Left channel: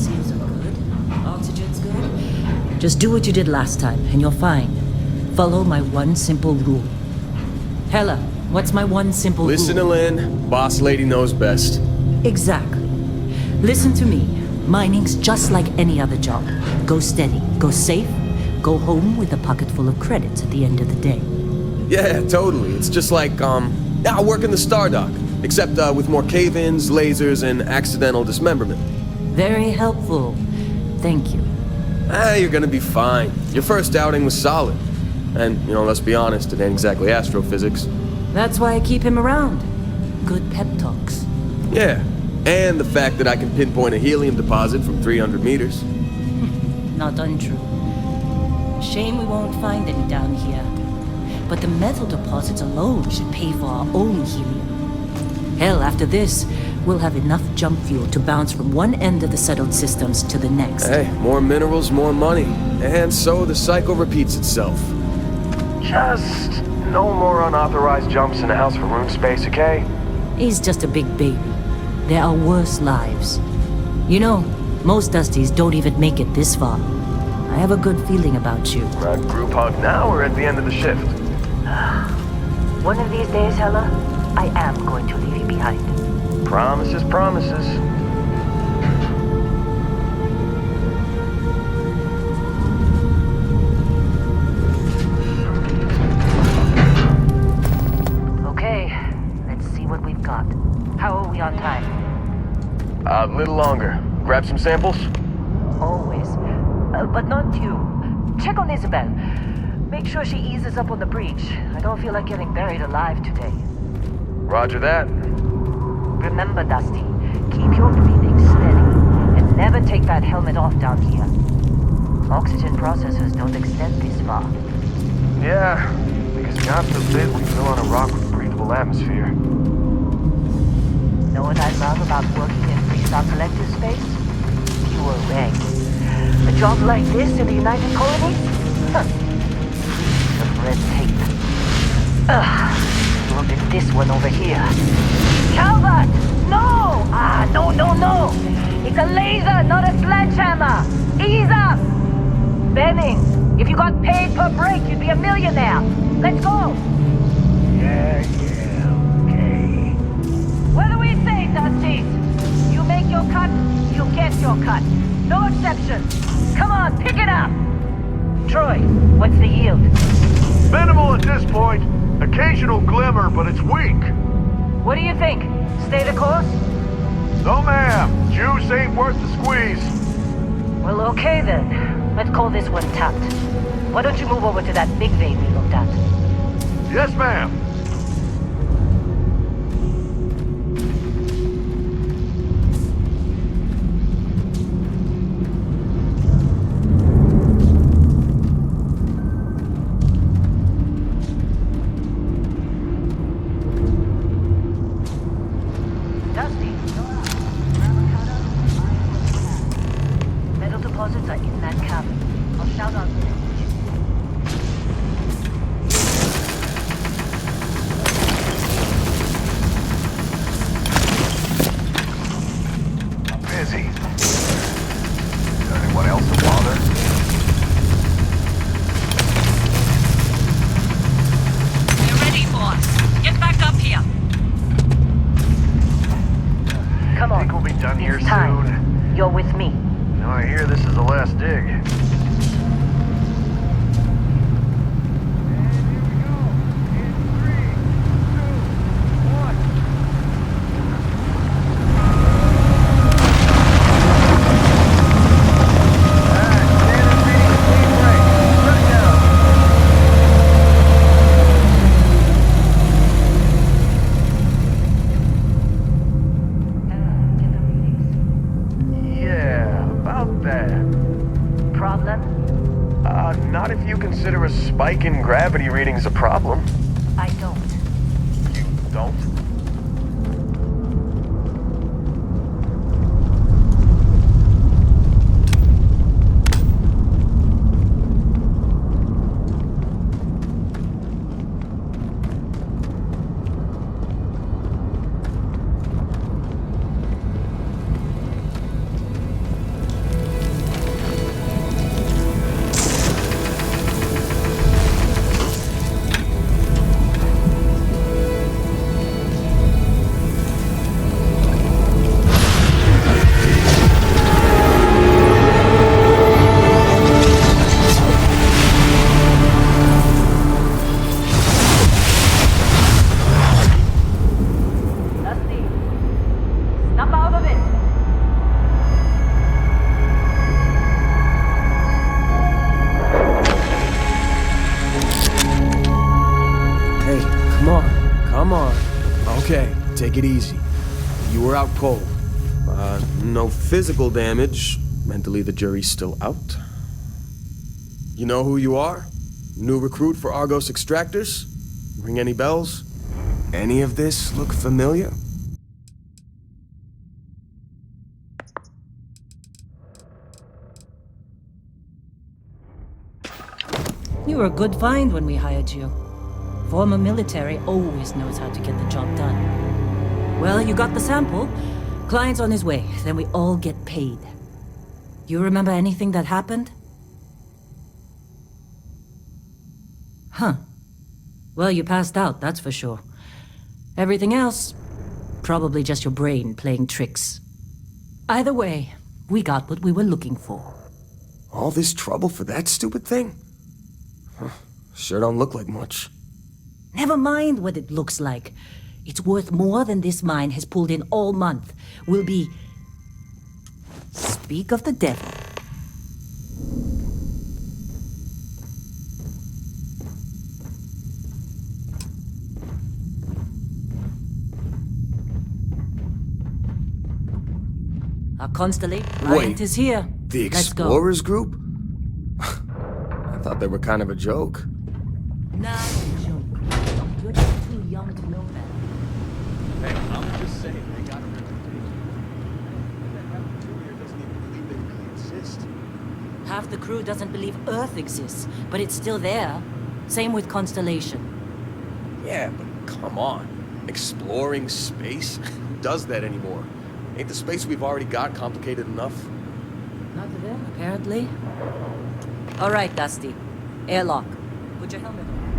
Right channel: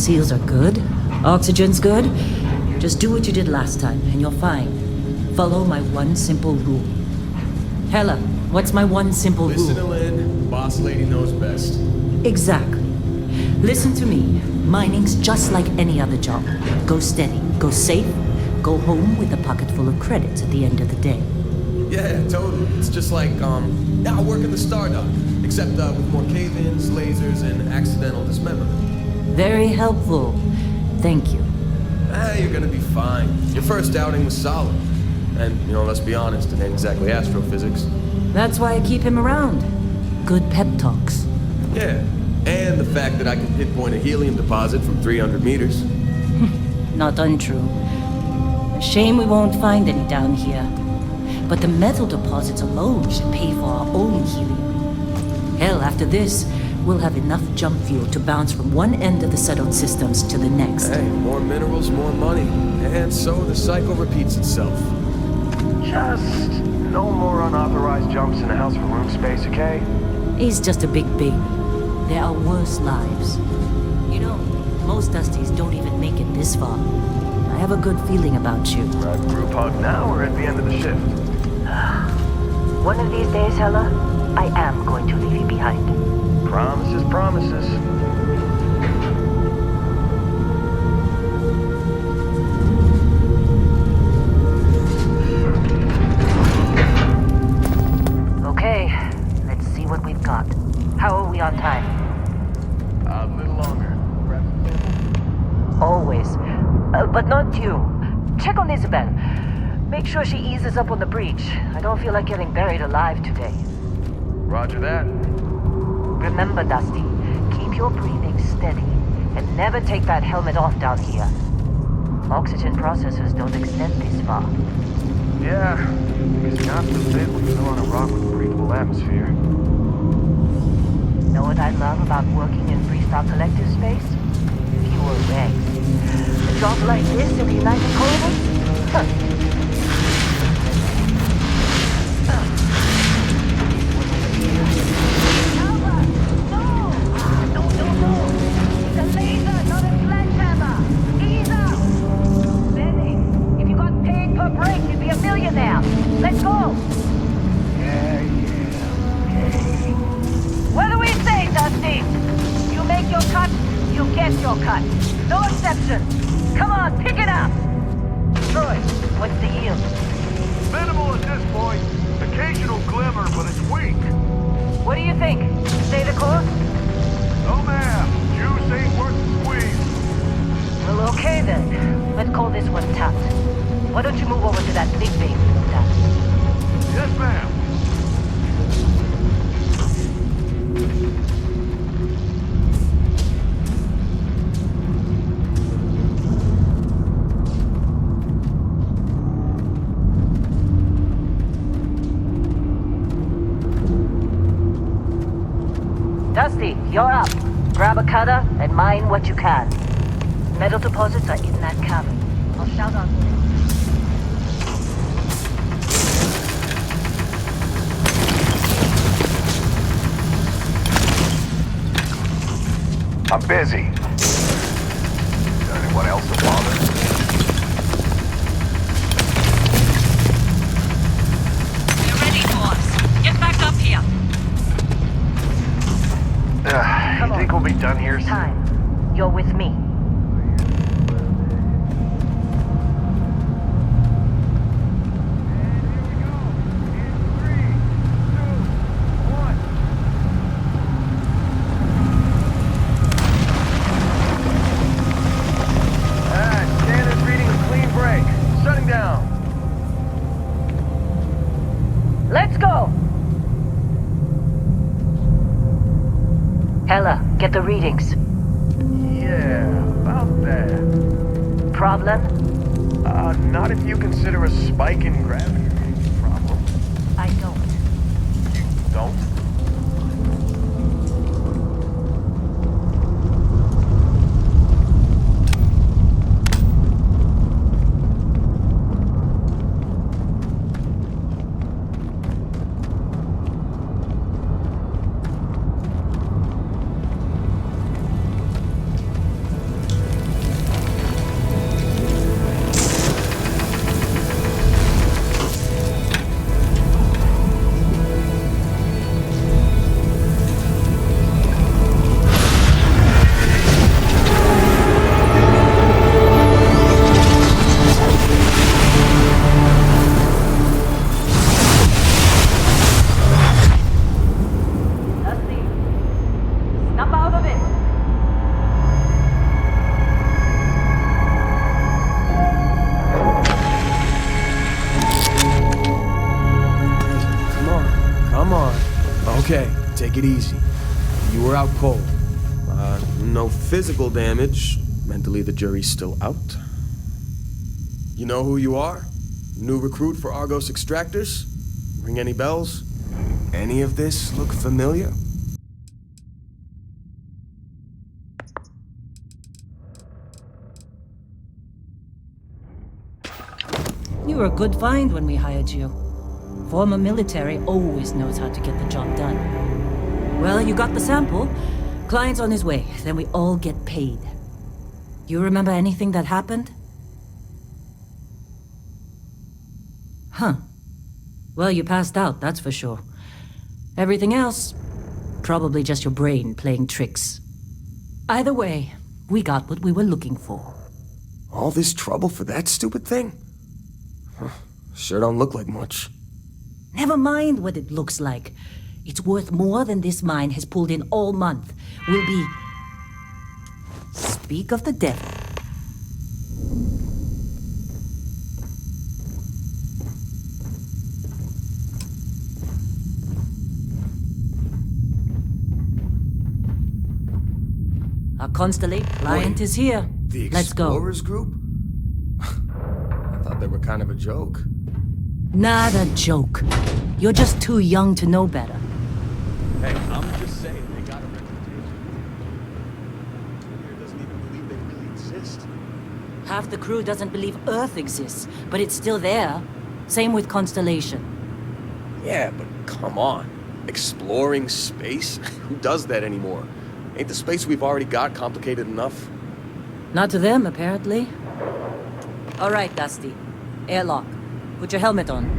Seals are good. Oxygen's good. Just do what you did last time, and you're fine. Follow my one simple rule. Hella, what's my one simple rule? Listen to Lynn. Boss lady knows best. Exactly. Listen to me. Mining's just like any other job. Go steady, go safe, go home with a pocket full of credits at the end of the day. Yeah, totally. It's just like, I work in the Stardock. Except with more cave-ins, lasers, and accidental dismemberment. Very helpful. Thank you. You're gonna be fine. Your first outing was solid. And, let's be honest, it ain't exactly astrophysics. That's why I keep him around. Good pep talks. Yeah, and the fact that I can pinpoint a helium deposit from 300 meters. Not untrue. A shame we won't find any down here. But the metal deposits alone should pay for our own helium. Hell, after this, we'll have enough jump fuel to bounce from one end of the settled systems to the next. Hey, more minerals, more money. And so the cycle repeats itself. Just no more unauthorized jumps in the house for room space, okay? He's just a big baby. There are worse lives. Most Dusties don't even make it this far. I have a good feeling about you. Group hug now or at the end of the shift? One of these days, Hella, I am going to leave you behind. Promises, promises. Okay, let's see what we've got. How are we on time? A little longer. Grab some samples? Always. But not you. Check on Isabel. Make sure she eases up on the breach. I don't feel like getting buried alive today. Roger that. Remember, Dusty, keep your breathing steady and never take that helmet off down here. Oxygen processors don't extend this far. Yeah, because God forbid we fell on a rock with a breathable atmosphere. Know what I love about working in Freestar Collective space? Fewer regs. A job like this in the United Colonies? Huh. But red tape. Look at this one over here. Calvert! No! No! It's a laser, not a sledgehammer! Ease up! Benning, if you got paid per break, you'd be a millionaire. Let's go! Yeah, okay. What do we say, Dusty? You make your cut, you get your cut. No exception. Come on, pick it up! Troy, what's the yield? Minimal at this point. Occasional glimmer, but it's weak. What do you think? Stay the course? No, ma'am. Juice ain't worth the squeeze. Well, okay then. Let's call this one tapped. Why don't you move over to that big vein we looked at? Yes, ma'am. Dusty, you're up. Grab a cutter and mine what you can. Metal deposits are in that cavern. I'll shout out there. I'm busy. Got anyone else to bother? We're ready, boss. Get back up here. Come on. Think we'll be done here It's time. soon? You're with me. No, I hear this is the last dig. Get the readings. Yeah, about that. Problem? Not if you consider a spike in gravity readings a problem. I don't. You don't? Come on, come on. Okay, take it easy. You were out cold. No physical damage. Mentally, the jury's still out. You know who you are? New recruit for Argos Extractors? Ring any bells? Any of this look familiar? You were a good find when we hired you. Former military always knows how to get the job done. Well, you got the sample. Client's on his way, then we all get paid. You remember anything that happened? Huh. Well, you passed out, that's for sure. Everything else, probably just your brain playing tricks. Either way, we got what we were looking for. All this trouble for that stupid thing? Sure don't look like much. Never mind what it looks like. It's worth more than this mine has pulled in all month. We'll be... Speak of the devil. Our constellate client is here. The Let's go. Explorers group? I thought they were kind of a joke. Not a joke. You're just too young to know better. Hey, I'm just saying they got a reputation. That crew here doesn't even believe they really exist. Half the crew doesn't believe Earth exists, but it's still there. Same with Constellation. Yeah, but come on. Exploring space? Who does that anymore? Ain't the space we've already got complicated enough? Not to them, apparently. All right, Dusty. Airlock. Put your helmet on.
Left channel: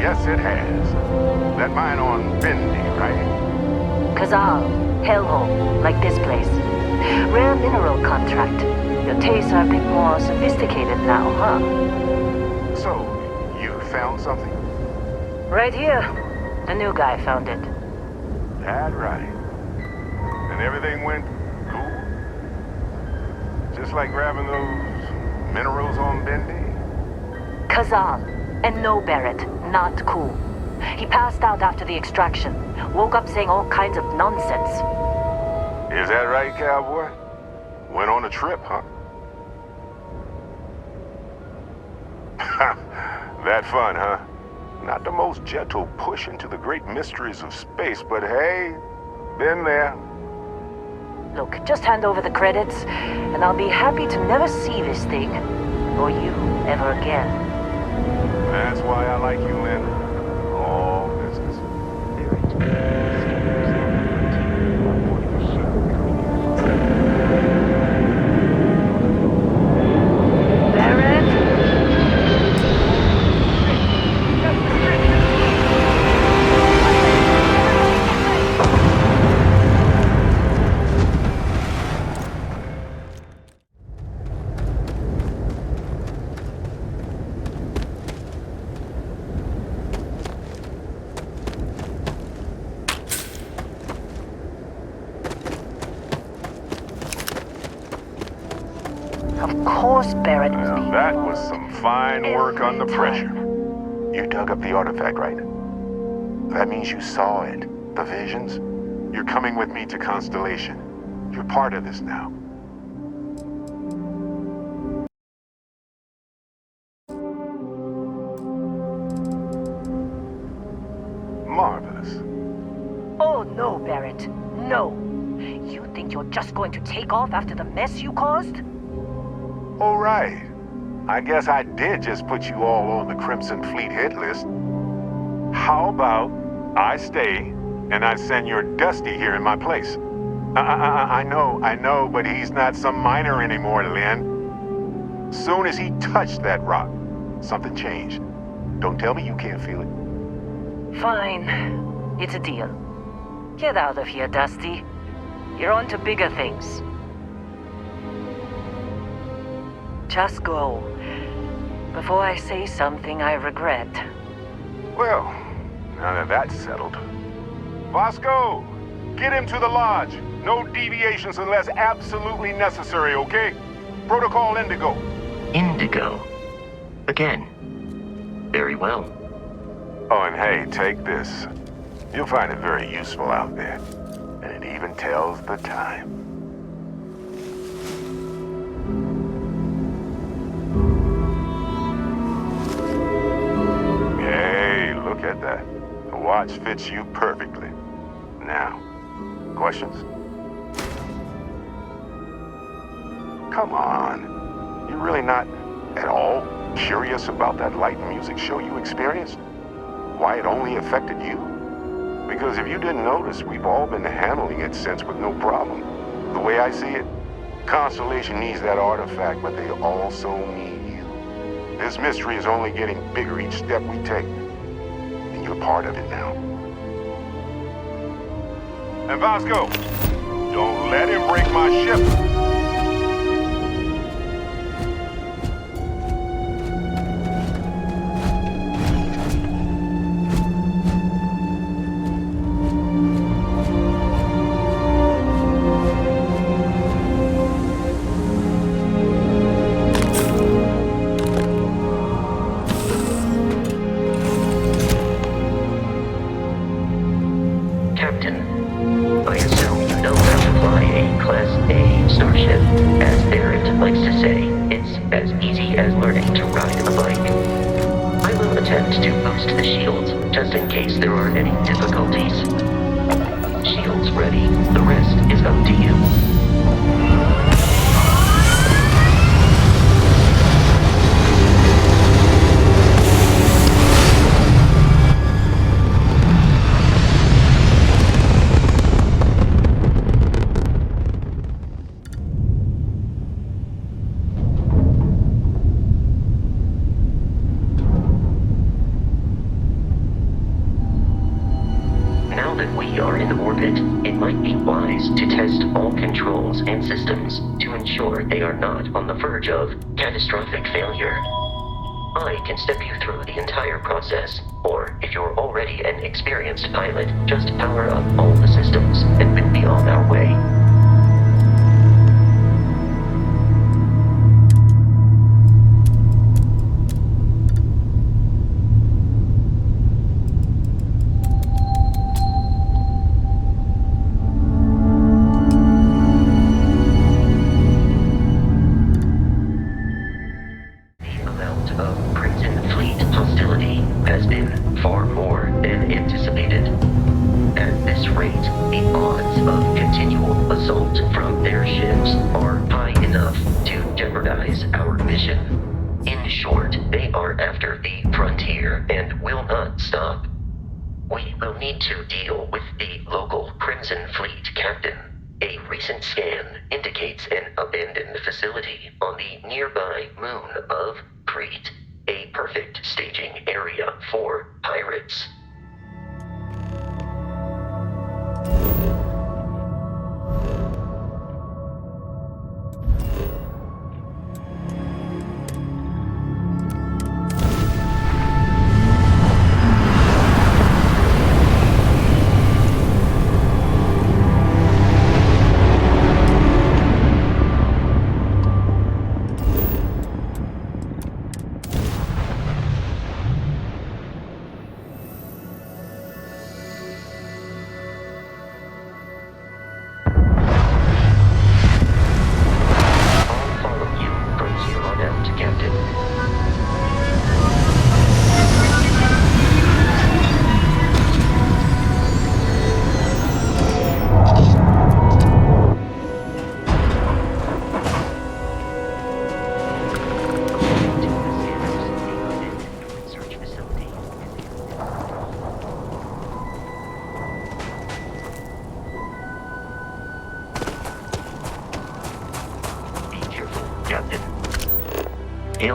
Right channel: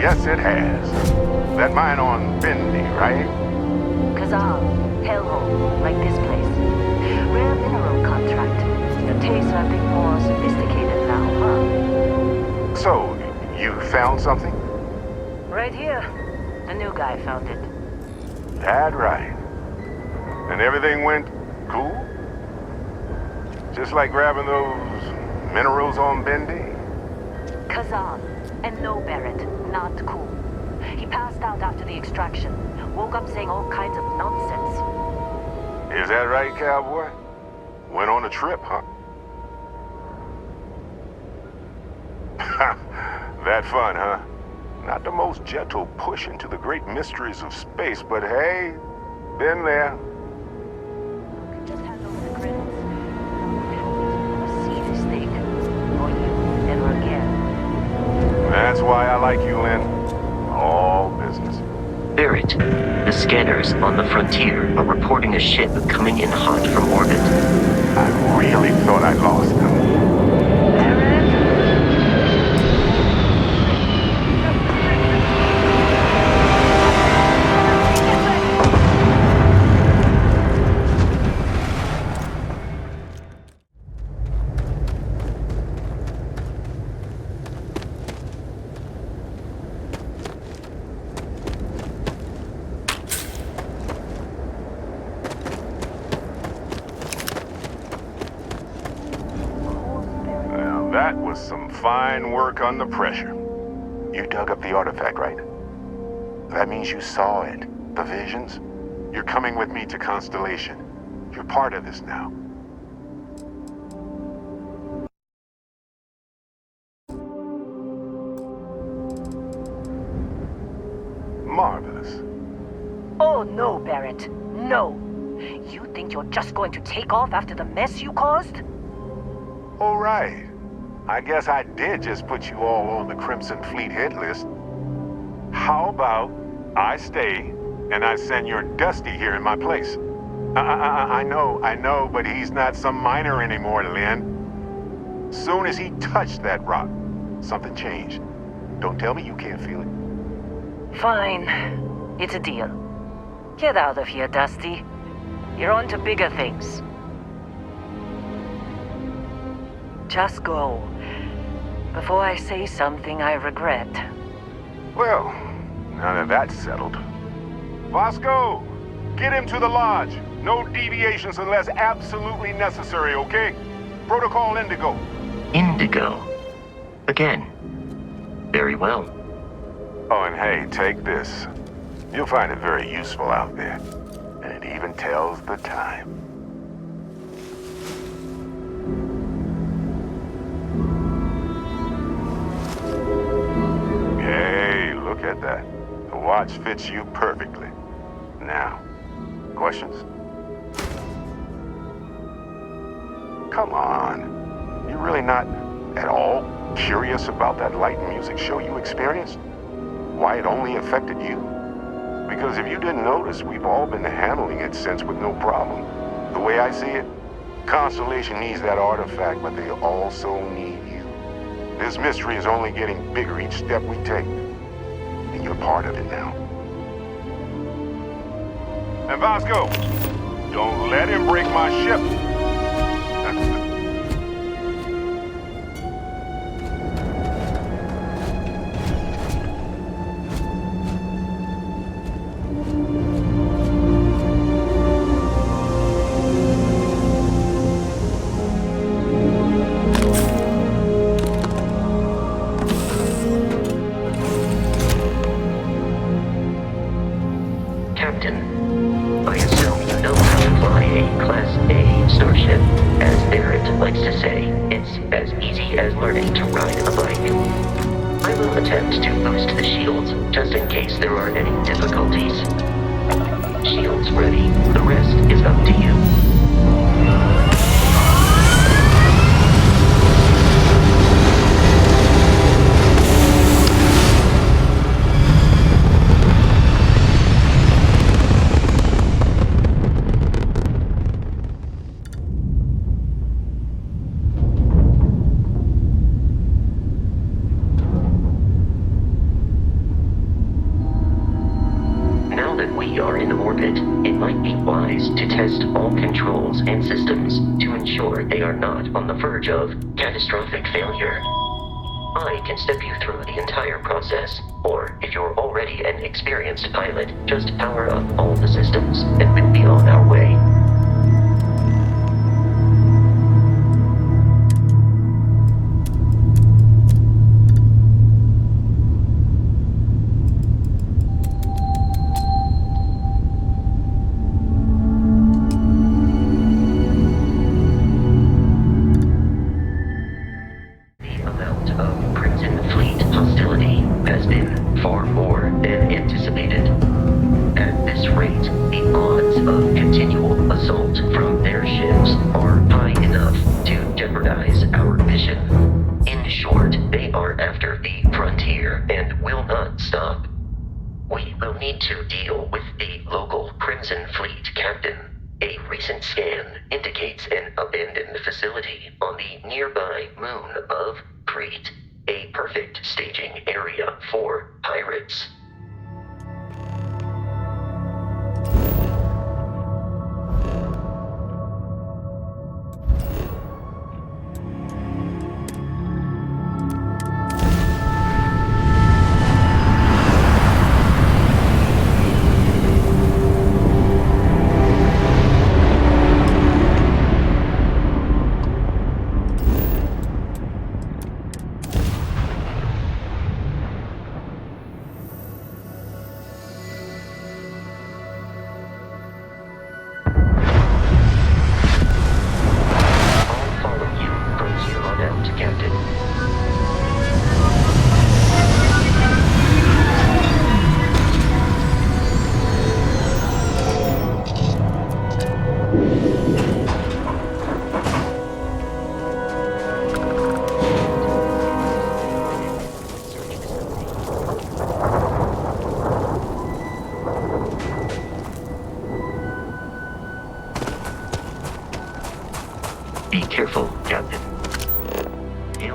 Yes, it has. That mine on Bendy, right? Kazal, hellhole, like this place. Rare mineral contract. Your tastes are a bit more sophisticated now, huh? So, you found something? Right here. The new guy found it. That right. And everything went cool? Just like grabbing those minerals on Bendy? Kazal. And no, Barrett, not cool. He passed out after the extraction. Woke up saying all kinds of nonsense. Is that right, cowboy? Went on a trip, huh? That fun, huh? Not the most gentle push into the great mysteries of space, but hey, been there. Look, just hand over the credits, and I'll be happy to never see this thing, or you, ever again. That's why I like you, Lynn. All business. Barrett, the scanners on the frontier are reporting a ship coming in hot from orbit. I really thought I lost them. Barrett? was some fine work under pressure. You dug up the artifact, right? That means you saw it. The visions? You're coming with me to Constellation. You're part of this now. Marvelous. Oh no, Barrett. No. You think you're just going to take off after the mess you caused? All right. I guess I did just put you all on the Crimson Fleet hit list. How about I stay and I send your Dusty here in my place? I know, but he's not some miner anymore, Lynn. Soon as he touched that rock, something changed. Don't tell me you can't feel it. Fine. It's a deal. Get out of here, Dusty. You're on to bigger things. Just go. Before I say something I regret. Well, now that that's settled. Vasco, get him to the lodge. No deviations unless absolutely necessary, okay? Protocol Indigo. Indigo. Again. Very well. Oh, and hey, take this. You'll find it very useful out there. And it even tells the time. Hey, look at that. The watch fits you perfectly. Now, questions? Come on. You really not at all curious about that light and music show you experienced? Why it only affected you? Because if you didn't notice, we've all been handling it since with no problem. The way I see it, Constellation needs that artifact, but they also need you. This mystery is only getting bigger each step we take. And you're part of it now. And Vasco, don't let him break my ship. I assume you know how to fly a Class A starship. As Barrett likes to say, it's as easy as learning to ride a bike. I will attempt to boost the shields, just in case there are any difficulties. Shields ready. The rest is up to you. Now that we are in orbit, it might be wise to test all controls and systems to ensure they are not on the verge of catastrophic failure. I can step you through the entire process, or if you're already an experienced pilot, just power up all the systems and we'll be on our way. Has been far more than anticipated. At this rate, the odds of continual assault from their ships are high enough to jeopardize our mission. In short, they are after the frontier and will not stop. We will need to deal with the local Crimson Fleet captain. A recent scan indicates an abandoned facility on the nearby moon of Crete. A perfect staging area for pirates.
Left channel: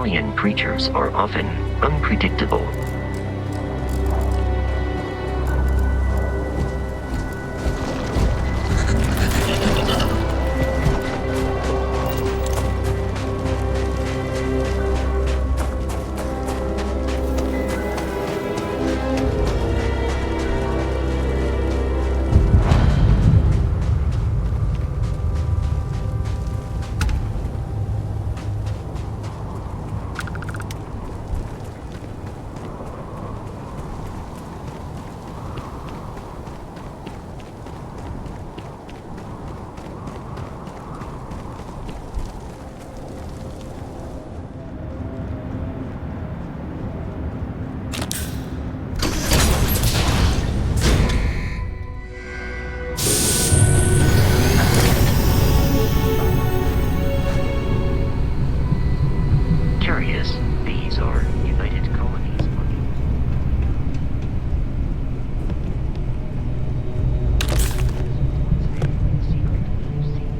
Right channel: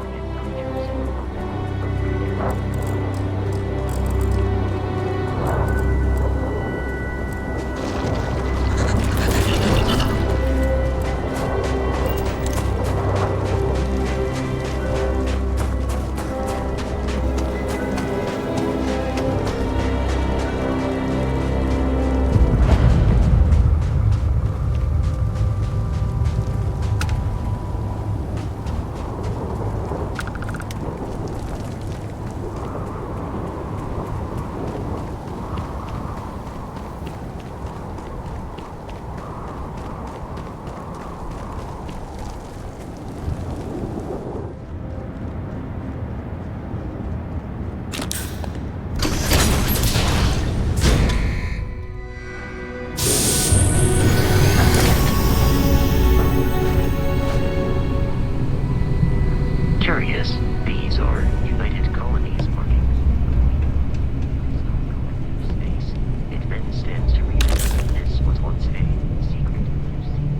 alien creatures are often unpredictable. Curious, these are United Colonies markings. It then stands to reason this was once a secret museum.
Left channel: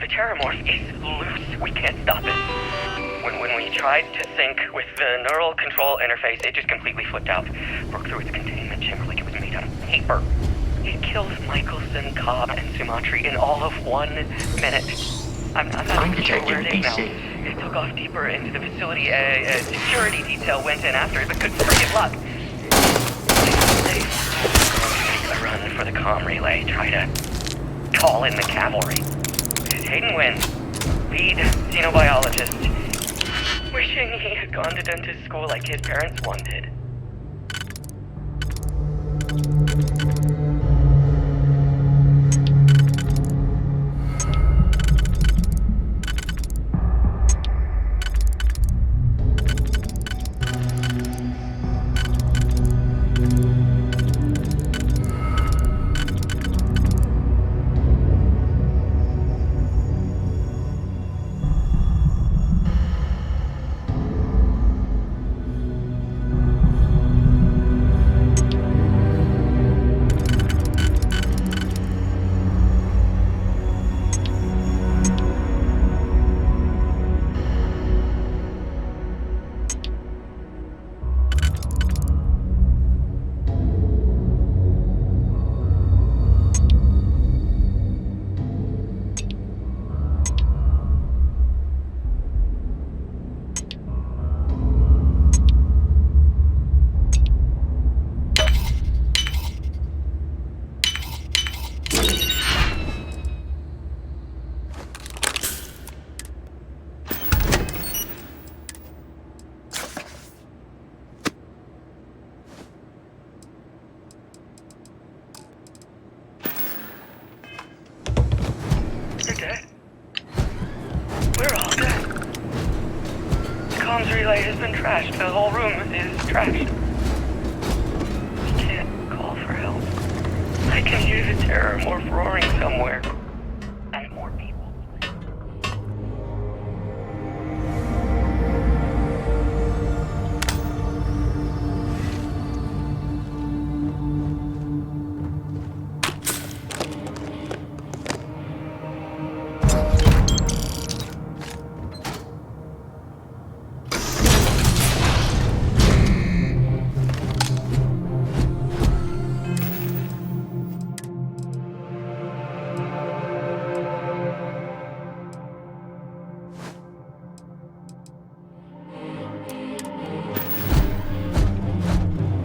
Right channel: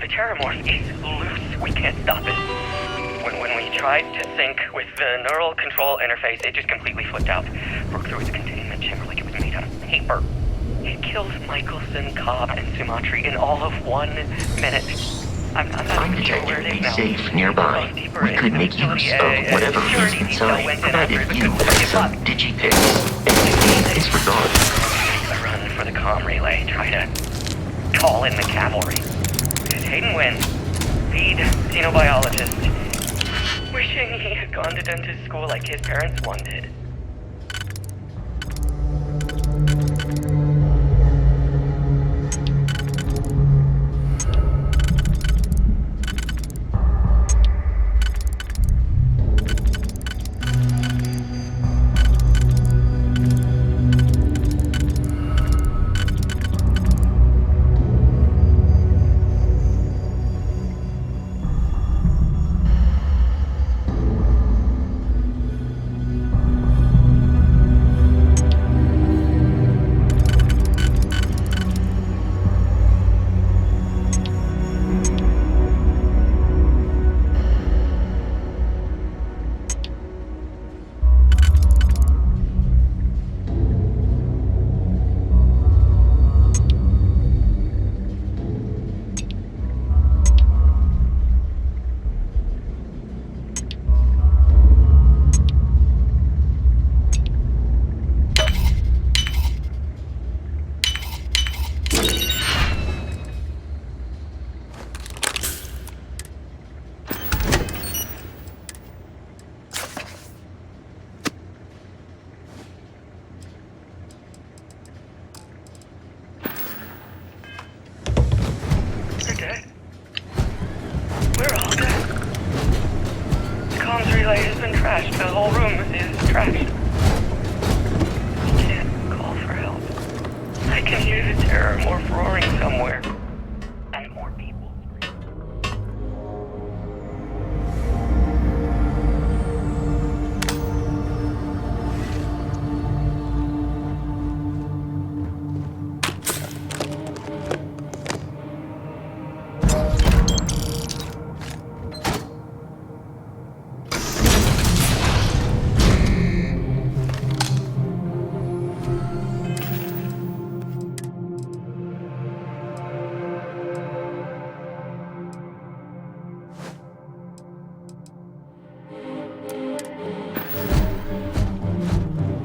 The terramorph is loose. We can't stop it. When we tried to sync with the neural control interface, it just completely flipped out. Broke through its containment chamber like it was made out of paper. It killed Michelson, Cobb, and Sumatri in all of 1 minute. I'm not even sure where it is now. Safe nearby. It took off deeper We into could the make facility. use of A whatever security detail went in after it, but couldn't you get luck. Digipick. It's A run for the comm relay. Try to call in the cavalry. Hayden wins. Lead xenobiologist. Wishing he had gone to dentist school like his parents wanted. They're dead. We're all dead. The comms relay has been trashed. The whole room is trashed. We can't call for help. I can hear the terramorph roaring somewhere. And more people screaming.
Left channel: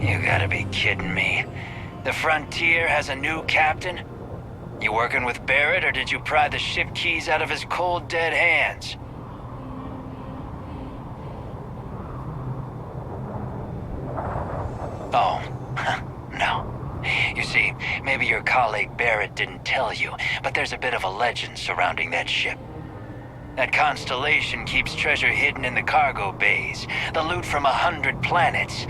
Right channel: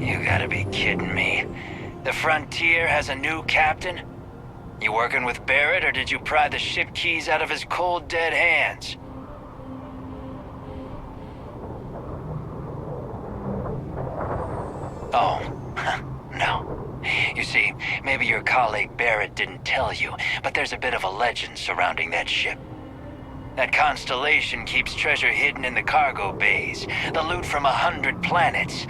You gotta be kidding me. The Frontier has a new captain? You working with Barrett, or did you pry the ship keys out of his cold, dead hands? Oh, no. You see, maybe your colleague Barrett didn't tell you, but there's a bit of a legend surrounding that ship. That constellation keeps treasure hidden in the cargo bays, the loot from 100 planets,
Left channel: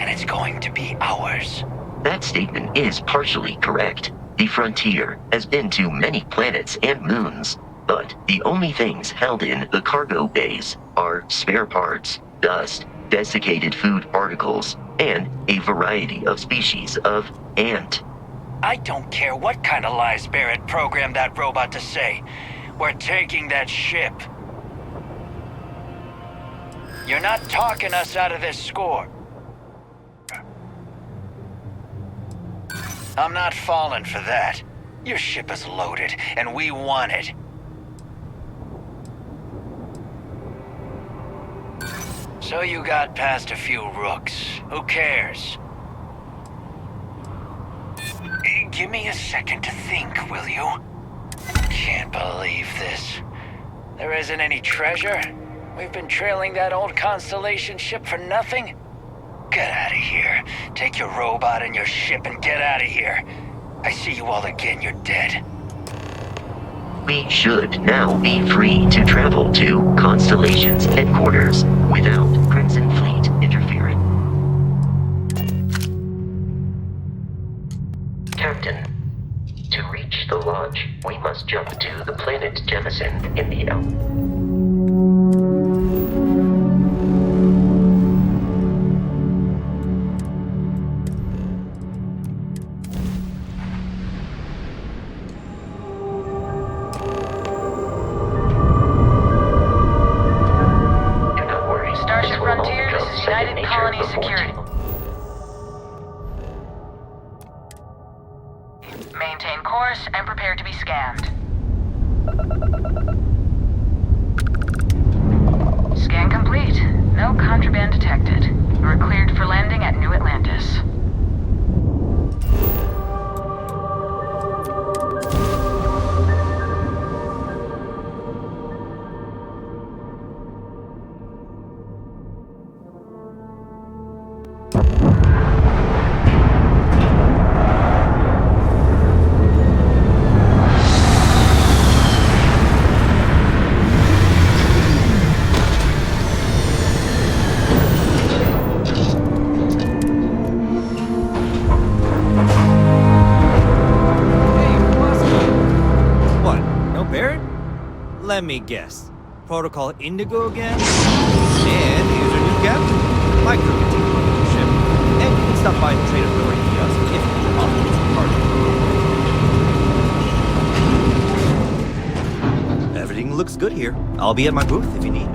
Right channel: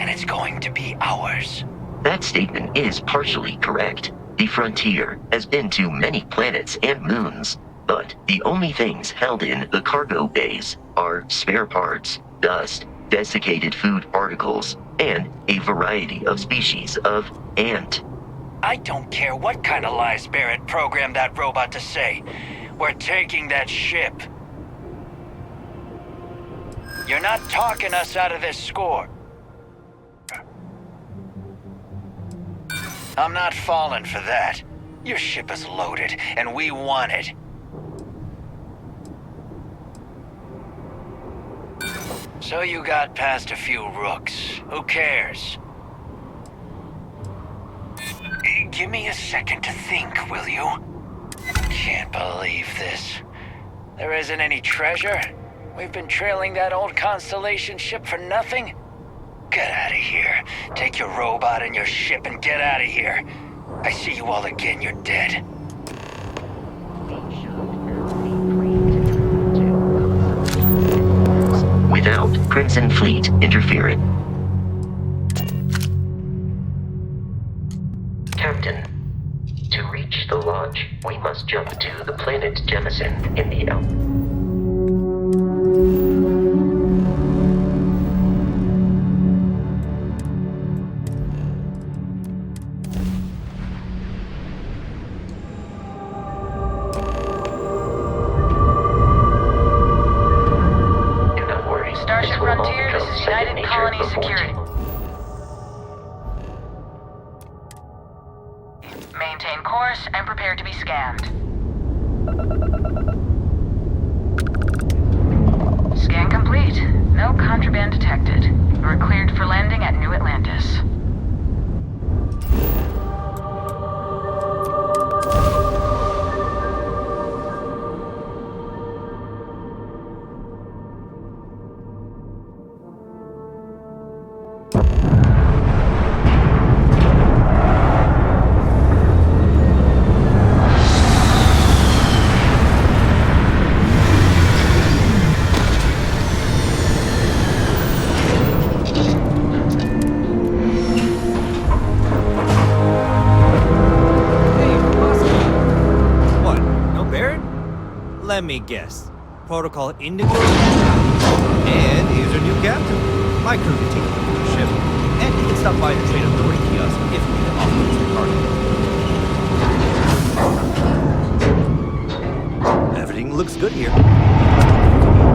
and it's going to be ours. That statement is partially correct. The Frontier has been to many planets and moons, but the only things held in the cargo bays are spare parts, dust, desiccated food particles, and a variety of species of ant. I don't care what kind of lies Barrett programmed that robot to say. We're taking that ship. You're not talking us out of this score. I'm not falling for that. Your ship is loaded, and we want it. So you got past a few rooks. Who cares? Give me a second to think, will you? Can't believe this. There isn't any treasure? We've been trailing that old Constellation ship for nothing? Get out of here. Take your robot and your ship and get out of here. I see you all again, you're dead. We should now be free to travel to Constellation's headquarters without Crimson Fleet interfering. Captain, to reach the lodge, we must jump to the planet Jemison in the United nature Colony before Security. too. Maintain course and prepare to be scanned. Scan complete. No contraband detected. You are cleared for landing at New Atlantis. Let me guess. Protocol Indigo again? And here's our new captain. My crew can take a look at your ship. And you can stop by the Trade Authority kiosk if you need to offload some cargo. Everything looks good here. I'll be at my booth if you need me.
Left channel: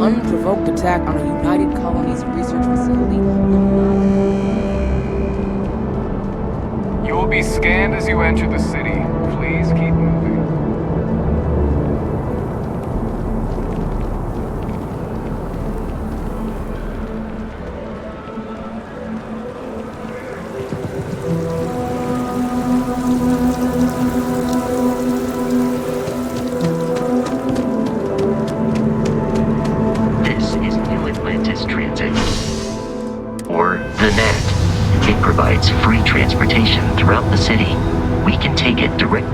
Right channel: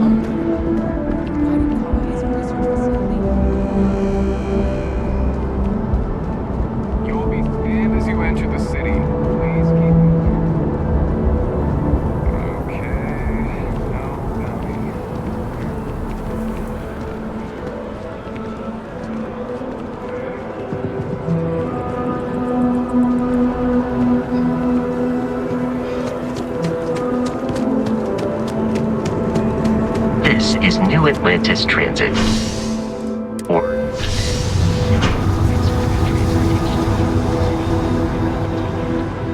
Unprovoked attack on a United Colonies research facility will not... You will be scanned as you enter the city. Please keep moving. This is New Atlantis Transit, or the NET. It provides free transportation throughout the city. We can take it direct.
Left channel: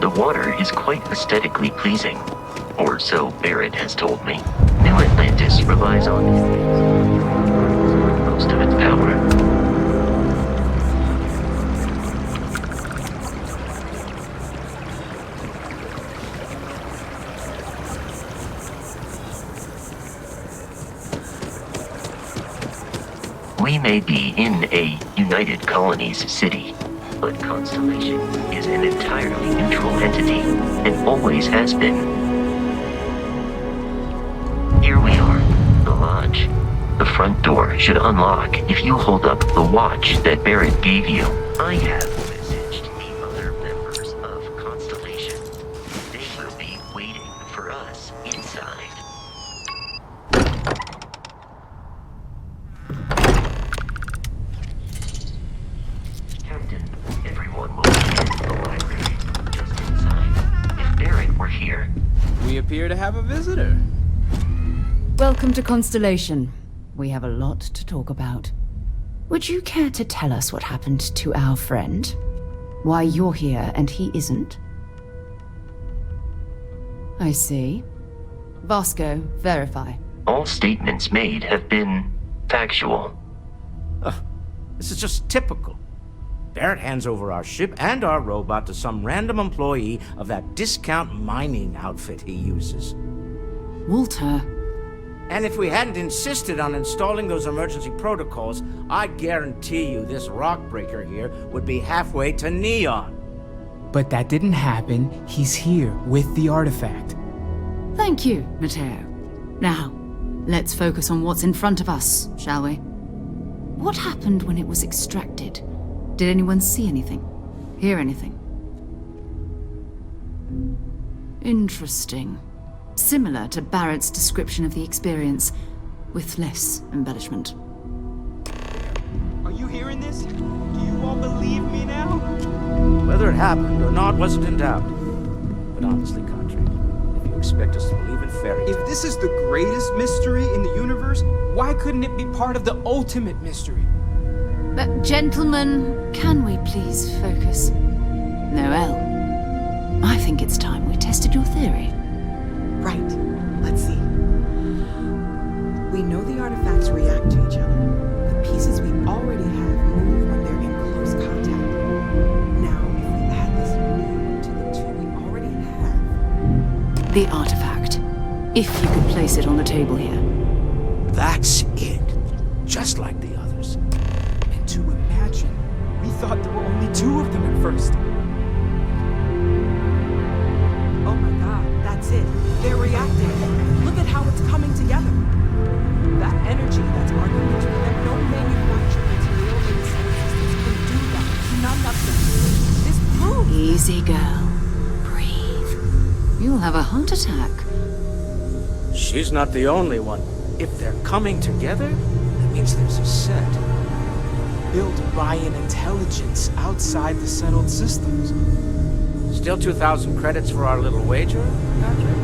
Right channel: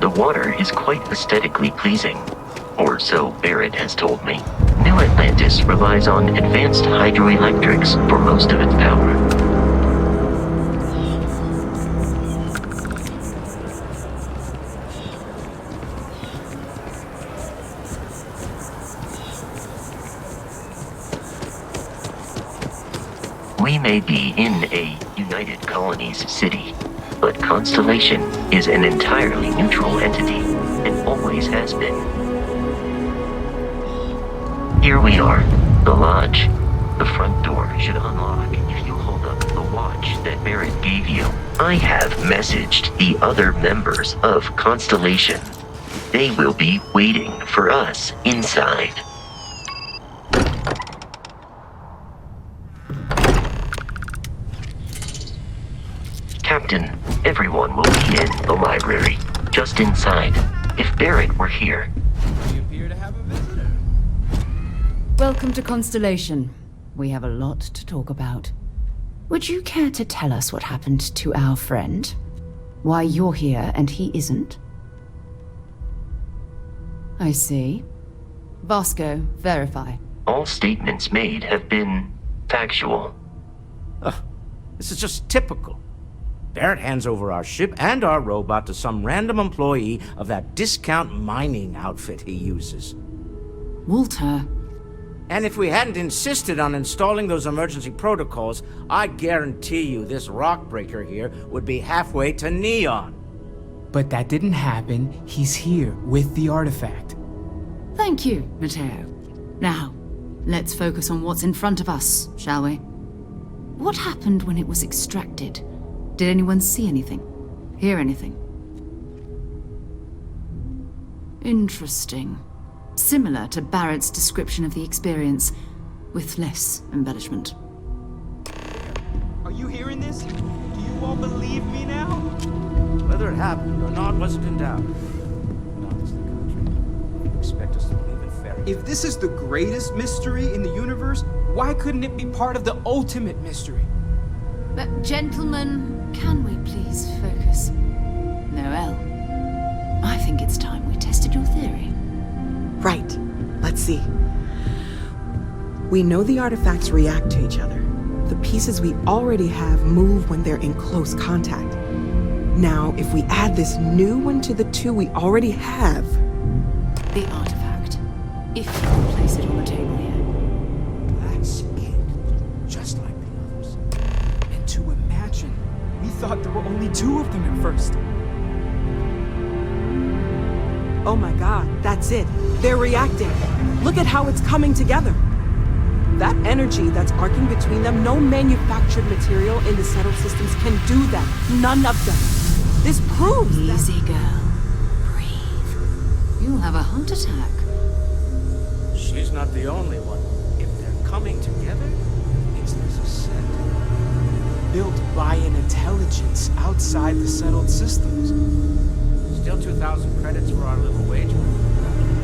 The water is quite aesthetically pleasing, or so Barrett has told me. New Atlantis relies on advanced hydroelectrics for most of its power. We may be in a United Colonies city, but Constellation is an entirely neutral entity, and always has been. Here we are, the lodge. The front door should unlock if you hold up the watch that Barrett gave you. I have messaged the other members of Constellation. They will be waiting for us inside. Captain, everyone will be in the library, just inside. If Barrett were here. We appear to have a visitor. Welcome to Constellation. We have a lot to talk about. Would you care to tell us what happened to our friend? Why you're here and he isn't? I see. Vasco, verify. All statements made have been factual. This is just typical. Barrett hands over our ship and our robot to some random employee of that discount mining outfit he uses. Walter, And if we hadn't insisted on installing those emergency protocols, I guarantee you this rock breaker here would be halfway to Neon. But that didn't happen. He's here with the artifact. Thank you, Matteo. Now, let's focus on what's in front of us, shall we? What happened when it was extracted? Did anyone see anything? Hear anything? Interesting. Similar to Barrett's description of the experience, with less embellishment. Are you hearing this? Do you all believe me now? Whether it happened or not wasn't in doubt. But honestly, Country, if you expect us to believe in fairy tales... If this is the greatest mystery in the universe, why couldn't it be part of the ultimate mystery? But gentlemen, can we please focus? Noelle, I think it's time we tested your theory. Right. Let's see. We know the artifacts react to each other. The pieces we already have move when they're in close contact. Now, if we add this new one to the two we already have... The artifact. If you could place it on the table here. That's it. Just like the others. And to imagine, we thought there were only 2 of them at first. Oh my god, that's it. They're reacting. Look at how it's coming together. That energy that's arcing between them, no manufactured material in the settled systems can do that. None of them. This proves Easy, girl. Breathe. You'll have a heart attack. She's not the only one. If they're coming together, that means there's a set. Built by an intelligence outside the settled systems. Still 2,000 credits for our little wager, Patrick?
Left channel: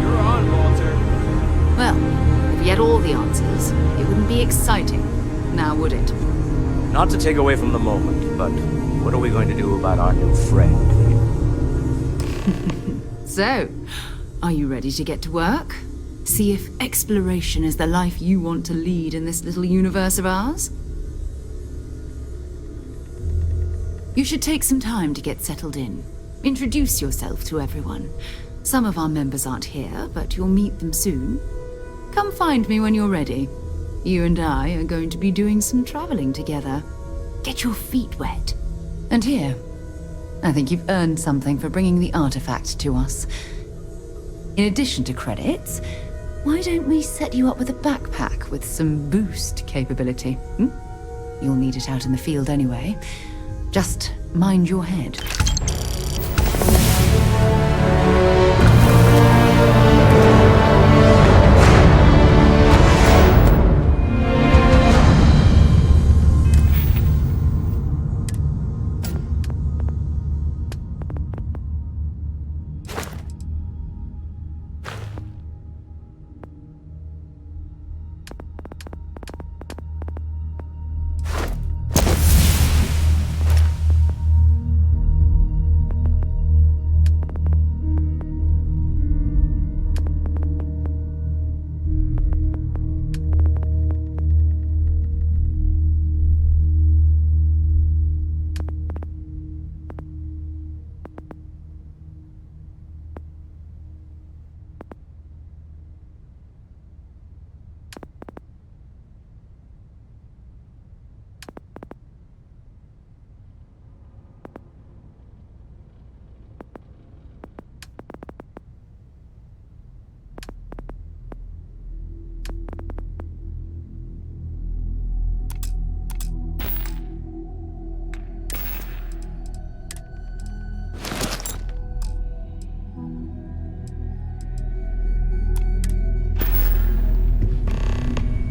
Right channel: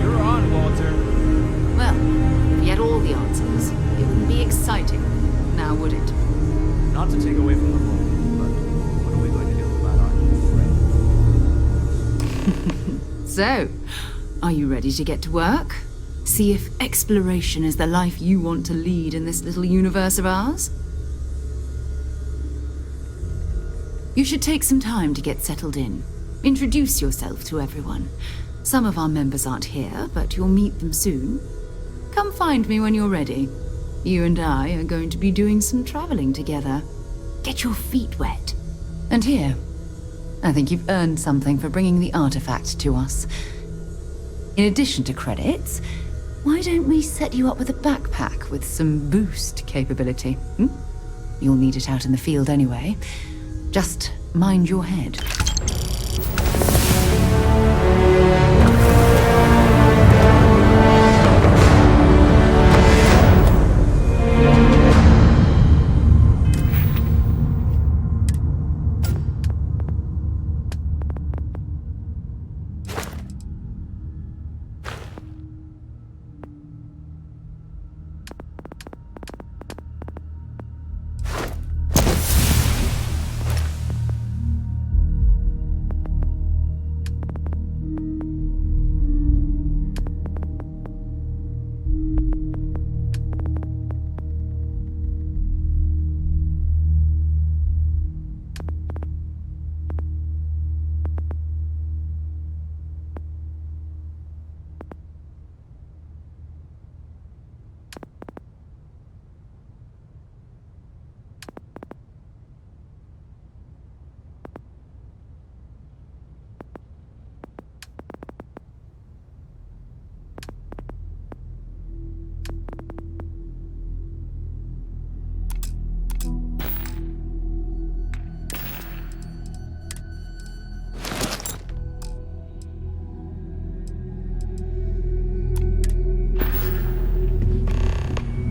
You're on, Walter. Well, if you had all the answers, it wouldn't be exciting, now would it? Not to take away from the moment, but what are we going to do about our new friend? So, are you ready to get to work? See if exploration is the life you want to lead in this little universe of ours? You should take some time to get settled in. Introduce yourself to everyone. Some of our members aren't here, but you'll meet them soon. Come find me when you're ready. You and I are going to be doing some traveling together. Get your feet wet. And here, I think you've earned something for bringing the artifact to us. In addition to credits, why don't we set you up with a backpack with some boost capability? You'll need it out in the field anyway. Just mind your head.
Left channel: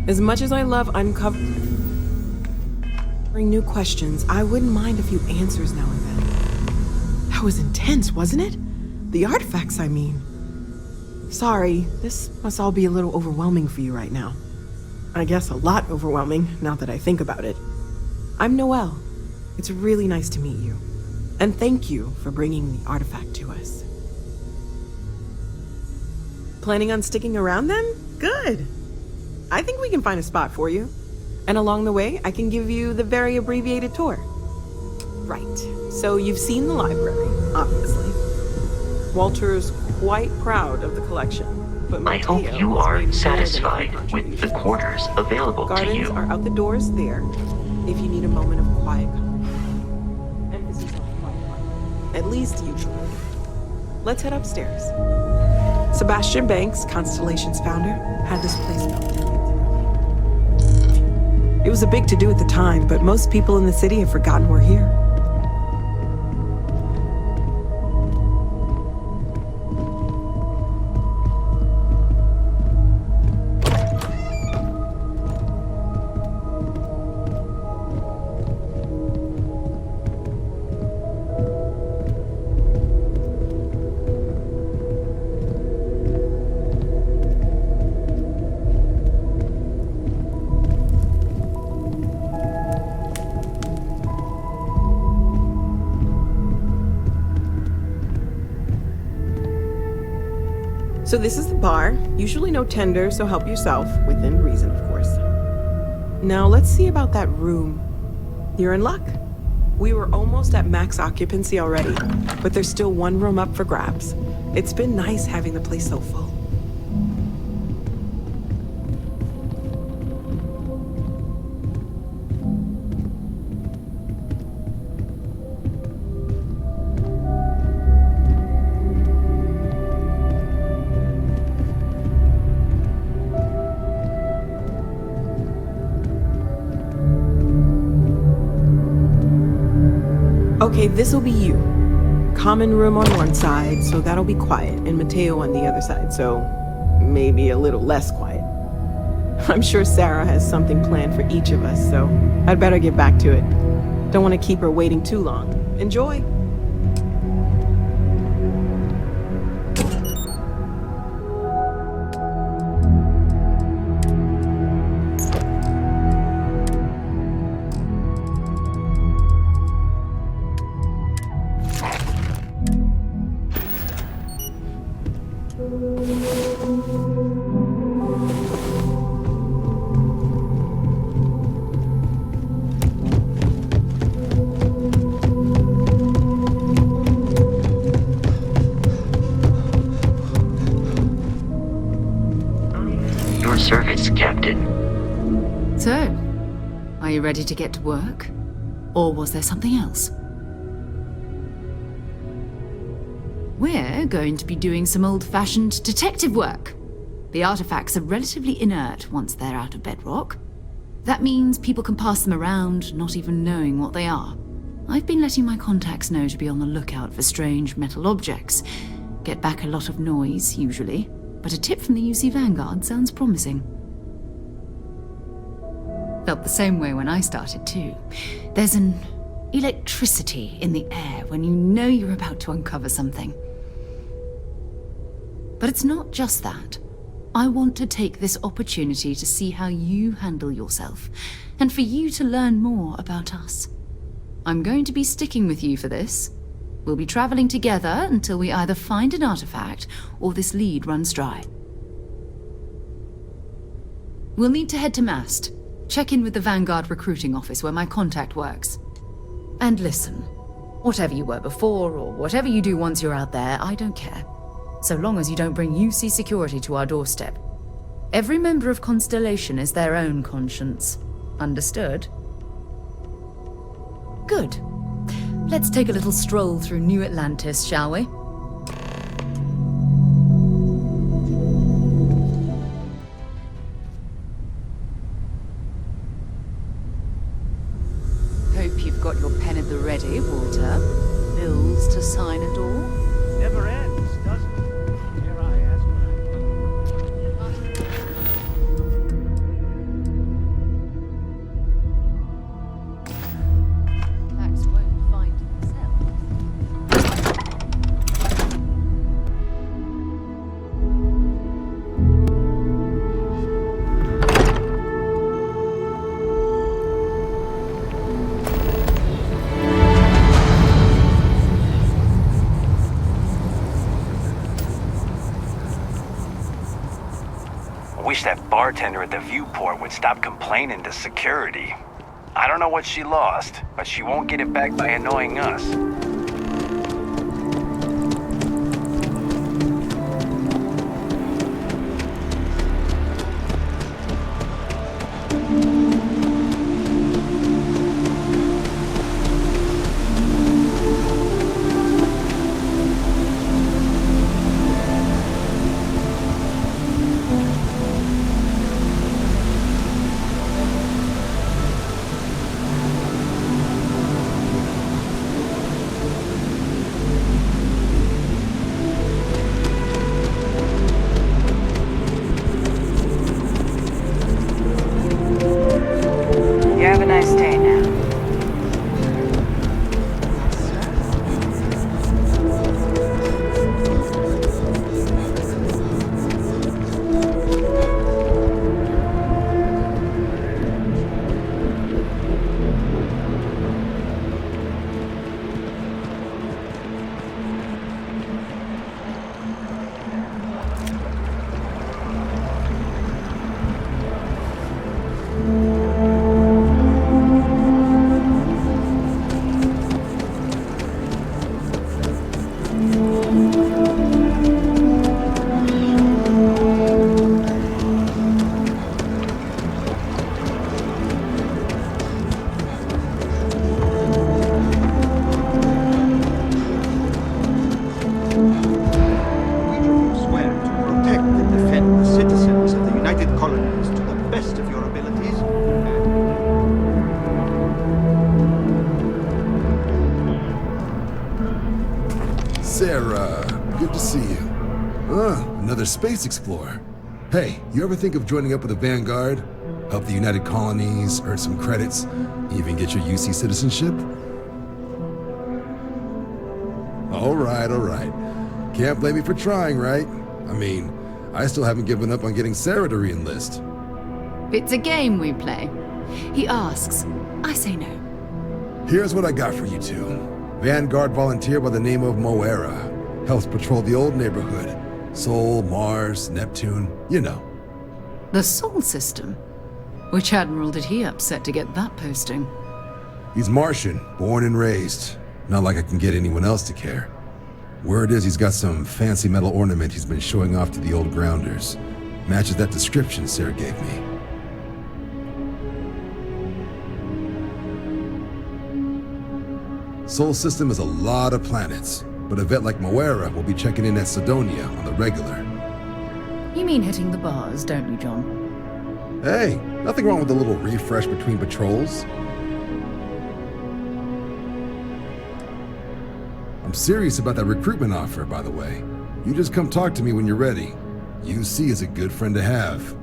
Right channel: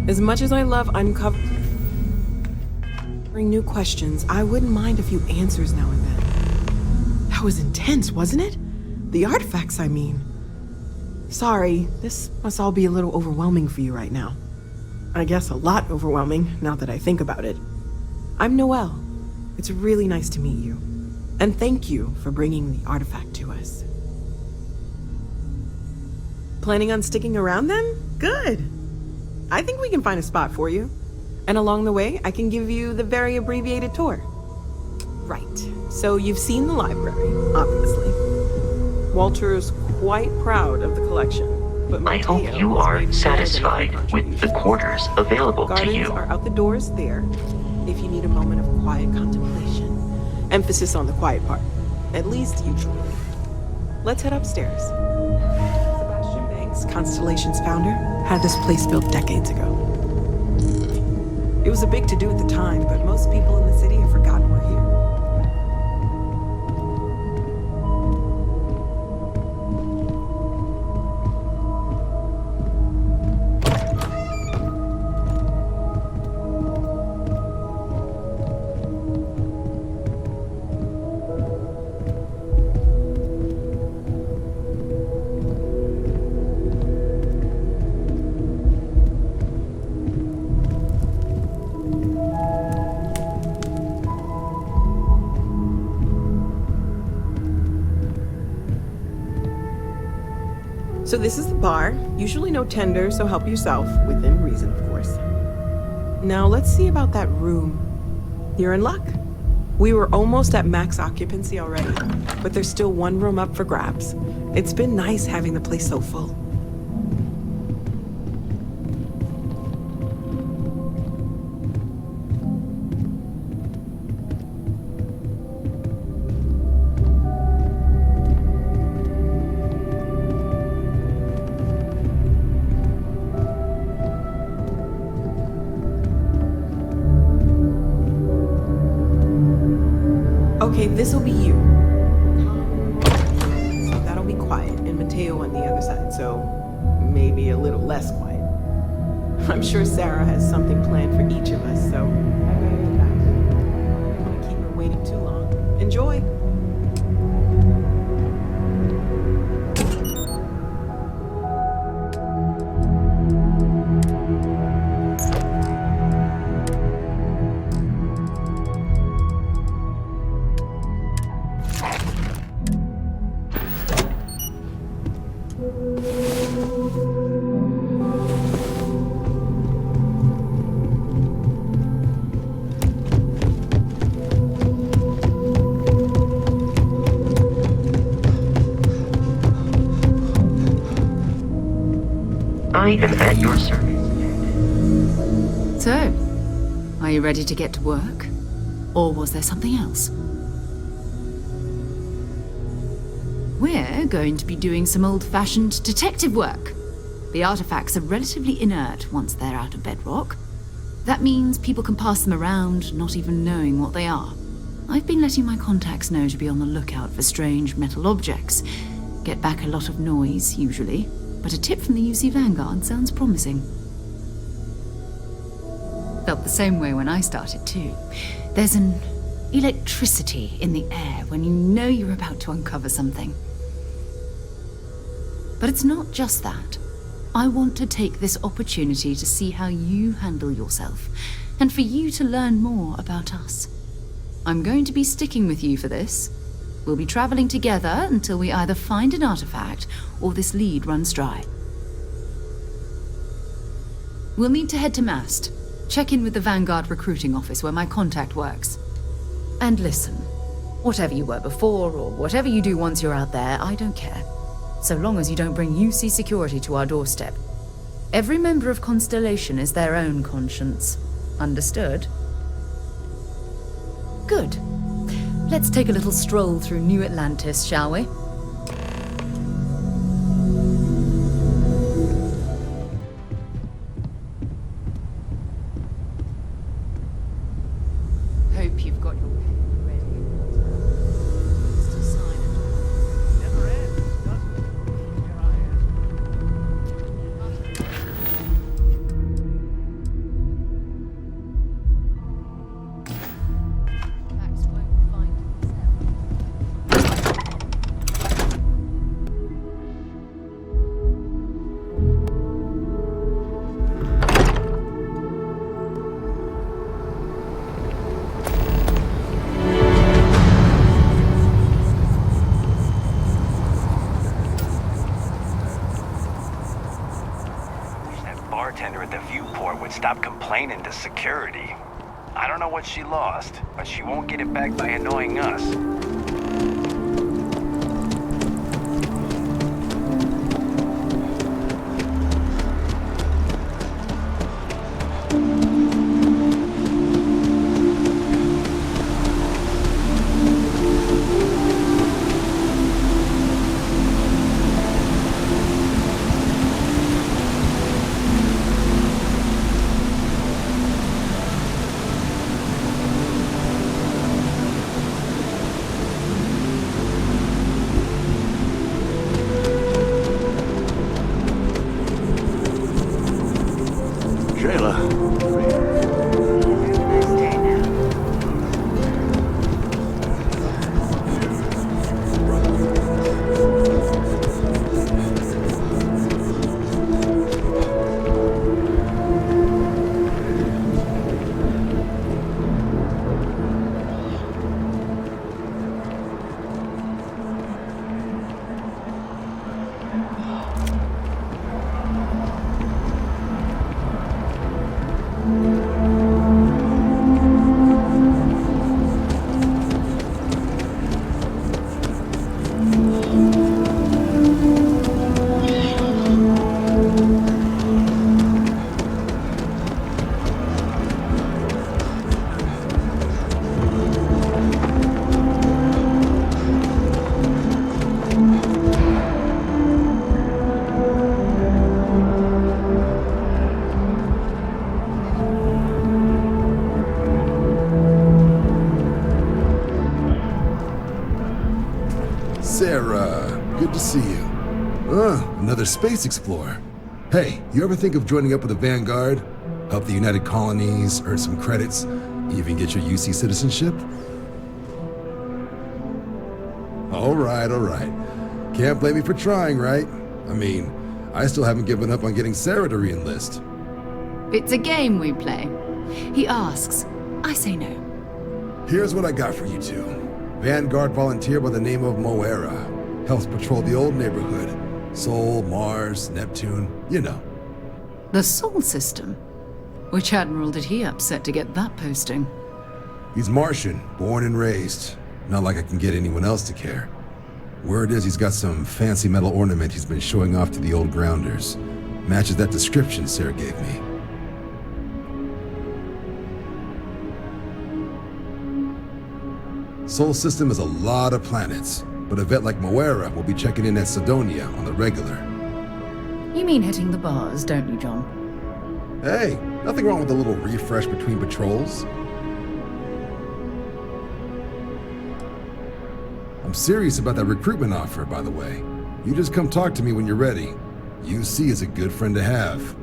As much as I love uncovering new questions, I wouldn't mind a few answers now and then. That was intense, wasn't it? The artifacts, I mean. Sorry, this must all be a little overwhelming for you right now. I guess a lot overwhelming, now that I think about it. I'm Noelle. It's really nice to meet you. And thank you for bringing the artifact to us. Planning on sticking around then? Good. I think we can find a spot for you. And along the way, I can give you the very abbreviated tour. Right. So you've seen the library, obviously. Walter's quite proud of the collection, but I hope Mateo you has are made more than a satisfied with the contribution. quarters available to Gardens you. are out the doors there, if you need a moment of quiet contemplation. Emphasis on the quiet part, at least usually. Let's head upstairs. Sebastian Banks, Constellation's founder, had this place built decades ago. It was a big to-do at the time, but most people in the city have forgotten we're here. So this is the bar. Usually no tender, so help yourself, within reason, of course. Now let's see about that room. You're in luck. We were almost at max occupancy already, but there's still one room up for grabs. It's been nice having the place so full. Okay, this'll be you. Common room on one side, so that'll be quiet, and Mateo on the other side, so maybe a little less quiet. I'm sure Sarah has something planned for each of us, so I'd better get back to it. Don't want to keep her waiting too long. Enjoy! I am at your service, Captain. So, are you ready to get to work? Or was there something else? We're going to be doing some old-fashioned detective work. The artifacts are relatively inert once they're out of bedrock. That means people can pass them around, not even knowing what they are. I've been letting my contacts know to be on the lookout for strange metal objects. Get back a lot of noise, usually, but a tip from the UC Vanguard sounds promising. Felt the same way when I started, too. There's an electricity in the air when you know you're about to uncover something. But it's not just that. I want to take this opportunity to see how you handle yourself, and for you to learn more about us. I'm going to be sticking with you for this. We'll be traveling together until we either find an artifact or this lead runs dry. We'll need to head to Mast. Check in with the Vanguard recruiting office where my contact works. And listen, whatever you were before or whatever you do once you're out there, I don't care. So long as you don't bring UC security to our doorstep. Every member of Constellation is their own conscience. Understood? Good. Let's take a little stroll through New Atlantis, shall we? Hope you've got your pen at the ready, Walter. Bills to sign a door? Never ends, does it? Here I ask. Facts won't find themselves. Wish that bartender at the viewport would stop complaining to security. I don't know what she lost, but she won't get it back by annoying us. Sarah, good to see you. Another space explorer. Hey, you ever think of joining up with the Vanguard? Help the United Colonies, earn some credits, even get your UC citizenship? All right. Can't blame me for trying, right? I mean, I still haven't given up on getting Sarah to re-enlist. It's a game we play. He asks, I say no. Here's what I got for you two. Vanguard volunteer by the name of Moera. Helps patrol the old neighborhood. Sol, Mars, Neptune, you know. The Sol system? Which admiral did he upset to get that posting? He's Martian, born and raised. Not like I can get anyone else to care. Word is he's got some fancy metal ornament he's been showing off to the old grounders. Matches that description Sarah gave me. Sol system is a lot of planets, but a vet like Moera will be checking in at Sidonia on the regular. You mean hitting the bars, don't you, John? Hey, nothing wrong with a little refresh between patrols. I'm serious about that recruitment offer, by the way. You just come talk to me when you're ready. UC is a good friend to have.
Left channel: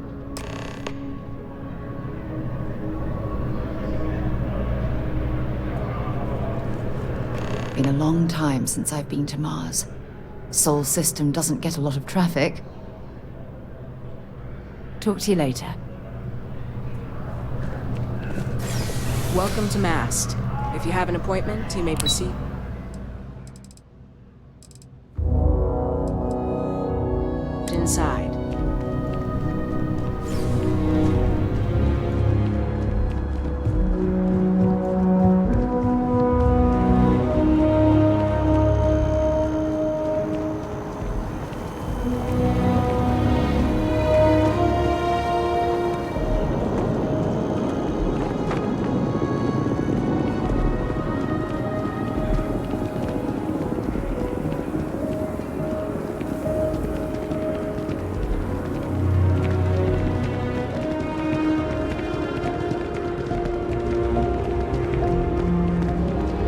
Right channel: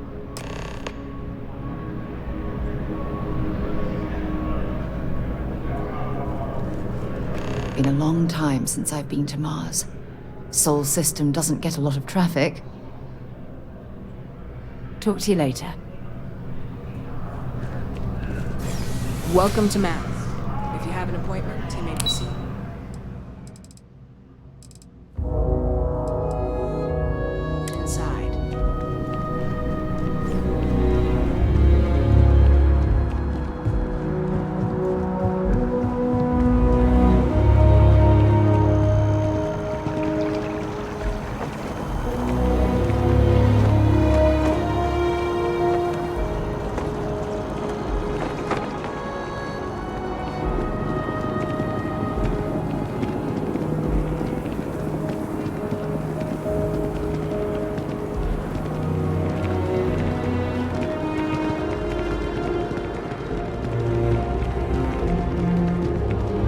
Been a long time since I've been to Mars. Sol system doesn't get a lot of traffic. Talk to you later. Welcome to Mast. If you have an appointment, you may proceed. Inside.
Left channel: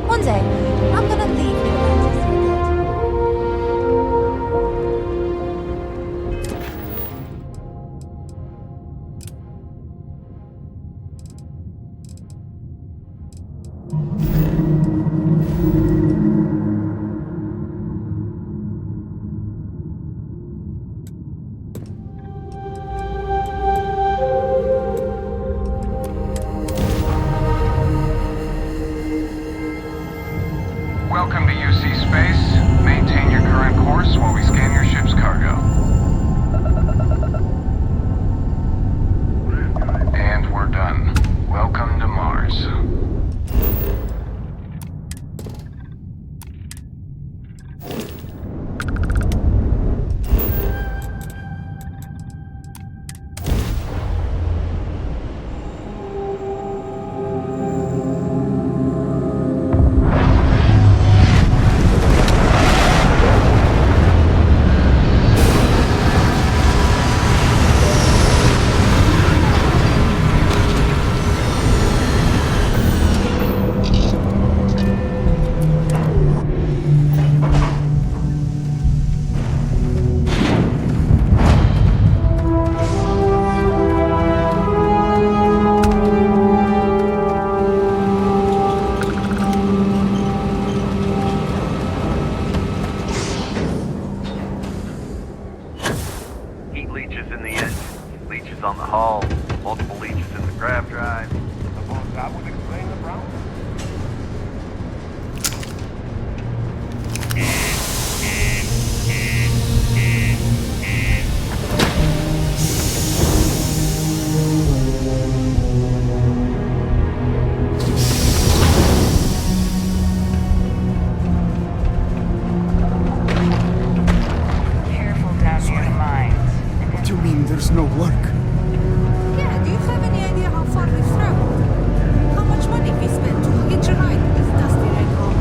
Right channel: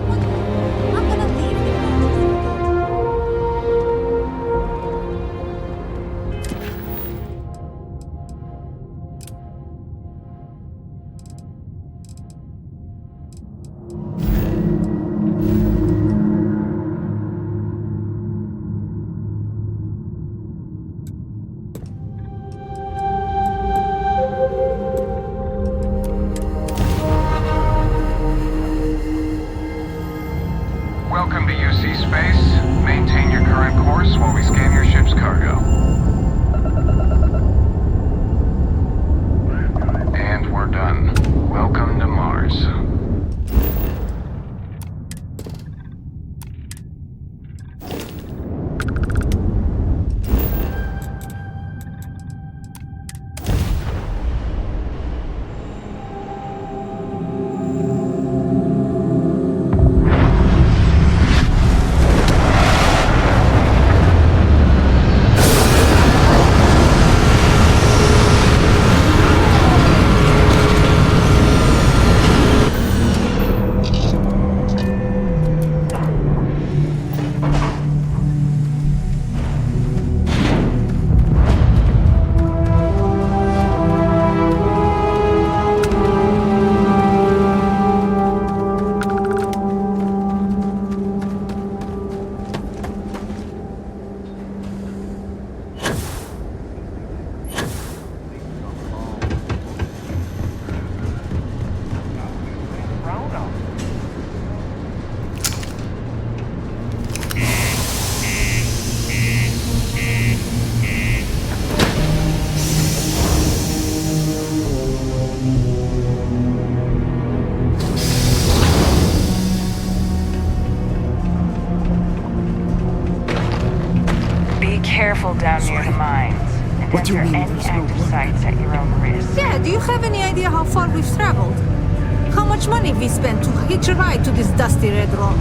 One day, I'm gonna leave New Atlantis for good. Welcome to UC Space. Maintain your current course while we scan your ship's cargo. And we're done. Welcome to Mars. On the hull, multiple leeches in the grav drive. Well, that would explain the brownout. Be careful down near the mines. What do you mean there's no luck? Yeah, do you have any idea how far we've traveled? How much money we spent to hitch a ride to this dusty red rock?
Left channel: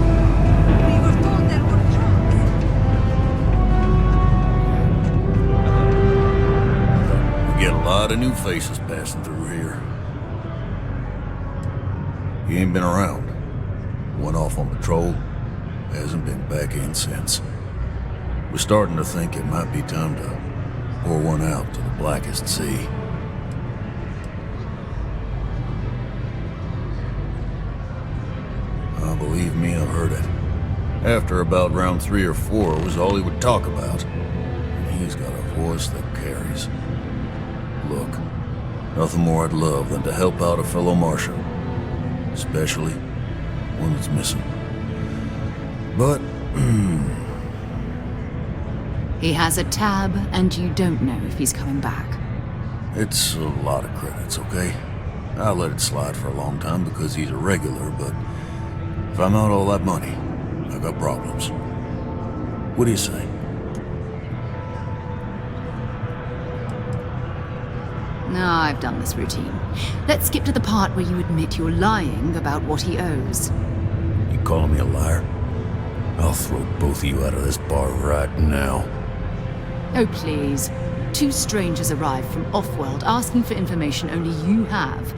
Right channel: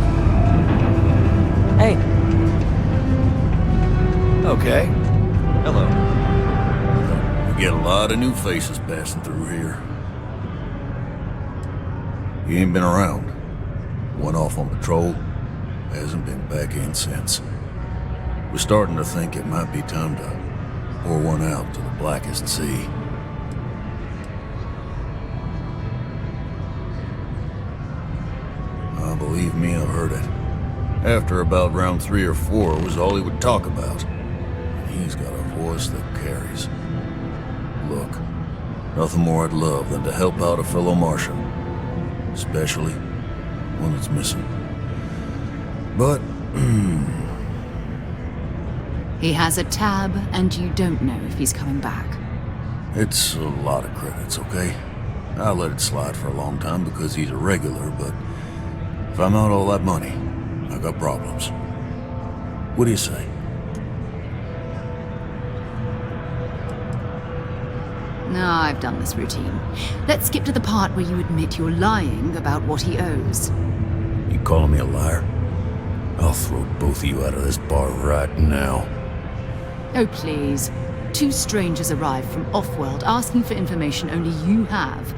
Hey. Okay. Hello. We get a lot of new faces passing through here. You ain't been around. Went off on patrol. Hasn't been back in since. We're starting to think it might be time to pour one out to the blackest sea. Believe me, I've heard it. After about round 3 or 4 was all he would talk about. And he's got a voice that carries. Look, nothing more I'd love than to help out a fellow Martian. Especially one that's missing. But, He has a tab, and you don't know if he's coming back. it's a lot of credits, okay? I let it slide for a long time because he's a regular, but if I'm out all that money, I got problems. What do you say? No, I've done this routine. Let's skip to the part where you admit you're lying about what he owes. You calling me a liar? I'll throw both of you out of this bar right now. Oh, please. 2 strangers arrive from off-world asking for information only you have.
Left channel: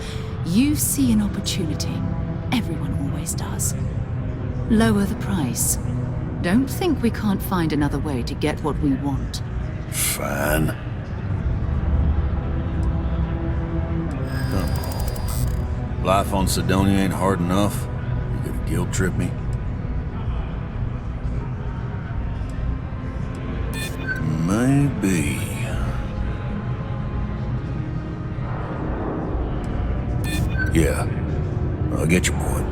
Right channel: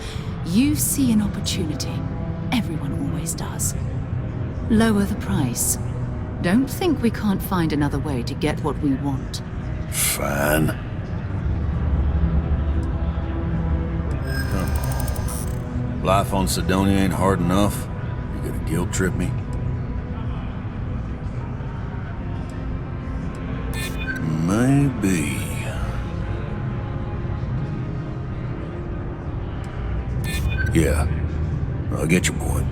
You see an opportunity. Everyone always does. Lower the price. Don't think we can't find another way to get what we want. Fine. Come on. Life on Sidonia ain't hard enough. You gonna guilt trip me? Maybe. Yeah, I get your point.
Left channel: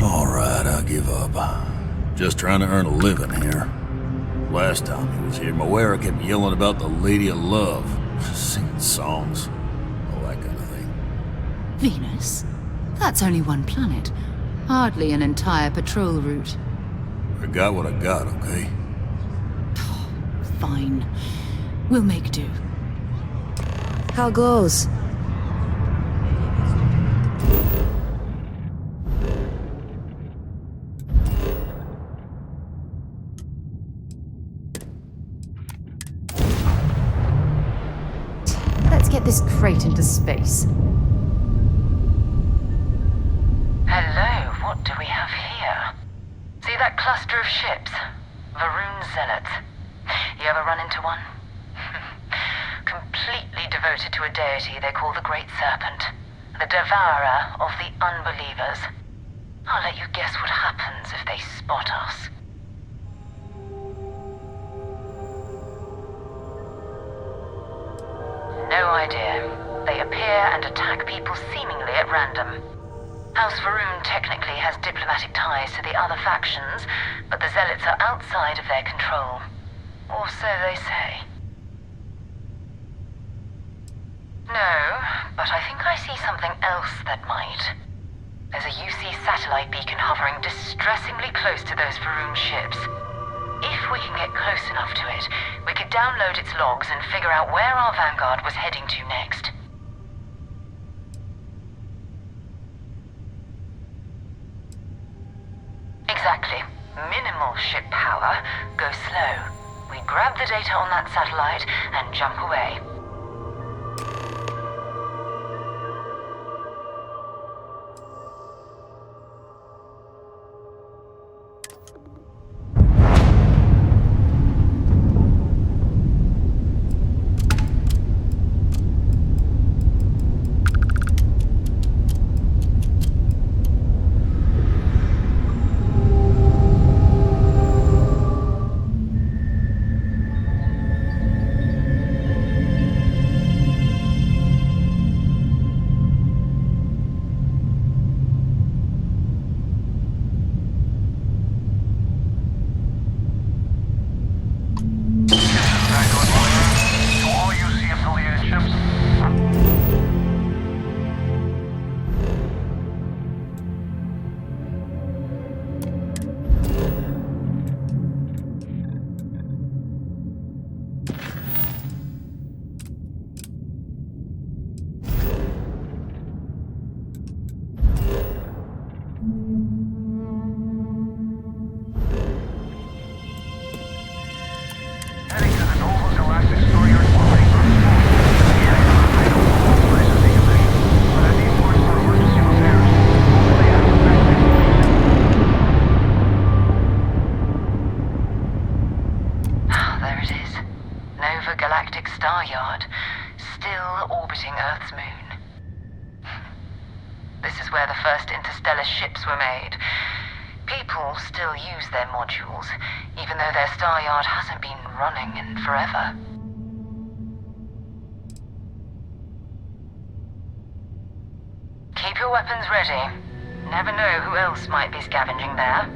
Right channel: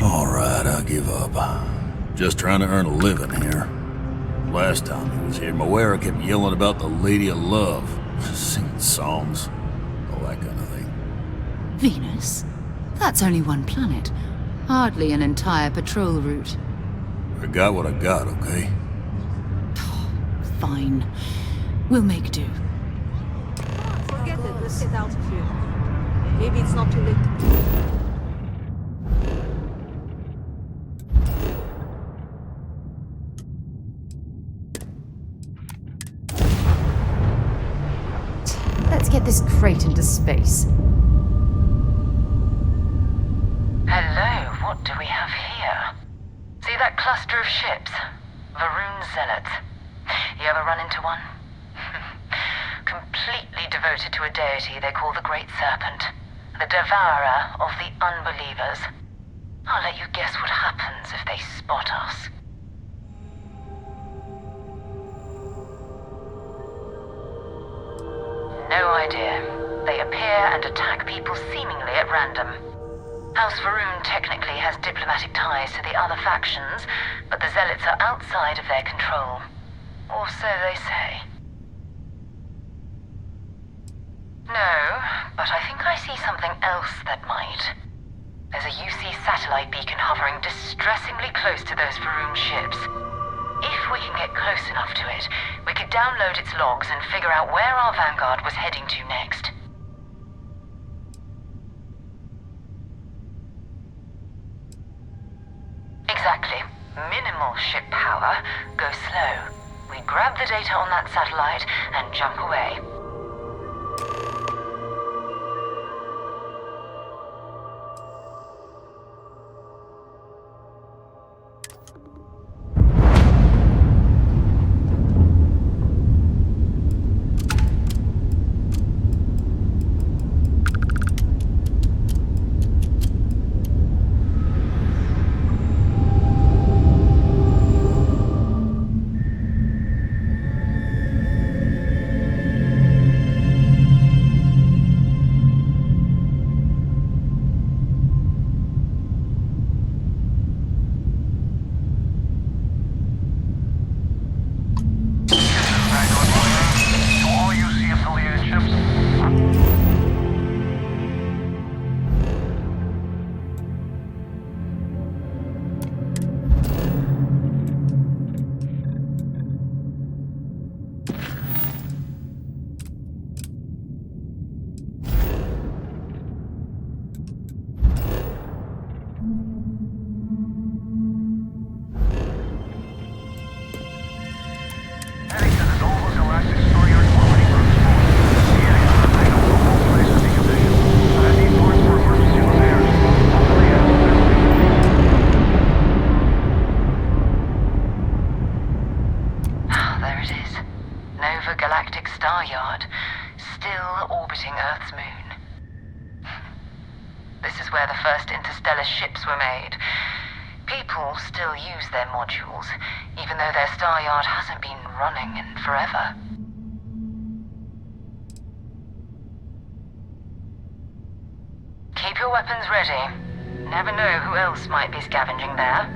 All right, I give up. Just trying to earn a living here. Last time he was here, Moira kept yelling about the Lady of Love, singing songs, all that kind of thing. Venus? That's only one planet. Hardly an entire patrol route. I got what I got, okay? Fine. We'll make do. How goes? Maybe it's not too late. Let's get this crate into space. Hello, what do we have here? See that cluster of ships? Varun Zealots. You ever run into one? Completely devoted to a deity they call the Great Serpent. The devourer of the unbelievers. I'll let you guess what happens if they spot us. No idea. They appear and attack people seemingly at random. House Varun technically has diplomatic ties to the other factions, but the Zealots are outside of their control. Or so they say. No, but I think I see something else that might. There's a UC satellite beacon hovering distressingly close to those Varun ships. If we can get close enough to it, we could download its logs and figure out where our vanguard was heading to next. Exactly. Minimal ship power. Go slow. We grab the data on that satellite and jump away. orbiting Earth's moon. This is where the first interstellar ships were made. People still use their modules, even though their star yard hasn't been running in forever. Keep your weapons ready. Never know who else might be scavenging there.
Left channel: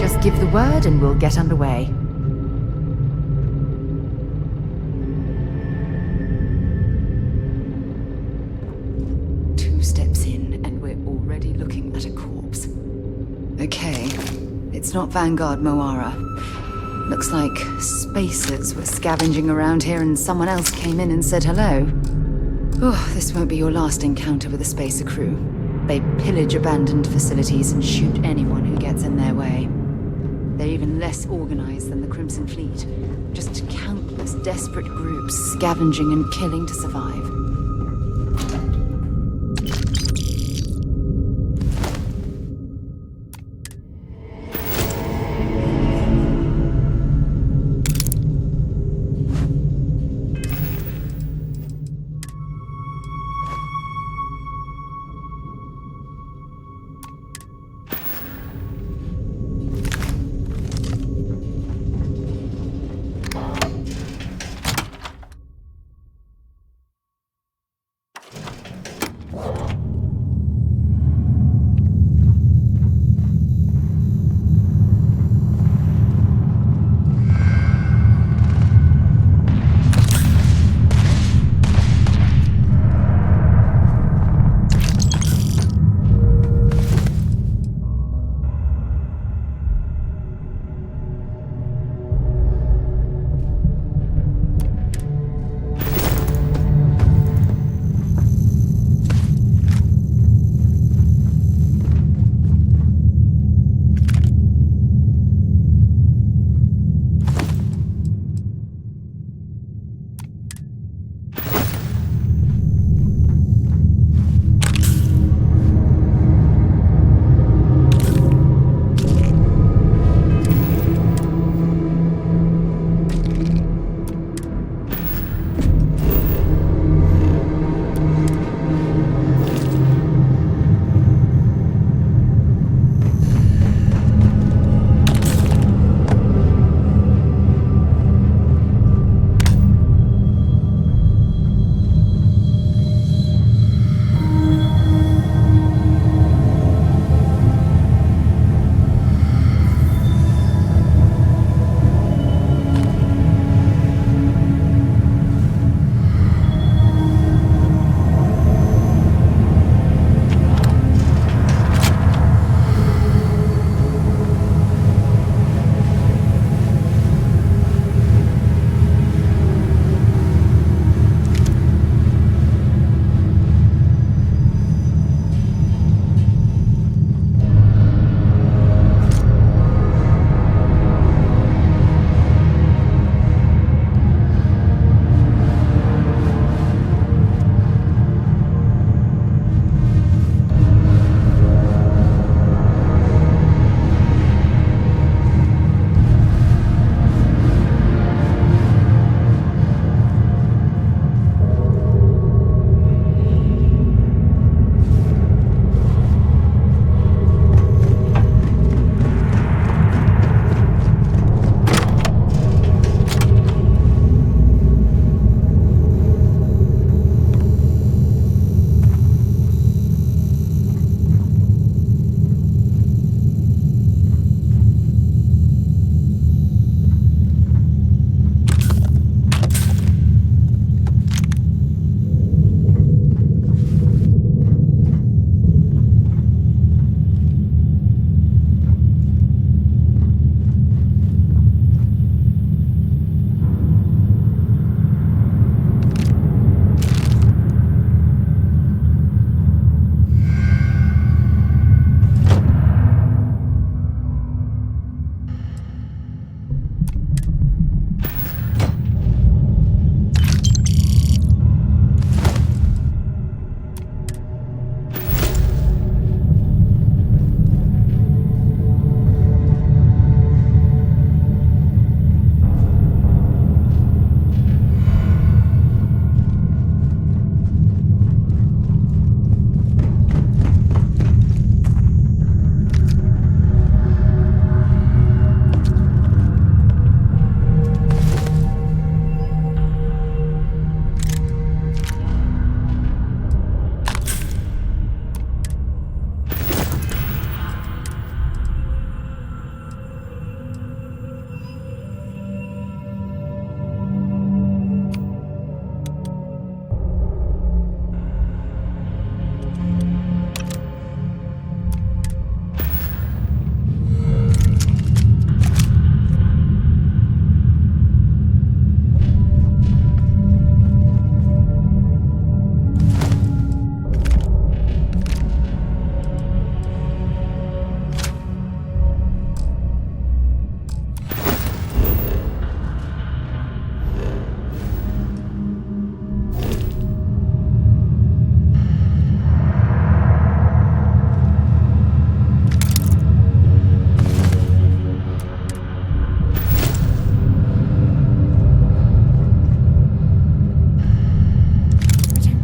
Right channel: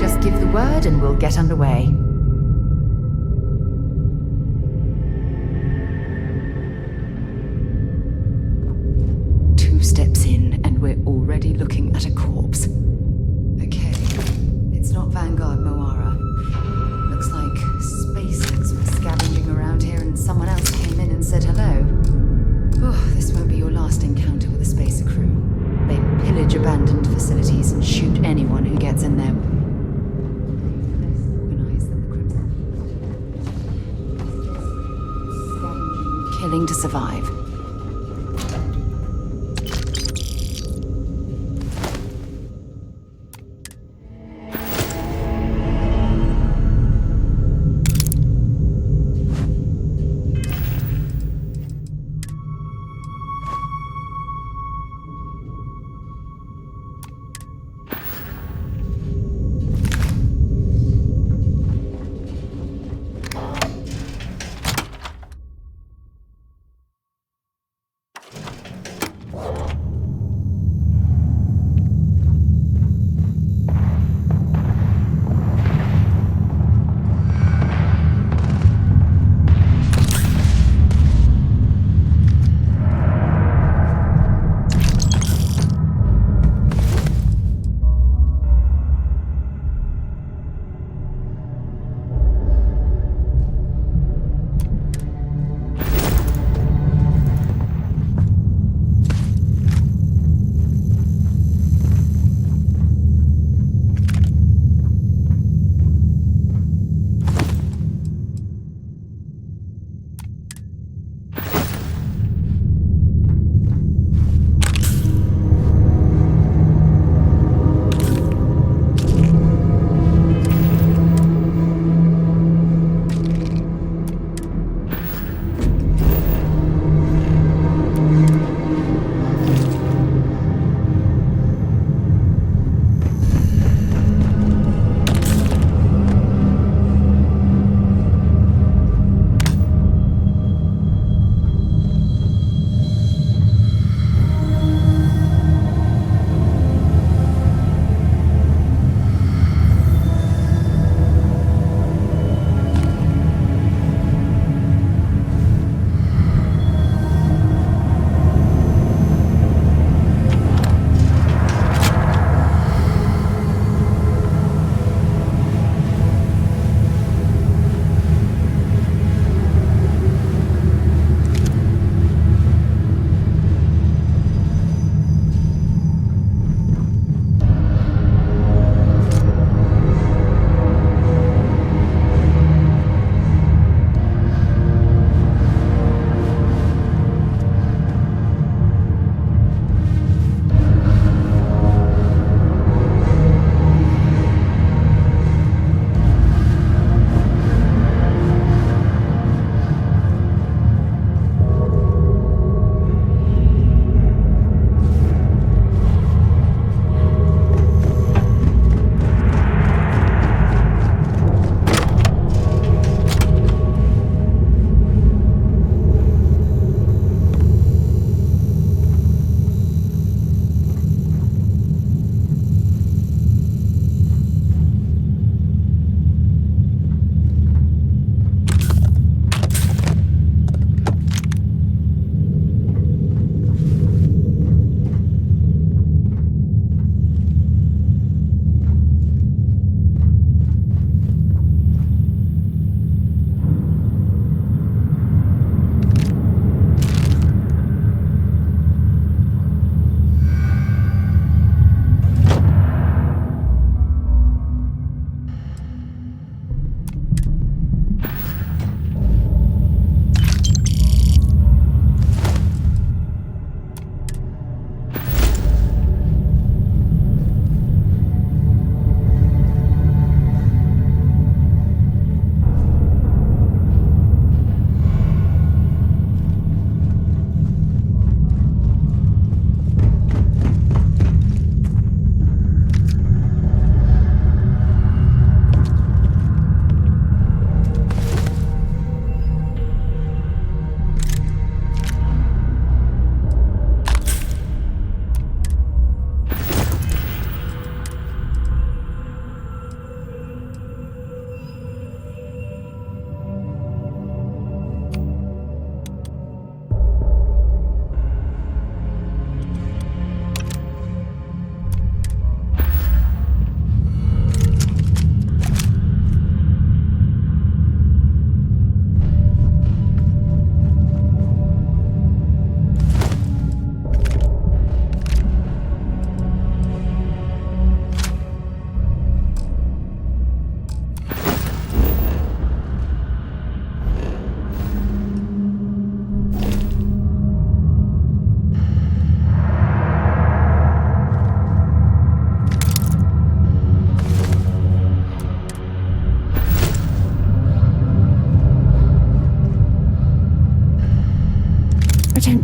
Just give the word and we'll get underway. Two steps in and we're already looking at a corpse. Okay, it's not Vanguard Moara. Looks like spacers were scavenging around here and someone else came in and said hello. Oh, this won't be your last encounter with a spacer crew. They pillage abandoned facilities and shoot anyone who gets in their way. They're even less organized than the Crimson Fleet. Just countless desperate groups scavenging and killing to survive.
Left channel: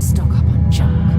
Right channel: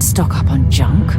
stock up on junk.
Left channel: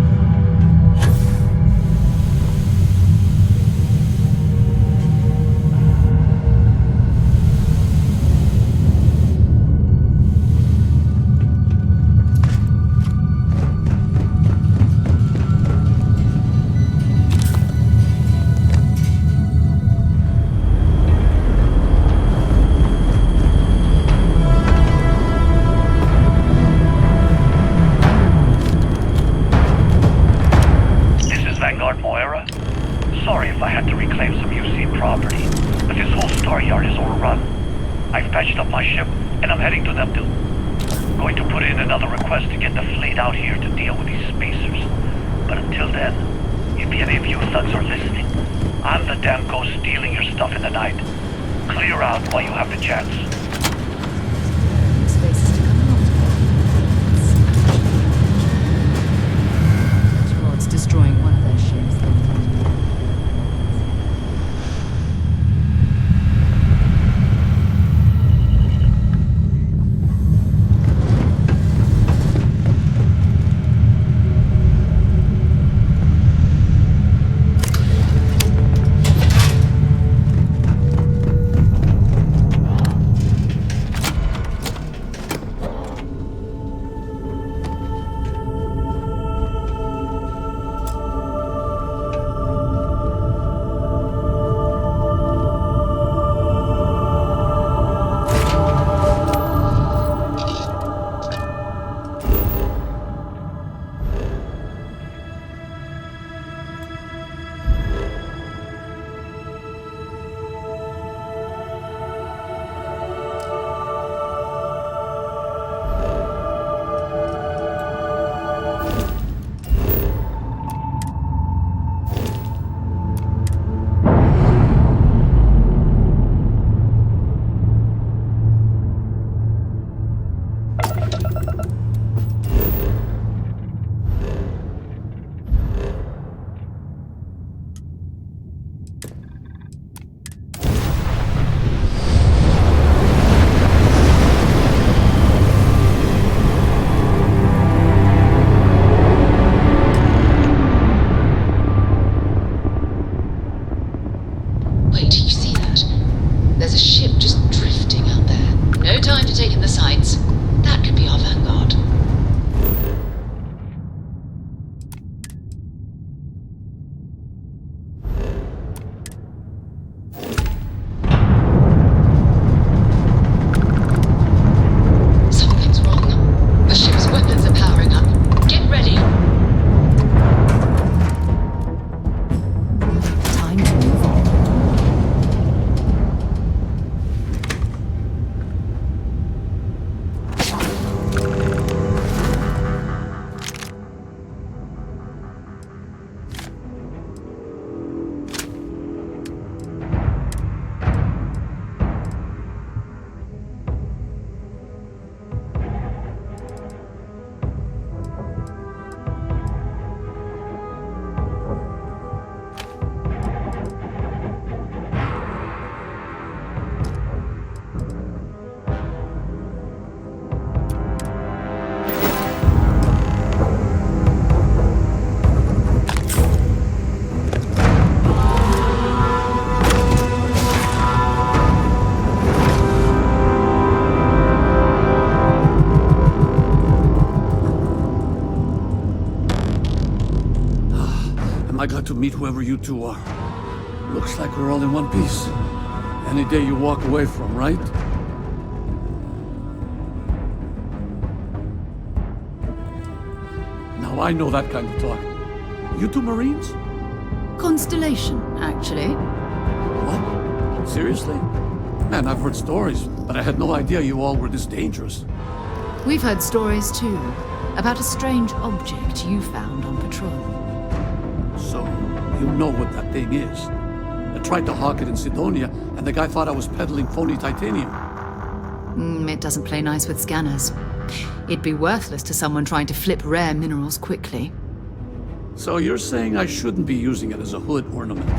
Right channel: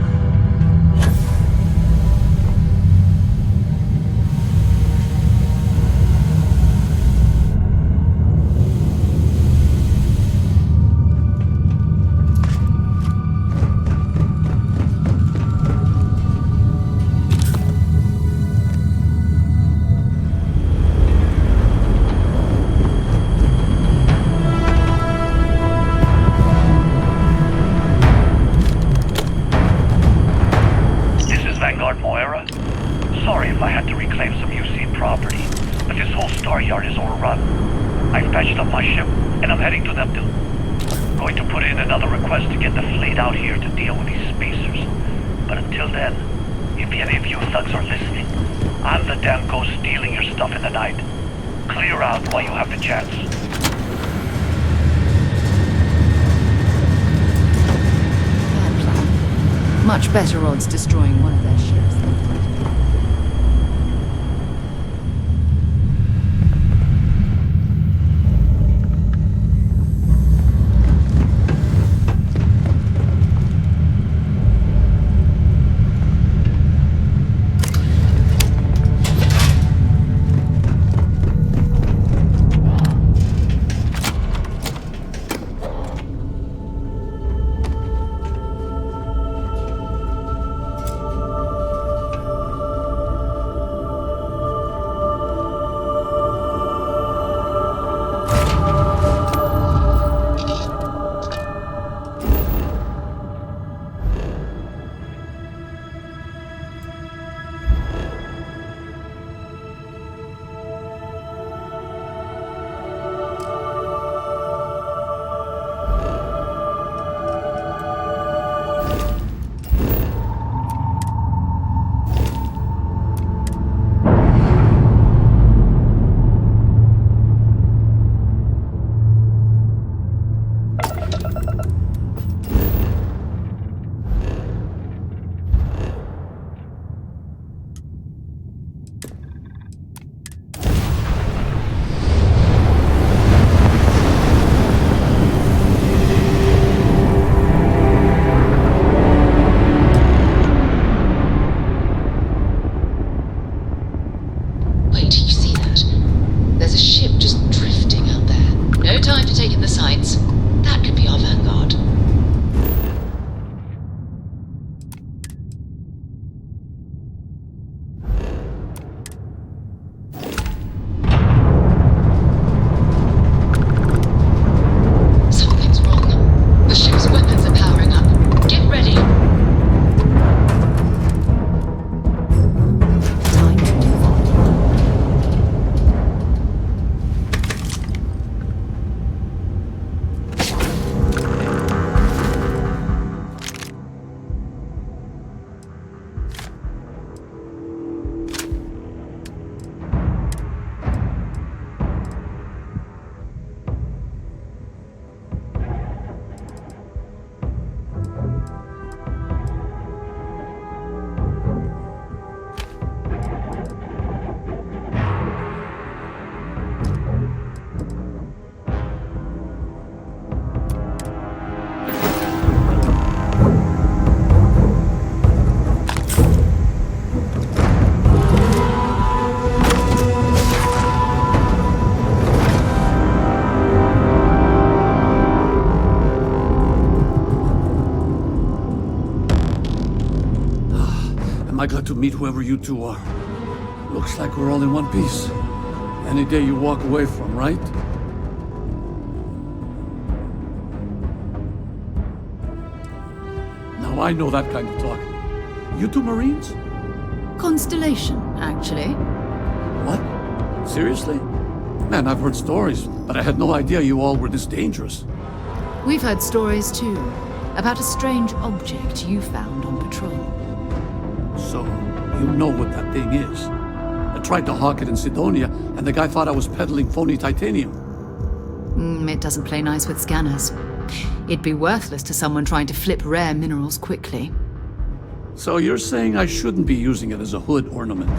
Sorry if I had to reclaim some UC property, but this whole star yard is overrun. I've patched up my ship, and I'm heading to Neptune. Going to put in another request to get the fleet out here to deal with these spacers. But until then, if any of you thugs are listening, I'm the damn ghost stealing your stuff in the night. Clear out while you have the chance. Much better odds destroying one of their ships than Wait, you see that? There's a ship just drifting out there. No time to take in the sights. That could be our vanguard. Something's wrong. The ship's weapons are powering up. Get ready. Time to move on. Am I glad to meet whoever you two are? Looks like we're all in one piece. Any day you walk away from, right? Now I know that kind of talk. You two Marines? Constellation, actually. What? Seriously? Man, I've heard stories, but I had no idea you all were this dangerous. We've heard stories too, about a strange object you found on patrol. So, you know what that thing is. I tried to hawk it in Sidonia, and the guy thought I was peddling phony titanium. It doesn't play nice with scanners. It'd be worthless to someone trying to flip rare minerals quickly. So you're saying I shouldn't be using it as a hood ornament?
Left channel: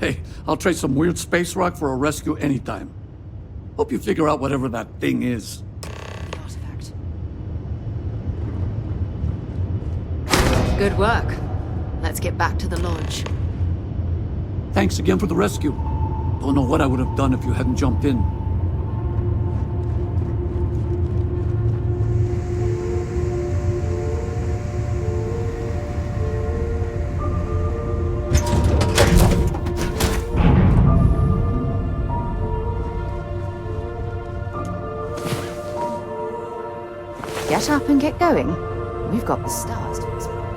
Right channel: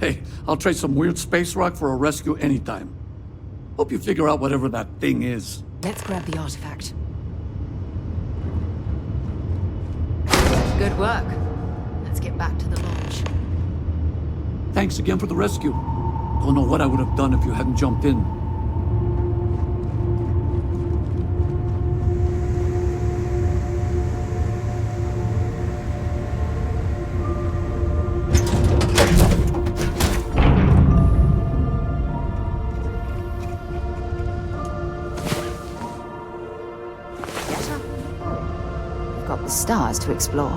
Hey, I'll trade some weird space rock for a rescue anytime. Hope you figure out whatever that thing is. Let's grab the artifact. Good work. Let's get back to the lodge. Thanks again for the rescue. Don't know what I would have done if you hadn't jumped in. Get up and get going. We've got the stars to explore.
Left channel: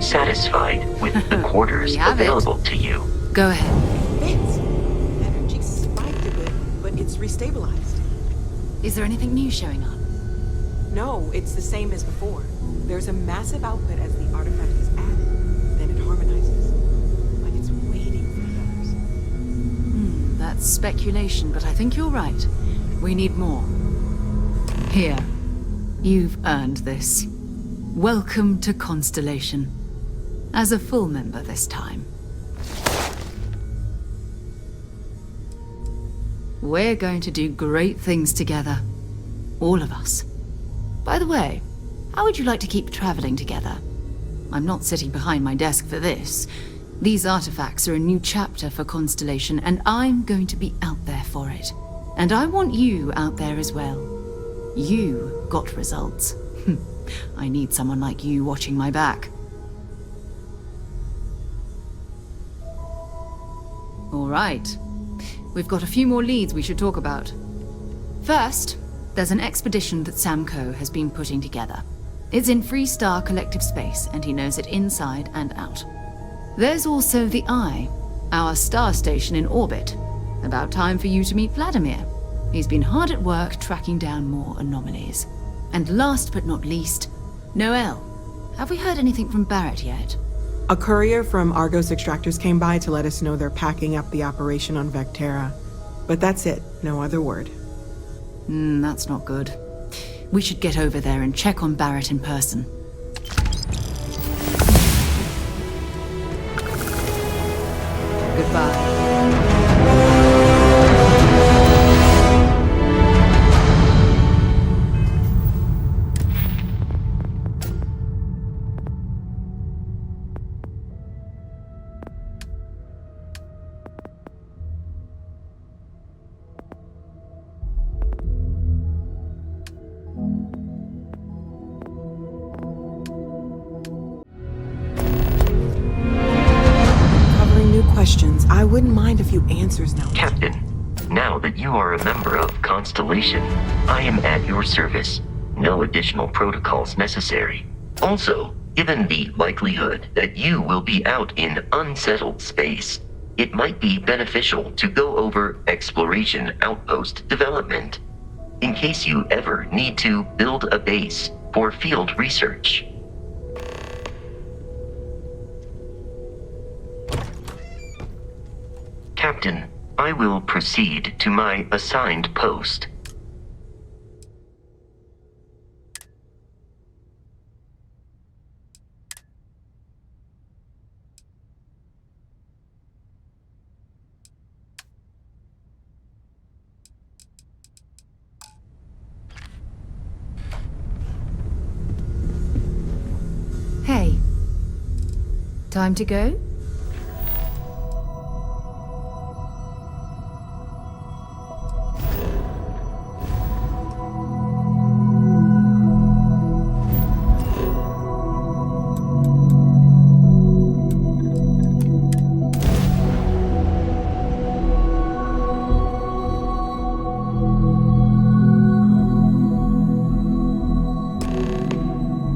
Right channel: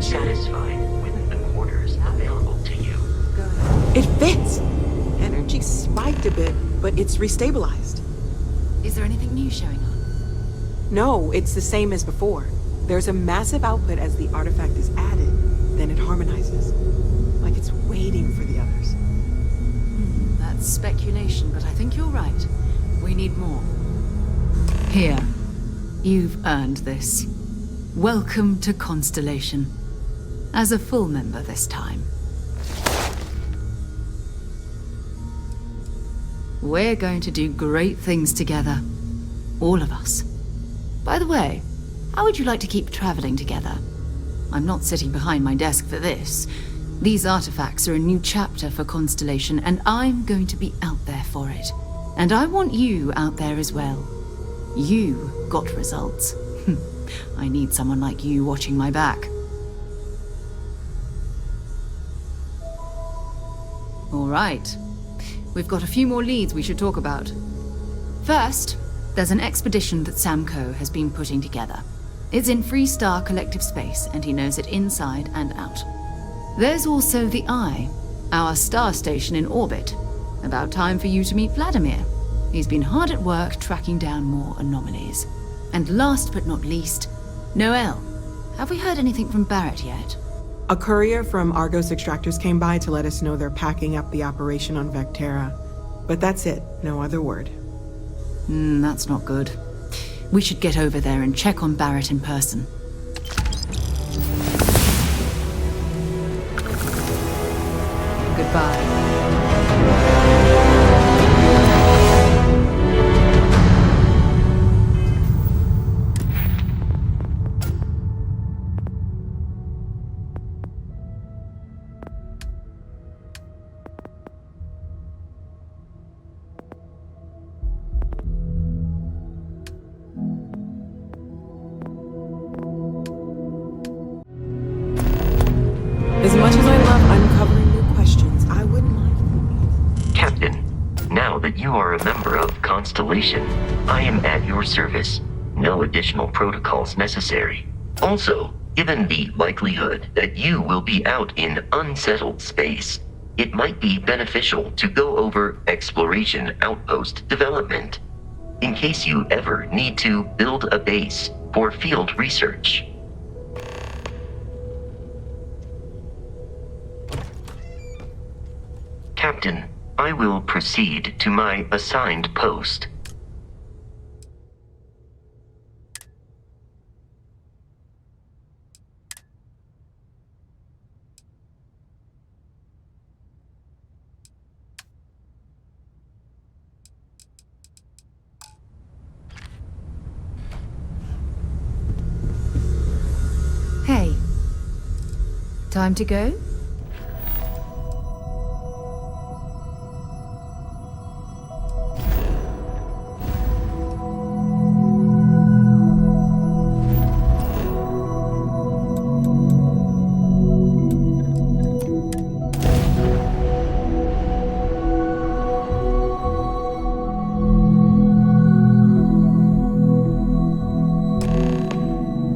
Satisfied with the quarters available to you. Go ahead. It fits. Energy spiked a bit, but it's restabilized. Is there anything new showing up? No, it's the same as before. There's a massive output as the artifact is added, then it harmonizes. Like it's waiting for the others. That's speculation, but I think you're right. We need more. Here. You've earned this. Welcome to Constellation. As a full member this time. We're going to do great things together. All of us. By the way, how would you like to keep traveling together? I'm not sitting behind my desk for this. These artifacts are a new chapter for Constellation, and I'm going to be out there for it. And I want you out there as well. You got results. I need someone like you watching my back. All right. We've got a few more leads we should talk about. First, there's an expedition that Samco has been putting together. It's in Freestar Collective Space, and he knows it inside and out. There's also the Eye, our star station in orbit. About time for you to meet Vladimir. He's been hard at work tracking down more anomalies. And last but not least, Noel. Have we heard anything from Barrett yet? A courier from Argos Extractors came by to let us know they're packing up the operation on Vectera. But that's it, no other word. That's not good. We should get over there and check on Barrett in person. Goodbye. Questions. I wouldn't mind a few answers now. Captain, now that you are a member of Constellation, I am at your service. no additional protocols necessary. Also, given the likelihood that you will be out in unsettled space, it might be beneficial to go over exploration outpost development, in case you ever need to build a base for field research. Captain, I will proceed to my assigned post. Hey. Time to go?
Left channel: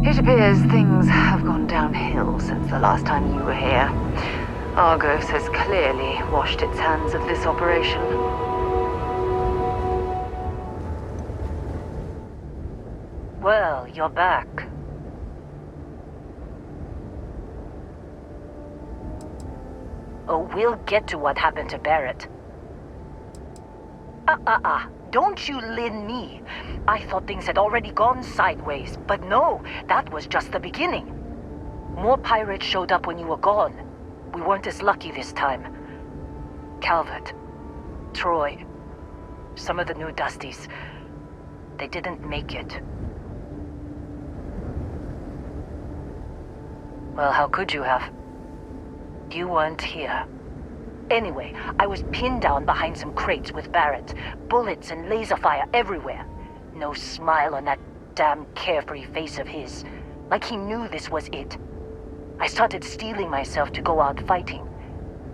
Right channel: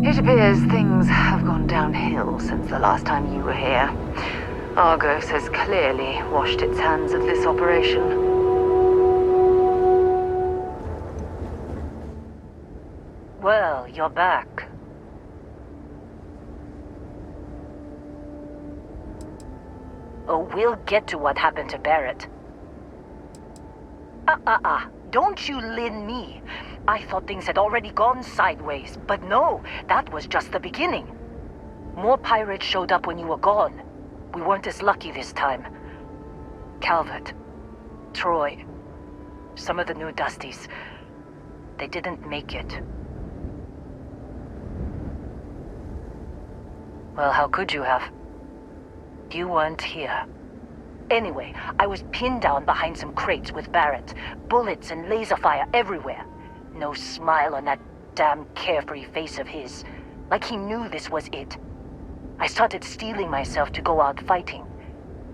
It appears things have gone downhill since the last time you were here. Argos has clearly washed its hands of this operation. Well, you're back. Oh, we'll get to what happened to Barrett. Don't you lin me. I thought things had already gone sideways, but no, that was just the beginning. More pirates showed up when you were gone. We weren't as lucky this time. Calvert, Troy, some of the new Dusties, they didn't make it. Well, how could you have? You weren't here. Anyway, I was pinned down behind some crates with Barrett. Bullets and laser fire everywhere. No smile on that damn carefree face of his. Like he knew this was it. I started steeling myself to go out fighting.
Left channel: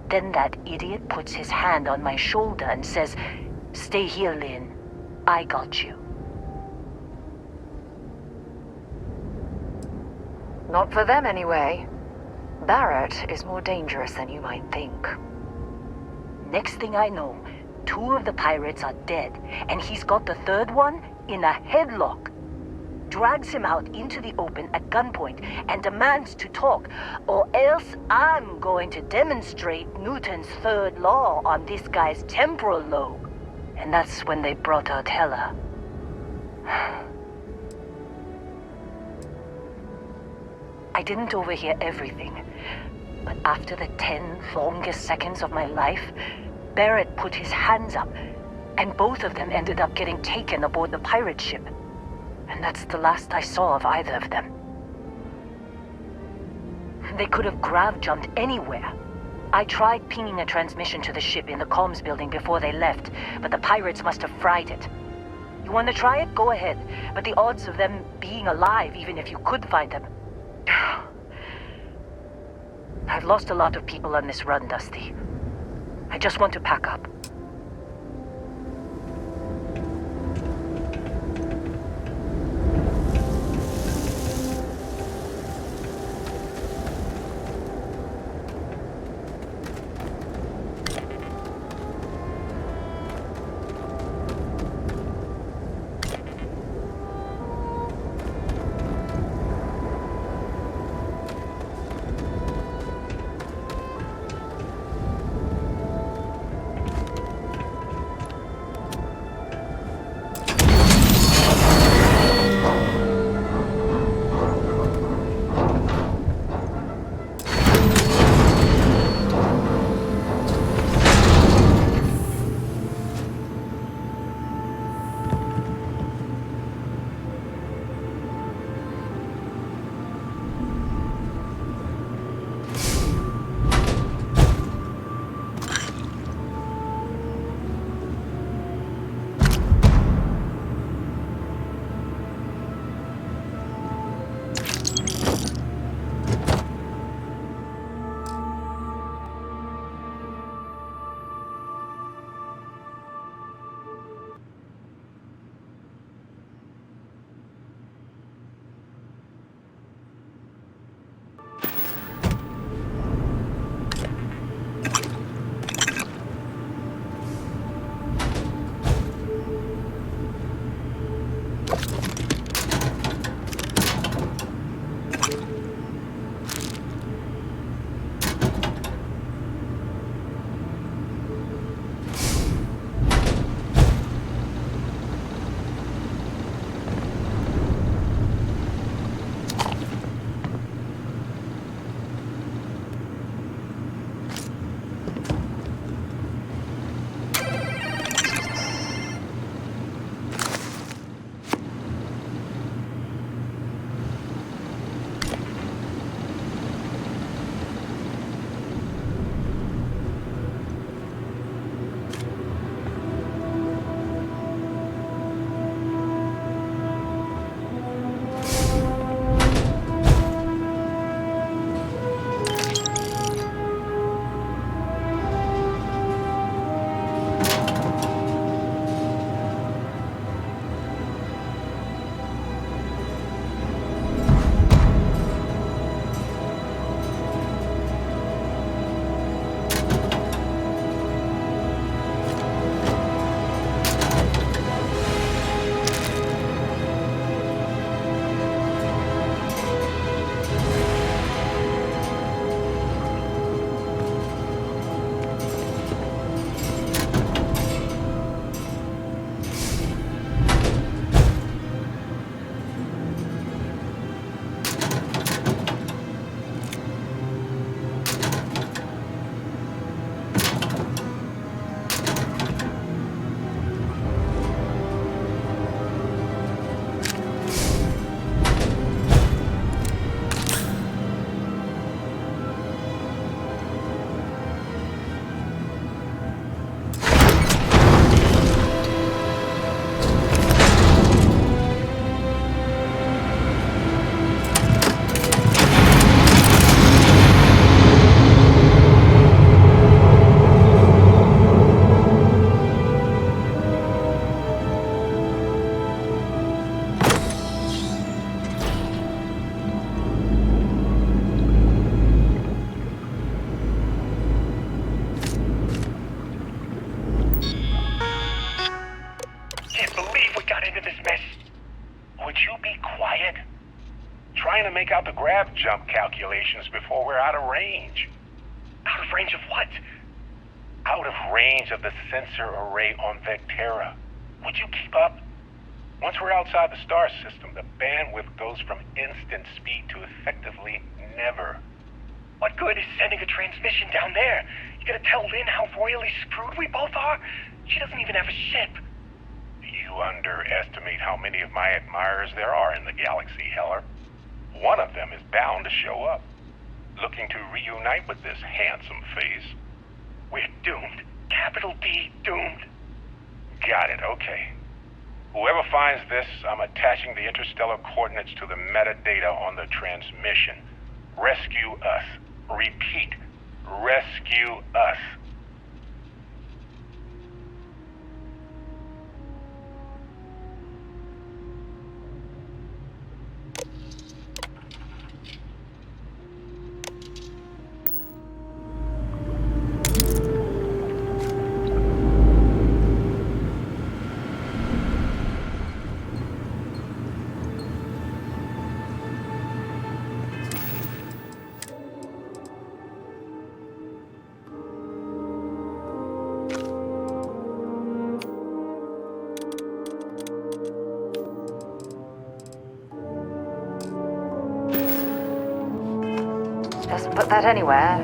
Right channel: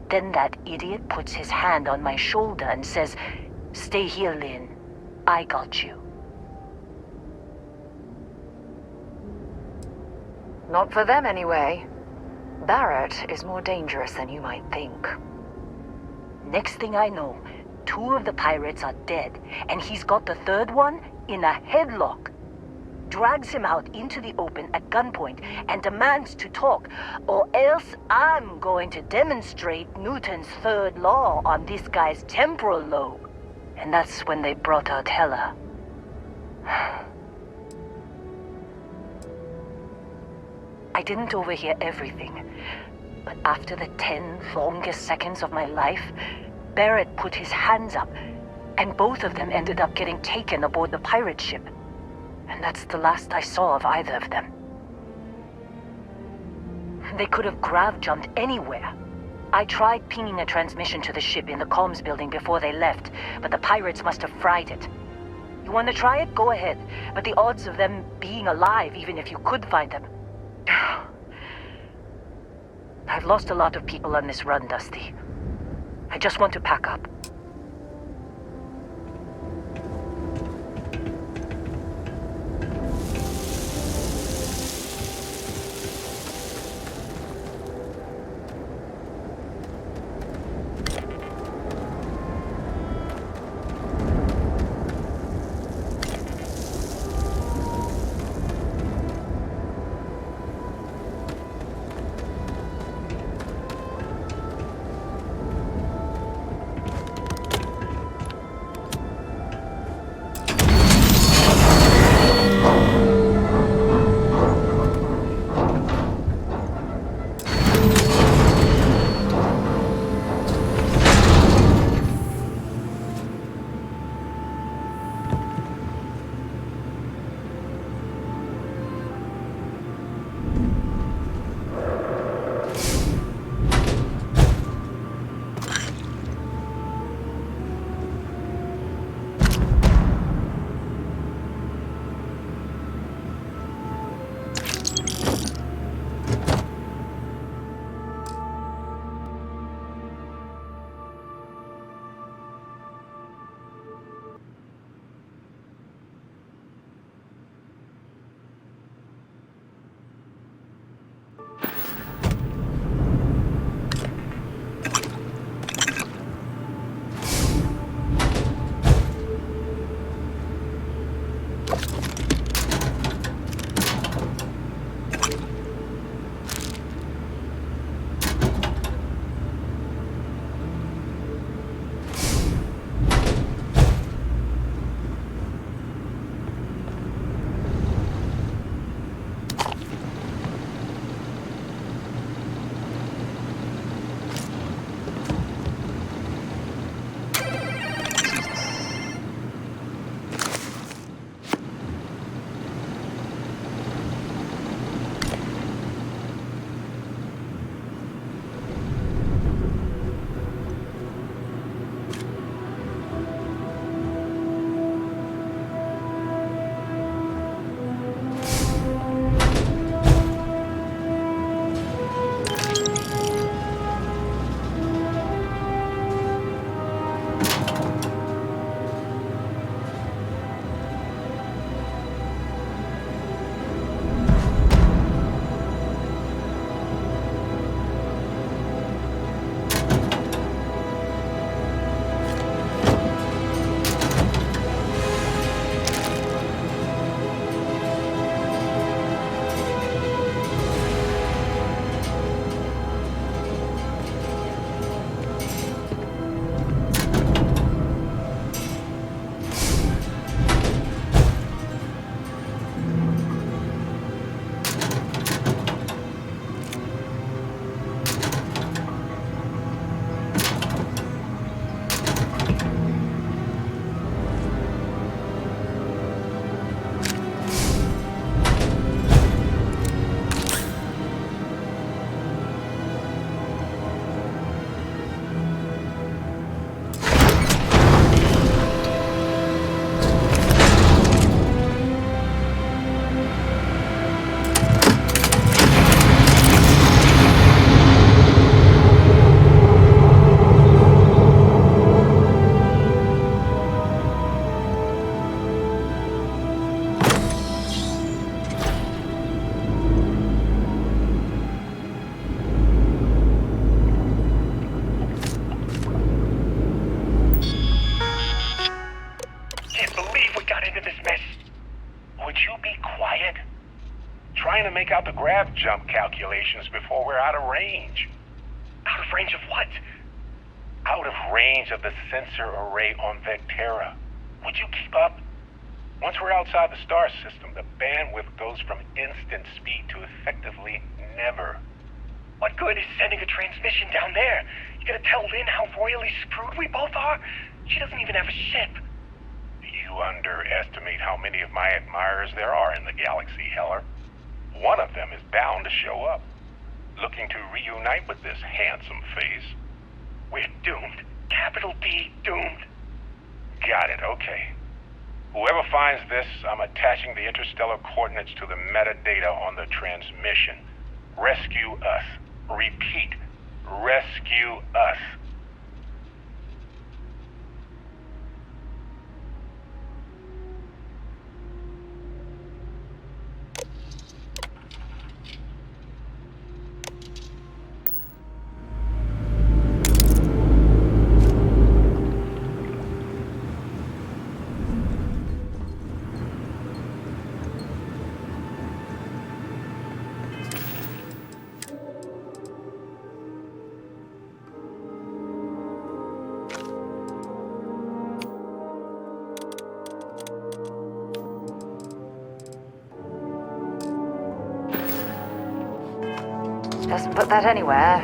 Then that idiot puts his hand on my shoulder and says, "Stay here, Lynn. I got you." Not for them, anyway. Barrett is more dangerous than you might think. Next thing I know, 2 of the pirates are dead, and he's got the third one in a headlock. Drags him out into the open at gunpoint and demands to talk, or else I'm going to demonstrate Newton's third law on this guy's temporal lobe. And that's when they brought out Hela. I didn't overhear everything, but after the 10 longest seconds of my life, Barrett put his hands up, and both of them ended up getting taken aboard the pirate ship. And that's the last I saw of either of them. They could have grav-jumped anywhere. I tried pinging a transmission to the ship in the comms building before they left, but the pirates must have fried it. You want to try it? Go ahead. But the odds of them being alive, even if you could find them... I've lost a lot of people on this run, Dusty. I just want to pack up. Trying to make out the grav jump calculations before we're out of range. Out of range of what? Out of range of the sensor array on Vectera. Would you keep up? Once we're outside the star system, the bandwidth goes from instant speed to effectively never. What good is sending a transmission down there? You gonna tell Lynn how royally screwed we both are? She doesn't even have a ship. You underestimate how many of my admirers there are in the galaxy, Heller. One of them is bound to show up, looking to reunite with this handsome face. We're doomed. Capital D, doomed. Got it, okay. Whoever finds this, I'm attaching the interstellar coordinates to the metadata on the transmission. Rescue us. Repeat, rescue us. Doesn't put that anywhere.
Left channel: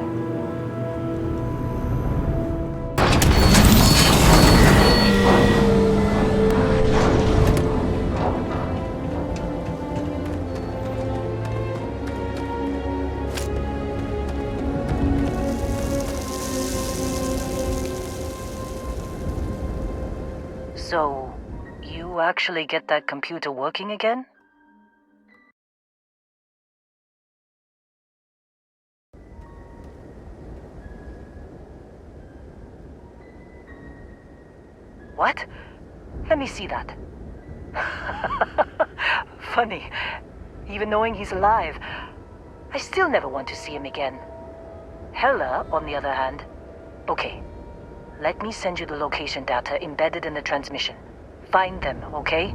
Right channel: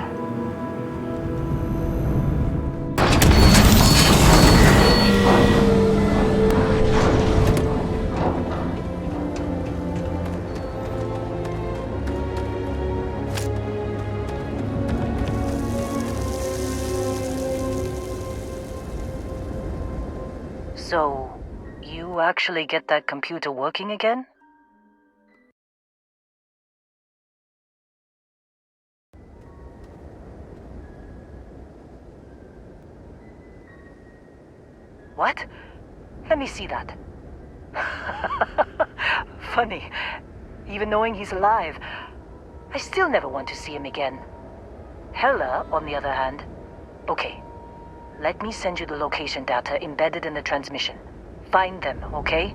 So, you actually get that computer working again? What? Let me see that. Funny. Even knowing he's alive, I still never want to see him again. Hella, on the other hand. Okay. Let me send you the location data embedded in the transmission. Find them, okay?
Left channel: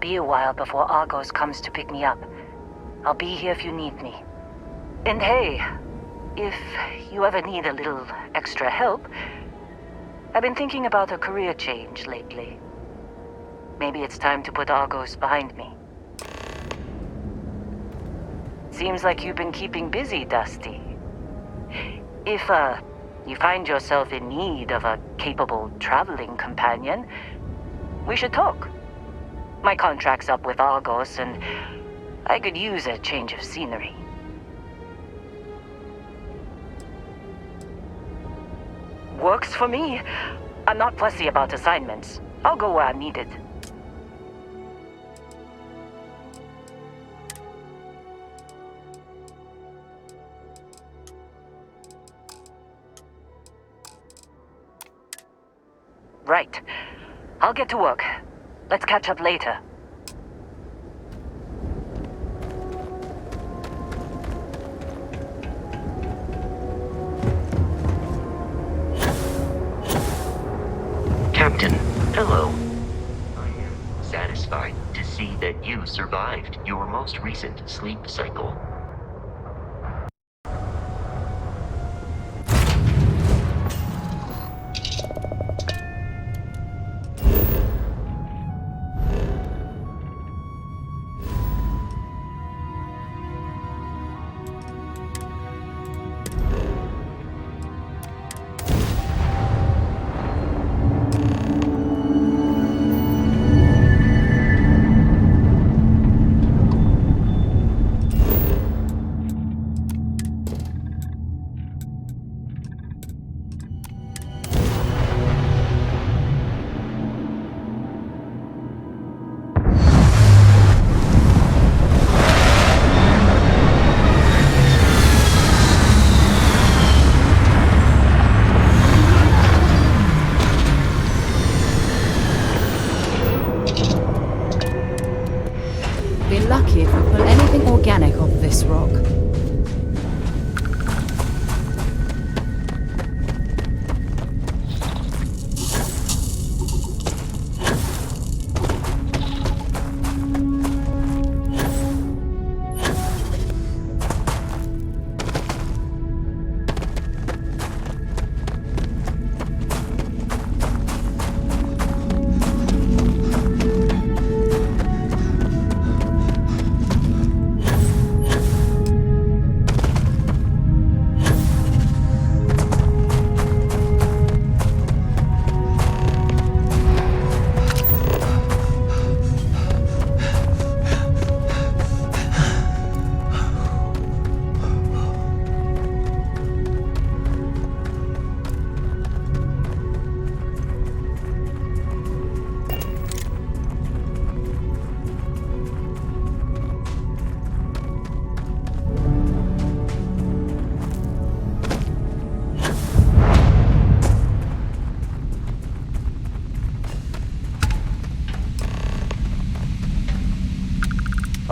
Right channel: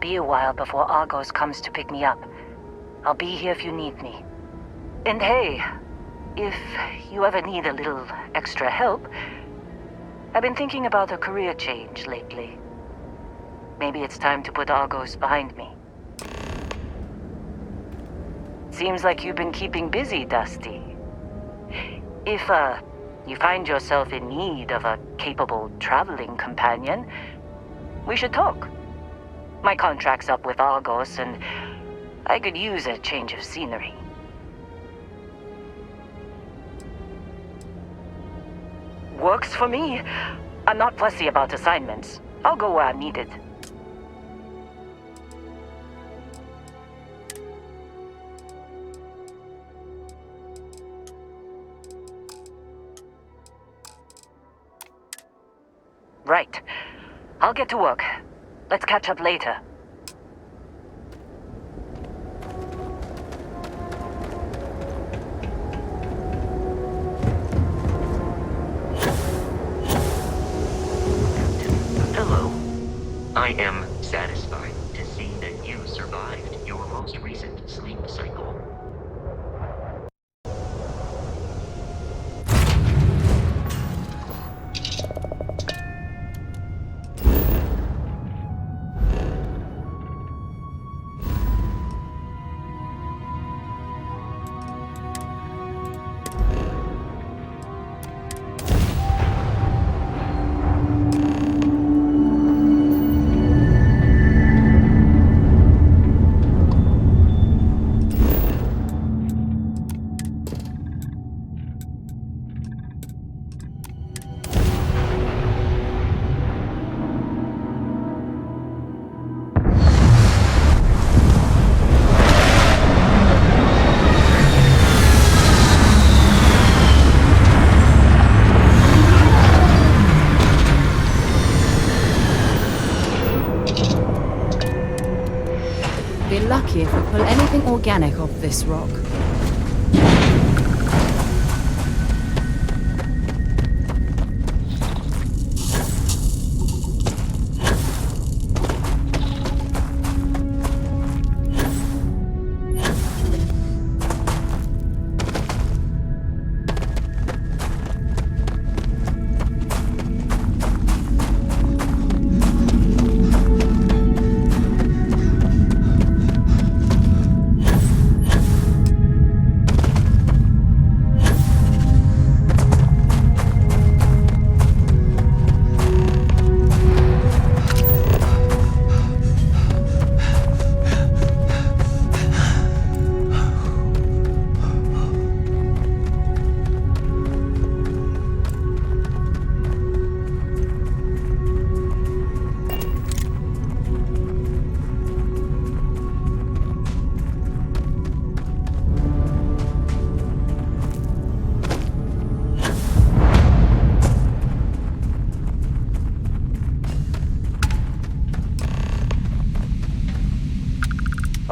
be a while before Argos comes to pick me up. I'll be here if you need me. And hey, if you ever need a little extra help, I've been thinking about a career change lately. Maybe it's time to put Argos behind me. Seems like you've been keeping busy, Dusty. If, you find yourself in need of a capable traveling companion, we should talk. My contract's up with Argos, and I could use a change of scenery. Works for me. I'm not fussy about assignments. I'll go where I'm needed. Right. I'll get to work. Let's catch up later. Captain, hello. I am satisfied to see that you survived your most recent sleep cycle. Be lucky if we pull anything organic off this rock.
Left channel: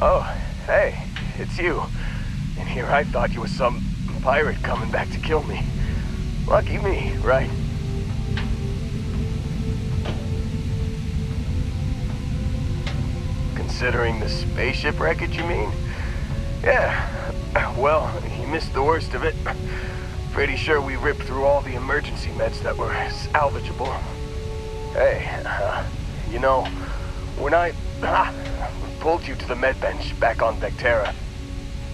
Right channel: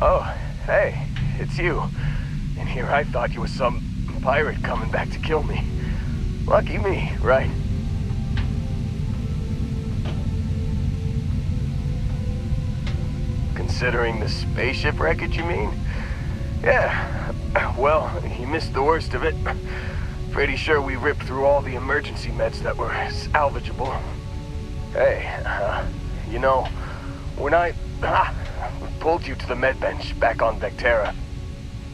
Oh, hey, it's you. And here I thought you was some pirate coming back to kill me. Lucky me, right? Considering the spaceship wreckage, you mean? Yeah, well, you missed the worst of it. Pretty sure we ripped through all the emergency meds that were salvageable. Hey, you know, when I pulled you to the med bench back on Vectera,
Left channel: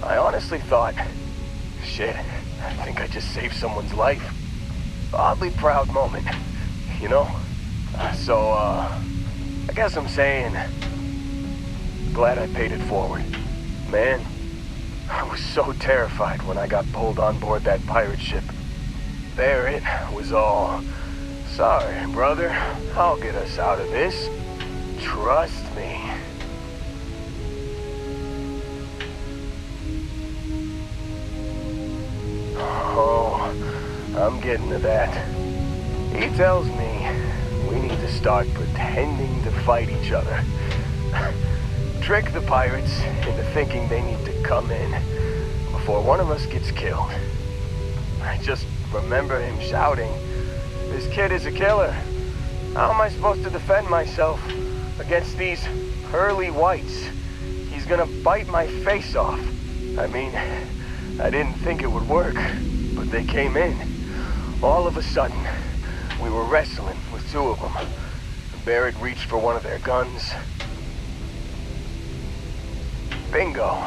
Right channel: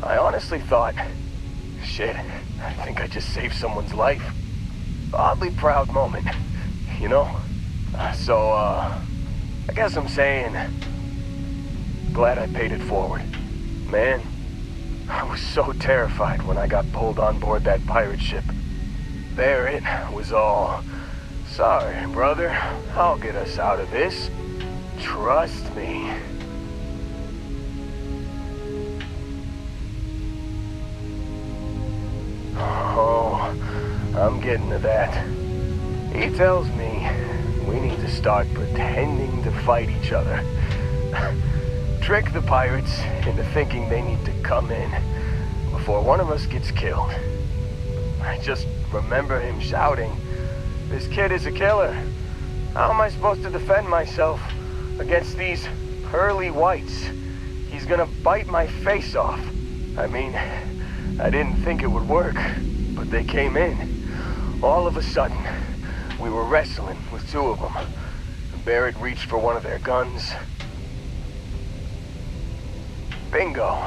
I honestly thought, shit, I think I just saved someone's life. Oddly proud moment, you know? So, I guess I'm saying, glad I paid it forward. Man, I was so terrified when I got pulled on board that pirate ship. There it was all, sorry, brother, I'll get us out of this. Trust me. Oh, I'm getting to that. He tells me we need to start pretending to fight each other. Trick the pirates into thinking they need to come in before one of us gets killed. I just remember him shouting, "This kid is a killer. How am I supposed to defend myself against these pearly whites. He's gonna bite my face off. I mean, I didn't think it would work, but they came in. All of a sudden, we were wrestling with two of them. Barrett reached for one of their guns. Bingo.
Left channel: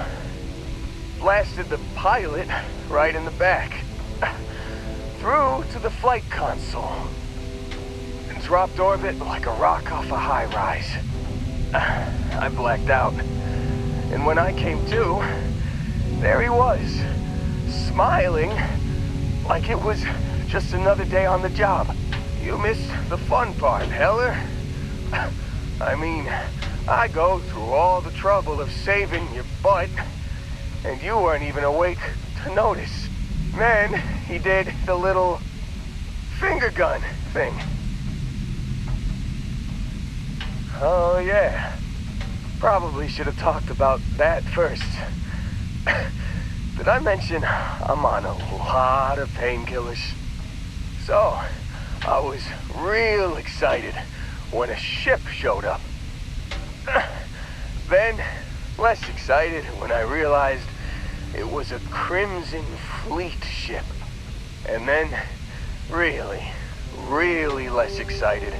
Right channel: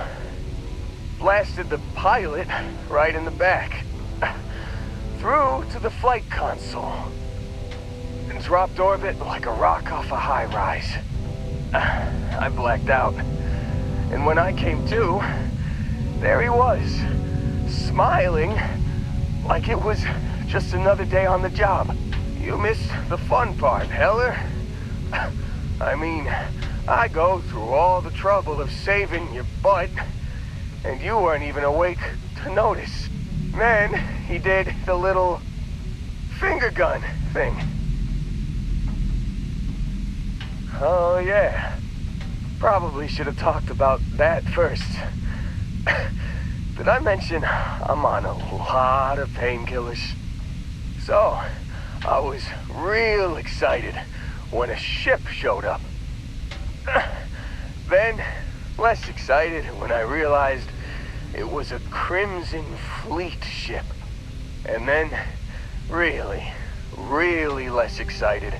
Blasted the pilot right in the back. Through to the flight console. And dropped orbit like a rock off a high rise. I blacked out. And when I came to, there he was, smiling like it was just another day on the job. You missed the fun part, Heller. I mean, I go through all the trouble of saving your butt, and you weren't even awake to notice. Then he did the little finger gun thing. Oh yeah, probably should have talked about that first. Did I mention I'm on a lot of painkillers? So, I was real excited when a ship showed up. Then, less excited when I realized it was a Crimson Fleet ship. And then, really less excited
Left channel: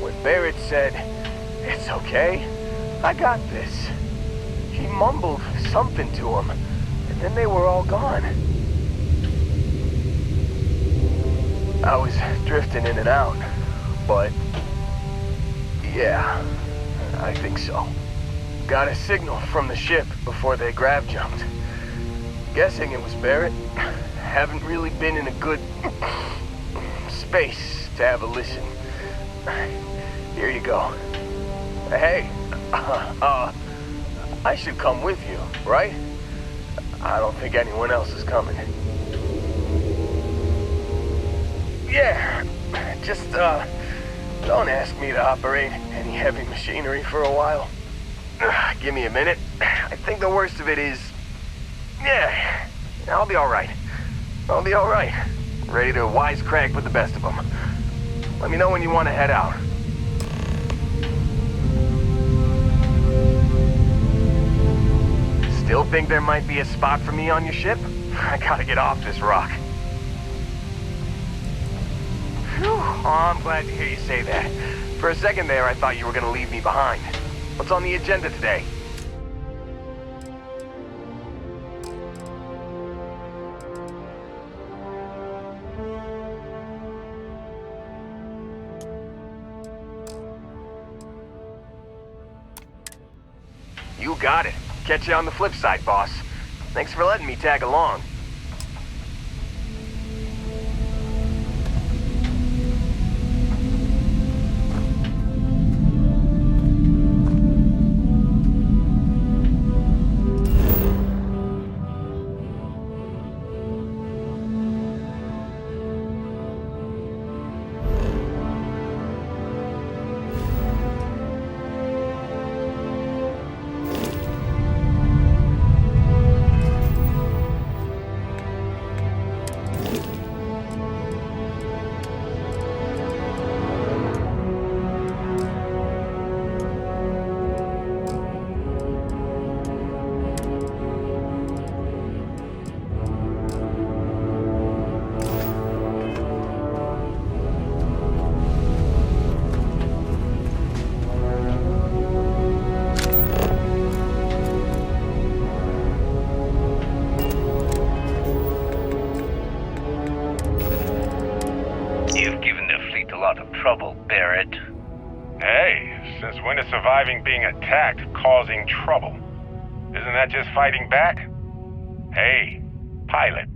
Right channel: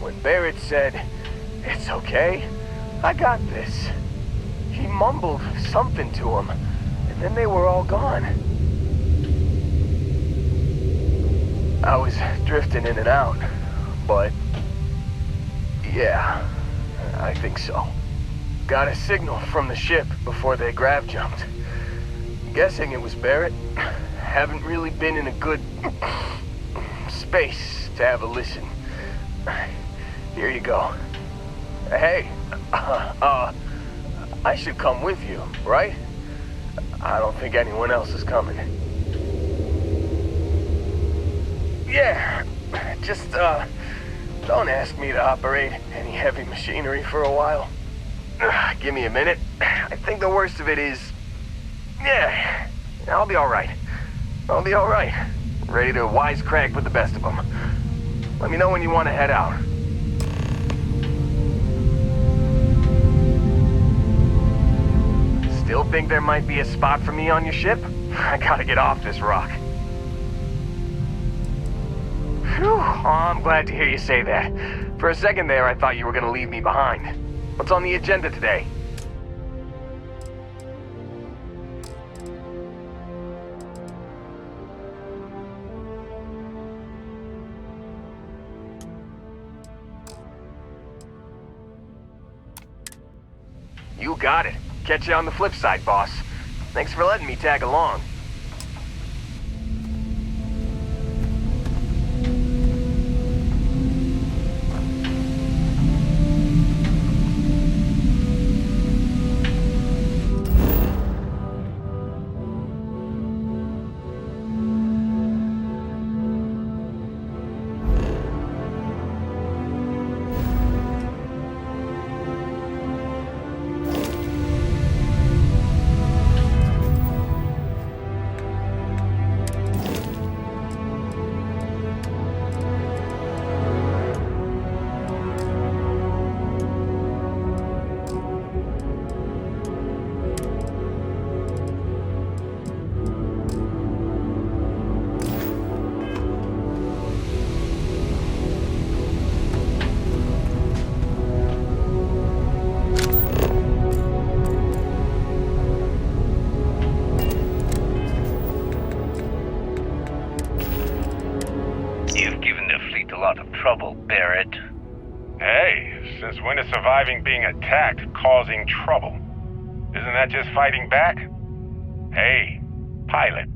when Barrett said, "It's okay, I got this." He mumbled something to him, and then they were all gone. I was drifting in and out, but yeah, I think so. Got a signal from the ship before they grav jumped. Guessing it was Barrett. Haven't really been in a good space to have a listen. Here you go. Hey, I should come with you, right? I don't think anyone else is coming. Yeah, just, don't ask me to operate any heavy machinery for a while. Give me a minute. I think the worst of it is... yeah, I'll be alright. I'll be alright. Ready to wisecrack with the best of them. Let me know when you want to head out. Still think there might be a spot for me on your ship? I gotta get off this rock. Phew, oh, I'm glad to hear you say that. For a second there, I thought you were gonna leave me behind. What's on the agenda today? You got it. Catch you on the flip side, boss. Thanks for letting me tag along. Trouble, Barrett. Hey, since when is surviving being attacked causing trouble? Isn't that just fighting back? Hey, pilot,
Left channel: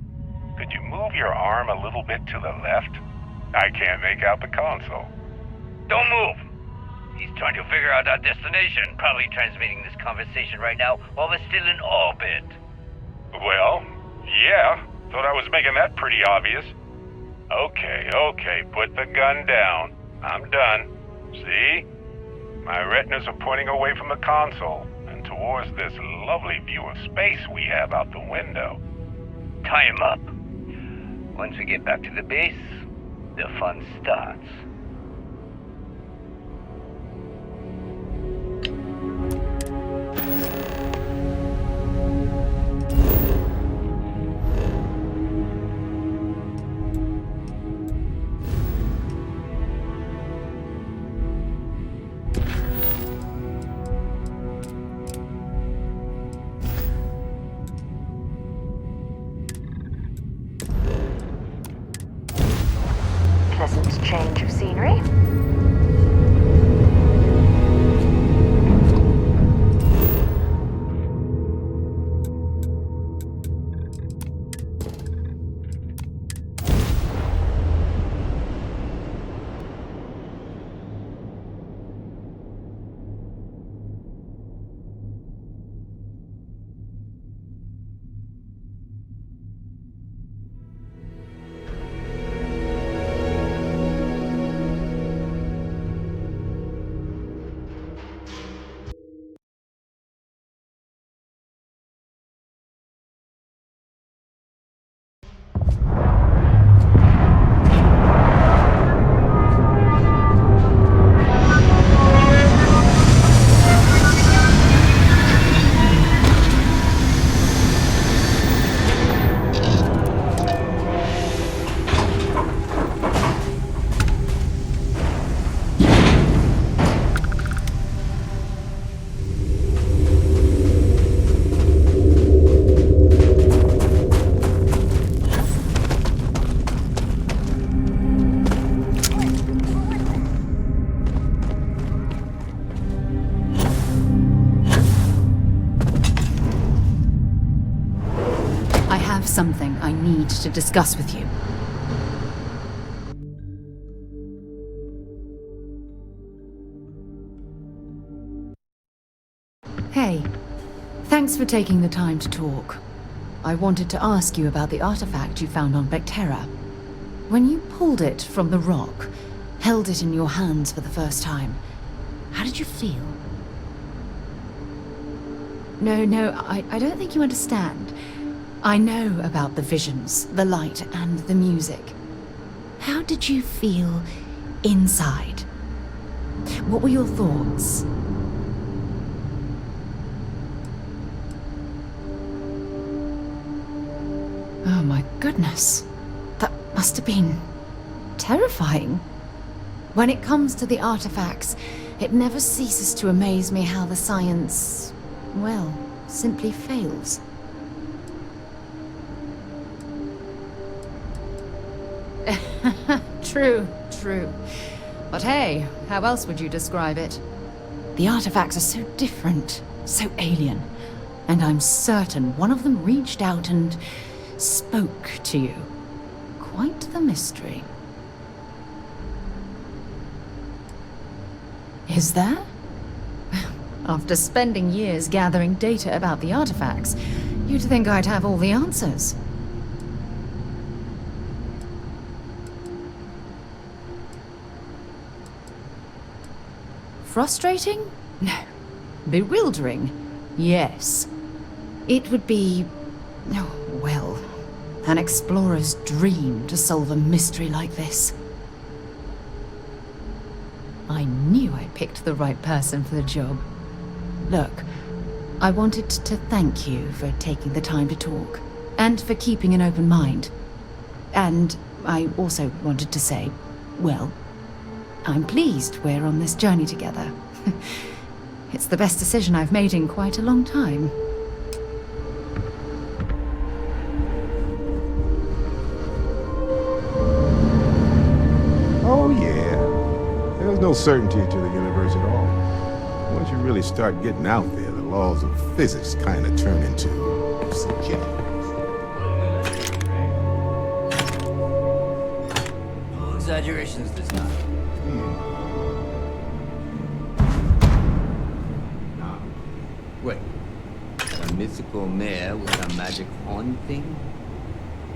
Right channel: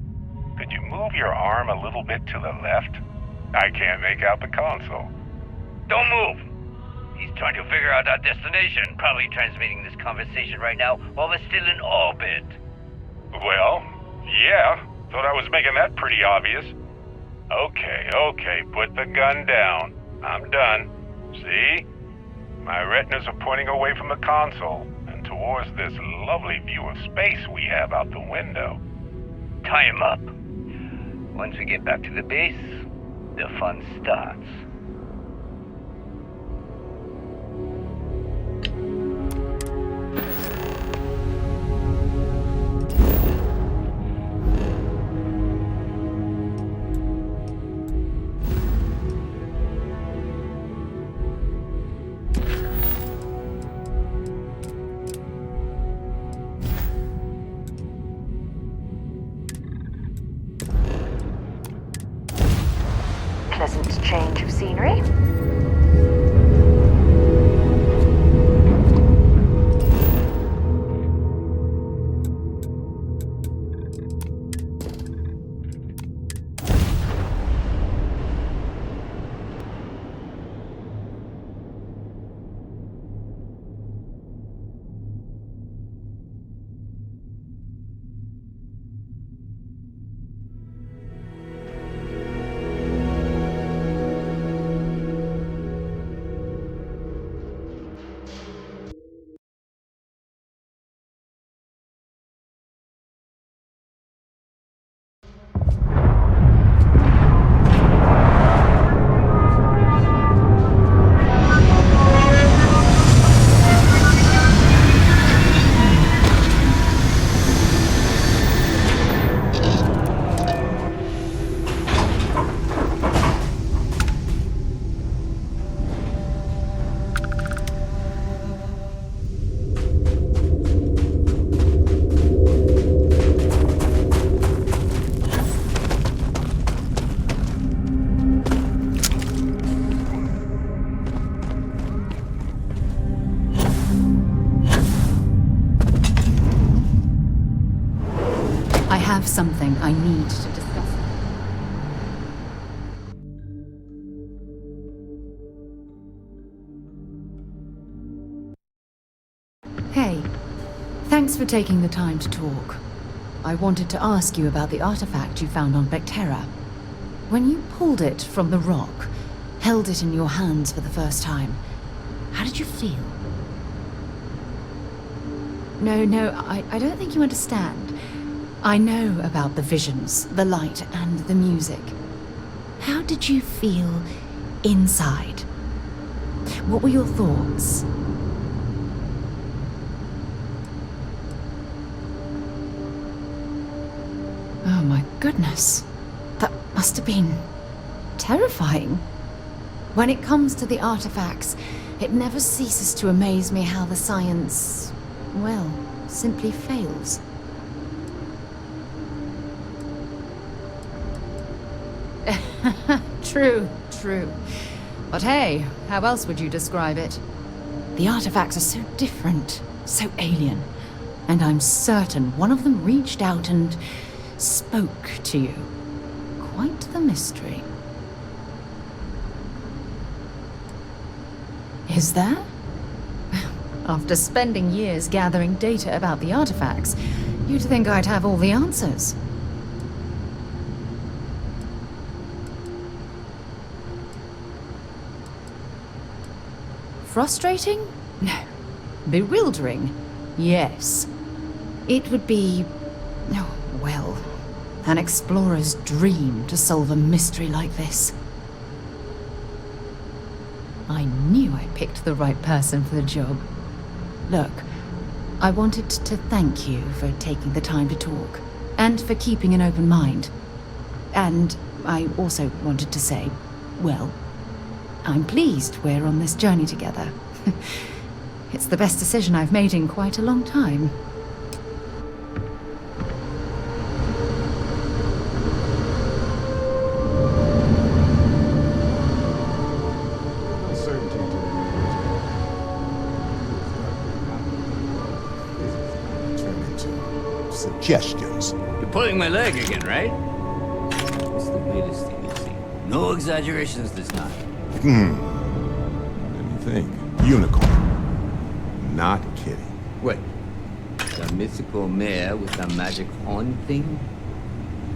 could you move your arm a little bit to the left? I can't make out the console. Don't move! He's trying to figure out our destination, probably transmitting this conversation right now while we're still in orbit. Well, yeah, thought I was making that pretty obvious. Okay, put the gun down. I'm done. See? My retinas are pointing away from the console and towards this lovely view of space we have out the window. Tie him up. Once we get back to the base, the fun starts. change of scenery. I have something I need to discuss with you. Hey, thanks for taking the time to talk. I wanted to ask you about the artifact you found on Vectera. When you pulled it from the rock, held it in your hands for the first time, how did you feel? No, I don't think you understand. I know about the visions, the light, and the music. How did you feel inside? What were your thoughts? Oh my goodness. That must have been terrifying. When it comes to the artifacts, it never ceases to amaze me how the science, well, simply fails. True. But hey, how else would you describe it? The artifacts are so different, so alien, and I'm certain one of them reached out and spoke to you. Quite the mystery. Is there? After spending years gathering data about the artifacts, you'd think I'd have all the answers. Frustrating? No. Bewildering? Yes. It would be, oh, well, an explorer's dream to solve a mystery like this. I knew I picked the right person for the job. Look, I wanted to thank you for taking the time to talk, and for keeping an open mind. And I also wanted to say, well, I'm pleased we're on this journey together. It's the best decision I've made in quite a long time. Oh, yeah. There's no certainty to the universe at all. Once you really start getting out there, the laws of physics kind of turn into suggestions. You're pulling my leg again, right? It's the weirdest thing. No exaggerations this time. Let me think. Unicorn. Not kidding. What? The mythical mare with the magic horn thing?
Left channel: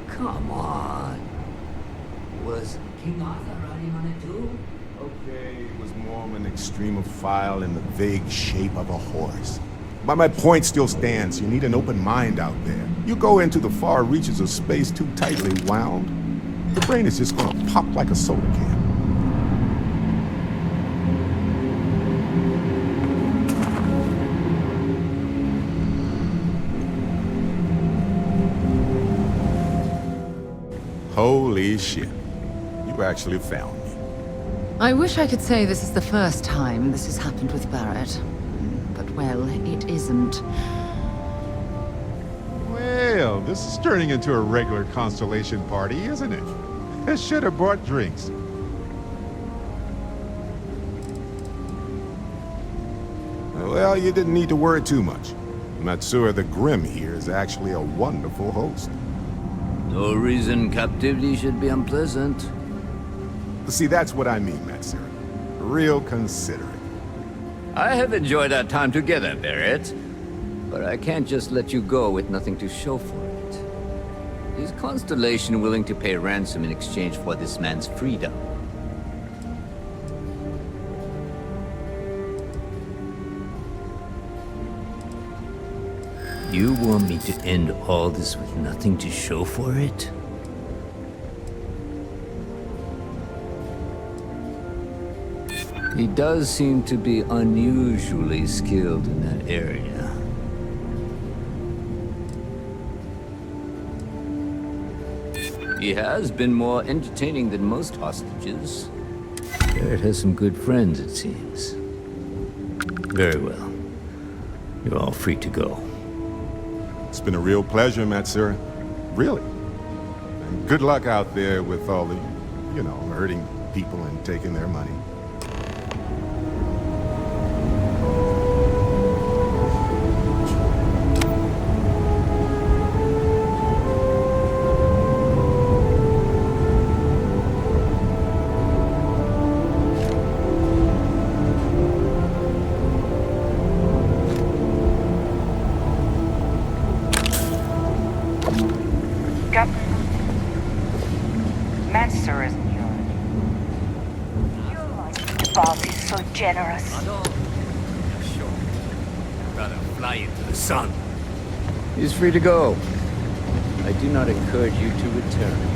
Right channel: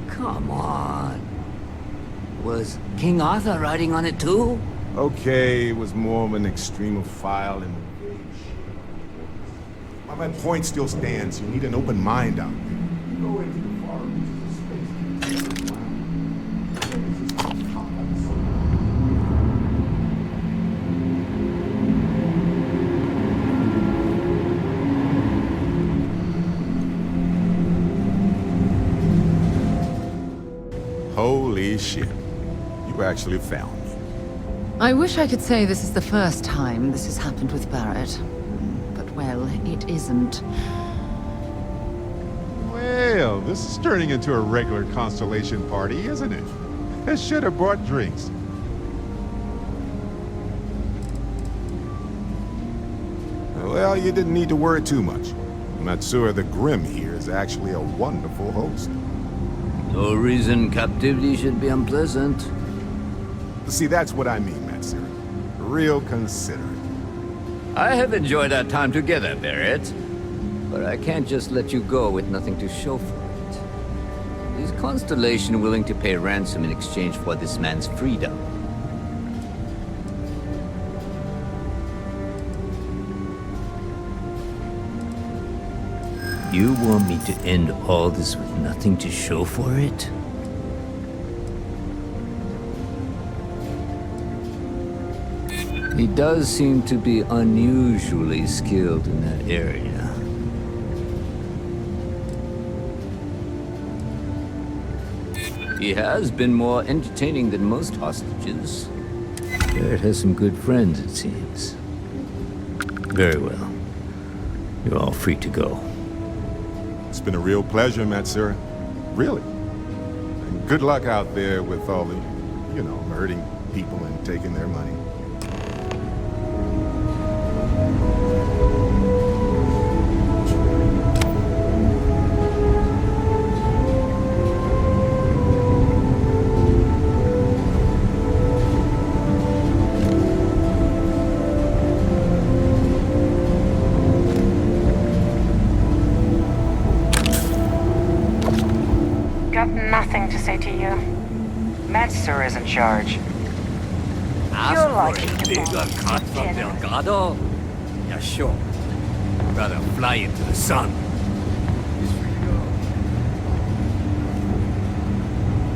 Come on. Was King Arthur riding on it too? Okay, it was more of an extremophile in the vague shape of a horse. But my point still stands. You need an open mind out there. You go into the far reaches of space too tightly wound, the brain is just gonna pop like a soda can. Holy shit. You actually found me. I wish I could say this is the first time this has happened with Barrett. But, well, it isn't. Well, this is turning into a regular Constellation party, isn't it? I should have brought drinks. Well, you didn't need to worry too much. Matsura the Grim here is actually a wonderful host. No reason captivity should be unpleasant. See, that's what I mean, Matsura. Real considerate. I have enjoyed our time together, Barrett. But I can't just let you go with nothing to show for it. Is Constellation willing to pay ransom in exchange for this man's freedom? You want me to end all this with nothing to show for it? He does seem to be unusually skilled in that area. He has been more entertaining than most hostages. Barrett has some good friends, it seems. Very well. You're all free to go. It's been a real pleasure, Matsura. Really. And good luck out there with all the, hurting people and taking their money. Got nothing to say to you. Matsura is in charge. You're lucky to boss is so generous. Yeah, sure. I'd rather fly into the sun. He's free to go. I do not encourage you to return.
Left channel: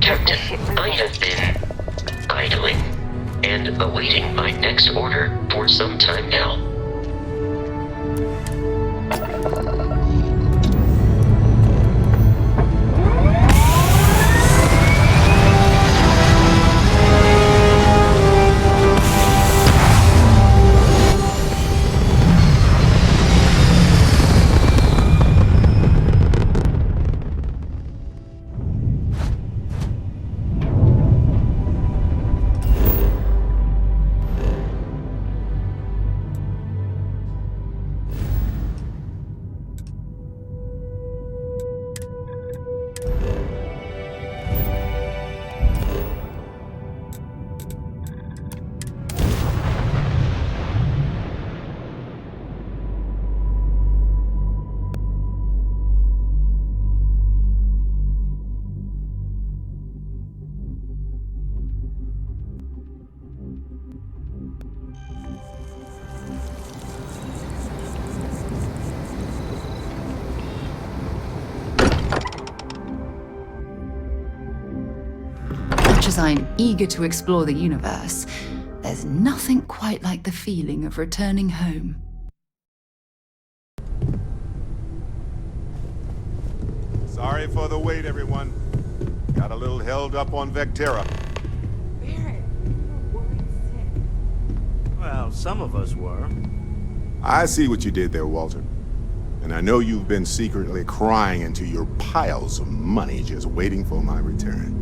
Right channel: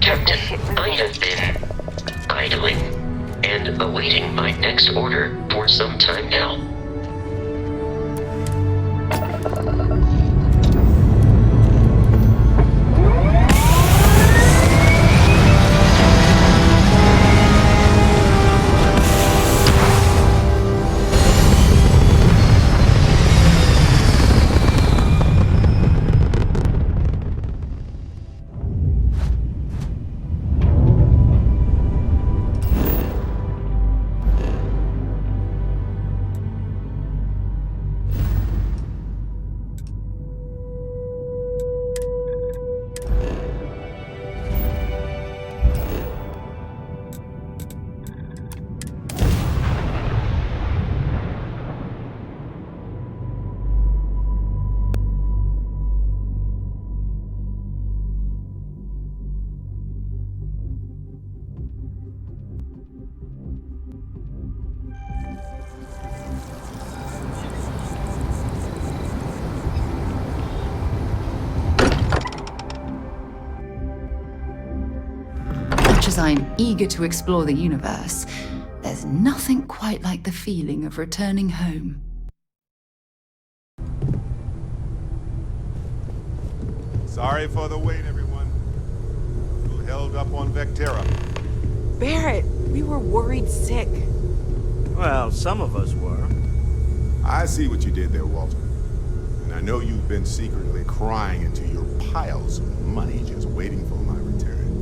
Captain, I have been idling and awaiting my next order for some time now. much as I'm eager to explore the universe, there's nothing quite like the feeling of returning home. Sorry for the wait, everyone. Got a little held up on Vectera. Barrett, we were worried sick. Well, some of us were. I see what you did there, Walter. And I know you've been secretly crying into your piles of money just waiting for my return.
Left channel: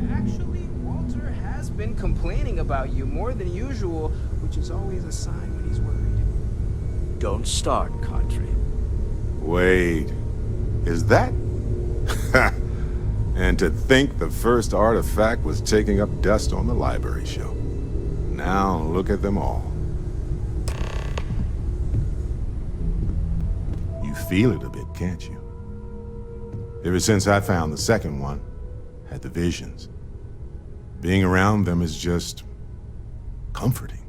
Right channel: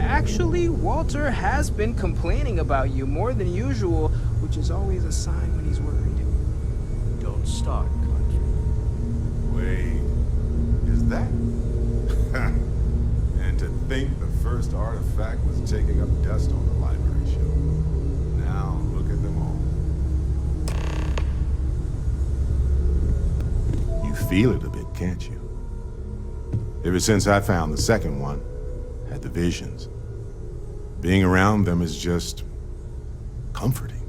Actually, Walter has been complaining about you more than usual, which is always a sign when he's worried. Don't start, Country. Wait, is that? And to think the first artifact was taking up dust on the library shelf. Now look at them all. You feel it a bit, can't you? Ever since I found the second one, had the visions. Being around them is just comforting.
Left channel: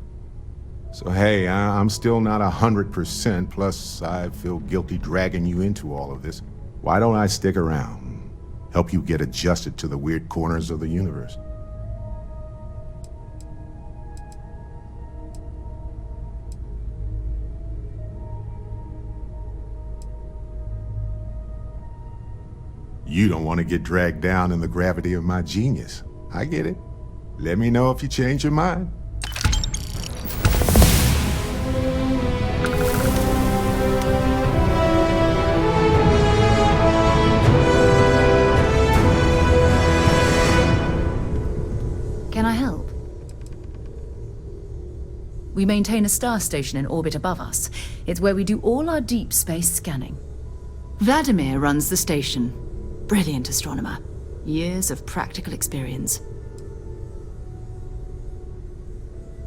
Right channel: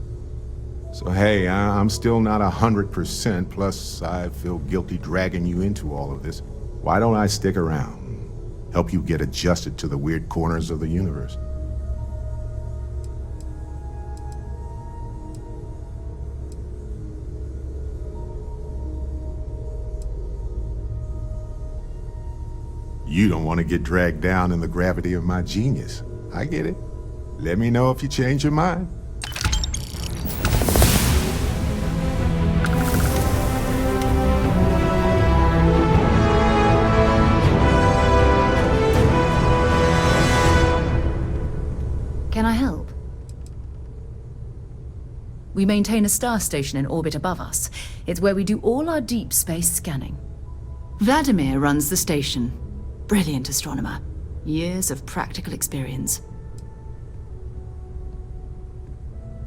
So hey, I'm still not 100%, plus I feel guilty dragging you into all of this. Why don't I stick around? Help you get adjusted to the weird corners of the universe. You don't want to get dragged down in the gravity of my genius. I get it. Let me know if you change your mind. Can I help? We maintain a star station in orbit above us. It's where we do all our deep space scanning. Vladimir runs the station. Brilliant astronomer. Years of practical experience.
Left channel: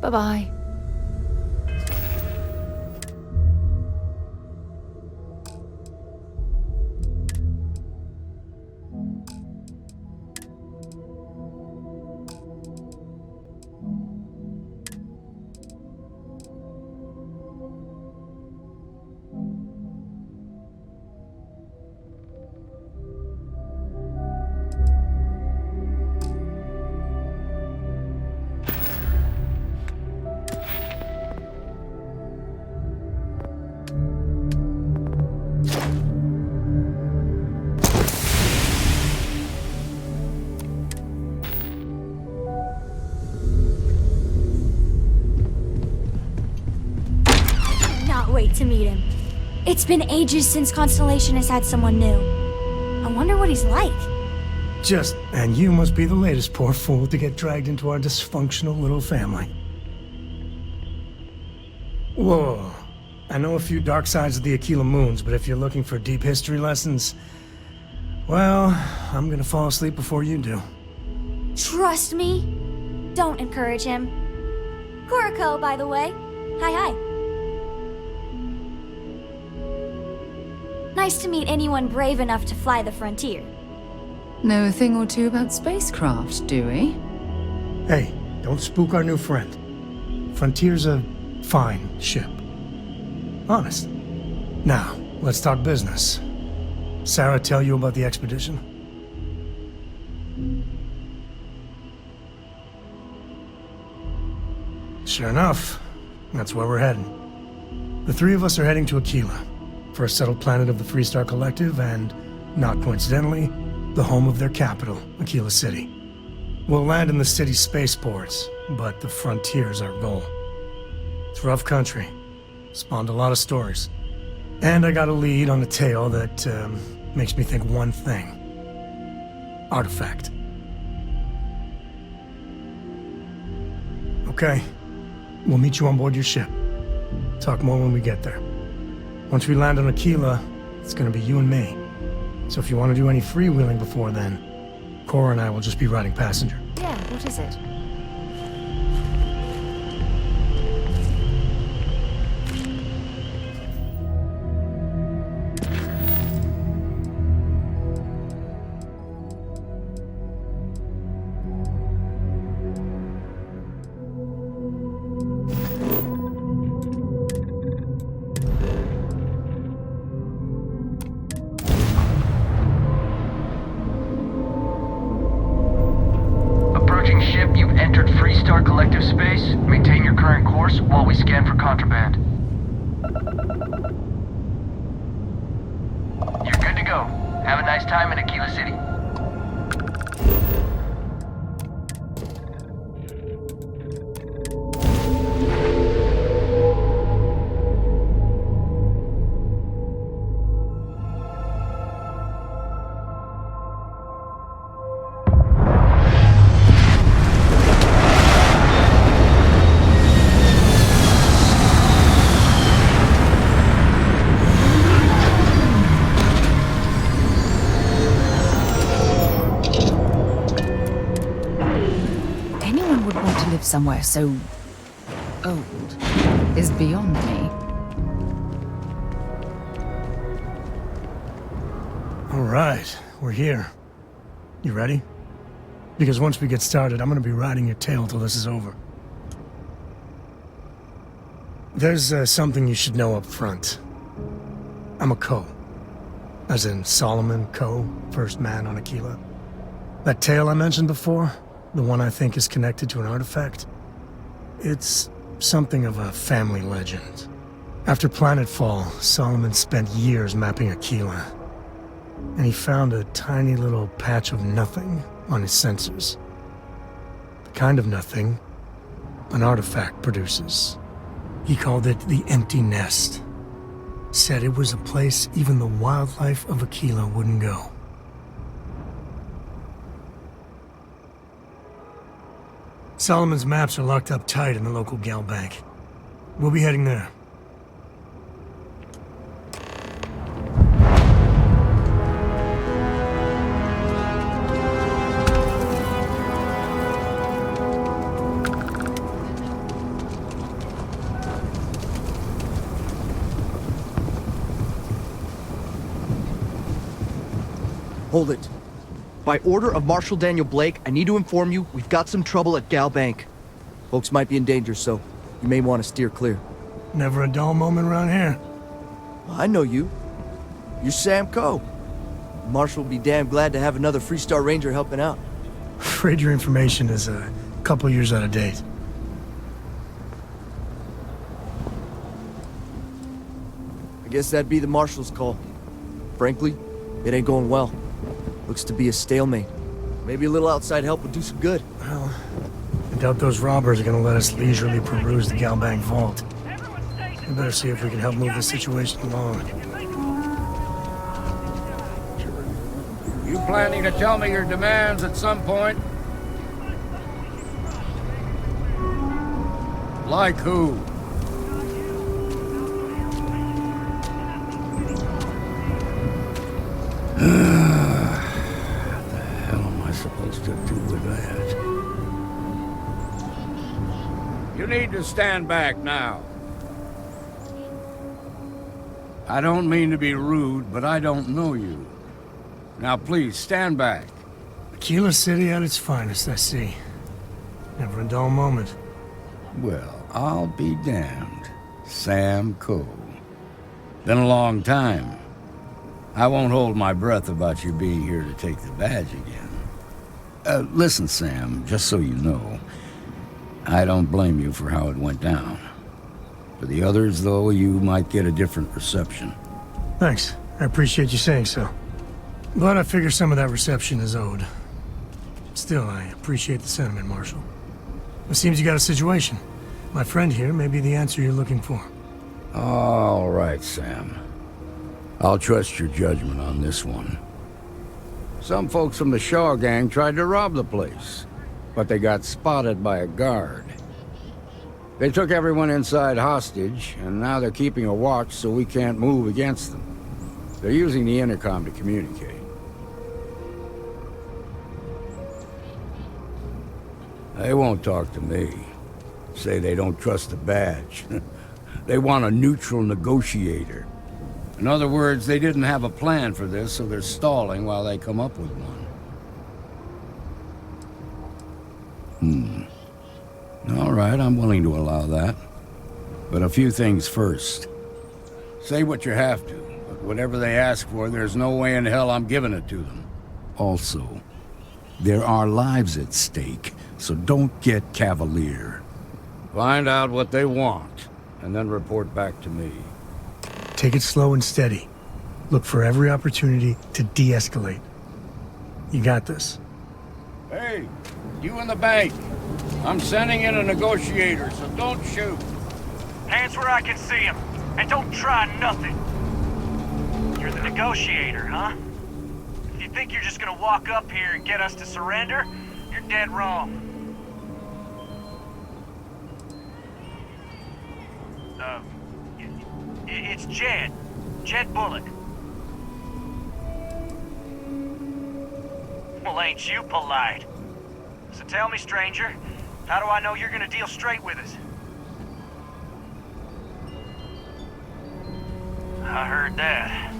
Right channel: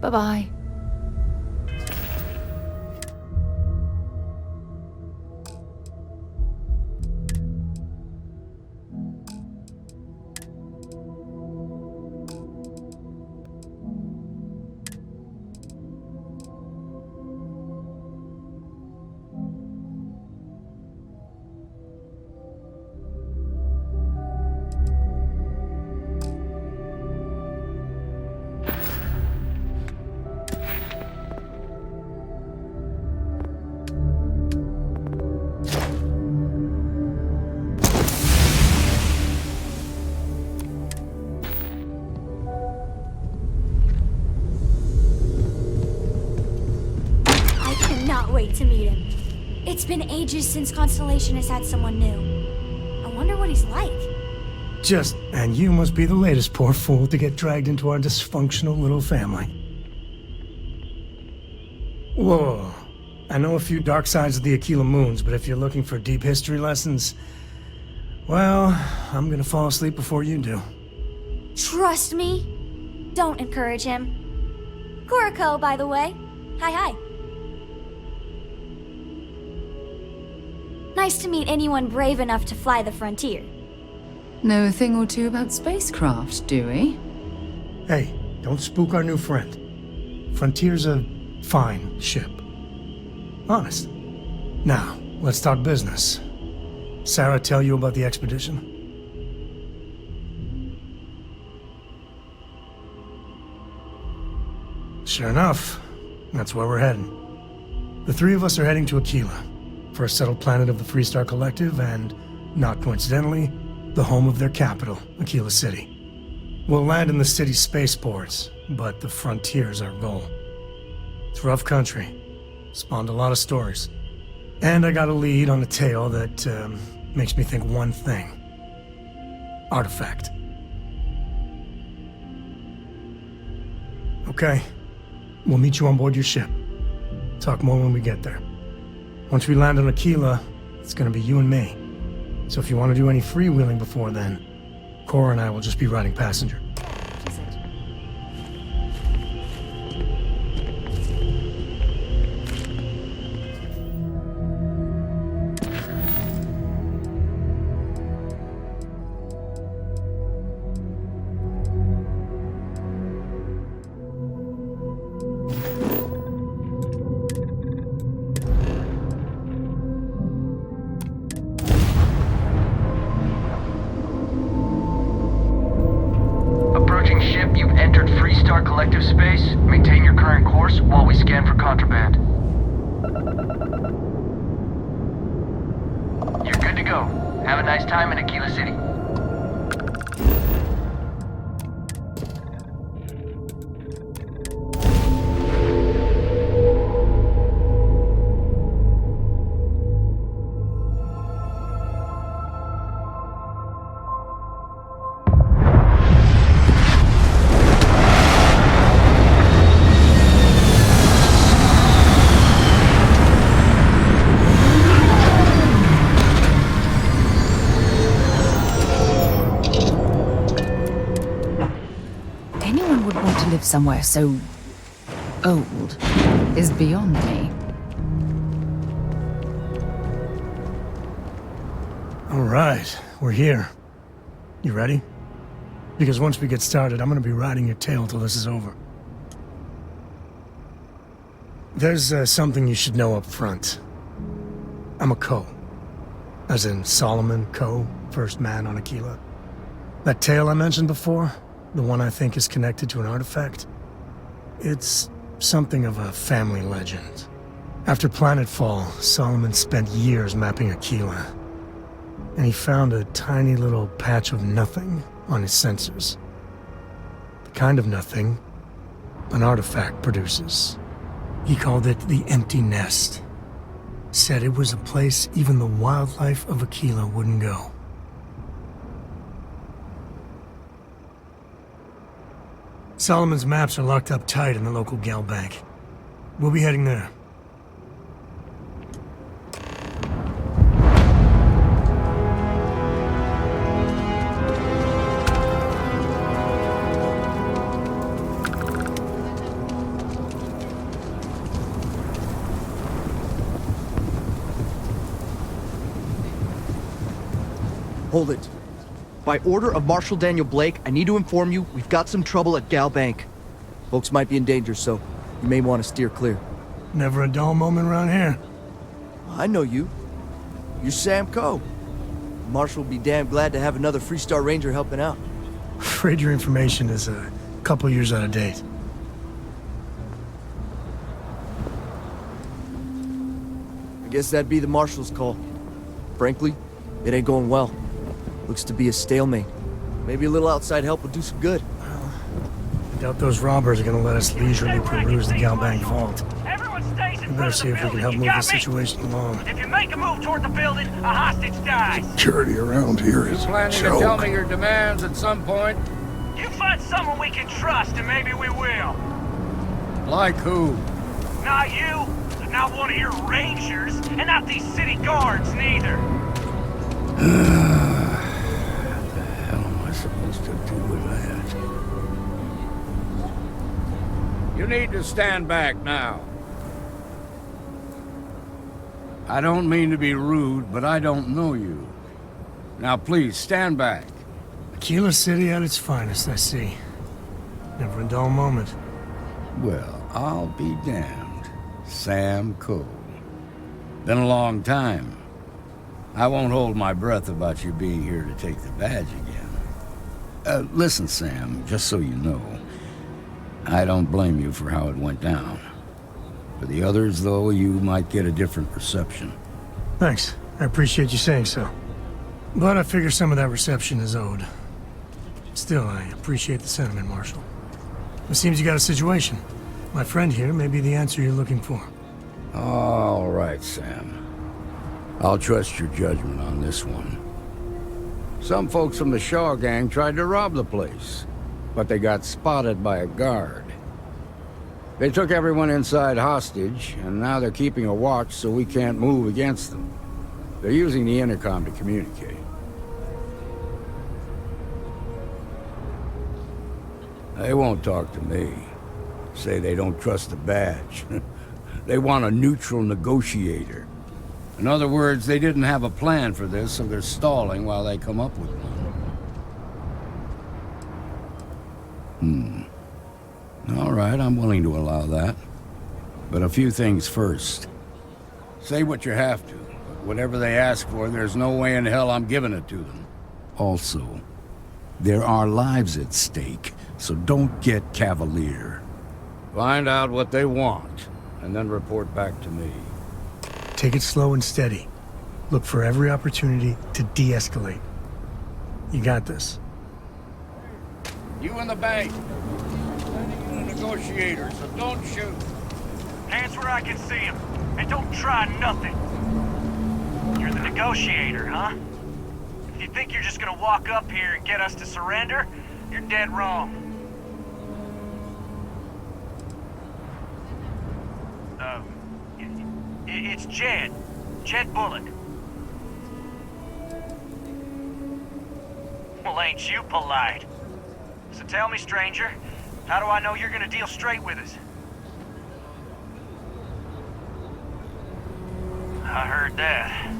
Bye-bye. Wait to meet him. It's been ages since Constellation has had someone new. I wonder what he's like. And you must be the latest poor fool to get dragged into our dysfunctional little family. Whoa. I know a few dark sides of the Aquila Moons, but if you're looking for deep history lessons, well, I'm gonna fall asleep before you do. Trust me. Don't encourage him. Kuriko, by the way. Hi. Nice to meet anyone brave enough to fly the frontier. Know a thing or two about spacecraft, do we? Hey, don't spook our new friend. Frontier's a fine ship. Honest. Now, let's talk business. Sarah tell you about the expedition? Sure enough, that's where we're heading. The three of us are heading to Aquila, first settled planet of the Freestar Collective, and, not coincidentally, the home of their capital, Aquila City. We'll land in the city's spaceports, but the frontier's our goal. It's rough country. Spawned a lot of stories. And I got a lead on a tale that makes me think one thing. Artifact. Okay. We'll meet you on board your ship. Talk more when we get there. Once we land on Aquila, it's gonna be you and me. So if you want to do any freewheeling before then, Cora and I will just be riding passenger. Yeah, what is it? Acknowledging ship, you've entered Freestar Collective space. Maintain your current course while we scan for contraband. You're good to go. Have a nice time in Aquila City. Somewhere so old is beyond me. All right, we're here. You ready? Because once we get started, I'm gonna be riding your tail till this is over. There's something you should know up front. I'm a Co. As in Solomon Co., first man on Aquila. That tale I mentioned before, the one I think is connected to an artifact, it's something of a family legend. After planetfall, Solomon spent years mapping Aquila, and he found a tiny little patch of nothing on his sensors. The kind of nothing an artifact produces. He called it the Empty Nest. Said it was a place even the wildlife of Aquila wouldn't go. Solomon's maps are locked up tight in the local gal bank. We'll be heading there. Hold it. By order of Marshal Daniel Blake, I need to inform you we've got some trouble at Gal Bank. Folks might be in danger, so you may want to steer clear. Never a dull moment around here. I know you. You're Sam Coe. Marshal will be damn glad to have another Freestar Ranger helping out. Afraid your information is a couple years out of date. I guess that'd be the Marshal's call. Frankly, it ain't going well. Looks to be a stalemate. Maybe a little outside help would do some good. Well, I doubt those robbers are gonna let us leisurely peruse the Galbank vault. We better see if we can help move this situation along. If you make a move toward the building, a hostage dies. Security around here is You planning to tell me your demands at some point? You find someone we can trust, and maybe we will. Like who? Not you, not one of your rangers, and not these city guards, neither. What the hell am I supposed to do with that? You need to stand back now. I don't mean to be rude, but I don't know you. Now please, stand back. Aquila City at its finest, I see. Never a dull moment. Well, I'll be damned. Sam Coe. Been a long time. I won't hold my breath about you being here to take the badge again. Listen, Sam, just so you know, I don't blame you for how it went down. For the others, though, you might get a different reception. Thanks. I appreciate you saying so. But I figure some of that reception is owed. Still, I appreciate the sentiment, Marshal. It seems you got a situation. My friend here may be the answer you're looking for. All right, Sam. I'll trust your judgment on this one. Some folks from the Shaw gang tried to rob the place, but they got spotted by a guard. They took everyone inside hostage, and now they're keeping a watch so we can't move against them. They're using the intercom to communicate. They won't talk to me. Say they don't trust the badge. They want a neutral negotiator. In other words, they didn't have a plan for this, so they're stalling while they come up with one. All right, I'm willing to allow that. But a few things first. Say what you have to, but whatever they ask for, there's no way in hell I'm giving it to them. Also, there are lives at stake, so don't get cavalier. Find out what they want, and then report back to me. Take it slow and steady. Look for every opportunity to de-escalate. You got this. Hey, you in the bank. I'm sending in a negotiator, so don't shoot. Hands where I can see him, and don't try nothing. You're the negotiator, huh? If you think you're just gonna walk up here and get us to surrender, you're dead wrong. It's Jed. Jed Bullock. Well, ain't you polite? So tell me, stranger, how do I know you're gonna deal straight with us? I heard that.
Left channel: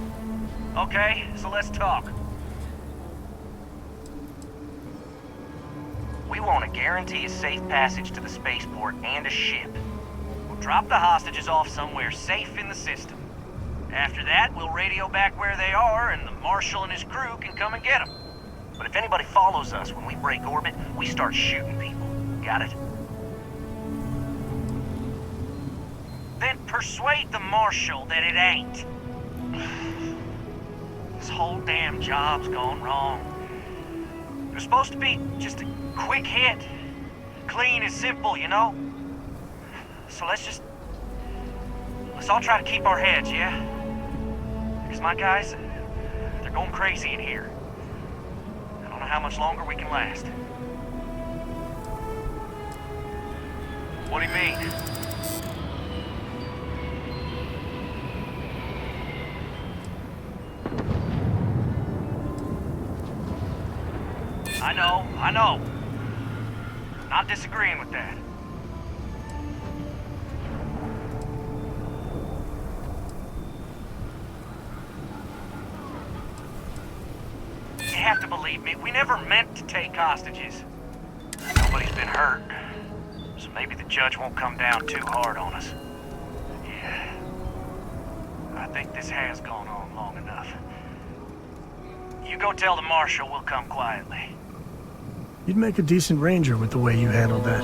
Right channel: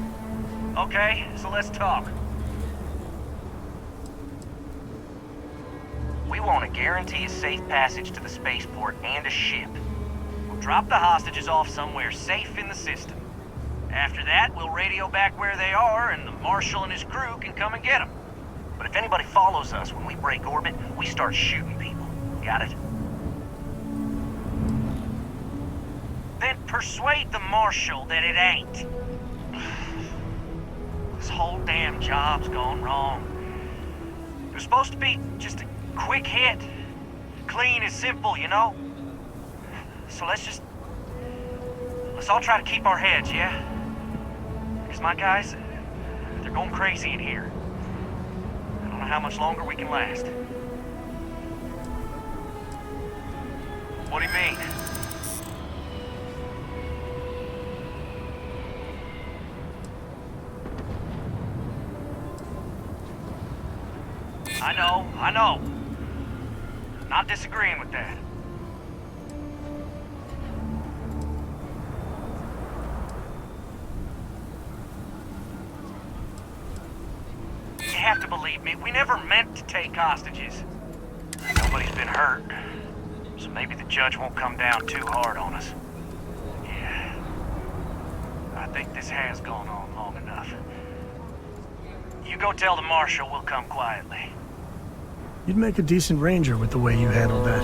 Okay, so let's talk. We want to guarantee a safe passage to the spaceport and a ship. We'll drop the hostages off somewhere safe in the system. After that, we'll radio back where they are, and the Marshal and his crew can come and get them. But if anybody follows us when we break orbit, we start shooting people. Got it? Then persuade the Marshal that it ain't. This whole damn job's gone wrong. It was supposed to be just a quick hit. Clean and simple, you know? So let's all try to keep our heads, yeah? Because my guys, they're going crazy in here. I don't know how much longer we can last. What do you mean? I know. Not disagreeing with that. You have to believe me, we never meant to take hostages. Nobody's been hurt, so maybe the judge won't come down too hard on us. Yeah. I think this has gone on long enough. You go tell the Marshal we'll come quietly. You'd make a decent ranger with the way you handled that.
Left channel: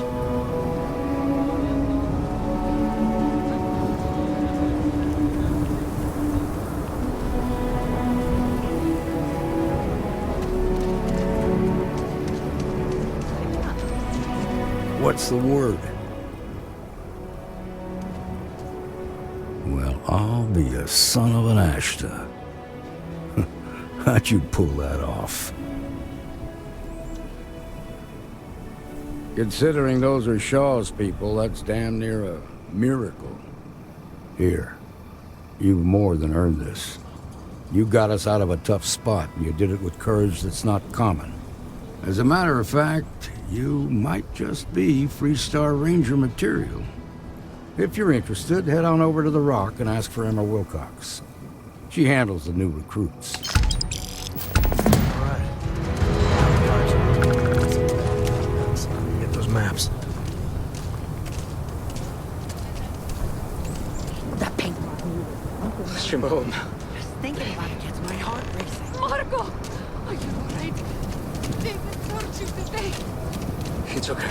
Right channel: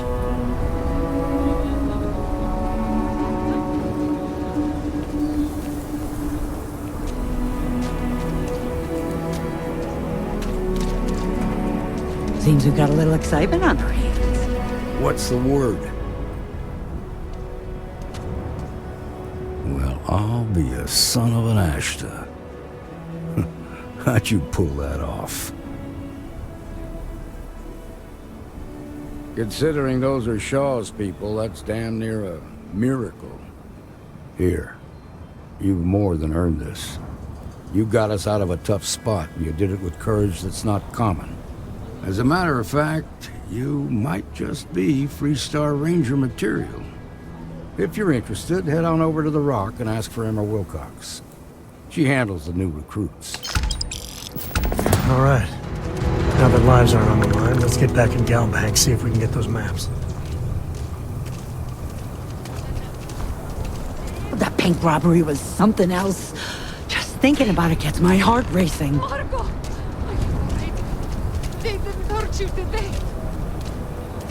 Seems we've got a little excitement on our hands. What's the word? Well, I'll be a son of an Ashta. How'd you pull that off? Considering those are Shaw's people, that's damn near a miracle. Here, you've more than earned this. You got us out of a tough spot, and you did it with courage that's not common. As a matter of fact, you might just be Freestar Ranger material. If you're interested, head on over to the Rock and ask for Emma Wilcox. She handles the new recruits. All right. Now that lives are on the line, let's get back in Galbank, see if we can get those maps. That bank robbery was something else. Just thinking about it gets my heart racing. Marco! Are you alright? They didn't hurt you, did they? It's okay.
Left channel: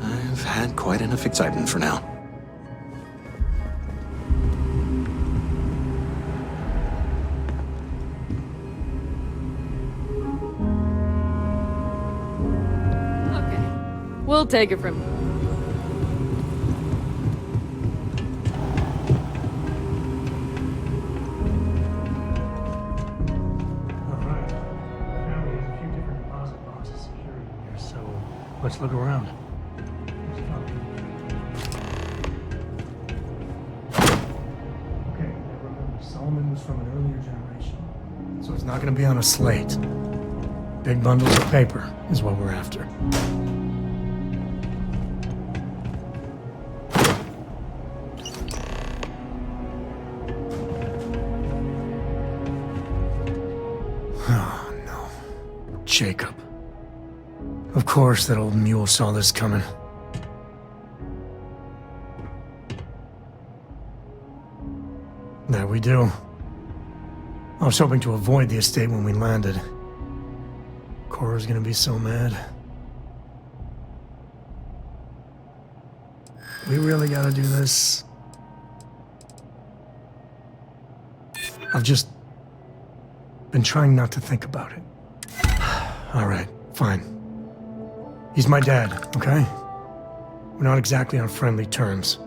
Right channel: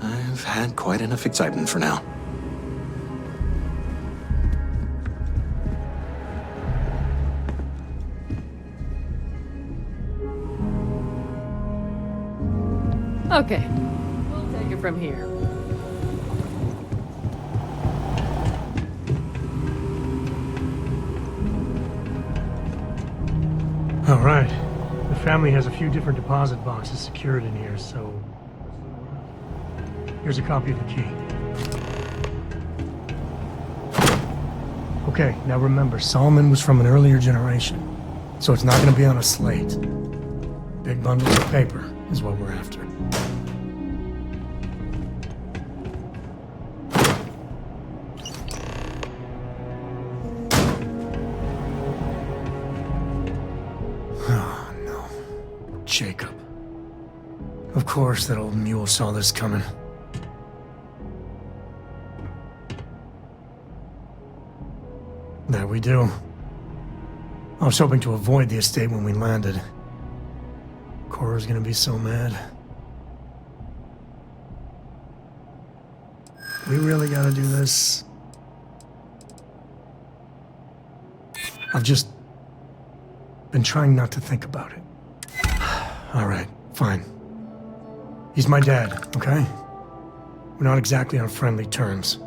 I've had quite enough excitement for now. Okay, we'll take it from here. All right. The family has a few different deposit boxes secured in here, so let's look around. Here's a copy of the key. Okay, now remember, Solomon was from an earlier generation, so it's not going to be on a slate. Big bundles of paper is what we're after. shakeup. Of course, that old mule saw this coming. There we do. I was hoping to avoid the estate when we landed. Cora's gonna be so mad. We really gotta do this. I've just been trying not to think about it. Alright, fine. He's my dad, okay? We're not exactly on friendly terms.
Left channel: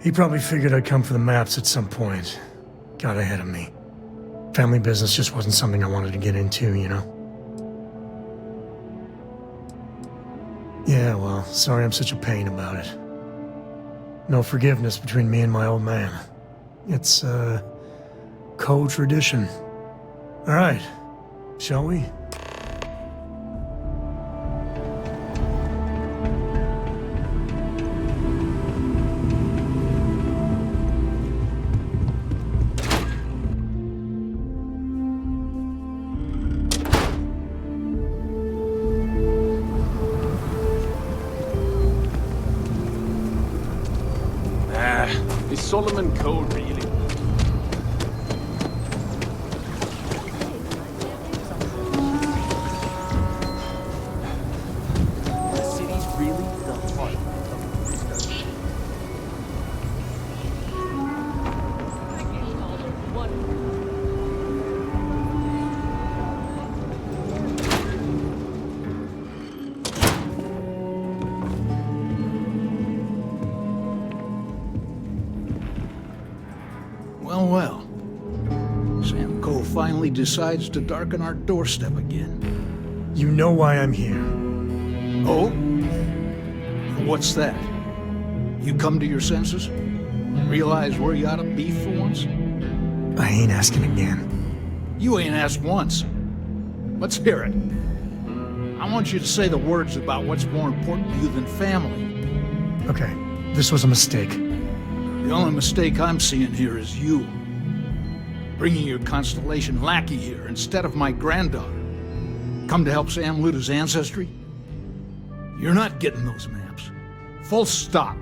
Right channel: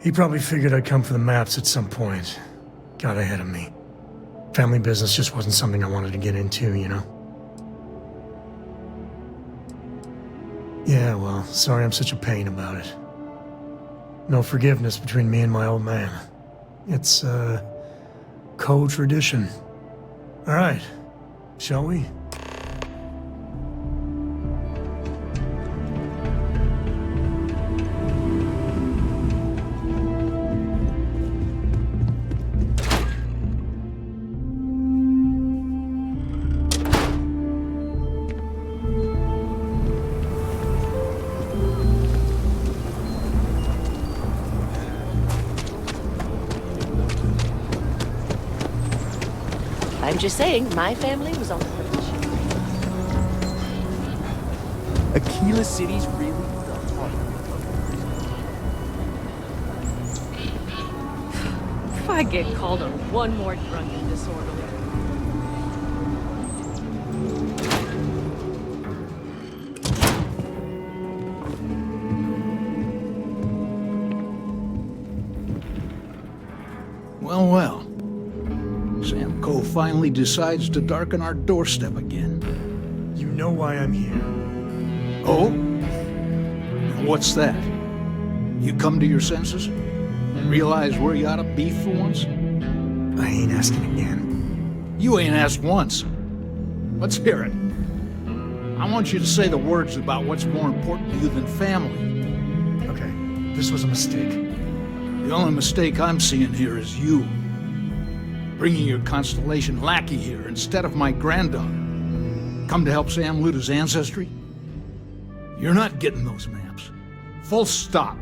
He probably figured I'd come for the maps at some point. Got ahead of me. Family business just wasn't something I wanted to get into, you know? Yeah, well, sorry I'm such a pain about it. No forgiveness between me and my old man. It's, co-tradition. All right, shall we? Is Solomon Code really? I'm just saying, my family was on the fringe. Aquila City's really the heart of the Freestyle. If I get called on one more drug disorder. Well, well. Sam Coe finally decides to darken our doorstep again. You know why I'm here. Oh? What's that? You come to your senses? Realize where you ought to be for once? I ain't asking again. You ain't asked once. Let's hear it. I want you to say the words about what's more important to you than family. Okay, this was a mistake. The only mistake I'm seeing here is you. Bringing your Constellation lackey here instead of my granddaughter. Come to help Sam loot his ancestry? You're not getting those maps. Full stop.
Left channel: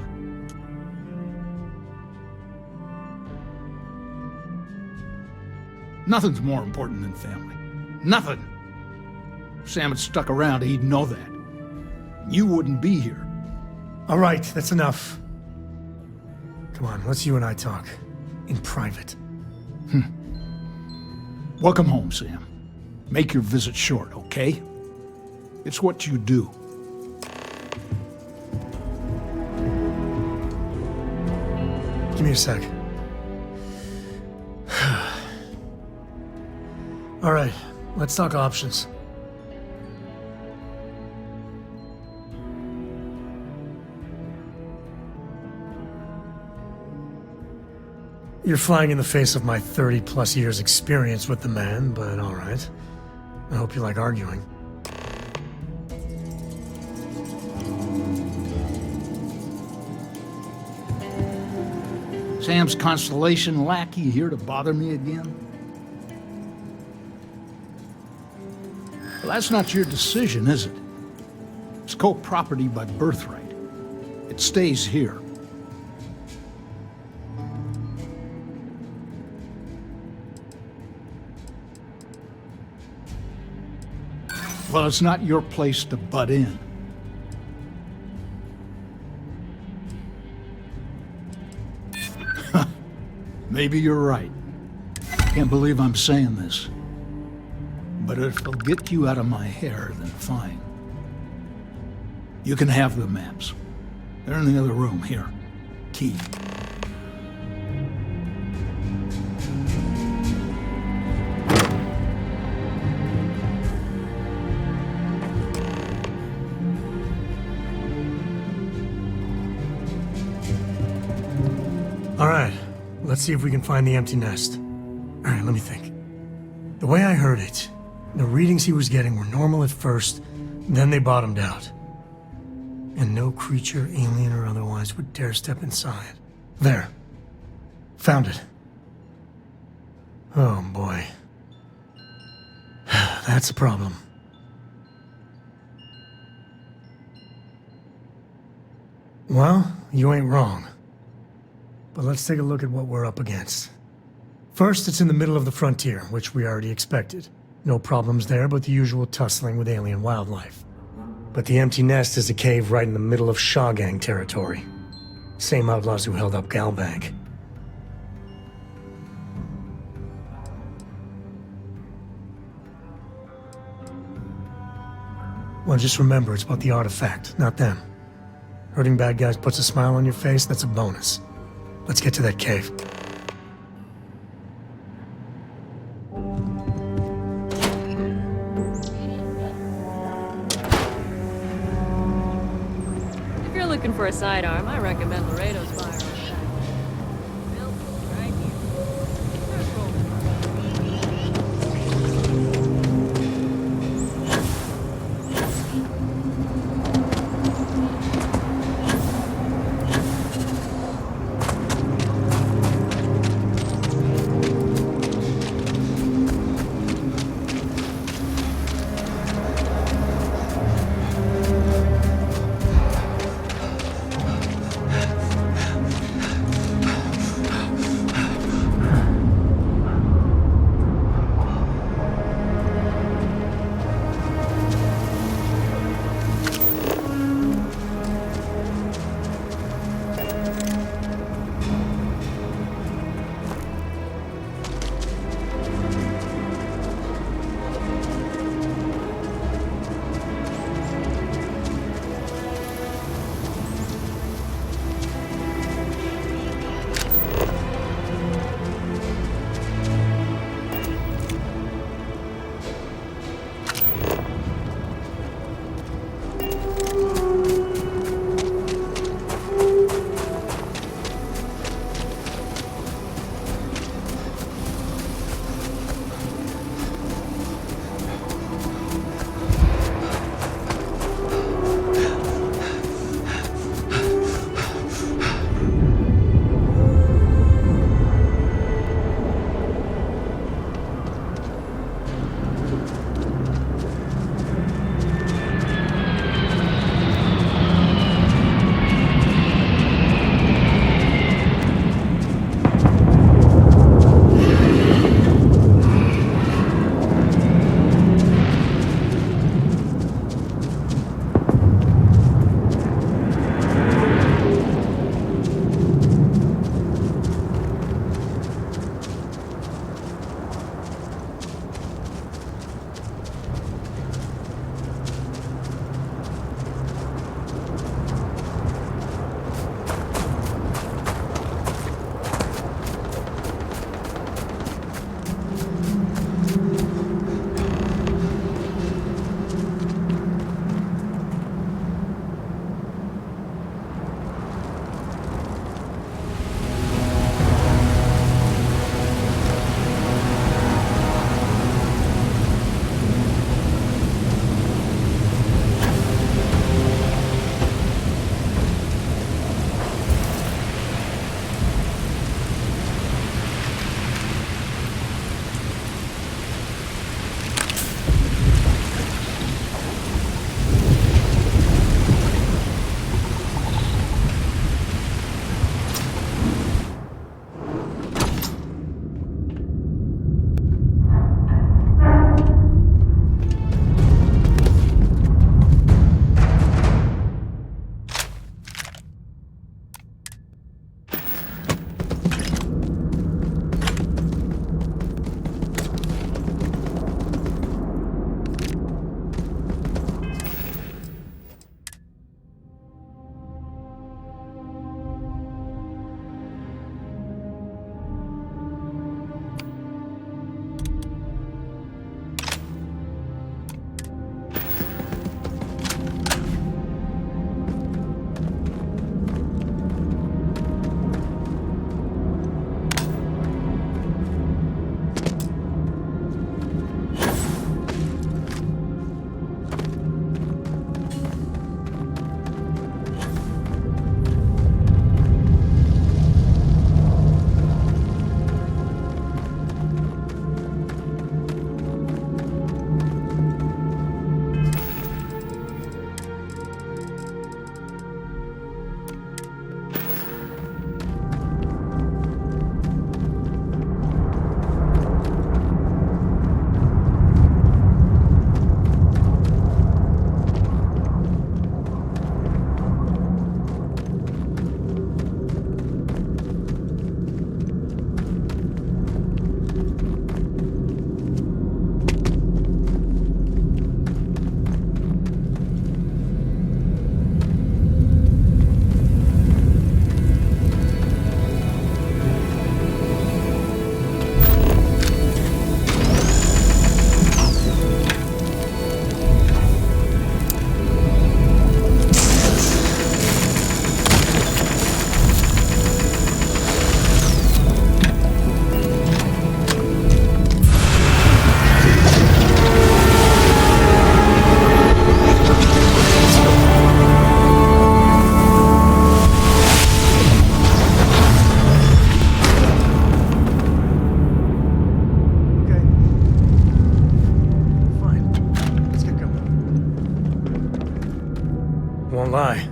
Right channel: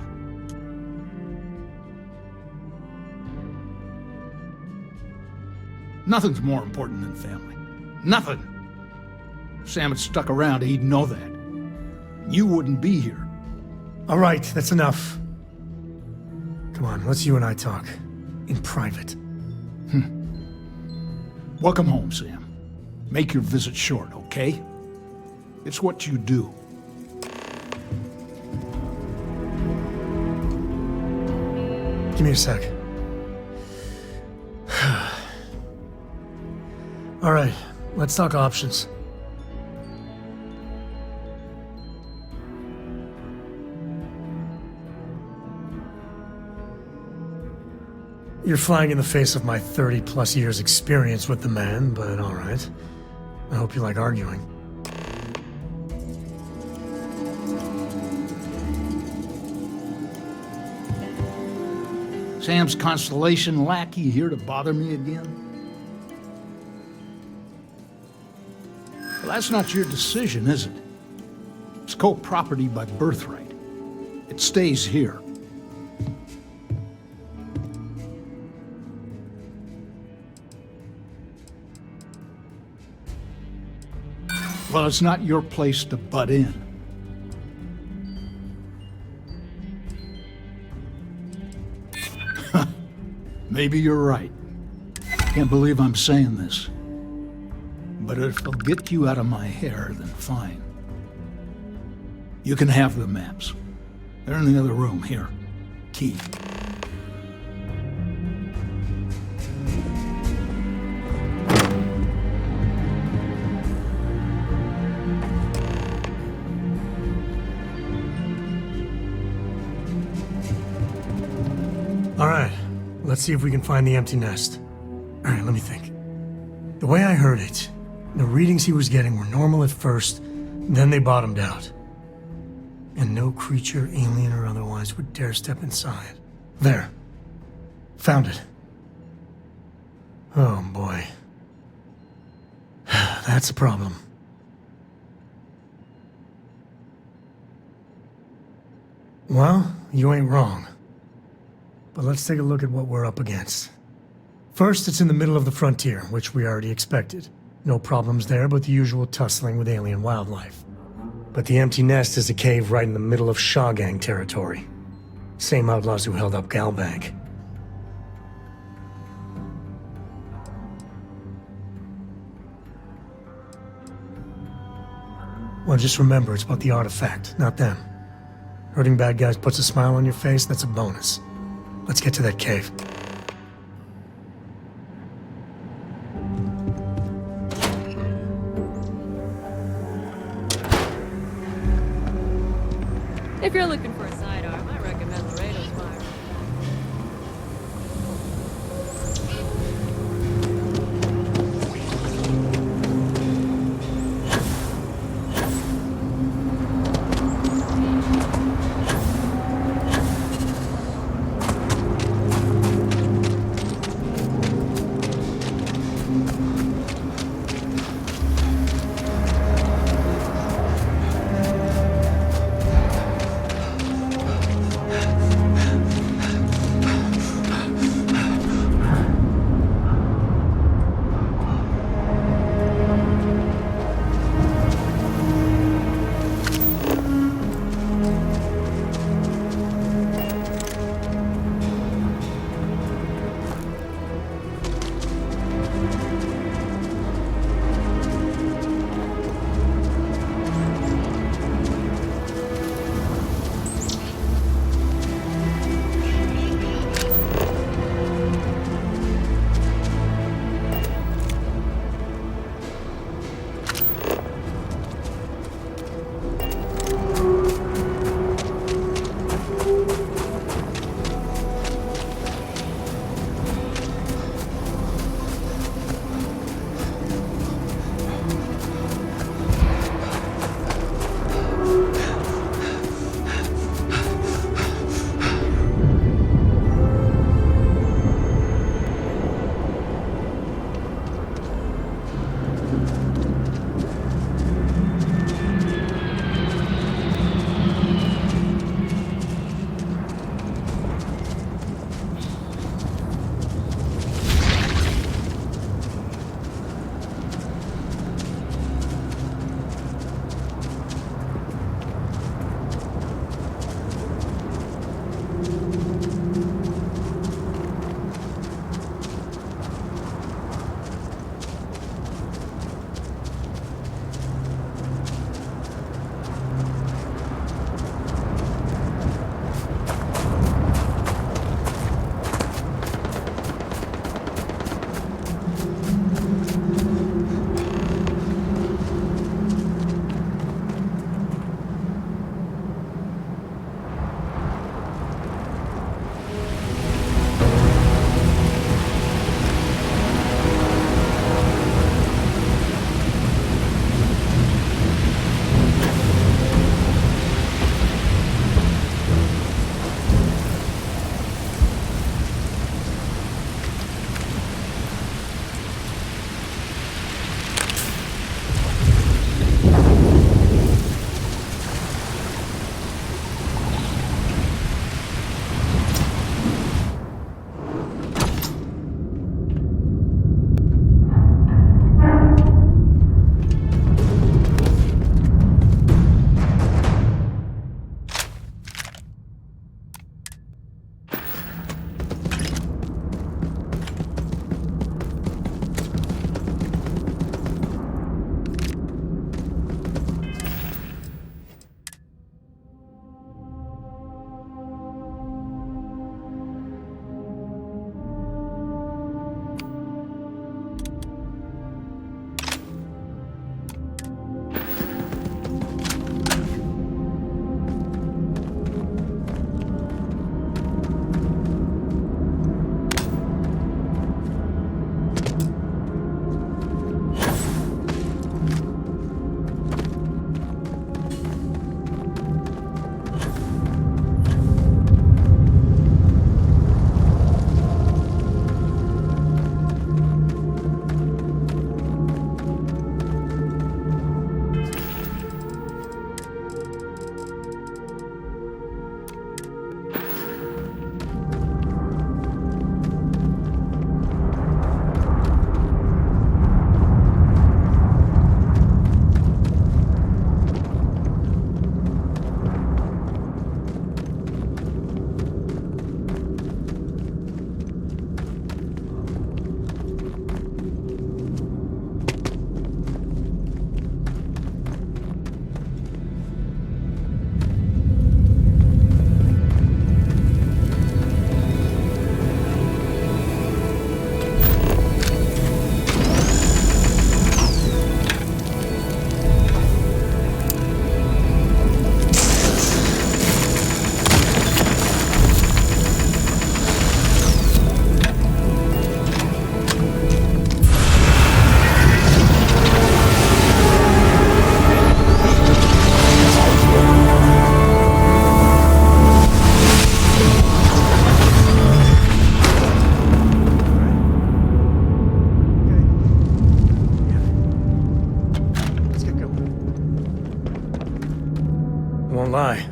Nothing's more important than family. Nothing. If Sam had stuck around, he'd know that. You wouldn't be here. All right, that's enough. Come on, let's you and I talk. In private. Welcome home, Sam. Make your visit short, okay? It's what you do. Give me a sec. All right, let's talk options. You're flying in the face of my 30-plus years experience with the man, but all right. I hope you like arguing. Sam's Constellation lackey here to bother me again? Well, that's not your decision, is it? It's co-property by birthright. It stays here. Well, it's not your place to butt in. Maybe you're right. Can't believe I'm saying this. But if it'll get you out of my hair, then fine. You can have the maps. They're in the other room, here. Key. All right, let's see if we can find the empty nest. All right, let me think. The way I heard it, the readings he was getting were normal at first, then they bottomed out. And no creature, alien or otherwise, would dare step inside. There. Found it. Oh boy. That's a problem. Well, you ain't wrong. But let's take a look at what we're up against. First, it's in the middle of the frontier, which we already expected. No problems there, but the usual tussling with alien wildlife. But the empty nest is a cave right in the middle of Shawgang territory. Same outlaws who held up Galbank. Well, just remember, it's about the artifact, not them. Hurting bad guys puts a smile on your face, that's a bonus. Let's get to that cave. If you're looking for a sidearm, I recommend Laredo's firearm. won't lie.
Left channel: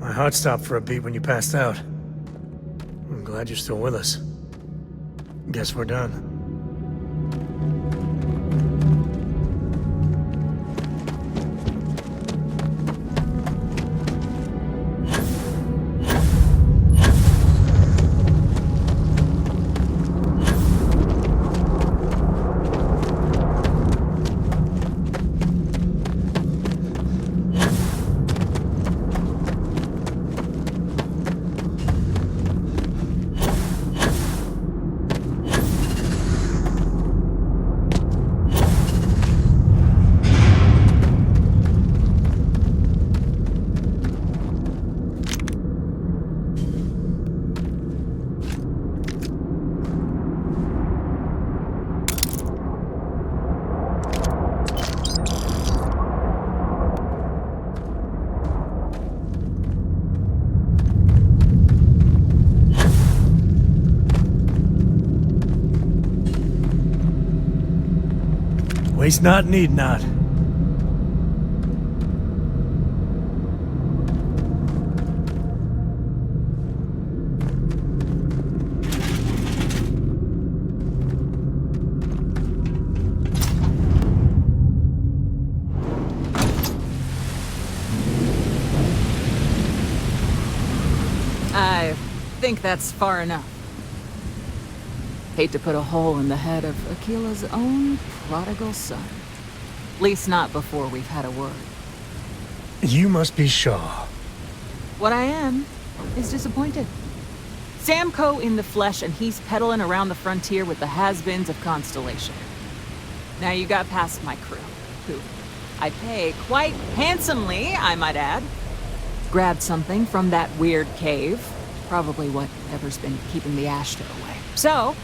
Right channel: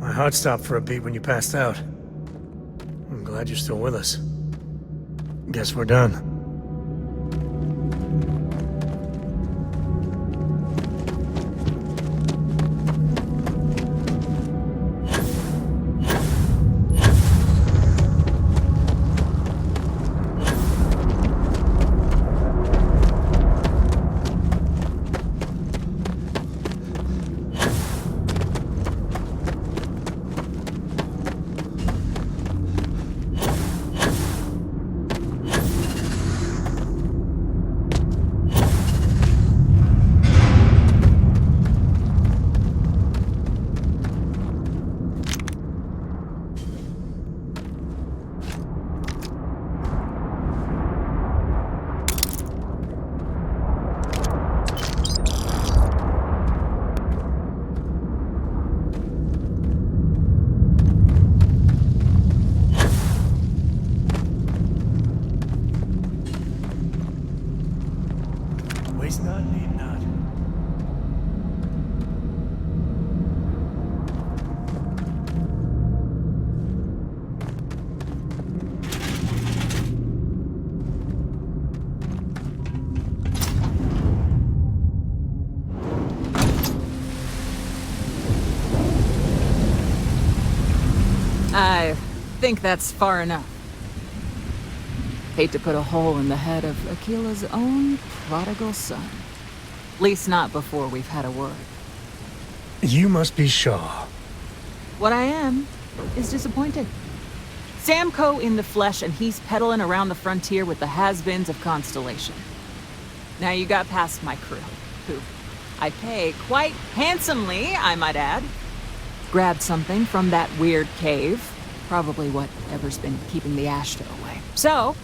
My heart stopped for a beat when you passed out. I'm glad you're still with us. Guess we're done. Waste not, need not. I think that's far enough. Hate to put a hole in the head of Aquila's own prodigal son. At least not before we've had a word. You must be Shaw. What I am is disappointed. Sam Coe in the flesh, and he's peddling around the frontier with the has-beens of Constellation. Now you got past my crew, who I pay quite handsomely, I might add. Grabbed something from that weird cave. Probably whatever's been keeping the Ashta away. So,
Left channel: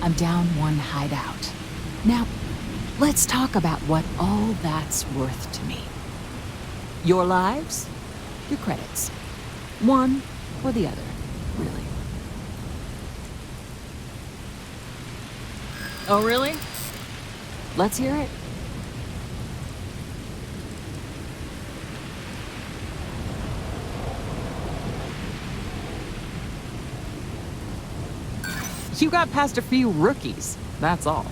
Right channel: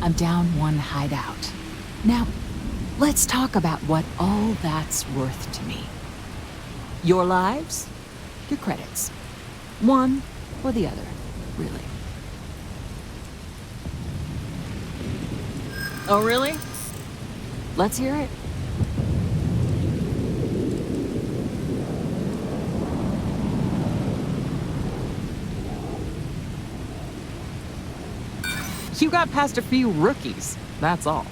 I'm down one hideout. Now, let's talk about what all that's worth to me. Your lives, your credits. One or the other, really. Oh, really? Let's hear it. You got past a few rookies, that's all.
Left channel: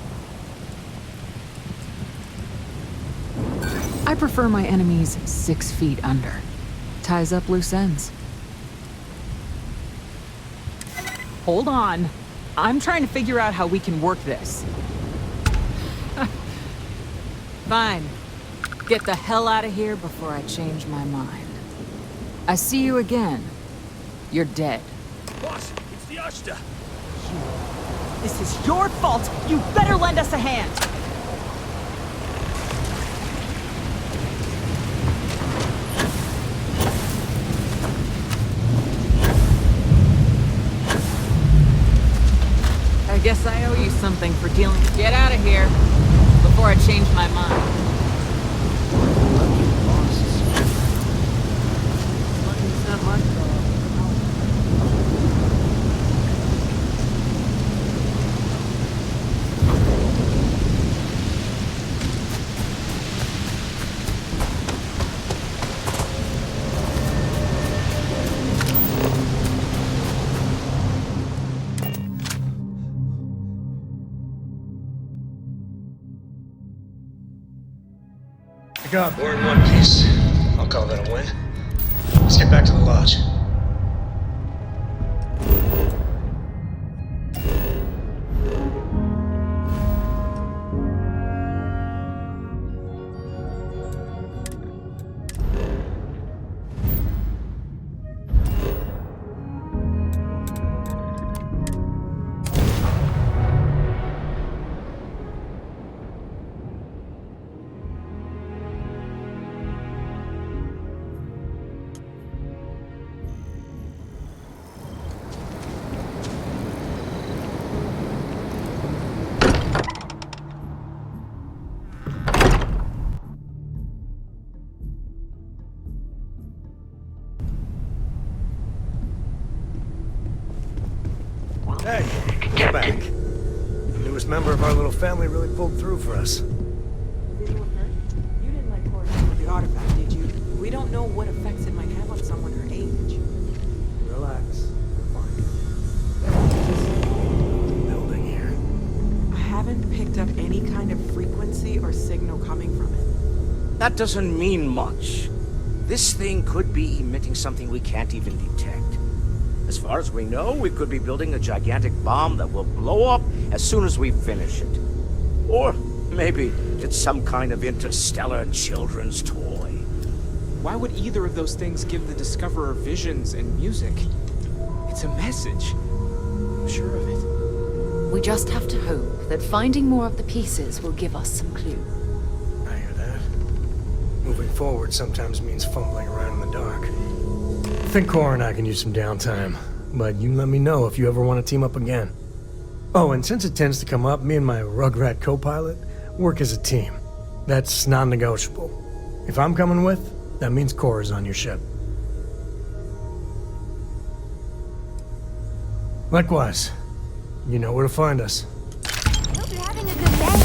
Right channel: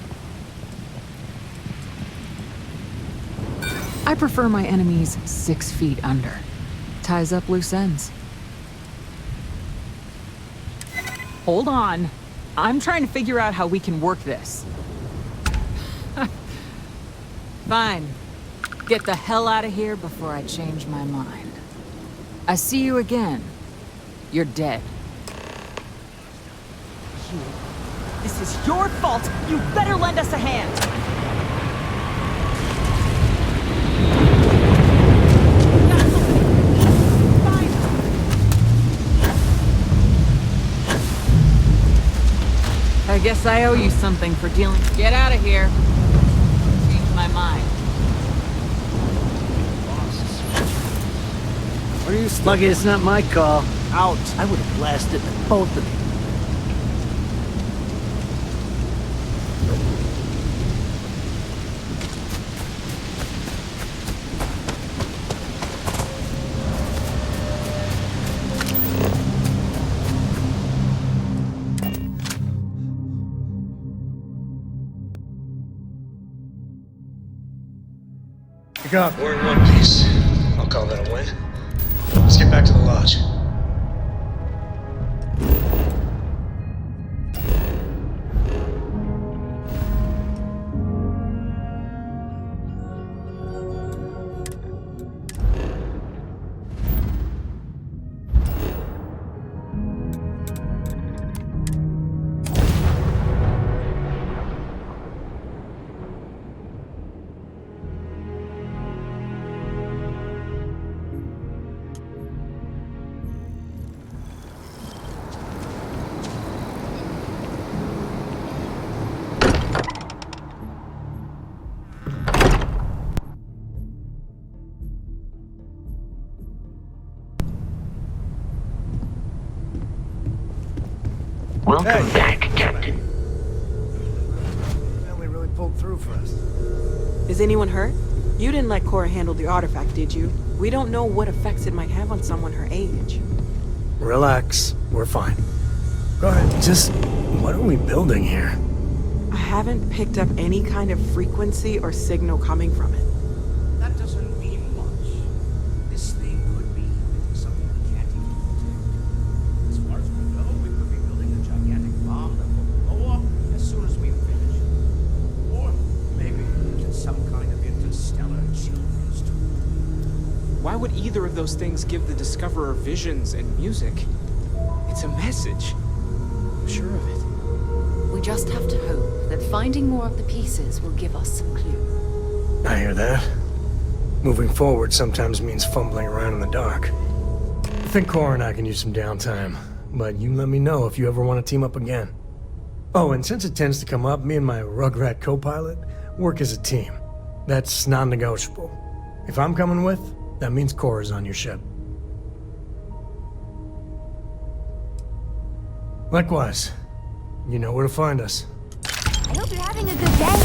I prefer my enemies 6 feet under. Ties up loose ends. Hold on. I'm trying to figure out how we can work this. Fine. Get the hell out of here before I change my mind. I see you again. You're dead. You. This is your fault! You better lend us a hand! I guess I owe you something for dealing. Get out of here before I change my mind. Are you lucky it's not my call? Out. I would have blasted both of you. Pick up. We're in one piece. I'll call that a win. Let's get back to the lodge. Welcome back, Captain. The newest member of our little family really pulled through for us. Is anyone hurt? You didn't let Cora handle the artifact, did you? We don't know what effects it might have on someone her age. Relax. We're fine. Go ahead. Just what are we building here? I haven't picked up any kind of frequency or signal coming from it. That doesn't mean much. This thing could be emitting something we can't even detect. As far as we know, we could be building a gigantic bomb that will blow up as soon as we finish it. Or maybe it's some kind of interstellar children's toy. Why would either of those things give the Discoverer visions and music? It's a message. I'm sure of it. We just have to hope that finding more of the pieces will give us some clue. I hear that. Moving forward sometimes means fumbling around in the dark. I think Cora and I can use some downtime, but you let me know if you ever want to team up again. Oh, and since it tends to come up, me and my Rugrat co-pilot work as a team. That's non-negotiable. If I'm coming with, that means Cora's on your ship. Likewise, you know where to find us. I hope you're having a good day.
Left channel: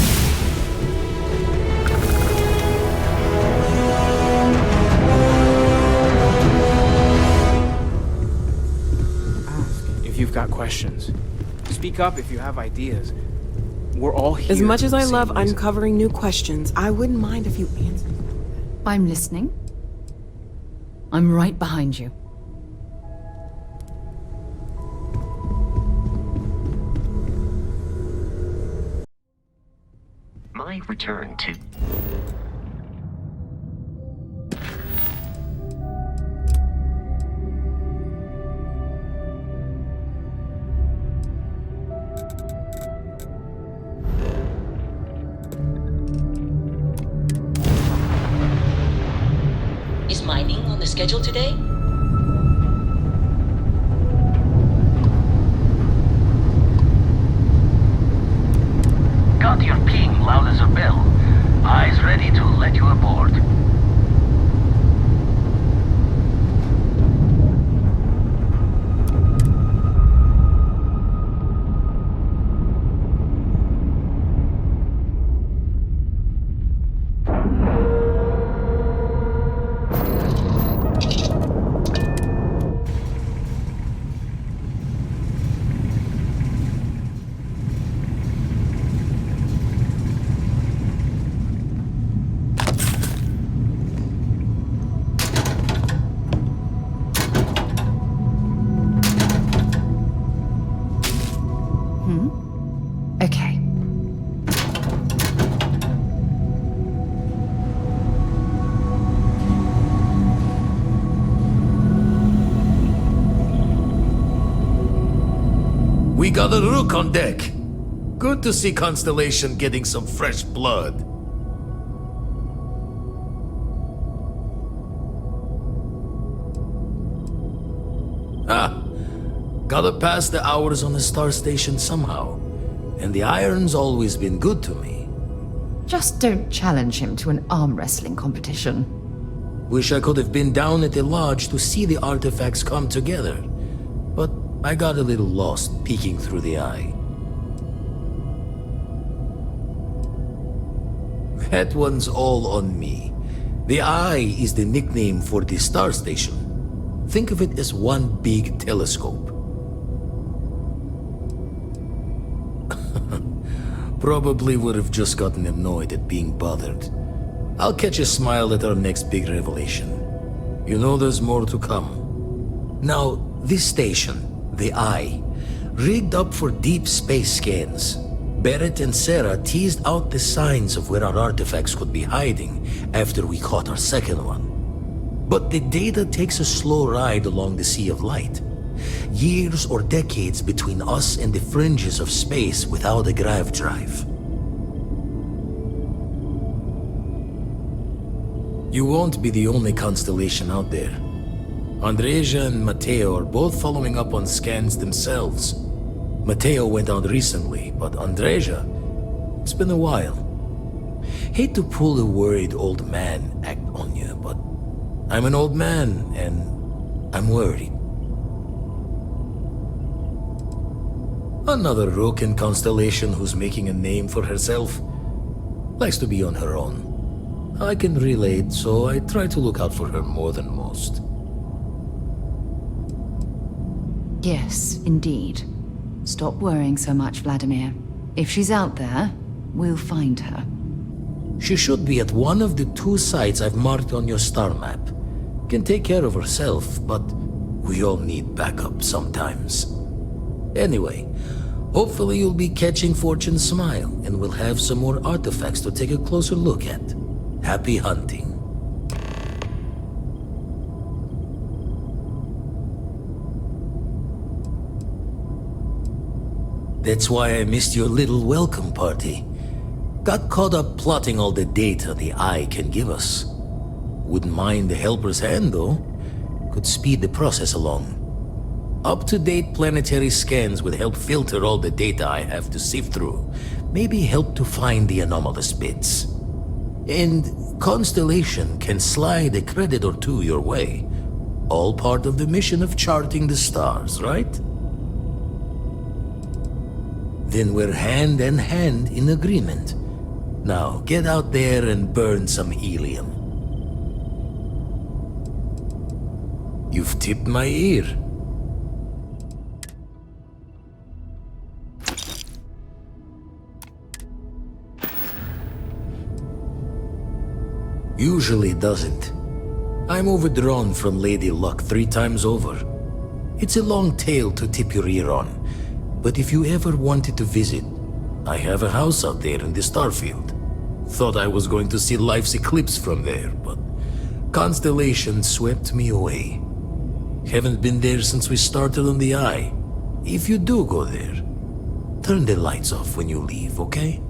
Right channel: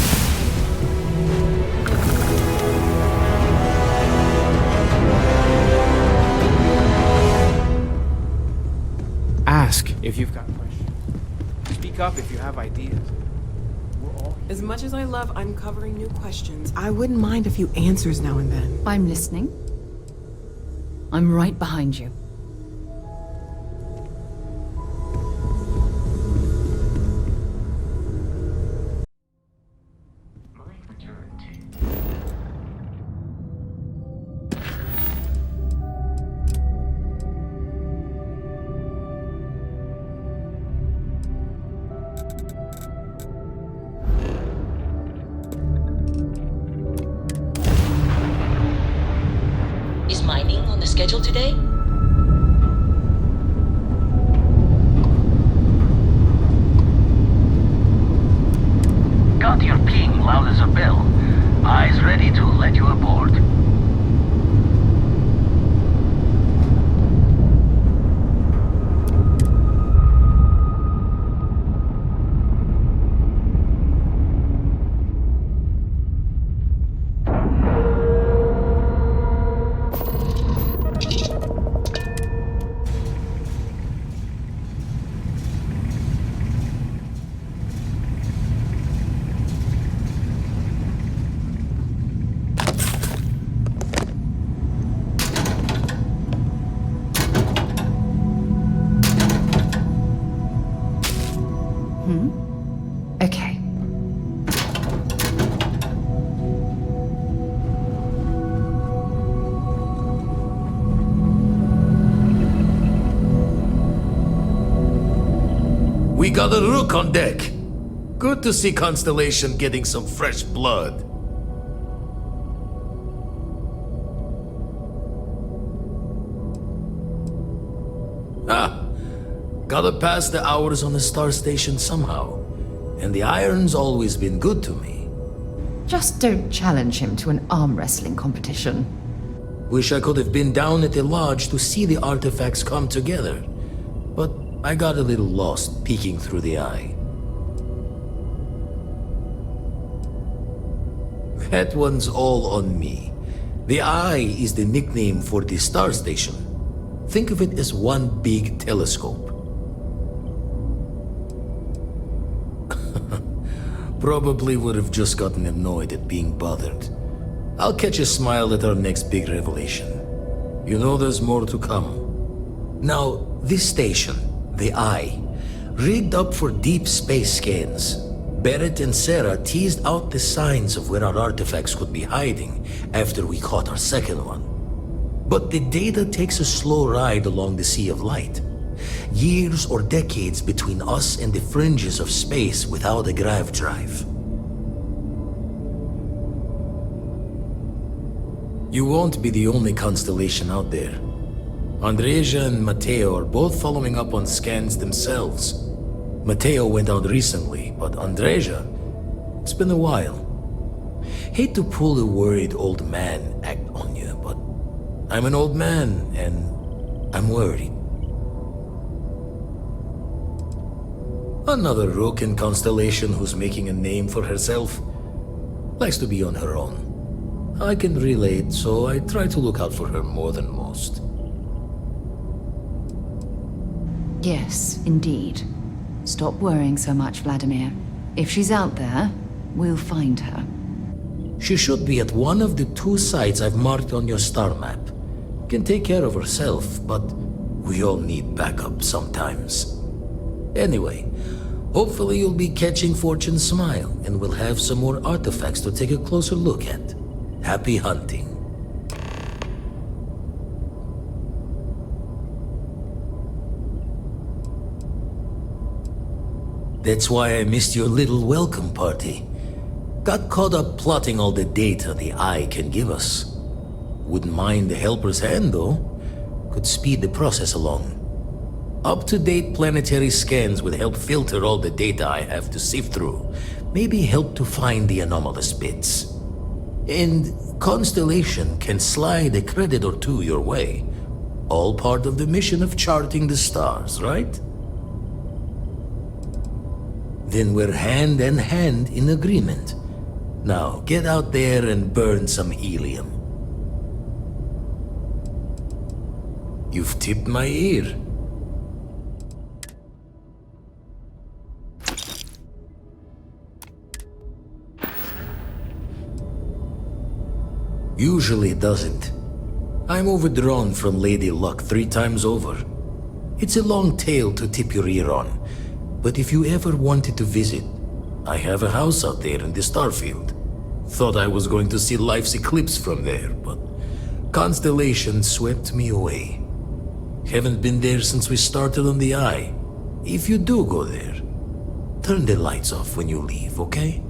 Ask if you've got questions. Speak up if you have ideas. We're all here. As much as for I the same love reason. uncovering new questions, I wouldn't mind a few answers now and then. I'm listening. I'm right behind you. My return to... Is mining on the schedule today? Got your ping loud as a bell. Eyes ready to let you aboard. Okay. We got a rook on deck. Good to see Constellation getting some fresh blood. Gotta pass the hours on the star station somehow. And the iron's always been good to me. Just don't challenge him to an arm wrestling competition. Wish I could have been down at the lodge to see the artifacts come together. But I got a little lost peeking through the eye. That one's all on me. The eye is the nickname for the star station. Think of it as one big telescope. Probably would have just gotten annoyed at being bothered. I'll catch a smile at our next big revelation. You know there's more to come. Now, this station, the Eye, rigged up for deep space scans. Barrett and Sarah teased out the signs of where our artifacts could be hiding after we caught our second one. But the data takes a slow ride along the Sea of Light. Years or decades between us and the fringes of space without a grav drive. You won't be the only constellation out there. Andreja and Matteo are both following up on scans themselves. Matteo went out recently, but Andreja, it's been a while. Hate to pull a worried old man act on you, but I'm an old man and I'm worried. Another rook in Constellation who's making a name for herself. Likes to be on her own. I can relate, so I try to look out for her more than most. Yes, indeed. Stop worrying so much, Vladimir. If she's out there, we'll find her. She should be at one of the 2 sites I've marked on your star map. Can take care of herself, but we all need backup sometimes. Anyway, hopefully you'll be catching Fortune's smile, and we'll have some more artifacts to take a closer look at. Happy hunting. That's why I missed your little welcome party. Got caught up plotting all the data the Eye can give us. Wouldn't mind a helper's hand, though. Could speed the process along. Up-to-date planetary scans would help filter all the data I have to sift through. Maybe help to find the anomalous bits. And Constellation can slide a credit or 2 your way. All part of the mission of charting the stars, right? Then we're hand in hand in agreement. Now, get out there and burn some helium. You've tipped my ear. Usually doesn't. I'm overdrawn from Lady Luck 3 times over. It's a long tale to tip your ear on, but if you ever wanted to visit, I have a house out there in the Starfield. Thought I was going to see life's eclipse from there, but Constellation swept me away. Haven't been there since we started on the Eye. If you do go there, turn the lights off when you leave, okay?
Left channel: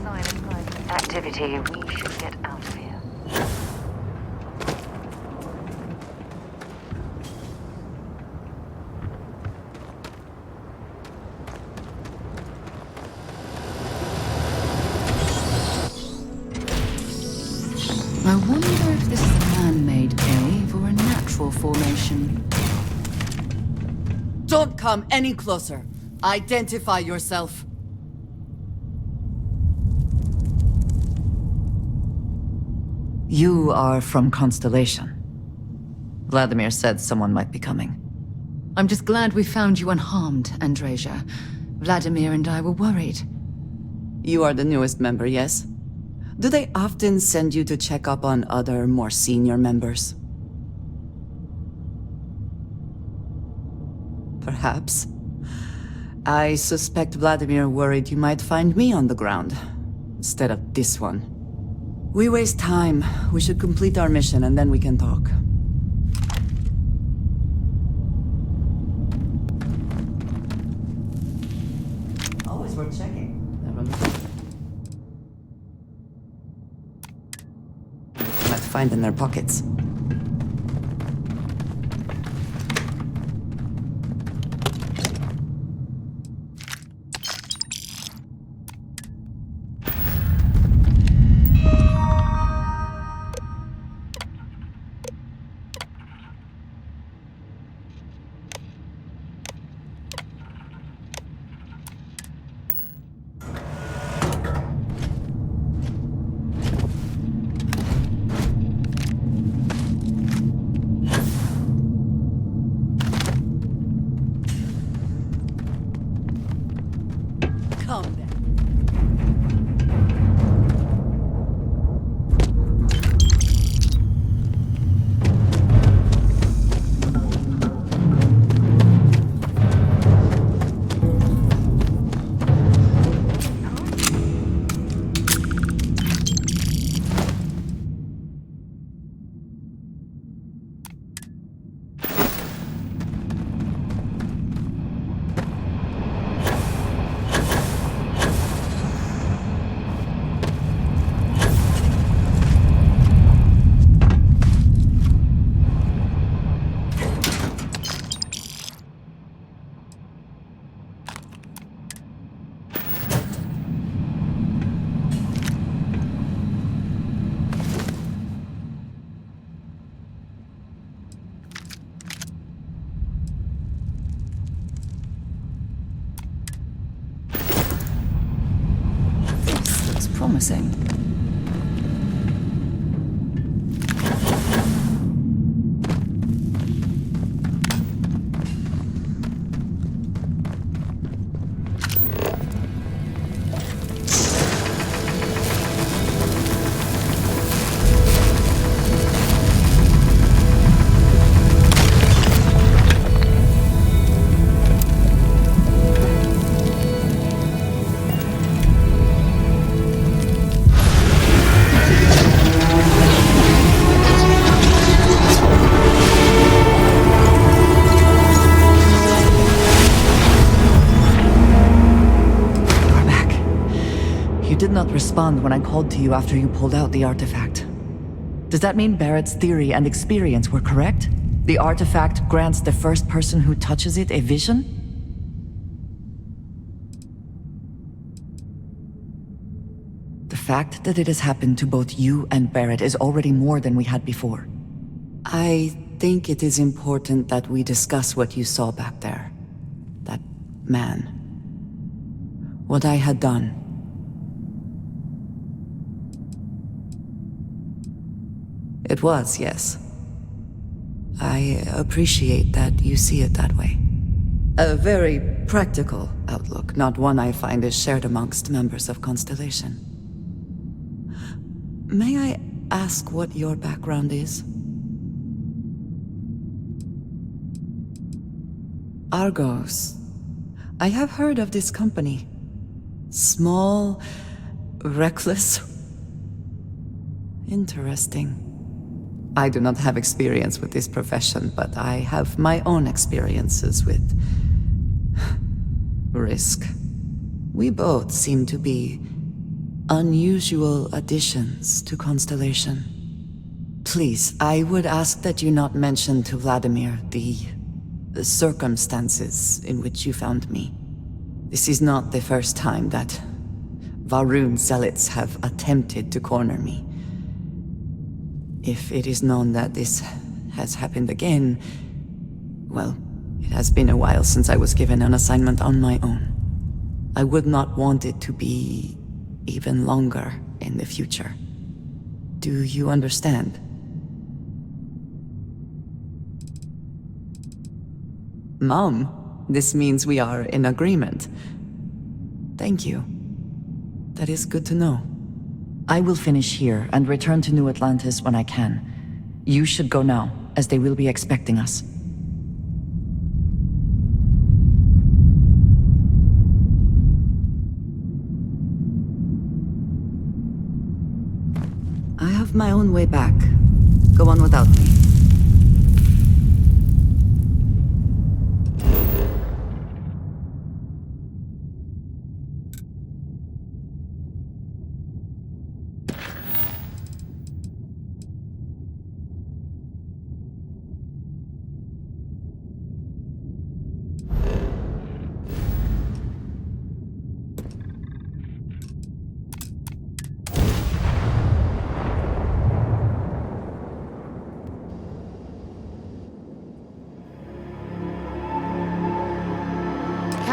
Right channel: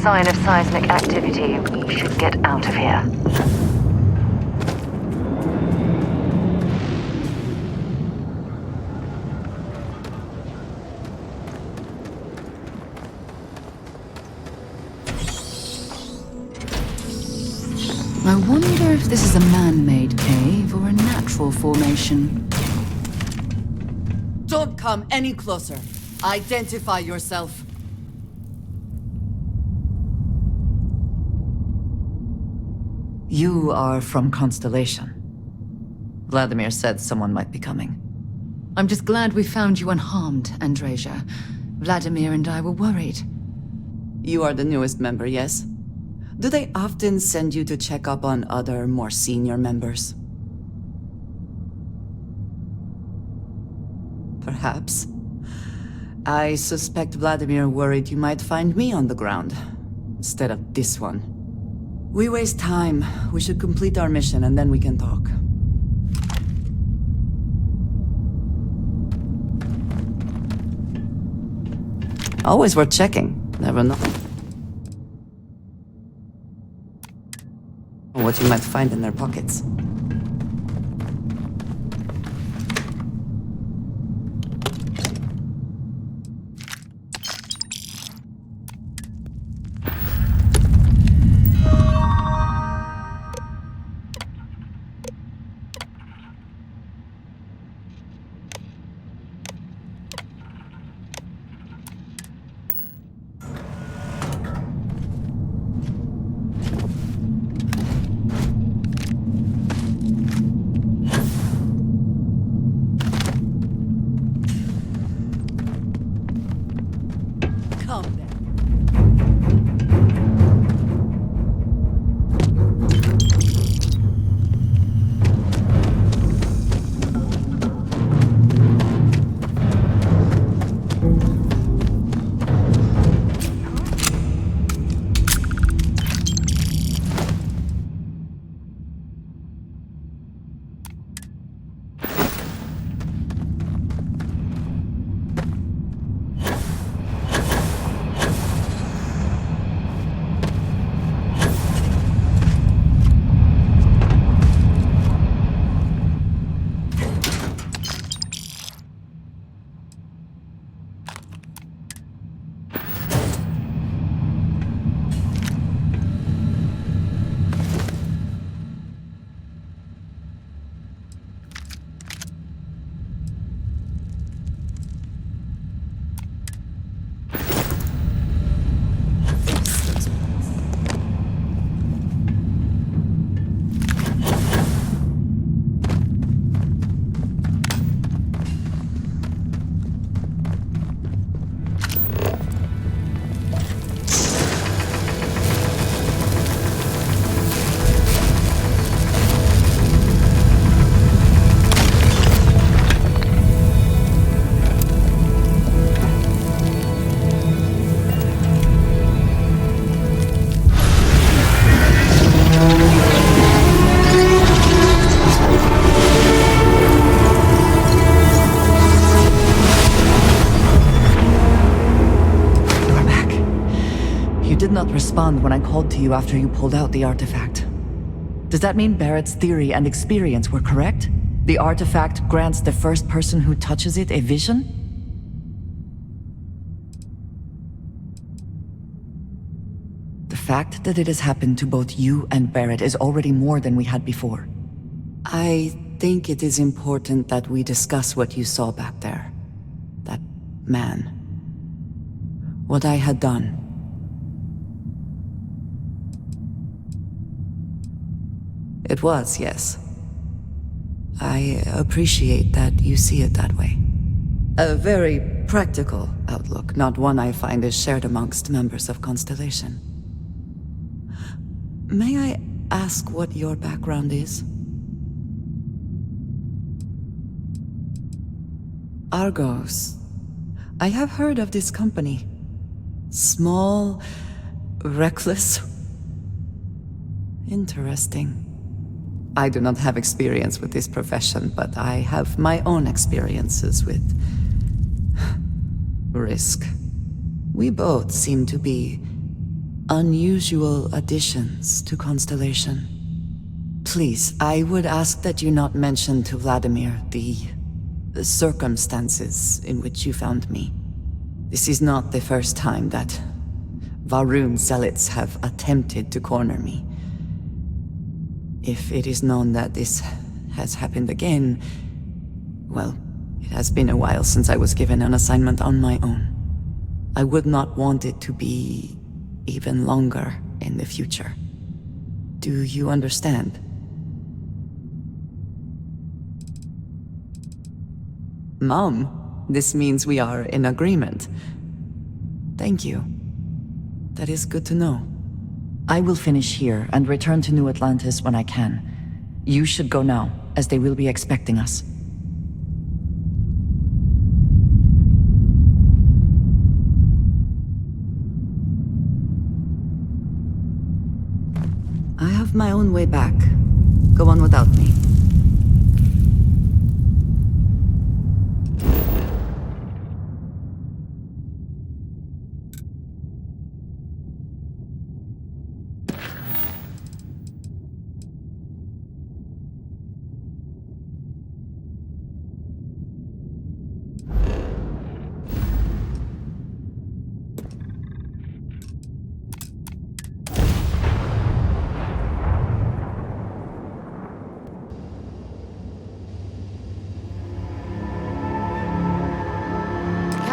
Sign of seismic activity, we should get out of here. I wonder if this is a man-made cave or a natural formation. Don't come any closer. Identify yourself. You are from Constellation. Vladimir said someone might be coming. I'm just glad we found you unharmed, Andreja. Vladimir and I were worried. You are the newest member, yes? Do they often send you to check up on other, more senior members? Perhaps. I suspect Vladimir worried you might find me on the ground, instead of this one. We waste time. We should complete our mission and then we can talk. Always worth checking. Never know. What you you might find in their pockets. Come then. This looks promising. You did not respond when I called to you after you pulled out the artifact. Does that mean Barrett's theory and experience were correct? The artifact grants the first person who touches it a vision? The fact that it has happened to both you and Barrett is already more than we had before. I think it is important that we discuss what you saw back there. That man. What I had done. It was, yes. I appreciate that you see it that way. A very practical outlook, not one I find is shared amongst members of Constellation. May I ask what your background is? Argos. I have heard of this company. Small, reckless. Interesting. I do not have experience with this profession, but I have my own experiences with risk. We both seem to be unusual additions to Constellation. Please, I would ask that you not mention to Vladimir the circumstances in which you found me. This is not the first time that Varun zealots have attempted to corner me. If it is known that this has happened again, well, it has been a while since I was given an assignment on my own. I would not want it to be even longer in the future. Do you understand? Mom, this means we are in agreement. Thank you. That is good to know. I will finish here and return to New Atlantis when I can. You should go now, as they will be expecting us. I have my own way back. Go on without me.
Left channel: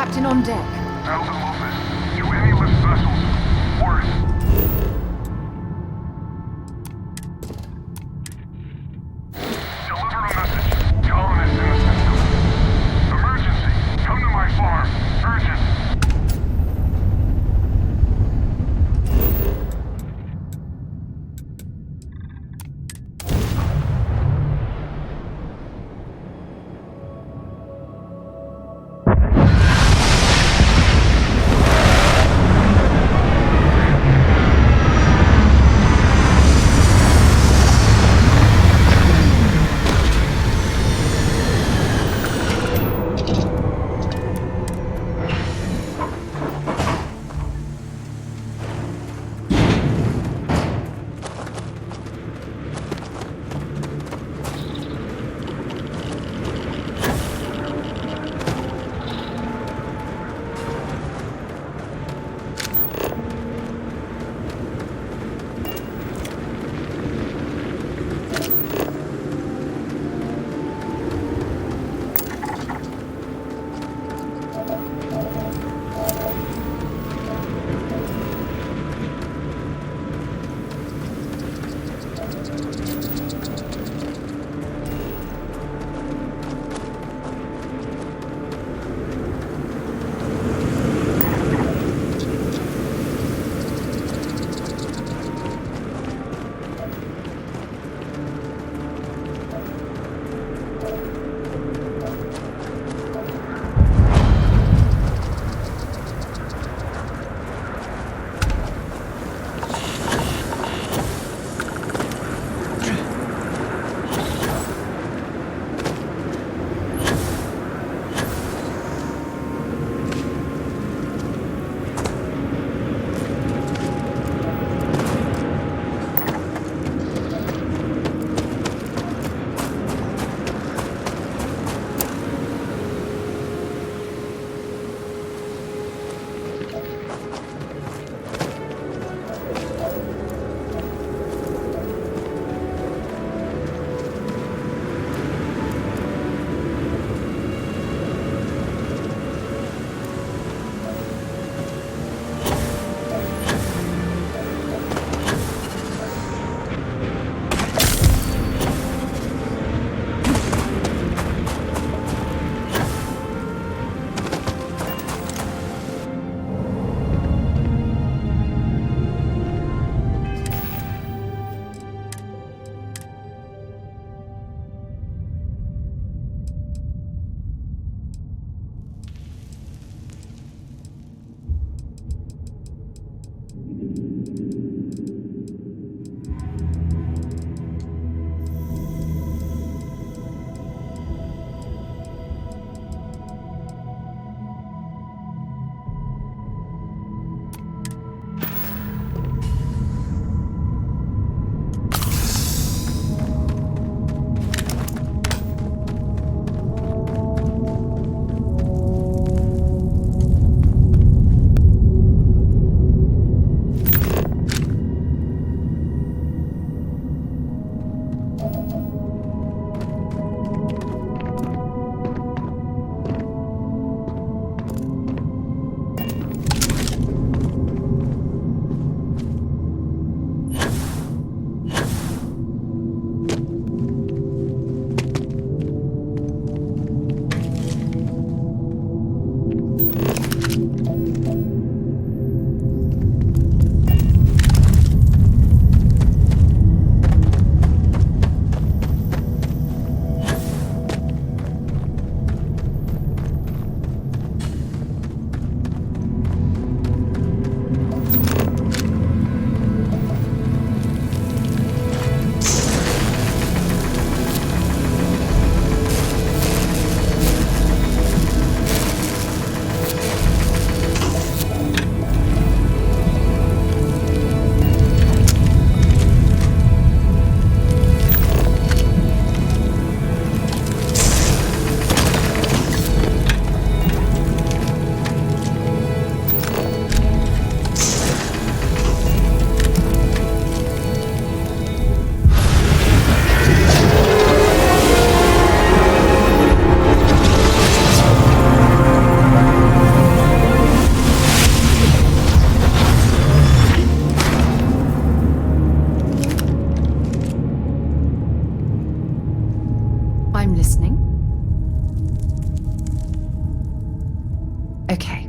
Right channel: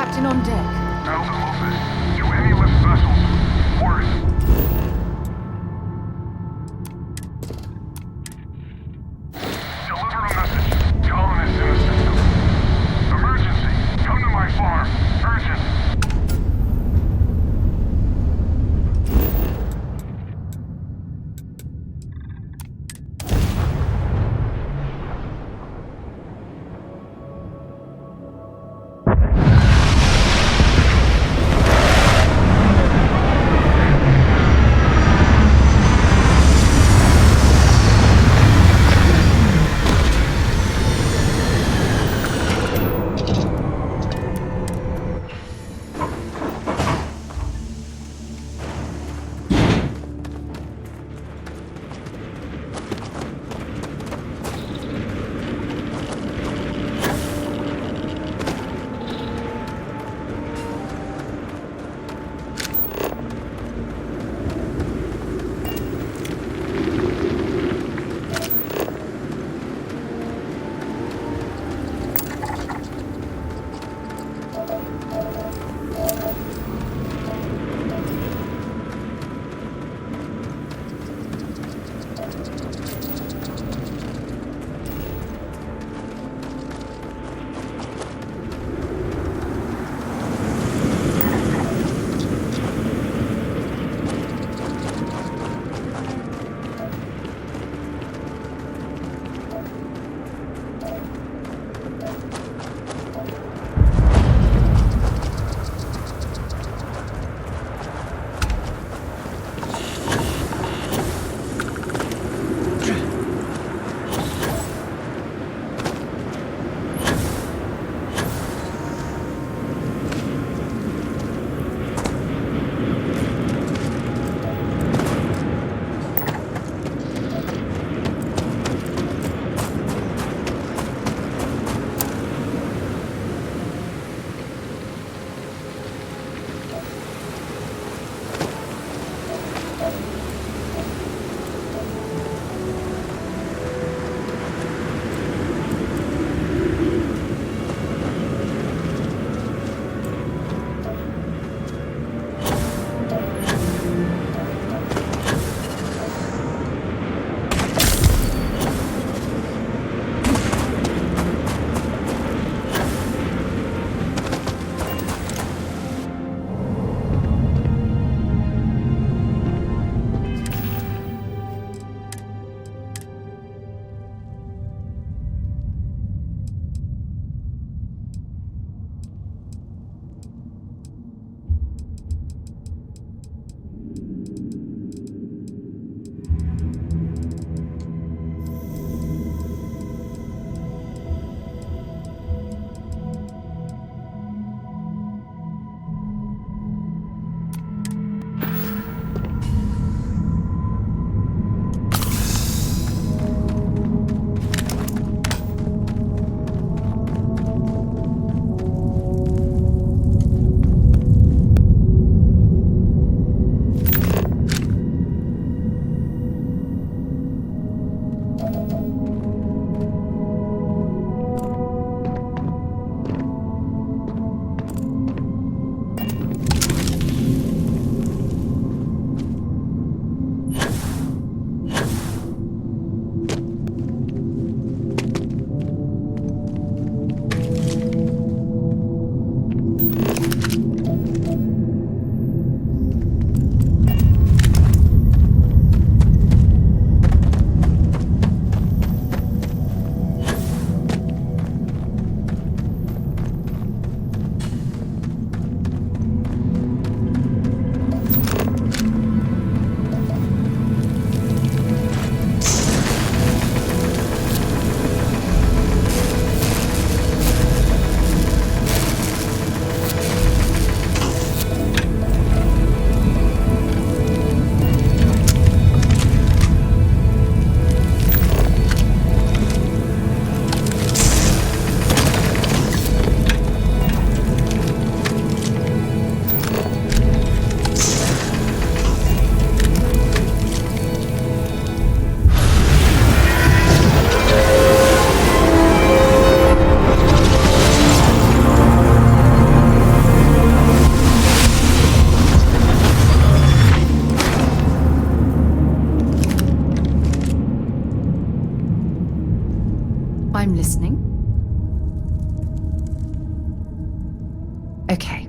Captain on deck. Alvin Lopez, to any lift vessels, word. Deliver a message. Colonists in the system. Emergency. Come to my farm. Urgent. listening? Okay.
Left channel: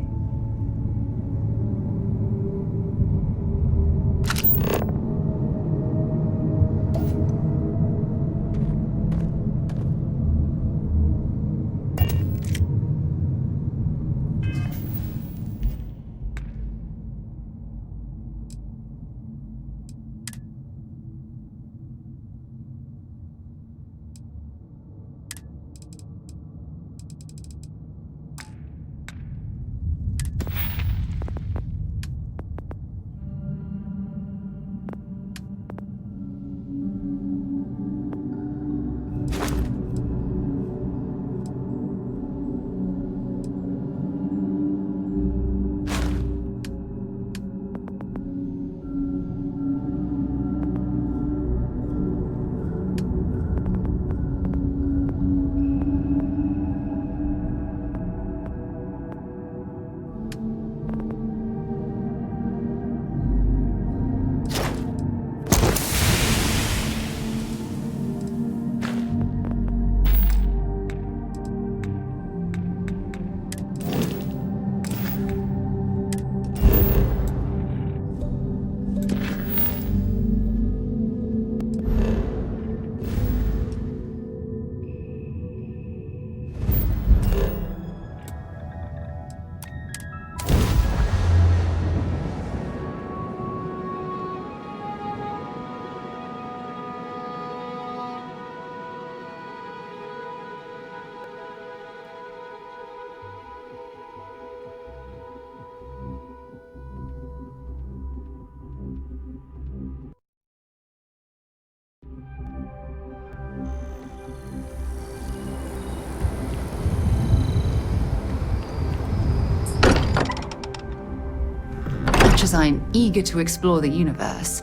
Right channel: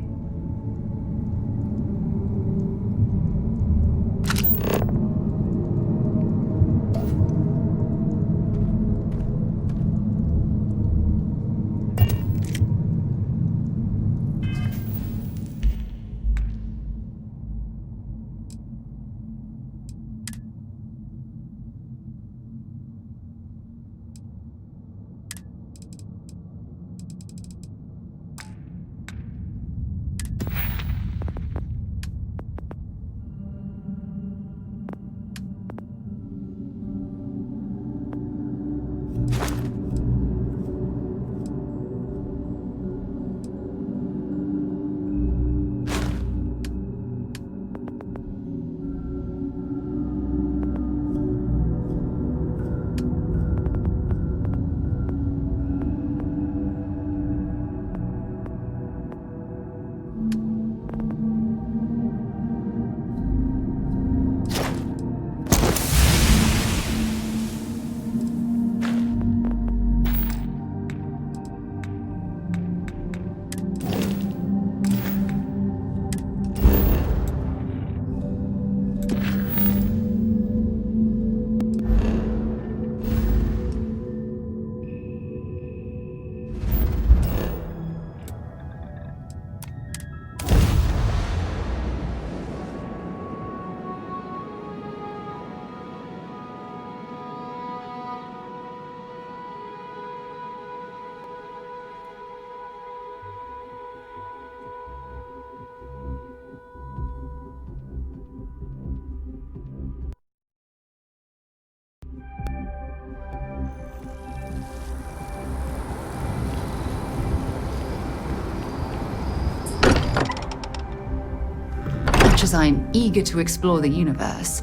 Much as I'm eager to explore the universe,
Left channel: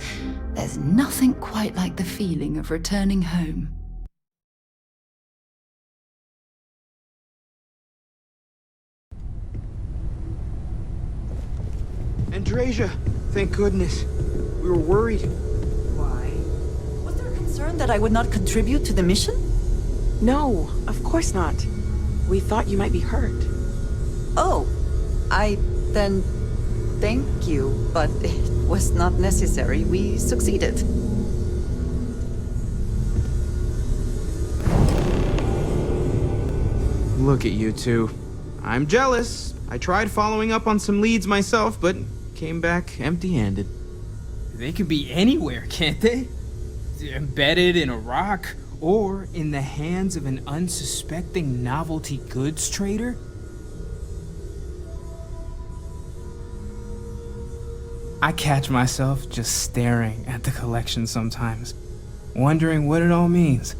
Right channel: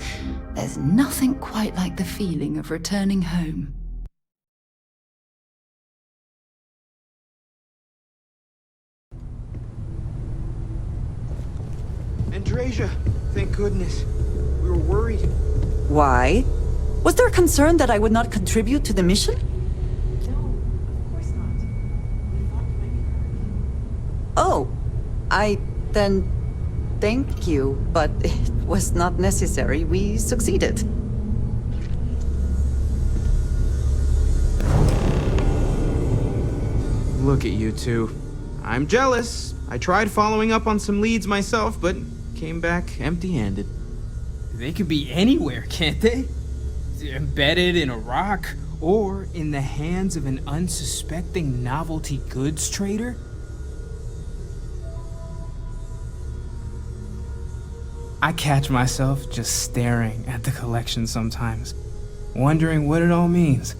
there's nothing quite like the feeling of returning home. Andrasia, thank goodness. We were worried. Why? Was there a concern that I would not contribute to the mission? No, of course not. We thought you might be hurt. Oh, then thank you, but it was not necessary. We succeeded. Look at you two. I'm jealous. I tried following up on some leads myself, but came back empty-handed. They could be anywhere, can't they? Embedded in a rock, or in the hands of an unsuspecting novelty goods trader? I catch myself just staring at the collection sometimes, wondering what it all means.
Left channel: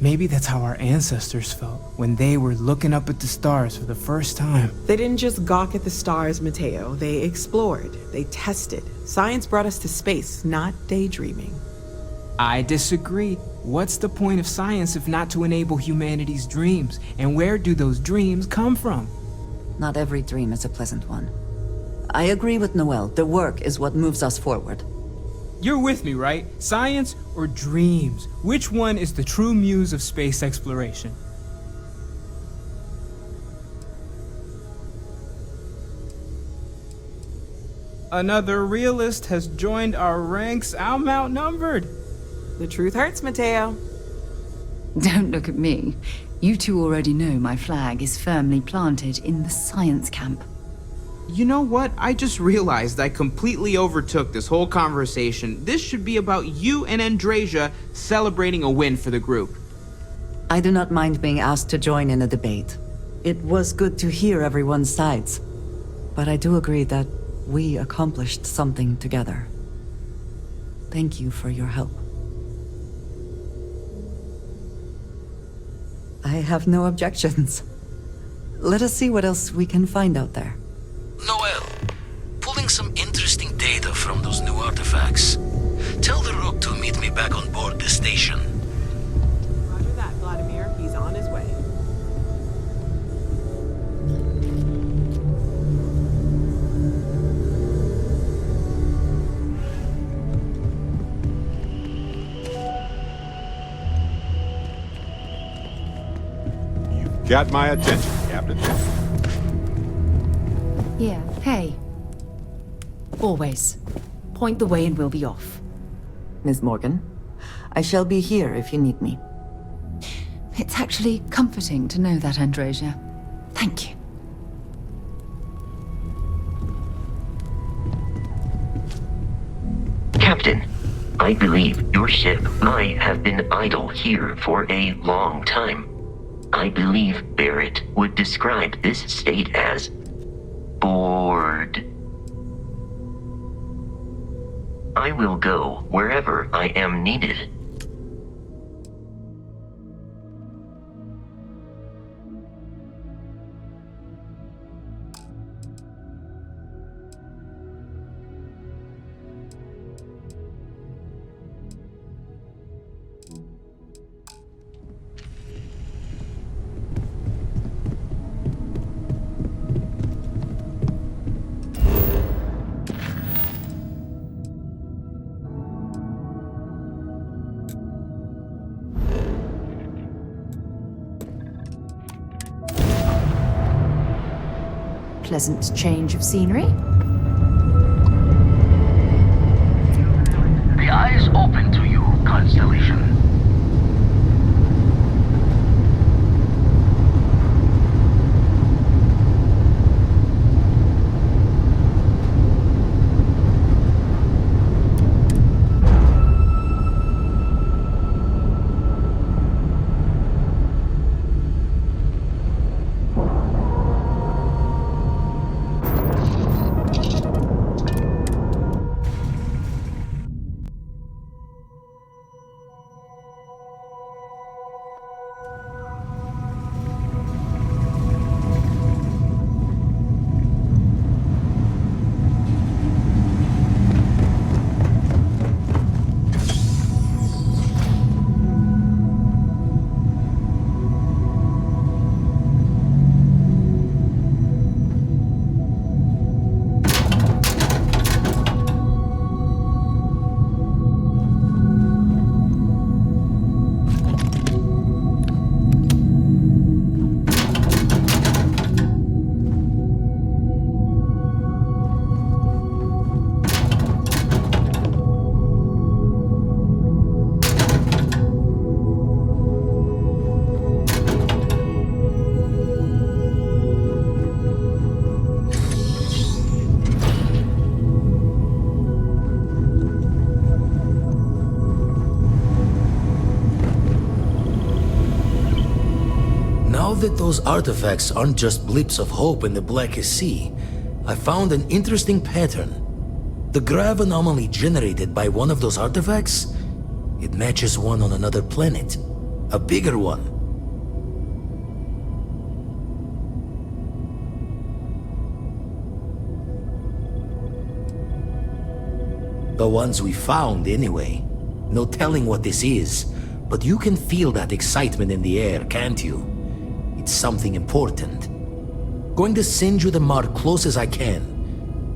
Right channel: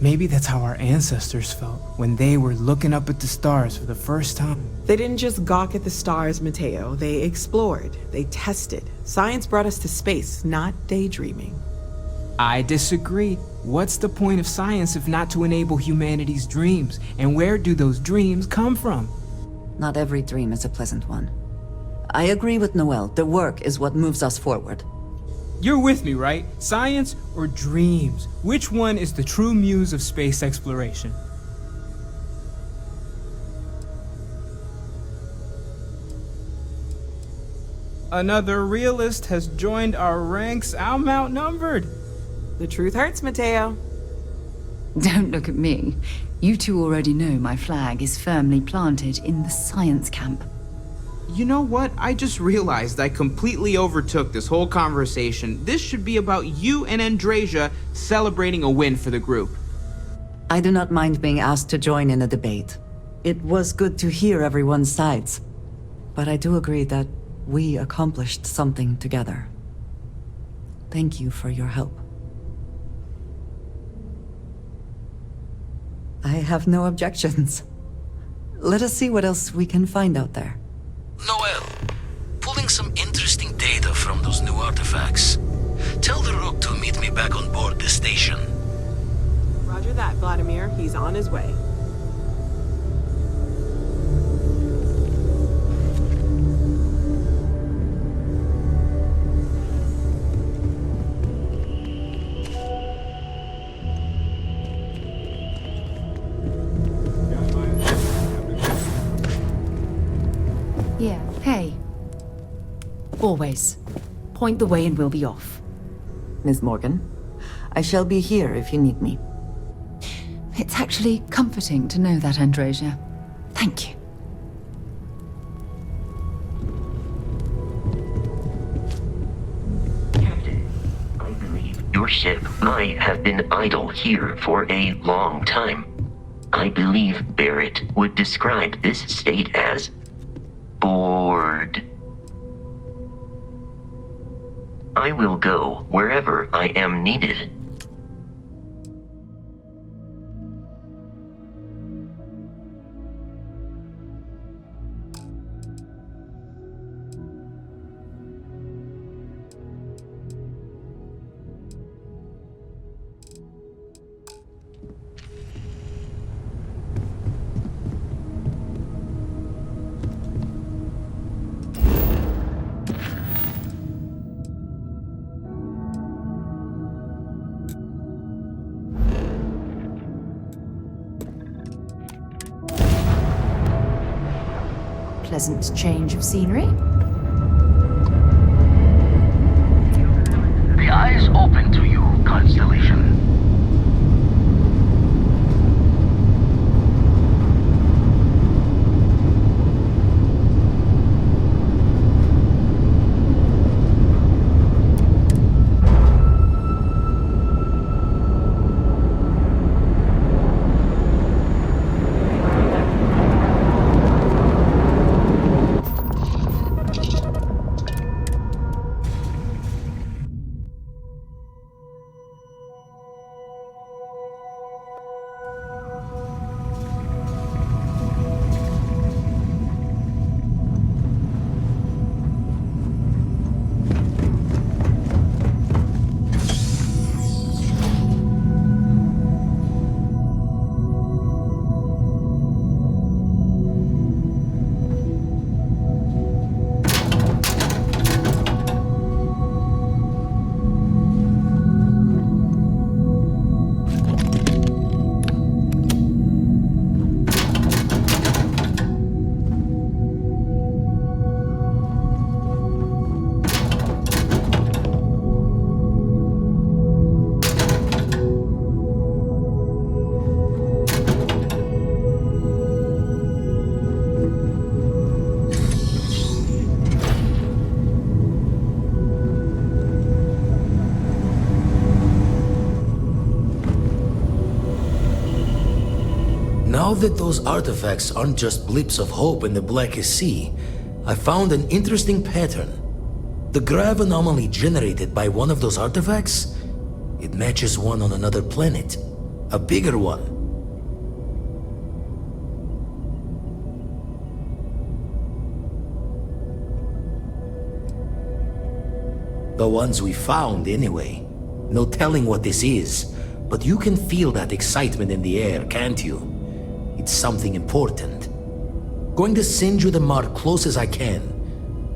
Maybe that's how our ancestors felt when they were looking up at the stars for the first time. They didn't just gawk at the stars, Mateo. They explored. They tested. Science brought us to space, not daydreaming. I disagree. What's the point of science if not to enable humanity's dreams? And where do those dreams come from? Not every dream is a pleasant one. I agree with Noel. The work is what moves us forward. You're with me, right? Science or dreams? Which one is the true muse of space exploration? Another realist has joined our ranks. I'm outnumbered. The truth hurts, Mateo. Don't look at me. You two already know my flag is firmly planted in the science camp. You know what? I just realized I completely overtook this whole conversation. This should be about you and Andrasia celebrating a win for the group. I do not mind being asked to join in a debate. It was good to hear everyone's sides. But I do agree that we accomplished something together. Thank you for your help. I have no objections. Let us see what else we can find out there. Noel, pulling some interesting data from those new artifacts. Tell the Rook to meet me back on board the station. Roger that, Vladimir. He's on his way. got my attention, Captain. Yeah, hey. Always. Point the way and we'll be off. Ms. Morgan, I shall be here if you need me. It's actually comforting to know that, Andresia. Thank you. Captain, I believe your ship might have been idle here for a long time. I believe Barrett would describe this state as bored. I will go wherever I am needed. Pleasant change of scenery. The eyes open to you, Constellation. Now that those artifacts aren't just blips of hope in the blackest sea, I found an interesting pattern. The grav anomaly generated by one of those artifacts, it matches one on another planet. A bigger one. The ones we found, anyway. No telling what this is, but you can feel that excitement in the air, can't you? It's something important. Going to send you the mark close as I can,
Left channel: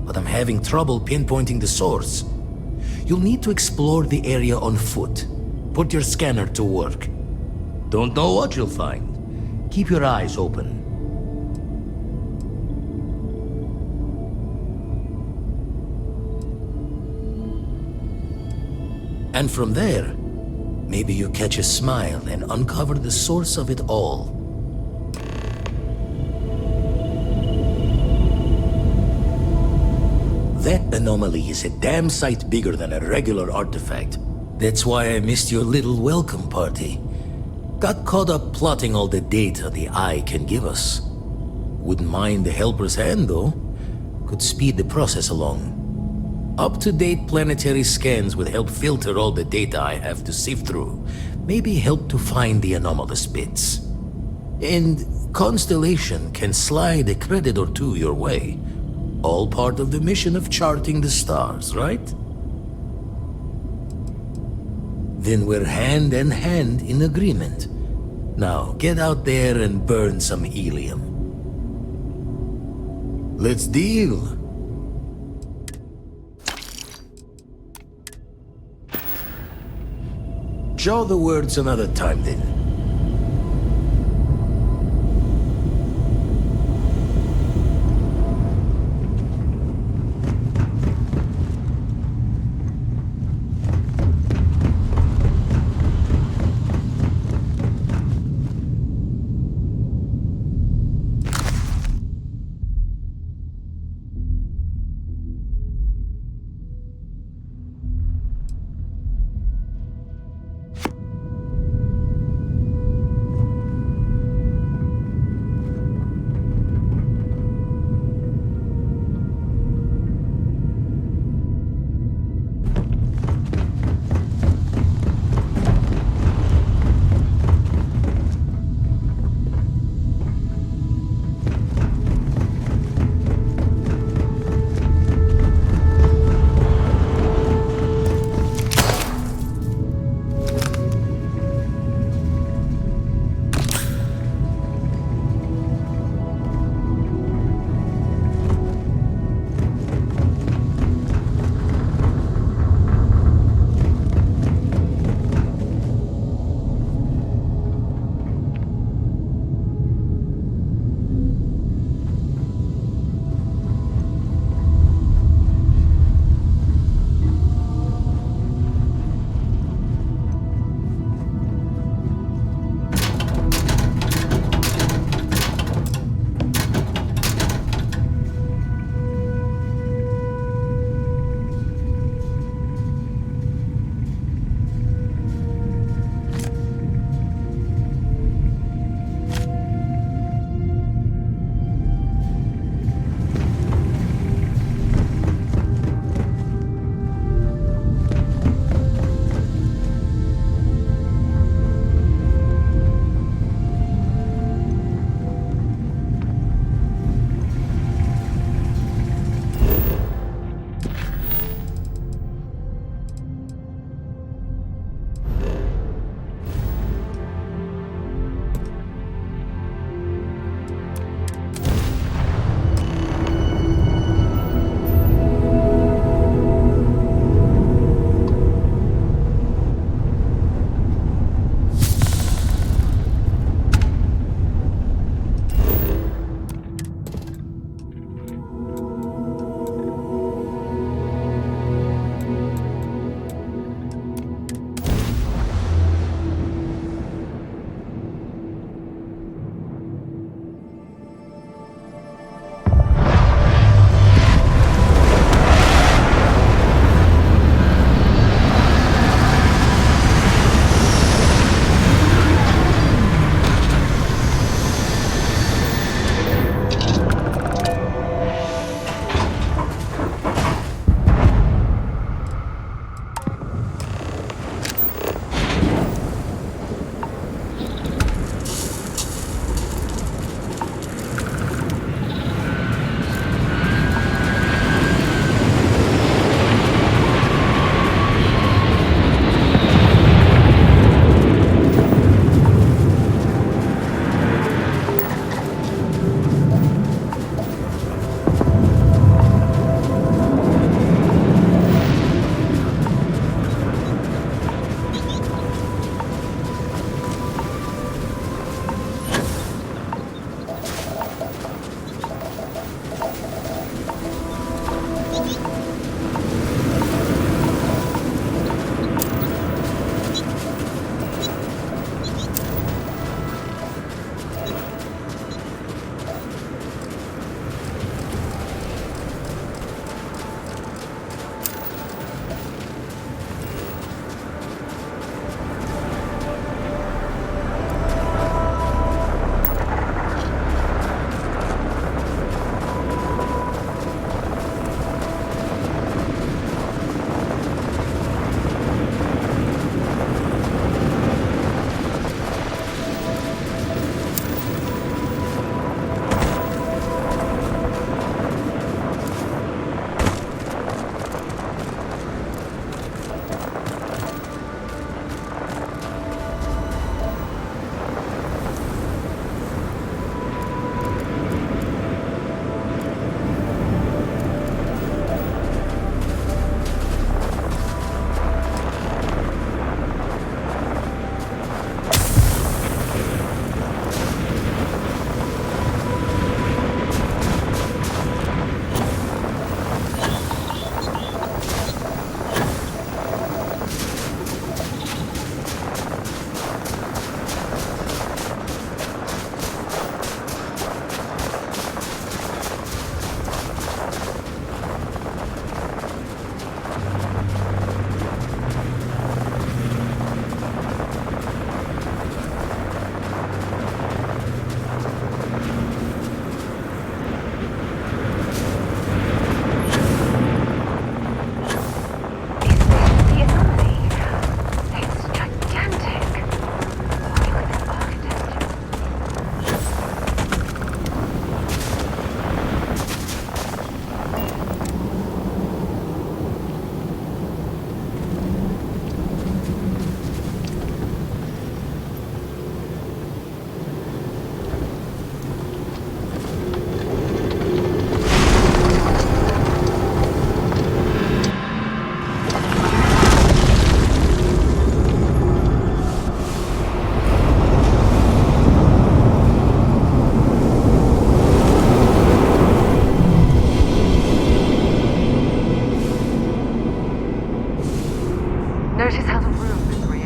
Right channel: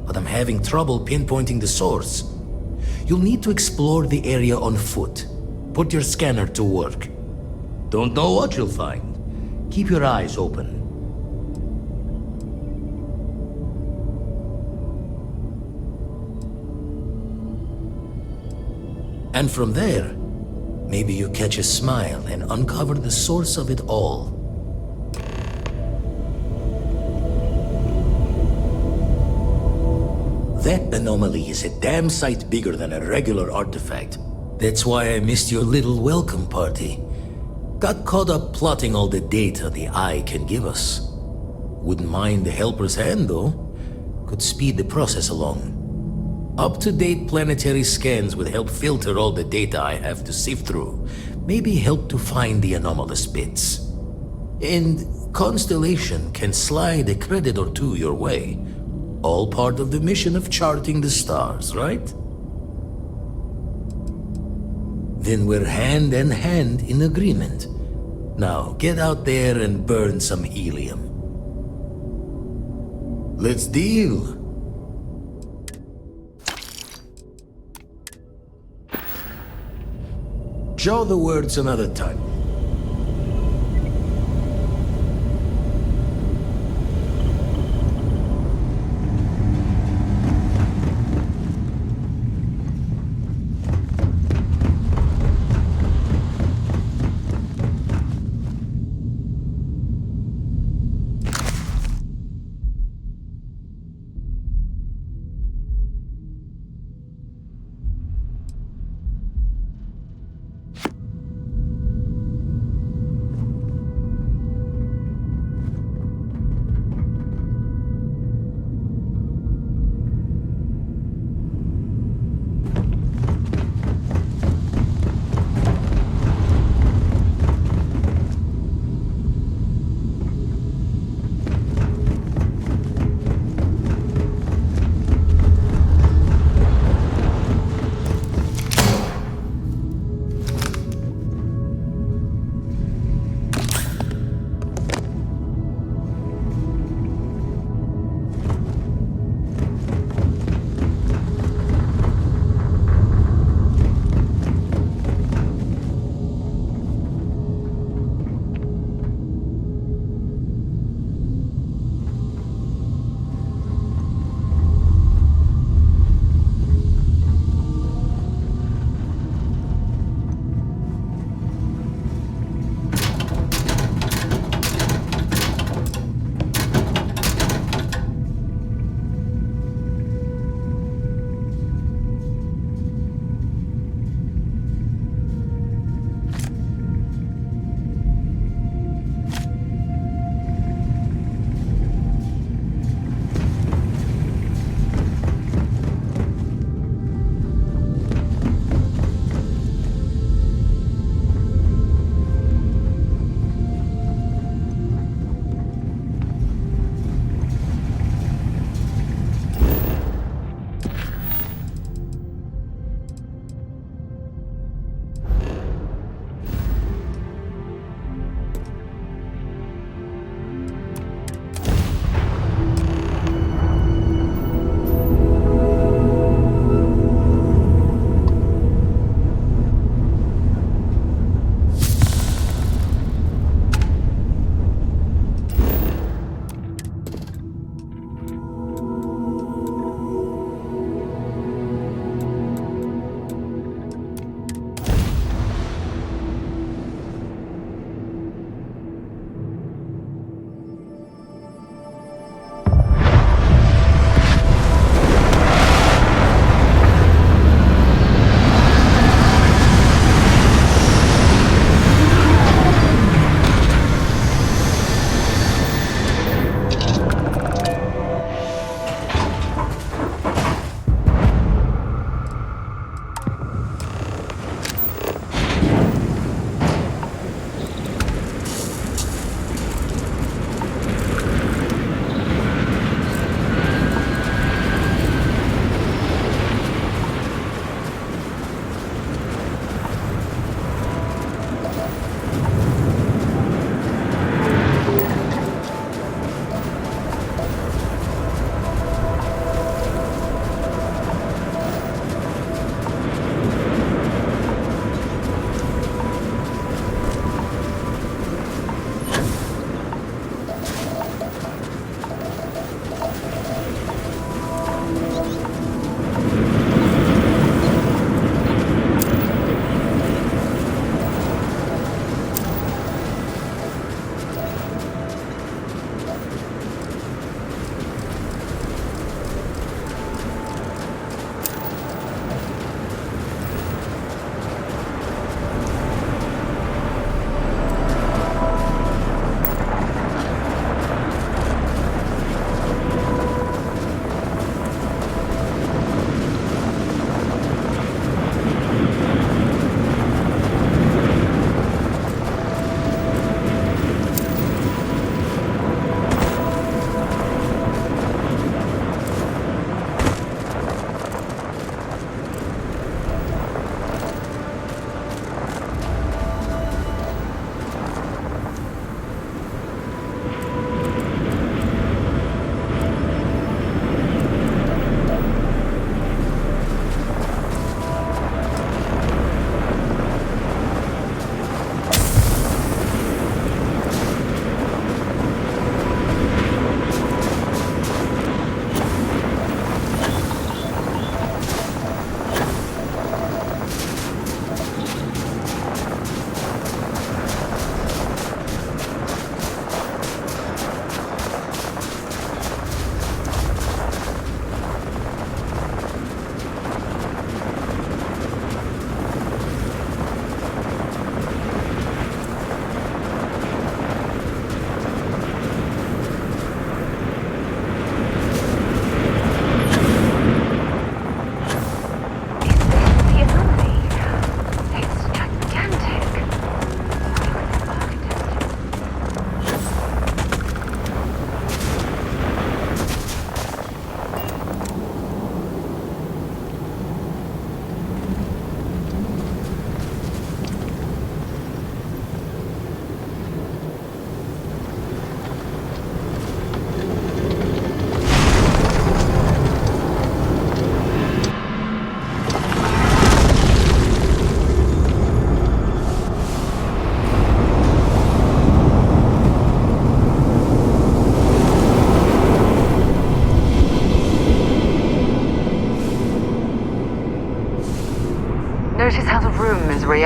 but I'm having trouble pinpointing the source. You'll need to explore the area on foot. Put your scanner to work. Don't know what you'll find. Keep your eyes open. And from there, maybe you catch a smile and uncover the source of it all. That anomaly is a damn sight bigger than a regular artifact. That's why I missed your little welcome party. Got caught up plotting all the data the Eye can give us. Wouldn't mind the helper's hand, though. Could speed the process along. Up-to-date planetary scans would help filter all the data I have to sift through. Maybe help to find the anomalous bits. And Constellation can slide a credit or two your way. All part of the mission of charting the stars, right? Then we're hand in hand in agreement. Now, get out there and burn some helium. Let's deal. Jaw the words another time, then.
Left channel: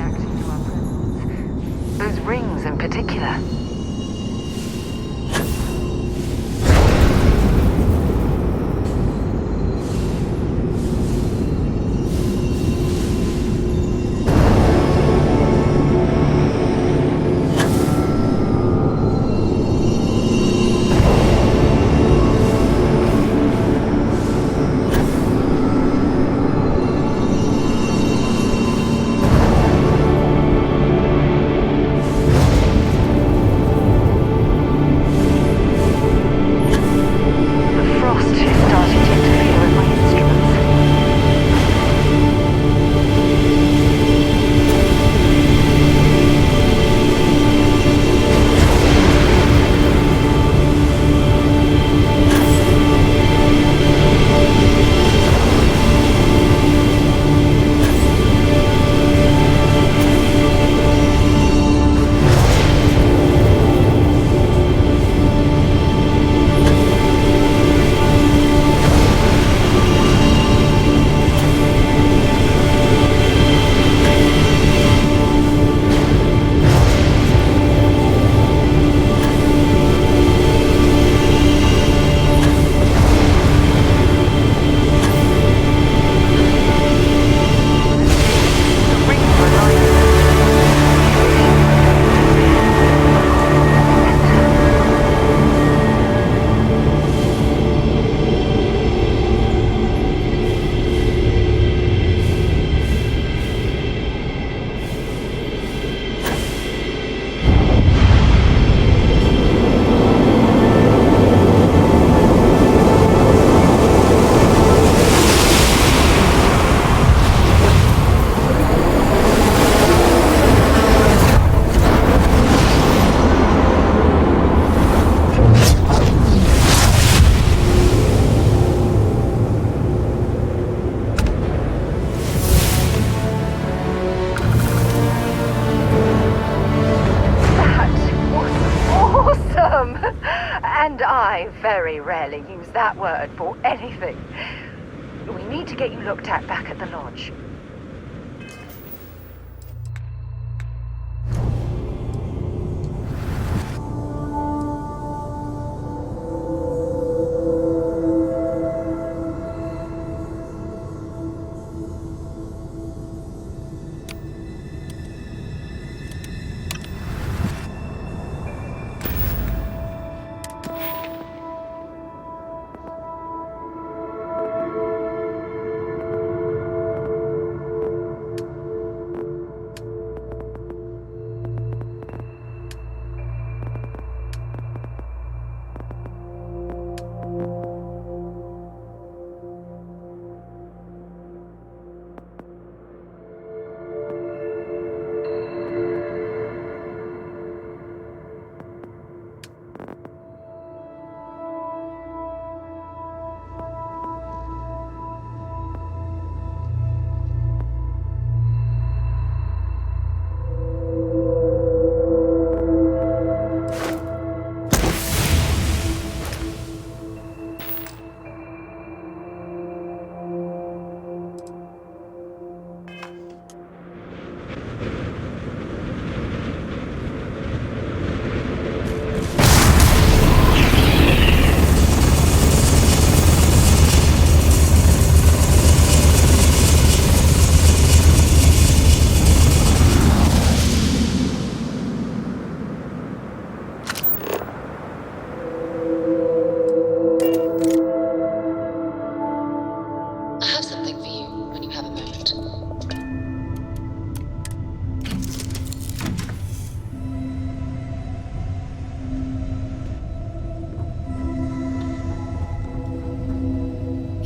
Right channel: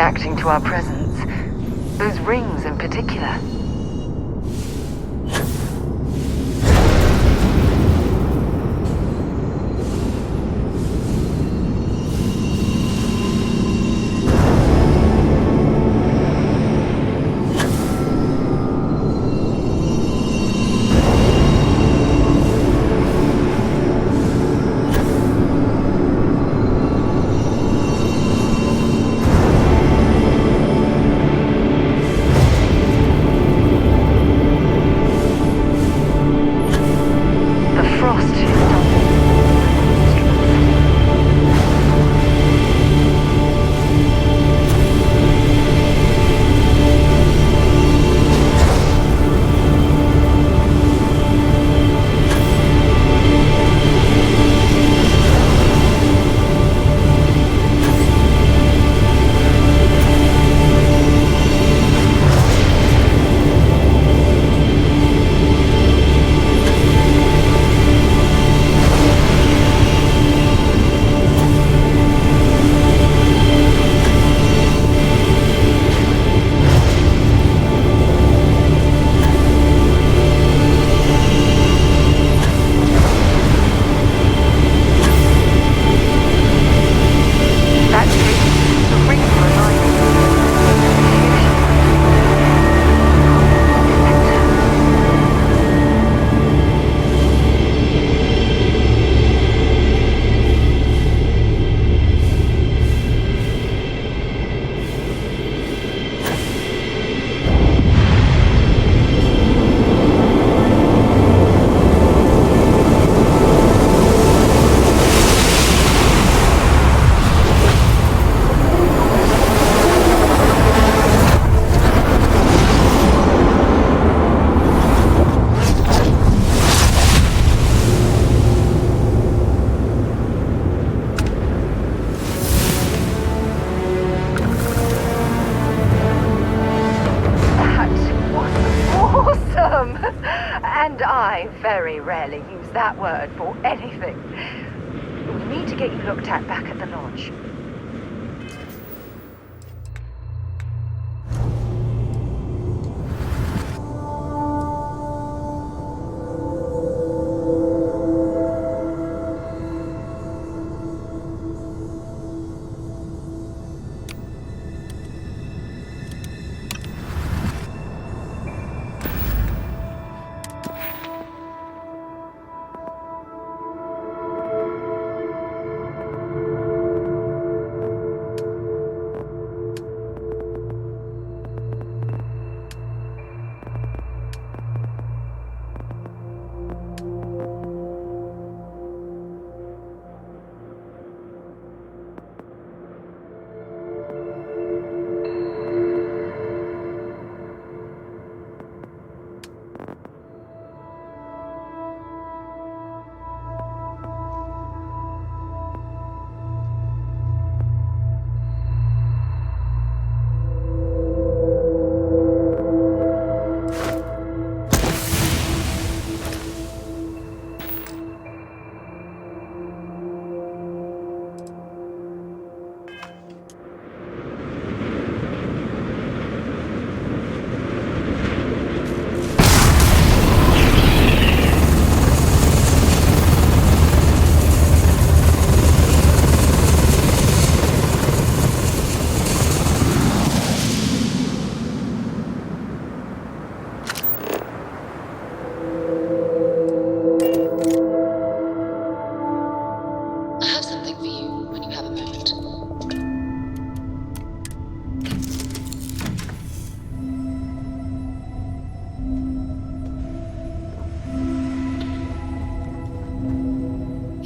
reacting to our presence. Those rings in particular. And I very rarely use that word for anything. We need to get you looked at back at the lodge.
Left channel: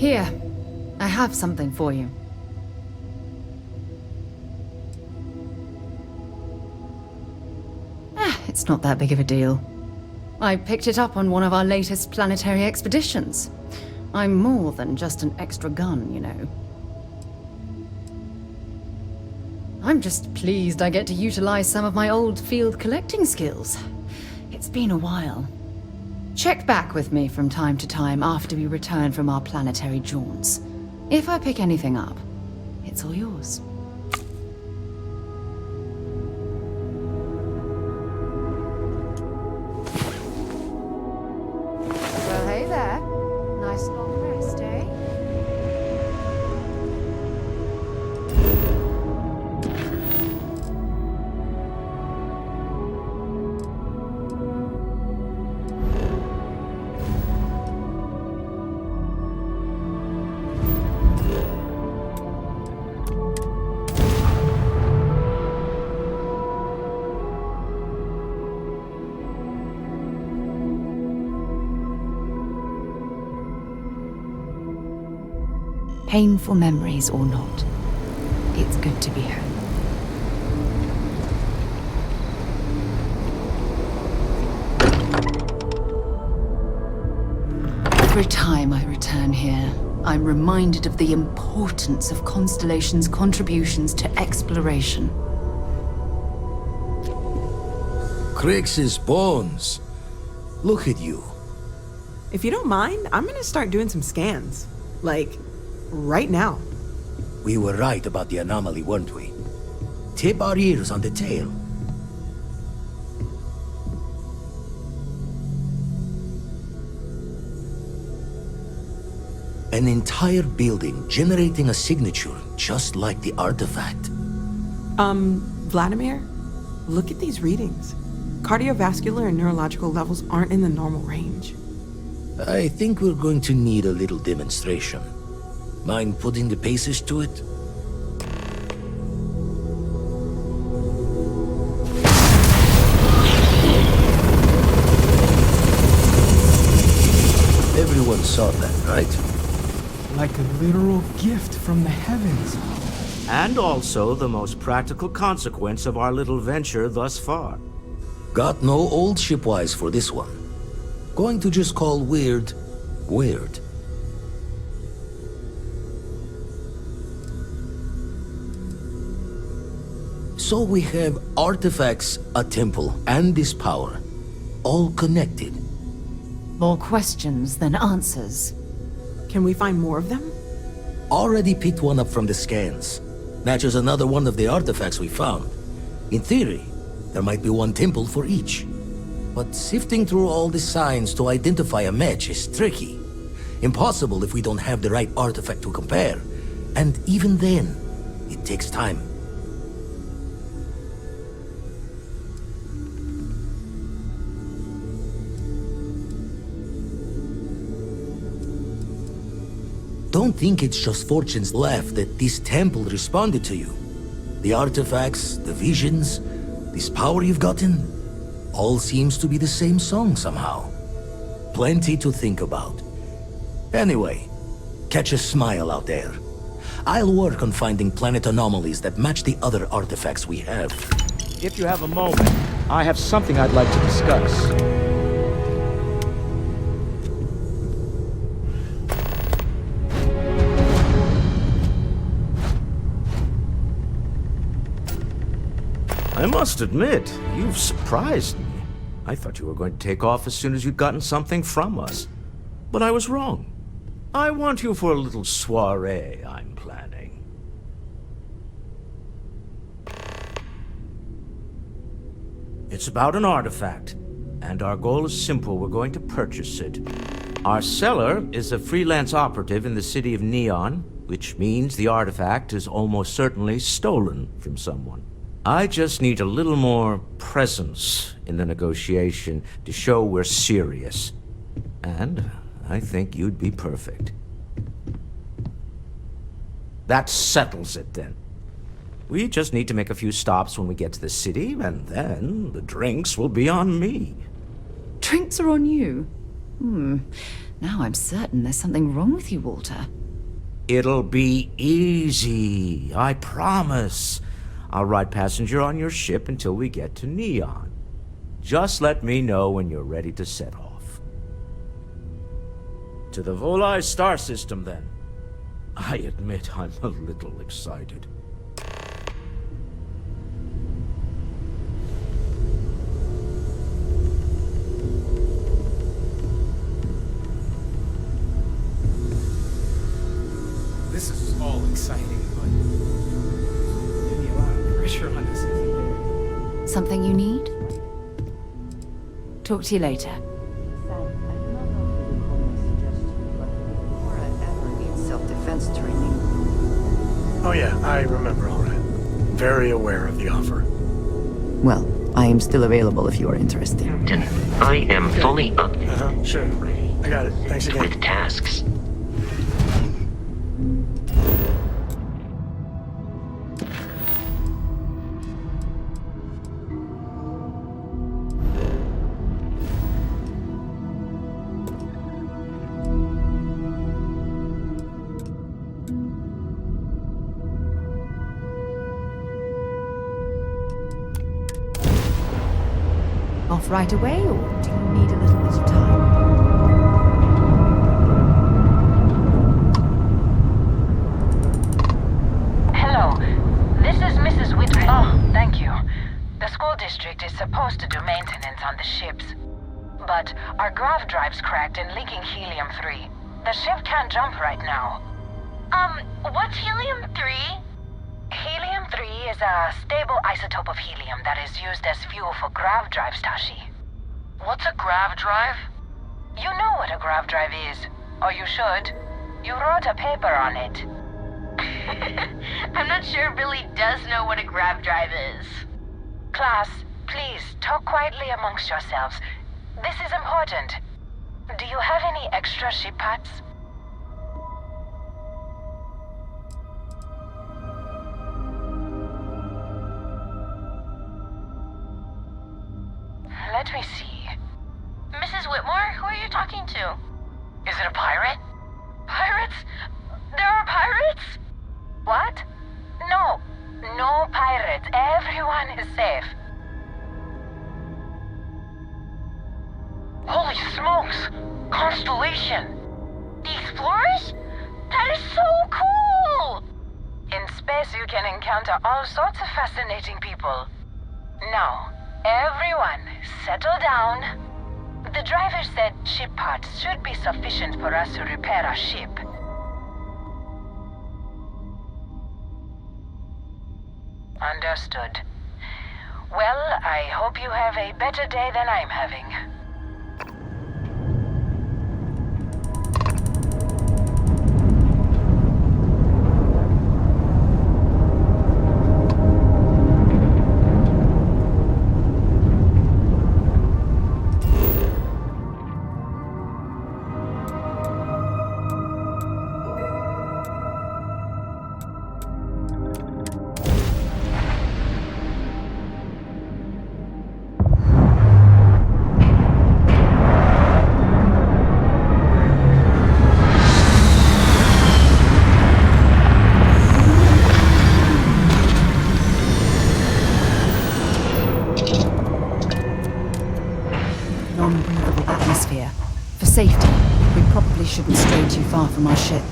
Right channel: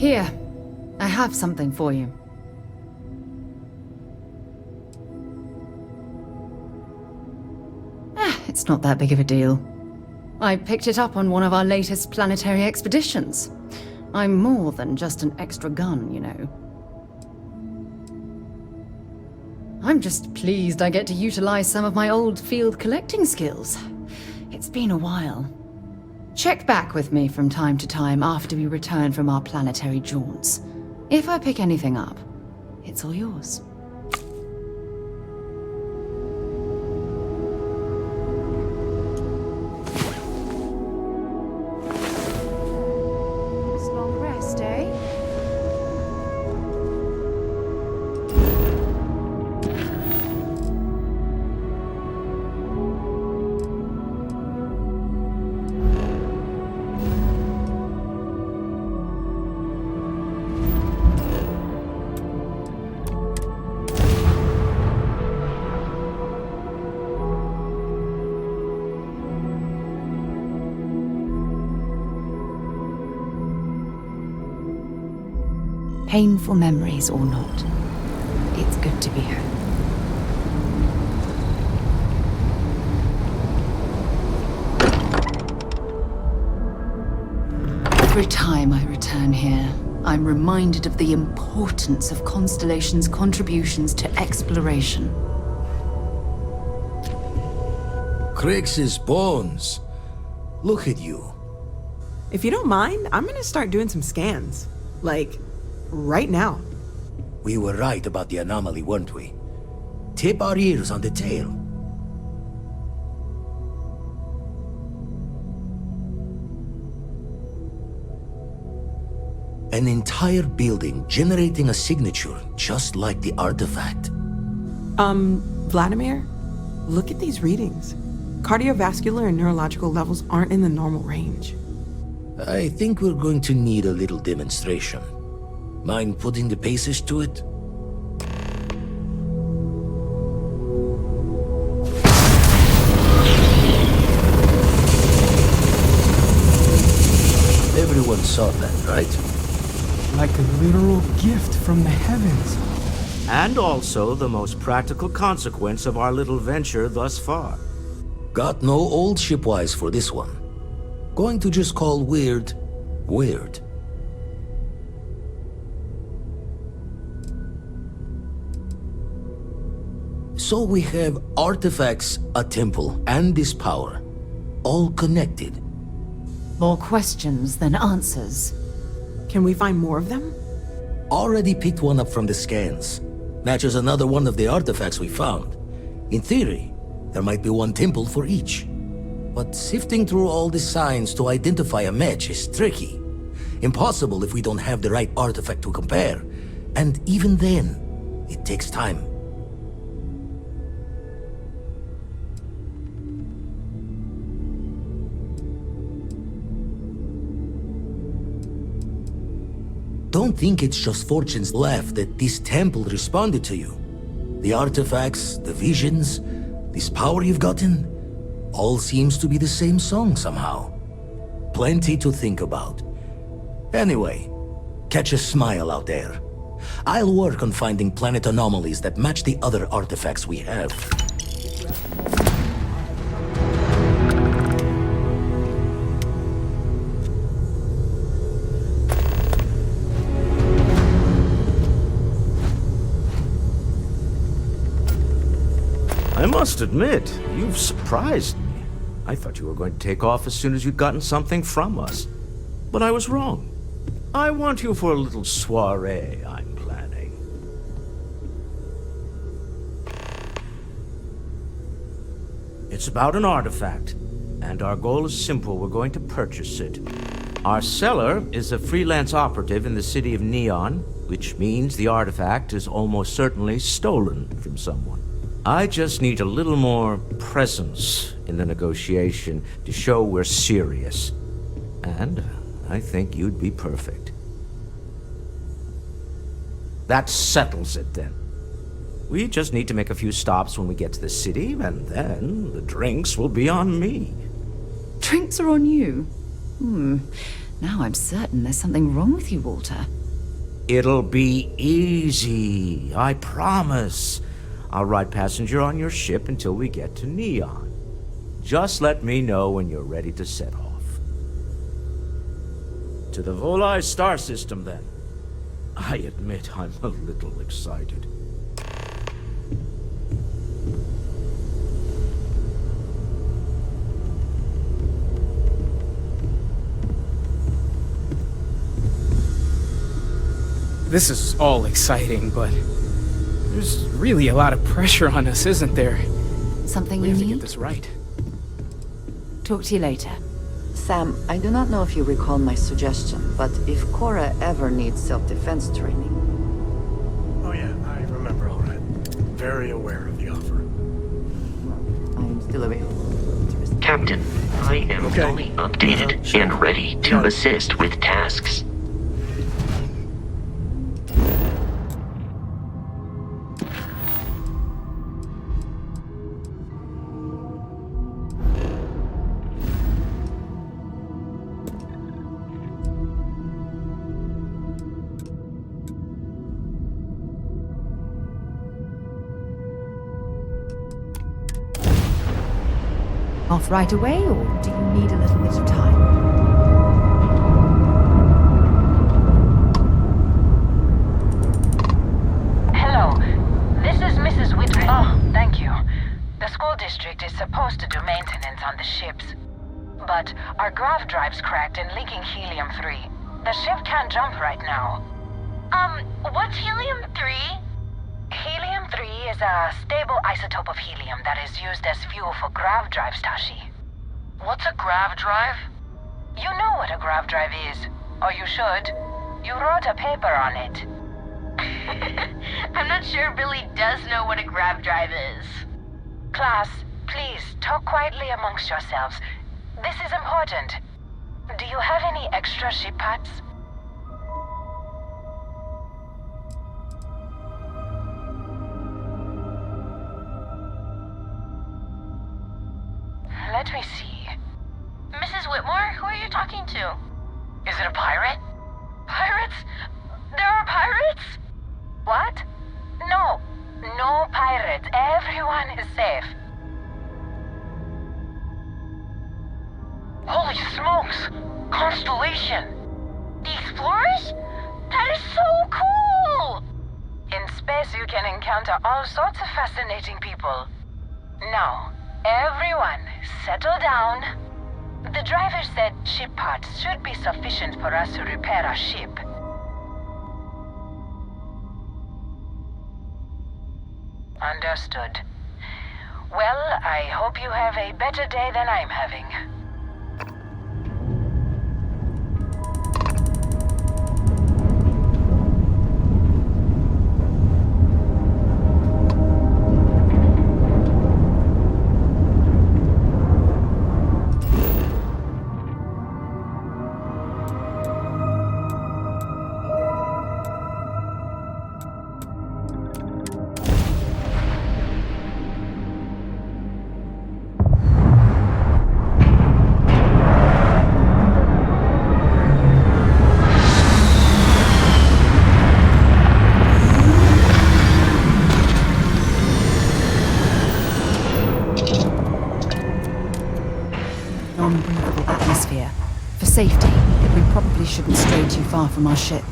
Here, I have something for you. It's not that big of a deal. I picked it up on one of our latest planetary expeditions. I'm more than just an extra gun, you know. I'm just pleased I get to utilize some of my old field collecting skills. It's been a while. Check back with me from time to time after we return from our planetary jaunts. If I pick anything up, it's all yours. Nice long rest, eh? Painful memories or not, it's good to be home. Every time I return here, I'm reminded of the importance of Constellation's contributions to exploration. Crix's bones. Look at you. If you don't mind, I'm gonna start doing some scans. Like, right now. We were right about the anomaly, weren't we? Tip our ears on the tail. An entire building generating a signature just like the artifact. Vladimir, look at these readings. Cardiovascular and neurological levels aren't in the normal range. I think we're going to need a little demonstration. Mind putting the paces to it? Everyone saw that, right? Like a literal gift from the heavens. And also the most practical consequence of our little venture thus far. Got no old shipwise for this one. Going to just call weird, weird. So we have artifacts, a temple, and this power. All connected. More questions than answers. Can we find more of them? Already picked one up from the scans. Matches another one of the artifacts we found. In theory, there might be one temple for each. But sifting through all the signs to identify a match is tricky. Impossible if we don't have the right artifact to compare. And even then, it takes time. Don't think it's just fortune's left that this temple responded to you. The artifacts, the visions, this power you've gotten, all seems to be the same song somehow. Plenty to think about. Anyway, catch a smile out there. I'll work on finding planet anomalies that match the other artifacts we have. If you have a moment, I have something I'd like to discuss. I must admit, you've surprised me. I thought you were going to take off as soon as you'd gotten something from us. But I was wrong. I want you for a little soiree I'm planning. It's about an artifact, and our goal is simple. We're going to purchase it. Our seller is a freelance operative in the city of Neon, which means the artifact is almost certainly stolen from someone. I just need a little more presence in the negotiation to show we're serious. And I think you'd be perfect. That settles it then. We just need to make a few stops when we get to the city, and then the drinks will be on me. Drinks are on you? Now I'm certain there's something wrong with you, Walter. It'll be easy, I promise. I'll ride passenger on your ship until we get to Neon. Just let me know when you're ready to set off. To the Volai star system, then. I admit I'm a little excited. This is all exciting, but there's really a lot of pressure on us, isn't there? Something you Get need? this right. Talk to you later. Sam, I do not know if you recall my suggestion, but if Cora ever needs self-defense training... Oh yeah, I remember all right. Very aware of the offer. Well, I am still available if you are interested. Captain, I am fully updated and ready to assist with tasks. Off right away, or do you need a little bit of time? Hello. This is Mrs. Whitwell. Oh, thank you. The school district is supposed to do maintenance on the ships. But our grav drive's cracked and leaking helium-3. The ship can't jump right now. What's helium-3? Helium-3 is a stable isotope of helium that is used as fuel for grav drives, Tashi. What's a grav drive? You know what a grav drive is. Or you should. You wrote a paper on it. I'm not sure Billy does know what a grav drive is. Class, please, talk quietly amongst yourselves. This is important. Do you have any extra ship parts? Let me see. Mrs. Whitmore, who are you talking to? Is it a pirate? Pirates? There are pirates? What? No. No pirates. Everyone is safe. Holy smokes! Constellation! The Explorers? That is so cool! In space you can encounter all sorts of fascinating people. Now, everyone, settle down. The driver said ship parts should be sufficient for us to repair our ship. Understood. Well, I hope you have a better day than I'm having. Non-breathable atmosphere. For safety, we probably shouldn't stray too far from our ship.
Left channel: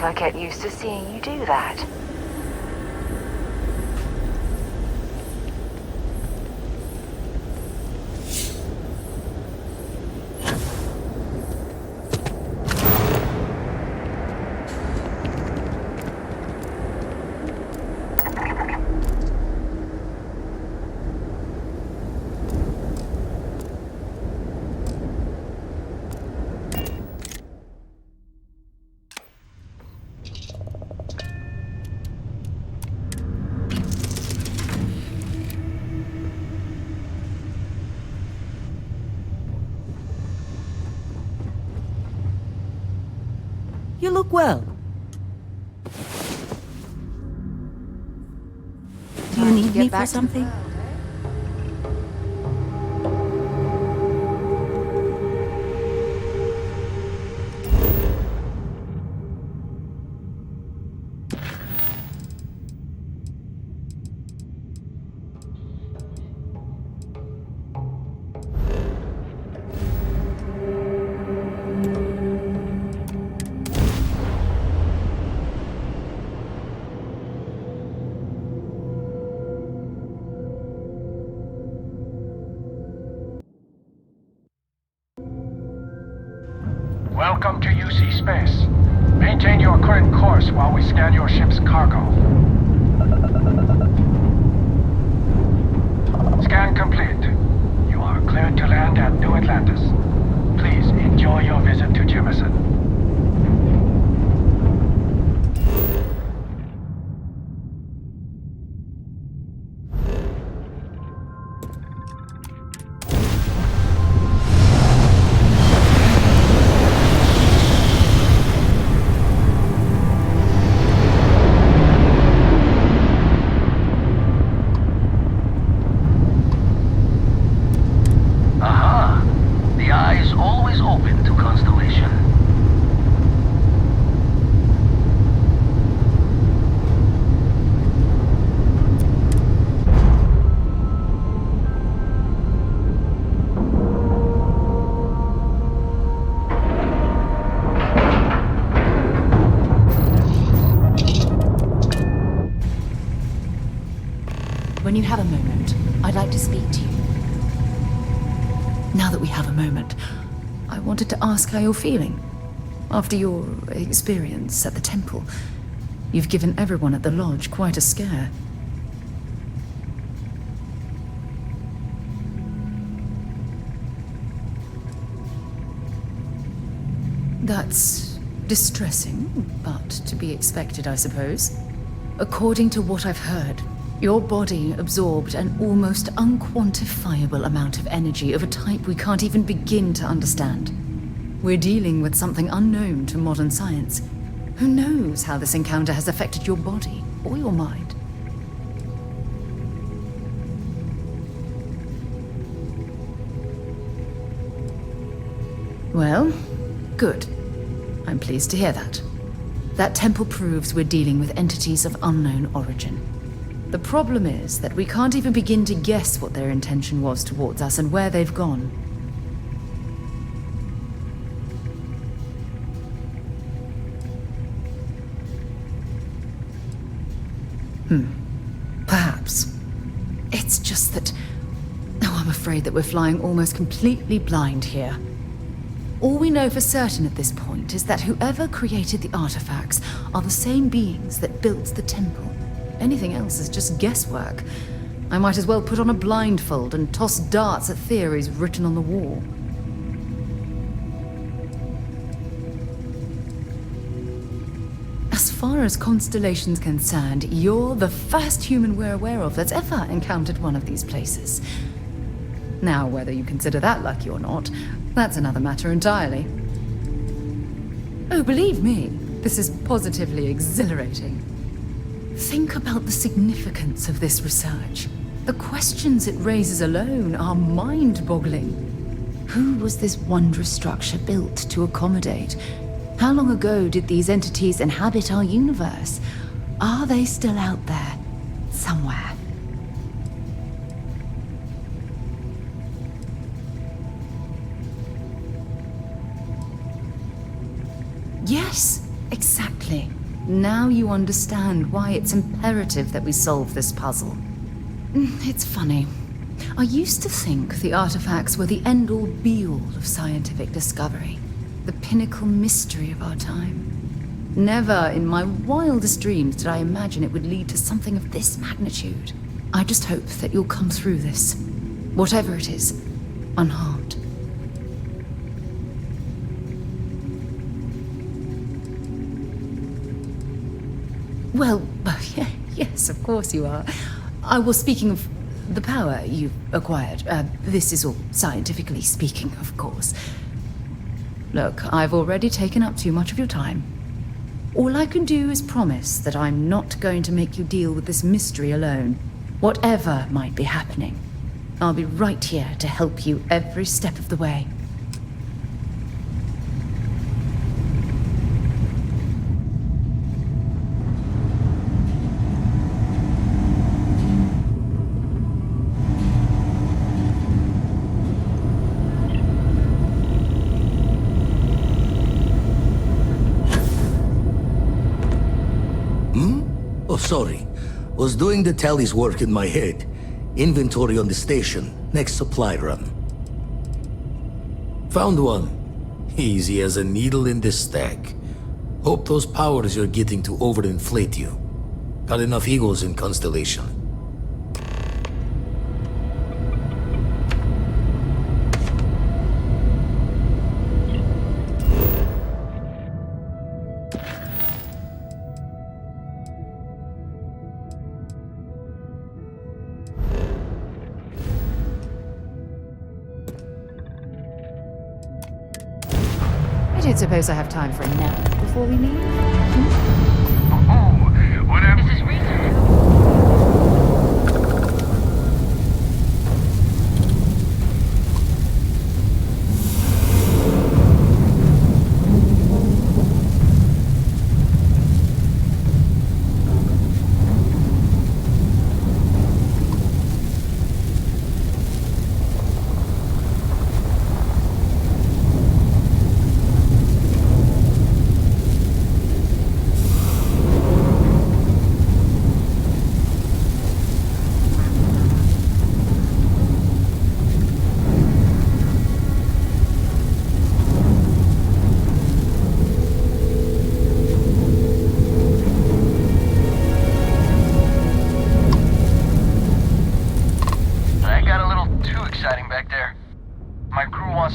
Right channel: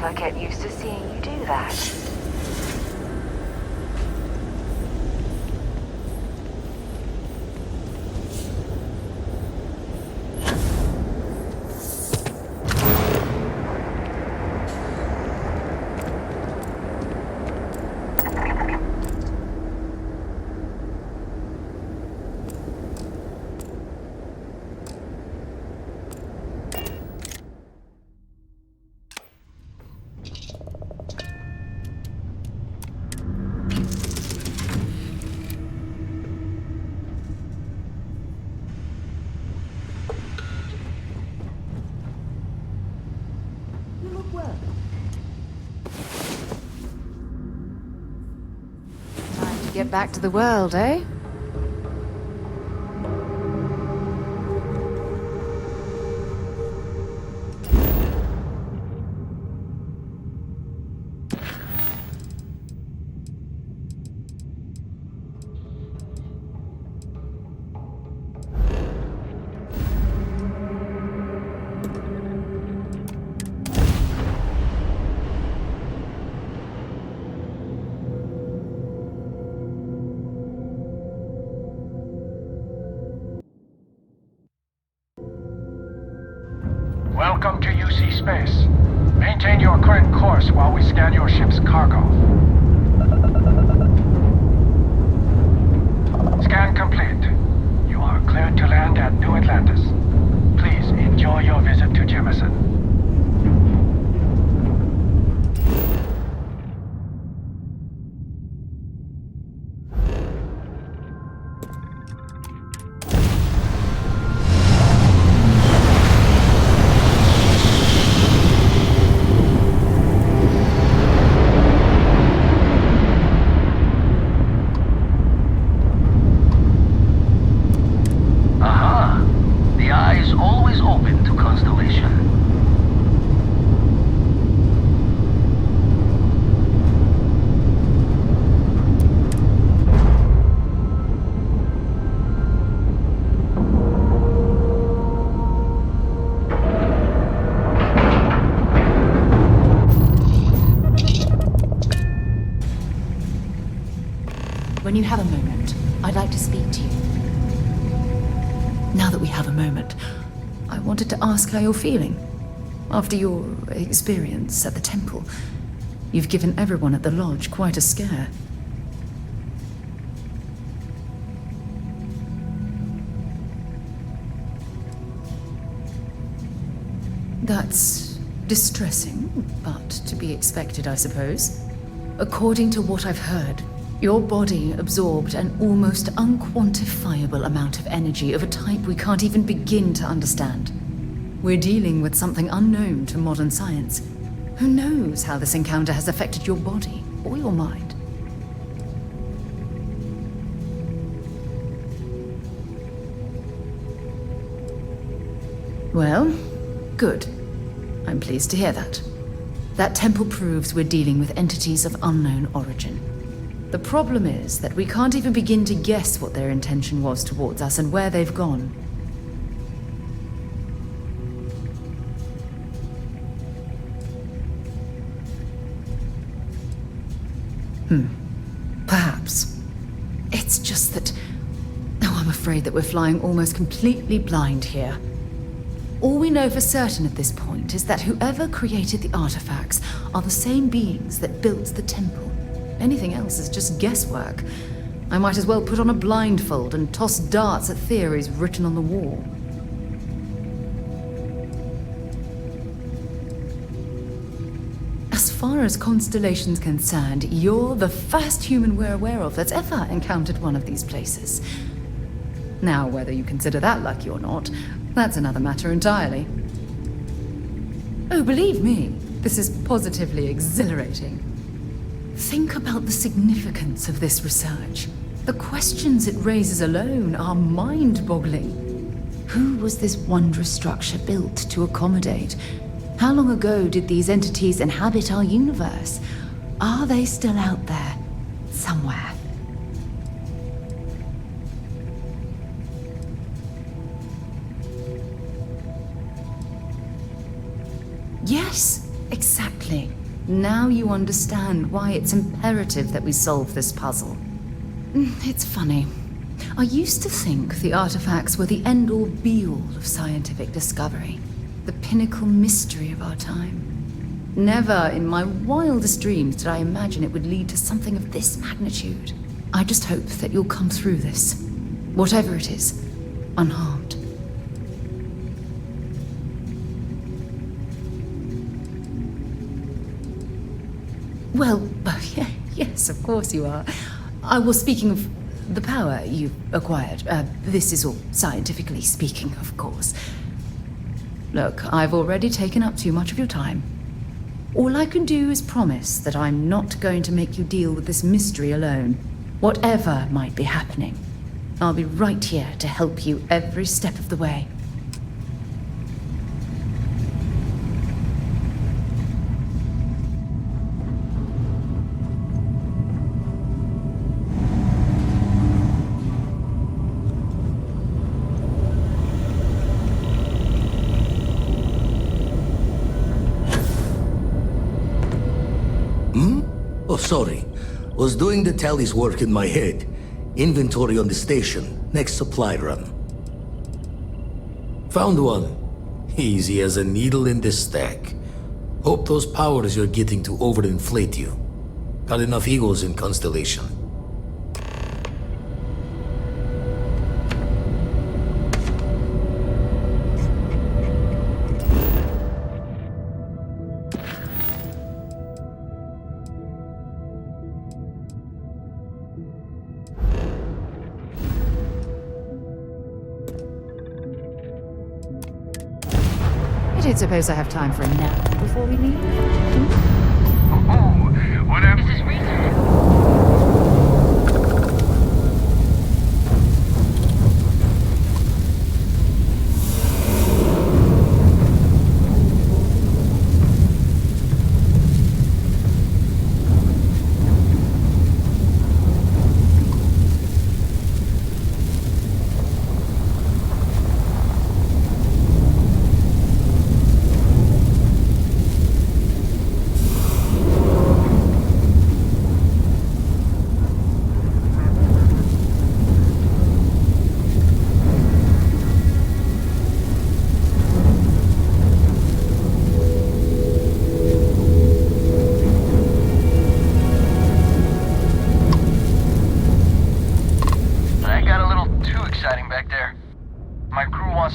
never get used to seeing you do that. You look well. Time to get back to the world, eh? Welcome to UC Space. Maintain your current course while we scan your ship's cargo. Scan complete. You are cleared to land at New Atlantis. Please enjoy your visit to Jemison. Aha! The eye is always open to Constellation. When you have a moment, I'd like to speak to you. Now that we have a moment, I wanted to ask how you're feeling. After your experience at the temple, you've given everyone at the lodge quite a scare. That's distressing, but to be expected, I suppose. According to what I've heard, your body absorbed an almost unquantifiable amount of energy of a type we can't even begin to understand. We're dealing with something unknown to modern science. Who knows how this encounter has affected your body or your mind? Well, good. I'm pleased to hear that. That temple proves we're dealing with entities of unknown origin. The problem is that we can't even begin to guess what their intention was towards us and where they've gone. Perhaps. It's just that... Oh, I'm afraid that we're flying almost completely blind here. All we know for certain at this point is that whoever created the artifacts are the same beings that built the temple. Anything else is just guesswork. I might as well put on a blindfold and toss darts at theories written on the wall. As far as Constellation's concerned, you're the first human we're aware of that's ever encountered one of these places. Now, whether you consider that lucky or not, that's another matter entirely. Oh, believe me, this is positively exhilarating. Think about the significance of this research. The questions it raises alone are mind-boggling. Who was this wondrous structure built to accommodate? How long ago did these entities inhabit our universe? Are they still out there, somewhere? Yes, Exactly. Now you understand why it's imperative that we solve this puzzle. It's funny. I used to think the artifacts were the end-all be-all of scientific discovery, the pinnacle mystery of our time. Never in my wildest dreams did I imagine it would lead to something of this magnitude. I just hope that you'll come through this, whatever it is, unharmed. Well, yes, of course you are. I was speaking of the power you've acquired. This is all scientifically speaking, of course. Look, I've already taken up too much of your time. All I can do is promise that I'm not going to make you deal with this mystery alone. Whatever might be happening, I'll be right here to help you every step of the way. Oh, sorry. Was doing the tally's work in my head. Inventory on the station. Next supply run. Found one. Easy as a needle in the stack. Hope those powers you're getting to overinflate you. Got enough egos in Constellation. I don't suppose I have time for a nap before we leave. Whatever. This is research.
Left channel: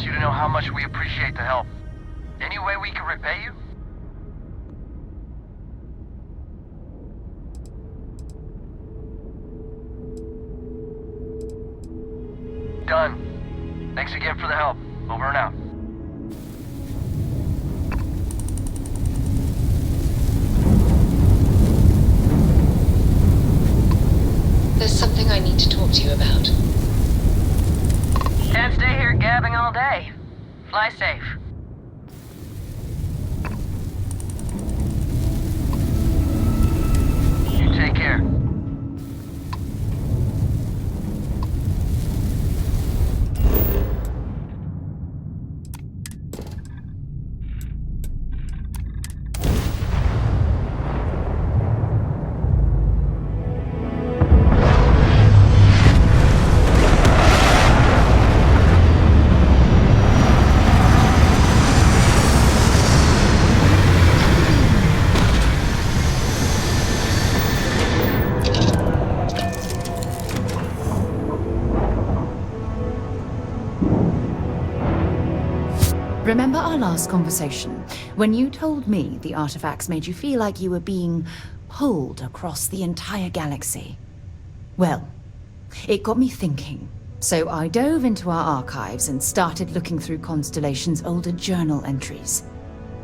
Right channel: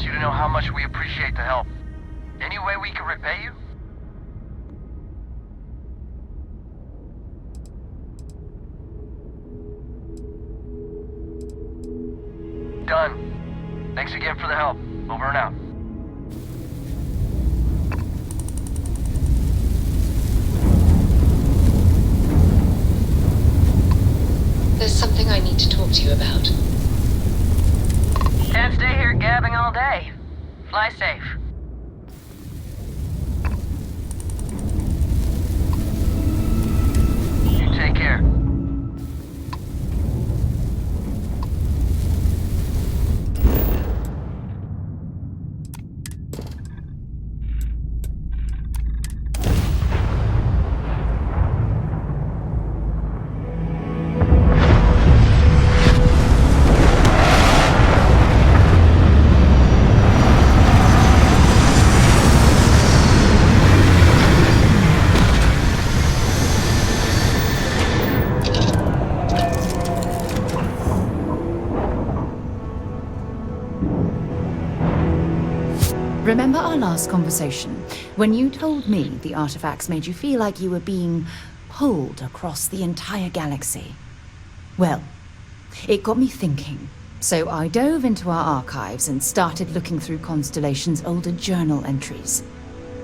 You to know how much we appreciate the help. Any way we can repay you? Done. Thanks again for the help. Over and out. There's something I need to talk to you about. Can't stay here gabbing all day. Fly safe. You take care. Remember our last conversation, when you told me the artifacts made you feel like you were being pulled across the entire galaxy? Well, it got me thinking, so I dove into our archives and started looking through Constellation's older journal entries.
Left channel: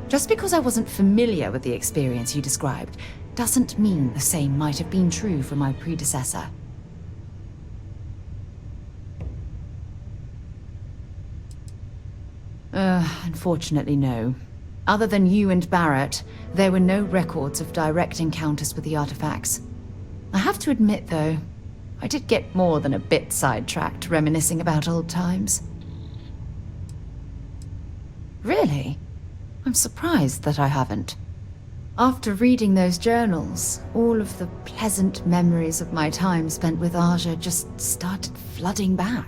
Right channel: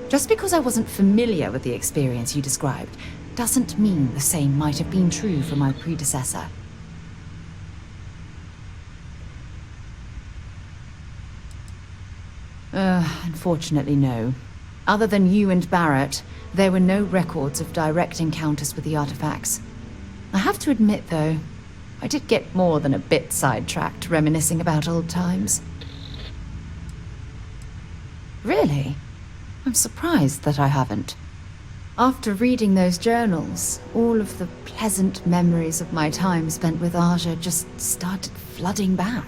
Just because I wasn't familiar with the experience you described, doesn't mean the same might have been true for my predecessor. Unfortunately, no. Other than you and Barrett, there were no records of direct encounters with the artifacts. I have to admit, though, I did get more than a bit sidetracked reminiscing about old times. Really? I'm surprised that I haven't. After reading those journals, all of the pleasant memories of my time spent with Aja just started flooding back.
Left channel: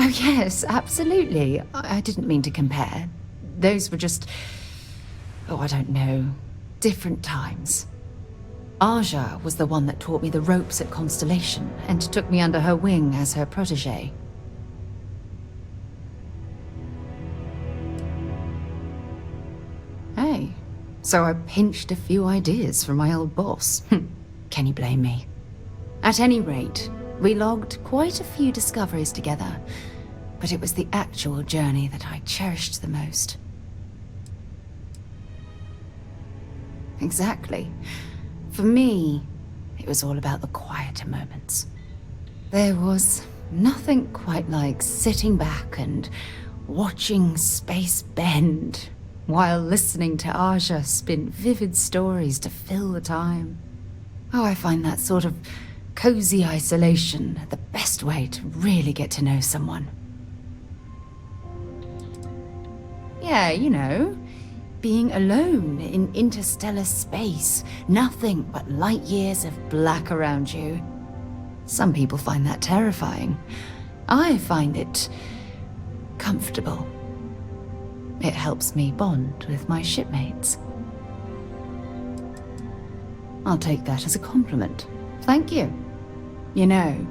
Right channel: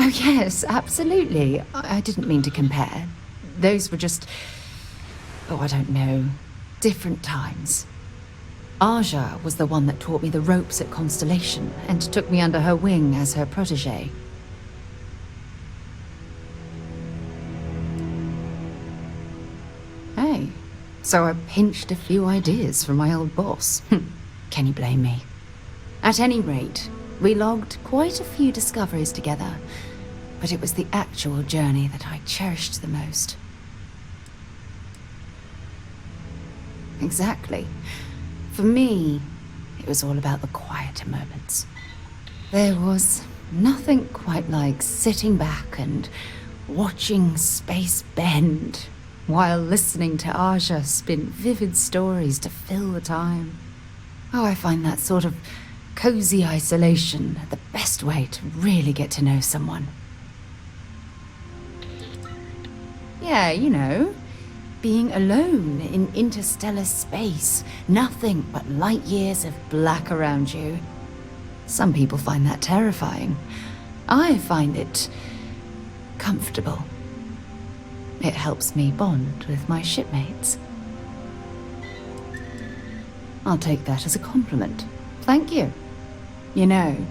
Oh yes, absolutely. I didn't mean to compare. Those were just... oh, I don't know. Different times. Aja was the one that taught me the ropes at Constellation and took me under her wing as her protege. Hey, so I pinched a few ideas from my old boss. Can you blame me? At any rate, we logged quite a few discoveries together, but it was the actual journey that I cherished the most. Exactly. For me, it was all about the quieter moments. There was nothing quite like sitting back and watching space bend while listening to Aja spin vivid stories to fill the time. Oh, I find that sort of cozy isolation the best way to really get to know someone. Yeah, you know, being alone in interstellar space, nothing but light years of black around you. Some people find that terrifying. I find it comfortable. It helps me bond with my shipmates. I'll take that as a compliment. Thank you. You know,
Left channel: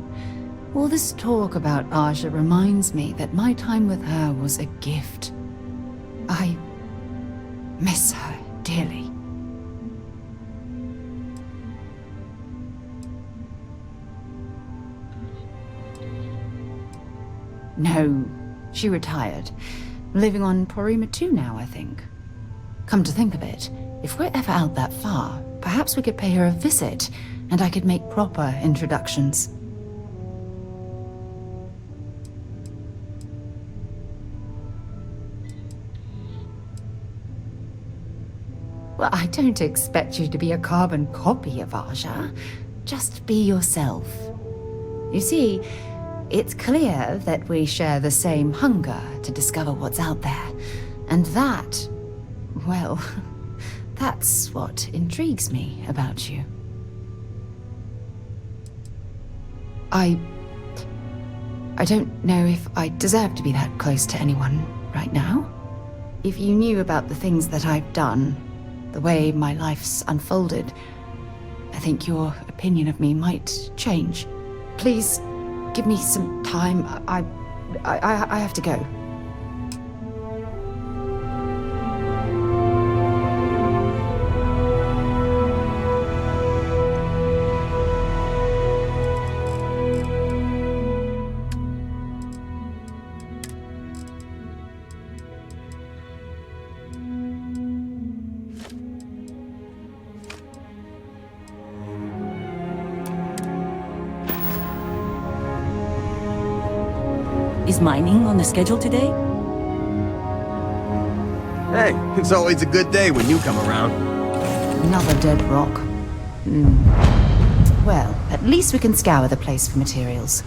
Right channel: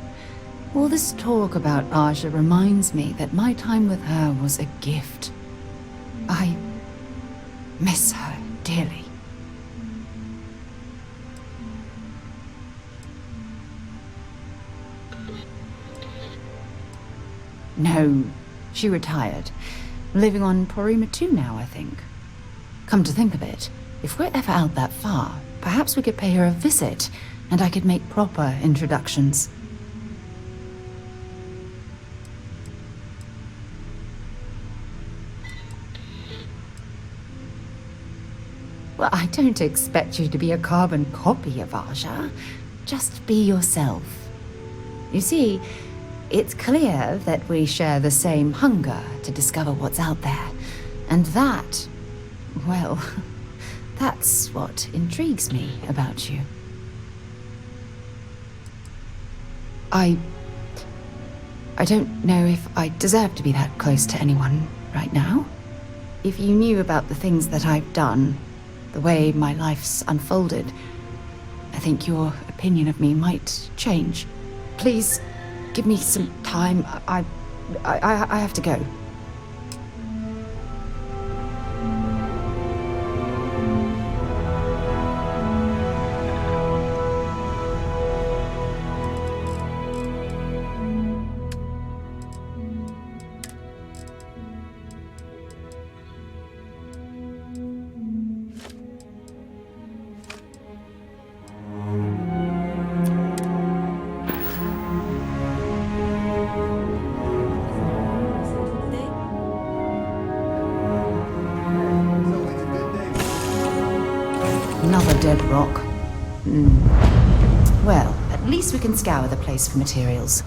all this talk about Aja reminds me that my time with her was a gift. I miss her dearly. No, she retired. Living on Porima 2 now, I think. Come to think of it, if we're ever out that far, perhaps we could pay her a visit, and I could make proper introductions. Well, I don't expect you to be a carbon copy of Aja. Just be yourself. You see, it's clear that we share the same hunger to discover what's out there. And that, well, that's what intrigues me about you. I don't know if I deserve to be that close to anyone right now. If you knew about the things that I've done, the way my life's unfolded, I think your opinion of me might change. Please, give me some time. I have to go. Is mining on the schedule today? Hey, it's always a good day when you come around. Another dead rock. Well, at least we can scour the place for materials.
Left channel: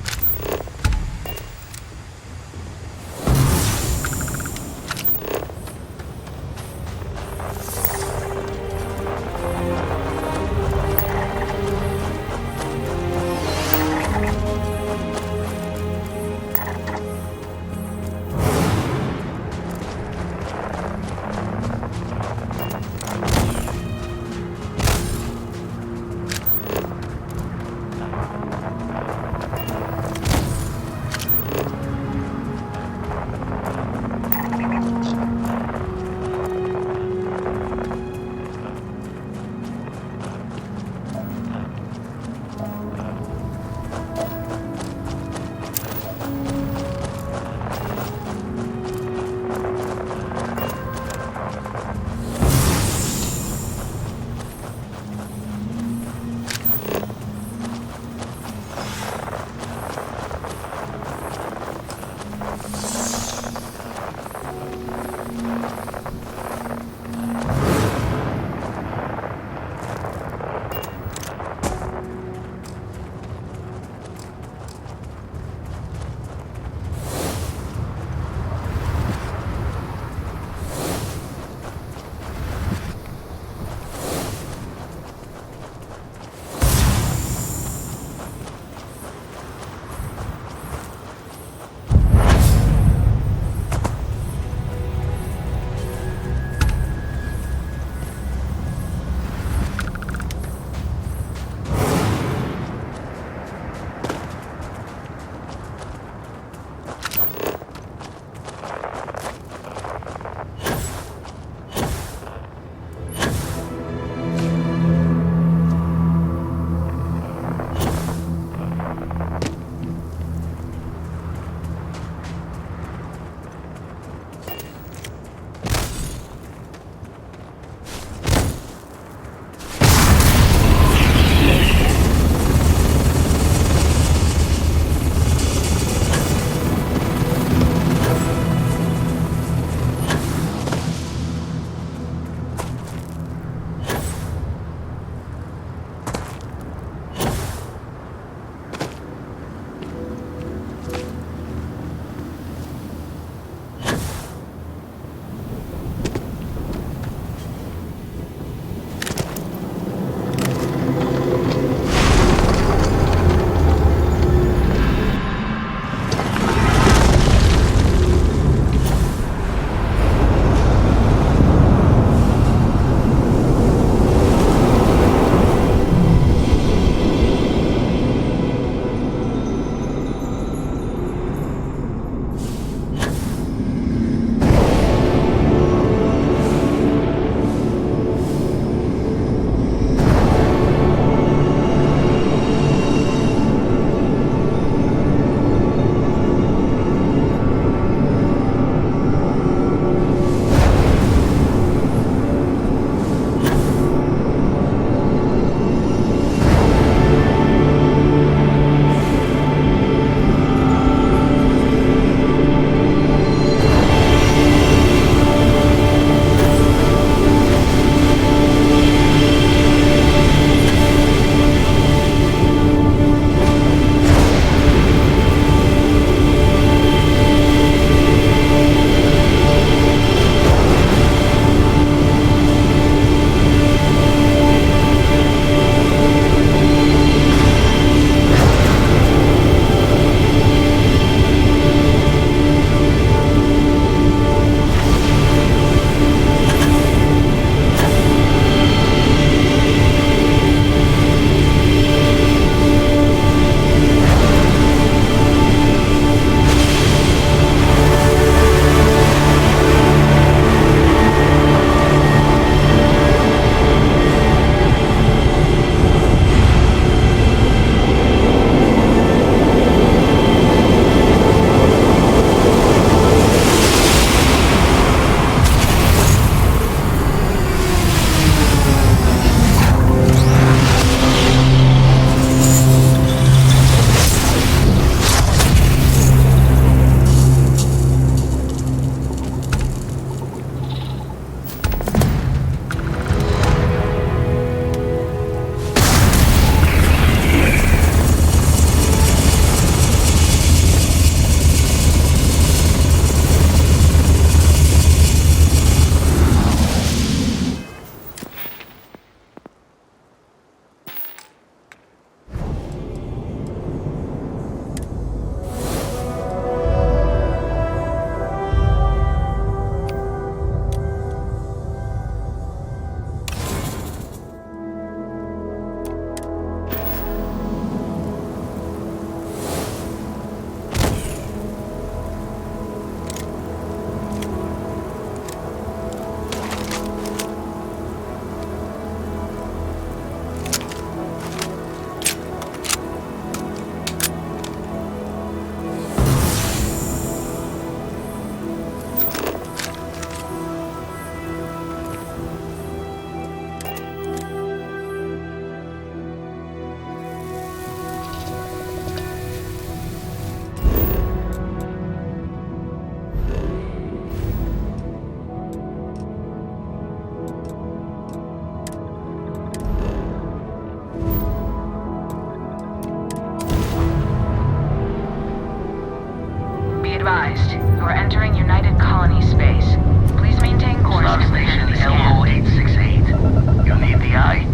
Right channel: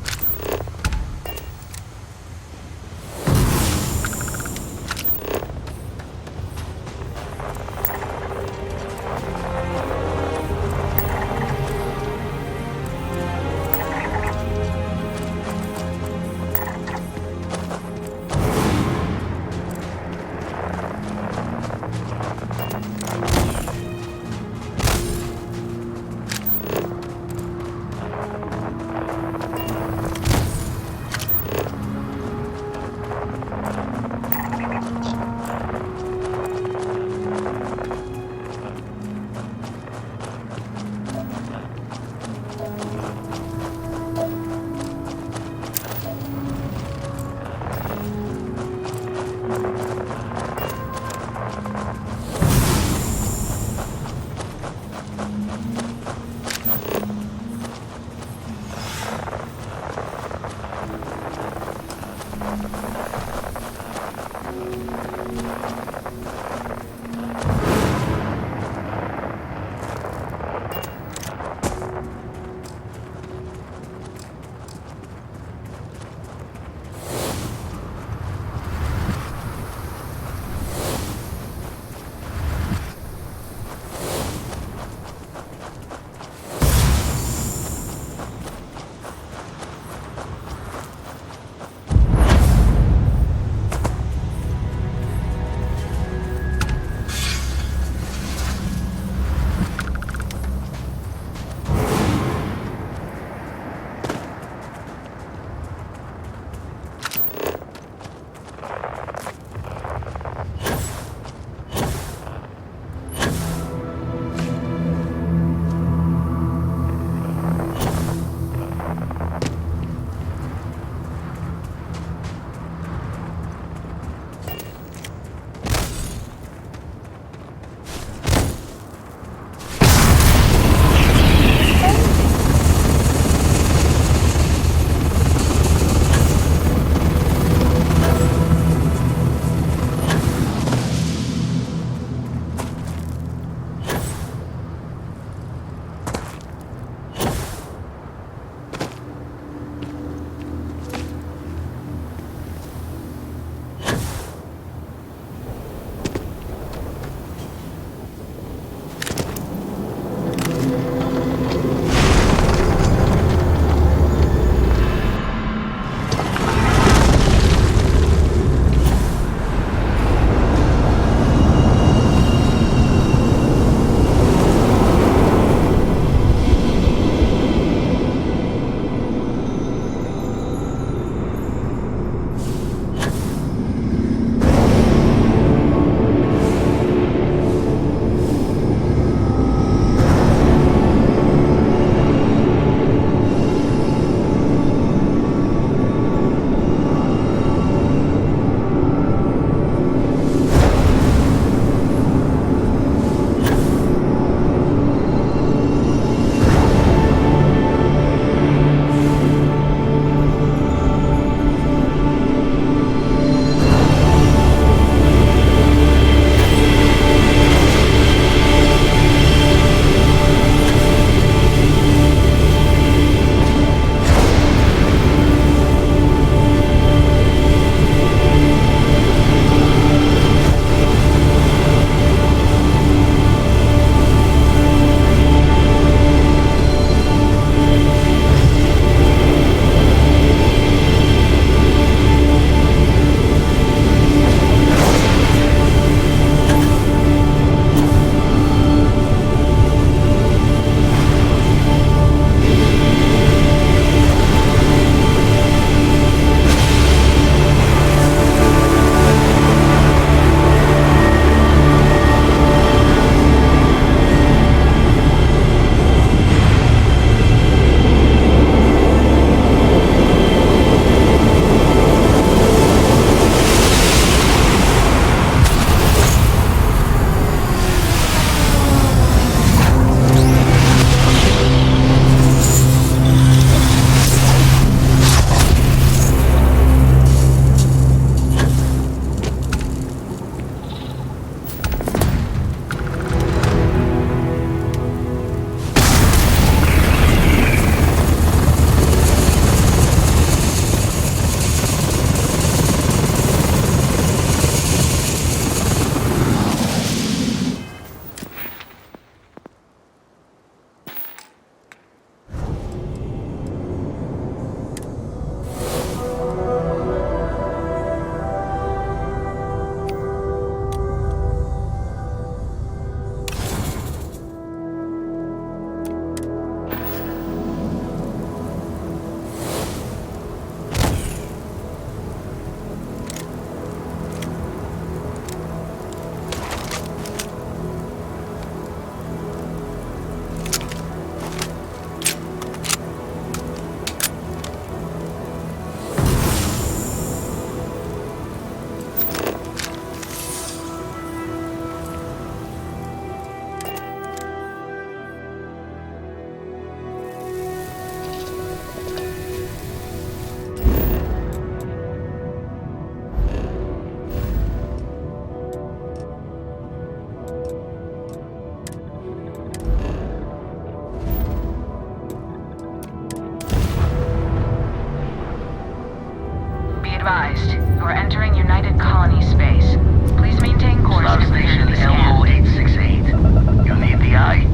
We're entering United Colony space. Please maintain course. Star Station LO868. You need the eye?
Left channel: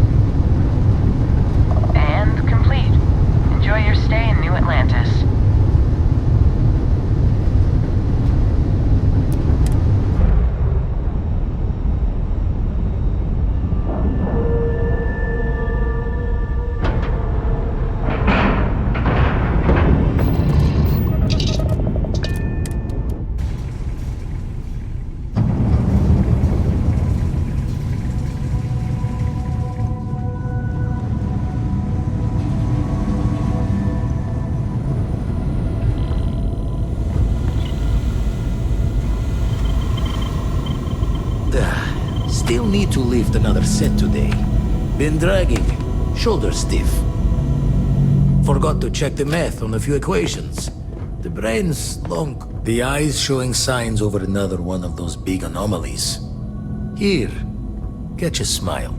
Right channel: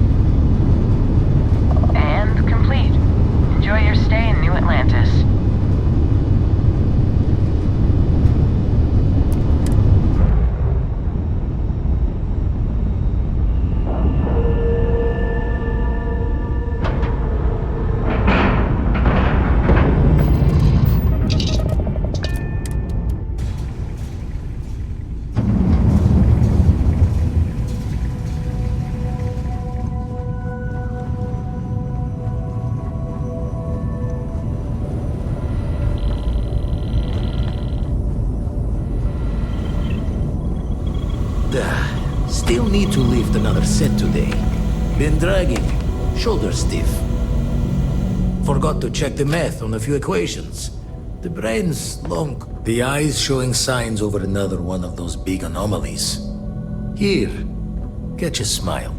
And complete. Enjoy your stay in New Atlantis. Still need to lift another set today. Been dragging. Shoulder stiff. Forgot to check the math on a few equations. The brain's long. The eye's showing signs over another one of those big anomalies. Here, catch a smile.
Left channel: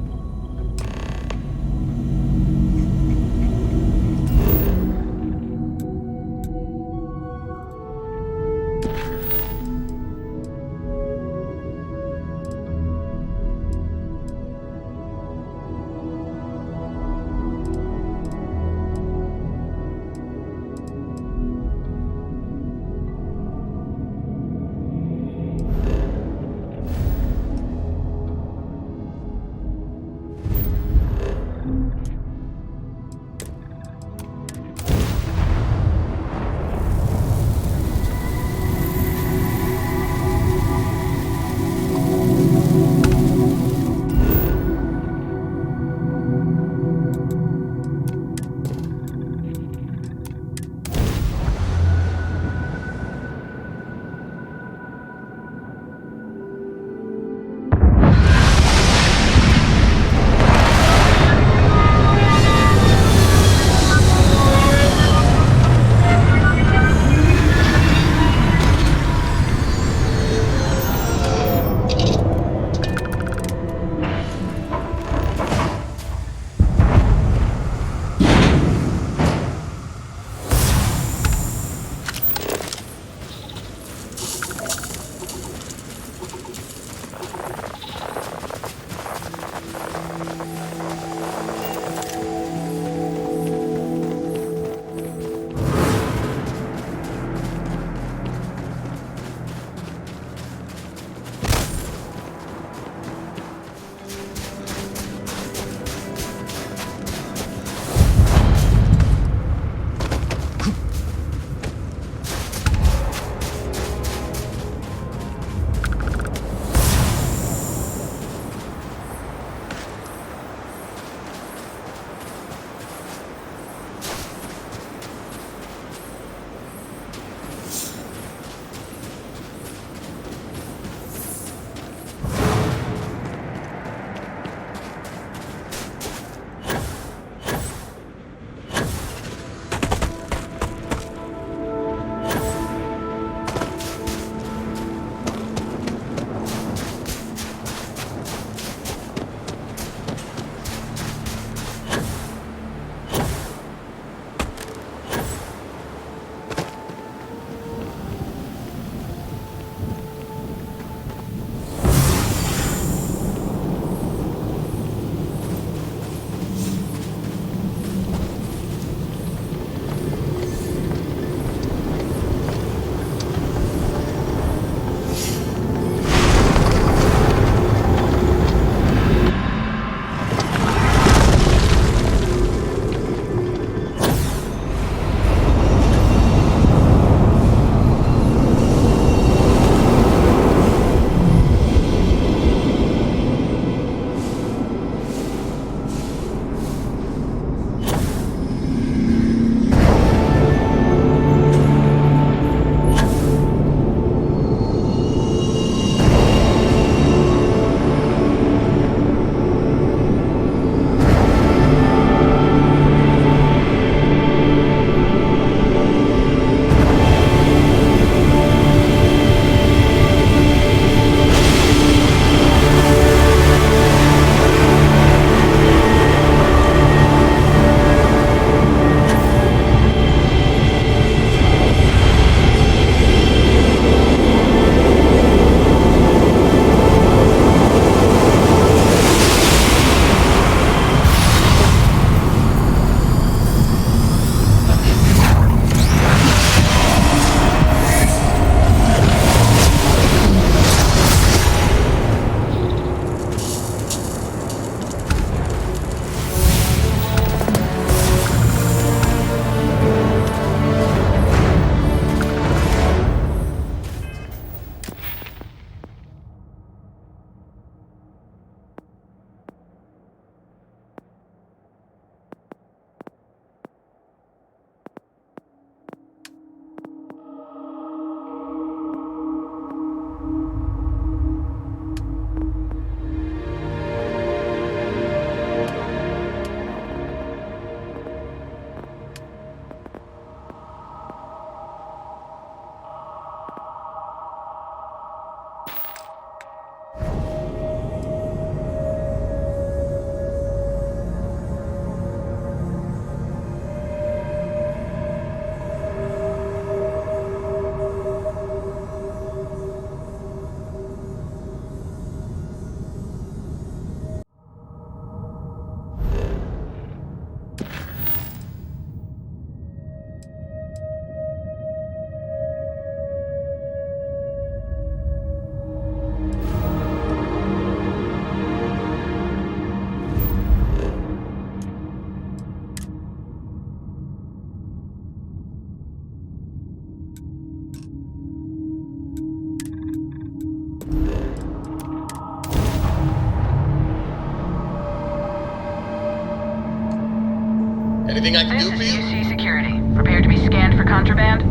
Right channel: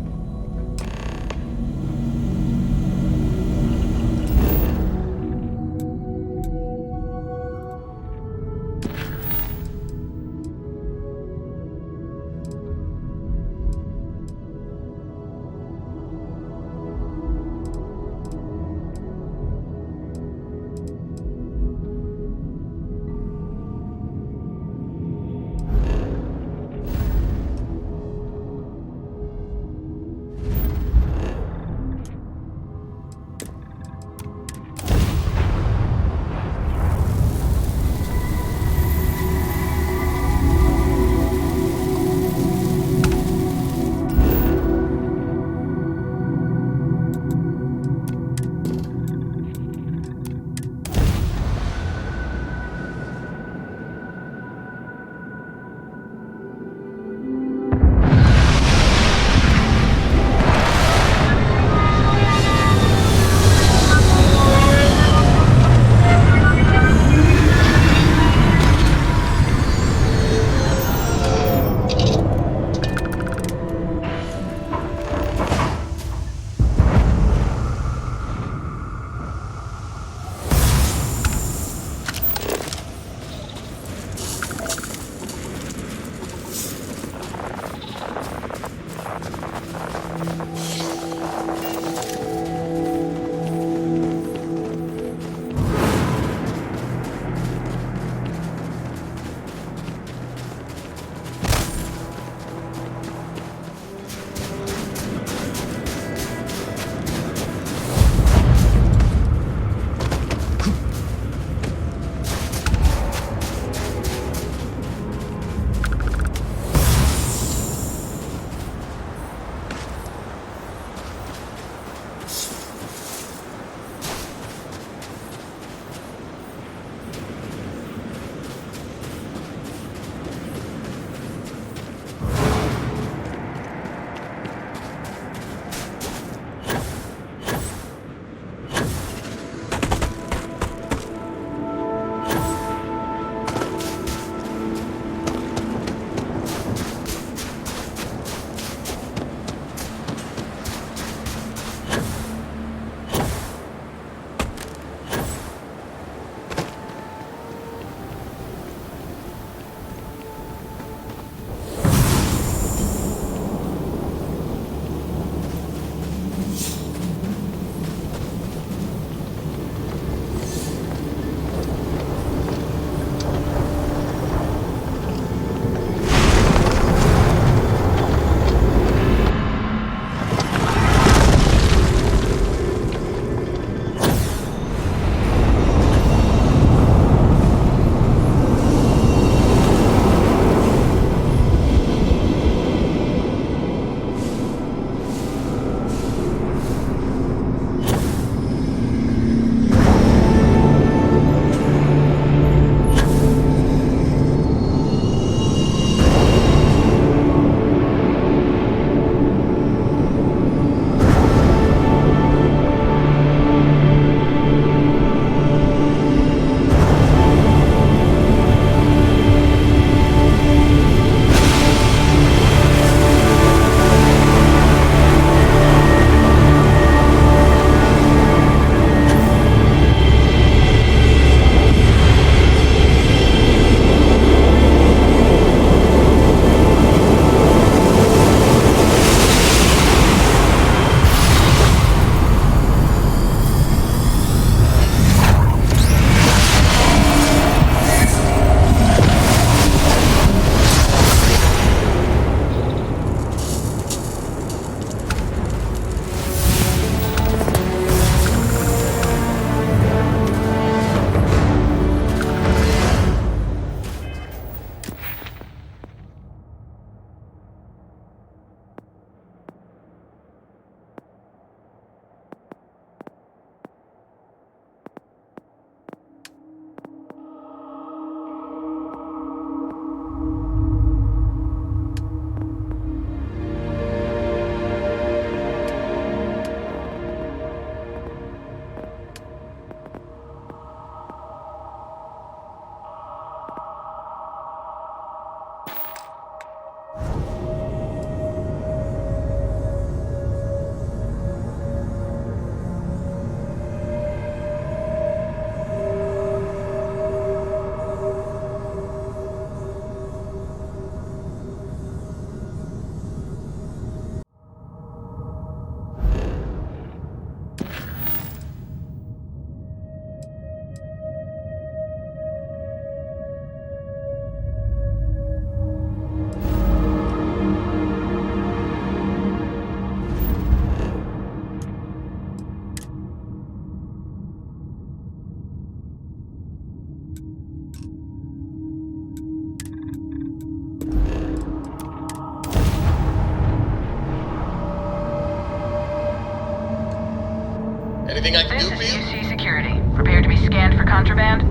Anything I can do for This is you? UC Security. Prepare to be scanned for contraband.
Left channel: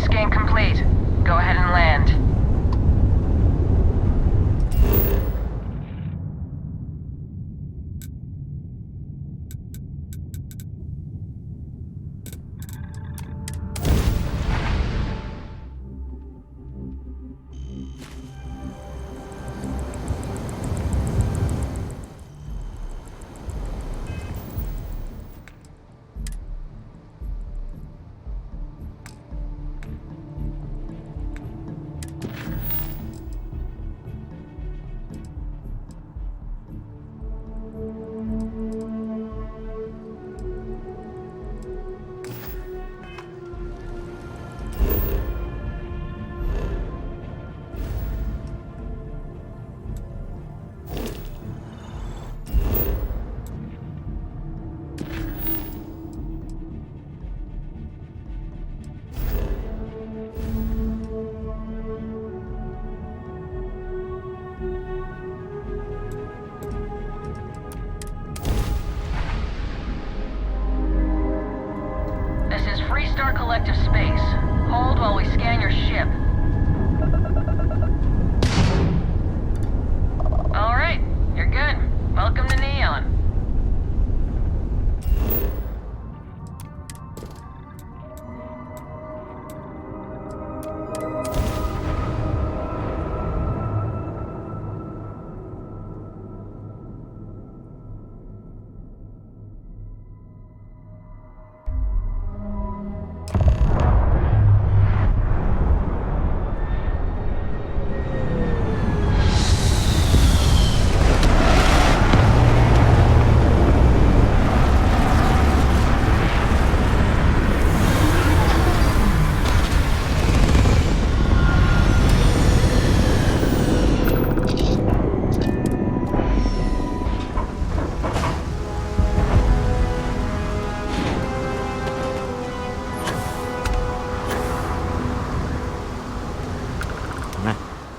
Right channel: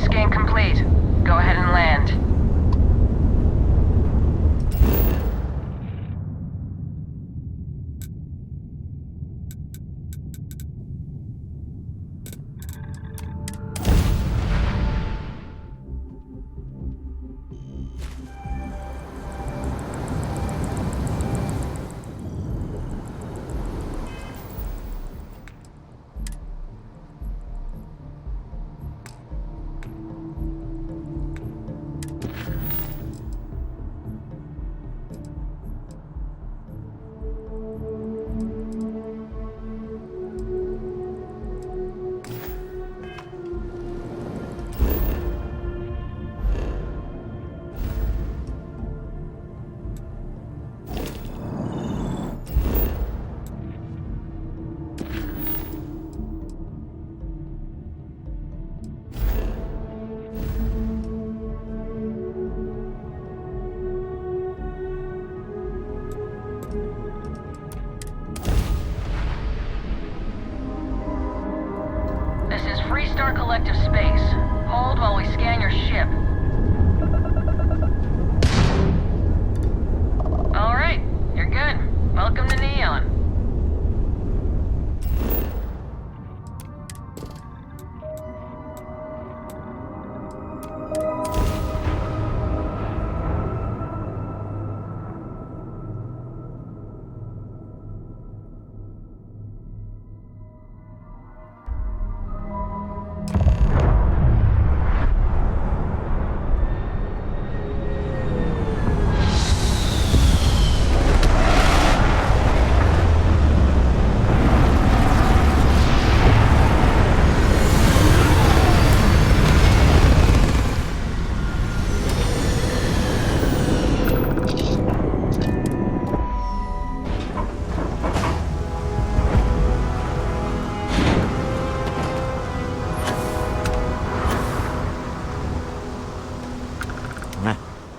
Scan complete. Go ahead and land. This is Freestar Collective Space. Hold while we scan your ship. Alright, you're good. Welcome to Neon.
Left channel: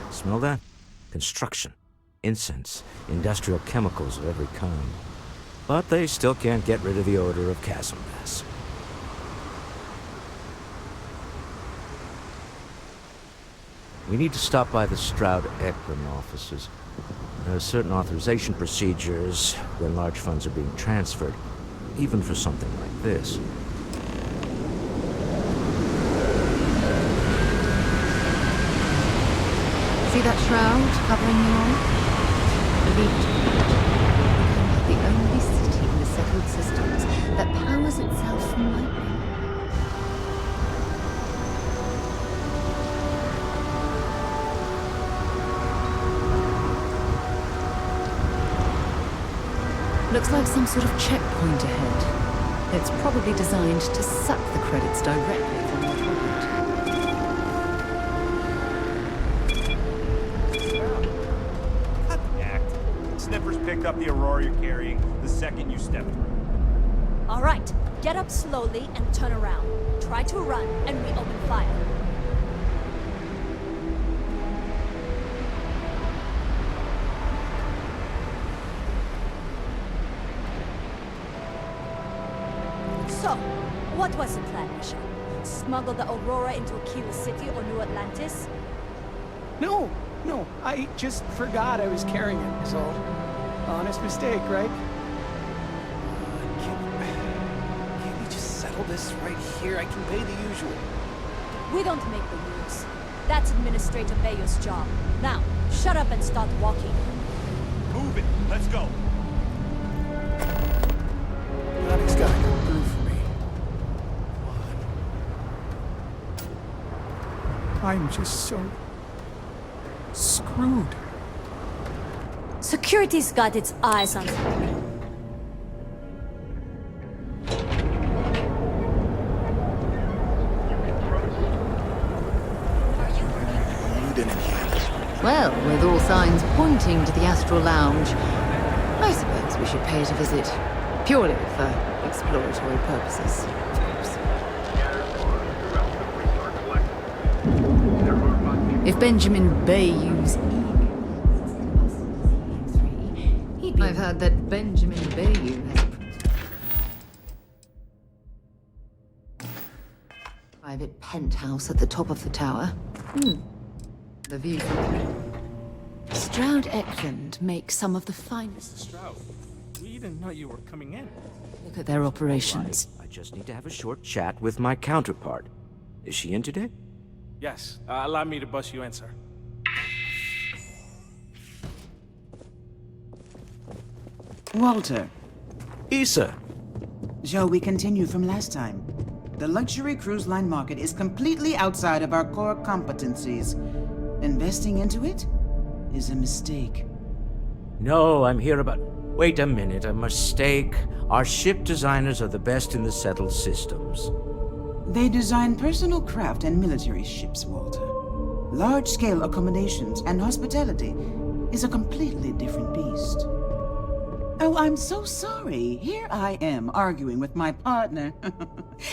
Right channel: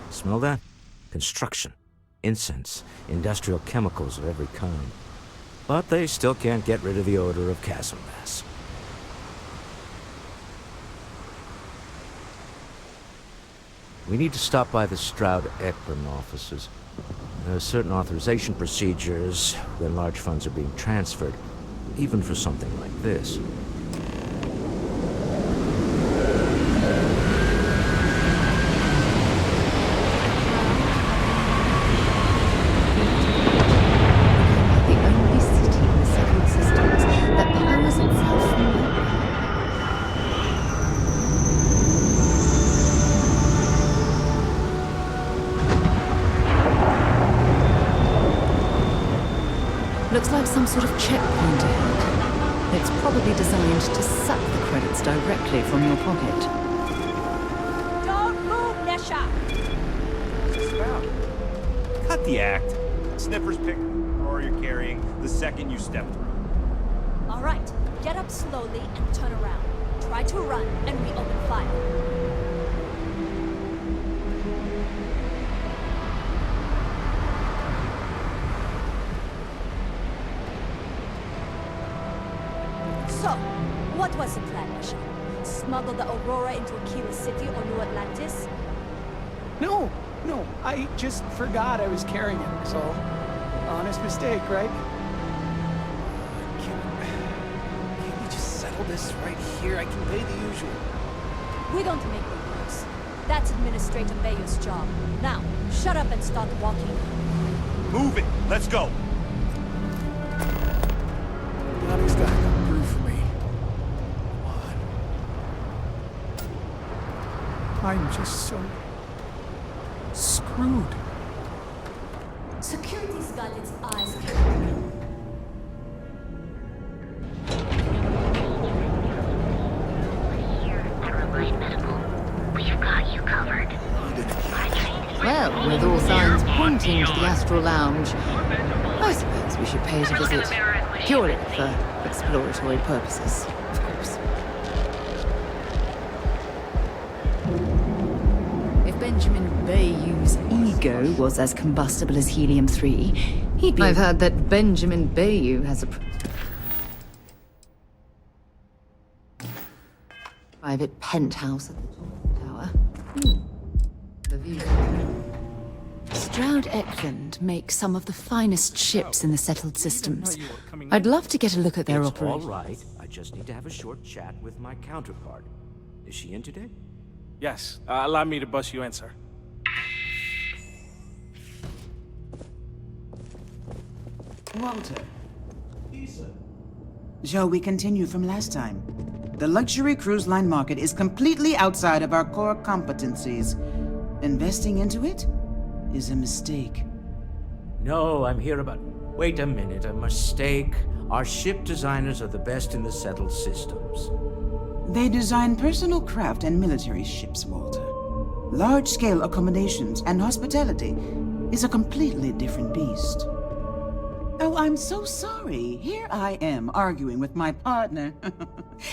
Smell that? Construction, incense, industrial chemicals of every kind. But they still can't get rid of the odor of chasm gas. We need to stop by the Stroud-Ekram offices. There are certain authorization procedures when large funds are being transferred, even for something like this. The only city in the settled systems that powers itself from light. Looks like some sort of checkpoint ahead. It's probably designed to suck the credits directly from your pocket. Cut the act. Sniffers picked up the Aurora you're carrying the second you step through. All right, get up slowly and turn around. Try to run, and we open fire. So, what was the plan, Nisha? Smuggle the Aurora into Aquila City or New Atlantis? No, I just forgot I was carrying it, so... Honest mistake, right? Can't we just settle this right here? I can pay the usual. We don't make the rules. That's Administrator Mayor's job. Now, shut up and start walking. Move it! Let's go! Nothing's gotta come through for me. I'm just so... screwed. Security's got its eyes on you. Well, with all signs pointing to the Astral Lounge, I suppose we should pay it a visit. Purely for exploratory purposes, of course. If Benjamin Bayou's ego ego was as combustible as helium-3, he'd be... I've heard that Benjamin Bayou has a private penthouse at the top of the tower. The view from Stroud Eklund makes some of the finest ships in the settled systems. I'd love to get a look at their operations. All right. I just need to have a short chat with my counterpart. Is she in today? Yes. Allow me to bust you in, sir. Walter, Issa. shall we continue from last time? The luxury cruise line market is completely outside of our core competencies. Investing into it is a mistake. No, I'm here about... Wait a minute, a mistake. Our ship designers are the best in the settled systems. They design personal craft and military ships, Walter. Large-scale accommodations and hospitality is a completely different beast. Oh, I'm so sorry. Here I am arguing with my partner.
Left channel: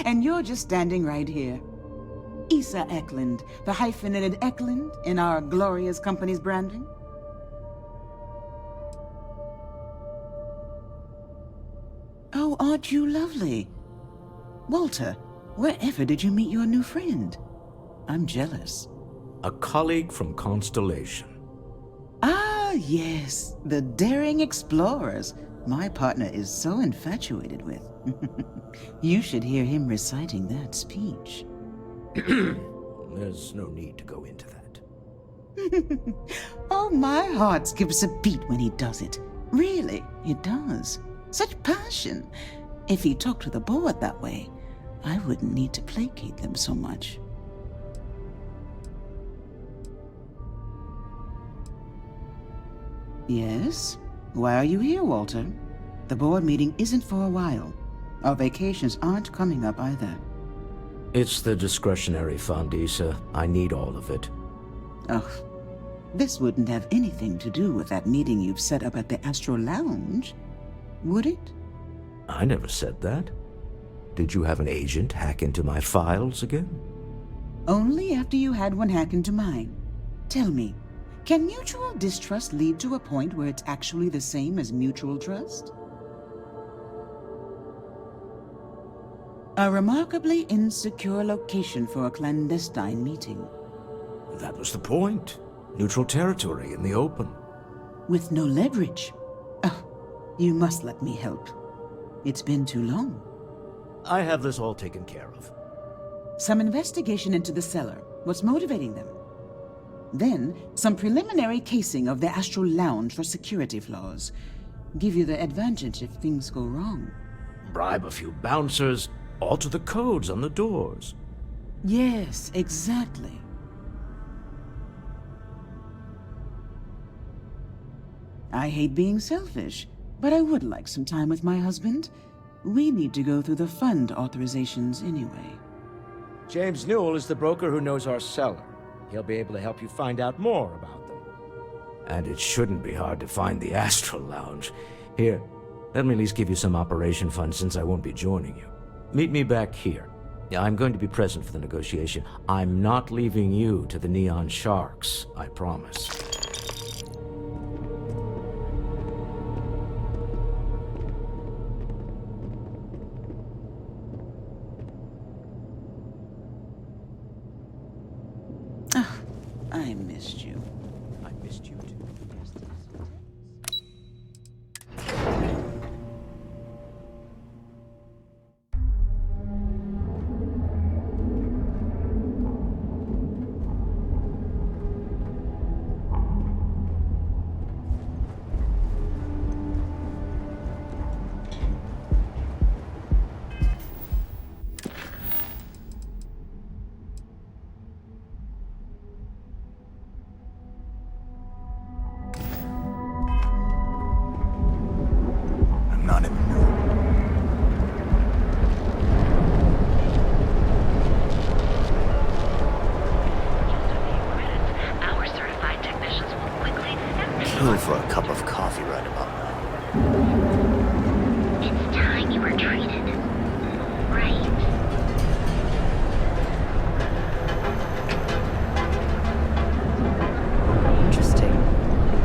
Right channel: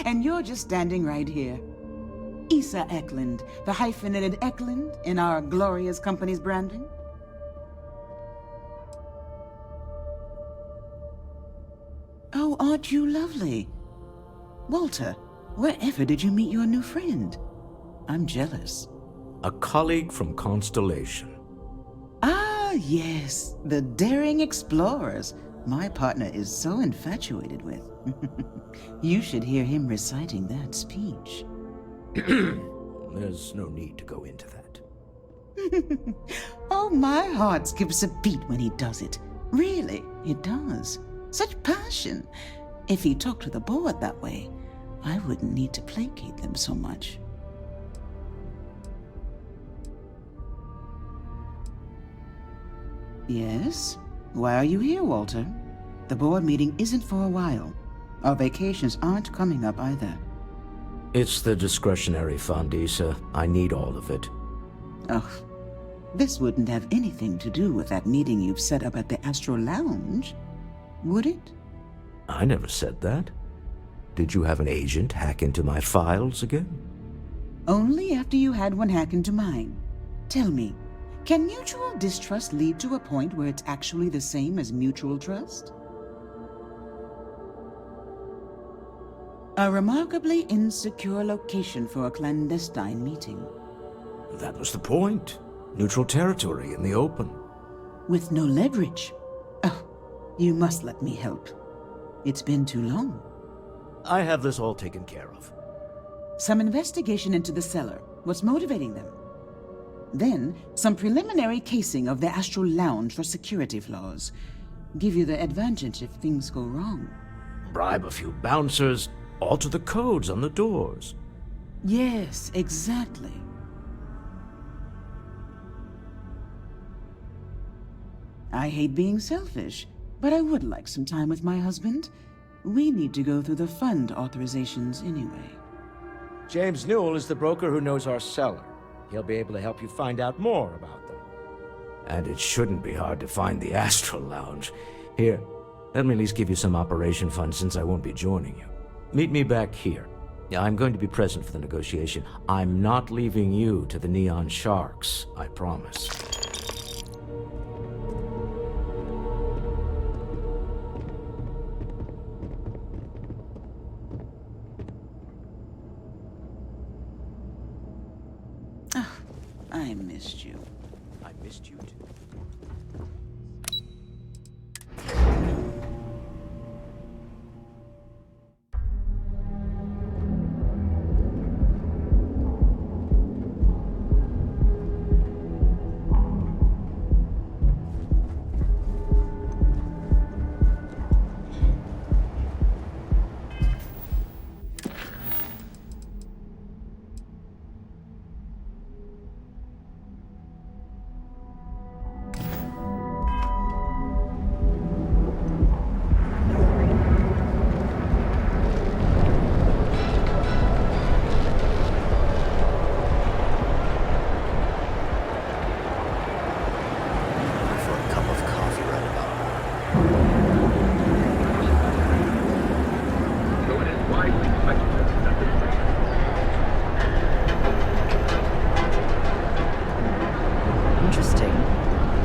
And you're just standing right here. Issa Eklund, the hyphenated Eklund in our glorious company's branding. Oh, aren't you lovely? Walter, wherever did you meet your new friend? I'm jealous. A colleague from Constellation. Ah, yes, the daring explorers my partner is so infatuated with. You should hear him reciting that speech. There's no need to go into that. Oh, my heart skips a beat when he does it. Really, it does. Such passion. If he talked to the board that way, I wouldn't need to placate them so much. Yes? Why are you here, Walter? The board meeting isn't for a while. Our vacations aren't coming up either. It's the discretionary fund, Issa. I need all of it. Ugh. This wouldn't have anything to do with that meeting you've set up at the Astro Lounge, would it? I never said that. Did you have an agent hack into my files again? Only after you had one hack into mine. Tell me, can mutual distrust lead to a point where it's actually the same as mutual trust? A remarkably insecure location for a clandestine meeting. That was the point. Neutral territory in the open. With no leverage. Oh, you must let me help. It's been too long. I have this all taken care of. Some investigation into the cellar. What's motivating them? Then, some preliminary casing of the Astral Lounge for security flaws. Give you the advantage if things go wrong. Bribe a few bouncers, alter the codes on the doors. Yes, exactly. I hate being selfish, but I would like some time with my husband. We need to go through the fund authorizations anyway. James Newell is the broker who knows our cellar. He'll be able to help you find out more about them. And it shouldn't be hard to find the Astral Lounge. Here, let me at least give you some operation funds since I won't be joining you. Meet me back here. I'm going to be present for the negotiation. I'm not leaving you to the Neon Sharks, I promise. I missed you. I missed you too.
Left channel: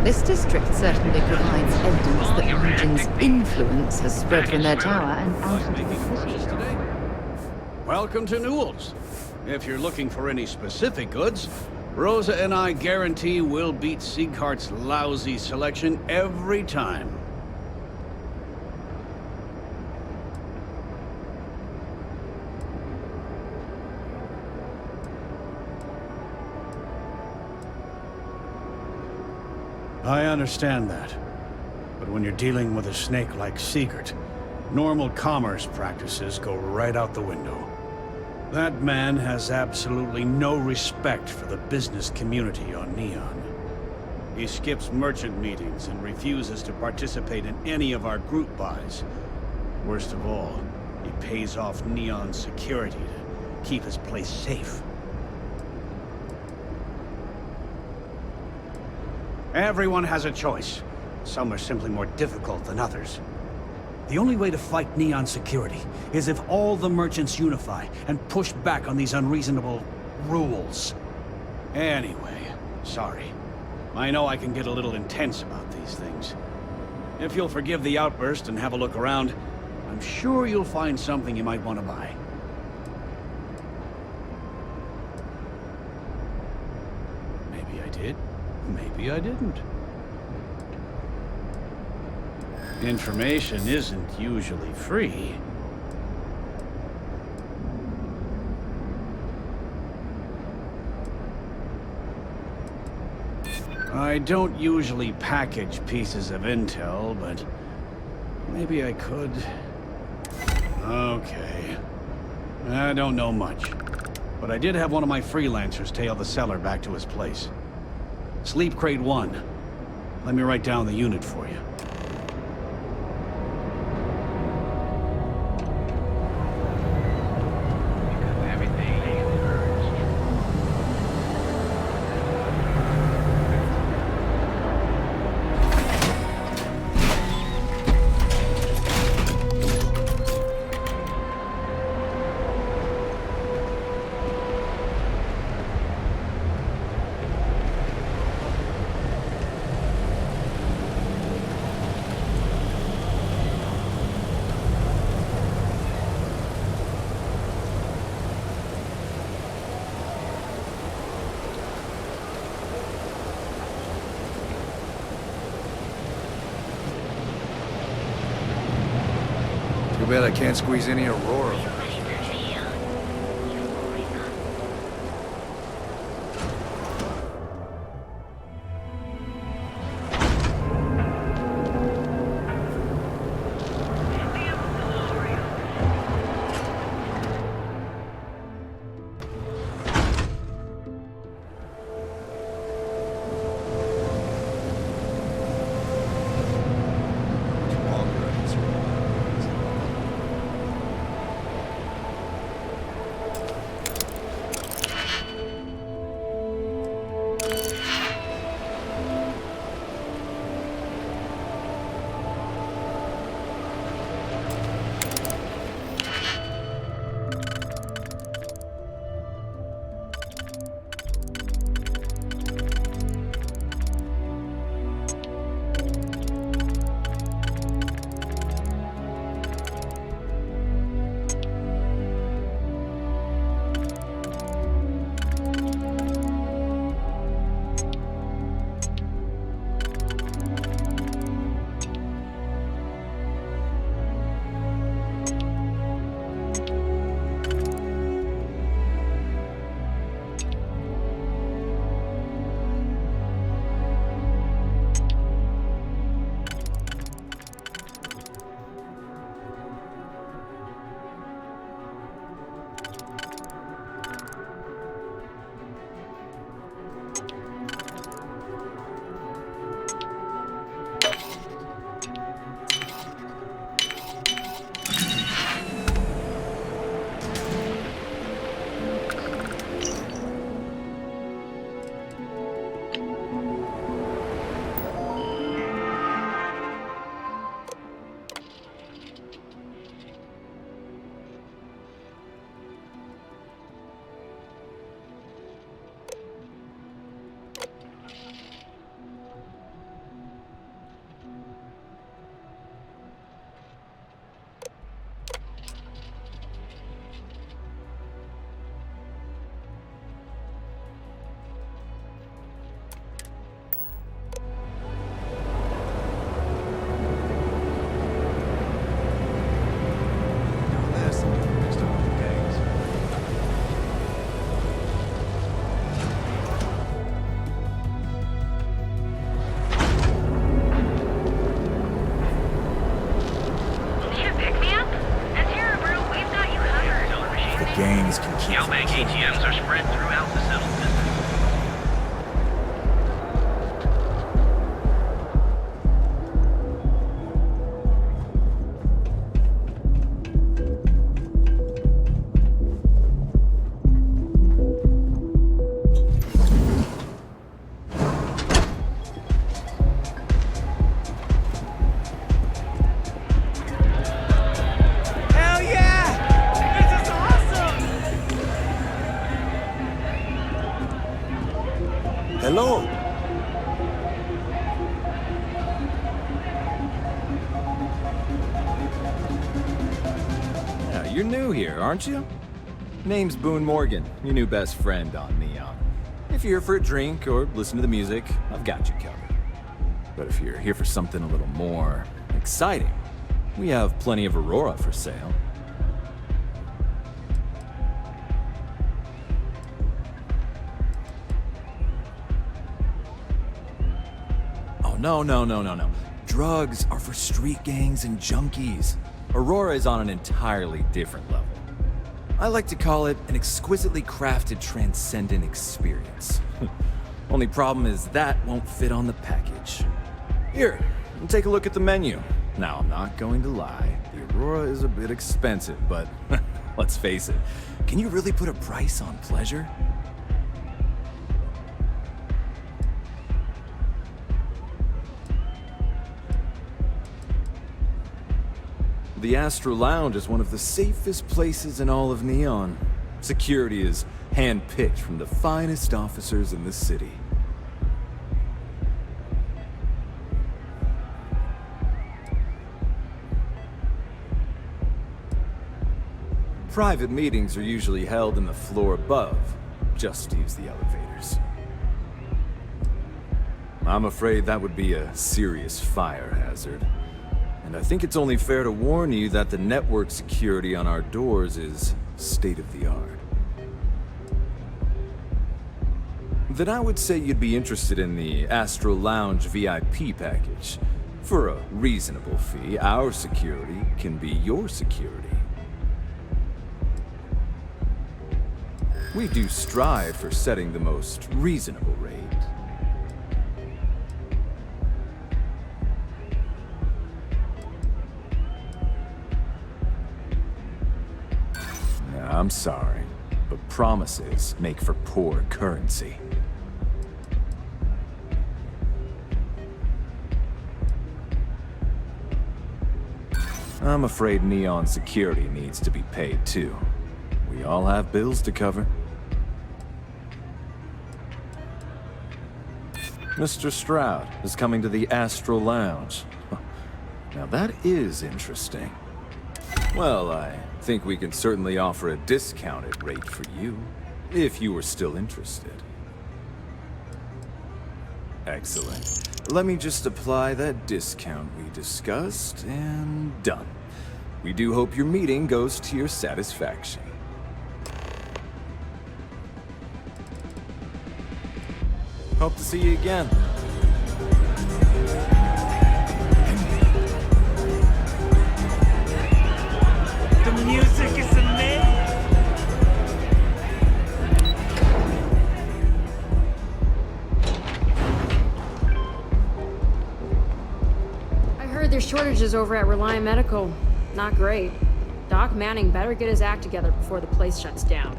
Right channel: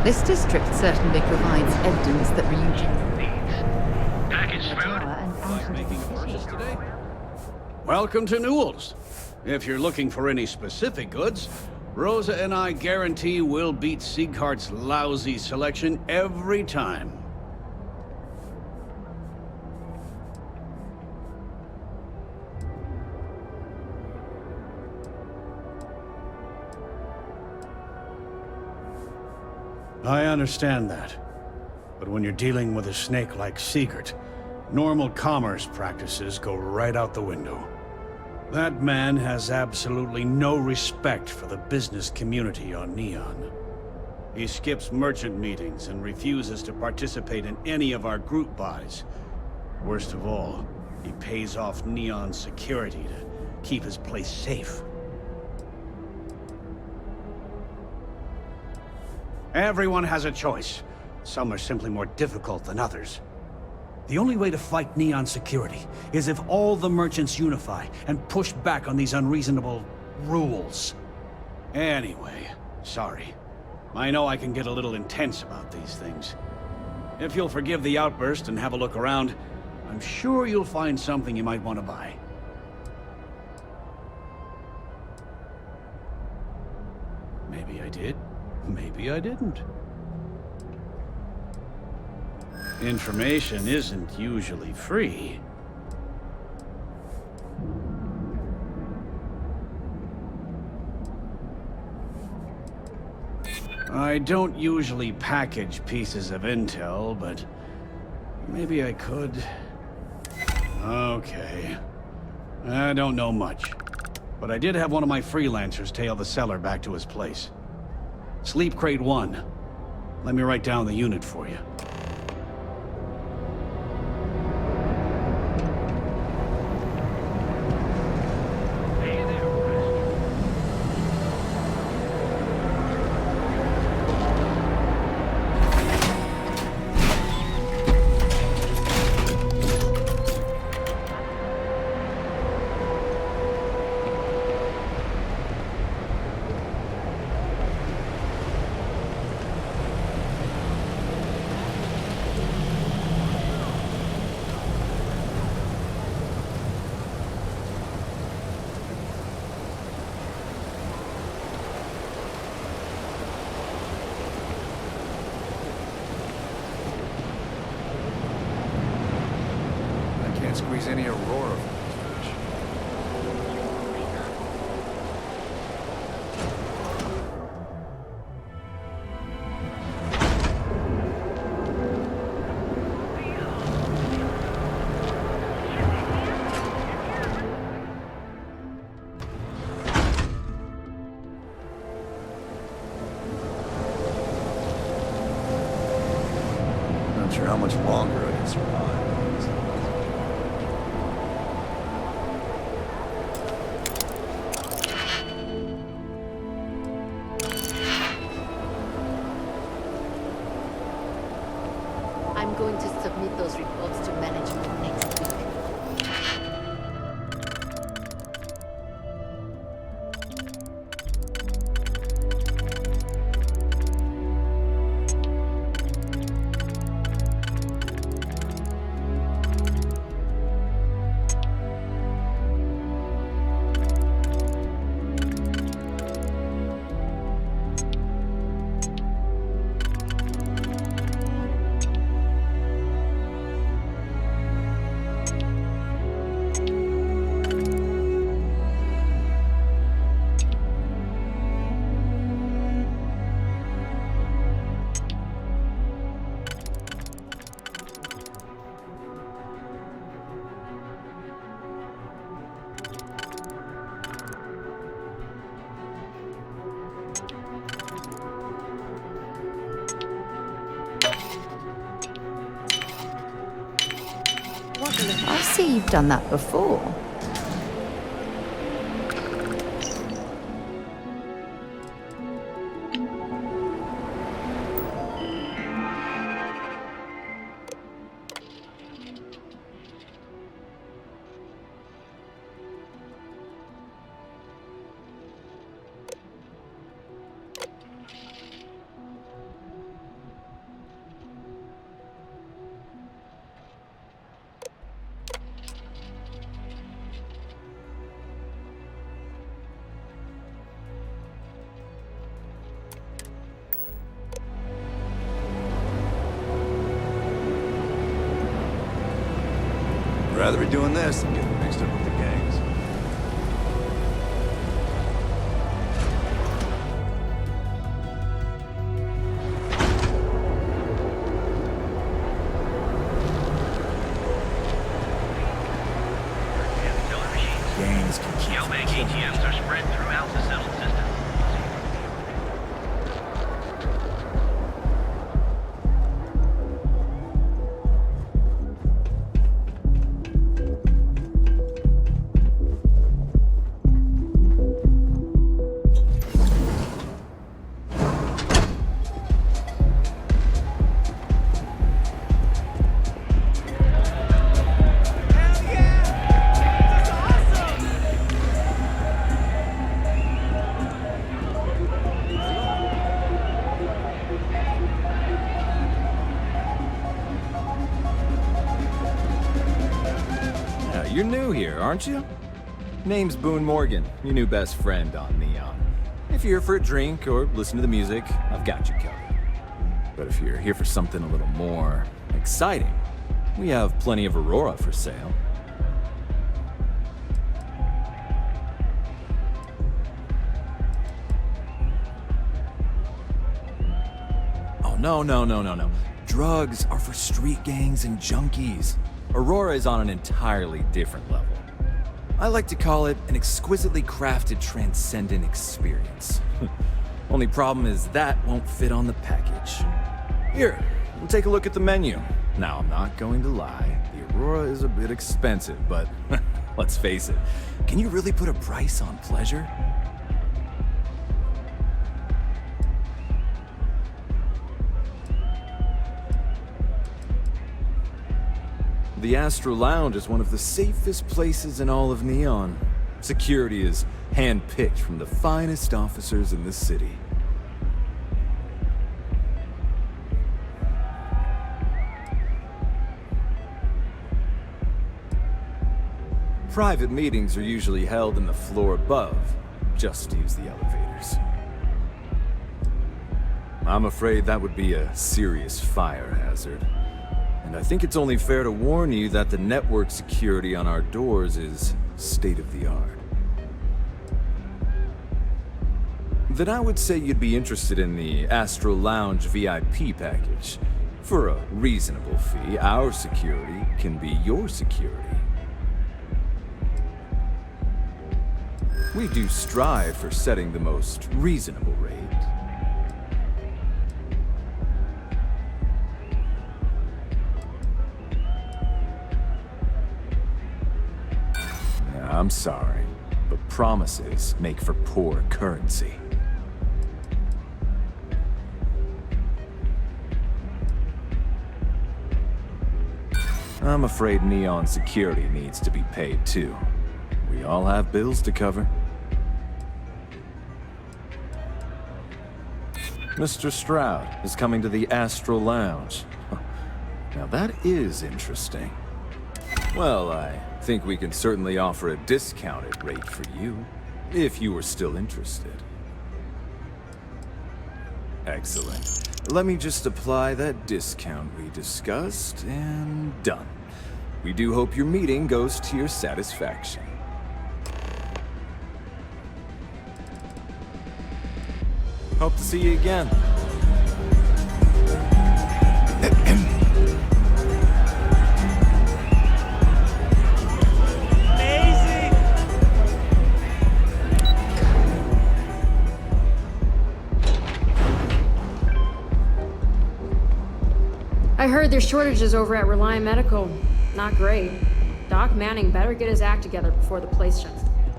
This district certainly provides evidence that the Legion's influence has spread from their tower and out into the city. Welcome to Newell's. If you're looking for any specific goods, Rosa and I guarantee we'll beat Sieghart's lousy selection every time. I understand that. But when you're dealing with a snake like Siegert, normal commerce practices go right out the window. That man has absolutely no respect for the business community on Neon. He skips merchant meetings and refuses to participate in any of our group buys. Worst of all, he pays off Neon's security to keep his place safe. Everyone has a choice. Some are simply more difficult than others. The only way to fight Neon security is if all the merchants unify and push back on these unreasonable rules. Anyway, sorry. I know I can get a little intense about these things. If you'll forgive the outburst and have a look around, I'm sure you'll find something you might want to buy. Maybe I did. Maybe I didn't. Information isn't usually free. I don't usually package pieces of intel, but maybe I could. Okay. I don't know much, but I did have one of my freelancers tail the seller back to his place. Sleep Crate 1. Let me write down the unit for you. Too bad I can't squeeze any Aurora. Not sure how much longer I can survive. I'm going to submit those reports to management. I see you've done that before. rather be doing this than getting mixed up with the gangs. The gangs can keep Geobank ATMs are spread throughout the settled system. Hell yeah! This is awesome! Hello. Yeah, you're new here, aren't you? Name's Boone Morgan, your new best friend on Neon. If you're here for a drink or listen to the music, I've got you covered. But if you're here for something a little more exciting, we have plenty of Aurora for sale. Oh, no. Drugs are for street gangs and junkies. Aurora is on an entirely different level. I like to call it an exquisitely crafted, transcendent experience. Only problem is that won't fit on the package. Here, take a look at the menu. Now, I'm not going to lie, the Aurora is a bit expensive, but let's face it, can you really put a price on pleasure? The Astro Lounge is one of the safest places in all of Neon. Security is hand-picked from the finest officers in the city. Private meetings are usually held in the floor above. Just use the elevators. I'm afraid that would be a serious fire hazard. And I think it's only fair to warn you that the network security on our doors is state-of-the-art. Then I would say you'd be interested in the Astro Lounge VIP package. For a reasonable fee, our security can be your security. We do strive for setting the most reasonable rate. I'm sorry, but promises make for poor currency. I'm afraid Neon security needs to be paid too. We all have bills to cover. Mr. Stroud is coming to the Astral Lounge. Now that is interesting. Well, I think we can certainly offer a discounted rate for you, if you were still interested. Excellent. Let me just apply that discount we discussed, and done. We do hope your meeting goes to your satisfaction. Hope to see you again. The music is amazing! I heard there's shortages over at Reliant Medical. Not great. Doc Manning better get his act together before the place shuts down.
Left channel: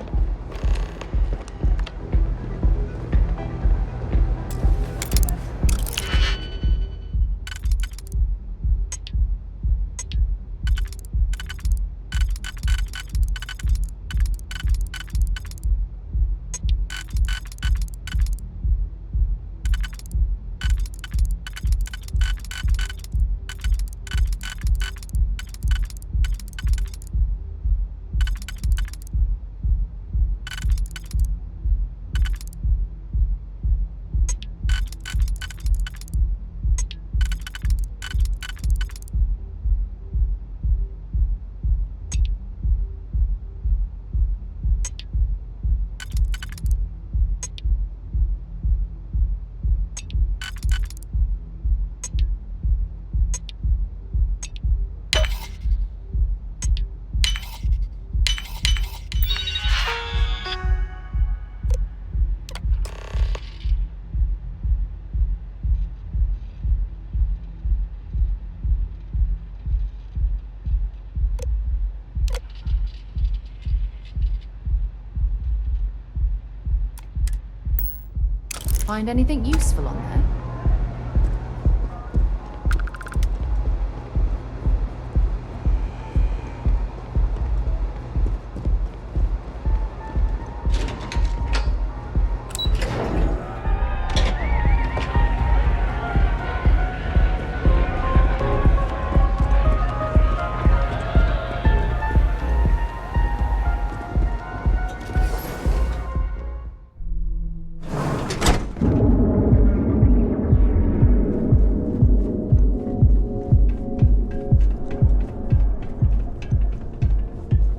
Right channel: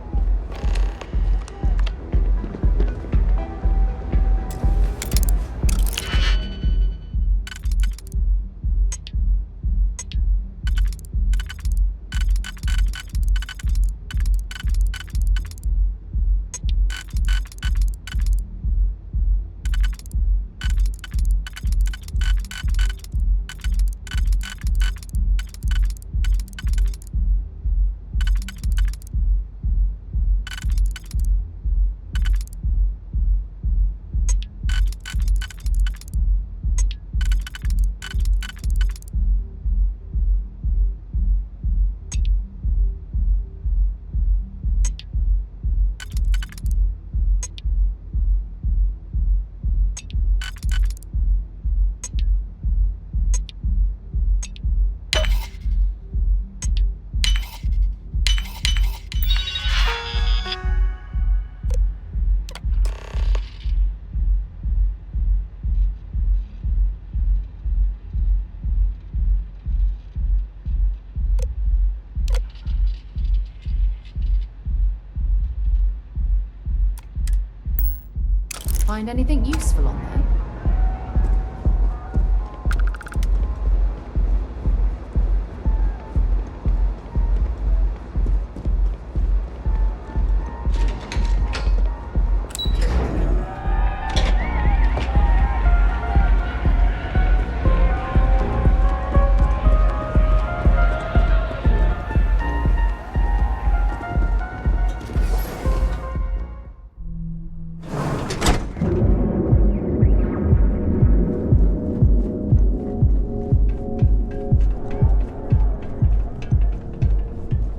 find anything useful on there.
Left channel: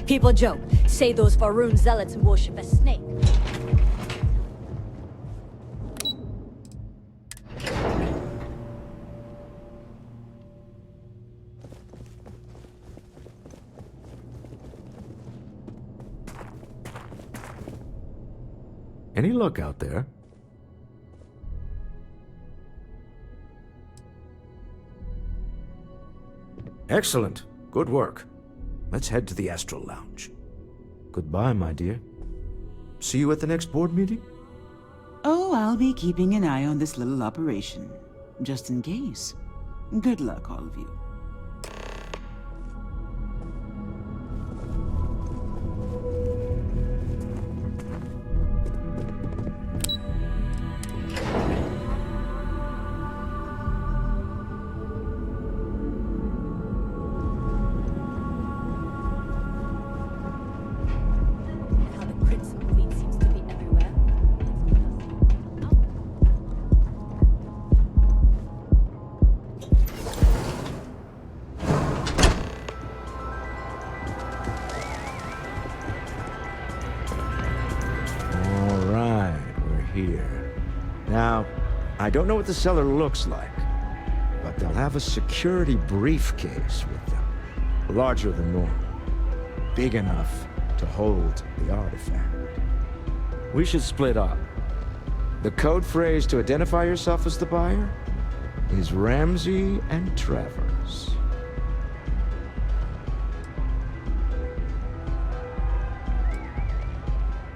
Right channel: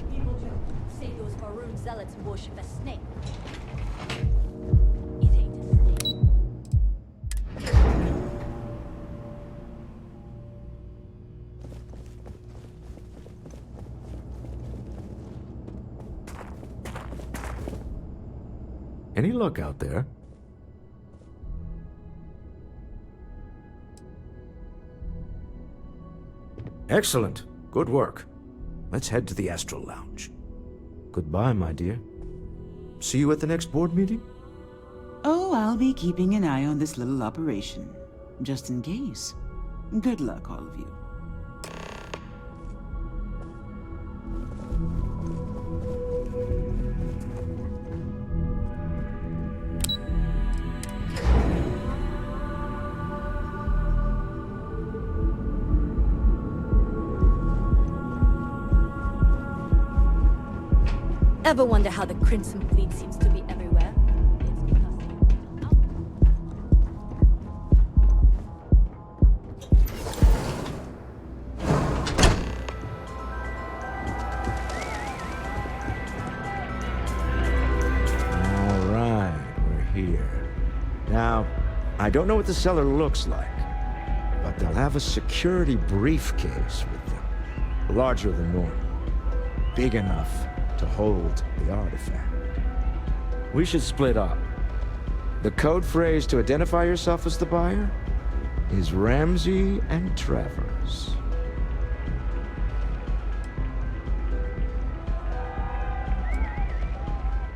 People joke, say those Varun zealots worship a snake. Any luck out there? Excellent. Good work. Let's head to the Astral Lounge. Goodbye, my dear. See you at the next board meeting? Oh, I'll be keeping an eye on this little operation, just in case. Good luck, all of you. Ever wonder how the Crimson Fleet seems to be everywhere? All right, we're here. Now, I don't know what the cellar looks like, but they'll have a security briefcase with them. Larger than normal. Big enough to hold the artifact. We should split up. The code phrase to identify yourself as the buyer is Ramsey and Travers.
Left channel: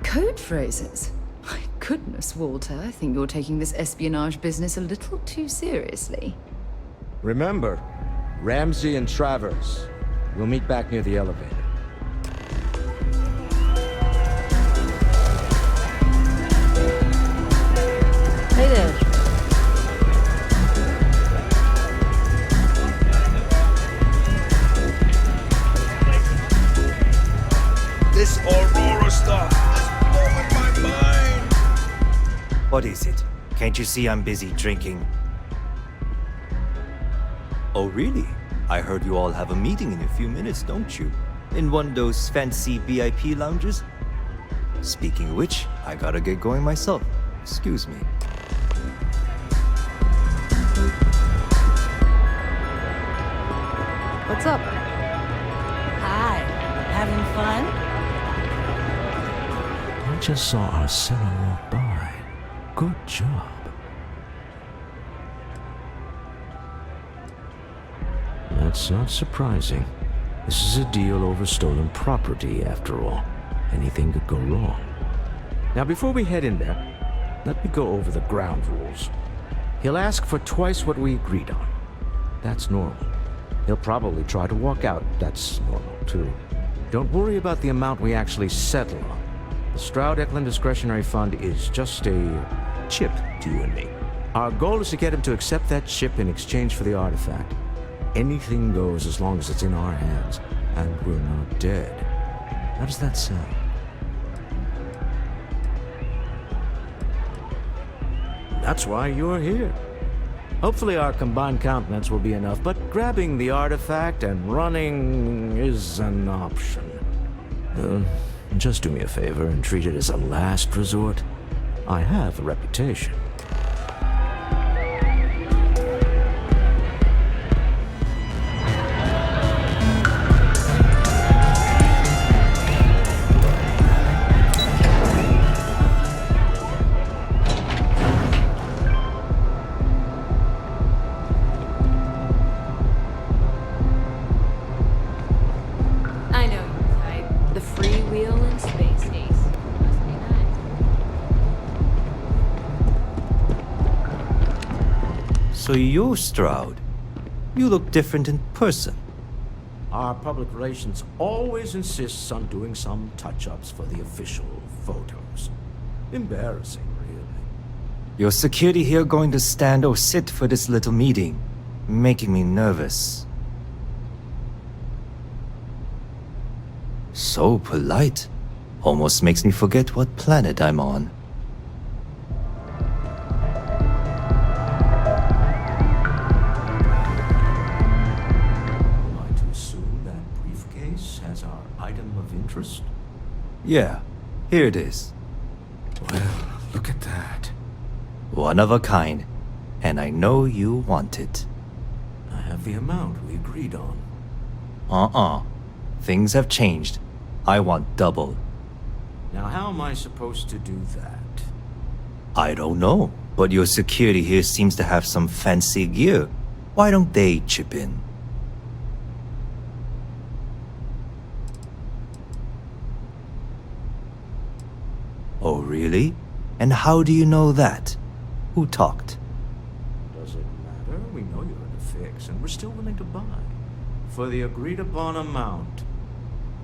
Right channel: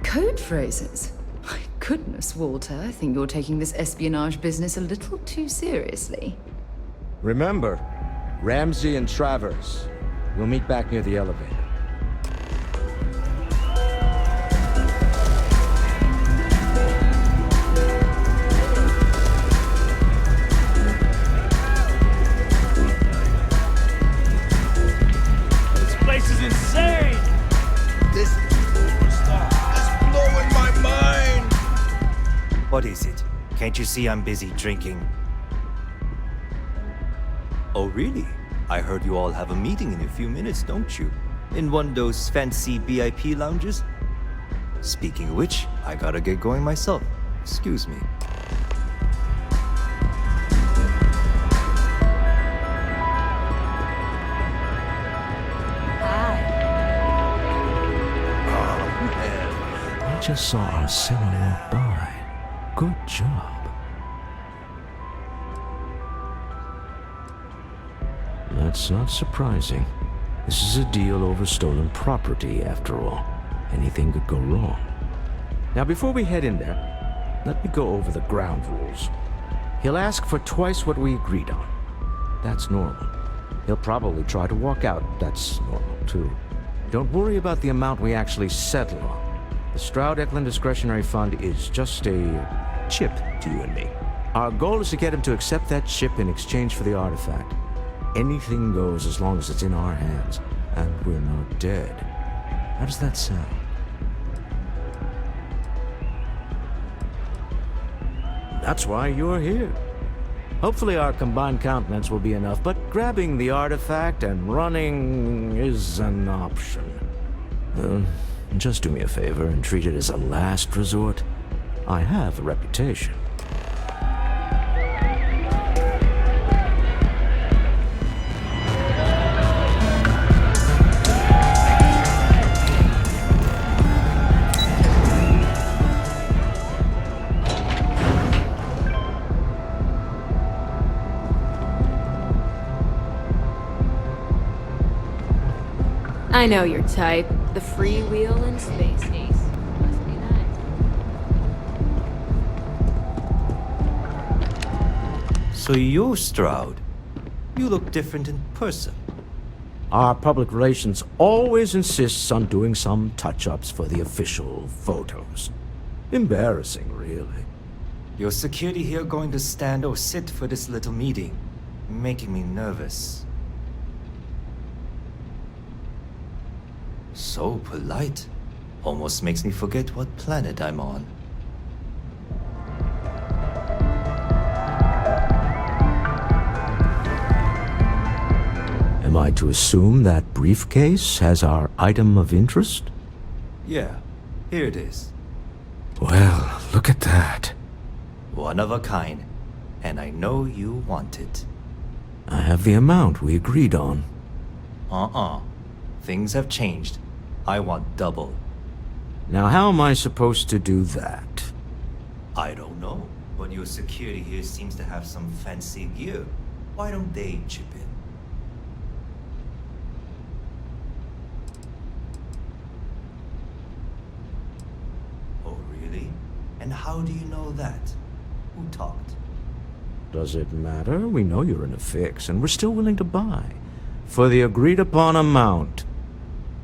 Code phrases? My goodness, Walter, I think you're taking this espionage business a little too seriously. Remember, Ramsey and Travers. We'll meet back near the elevator. This Aurora stuff is blowing my mind! What is it? Can't you see I'm busy drinking? Oh, really? I heard you all have a meeting in a few minutes, don't you? In one of those fancy VIP lounges? Speaking of which, I gotta get going myself. Excuse me. What's up? Hi. Having fun? I just saw our cellar walk by. Good job. That's not surprising. This is a deal over stolen property, after all. Anything could go wrong. Now, before we head in there, let me go over the ground rules. He'll ask for twice what we agreed on. That's normal. He'll probably try to walk out. That's normal, too. Don't worry about the amount we actually settle on. The Stroud-Eklund Discretionary Fund is just a chip to you and me. Our goal is to get him to accept that chip in exchange for the artifact. Anything goes as long as it's in our hands, and we're not dead. How does that sound? That's why you're here. Hopefully our combined countenance will be enough, but grabbing the artifact and running is an option. Just do me a favor and treat it as a last resort. I have a reputation. I know your type. The freewheel and space ace. Must be nice. So you're Stroud. You look different in person. Our public relations always insists on doing some touch-ups for the official photos. Embarrassing, really. Your security here going to stand or sit for this little meeting, making me nervous. So polite. Almost makes me forget what planet I'm on. Am I to assume that briefcase has our item of interest? Yeah, here it is. Well, look at that. One of a kind, and I know you want it. I have the amount we agreed on. Things have changed. I want double. Now how am I supposed to do that? I don't know, but your security here seems to have some fancy gear. Why don't they chip in? Oh, really? And how do you know that? Who talked? Does it matter? We know you're in a fix, and we're still willing to buy. For the agreed-upon amount.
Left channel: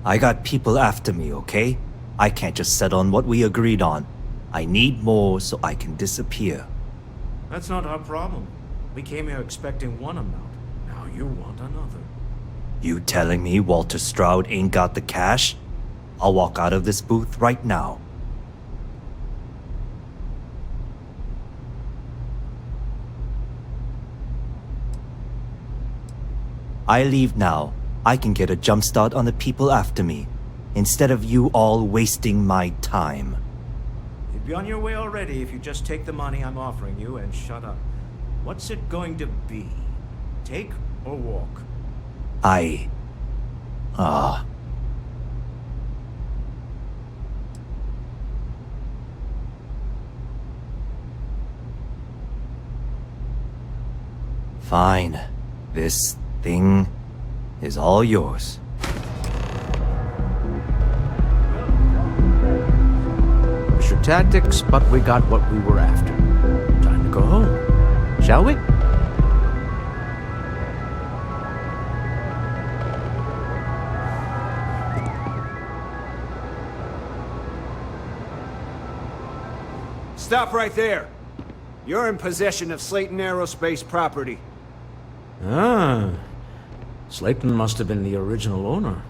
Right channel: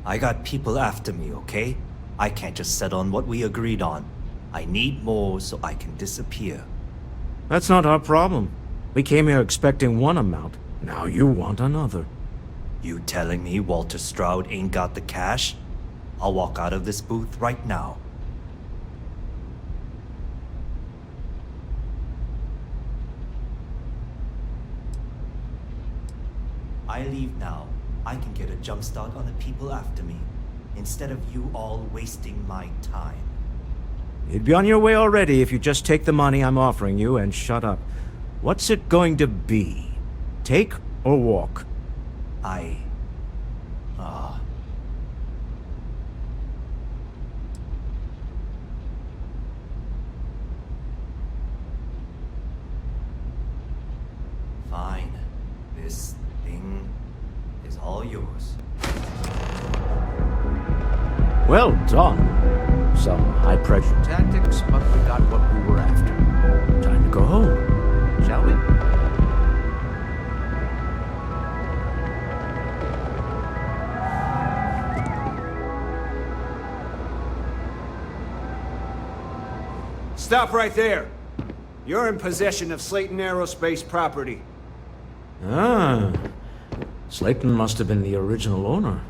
I got people after me, okay? I can't just settle on what we agreed on. I need more so I can disappear. That's not our problem. We came here expecting one amount. Now you want another. You telling me Walter Stroud ain't got the cash? I'll walk out of this booth right now. I leave now. I can get a jump start on the people after me, instead of you all wasting my time. You'd be on your way already if you just take the money I'm offering you and shut up. What's it going to be? Take or walk? Fine. This thing is all yours. Well done. Some high-pressure tactics, but we got what we were after. Time to go home, shall we? Stop right there. You're in possession of Slayton Aerospace property. Ah. Slayton must have been the original owner.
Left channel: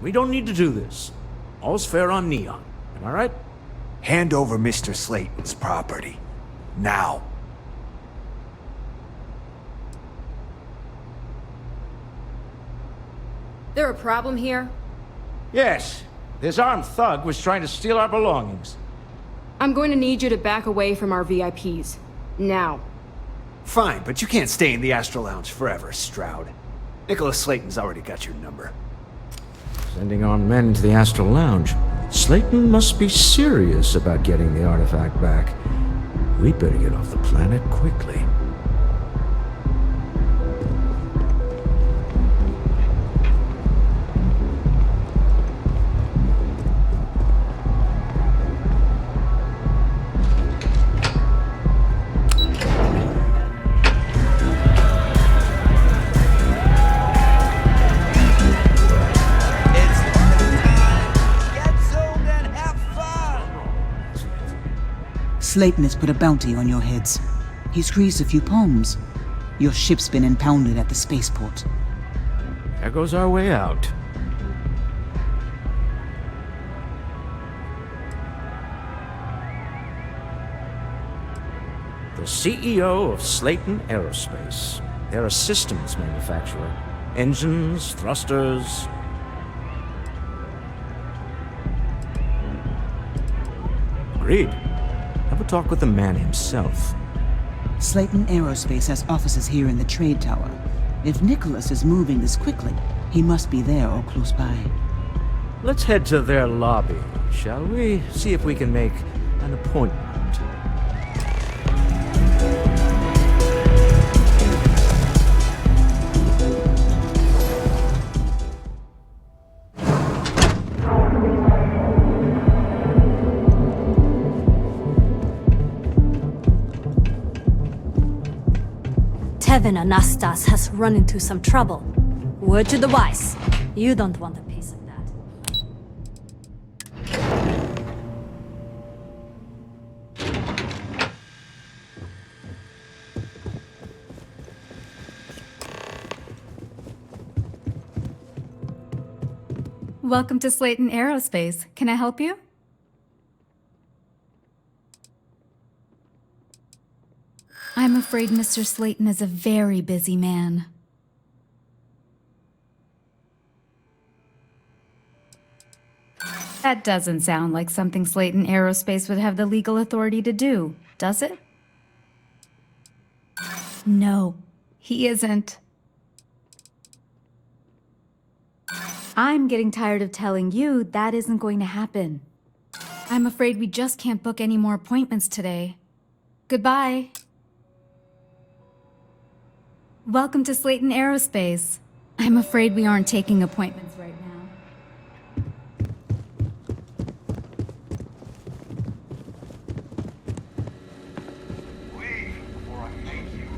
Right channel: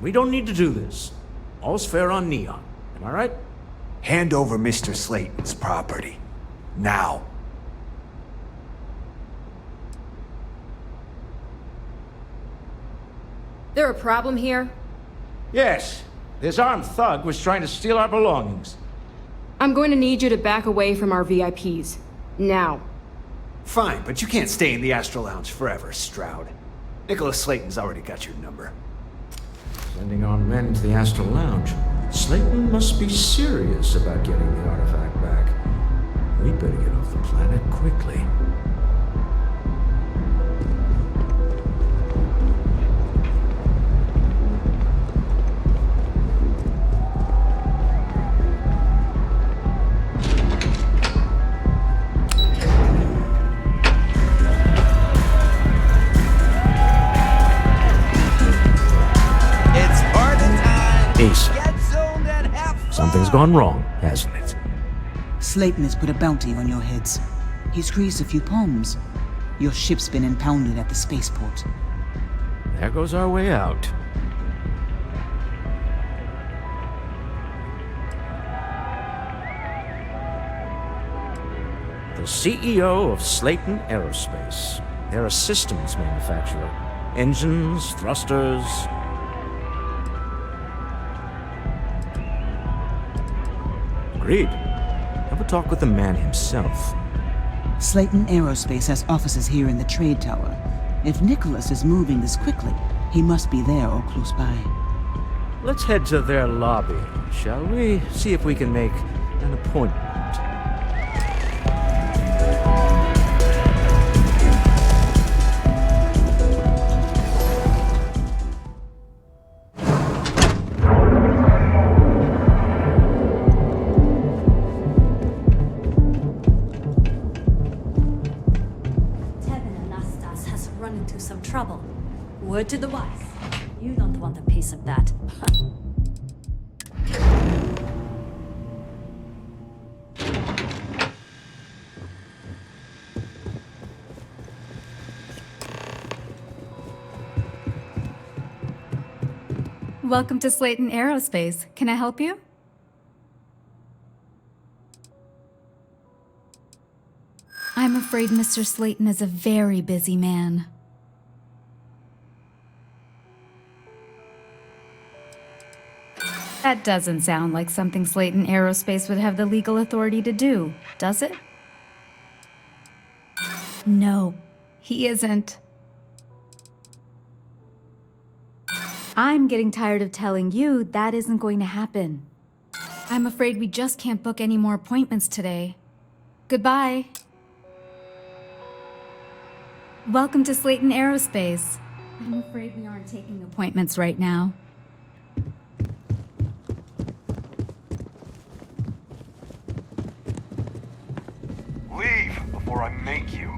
We don't need to do this. All's fair on Neon. Am I right? Hand over Mr. Slayton's property. Now. There a problem here? Yes. This armed thug was trying to steal our belongings. I'm going to need you to back away from our VIPs. Now. Fine, but you can't stay in the Astral Lounge forever, Stroud. Nicholas Slayton's already got your number. Sending armed men into the Astral Lounge. Slayton must be serious about getting the artifact back. We'd better get off the planet quickly. Something's gone wrong, hasn't it? Slayton has put a bounty on your heads. He's greased a few palms. Your ship's been impounded at the spaceport. There goes our way out. The CEO of Slayton Aerospace. They're a systems manufacturer. Engines, thrusters. Agreed. Have a talk with the man himself. Slayton Aerospace has offices here in the trade tower. If Nicholas is moving this quickly, he must be there or close by. Let's head to their lobby, shall we? See if we can make an appointment. Anastas has run into some trouble. Word to the wise. You don't want a piece of that. Welcome to Slayton Aerospace. Can I help you? I'm afraid Mr. Slayton is a very busy man. That doesn't sound like something Slayton Aerospace would have the legal authority to do, does it? No, he isn't. I'm getting tired of telling you that isn't going to happen. I'm afraid we just can't book any more appointments today. Goodbye. Welcome to Slayton Aerospace. I'm afraid we aren't taking appointments right now. Leave before I make you.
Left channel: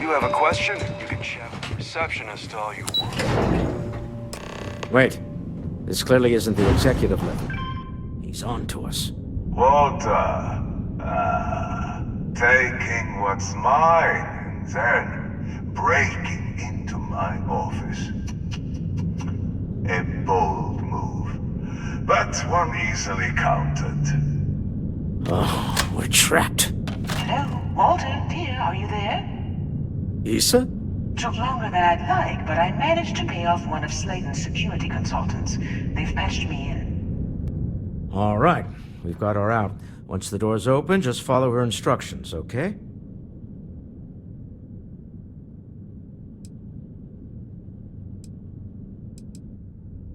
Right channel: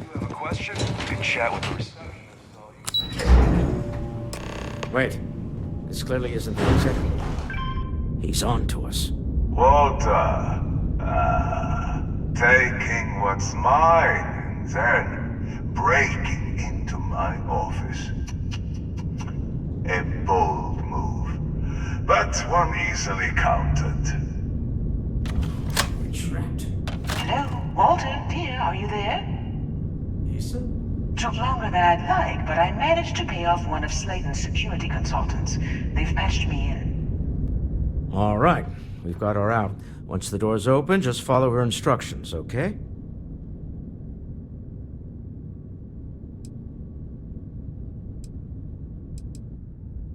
You have a question? You can chat with the receptionist all you want. Wait. This clearly isn't the executive. He's on to us. Walter, taking what's mine and then breaking into my office. A bold move, but one easily countered. Oh, we're trapped. Hello, Walter, dear, are you there? Issa? Took longer than I'd like, but I managed to pay off one of Slayton's security consultants. They've patched me in. All right. We've got her out. Once the door's open, just follow her instructions, okay?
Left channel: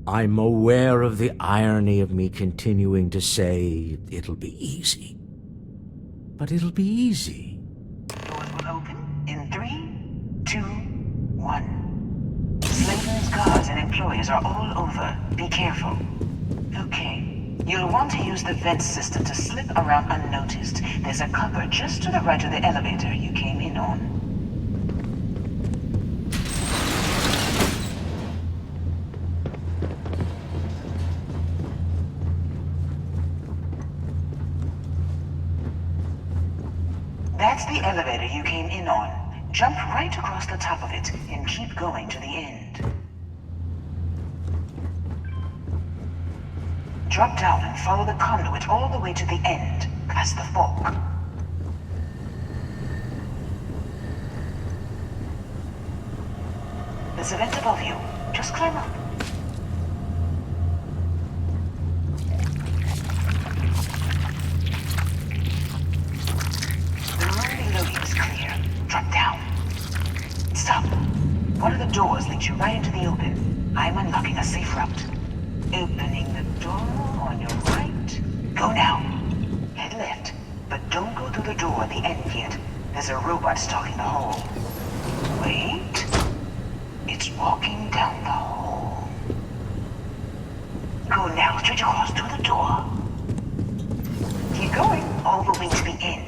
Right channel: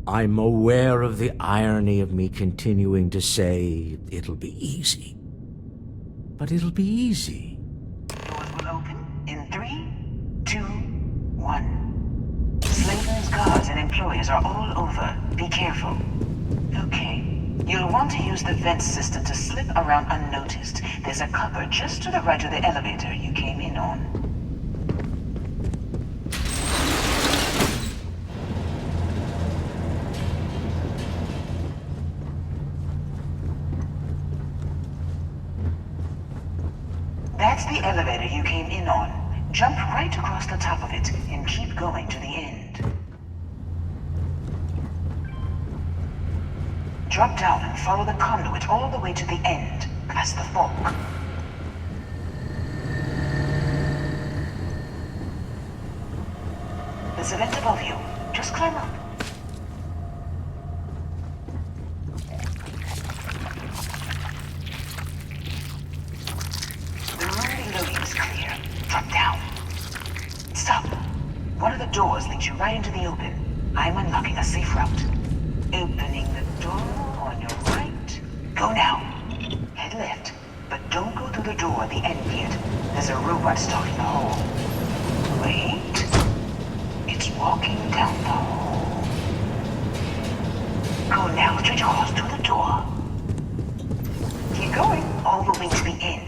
I'm aware of the irony of me continuing to say it'll be easy. But it'll be easy. Doors will open in 3, 2, 1. Slayton's guards and employees are all over. Be careful. Okay. You'll want to use the vent system to slip around unnoticed. There's a cupboard just to the right of the elevator you came in on. That's the elevator you came in on. Jump right across the top of it and keep going to the end. Drop down and follow the conduit all the way to the end, past the fork. There's a vent above you. Just climb up. The room below you is clear. Drop down. Stop. One of the doors leads you right into the open. I'm unlocking a safe route. Opening the door on your right. Go now. Head left, but don't go through the door at the end yet. There's a robot stalking the hall. Wait. It's walking down the hall. Go now, straight across to the door. Keep going, all the way to the end.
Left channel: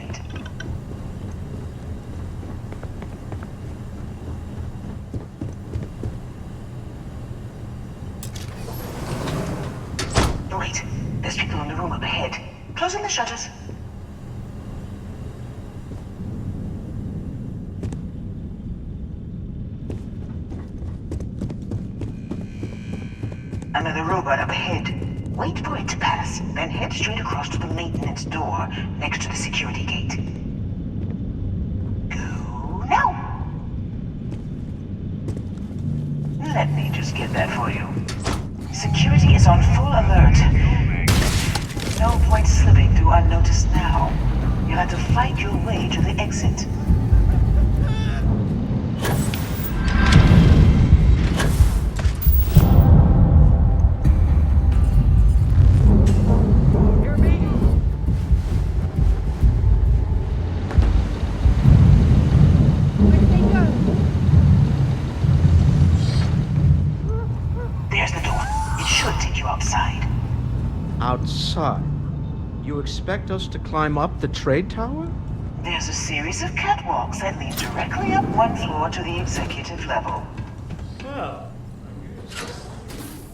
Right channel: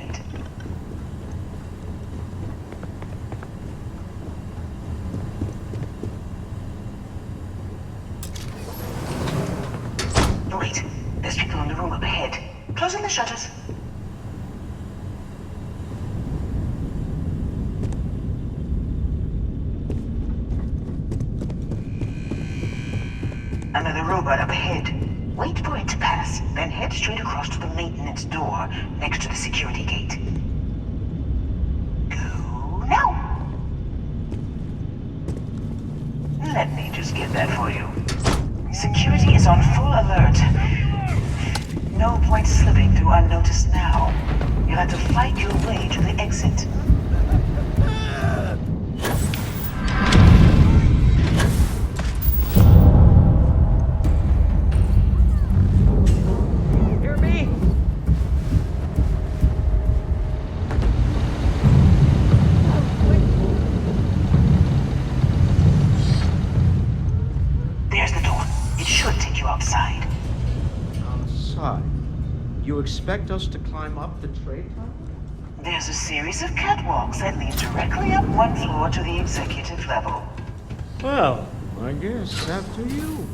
Wait, there's people in the room up ahead. Closing the shutters. Another robot up ahead. Wait for it to pass, then head straight across to the maintenance door next to the security gate. Go now! Let me just get that for you. Security is on full alert. No point slipping through unnoticed now. You'll have to fight your way to the exit. Hear me? There's the door. It should take you outside. Outside? You expect us to climb up the trade tower? There's a series of catwalks that lead directly up one floor to the executive level. Well, I guess after you.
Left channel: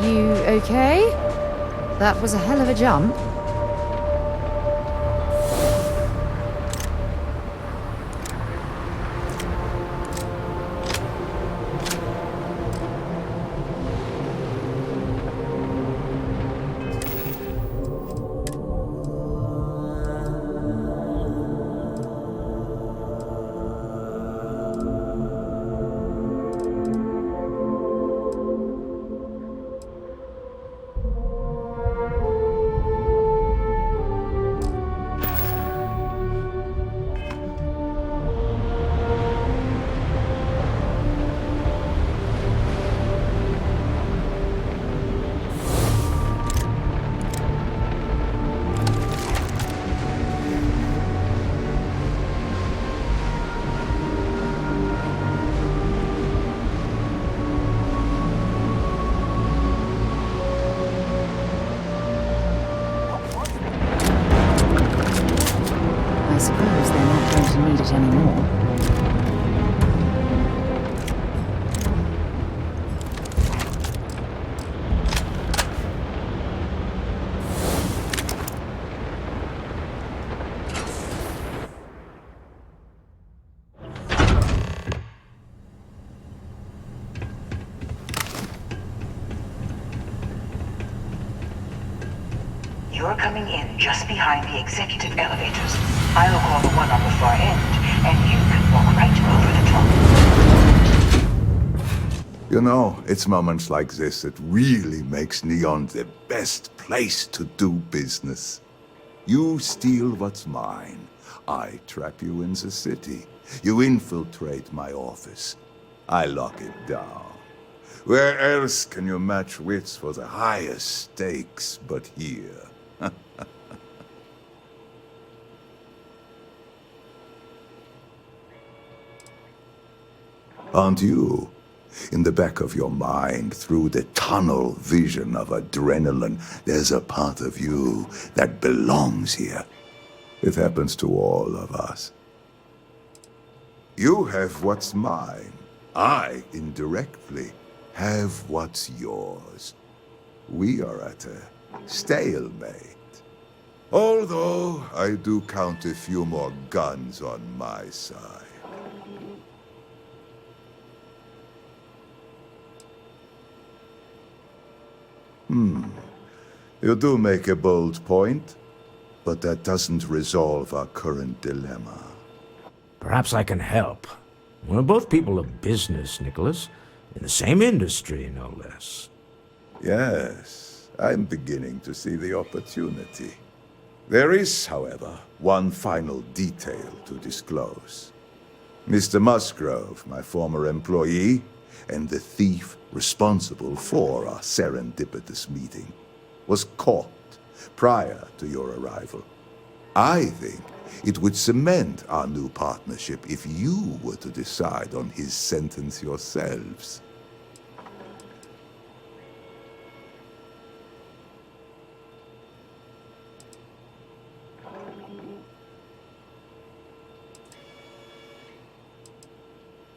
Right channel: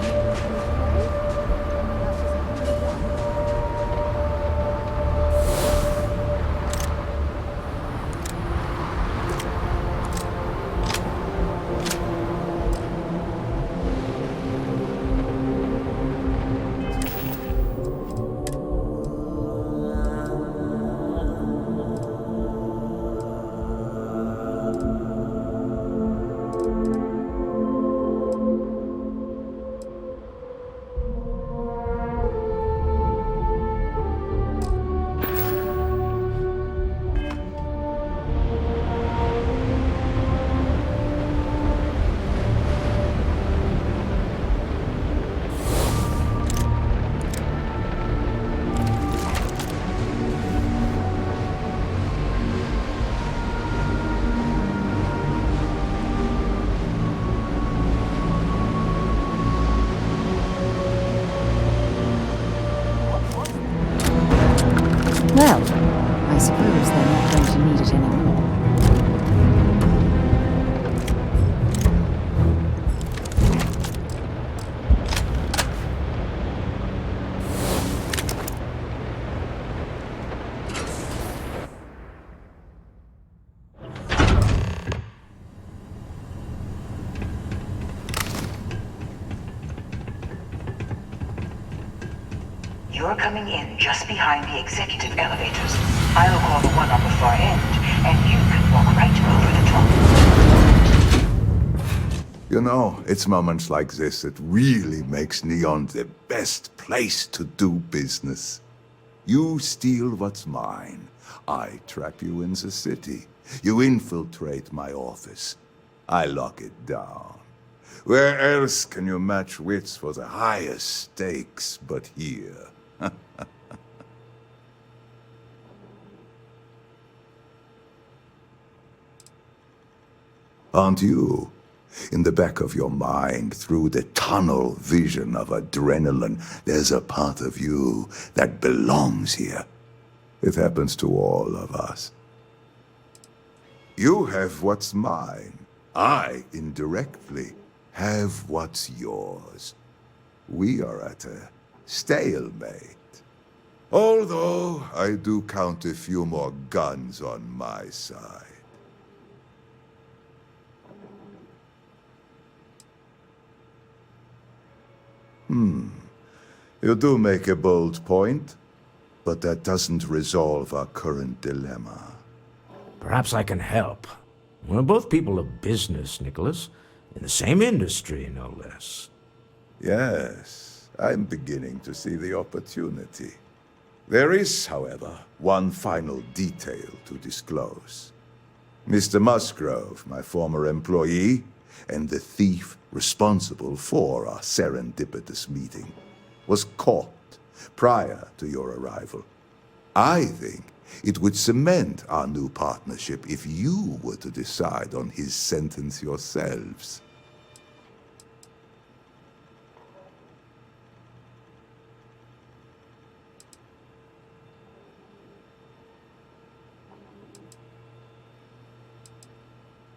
You okay? That was a hell of a jump. I suppose they're not going to need it anymore. You're coming in just behind the executive elevators. I'll call the one on the far end, and you can walk right over the top. You know, it's moments like this that really makes Neon the best place to do business. You steal what's mine. I trap you in the city. You infiltrate my office. I lock it down. Where else can you match wits for the highest stakes but here? Aren't you? In the back of your mind, through the tunnel vision of adrenaline, there's a part of you that belongs here. It happens to all of us. You have what's mine. I, indirectly, have what's yours. We are at a stalemate. Although, I do count a few more guns on my side. You do make a bold point, but that doesn't resolve our current dilemma. Perhaps I can help. We're both people of business, Nicholas. In the same industry, no less. Yes, I'm beginning to see the opportunity. There is, however, one final detail to disclose. Mr. Musgrove, my former employee, and the thief responsible for our serendipitous meeting, was caught prior to your arrival. I think it would cement our new partnership if you were to decide on his sentence yourselves.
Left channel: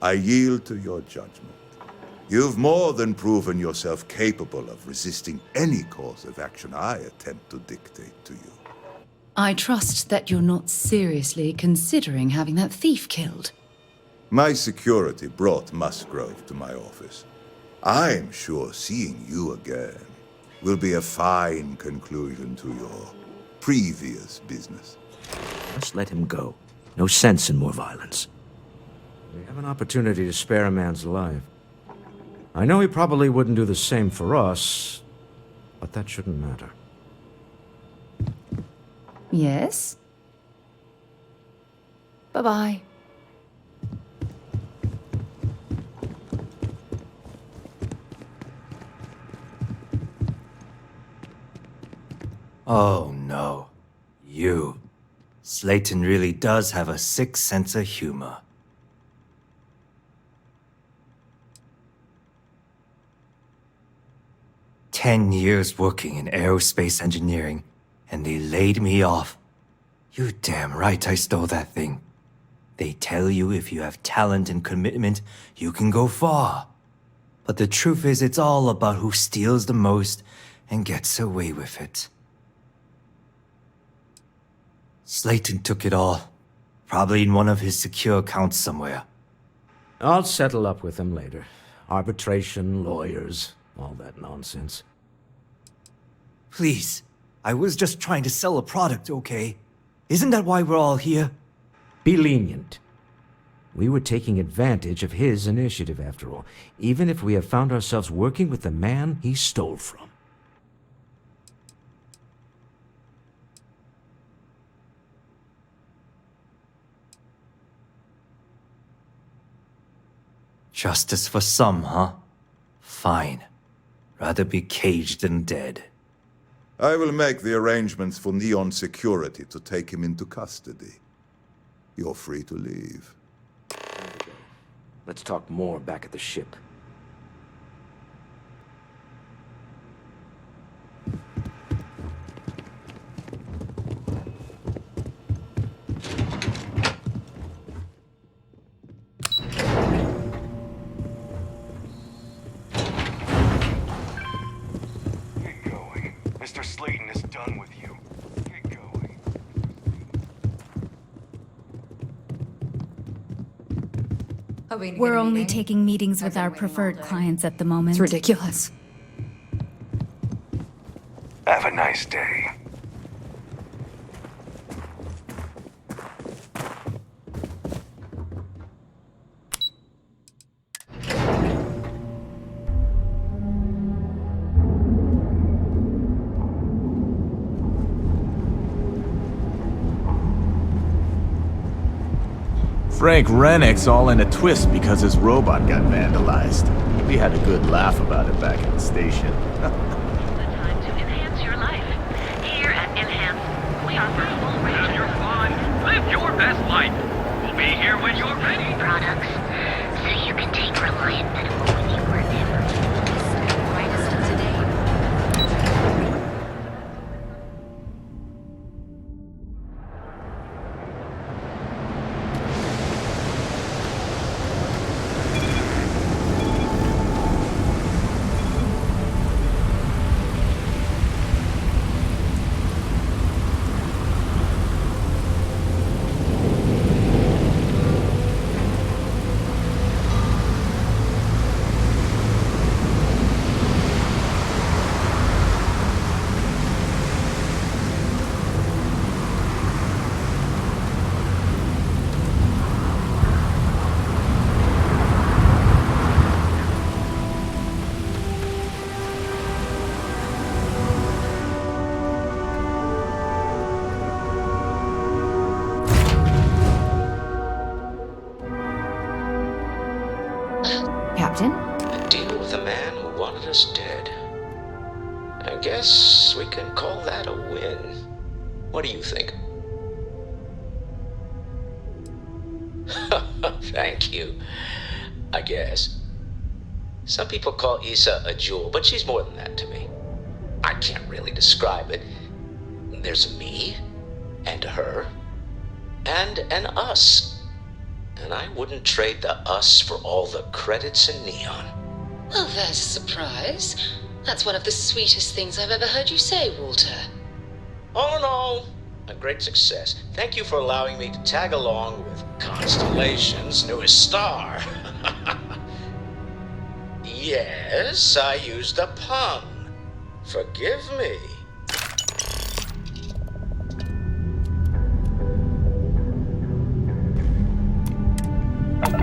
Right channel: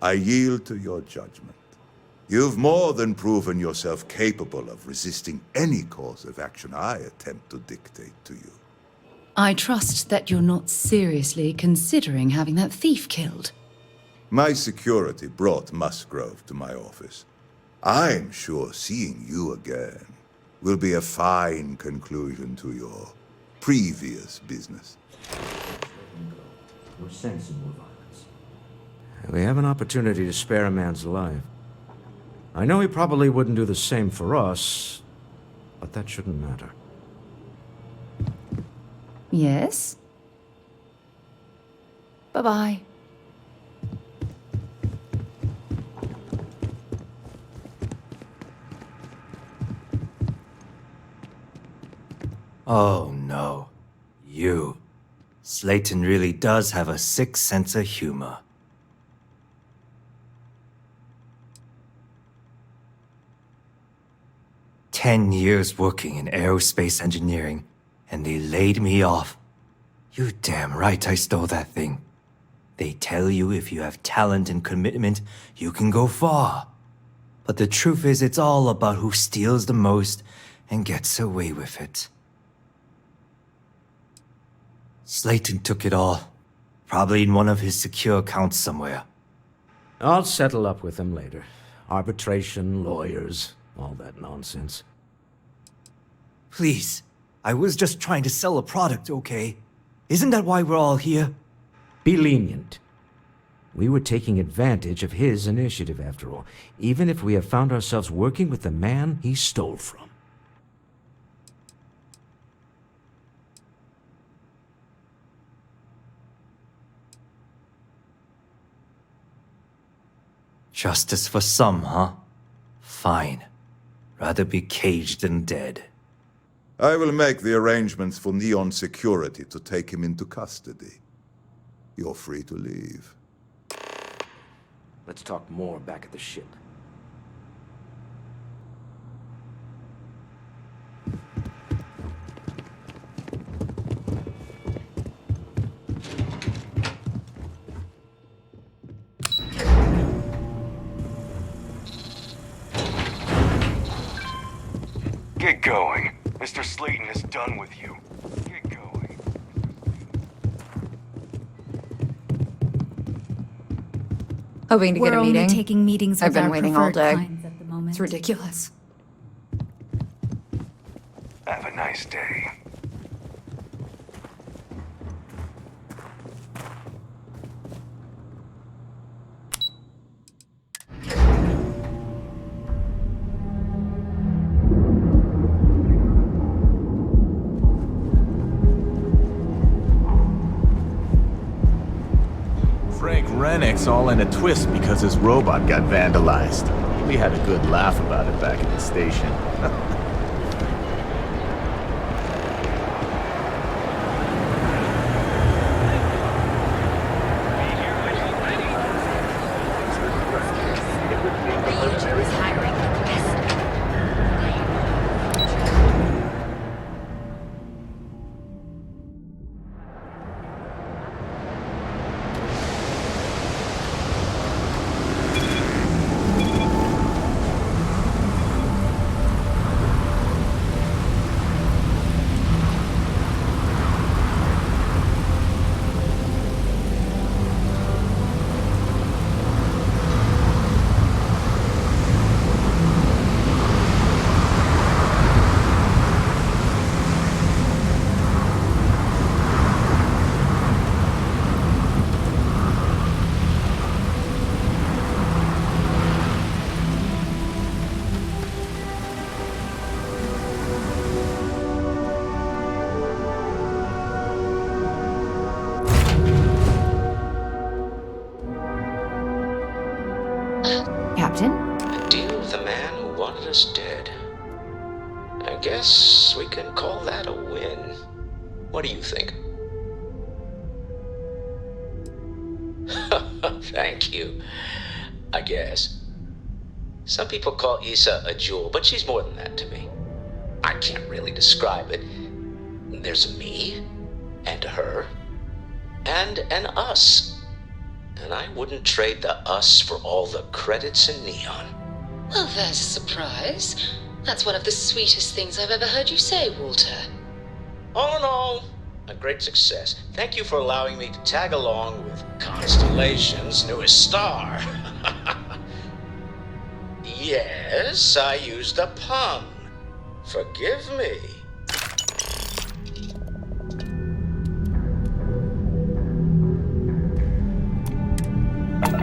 I yield to your judgment. You've more than proven yourself capable of resisting any course of action I attempt to dictate to you. I trust that you're not seriously considering having that thief killed. My security brought Musgrove to my office. I'm sure seeing you again will be a fine conclusion to your previous business. Just let him go. No sense in more violence. We have an opportunity to spare a man's life. I know he probably wouldn't do the same for us, but that shouldn't matter. Yes? Bye-bye. Oh no. You. Slayton really does have a sick sense of humor. "10 years working in aerospace engineering, and they laid me off. You damn right I stole that thing. They tell you if you have talent and commitment, you can go far. But the truth is, it's all about who steals the most and gets away with it. Slayton took it all. Probably in one of his secure accounts somewhere. I'll settle up with him later. Arbitration, lawyers, all that nonsense. Please, I was just trying to sell a product, okay? Isn't that why we're all here? Be lenient. We were taking advantage of his initiative, after all, even if we have found ourselves working with the man he stole from. Justice for some, huh? Fine. Rather be caged than dead. I will make the arrangements for Neon Security to take him into custody. You're free to leave. Let's talk more back at the ship. Get going. Mr. Slayton is done with you. Get going. Hoping to get a meeting. We're only taking meetings with our preferred all day. clients at the moment. It's ridiculous. Have a nice day. Frank Rennick's all in a twist because his robot got vandalized. We had a good laugh about it back at the station. Live your best life. We'll be here when you're ready. Products, so you can take reliant benefit. Captain? A deal with a man who wanted us dead. I guess we can call that a win. What do you think? Thank you. I guess. Some people call Issa a jewel, but she's more than that to me. I can't really describe it. There's a me, and her, and an us. And I wouldn't trade the us for all the credits in Neon. Well, there's a surprise. That's one of the sweetest things I've ever heard you say, Walter. All in all, a great success. Thank you for allowing me to tag along with Constellation's newest star. Yes, I used a pun. Forgive me. You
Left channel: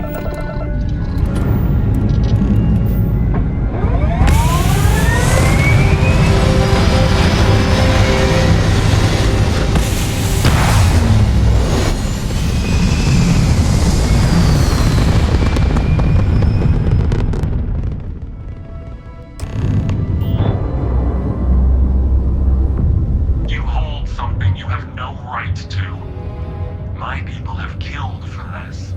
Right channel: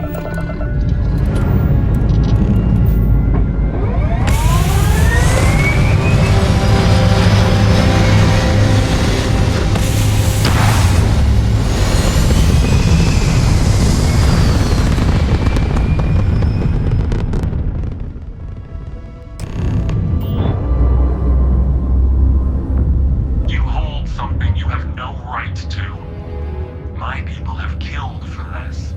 hold something you have no right to. My people have killed for this.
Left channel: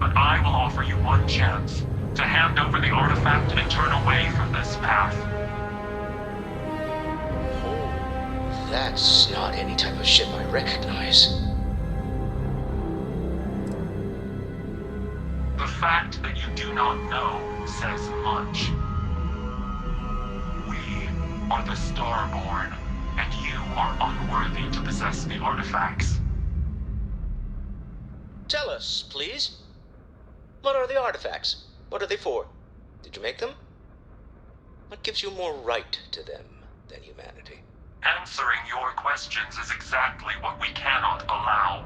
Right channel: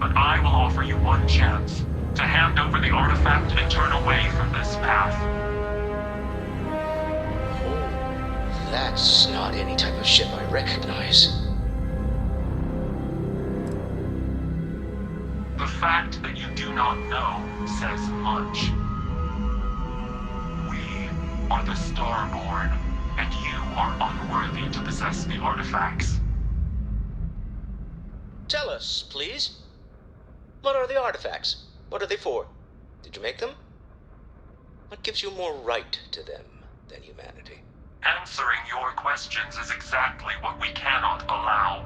But I will offer you one chance to hand over the artifact and turn away from this path. Oh, that's not any type of ship I recognize. The fact that you do not know says much. We are the Starborn, and you are unworthy to possess the artifacts. Tell us, please. What are the artifacts? What are they for? Did you make them? What gives you more right to them than humanity? Answering your questions is exactly what we cannot allow.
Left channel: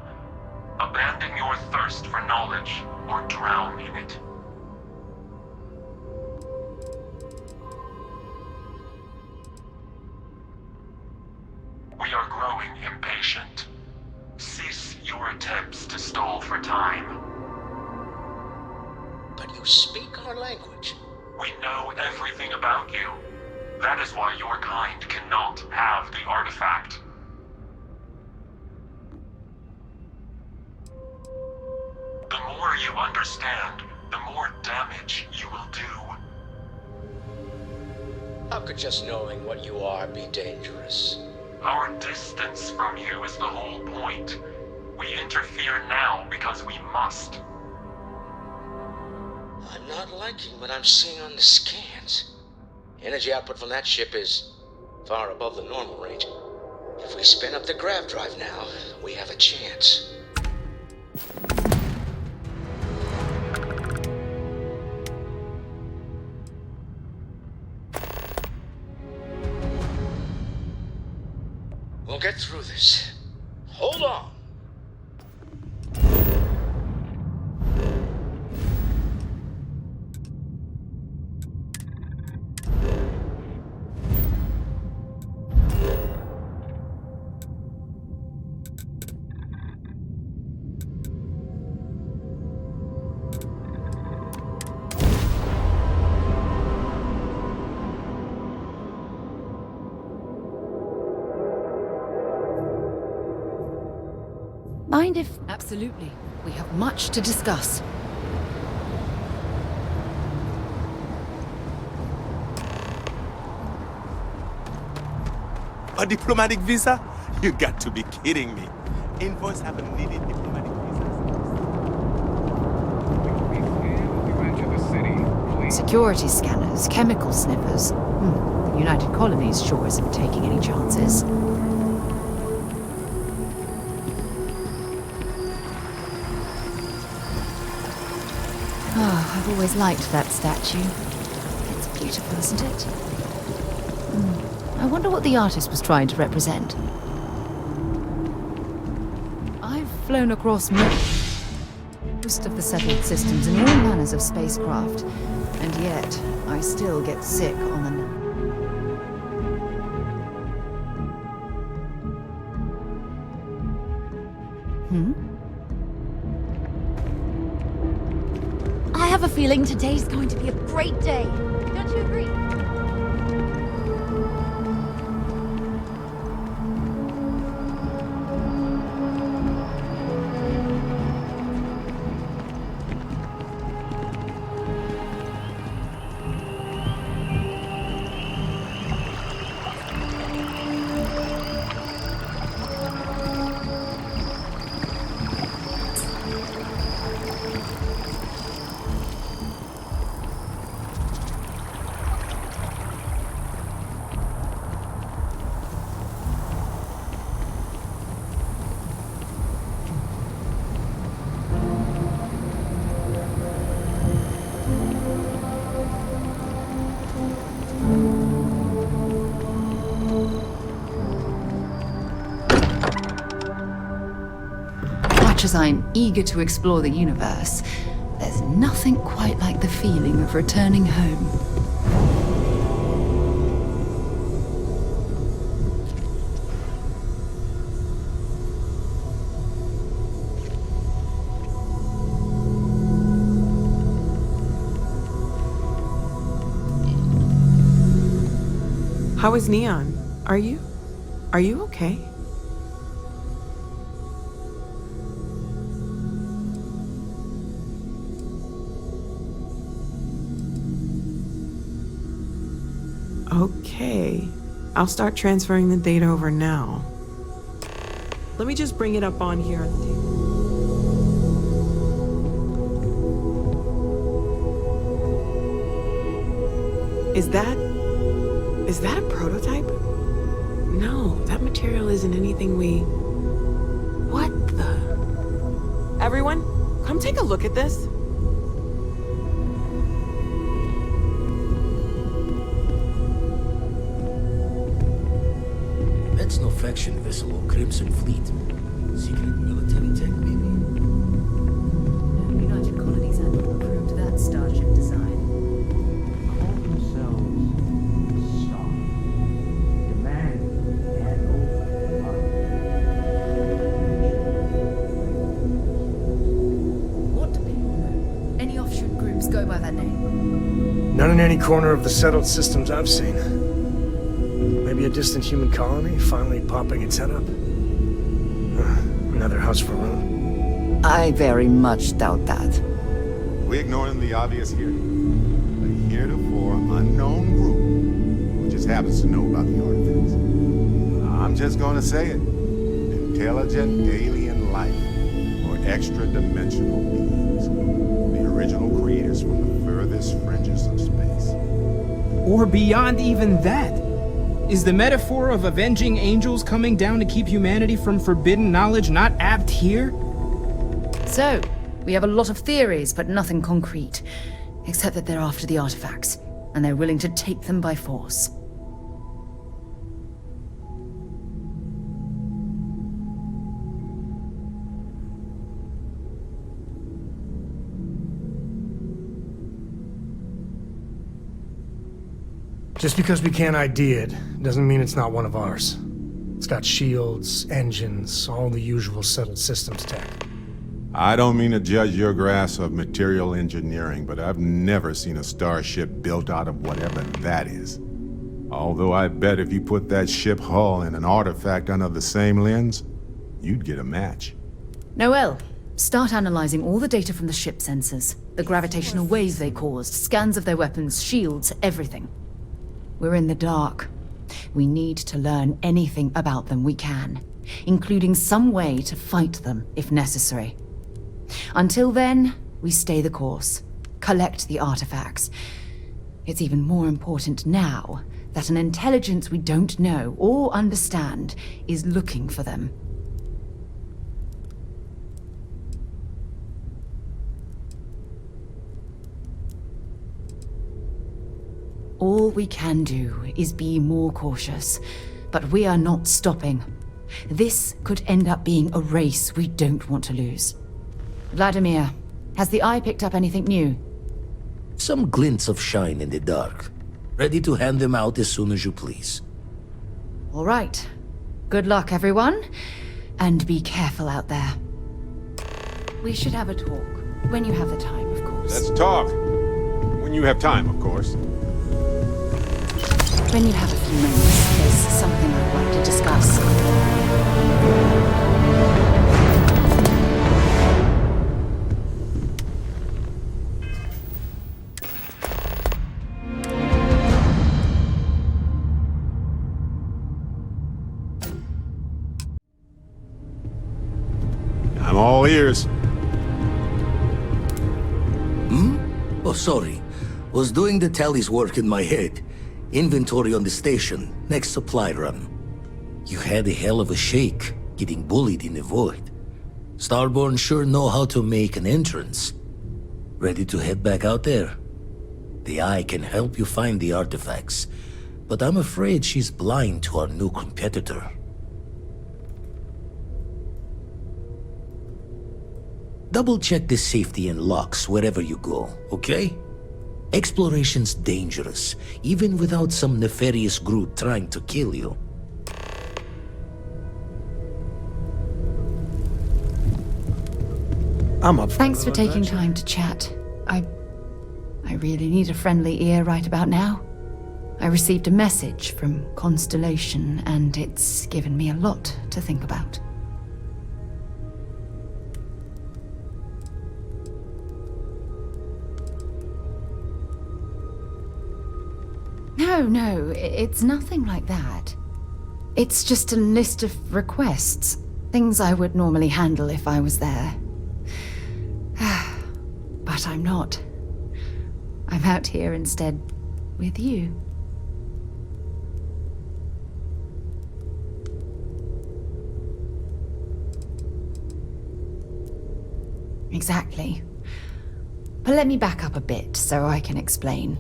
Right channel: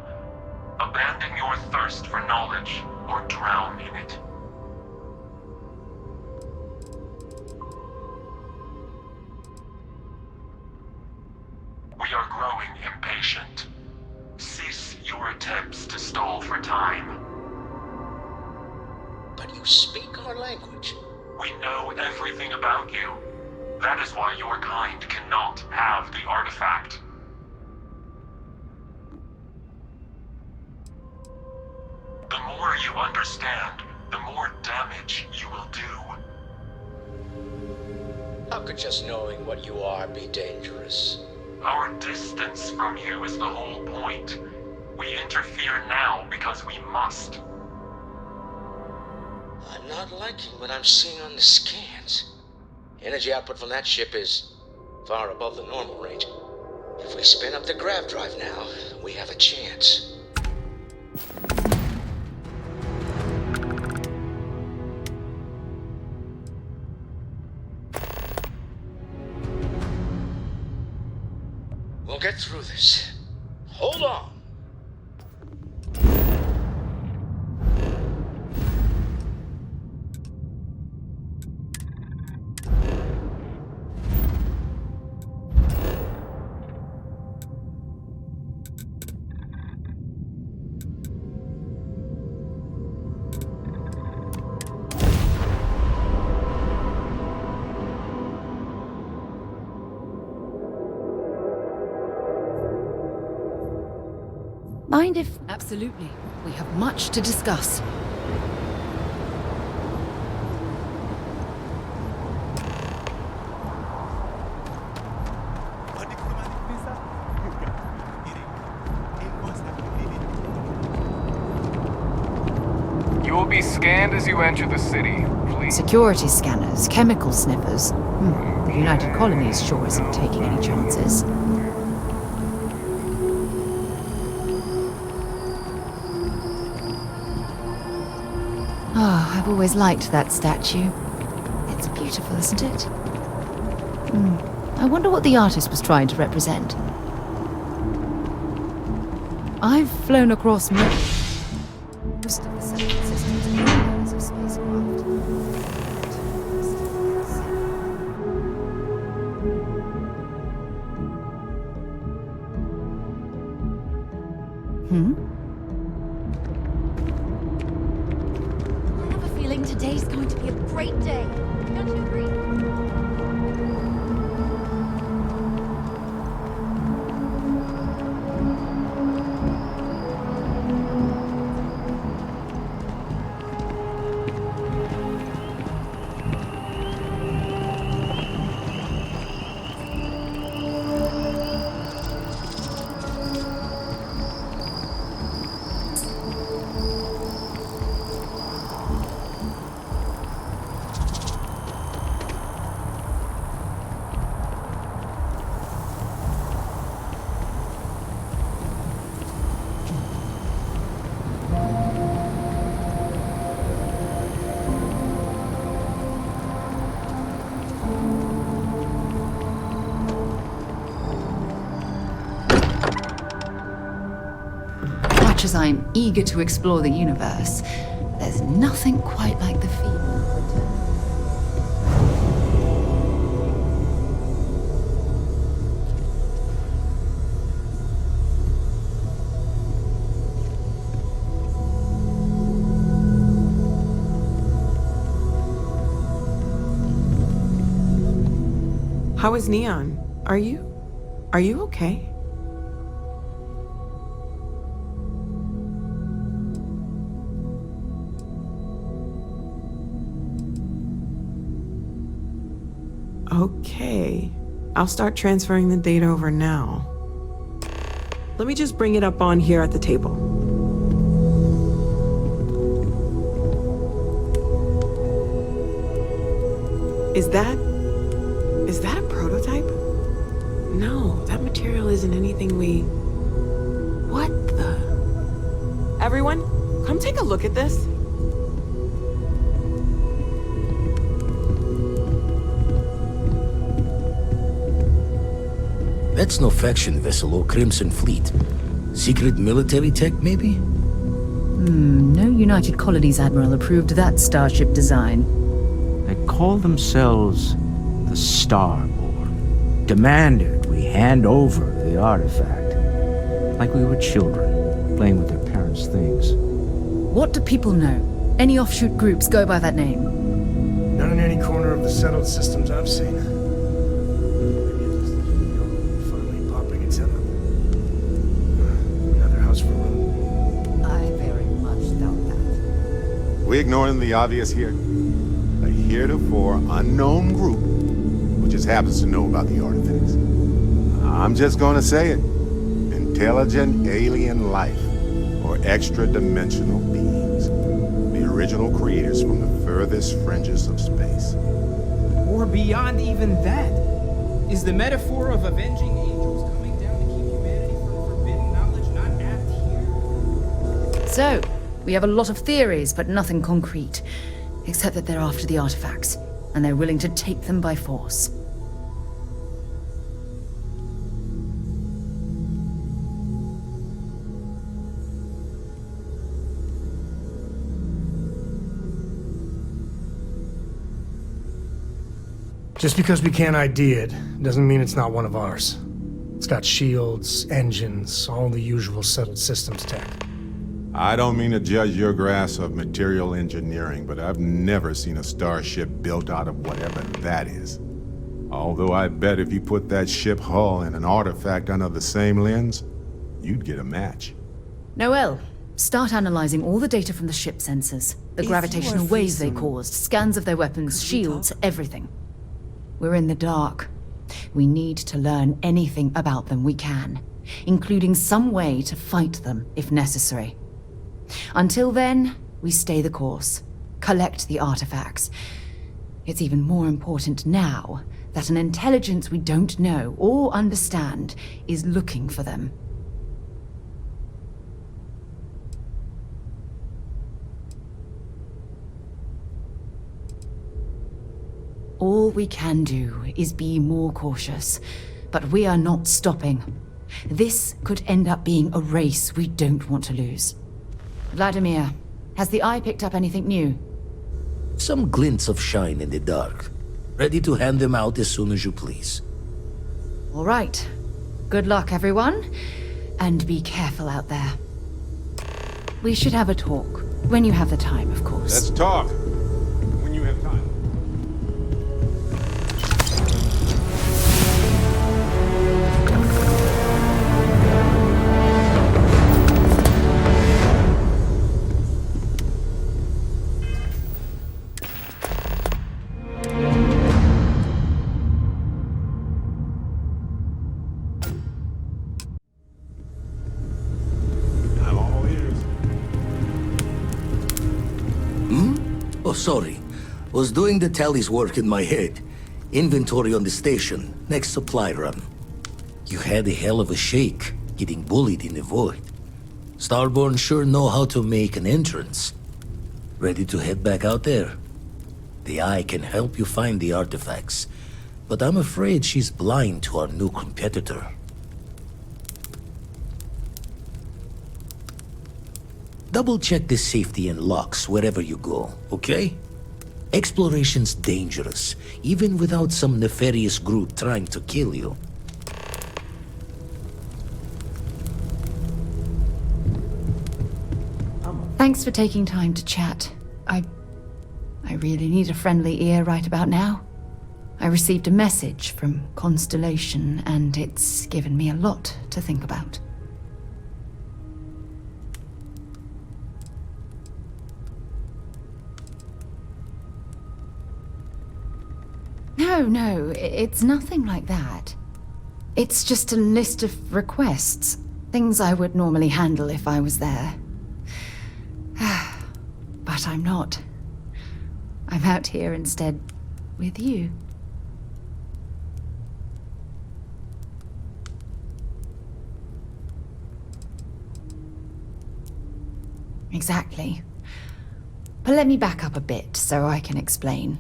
Abandon your thirst for knowledge, or drown in it. We are growing impatient. Cease your attempts to stall for time. But you speak our language. We know everything about you. That is why your kind cannot have the artifact. The more you understand, the more damage you will do. How could just knowing what you are be dangerous? Our distance from you is the whole point. We interfere now because we must. I'm not liking what I'm seeing on the scans. Energy output from that ship is far above the normal range. If we spin up the grav drive now, we have a chance. We'll get through this. Hold on. Mind if... Absolutely. We have much to discuss. A diplomatic visa? You got to be kidding me. Envoys haven't needed diplomatic visas. You will be scanned as you enter the city. Please. Security scanners, chemical sniffers. The United Colonies sure isn't taking any chances. Oh, I've always liked that statue. It's beautiful, isn't it? I wonder what the artist was trying to represent. I've flown across most of the settled systems in all manners of spacecraft, and yet I still get sick on the... I have a feeling today's going to be a great day. Don't you agree? As I'm eager to explore the universe, There's nothing quite like the feeling of returning home. How is Neon? Are you okay? Okay. I'll start transferring the data over now. Let me just bring it up on here at the table. Is that a prototype? No, that material isn't anything we... What the... Everyone, come take a look at this. That's no faction vessel or Crimson Fleet. Secret military tech, maybe? No United Colonies Admiral approved that starship design. They call themselves the Starborn. Demanded we hand over the artifact. Like we were children, playing with their parents' things. What do people know? Any offshoot groups go by that name? None in any corner of the settled systems I've seen. Maybe a distant human colony finally popping its head up. Another house for Rome. I very much doubt that. We ignoring the obvious here? A heretofore unknown group who just happens to know about the artifacts. I'm just gonna say it. Intelligent alien life, or extra-dimensional beings. The original creators from the furthest fringes of space. Or beyond even that. Is the metaphor of avenging angels coming down to keep humanity from forbidden knowledge not apt here? So, we have a lot of theories, but nothing concrete. Except that they're after the artifacts, and they're willing to take them by force. Just because we can't ID it, doesn't mean it's not one of ours. It's got shields, engines, all the usual settled systems tech. I don't mean to judge your grasp of material engineering, but I've never seen a starship built out of whatever that is. Although I bet if you put that ship hull and an artifact under the same lens, you'd get a match. Noel, start analyzing all the data from the ship sensors. The gravitational waves they caused, scans of their weapons, shields, everything. We're in the dark. We need to learn anything about them we can, including some way to fight them if necessary. Until then, we stay the course, collect the artifacts. It's even more important now that an intelligence we don't know or understand is looking for them. All we can do is be more cautious, but we are not stopping. This could end up being a race we don't want to lose. Vladimir, has the Eye picked up anything new? Some glints of shine in the dark. Ready to hand them out as soon as you please. All right. Good luck, everyone. And be careful out there. We should have a talk. When you have the time, of course. Let's talk. When you have time, of course. When you have a few minutes, this is something I want to discuss. I'm all ears. Oh, sorry. Was doing the tallies work in my head. Inventory on the station, next supply run. You had a hell of a shake, getting bullied in the void. Starborn sure know how to make an entrance. Ready to head back out there? The Eye can help you find the artifacts, but I'm afraid she's blind to our new competitor. double-check the safety and locks wherever you go, okay? Exploration's dangerous, even without some nefarious group trying to kill you. Thanks for taking time to chat. I really need a friendly ear right about now. I received a message from Constellation, and it's given me a lot to think about. No, it's nothing like that. It's just a list of requests, things I would normally handle if I was there. But I'm not. I'm out here instead with you. Exactly. But let me back up a bit so I can explain.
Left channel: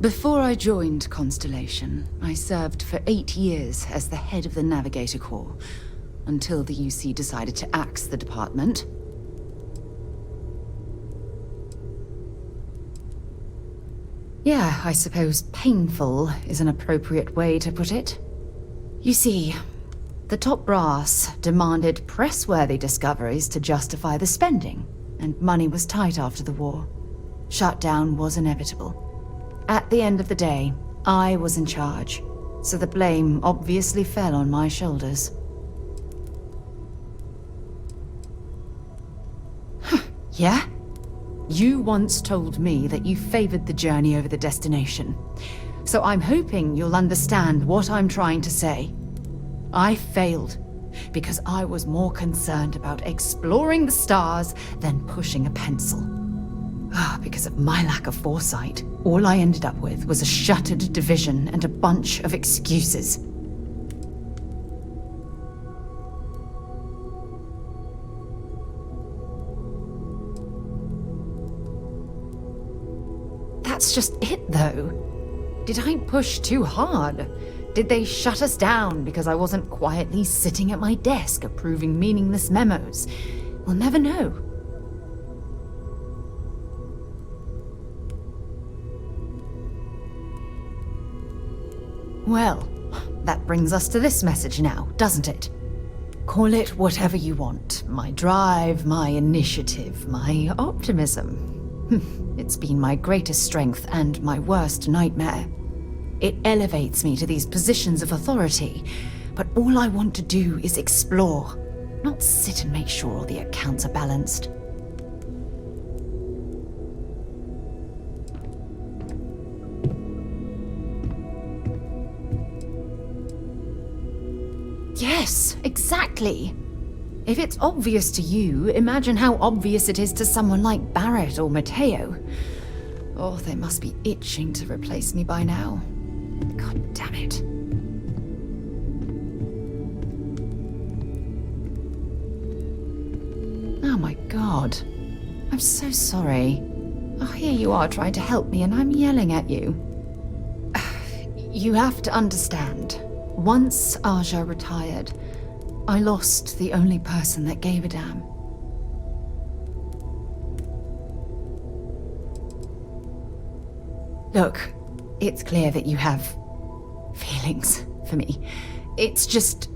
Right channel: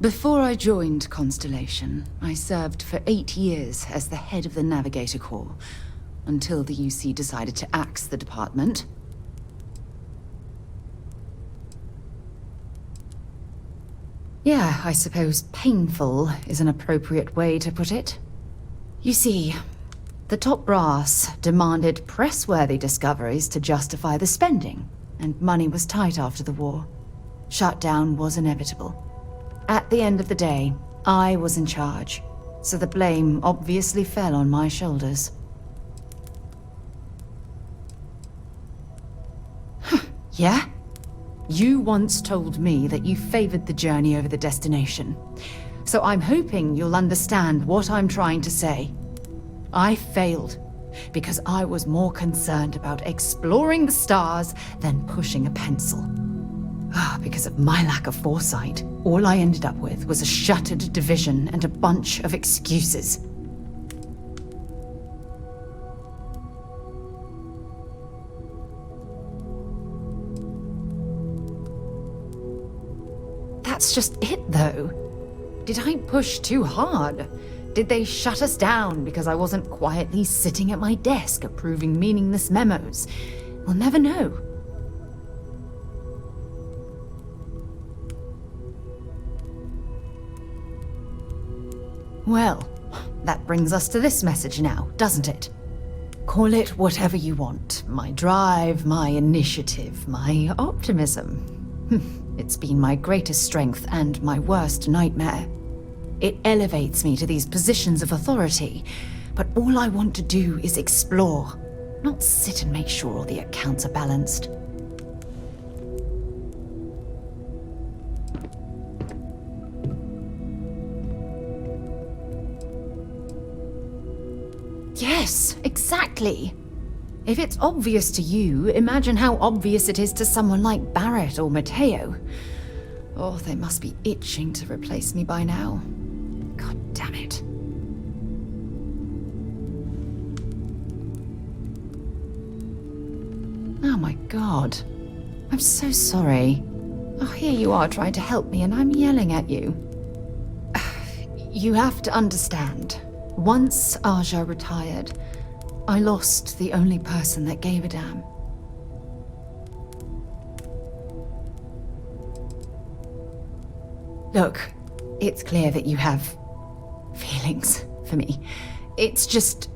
Before I joined Constellation, I served for 8 years as the head of the Navigator Corps, until the UC decided to axe the department. Yeah, I suppose painful is an appropriate way to put it. You see, the top brass demanded press-worthy discoveries to justify the spending, and money was tight after the war. Shutdown was inevitable. At the end of the day, I was in charge, so the blame obviously fell on my shoulders. Yeah? You once told me that you favored the journey over the destination. So I'm hoping you'll understand what I'm trying to say. I failed because I was more concerned about exploring the stars than pushing a pencil. Because of my lack of foresight, all I ended up with was a shuttered division and a bunch of excuses. That's just it, though. Did I push too hard? Did they shut us down because I wasn't quietly sitting at my desk approving meaningless memos? We'll never know. Well, that brings us to this message now, doesn't it? Call it whatever you want. My drive, my initiative, my optimism. It's been my greatest strength and my worst nightmare. It elevates me to these positions of authority, but all I want to do is explore, not sit and make sure all the accounts are balanced. Yes, exactly. If it's obvious to you, imagine how obvious it is to someone like Barrett or Mateo. Oh, they must be itching to replace me by now. God damn it. Oh my god. I'm so sorry. Oh, here you are trying to help me and I'm yelling at you. You have to understand. Once Aja retired, I lost the only person that gave a damn. Look, it's clear that you have feelings for me. It's just...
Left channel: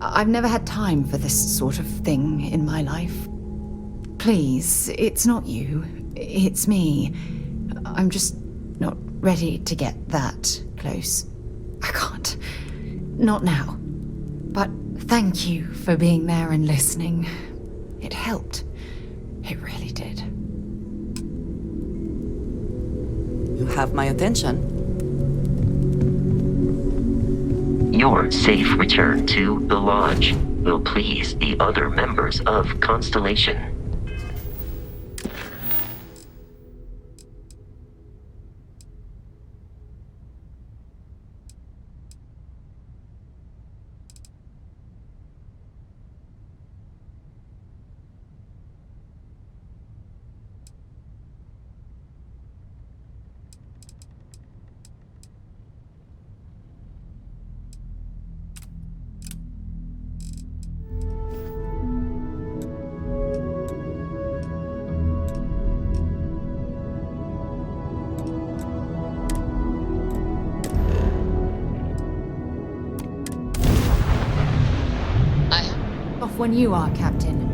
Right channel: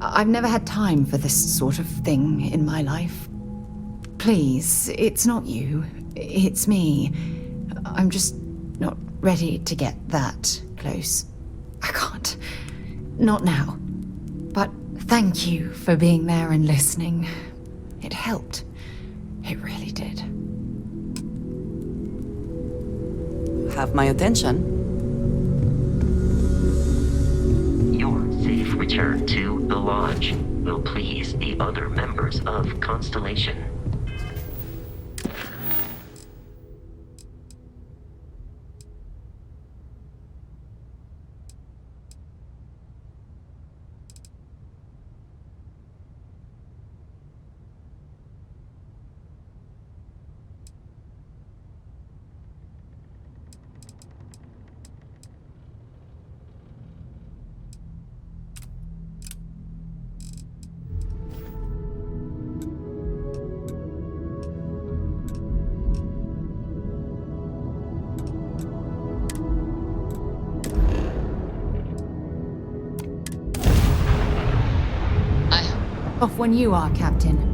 I've never had time for this sort of thing in my life. Please, it's not you. It's me. I'm just not ready to get that close. I can't. Not now. But thank you for being there and listening. It helped. It really did. You have my attention. Your safe return to the Lodge will please the other members of Constellation. Off when you are, Captain.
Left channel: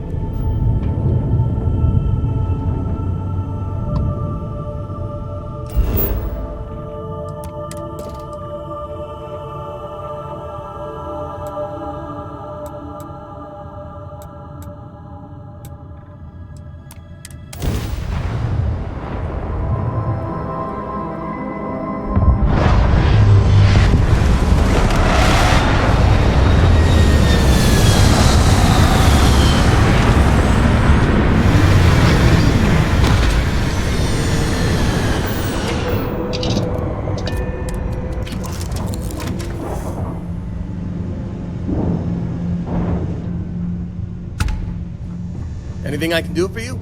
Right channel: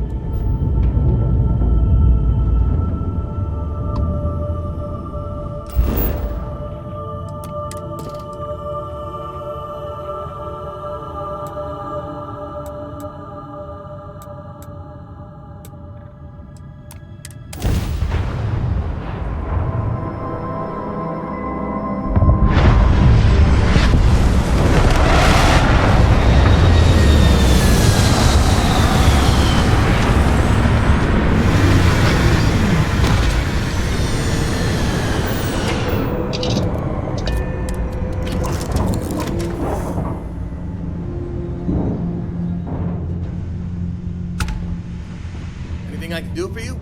Anything I can do for you?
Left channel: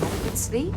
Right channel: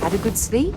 Had a good sleep?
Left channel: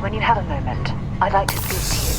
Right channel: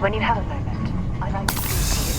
When you have a moment, I'd like to speak to you.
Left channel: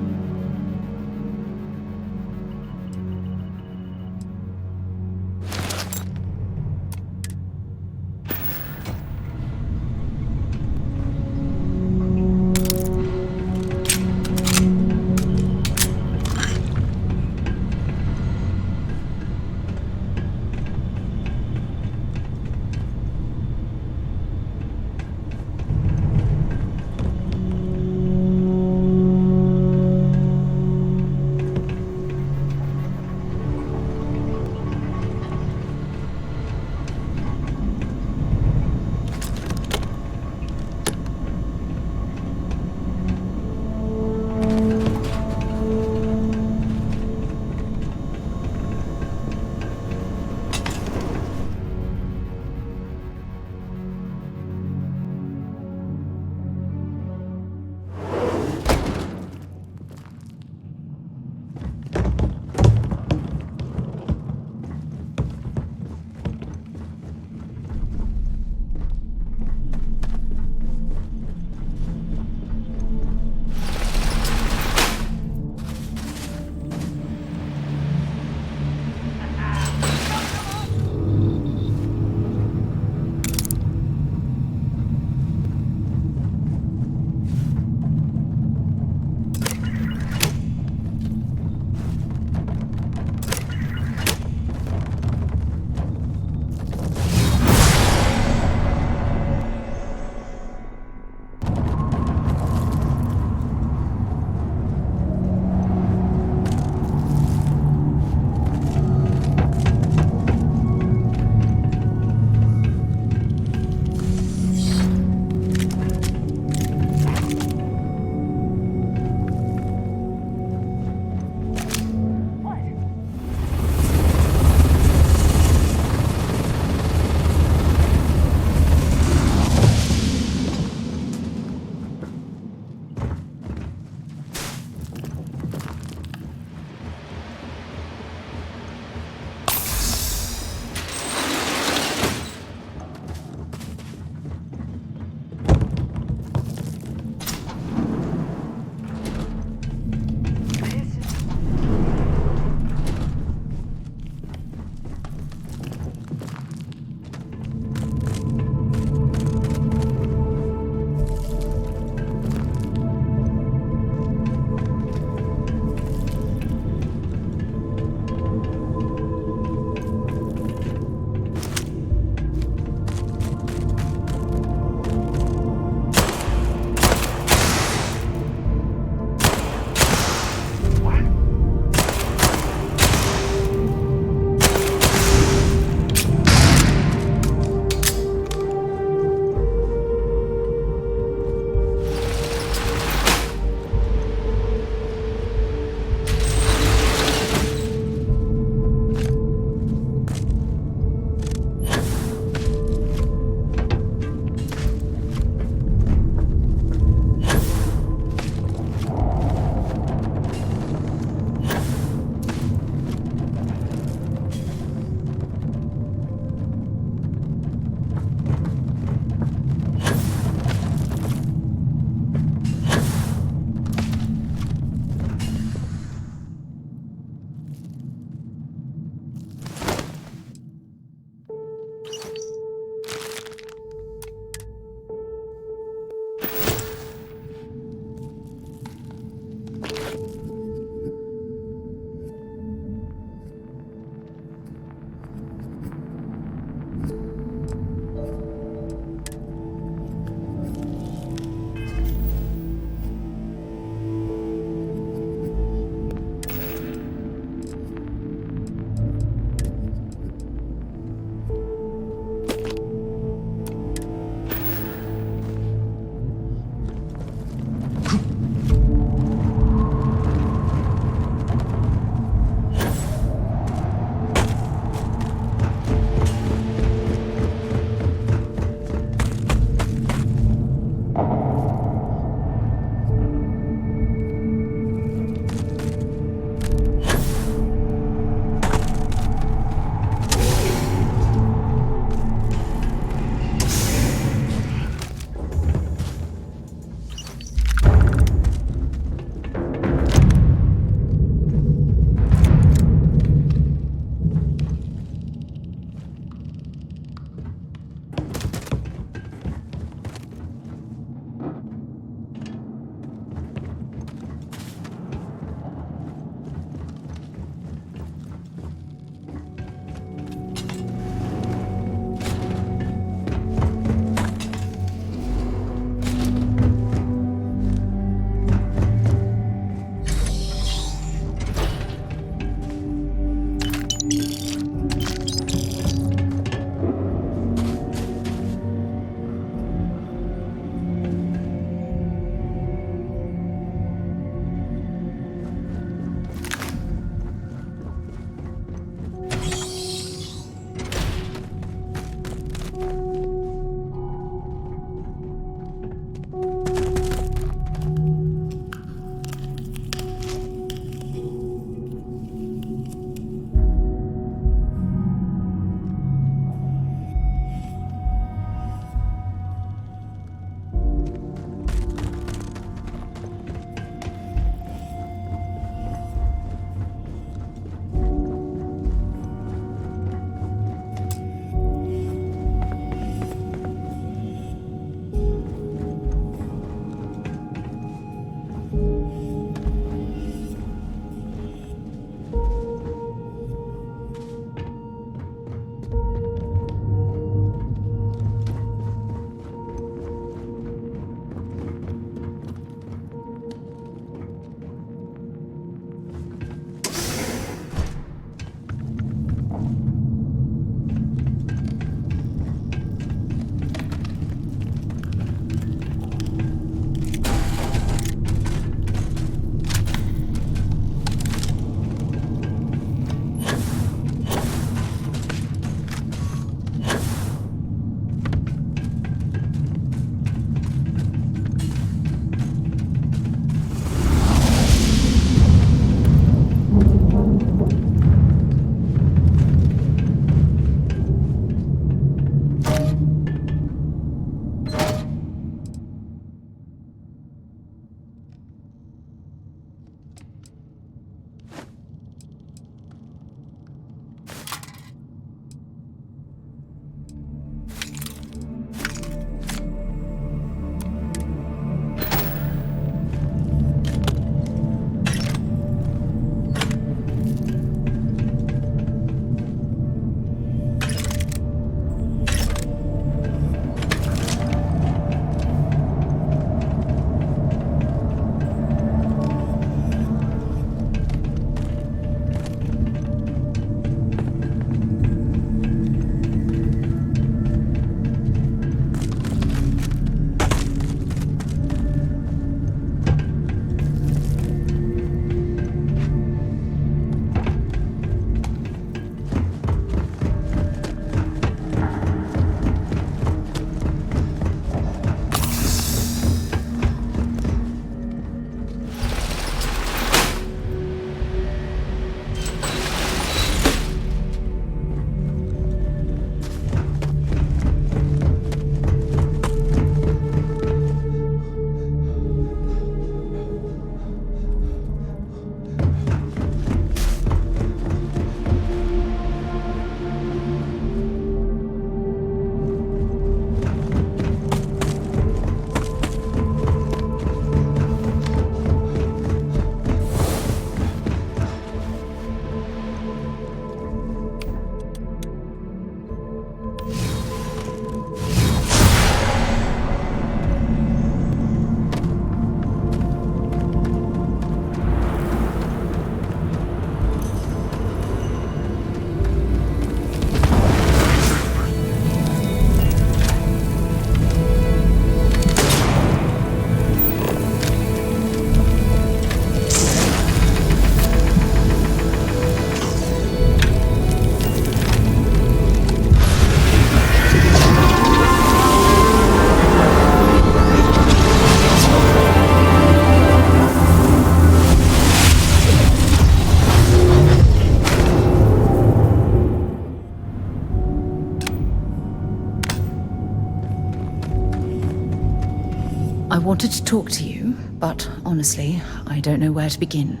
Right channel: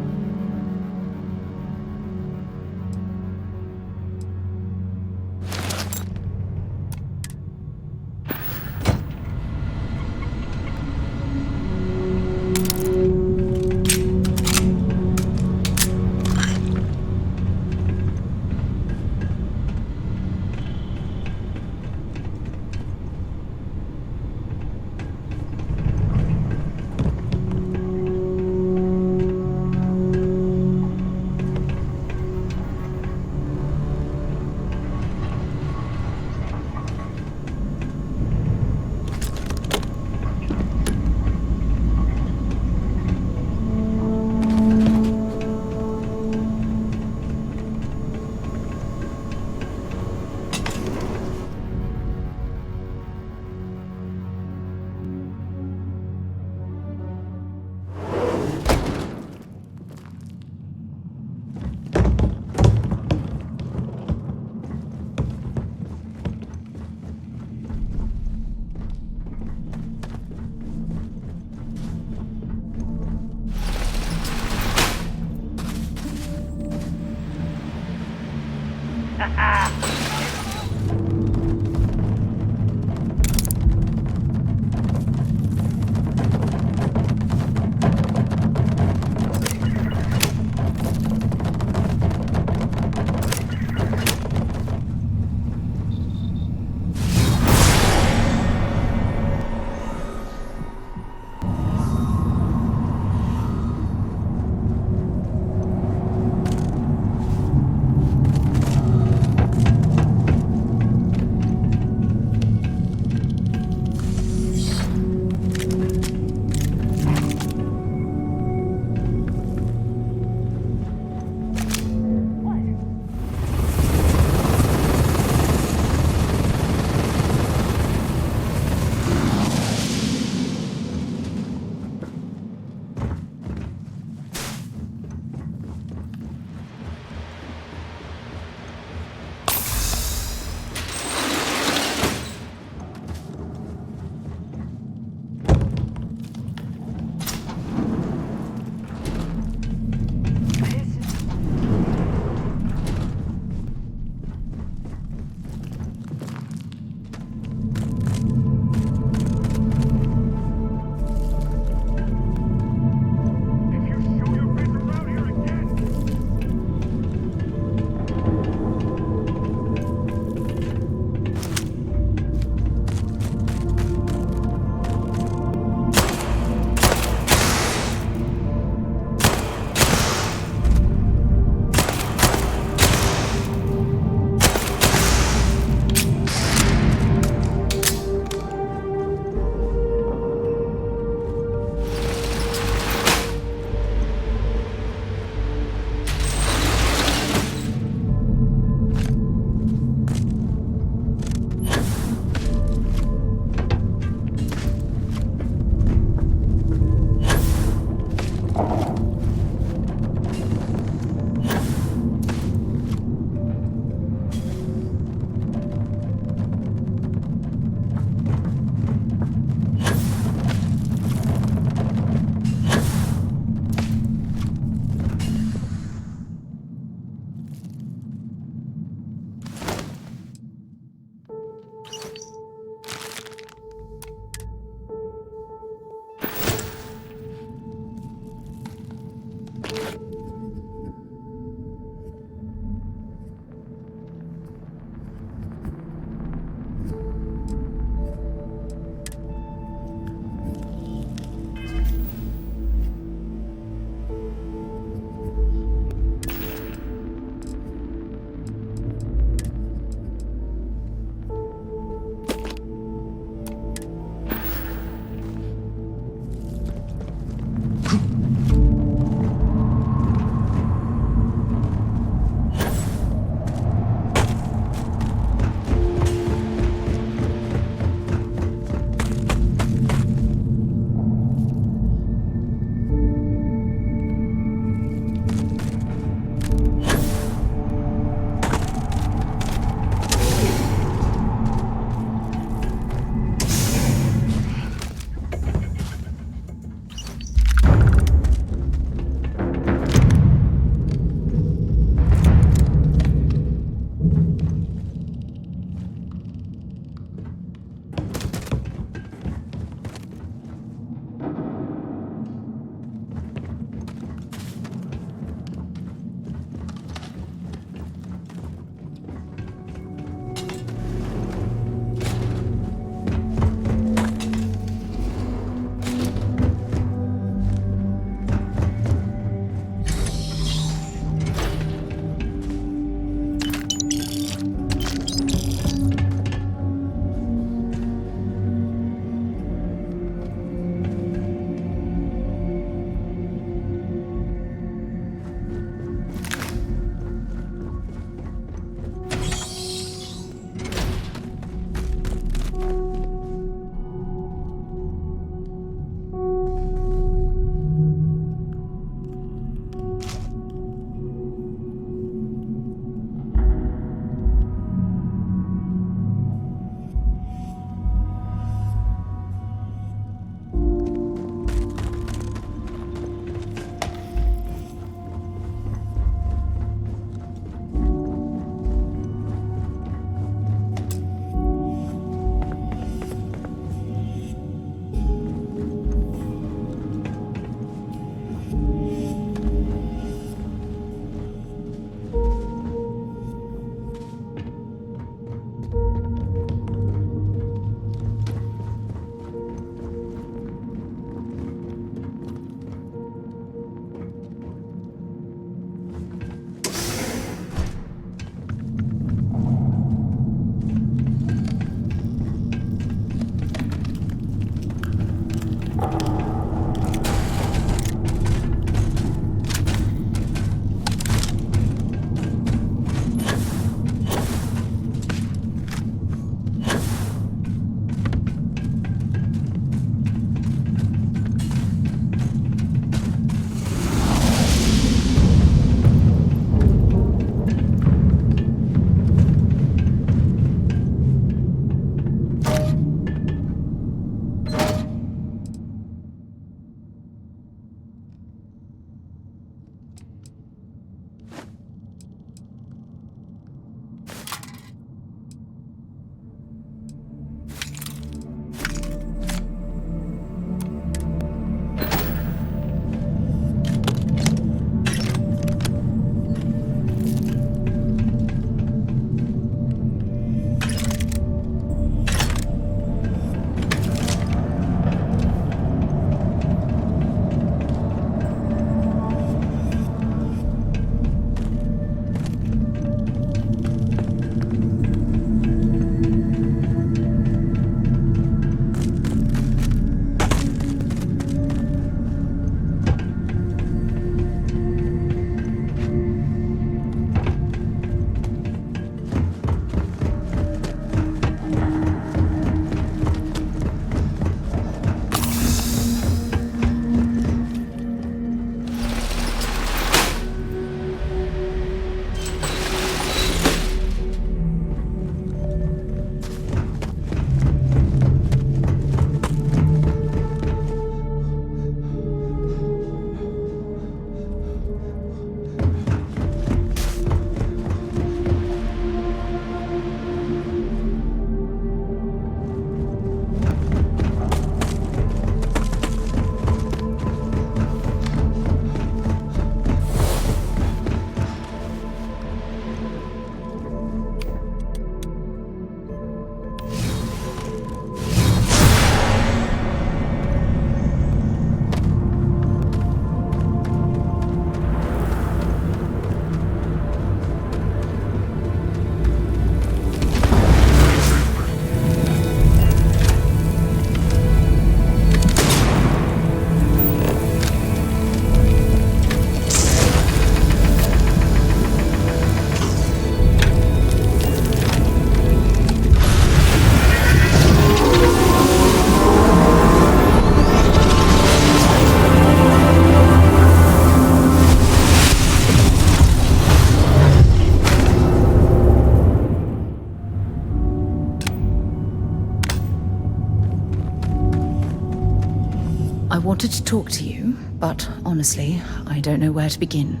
I wanted to talk to you, but honestly, I don't know where to begin.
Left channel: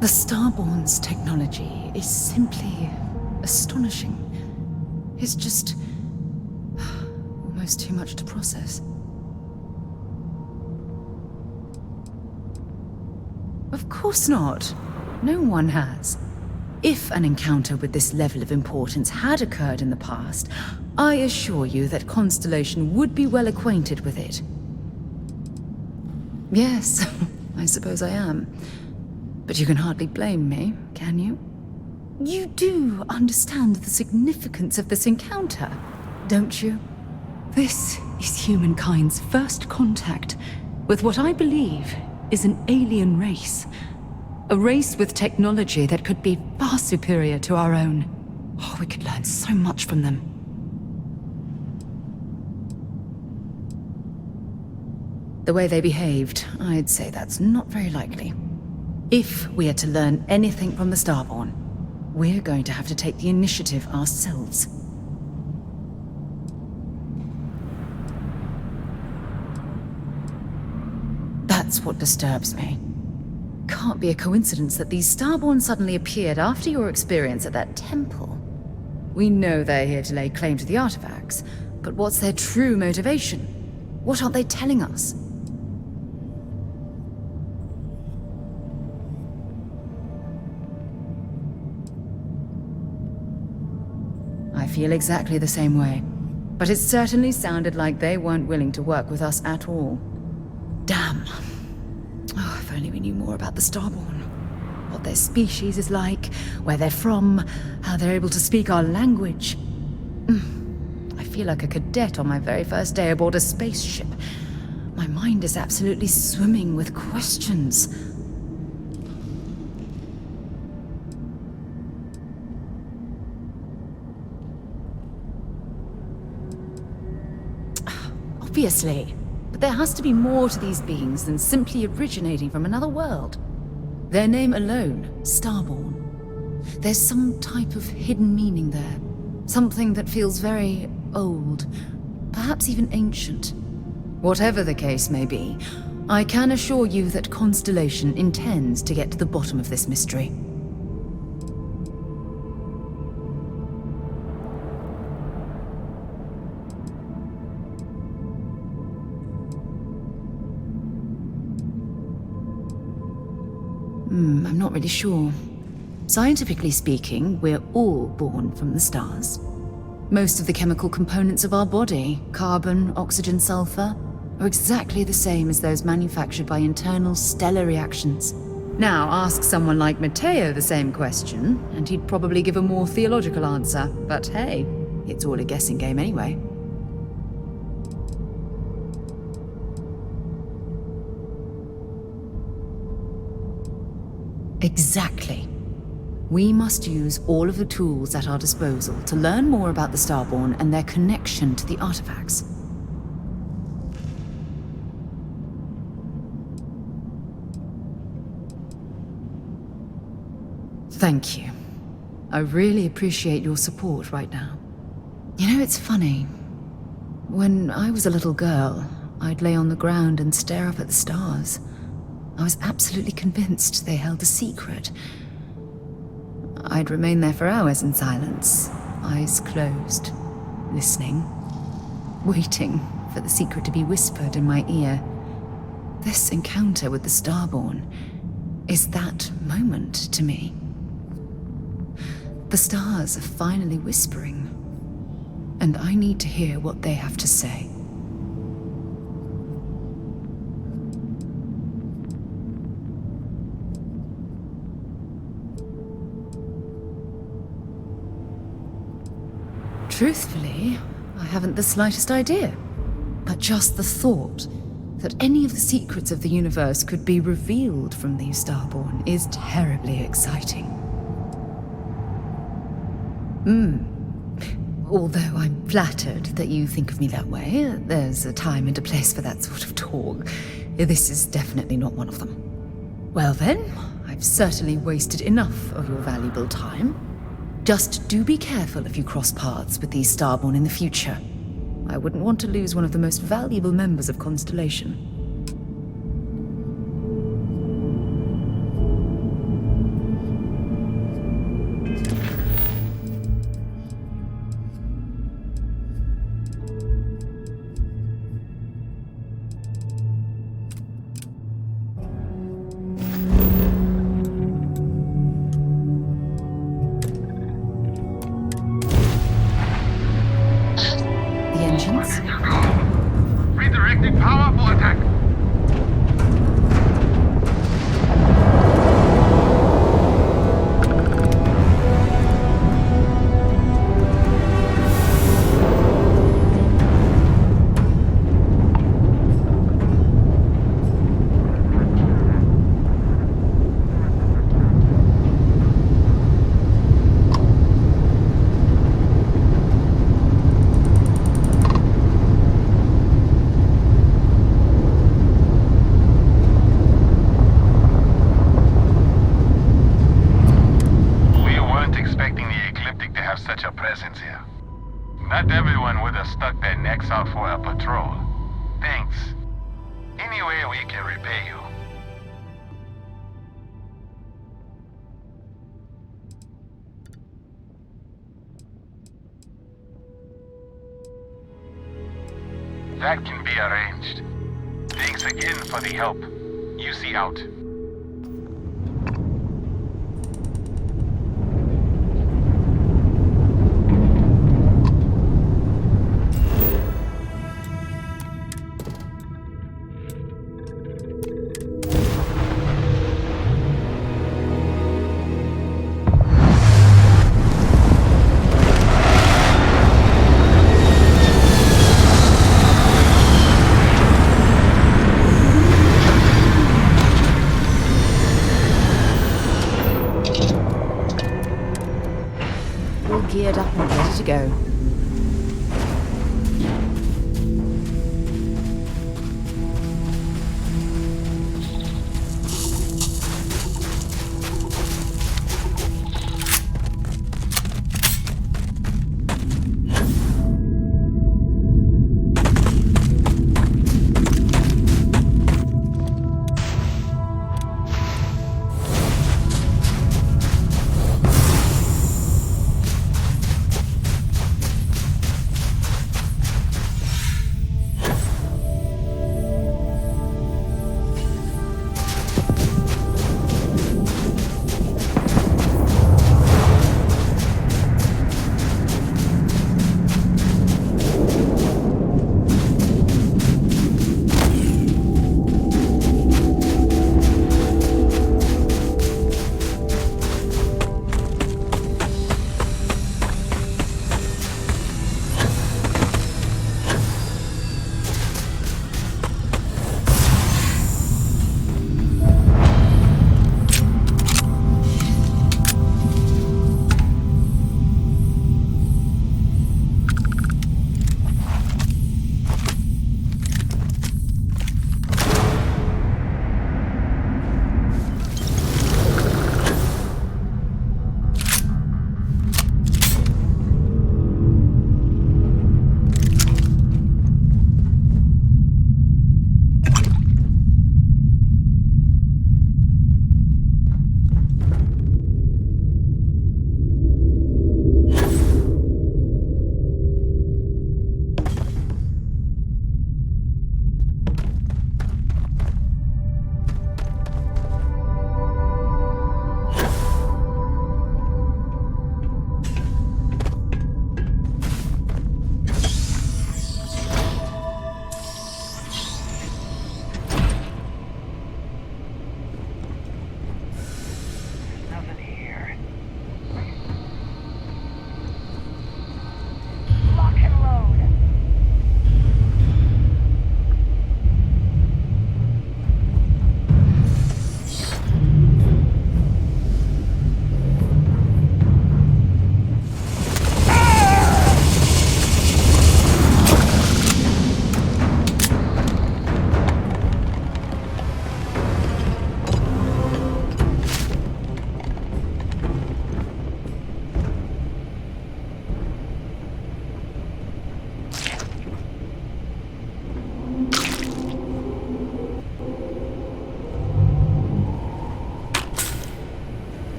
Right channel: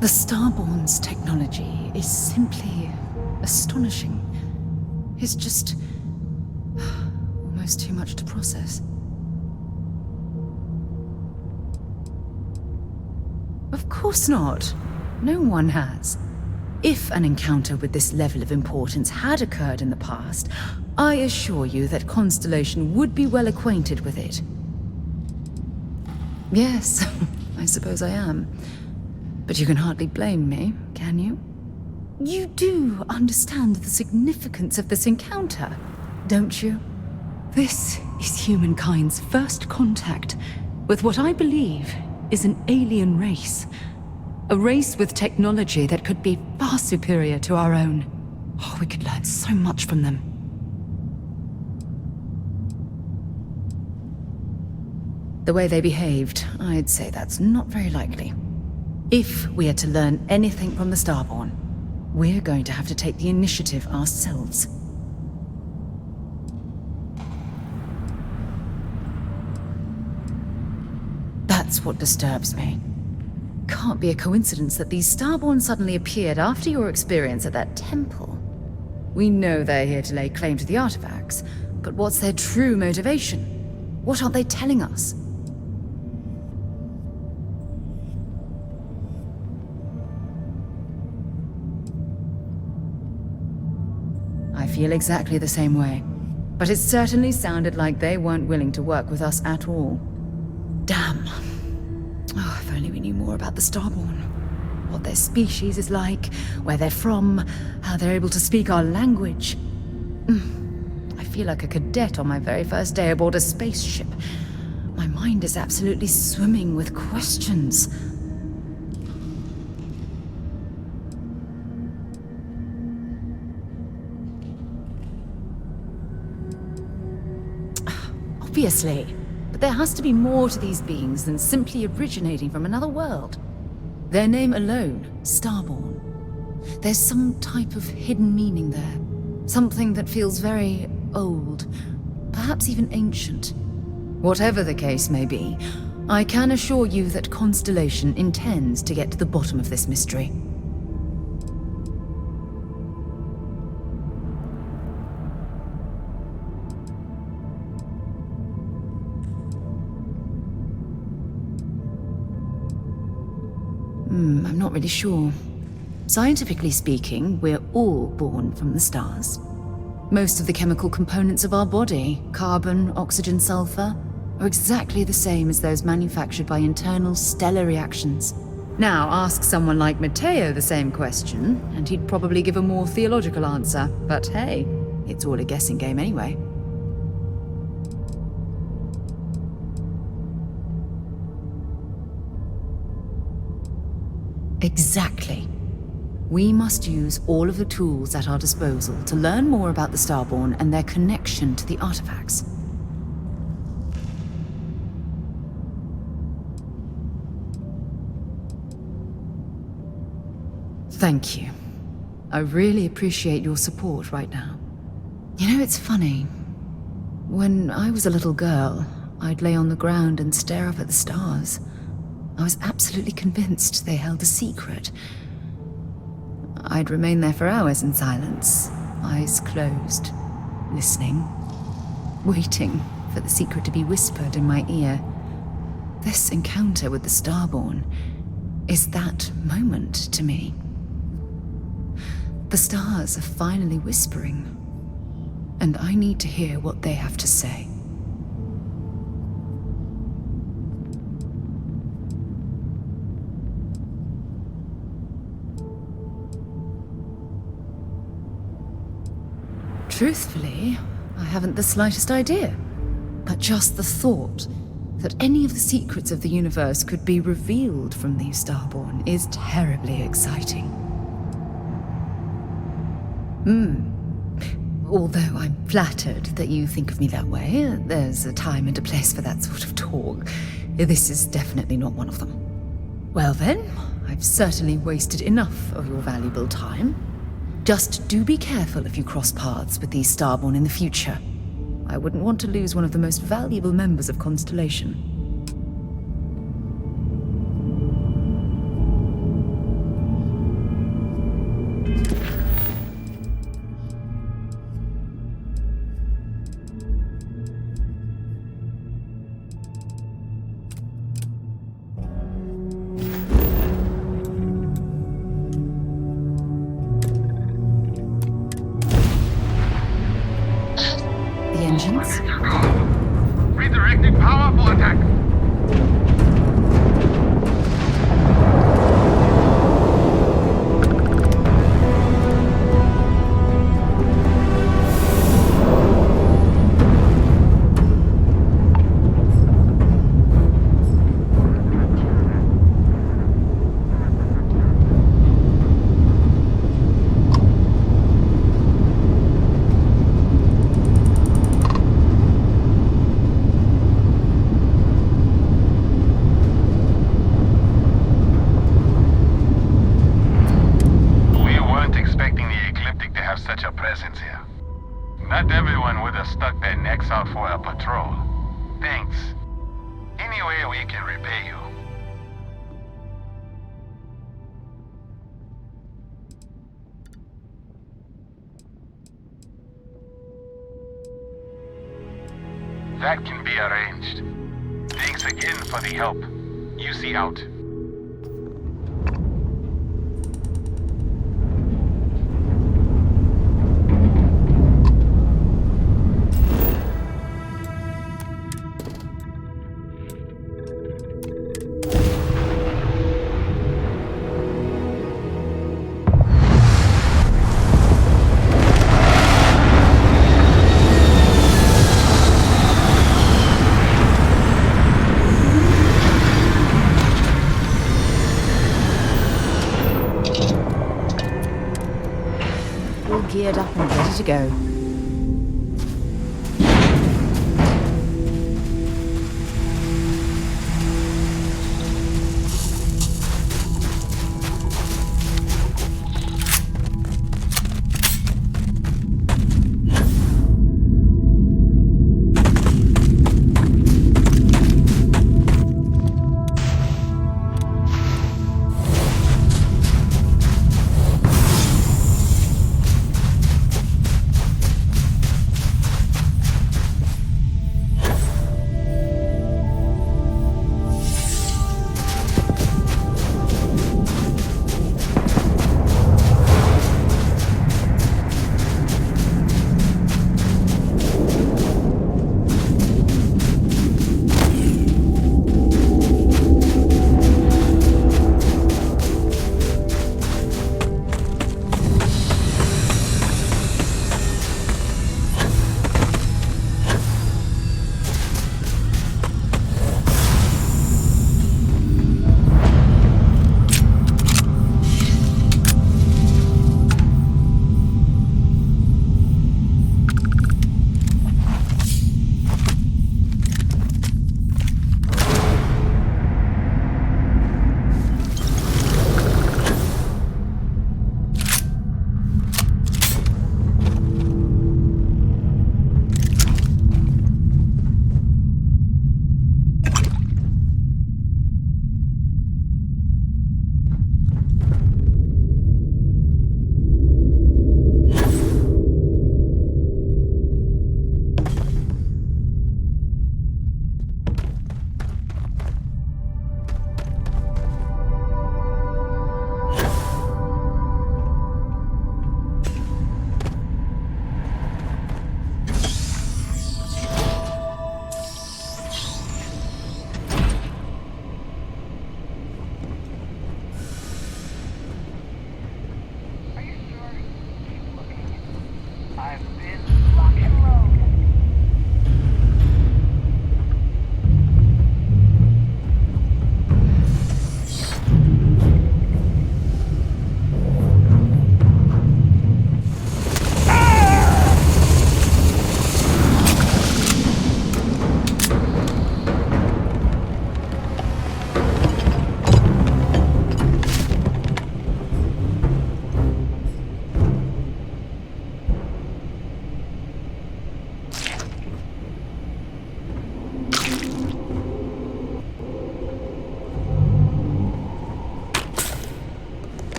The Starborn's technology is simply astonishing. It's just almost too much to process. Of course not. No one has. If an encounter with this level of importance had occurred in the past, I assure you that Constellation would be well acquainted with it. Yes, I suppose I am. But you can hardly blame me, can you? You do understand the significance of this encounter, don't you? This is humankind's first contact with what I believe is an alien race. A race with technology that could be far superior to our own. Oh, we could learn so much from them. The way they behaved, I'd say that's not very likely. If we are to learn anything from the Starborn, we're going to have to take the initiative ourselves. That's what disturbs me. Can't be a coincidence that these Starborn suddenly appeared after your experience at that temple. We know they're here to lay claim to the artifacts, but what's their true motivation? What aren't they telling us? I feel exactly the same way, but it certainly sounded like they weren't willing to work with us at all. Damn. Oh, if only we knew more about the Starborn. What their species is like, where they're from, how they're able to speak our language. I feel like a cadet on my very first day aboard a spaceship. My mind is absolutely swimming with questions. Obviously. But there has to be more to these beings than simply originating from another world. Their name alone, Starborn. There's some type of hidden meaning there. Something that feels very old, perhaps even ancient. Whatever the case may be, I can assure you that Constellation intends to get to the bottom of this mystery. I'm not really sure. Scientifically speaking, we're all born from the stars. Most of the chemical components of our body, carbon, oxygen, sulfur, are exactly the same as those manufactured by internal stellar reactions. Now, ask someone like Matteo the same question, and he'd probably give a more theological answer. But hey, it's all a guessing game anyway. Exactly. We must use all of the tools at our disposal to learn more about the Starborn and their connection to the artifacts. Thank you. I really appreciate your support right now. You know, it's funny. When I was a little girl, I'd lay on the ground and stare up at the stars. I was absolutely convinced they held a secret. I'd remain there for hours in silence, eyes closed, listening, waiting for the secret to be whispered in my ear. This encounter with the Starborn is that moment to me. The stars are finally whispering, and I need to hear what they have to say. Truthfully, I haven't the slightest idea. But just the thought that any of the secrets of the universe could be revealed from these Starborn is terribly exciting. Although I'm flattered that you think of me that way, there's a time and a place for that sort of talk. This is definitely not one of them. Well then, I've certainly wasted enough of your valuable time. Just do be careful if you cross paths with these Starborn in the future. I wouldn't want to lose one of the most valuable members of Constellation. The engines? Redirecting power for attack. Not everyone would have stuck their necks out for a patrol. Thanks. Any way we can repay you. That can be arranged. Thanks again for the help. You see out. Geared up and ready to go.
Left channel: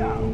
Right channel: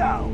go.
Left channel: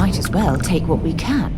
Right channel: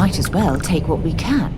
Might as well take what we can.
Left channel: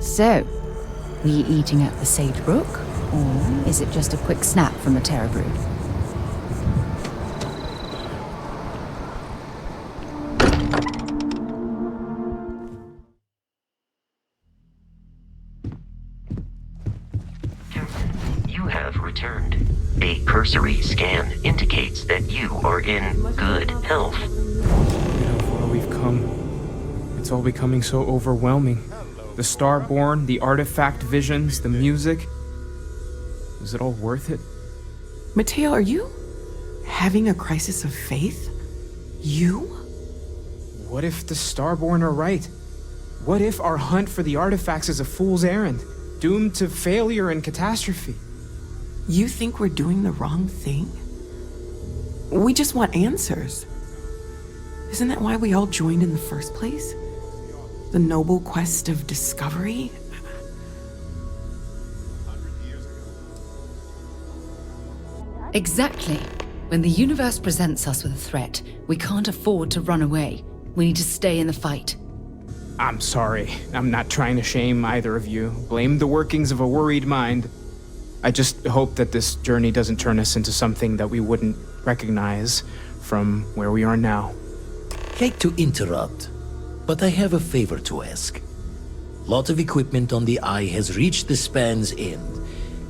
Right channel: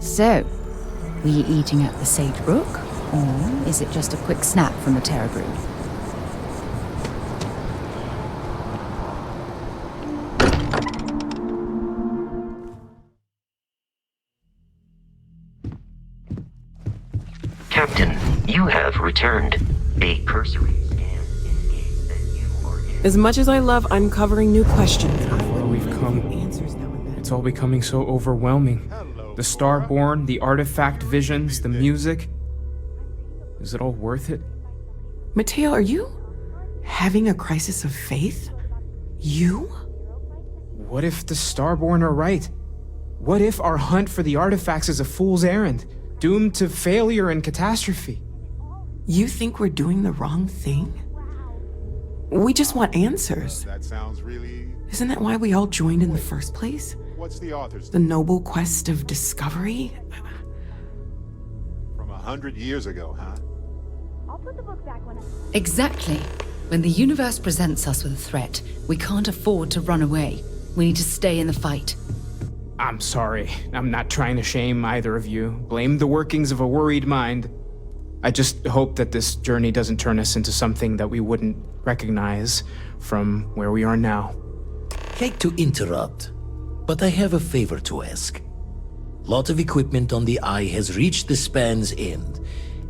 So, were you eating at the Sage Brook, or is it just a quick snap from the Terror Brood? Captain, you have returned. A cursory scan indicates that you are in As much as I good love health. uncovering new questions. Look how far we've come. It's all becoming so overwhelming. The Starborn, the artifact visions, the music. Is it all worth it? Mateo, are you having a crisis of faith? You? What if the Starborn are right? What if our hunt for the artifacts is a fool's errand, doomed to failure and catastrophe? You think we're doing the wrong thing? We just want answers. Isn't that why we all joined in the first place? The noble quest of discovery? From 100 years ago, huh? Exactly. When the universe presents us with a threat, we can't afford to run away. We need to stay in the fight. I'm sorry. I'm not trying to shame either of you. Blame the workings of a worried mind. I just hope that this journey doesn't turn us into something that we wouldn't recognize from where we are now. Hate to interrupt, but I have a favor to ask. Lot of equipment on the Eye has reached the span's end.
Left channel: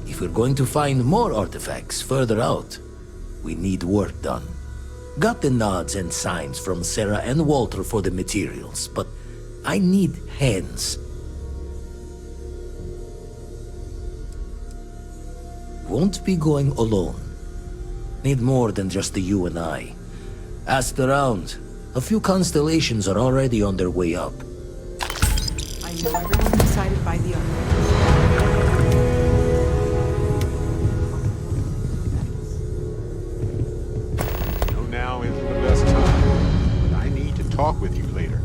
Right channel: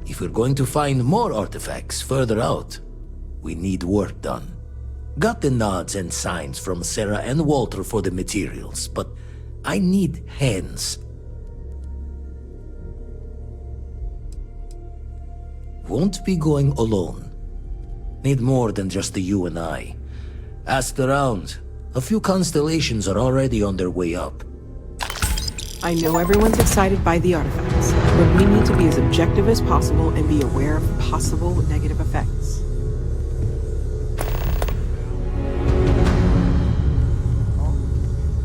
If we're going to find more artifacts further out, we need work done. Got the nods and signs from Sarah and Walter for the materials, but I need hands. Won't be going alone. Need more than just the you and I. Asked around. A few constellations are already on their way up. I know everyone's excited by the artifacts, but we need to be as objective as possible and be aware of possible negative effects. Now is the best time. I need to talk with you later.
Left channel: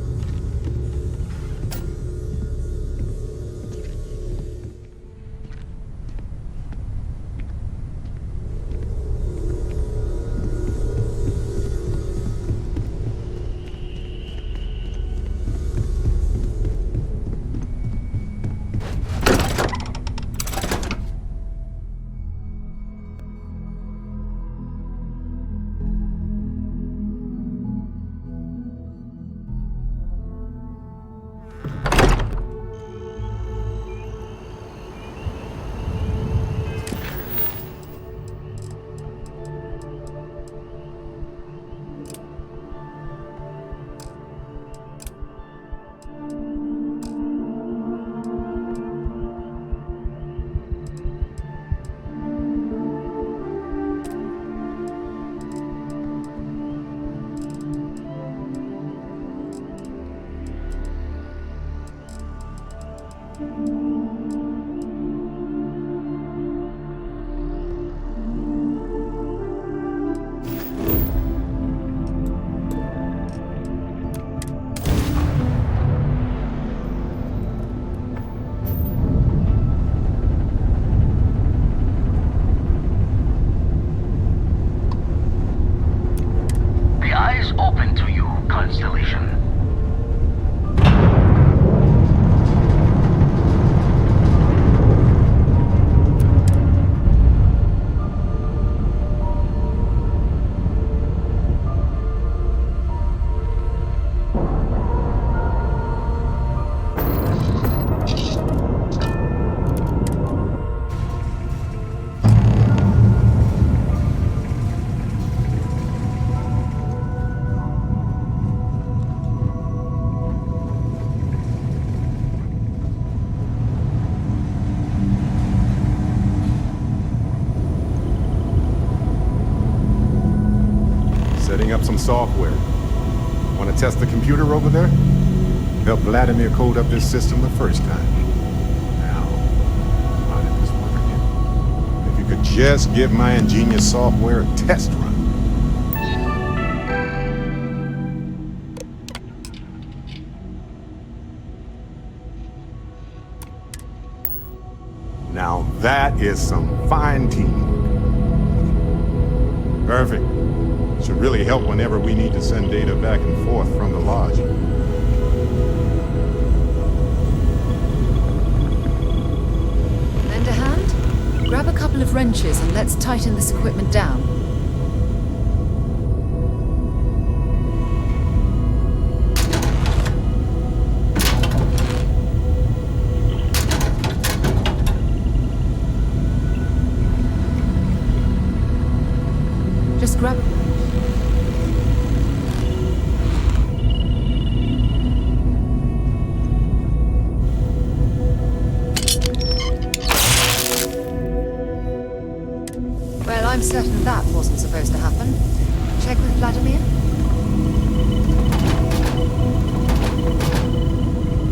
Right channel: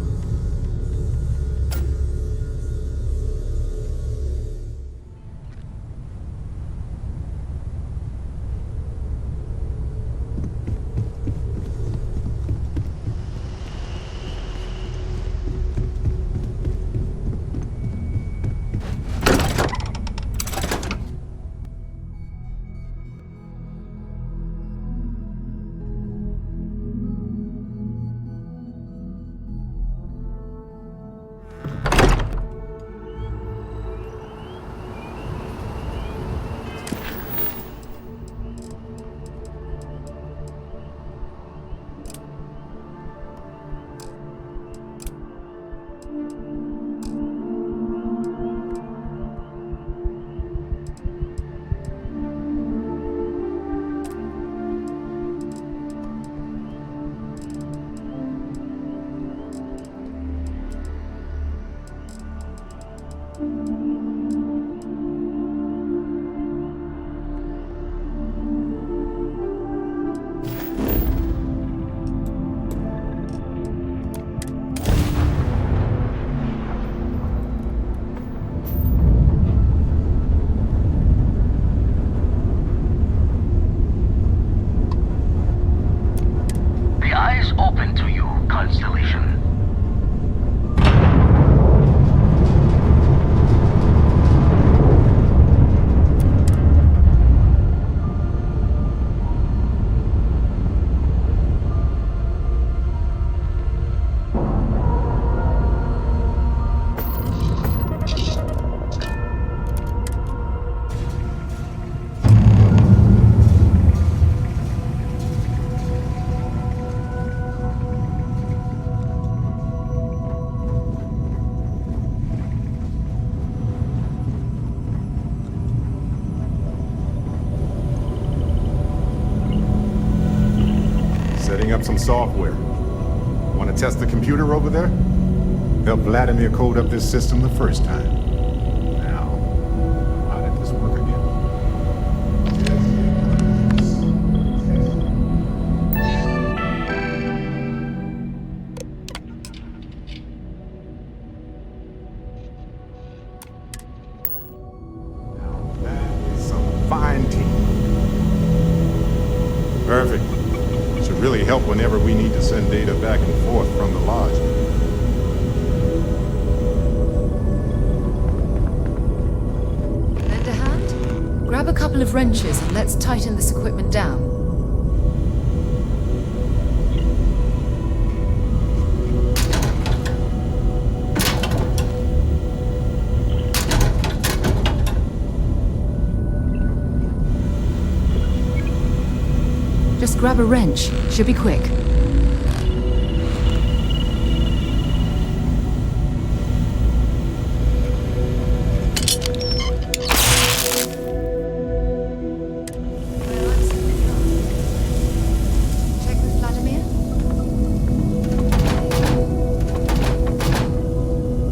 Open to you, Constellation. Setting up some software. Want to test the computer over there? Help Vladimir code up this system the first time. Now, how did this work again? If you could just give my ingenious software a test run. Now that is some fine teamwork. Perfect. Should really help whenever we need to send data back and forth from the Lodge. Lend a hand? Grab a couple of wrenches and let's tighten this equipment down. Just grab a wrench. Should be quick. Well, I'm certain that wasn't supposed to happen. Check with Vladimir?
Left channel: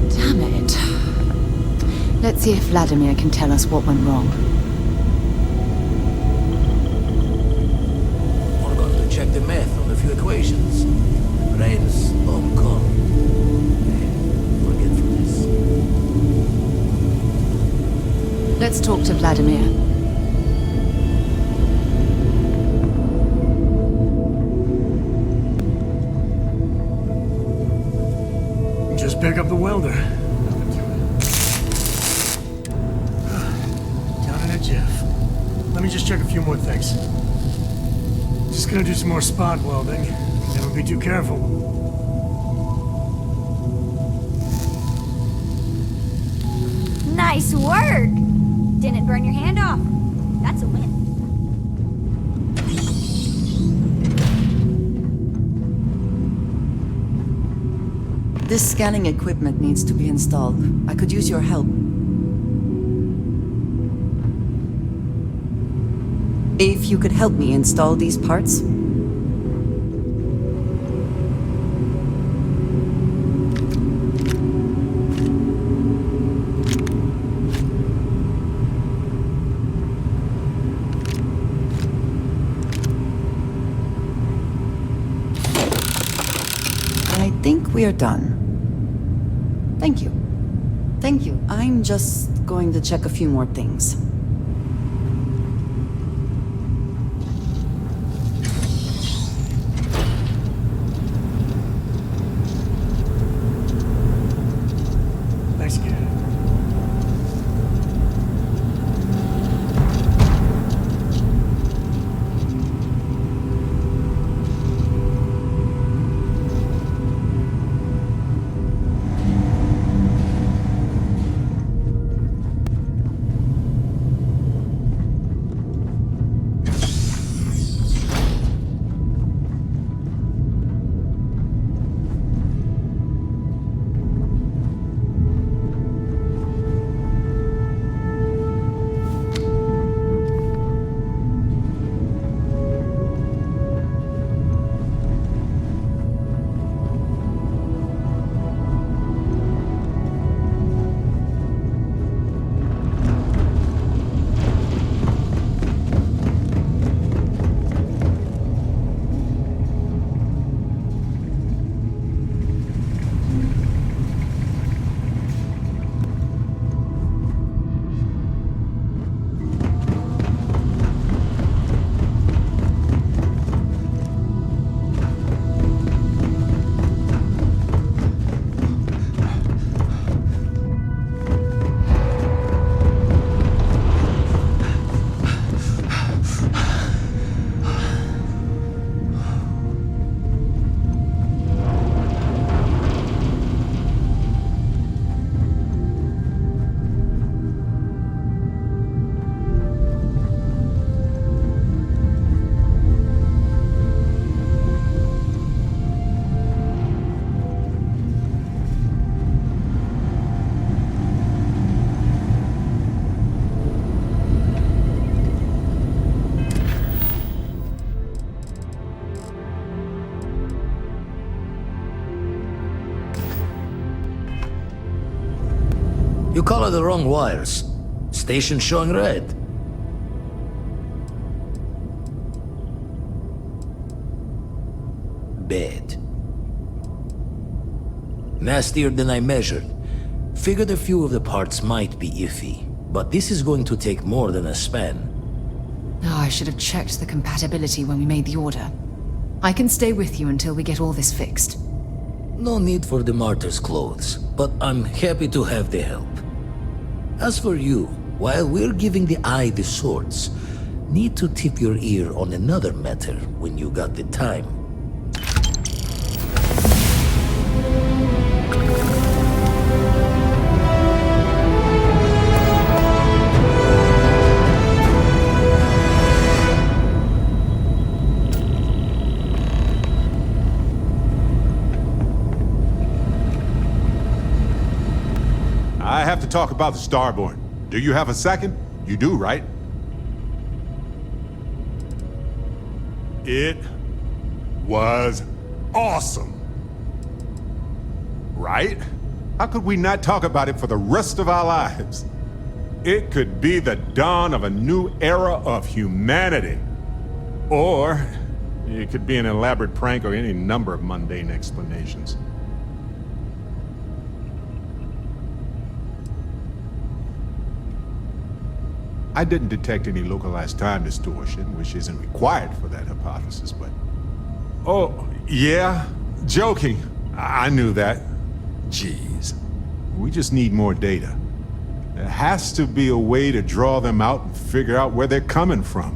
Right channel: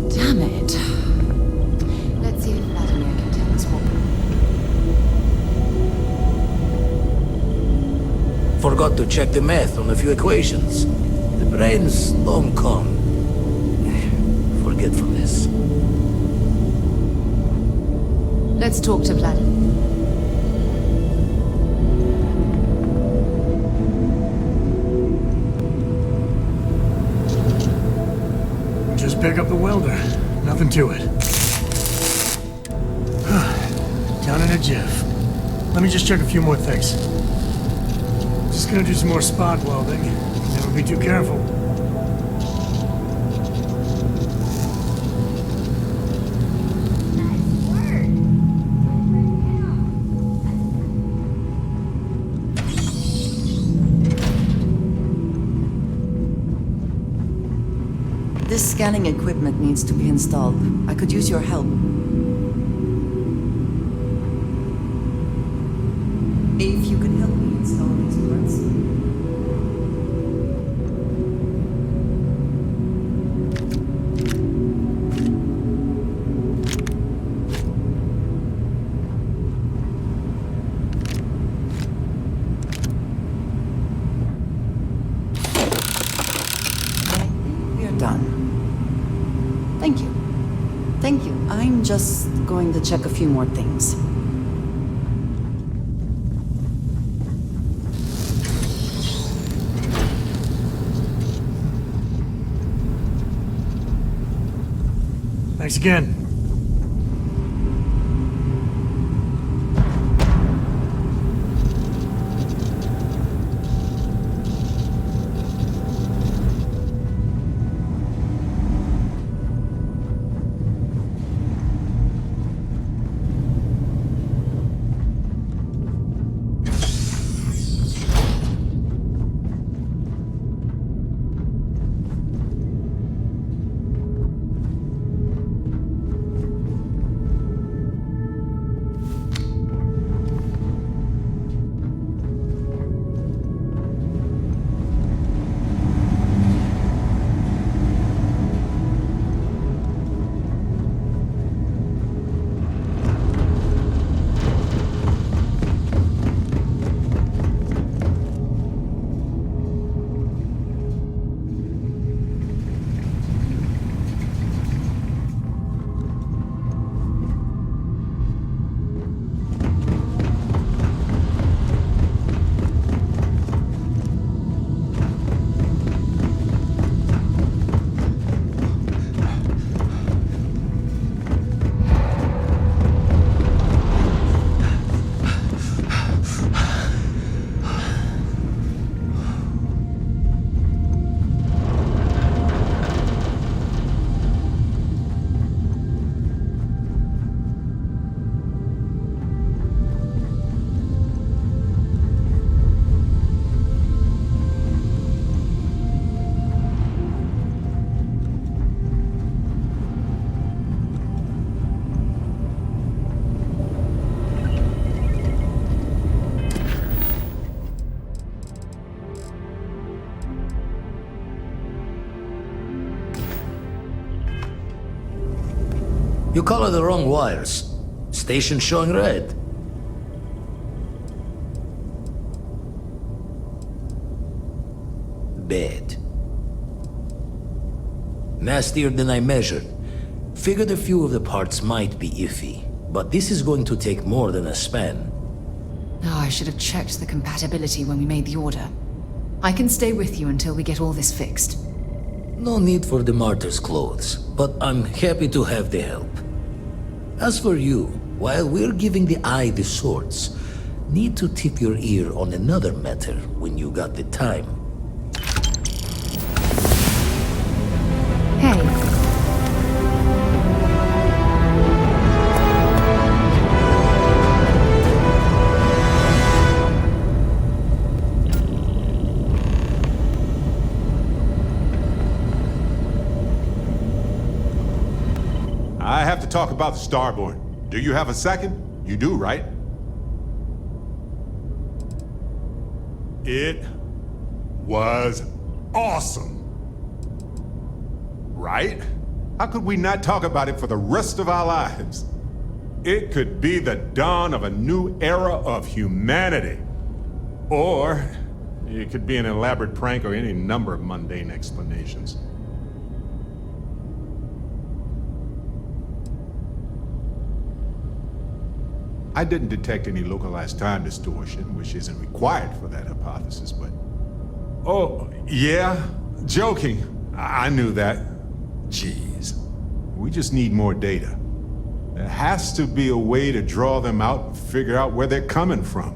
Damn it. Let's see if Vladimir can tell us what went wrong. Forgot to check the math on a few equations. The brain's long gone. Forgetfulness. Let's talk to Vladimir. Just pick up the welder. Nothing to it. Down in a jiff. Let me just check a few more things. Just gonna do some more spot welding. Never be too careful. Nice work! Didn't burn your hand off. That's a win. This scanning equipment needs to be installed. I could use your help. If you could help me install these parts. I think we are done. Thank you. Thank you. I'm just going to check a few more things. Thanks again. You color the wrong wires. Station showing red. Bad. Nastier than I measured. Figured a few of the parts might be iffy, but this is going to take more than a span. Oh, I should have checked the compatibility when we made the order. I can stay with you until we get all this fixed. No need for the martyr's clothes, but I'm happy to have the help. As for you, while we're giving the eye the swords, need to tip your ear on another matter when you got the time. I have to talk about the Starborn. Do you have a second? You do, right? It was awesome. Right? How could we not talk about it for the rest of our lives? It could be the dawn of a new era of humanity. Or it could be an elaborate prank or any number of mundane explanations. I didn't detect any localized time distortion, which isn't required for that hypothesis, but... Oh, yeah? Joking. I knew that. Jeez. We just need more data. There has to be a way to draw them out and figure out where they're coming from.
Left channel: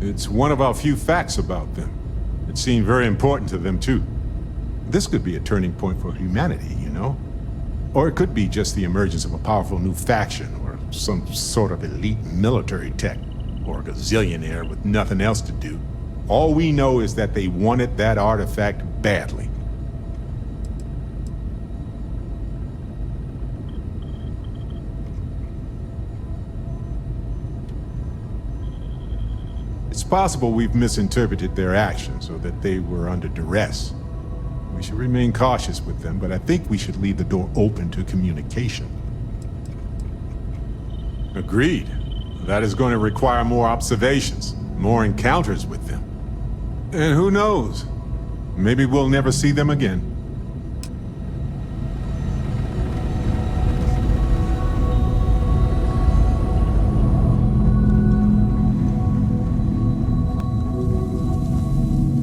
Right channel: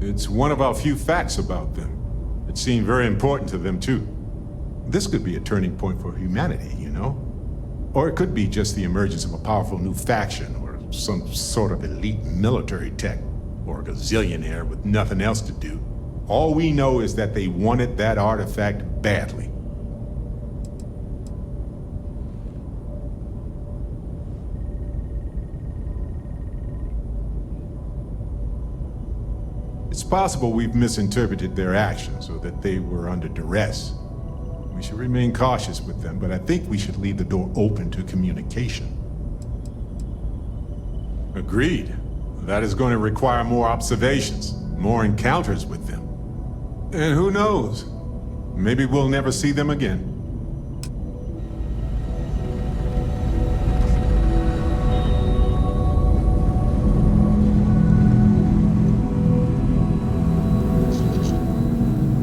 It's one of our few facts about them. It seemed very important to them, too. This could be a turning point for humanity, you know? Or it could be just the emergence of a powerful new faction, or some sort of elite military tech, or a gazillionaire with nothing else to do. All we know is that they wanted that artifact badly. It's possible we've misinterpreted their actions, or that they were under duress. We should remain cautious with them, but I think we should leave the door open to communication. Agreed. That is going to require more observations, more encounters with them. And who knows? Maybe we'll never see them again.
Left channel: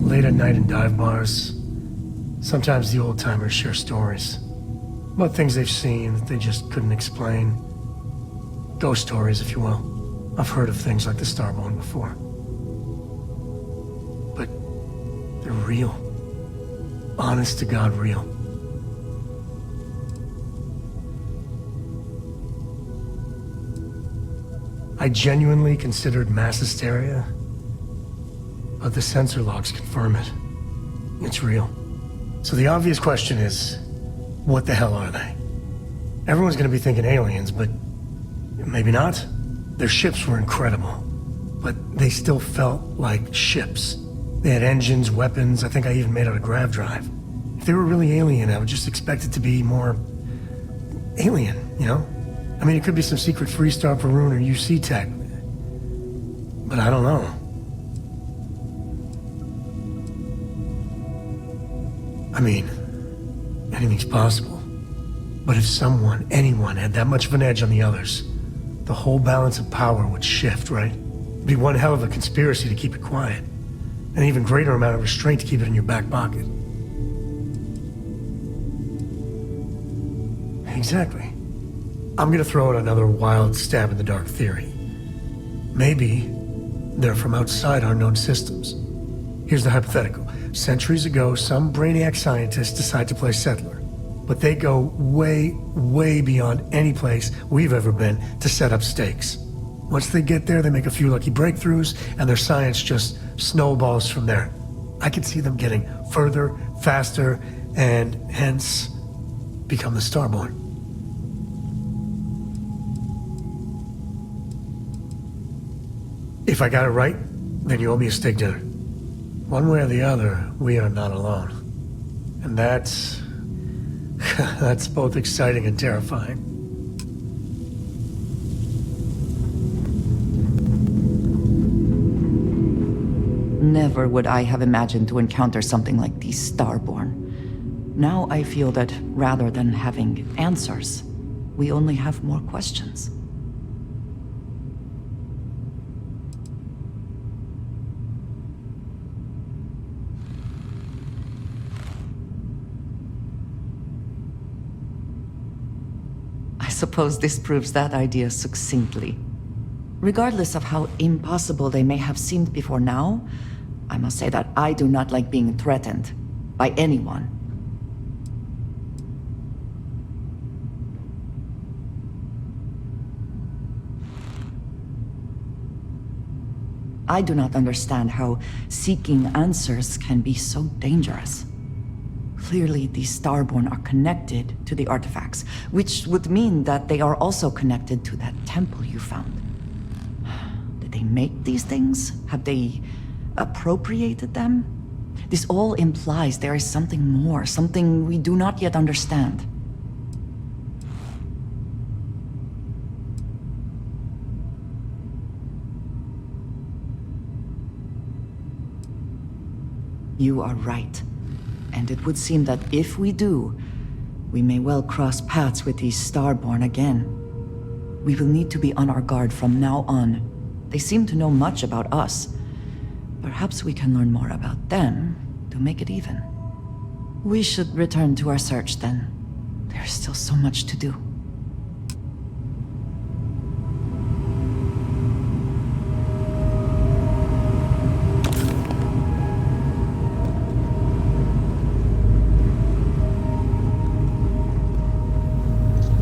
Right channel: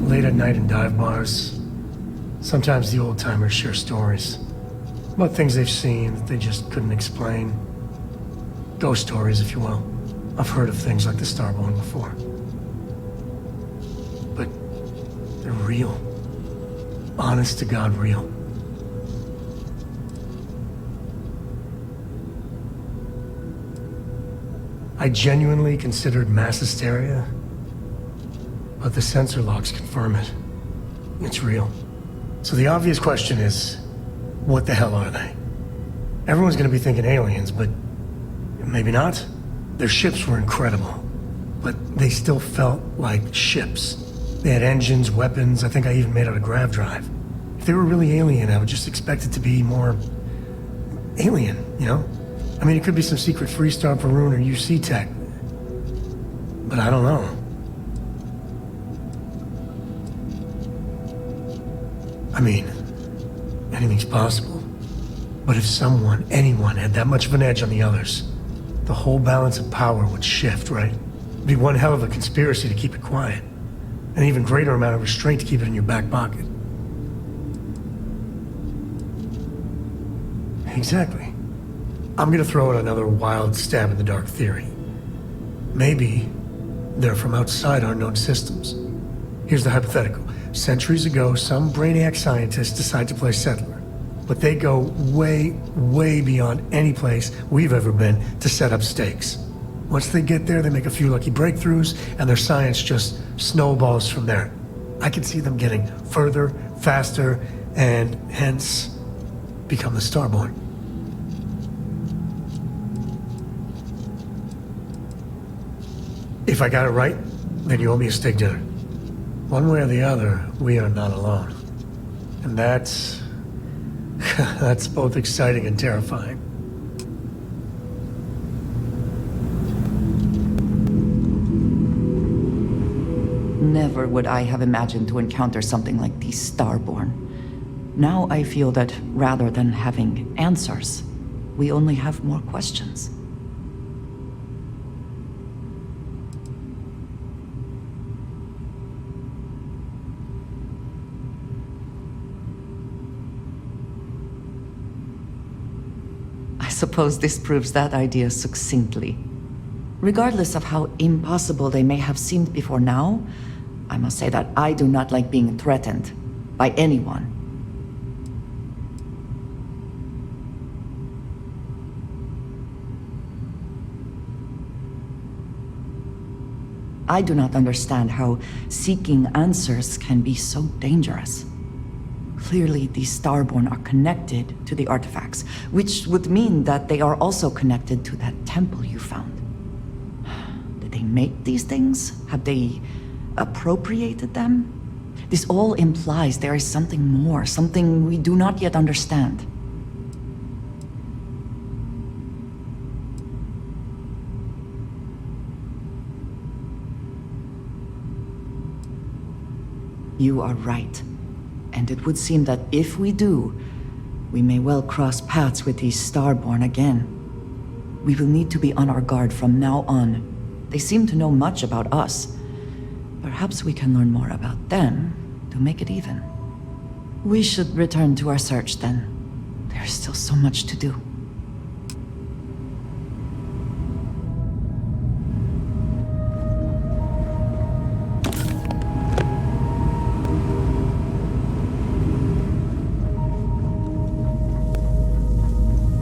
Late at night in dive bars, sometimes the old-timers share stories about things they've seen that they just couldn't explain. Ghost stories, if you will. I've heard of things like the Starborn before. But they're real. Honest to God, real. I genuinely considered mass hysteria, but the sensor logs confirm it. It's real. So the obvious question is, what the hell are they? Everyone's gonna be thinking aliens, but maybe not. Their ships were incredible, but they still felt like ships. They had engines, weapons, I think I even made out a grav drive. If they were really alien, I would just expect it to be more alien, you know? I mean, it could be some secret Freestar Varun or UC tech, but I don't know. I mean, anything's possible. But if someone, anyone, had that much of an edge on the others, the whole balance of power would shift, right? It'd be one hell of a conspiracy to keep it quiet. An even greater amount of restraint to keep it in your back pocket. Exactly. I'm gonna throw out another wild stab in the dark theory. Maybe they're from outside our known systems. Here's the hypothetical. Centuries ago, some brainiac scientists decide to play settler. But they go way, way beyond any place we've ever been to set up stakes. Once they get there, they make a few lucky breakthroughs, and their science just snowballs from there. I could see them getting further, faster, and hence become the Starborn. If I got it right, then you owe me a steak dinner. One way or the other, we are not alone. And that's both exciting and terrifying. Never would I have imagined to encounter something like the Starborn. Now I feel that rather than having answers, we only have more questions. I suppose this proves that idea succinctly. Regardless of how impossible they may have seemed before now, I must say that I do not like being threatened by anyone. I do not understand how seeking answers can be so dangerous. Clearly, the Starborn are connected to the artifacts, which would mean that they are also connected to that temple you found. Did they make these things? Have they appropriated them? This all implies there is something more, something we do not yet understand. You are right. And it would seem that if we do, we may well cross paths with these Starborn again. We will need to be on our guard from now on. They seem to know much about us. Perhaps we can learn more about them to make it even. We should return to our search then. There's still so much to do.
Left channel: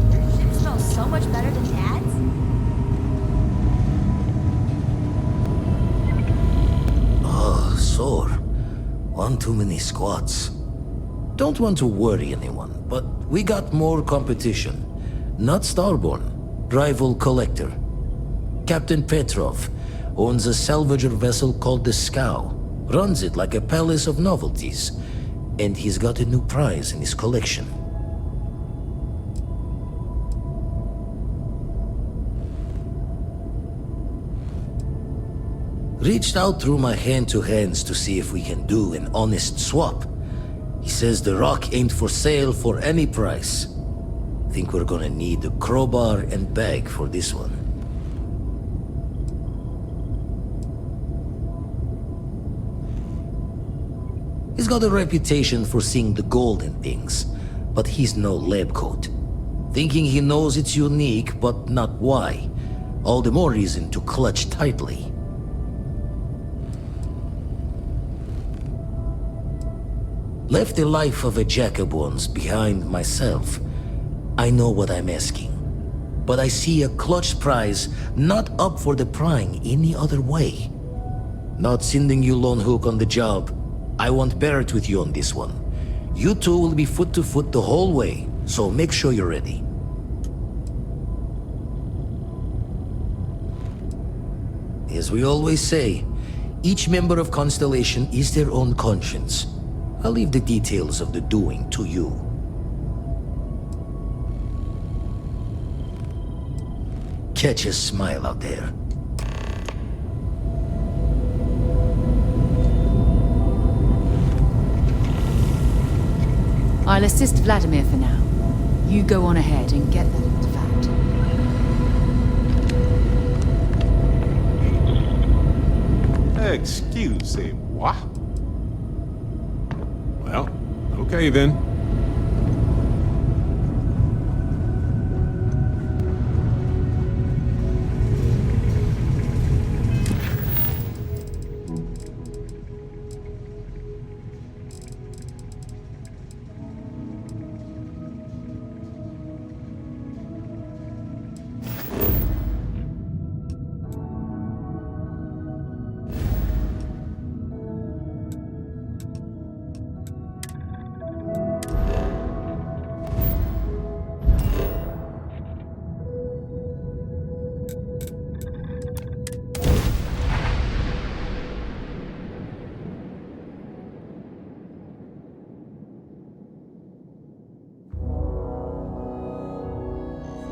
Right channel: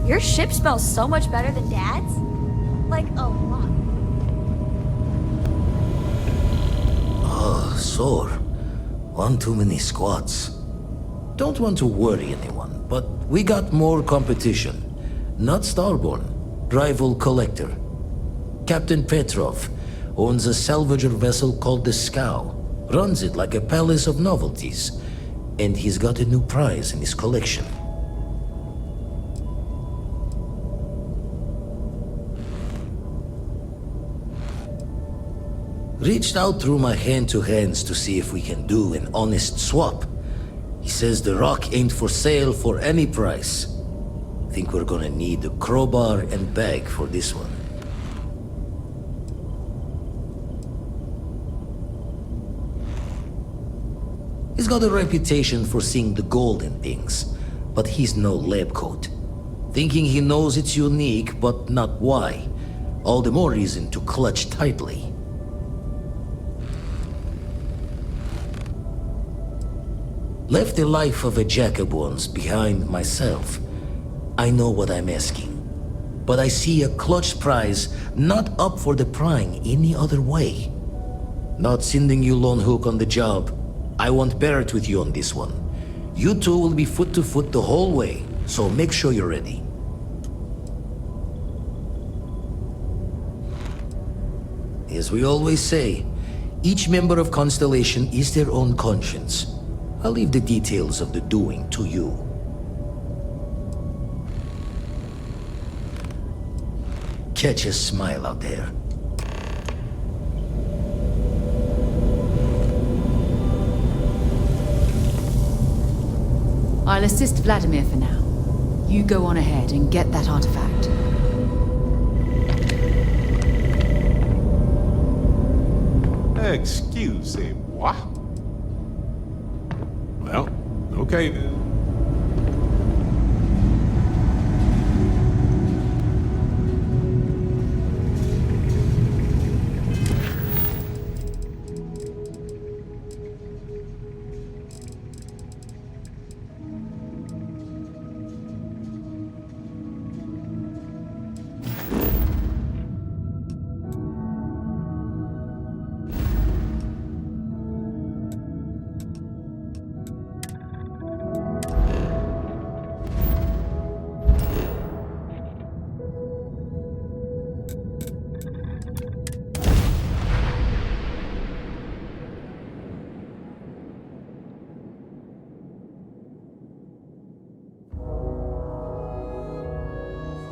Your ship smells so much better than Dad's. Like, a lot. Oh, sore. One too many squats. Don't want to worry anyone, but we got more competition. Not Starborn, rival collector. Captain Petrov owns a salvager vessel called the Scow. Runs it like a palace of novelties. And he's got a new prize in his collection. Reached out through my hand-to-hands to see if we can do an honest swap. He says the rock ain't for sale for any price. Think we're gonna need a crowbar and bag for this one. He's got a reputation for seeing the gold in things, but he's no lab coat. Thinking he knows it's unique, but not why. All the more reason to clutch tightly. Left the life of a Jacobons behind myself. I know what I'm asking. But I see a clutch prize not up for the prying any other way. Not sending you lone hook on the job. I want Barrett with you on this one. You two will be foot to foot the whole way, so make sure you're ready. As we always say, each member of Constellation is their own conscience. I'll leave the details of the doing to you. Catch a smile out there. I'll assist Vladimir for now. You go on ahead and get that artifact. Excusez-moi. Well, okay then.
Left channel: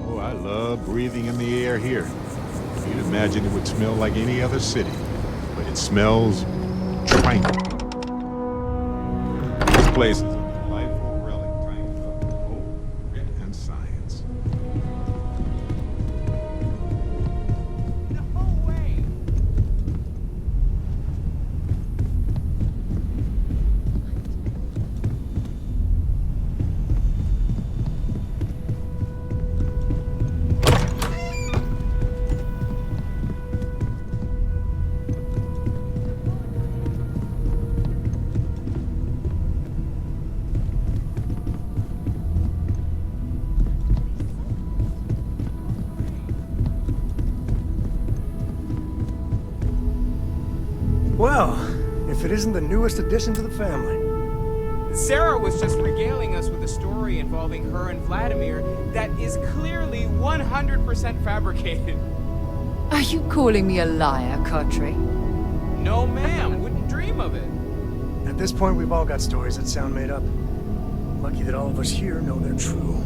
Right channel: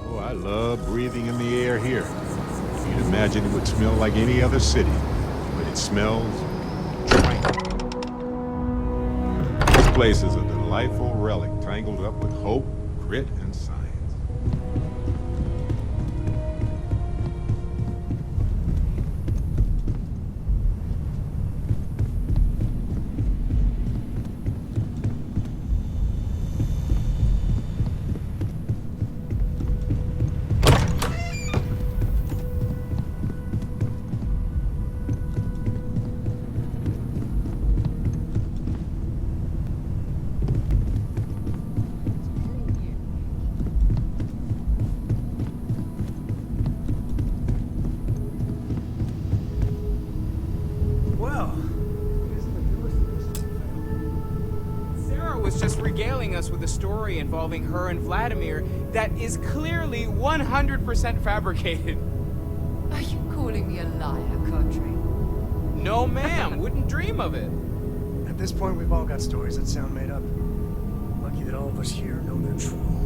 Oh, I love breathing in the air here. You'd imagine it would smell like any other city, but it smells tranquil. This place is a delightful relic tangled up with hope, grit, and science. Well, if it isn't the newest addition to the family. Sarah was just regaling us with a story involving her and Vladimir that is clearly 100% fabricated. Are you calling me a liar, Kadri? No, ma'am. Wouldn't dream of it. At this point, we've all got stories that sound made up. Lucky that all of us here know they're true.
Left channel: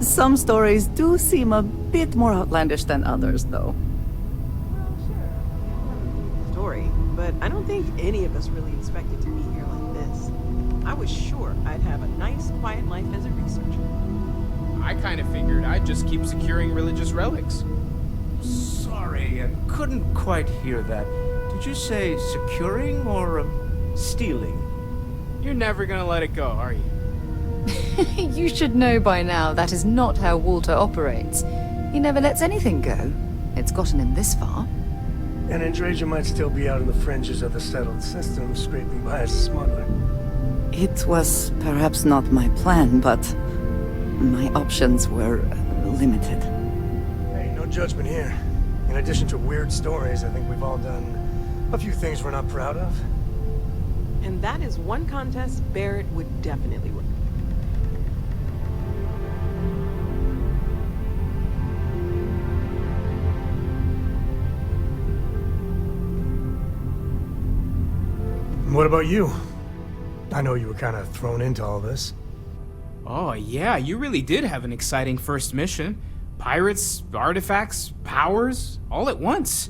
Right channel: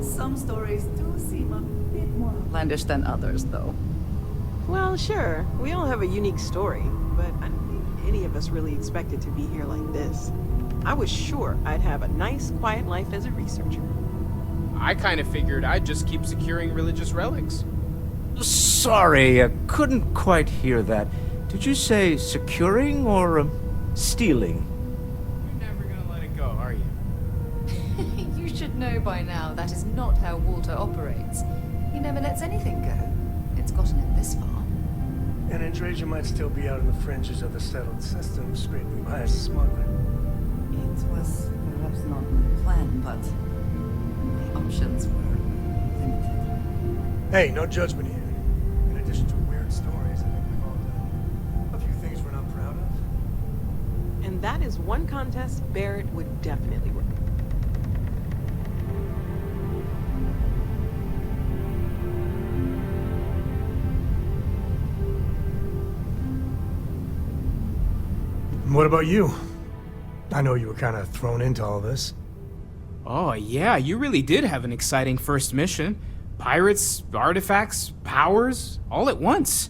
Some stories do seem a bit more outlandish than others, though. Well, sure. We all have a unique story, but I don't think any of us really expected to be here like this. I was sure I'd have a nice, quiet life as a researcher. I kind of figured I'd just keep securing religious relics. Sorry, I couldn't quite hear that. Did you say securing or stealing? You're never gonna let it go, are you? You should know by now that is not how Walter operates. He never lets anything go. It's gotten him this far. And Andrasia might still be out in the fringes of the settled system, scraping by as a smuggler. It was perhaps not my plan, but my options were limited. Hey, no judgment here. In addition to weird stories, I think we've all done a few things we're not proud of. And that is one contest Barrett would definitely win. What about you? I know you were kind of thrown into all this. Oh, yeah, you really did have an exciting first mission. Pirates, artifacts, powers, all at once.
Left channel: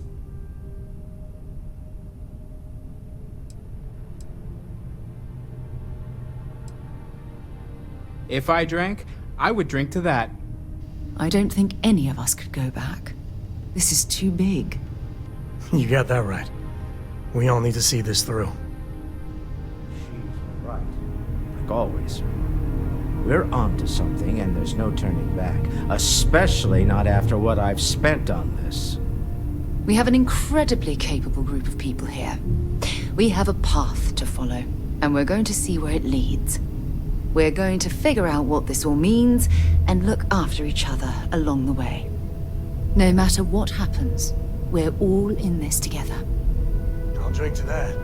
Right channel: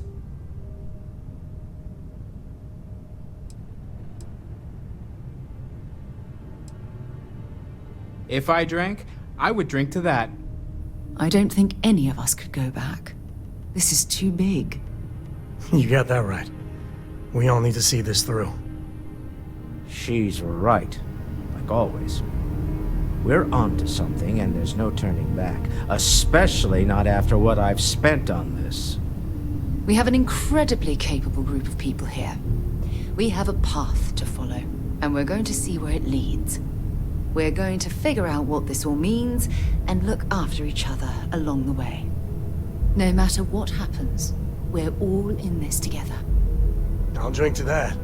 If I drank, I would drink to that. I don't think any of us could go back. This is too big. You got that right. We all need to see this through. She's right. Like always. We're onto something and there's no turning back. Especially not after what I've spent on this. We have an incredibly capable group of people here. We have a path to follow, and we're going to see where it leads. We're going to figure out what this all means and look after each other along the way. No matter what happens, we're all in this together. I'll drink to that.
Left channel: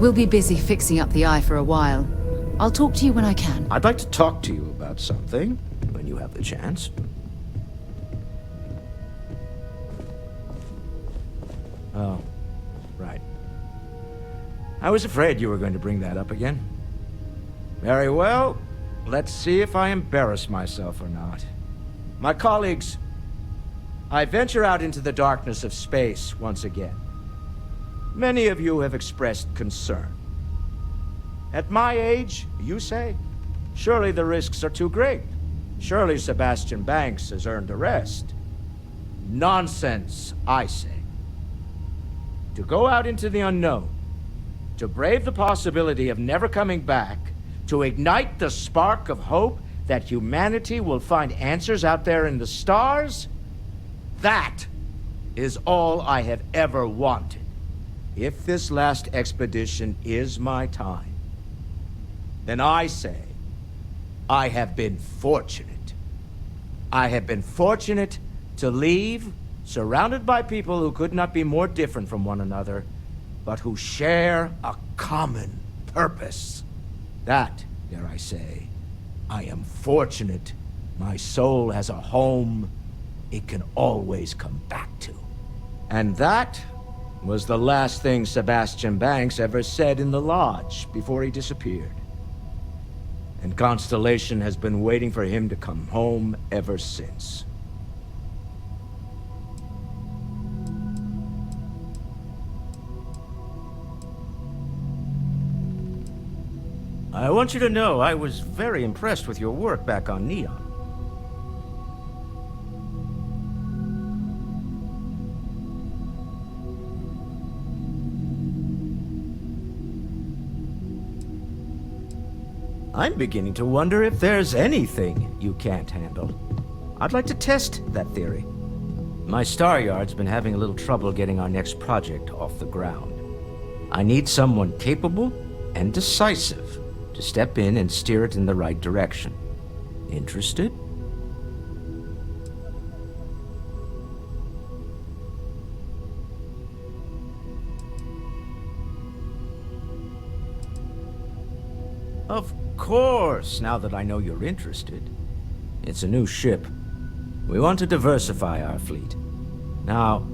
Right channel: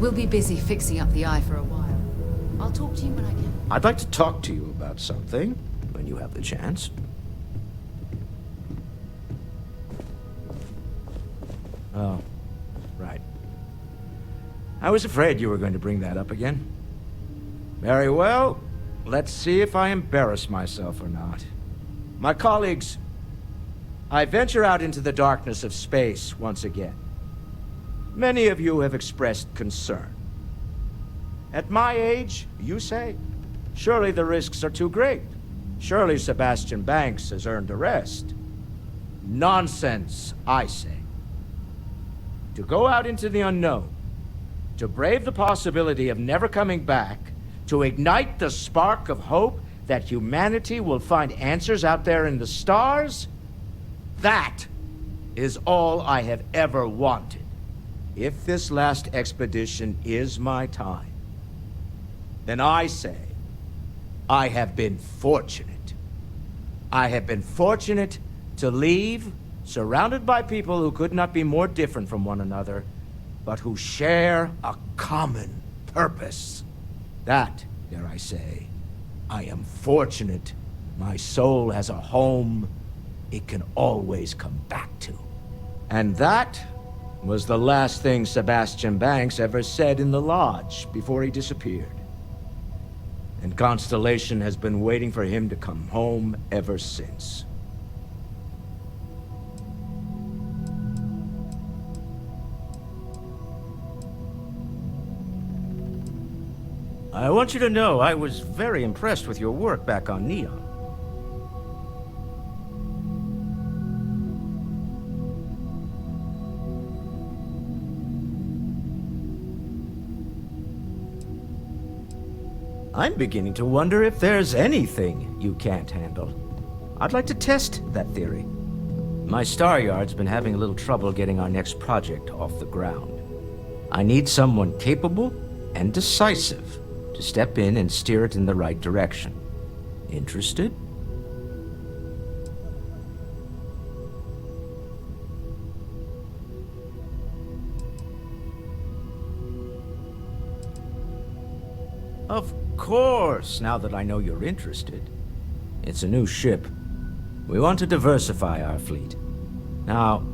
We'll be busy fixing up the eye for a while. I'll talk to you when I can. I'd like to talk to you about something, when you have the chance. Oh, right. I was afraid you were going to bring that up again. Very well. Let's see if I embarrass myself or not. My colleagues, I venture out into the darkness of space once again. Many of you have expressed concern. At my age, you say, surely the risks are too great. Surely Sebastian Banks has earned a rest. Nonsense, I say. To go out into the unknown, to brave the possibility of never coming back, to ignite the spark of hope that humanity will find answers out there in the stars, that is all I have ever wanted. If this last expedition is my time, then I say, I have been fortunate. I have been fortunate to leave, surrounded by people who could not be more different from one another, but who share a common purpose. That, dare I say, I am fortunate. My soul has a home it can always come back to. And that was the last thing Sebastian Banks ever said in the lodge before he disappeared. And Constellation has been waiting for him to come home ever since. I want you to know I was very impressed with your work back on Neon. I'm beginning to wonder if there's anything you can't handle. I'd like to test that theory. My Star Yard's been having a little trouble getting our next project off the ground. I need someone capable and decisive to step in and steer it in the right direction. Interested? Of course, now that I know you're interested. It's a new ship. We want to diversify our fleet. Now,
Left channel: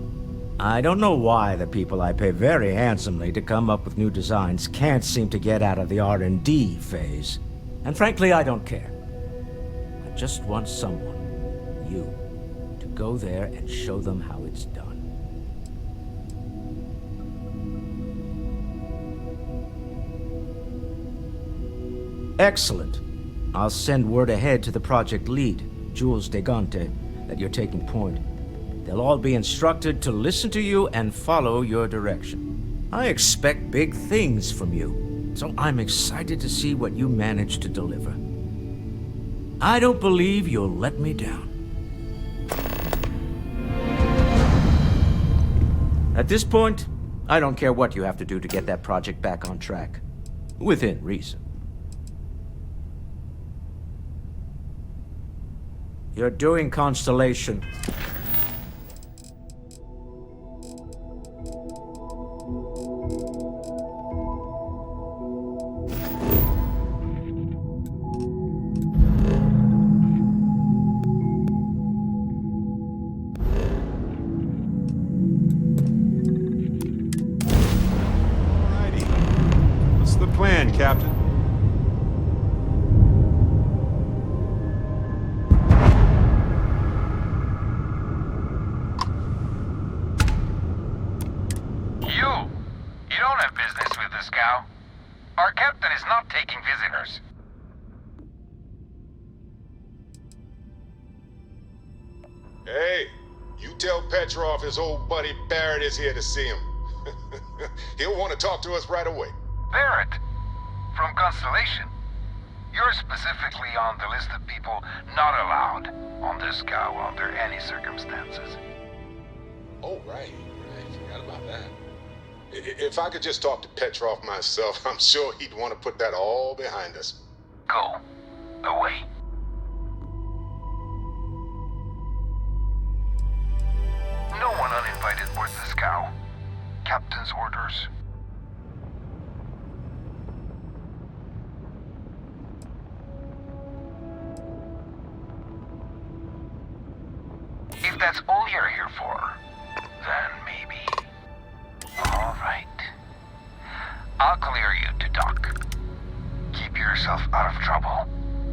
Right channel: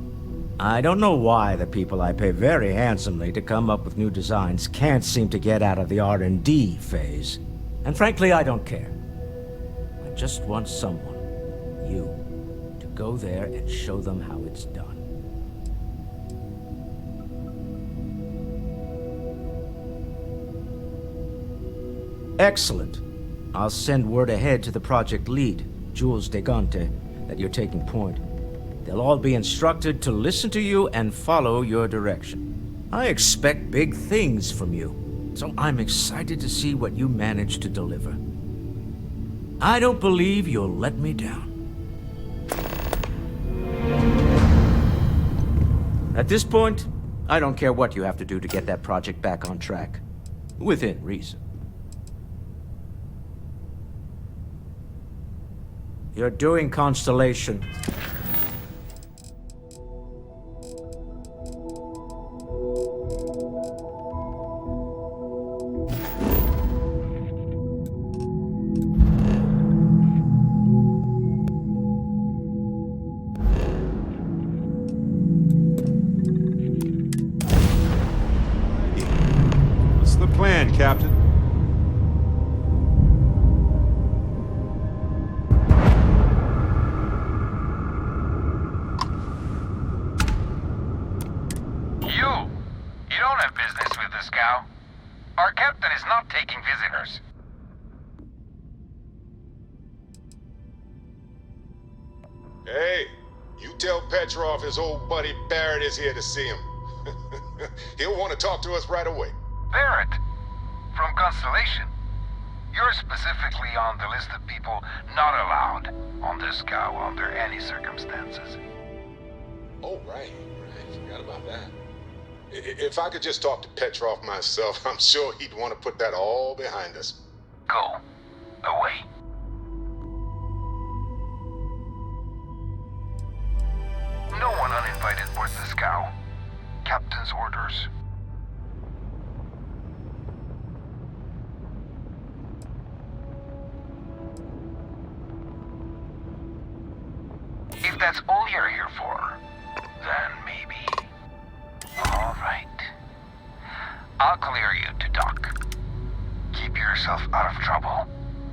I don't know why the people I pay very handsomely to come up with new designs can't seem to get out of the R&D phase. And frankly, I don't care. I just want someone, you, to go there and show them how it's done. Excellent. I'll send word ahead to the project lead, Jules Degante, that you're taking point. They'll all be instructed to listen to you and follow your direction. I expect big things from you, so I'm excited to see what you manage to deliver. I don't believe you'll let me down. At this point, I don't care what you have to do to get that project back on track. Within reason. You're doing Constellation. What's the plan, Captain? You don't have business with this cow. Our captain is not taking visitors. Hey, you tell Petrov his old buddy Barrett is here to see him. He'll want to talk to us right away. Barrett, from Constellation. You're specifically on the list of people not allowed on this cow under any circumstances. Oh, right. Forgot about that. If I could just talk to Petrov myself, I'm sure he'd want to put that all behind us. Go. Away. No one uninvited boards this cow. Captain's orders. If that's all you're here for, then maybe. All right. I'll clear you to dock. Keep yourself out of trouble,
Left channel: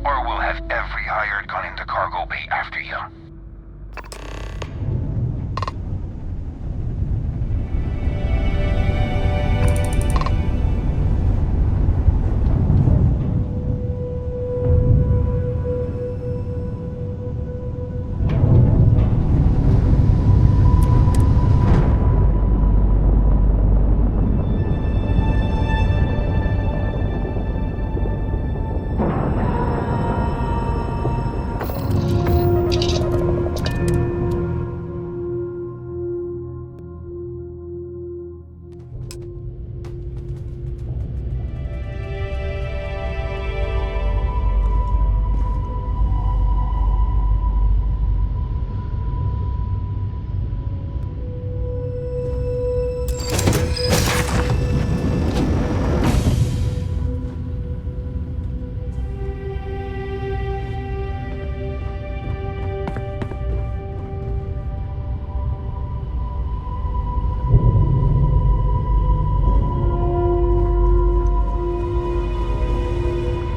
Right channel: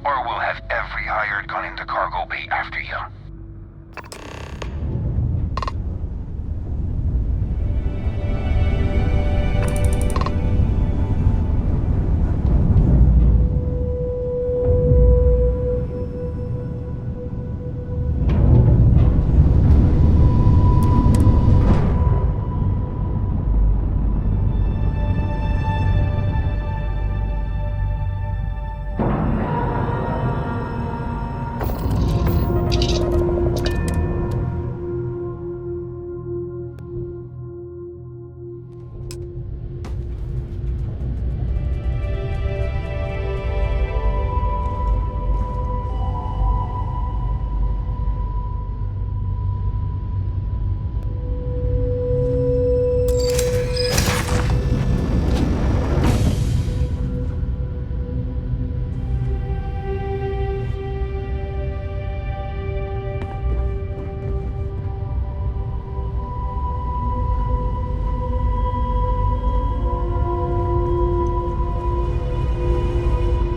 or we'll have every hired gun in the cargo bay after you.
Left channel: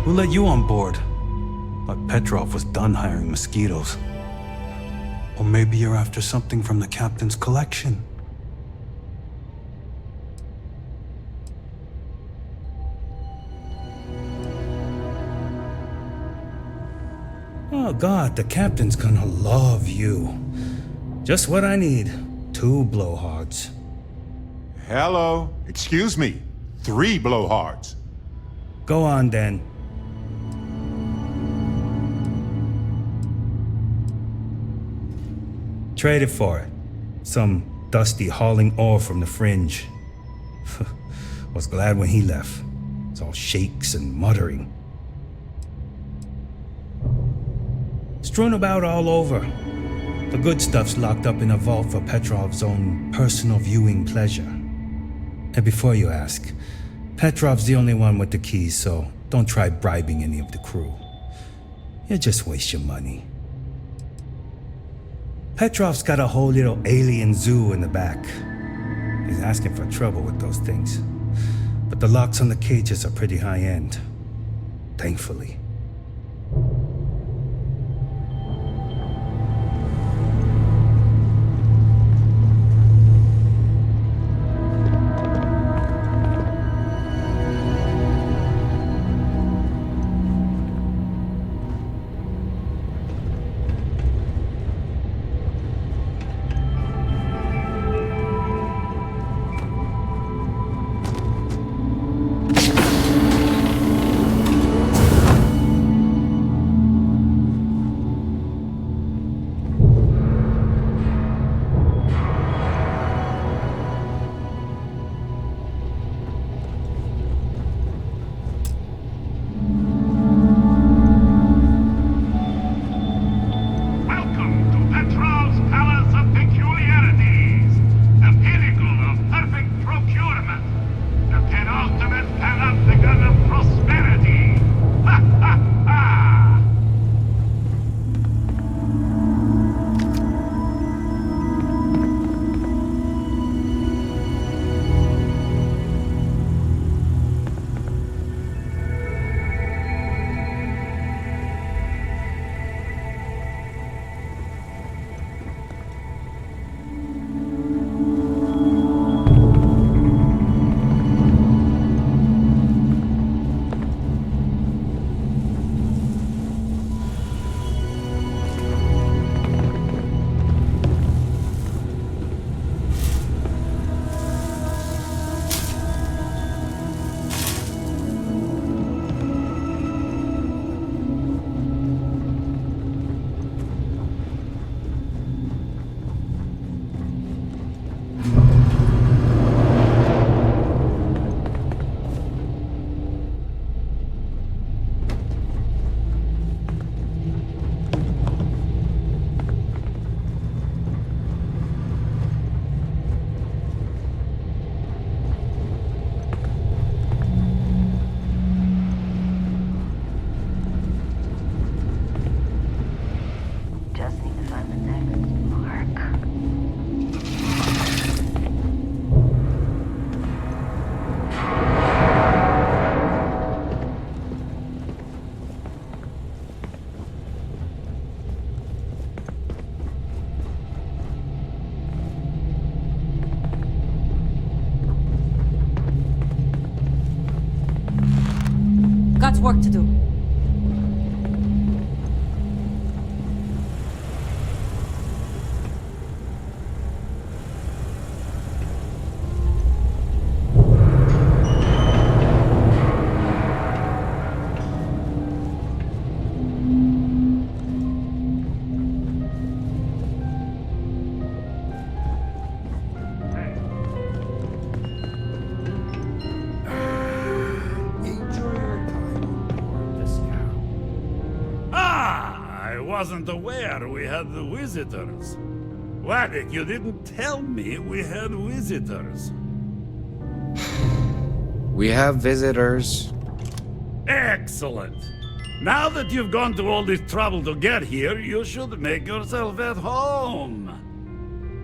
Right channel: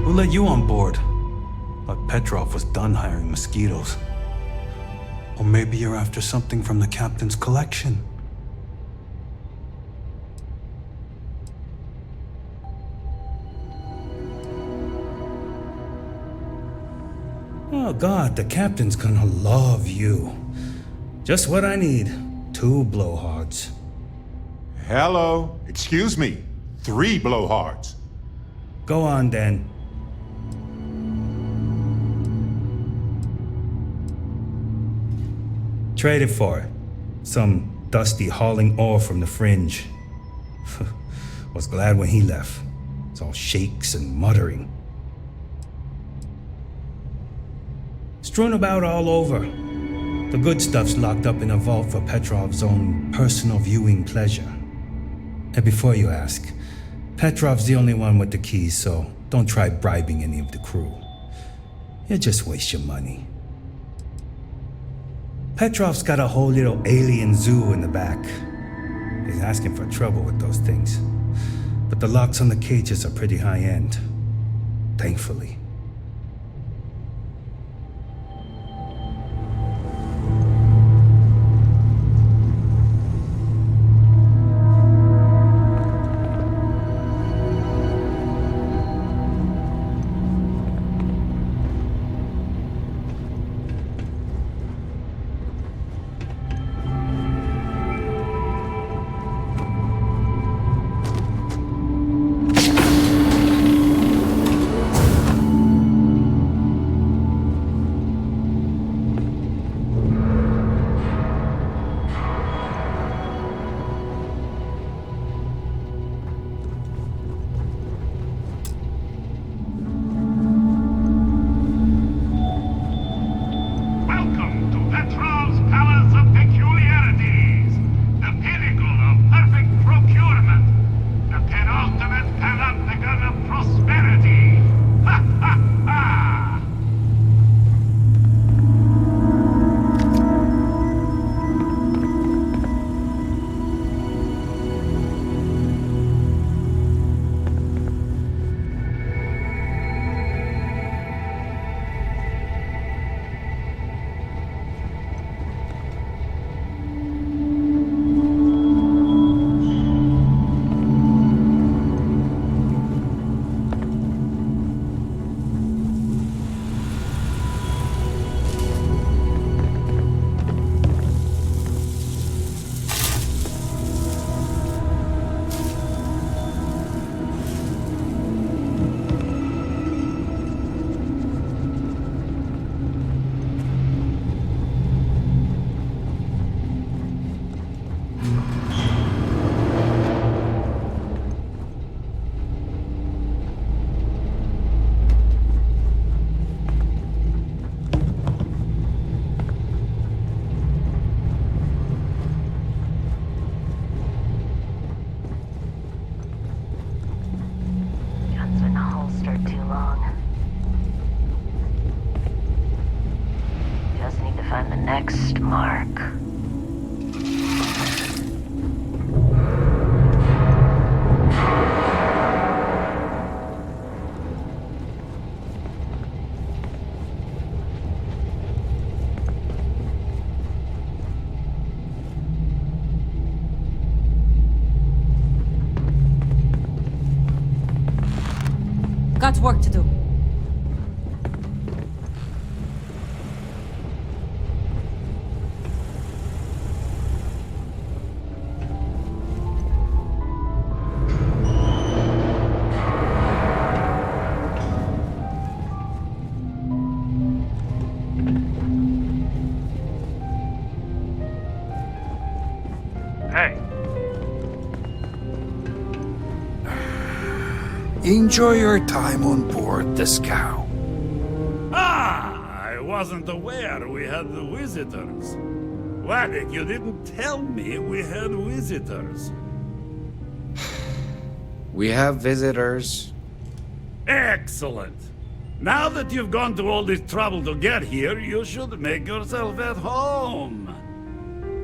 Who let you on board? But Petrov was done hiring mosquitoes. Or maybe you're after something from the captain's collection. Oh God, the captain's gonna love you. Just what I need. 2 blowhards. Hello. Excuse me. 3 blowhards. Go on then. Traded for it. Some dusty hauling ore from the fringe. Was glad when he left. It's all shakes and muttering. Strewn about all over. The good stuff's locked up in a vault for Petrov's own personal viewing pleasure. And before you ask, Petrov's the only one with the keys, so don't try bribing any of the crew. You'll just waste your money. Petrov's got a whole little alien zoo in the back. He's asking for trouble with those things. But the locks on the cages are pretty high-end. Thankfully. perfect procurement. The penultimate panopticon of prosperity. Ha ha ha! Just need to find the next mark. Got work to do. Enjoy your time on board the Scow. Ah, I wasn't aware we had the visitors. Waddick, you didn't tell me we had visitors. We have visitors. Excellent. Now that you've gone to all this trouble to get here, you should make yourself at home.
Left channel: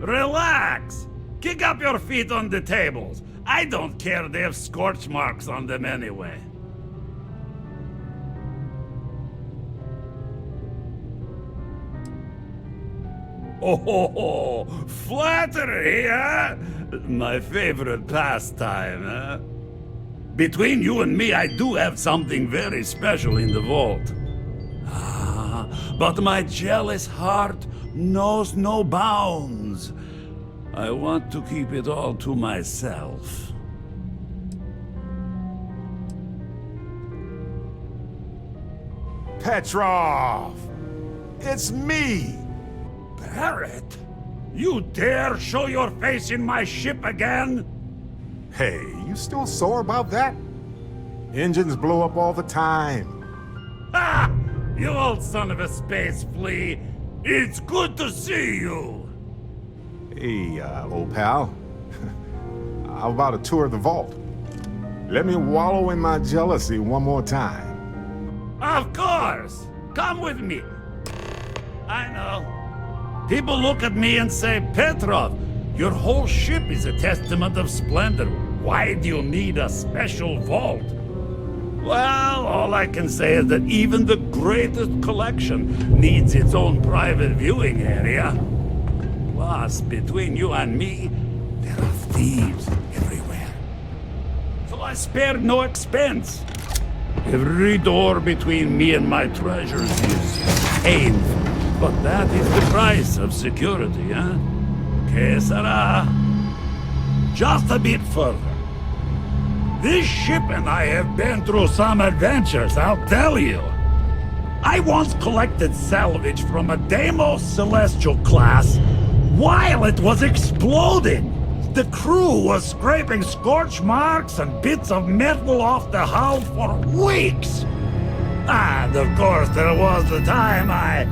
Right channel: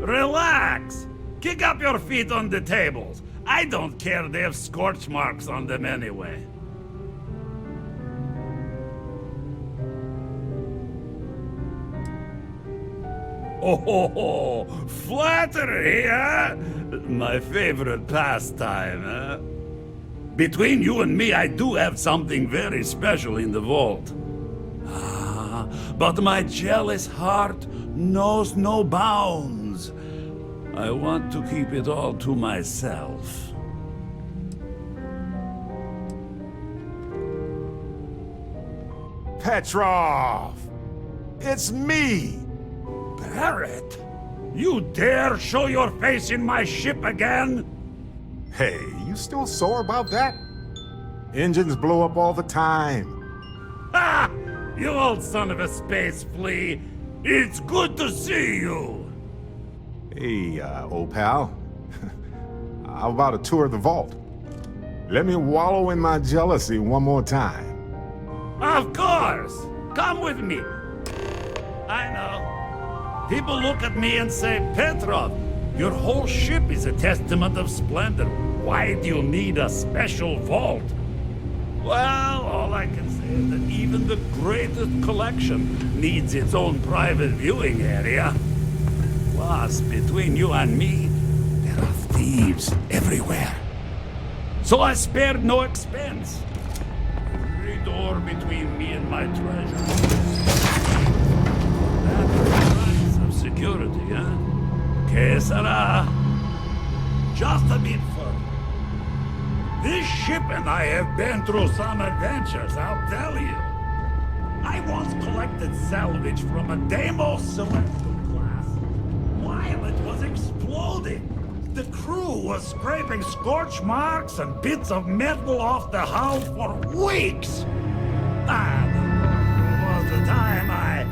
Relax. Kick up your feet on the tables. I don't care, they have scorch marks on them anyway. Oh, flattery, huh? My favorite pastime, huh? Between you and me, I do have something very special in the vault. Ah, but my jealous heart knows no bounds. I want to keep it all to myself. Petrov! It's me! Barrett? You dare show your face in my ship again? Hey, you still sore about that? Engines blow up all the time. Ha! You old son of a space flea! It's good to see you! Hey, old pal. How about a tour of the vault? Let me wallow in my jealousy one more time. Of course! Come with me! I know. People look at me and say, Petrov, your whole ship is a testament of splendor. Why do you need a special vault? Well, all I can say is that even the greatest collection needs its own private viewing area. Plus, between you and me, there are thieves everywhere. So I spared no expense. Every door between me and my treasures is aimed. But that is the price of security, huh? Que sera? Just a bit further. This ship and I have been through some adventures, I'll tell you. I once collected salvage from a Deimos Celestial class while it was exploding. The crew was scraping scorch marks and bits of metal off the hull for weeks. And of course there was the time I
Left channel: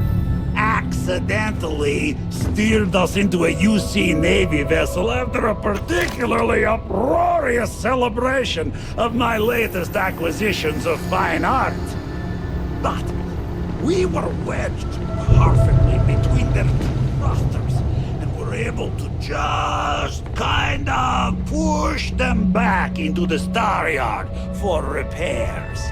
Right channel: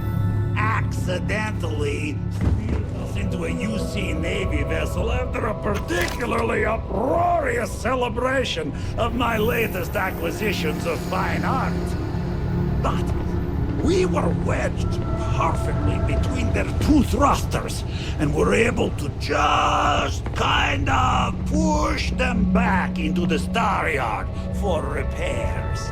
accidentally steered us into a UC Navy vessel after a particularly uproarious celebration of my latest acquisitions of fine art. But we were wedged perfectly between their two thrusters, and were able to just kind of push them back into the Star Yard for repairs.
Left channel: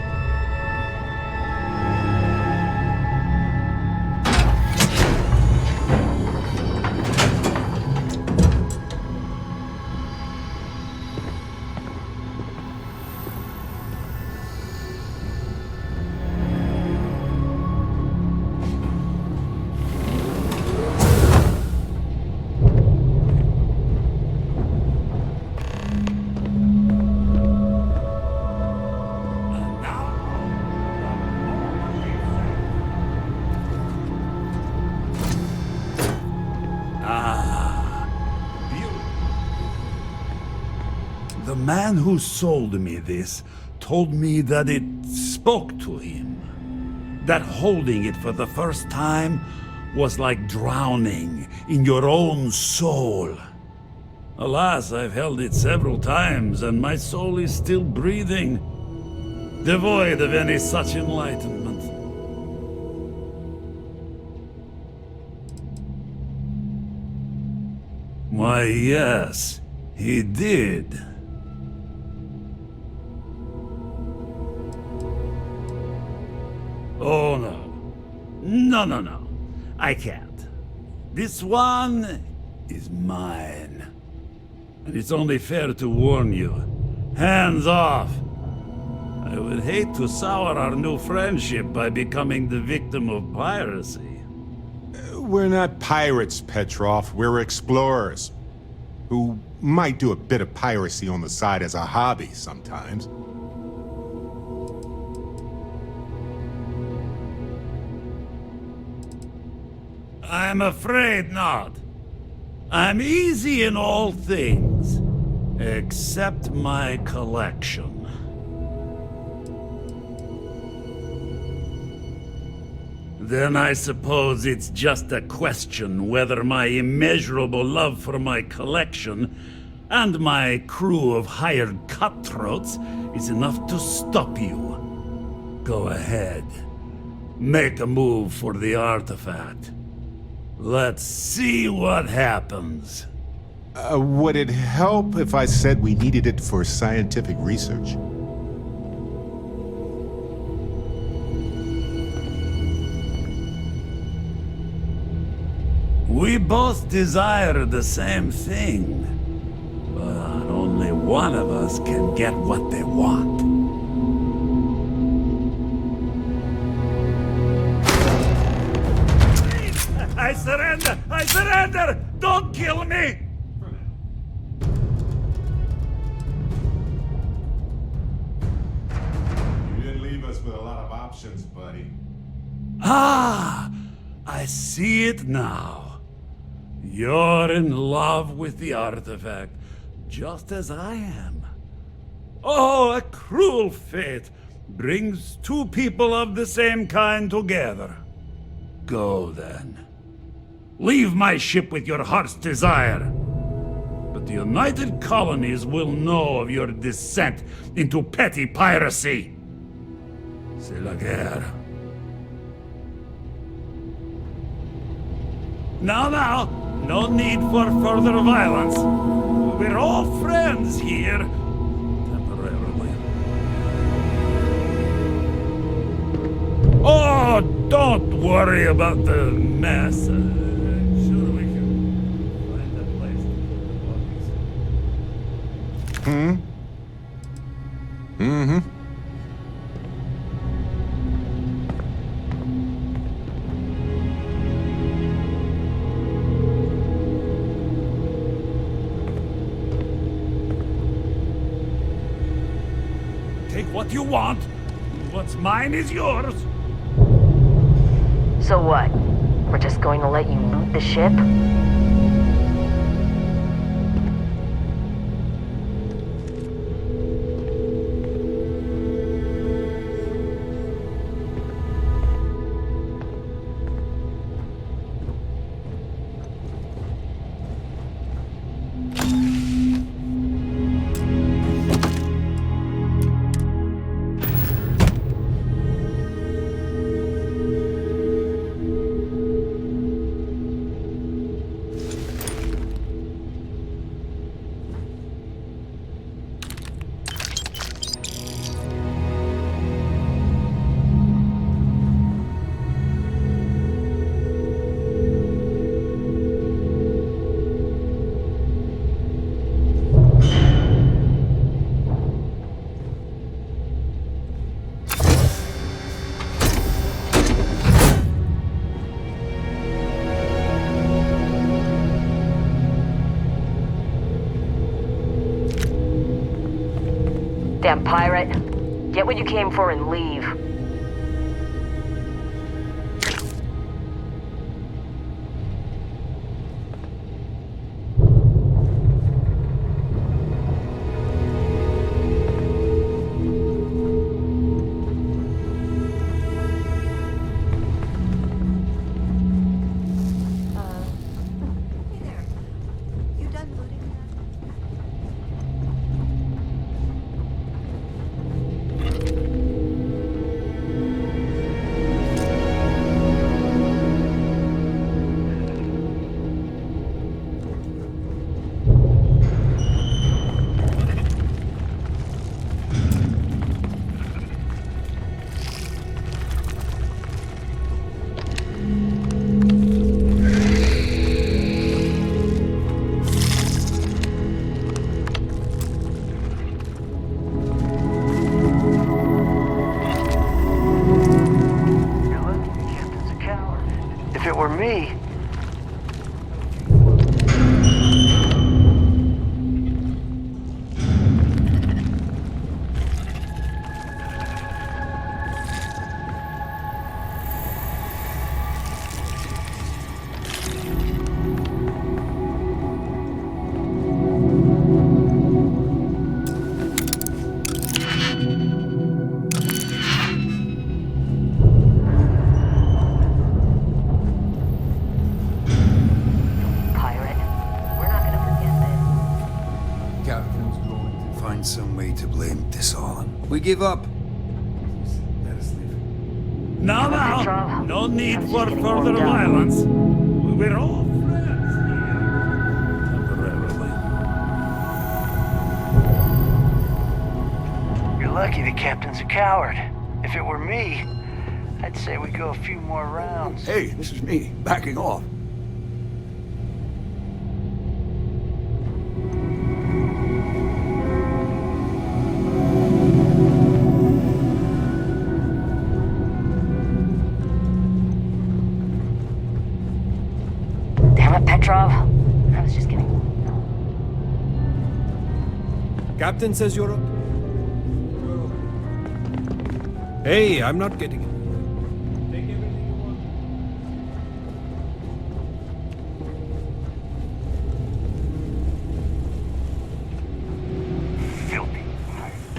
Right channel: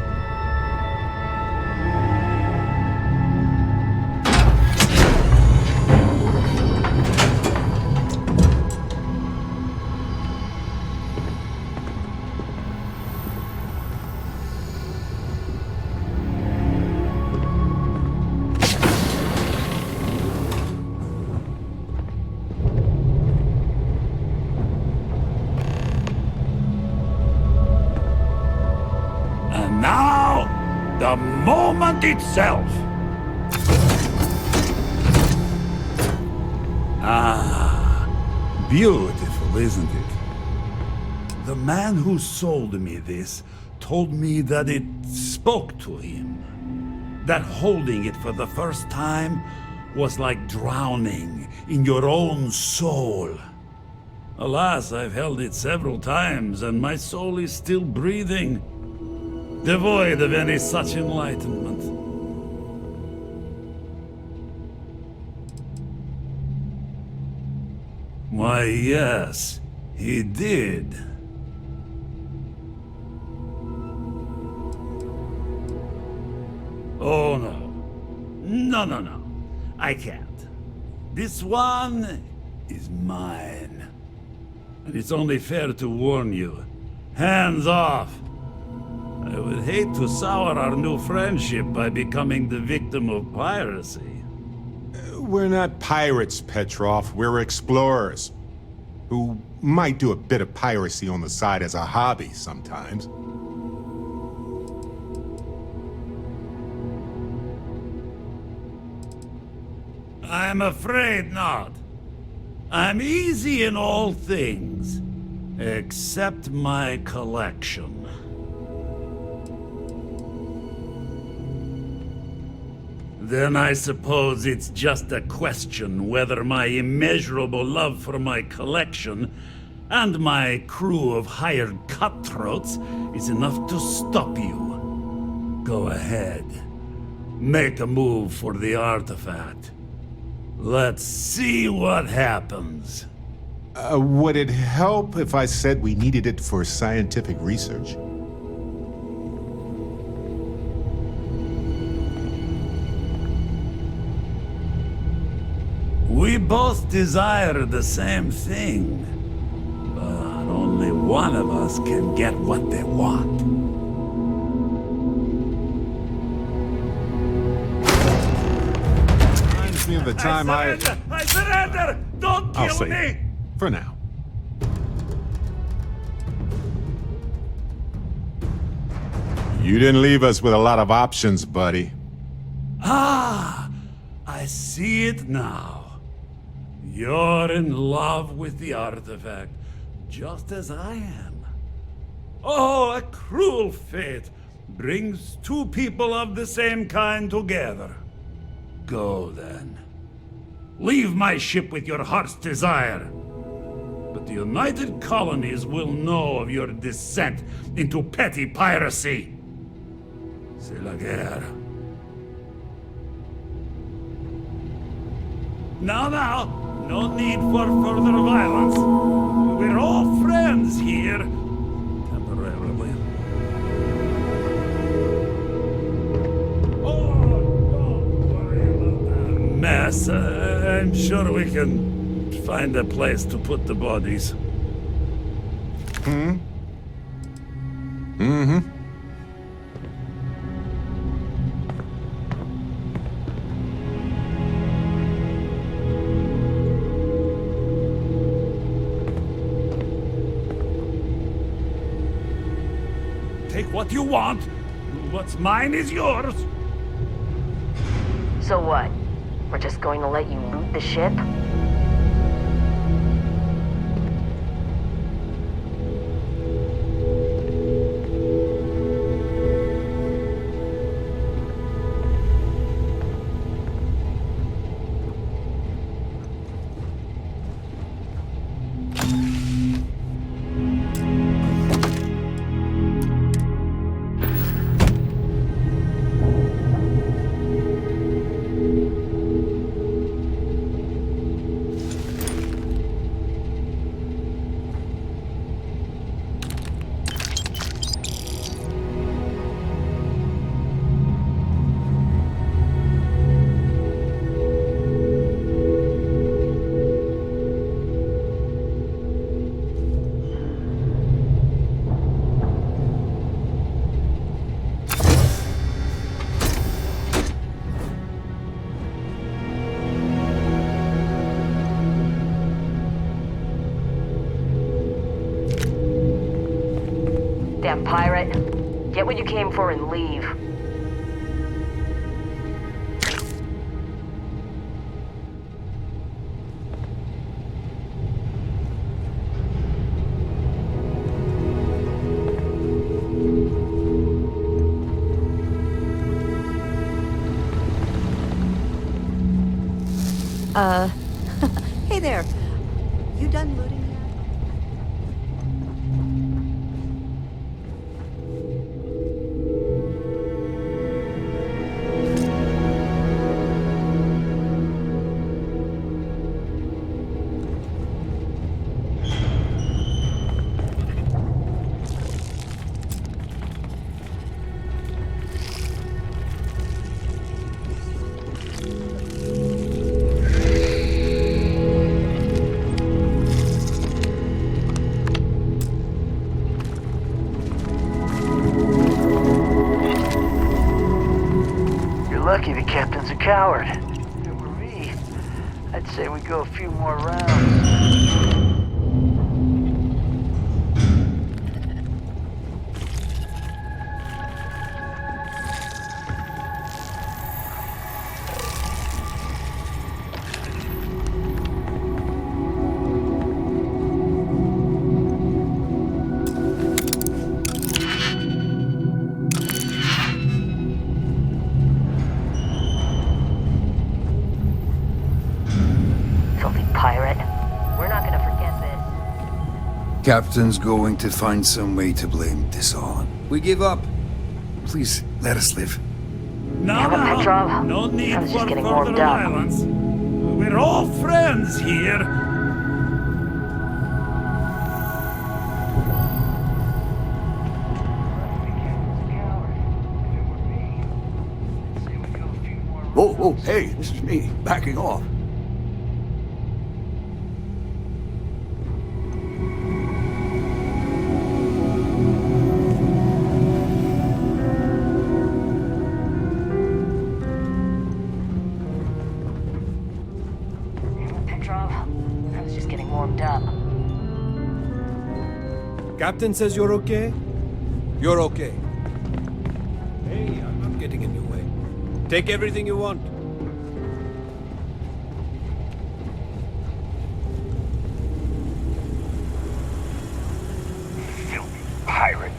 Itself. Ah, beautiful, isn't it? The man who sold me this told me that it spoke to him. That holding it for the first time was like drowning in your own soul. Alas, I've held it several times, and my soul is still breathing, devoid of any such enlightenment. Why, yes, he did. Oh, no. No. I can't. This one is mine. And it's only fair to warn you. Hands off! I would hate to sour our new friendship by becoming the victim of piracy. We're not pirates, Petrov. We're explorers. Who might do a bit of piracy on the side as a hobby sometimes. I'm afraid not. I'm easy in all things, except my collection. Then I suppose it's just a question whether my immeasurable love for my collection and my crew of hired cutthroats is enough to stop you. Go ahead. Make a move for the artifact. Let's see what happens. Would it help if I said we needed it for scientific research? We both desire the same thing, but only one of us can get what they want. I surrender! I surrender! Don't kill me! For now. You didn't leave us with a lot of options, buddy. Ah! I see it now. You're in love with the artifact, just as I am. Oh, a cruel fate brings two people of the same kind together. Go, then. Leave my ship with your heart's desire. But the United Colonies will know of your descent into petty piracy. C'est la guerre. Now, no need for further violence. We're all friends here, temporarily. Oh, don't worry about the mess. I'm sure we can find a place to put the bodies. Mm-hmm. Take what you want. What's mine is yours. So what? We're just going to let you loot the ship? Goddamn pirate. Get what you came for and leave. Hey there. You done looting yet? Lucky the captain's a coward. If it were me, I'd say we go a few more rounds. Captain's going to find some way to blame this all on. We give up. Please, let us live. Now, no need for further violence. We're all friends here. You're lucky the captain's a coward. If it were me, I'd say we go a few more rounds. Oh, hey, this is me, backing off. Petrov, I was just getting warmed up. Captain says you're okay? You're okay. Hey, I'm not getting in your way. Take everything you want. Filthy pirate.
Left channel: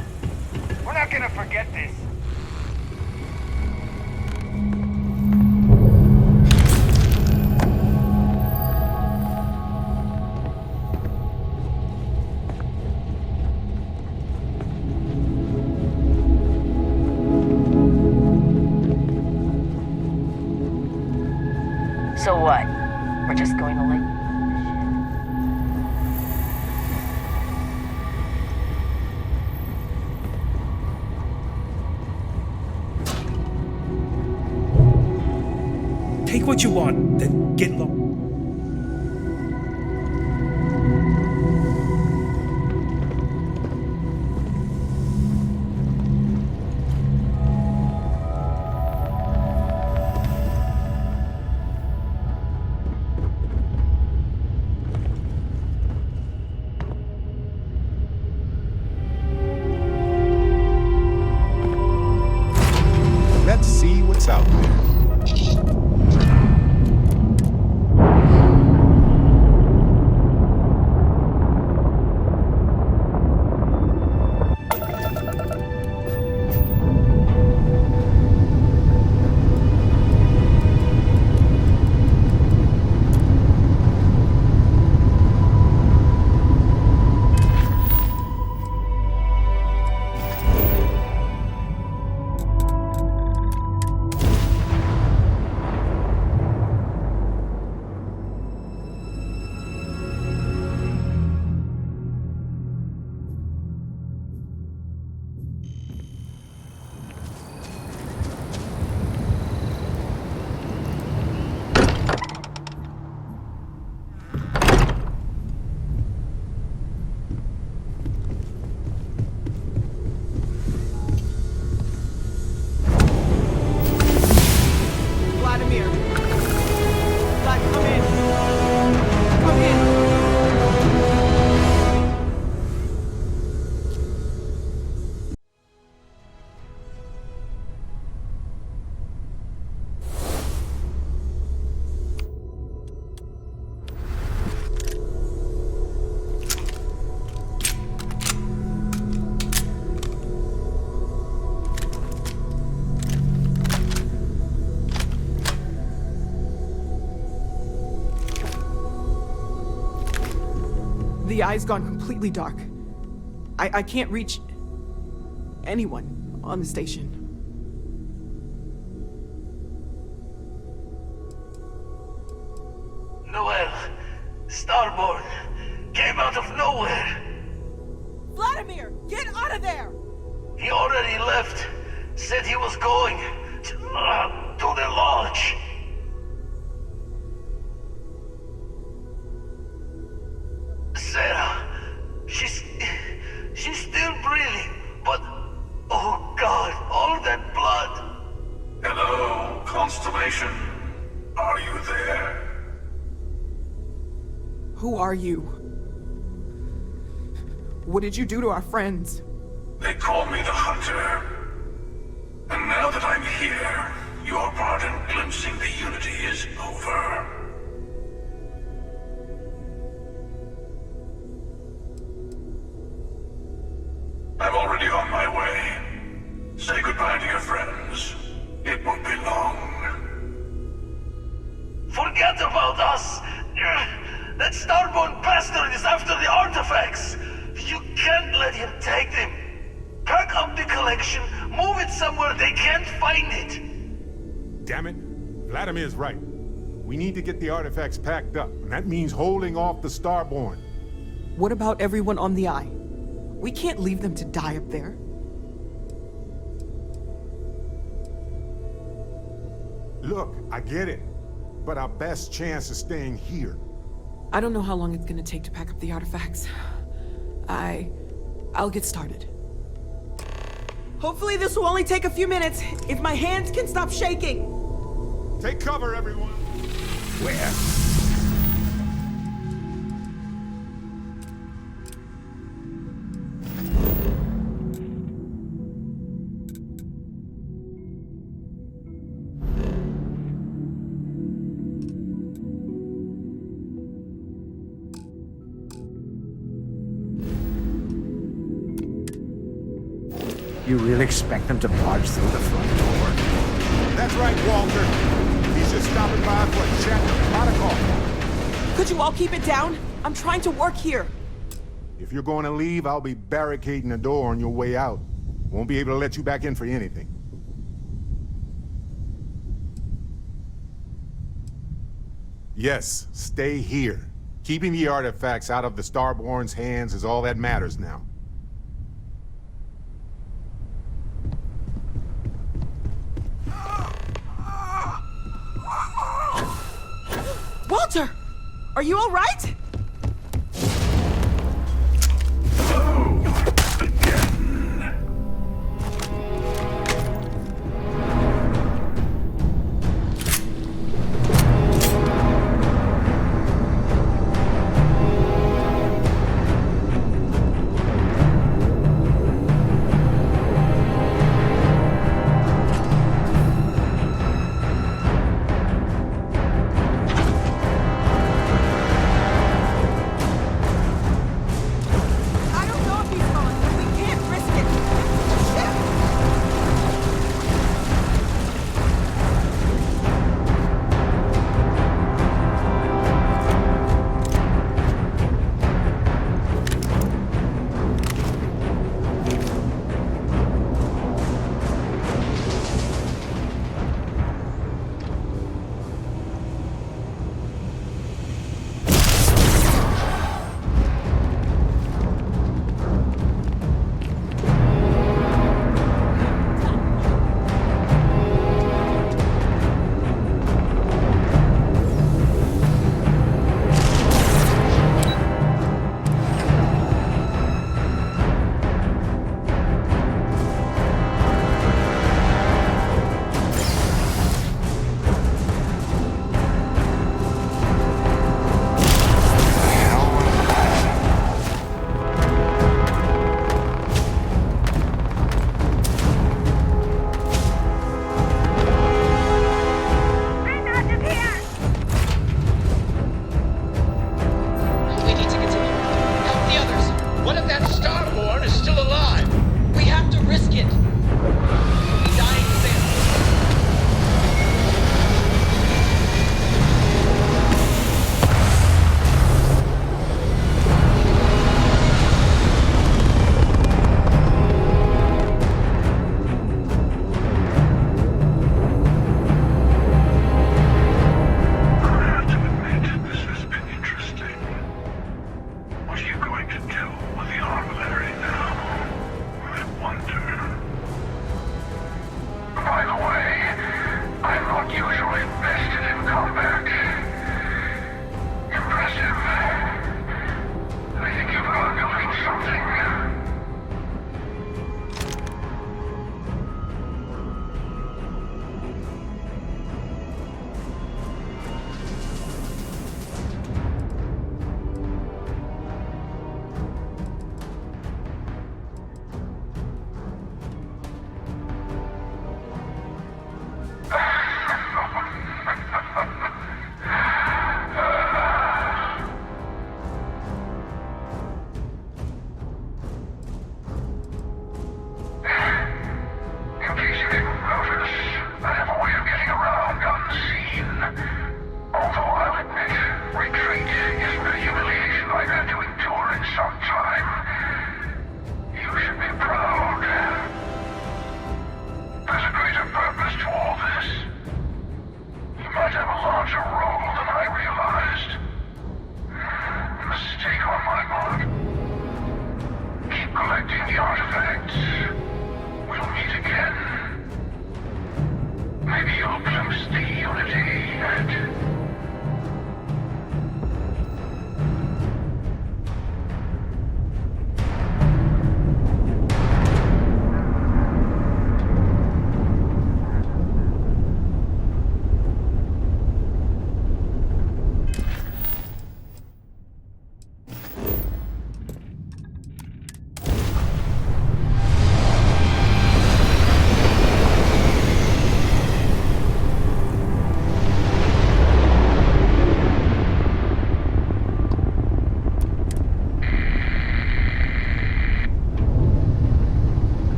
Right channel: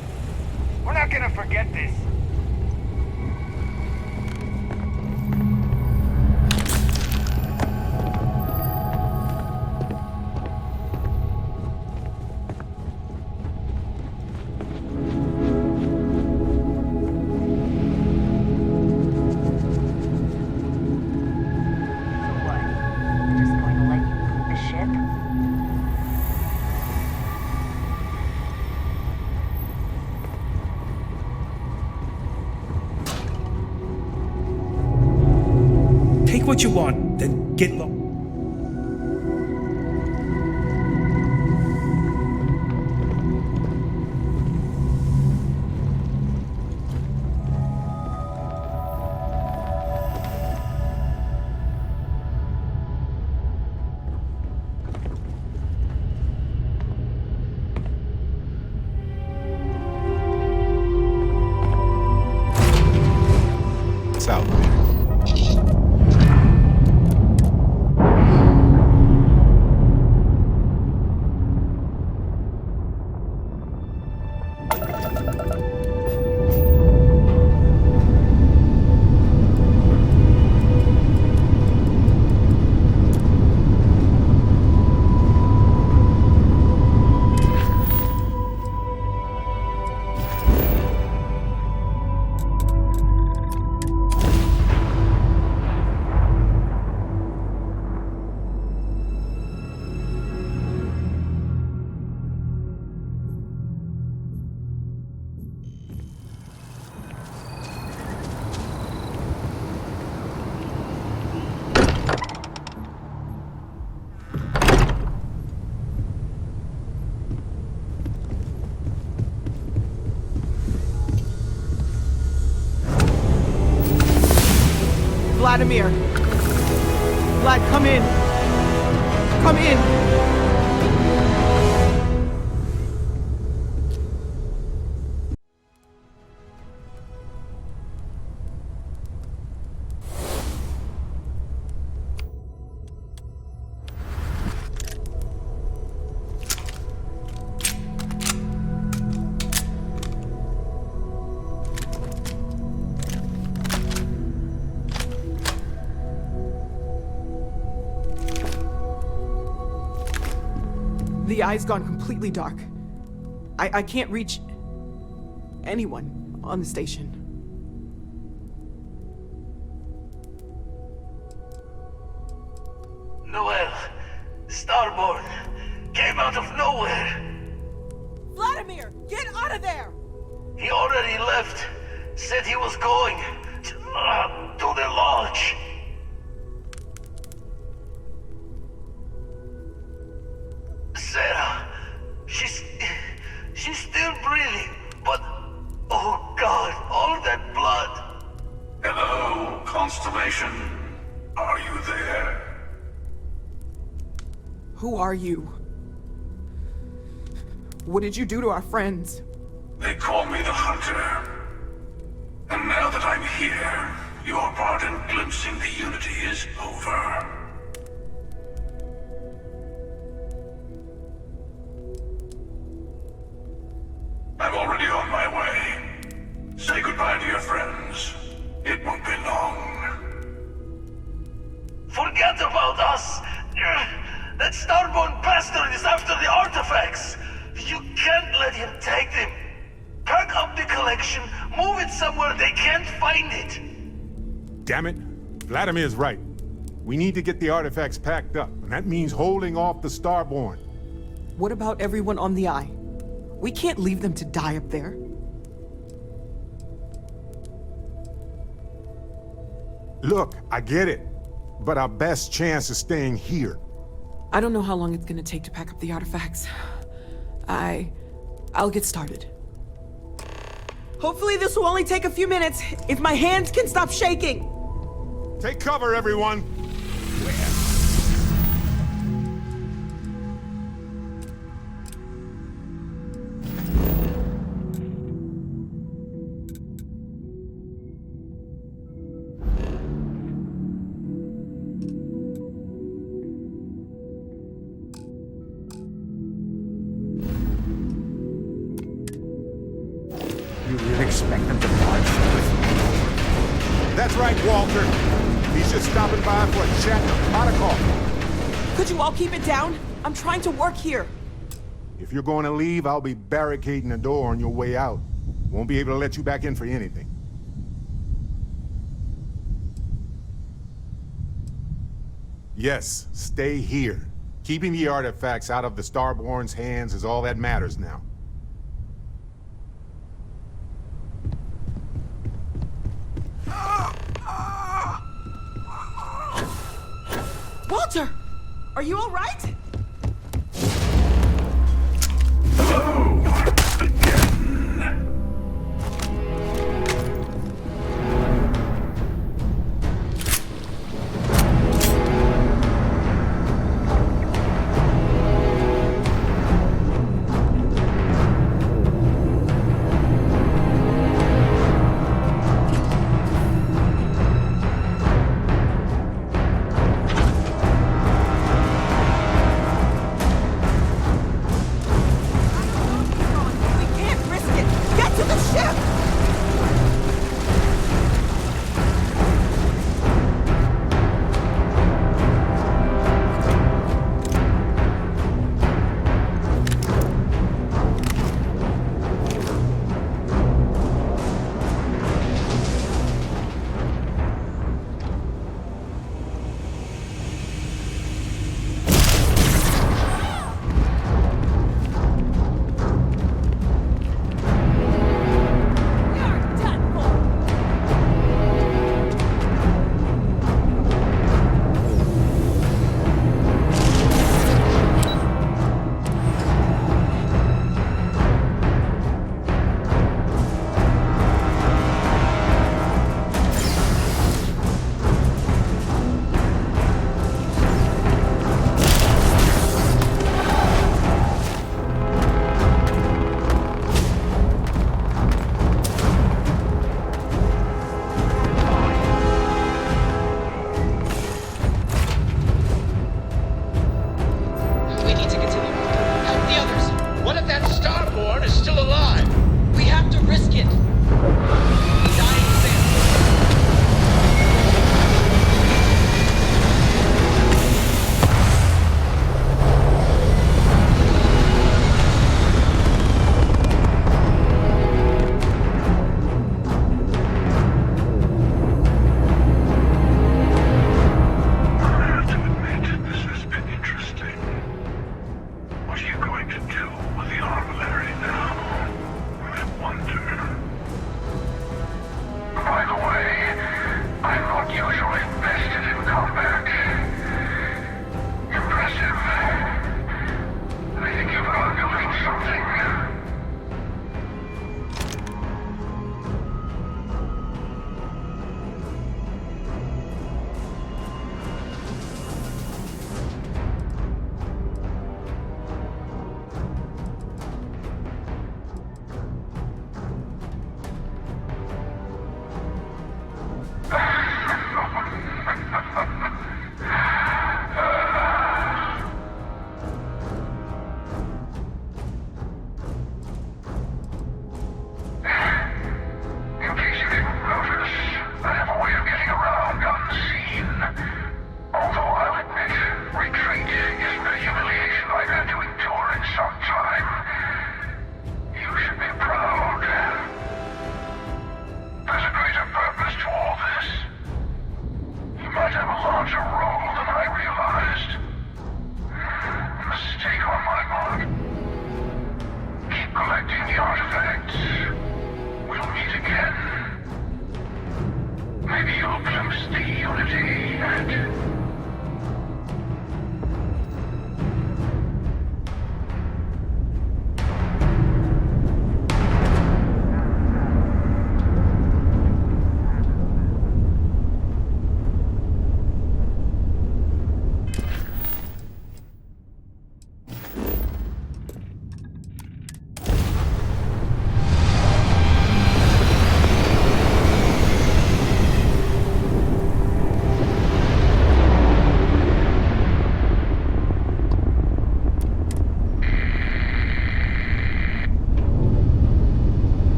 We're not gonna forget this. So what? We're just going to let you loot the ship? Take what you want, then get lost. Let's see what's out there. Vladimir! Vlad, come in! Come in! The eye's gone completely dark. I can't reach anyone on the station. Noel, Starborn, came out of nowhere. Vladimir, get out of there! He already left. Said he was going to the lodge. Sarah, she's still breathing, but oh God, all that blood. Hello, Constellation. Are you there? Who are you? What did you do to our friends? They call me the Hunter. And now that I'm here, your part in glimpsing the Unity is over. I'm already on my way. Say goodbye to your friends. It won't be long. Forget about us! That Starborn bastard is after the artifacts! You can't let him take them! Pack up the collection, move it somewhere they can't find it! Damn it. Vladimir's right. We need to get the artifacts packed up, and that means holding off the Starborn. What about everyone on the Eye? We can't leave them to die up there. Look, I get it, but our best chance is staying here. I don't know how long it's gonna take to pack up the artifacts. I'll get started. Hopefully this will only take a few minutes, if my hands can stop shaking! Take cover, everyone! Where? You really expect them to barge through the front door? That's right, Walter. He's just stopping by for a chat and a pot of coffee. Could you all keep it down? I'm trying to work here. If you're going to leave, I'll be barricading the door on your way out. Won't be able to let you back in for anything. Yes, stay here. Keeping the artifacts out of the Starborn's hands is all that matters now. Walter! Are you all right?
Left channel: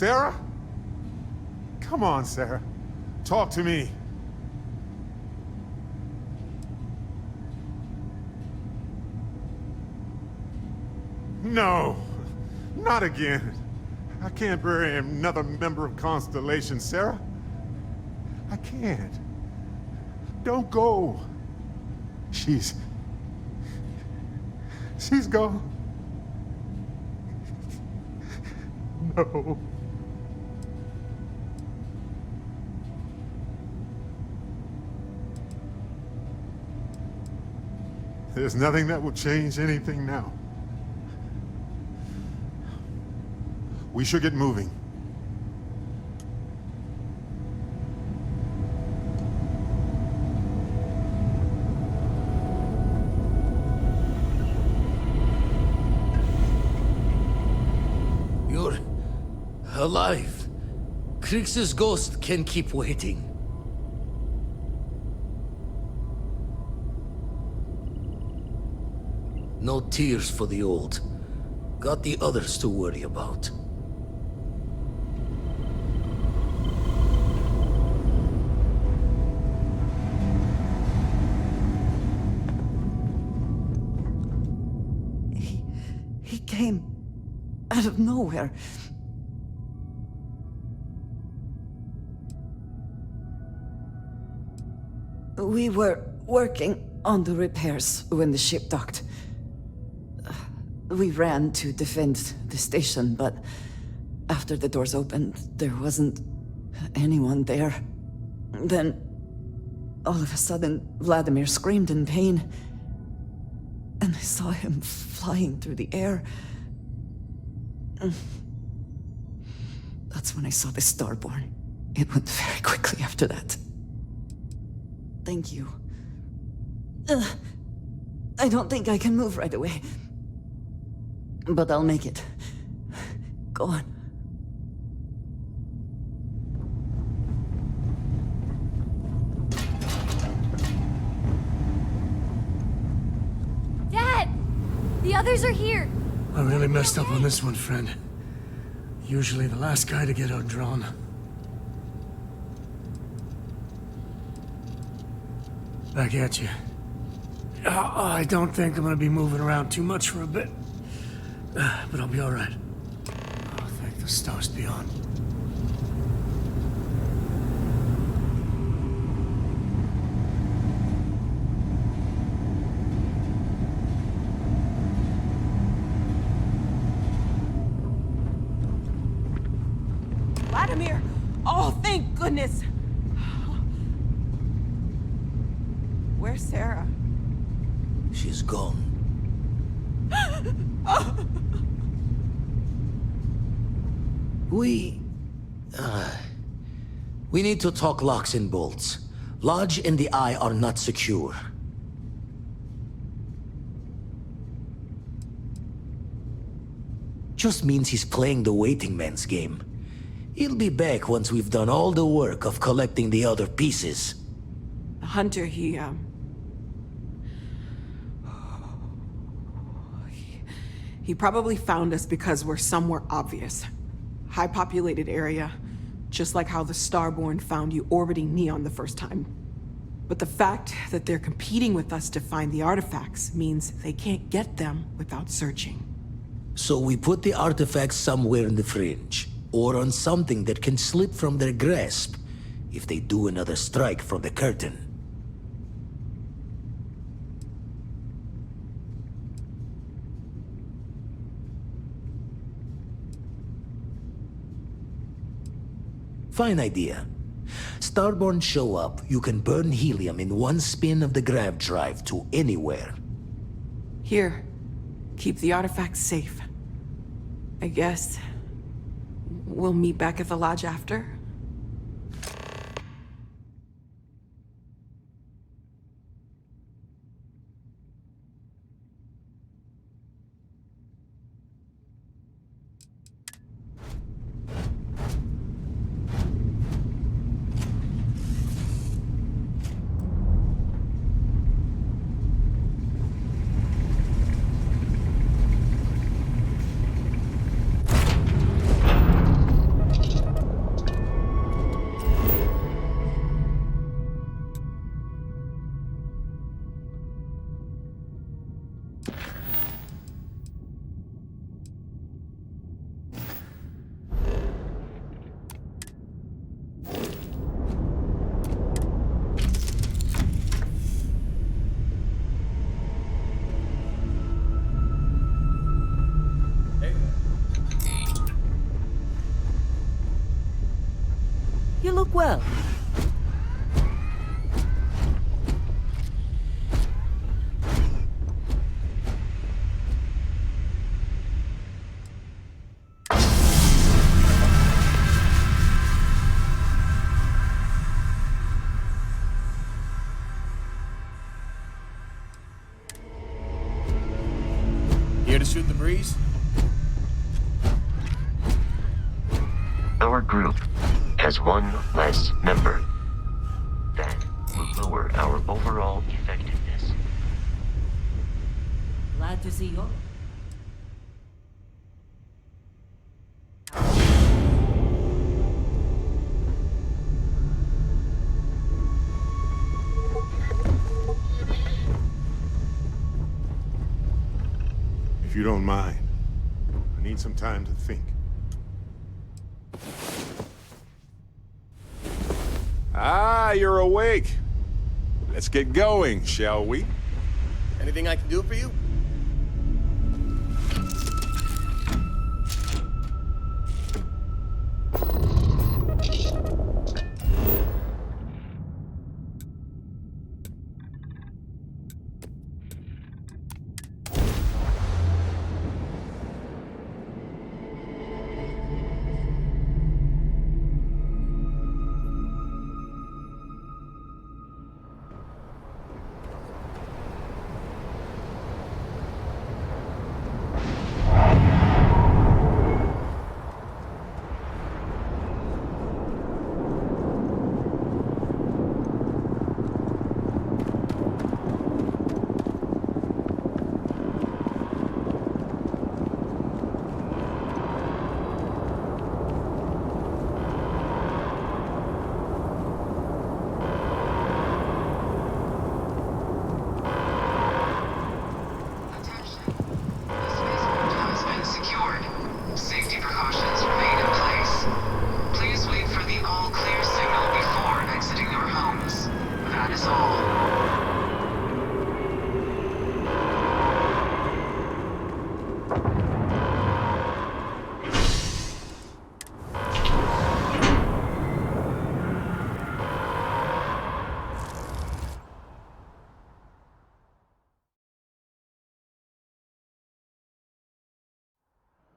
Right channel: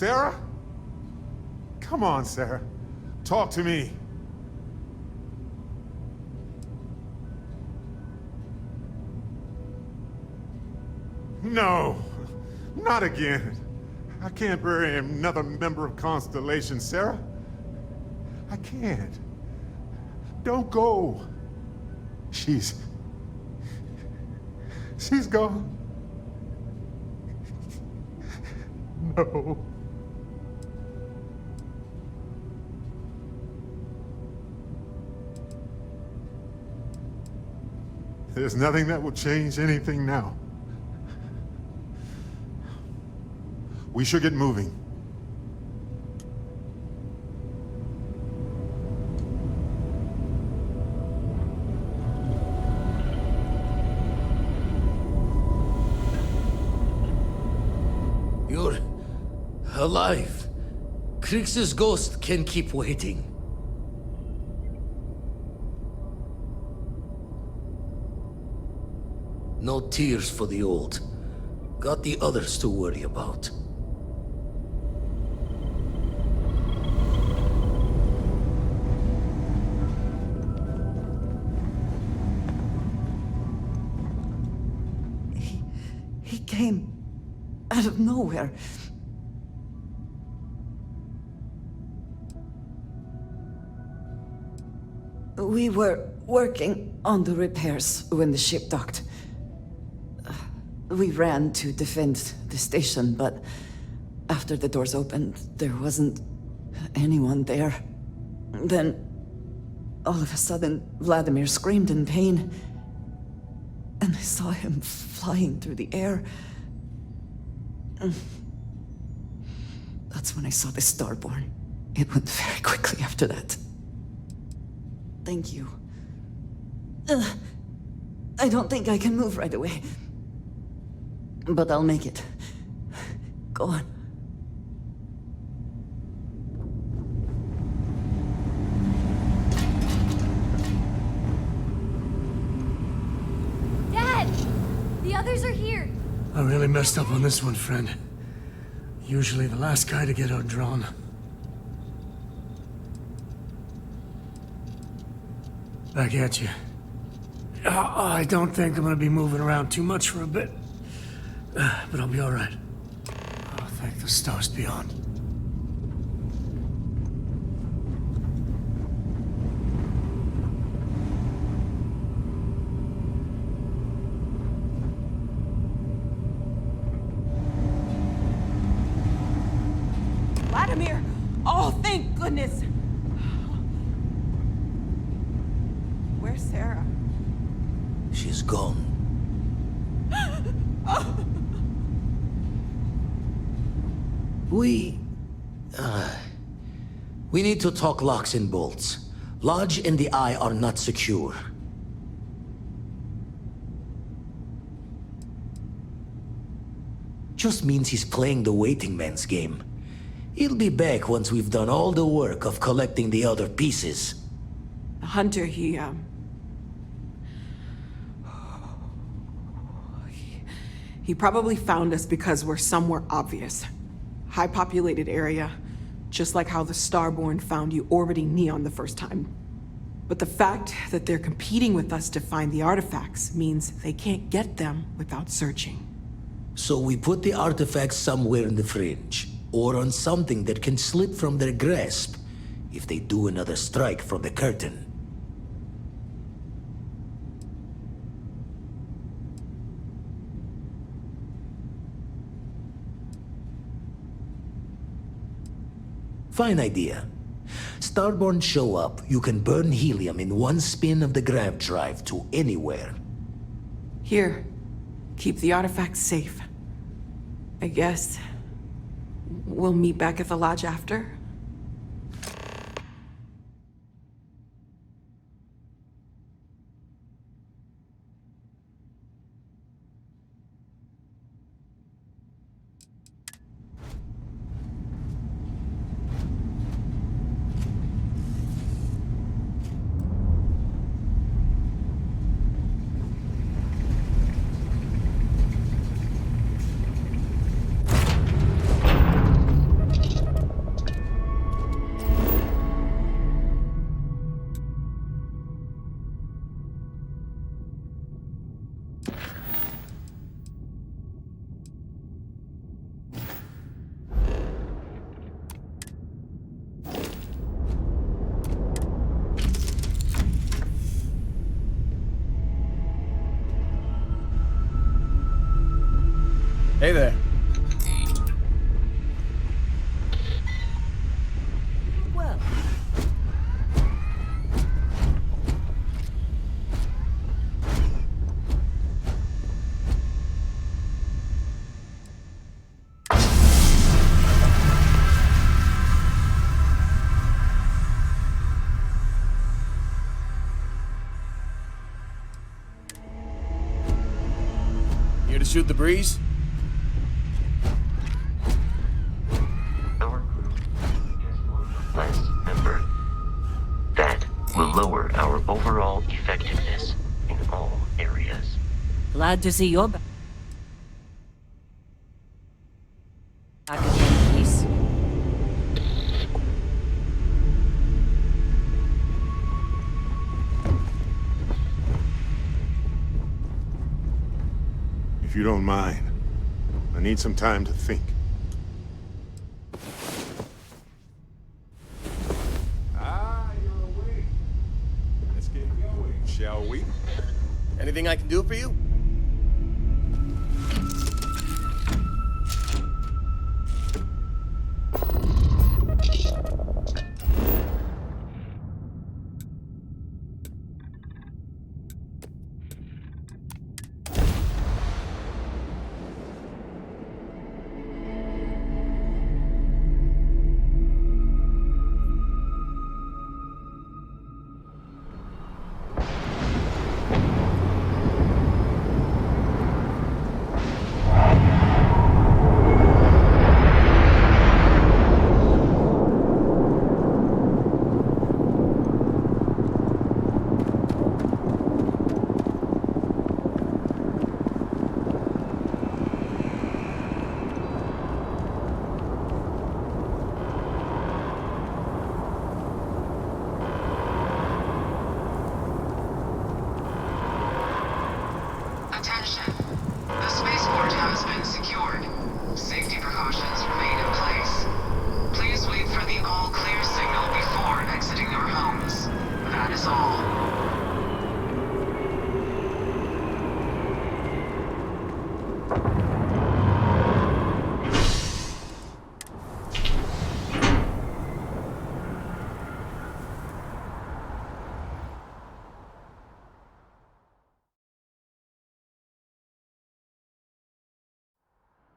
Sarah? Come on, Sarah. Talk to me. No, not again. I can't bury another member of Constellation, Sarah. I can't. Don't go. She's gone. No. There's nothing that will change anything now. We should get moving. You're alive. Krix's ghost can keep waiting. No tears for the old. Got the others to worry about. He came out of nowhere. We were working on the repairs when the ship docked. We ran to defend the station, but after the doors opened, there wasn't anyone there. Then, all of a sudden, Vladimir screamed in pain, and I saw him flying through the air. That's when I saw the Starborn. It went very quickly after that. Thank you. I don't think I can move right away. But I'll make it. Go on. Dad! The others are here. I really messed up on this one, friend. Usually the last guy to get outdrawn. Back at you. I don't think I'm gonna be moving around too much for a bit. But I'll be alright. Oh, thank the stars beyond. Vladimir! Oh, thank goodness! Where's Sarah? She's gone. We need to talk locks and bolts. Lodge and the Eye are not secure. Just means he's playing the waiting man's game. He'll be back once we've done all the work of collecting the other pieces. Hunter, he probably found us because we're somewhere obvious. High-populated area, just like how the Starborn found you orbiting Neon the first time. But the fact that they're competing with us to find the artifacts means they can't get them without searching. So we put the artifacts somewhere in the fringe, or on something that can slip from their grasp if they do another strike from the curtain. Fine idea. Starborn show up, you can burn helium in one spin of the grav drive to anywhere. Here, keep the artifacts safe. I guess we'll meet back at the lodge after? Hey there. You look well. Here to shoot the breeze? Our group has one less member. That will lower our overall effectiveness in all areas. Glad to see you're back. If you don't mind, I need some time to think. Ah, you're awake. Let's get going, shall we? Anything I can do for you?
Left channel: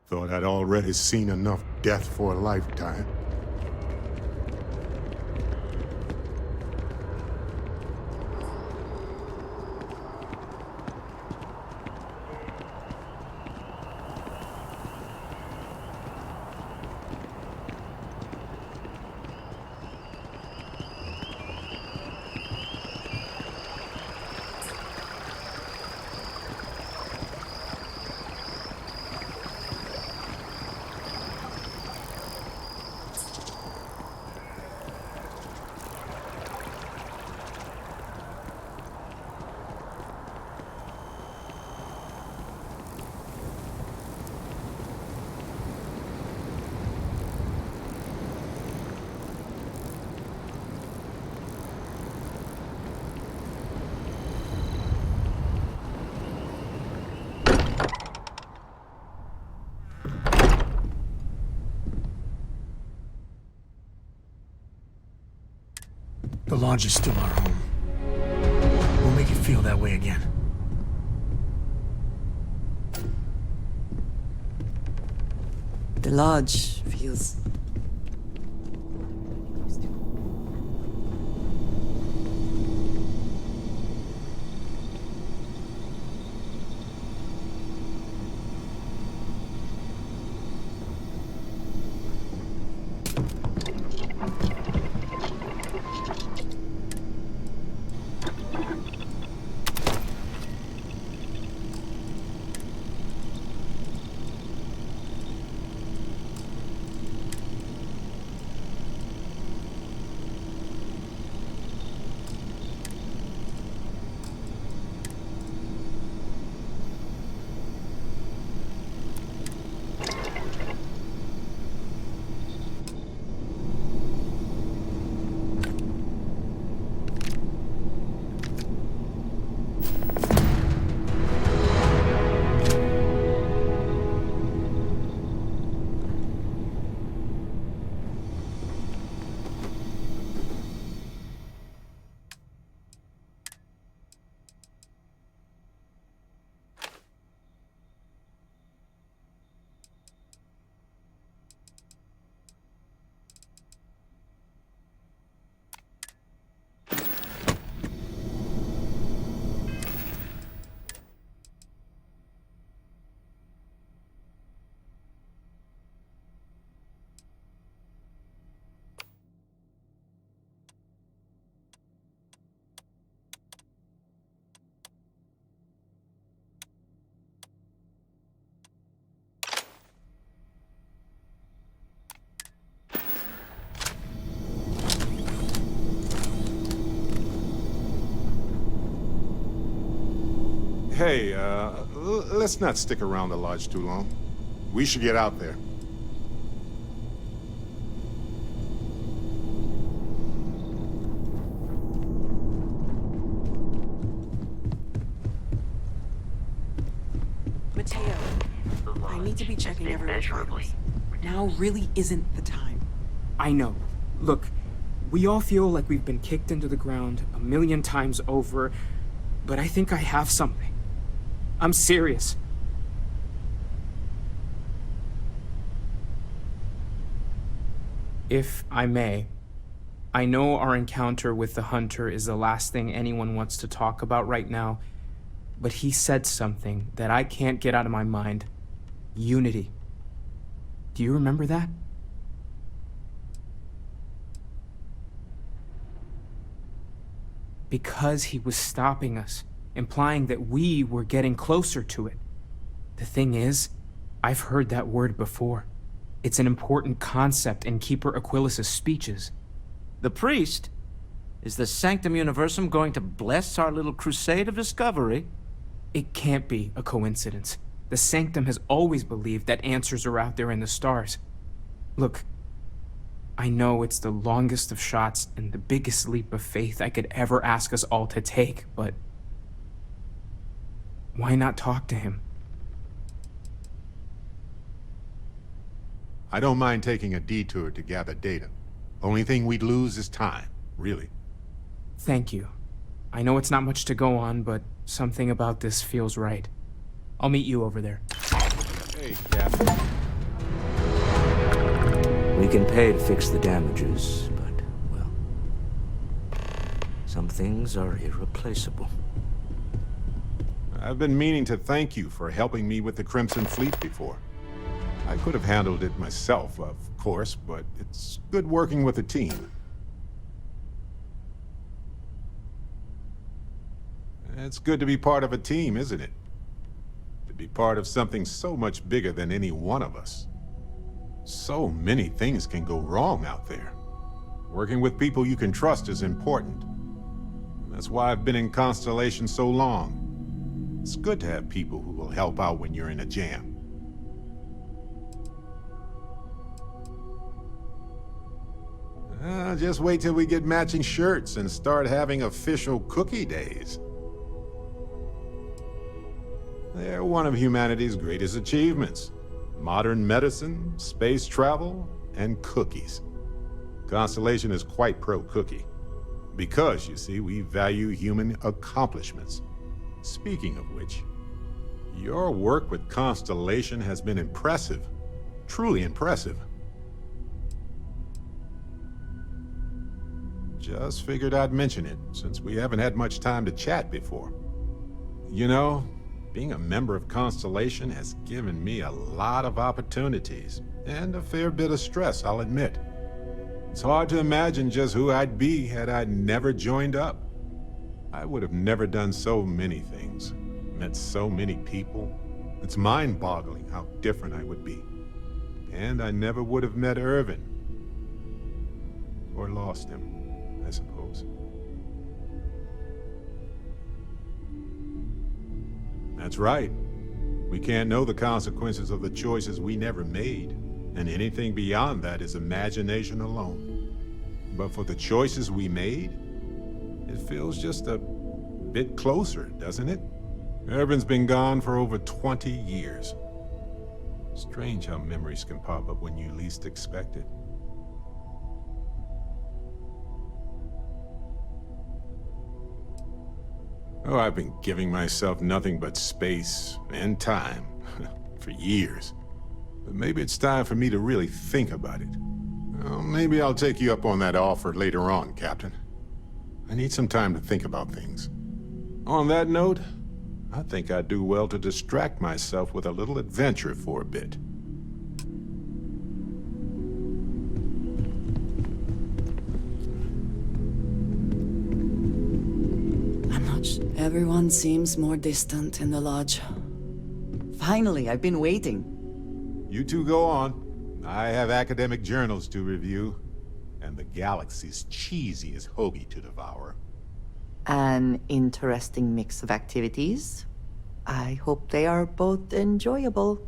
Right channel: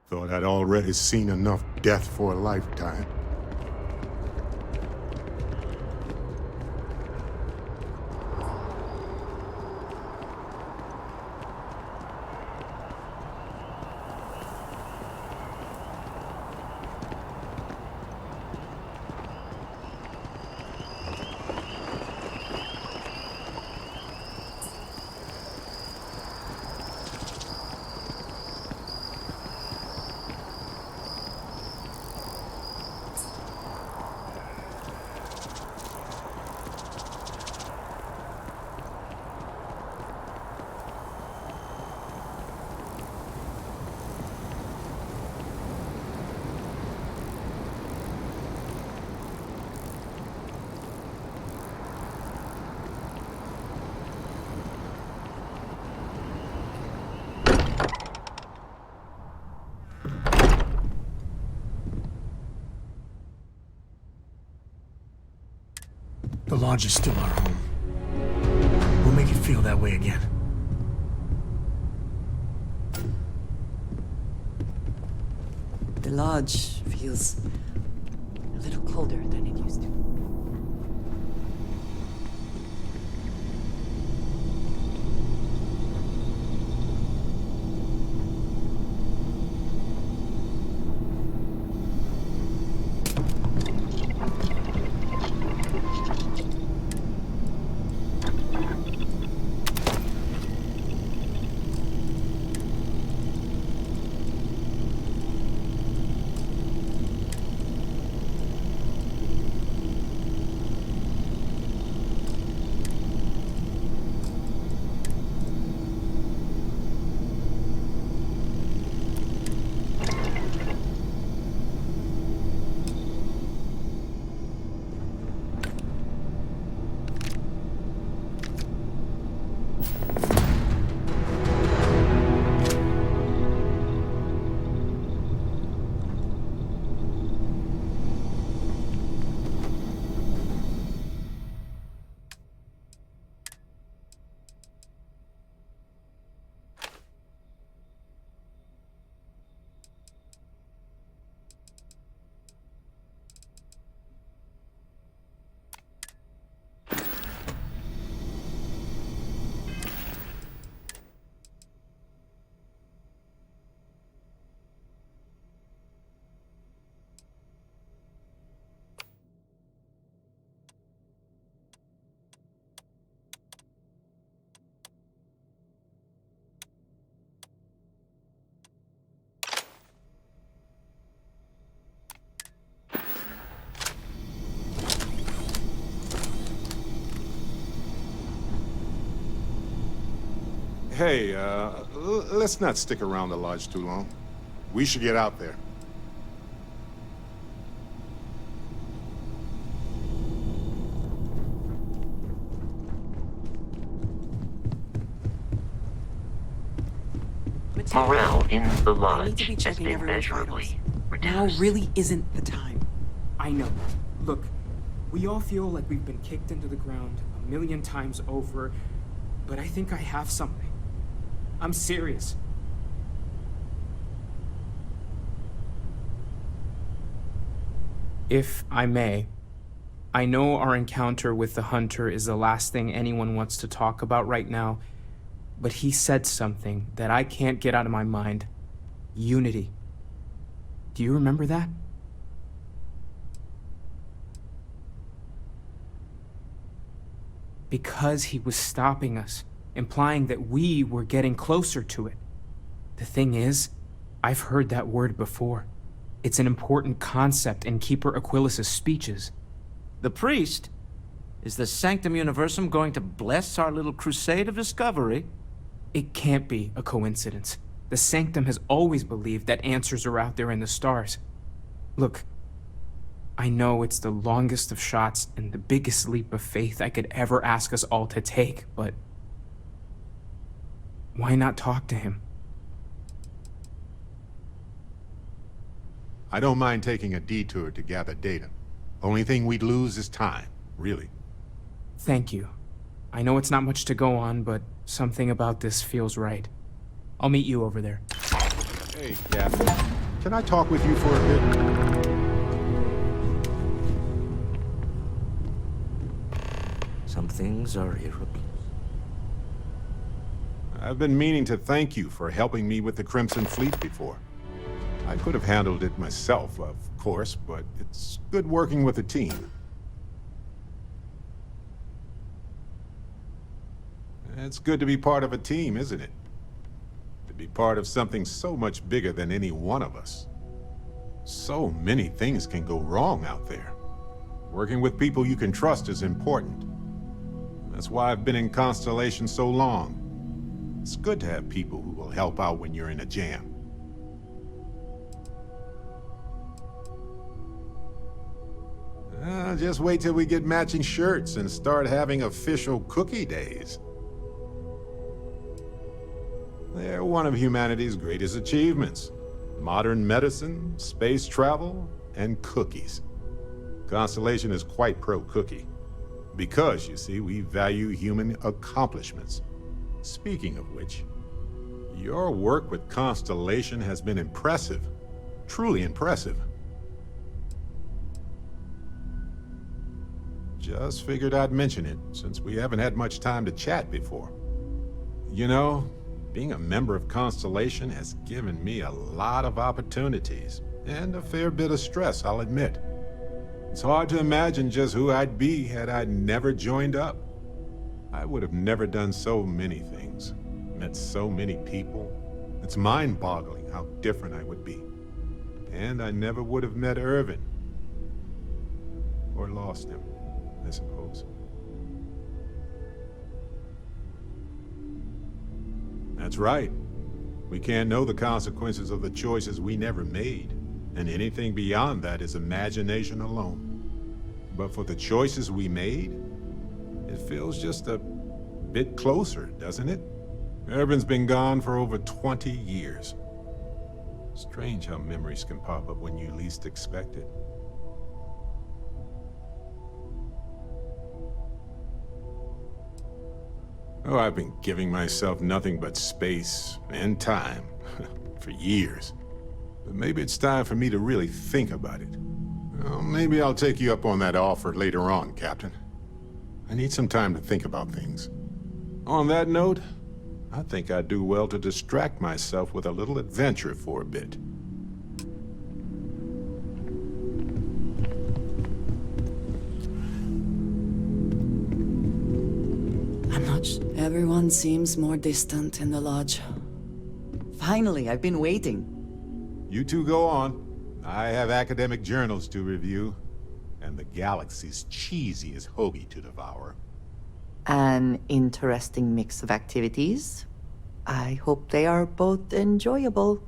Thought I'd already seen enough death for a lifetime. The Lodge is still our home. We'll make it feel that way again. The Lodge feels a little colder than it used to. Hey, let's not stick around the lodge too long. We should get out there. Morale in the lodge I need to be has checking been everyone's measurably vitals. Now really isn't the time. I know. Look, we all feel like we've been kicked into the ground a million times over, but I think I have something. I'm serious. If I may, I know our encounter with the Hunter is the last thing anyone wants to talk about right now, but he said something that I can't get out of my mind. Unity. Do you remember that? Because he was stopping us, implying that we were getting closer to it. The thing is, I've heard that word before. It's an important concept in Keeper Aquilas's speeches. The priest? Is the Sanctum Universum going to bless our little crusade of discovery? It can't be a coincidence. The Sanctum has always believed that answers are out there in the stars. Look, I know it's the longest of shots and the biggest leap of faith I could ever ask us all to take, but why not talk to him? I don't mind taking a detour to gather data. Only thing we'd lose is time, really. Thank you. I know it's not much to go on, but something about this feels right. I'll meet you over there. Hey, Captain. Can I talk with you for a bit? We can pay to fix the damages, but, well, some things are irreplaceable. I've been meaning to thank you for helping me with the Crimson Fleet before. I could have handled it myself, of course, but it's good working with a team. It's good to be part of a team, isn't it? To be part of something so much bigger than any one of us. So many things can go wrong out there. Working with people you can trust is important. That's why I've been in Constellation so long. It's good to have people who will help out when you're in a jam. Just wait till we get matching shirts and start having official cookie days. They're one of humanity's greatest achievements. Modern medicine, space travel, and cookies. Constellation is quite pro-cookie. Because, you see, we value human accomplishments. Speaking of which, your work with Constellation has been impressive. Truly impressive. Just figured I'd mention it, since we haven't had much time to chat before. You know, being a member of Constellation has given me a lot of opportunities, and a fair bit of stress, I'll admit. It's hard to imagine just who I'd be had I never joined up. I would have never done so many things, met so many people. It's mind-boggling how different I would be. And I never would have met Irvin. Or lost him, I suppose. That's right. We can't know the consequences of the choices we never made, and anything beyond that is imagination alone. But for the choices we made, it feels just a bit closer, doesn't it? Irvin's been gone for over 20 years. Strange how memories can pop up when you least expect it. Oh, I've been giving myself nothing but space and time for years. But maybe it's time for me to really think about it. Well, maybe I'll take you up on that offer later on, Captain. I need some time to think about things. On that note, I think I'd do well to distract myself with a little adventure for a bit. Everyone seems more distant in the lodge. Finally, I've been waiting. You two go on. I have academic journals to review, and the galaxy's cheesiest hoagie to devour. An interesting mix of activities. I hope they are both enjoyable.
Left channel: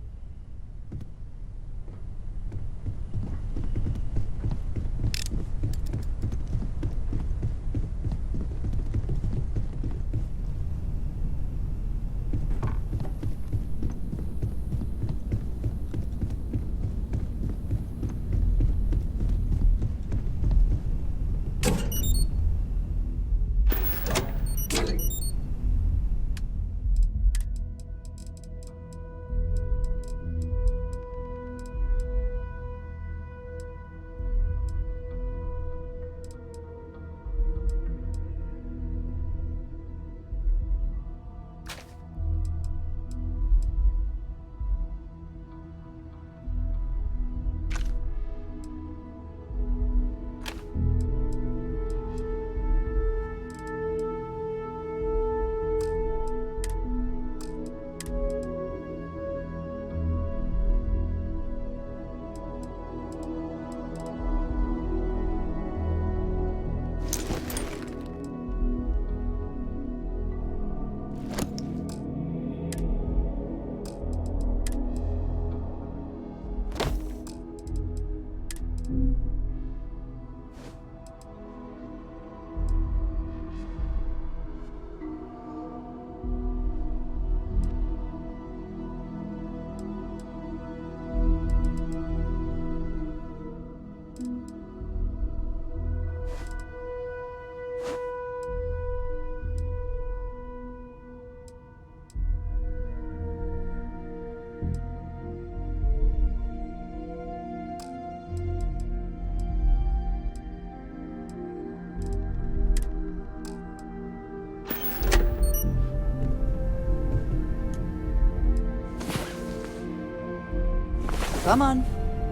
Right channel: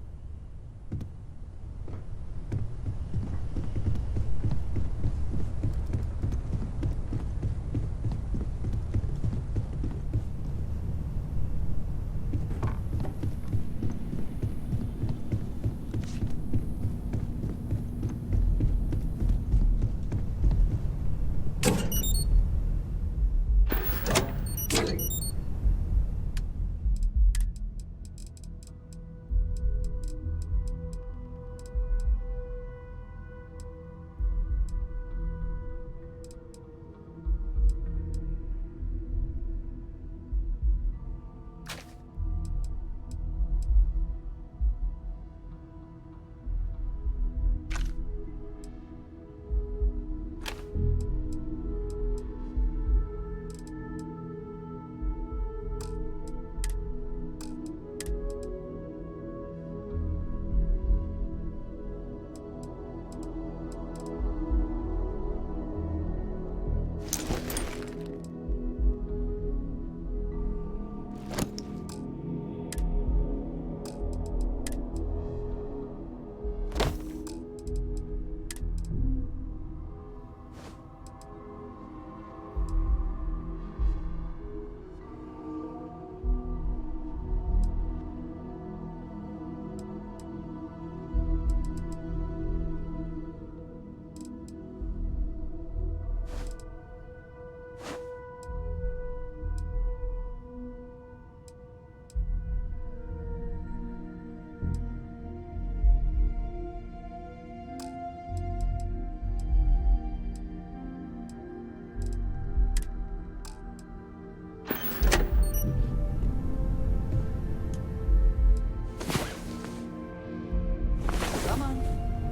Come on.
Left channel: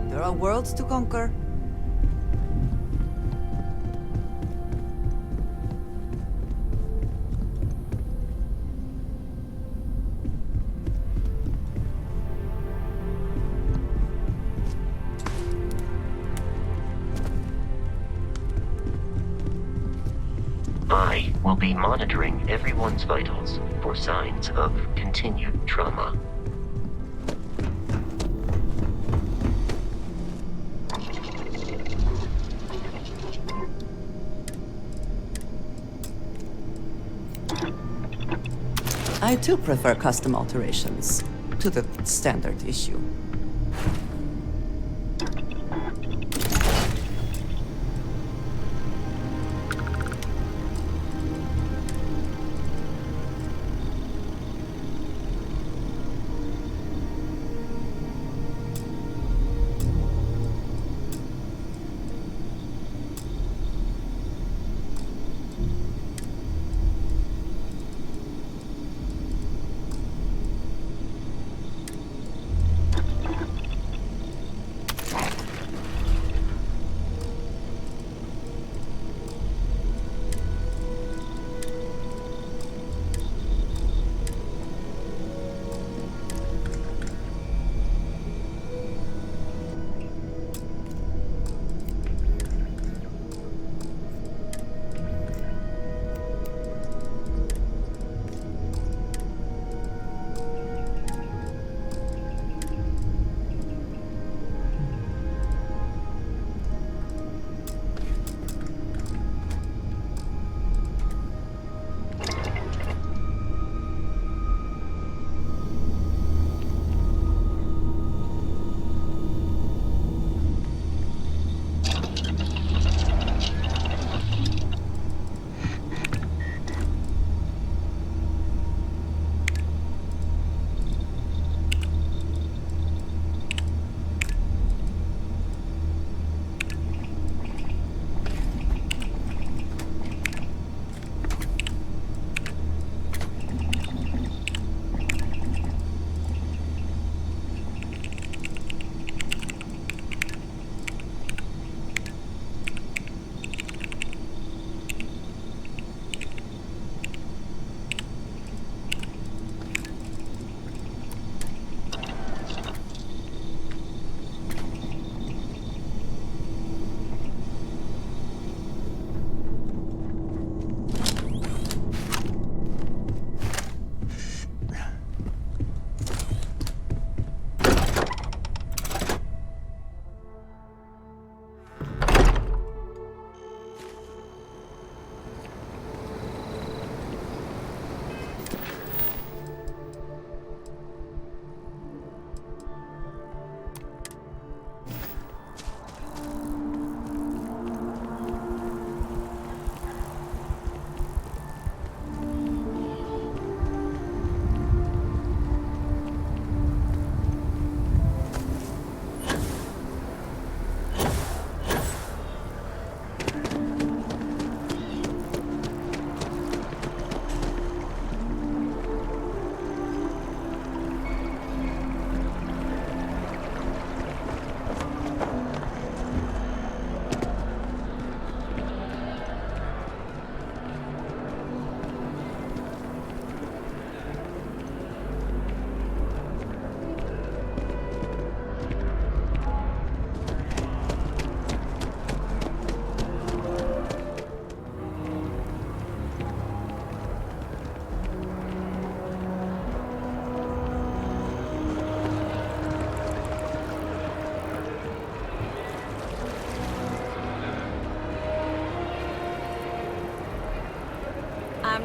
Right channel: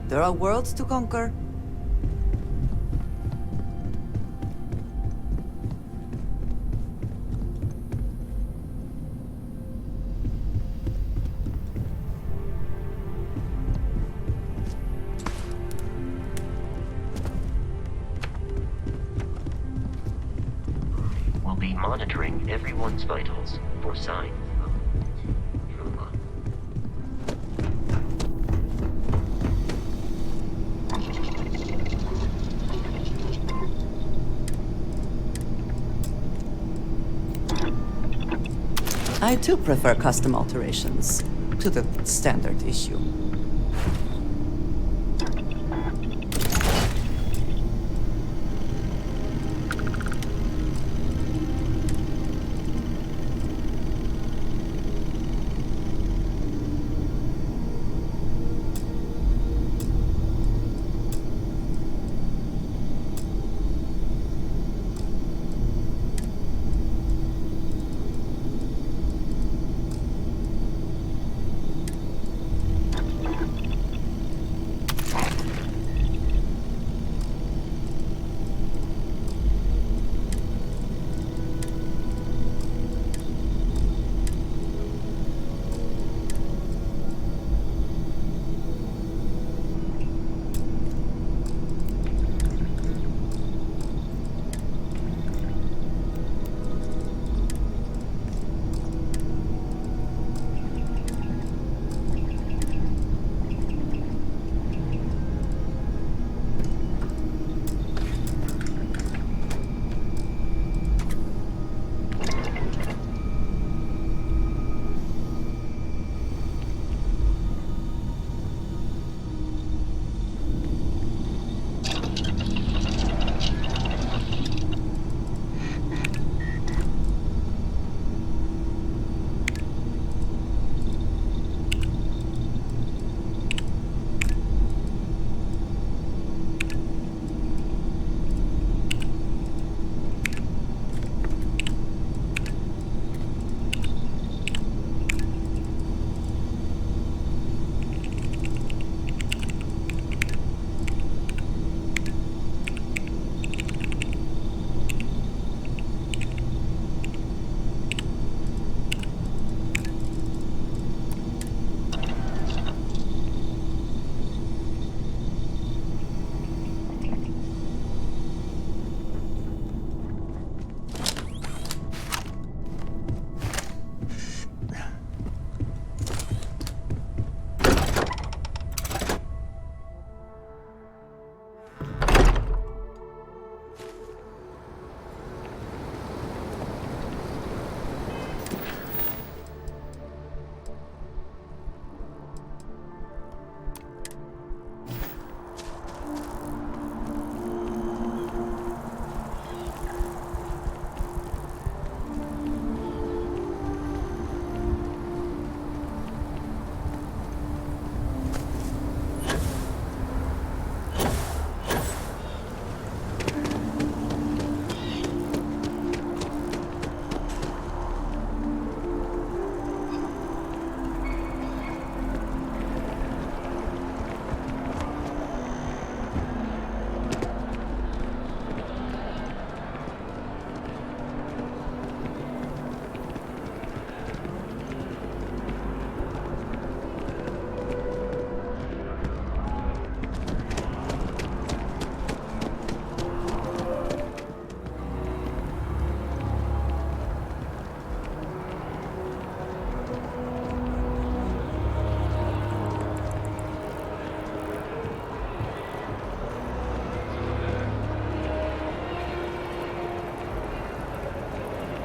There are worlds to conquer. I will be monitoring everyone's vitals for signs of continued trauma. I too prefer custom alterations to the standard issue.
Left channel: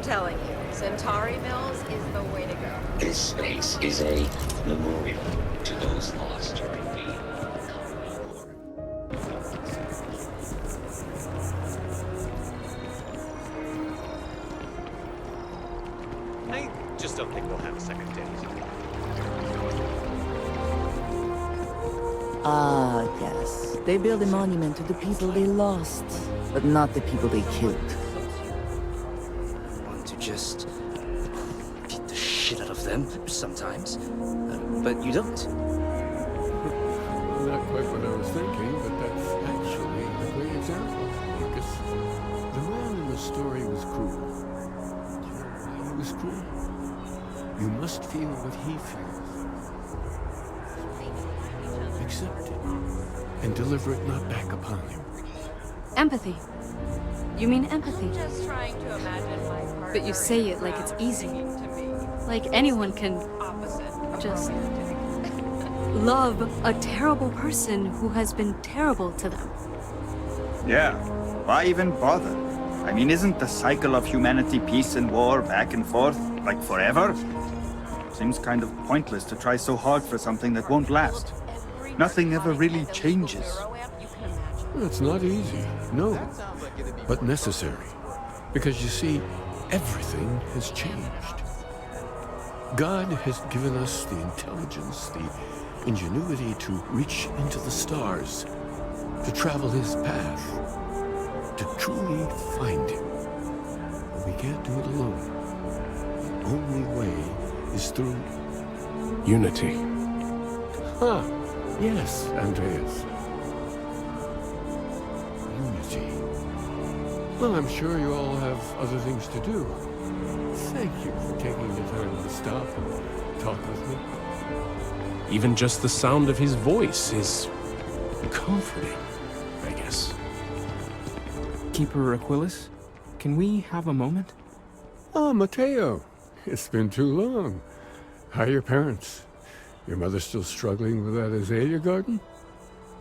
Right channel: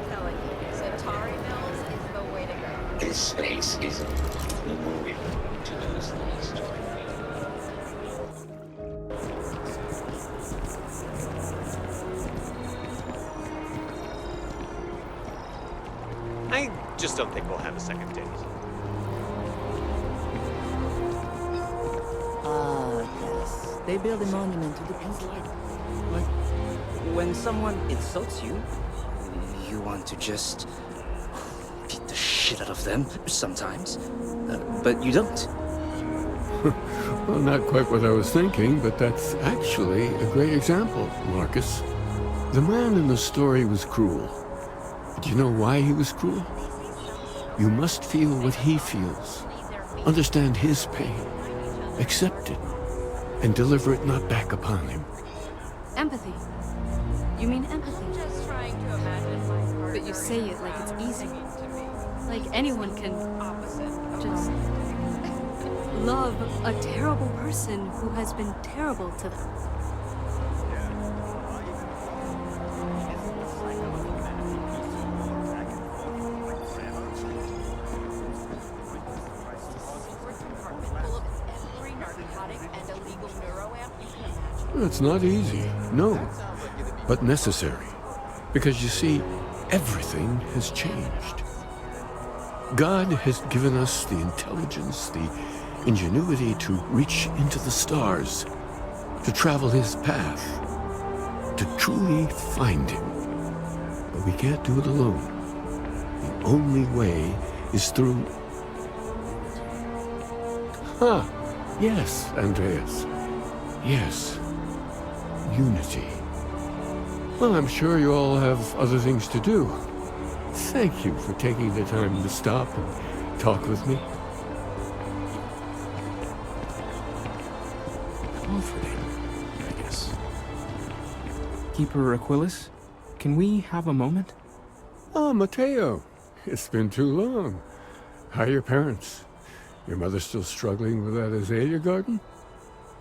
telling you, Centauri Mills is the way to go. This space is a memorial to those lost during the... I just don't think we'll have a second date. Ah, yes. They build a monument to the people they lost, but not the people When they someone killed. insults you, you want to just beat the shit out of them sometimes, but you don't. Well, not quite what I was thinking, but that's actually a great example, Marcus. The man in the story was cruel. Do you know why he was cruel? You must feel what he feels. Understand his pain. Accept it. And deliver it not back upon him. Empathy. You mean empathy? Just trying to imagine my partner. But you say it like it's easy. Like anyone can just love a terrible person who has been terrible to them. Yeah, why even bother? I mean, isn't the cycle of humanity peace and war back and forth, like forever? Seems kind of pointless to try so hard for something that won't last. Nothing ever really changes. It's not easy, no, but necessary. Because you see, everything has changed. God has given us the intelligence, the ingenuity to reach into the stars, to travel his path, to truly find him. But we can't do it alone. The only way is through unity. Huh. Yes, Andreas. Yes. Unity. Well, I'm sure you all have other things to do. Thank you for taking the time to stop and talk with me. Even just the sound of his voice is comforting, I guess. Keeper Aquilus, can we have a moment? Oh, Matteo. It's been too long. How are your parents? Your mother still struggling with that azalea garden?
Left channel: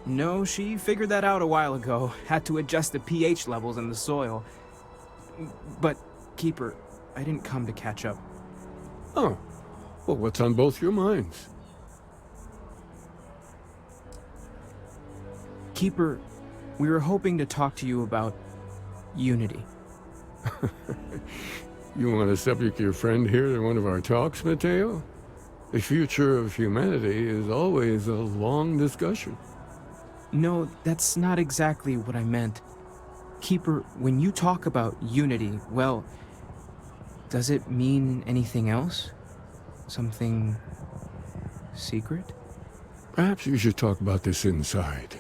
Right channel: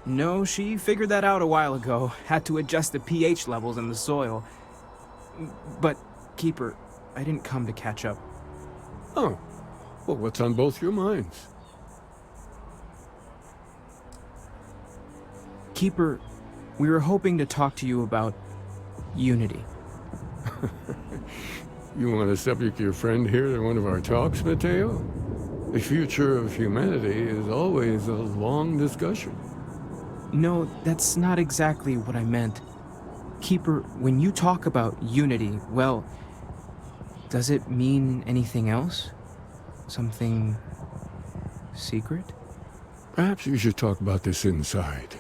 No, she figured that out a while ago. Had to adjust the pH levels in the soil. But, Keeper, I didn't come to catch up. Oh. Well, what's on both your minds? Keeper, we were hoping to talk to you about unity. You want to subject your friend here to one of our talks, Matteo? The future of humanity is always a long discussion. No, that's not exactly what I meant. Keeper, when you talk about unity, well, does it mean anything else? Something secret? Perhaps you should talk about this inside.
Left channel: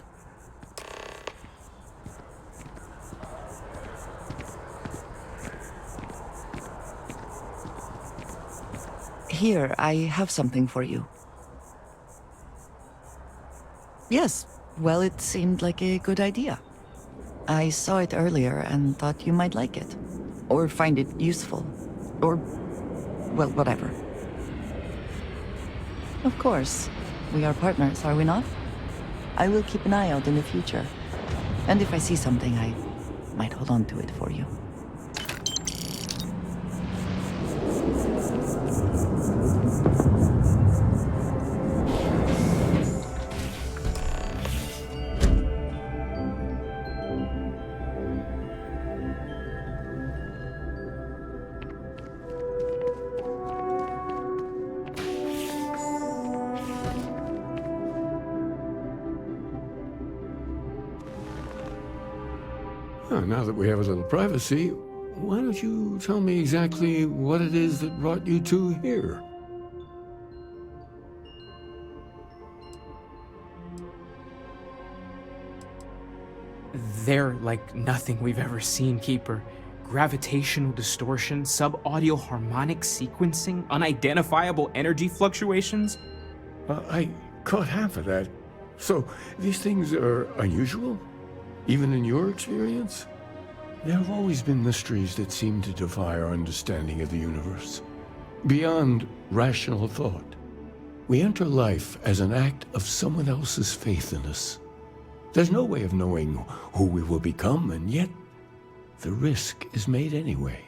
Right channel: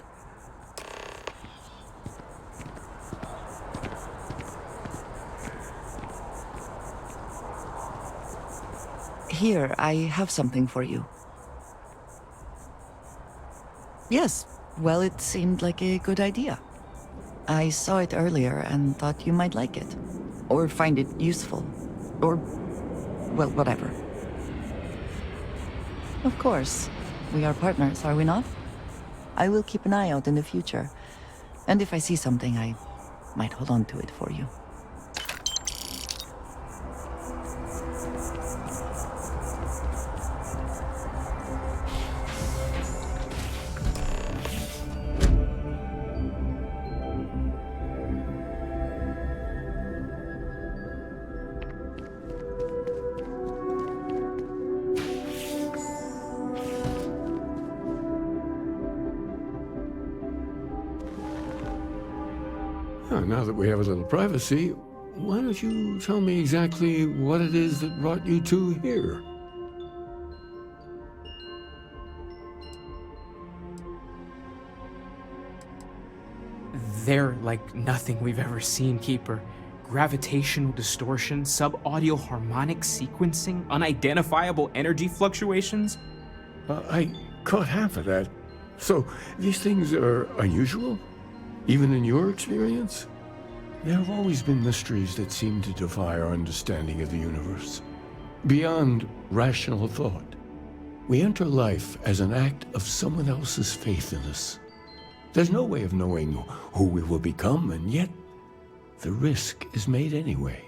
Here, I have something for you. Yes, well, it seemed like a good idea. I saw it earlier and thought you might like it. Or find it useful. Or, well, whatever. Of course. We are partners, are we not? I will keep an eye out in the future. And if I see something, I might hold on to it for you. Now that we have a little privacy, why don't you tell me exactly what it is that brought you two here? They're like nothing we've ever seen, Keeper. Gravitational distortion, sub-audio harmonic sequencing, unidentifiable energy fluctuations. I caught half of that. So, these things are unusual? Even in your experience? There have always been mysteries that seem to defy our understanding of the universe. Beyond rational thought. We enter life as an act of someone else's faith in us. There's no way of knowing who we will become, and yet the risk is made anyway.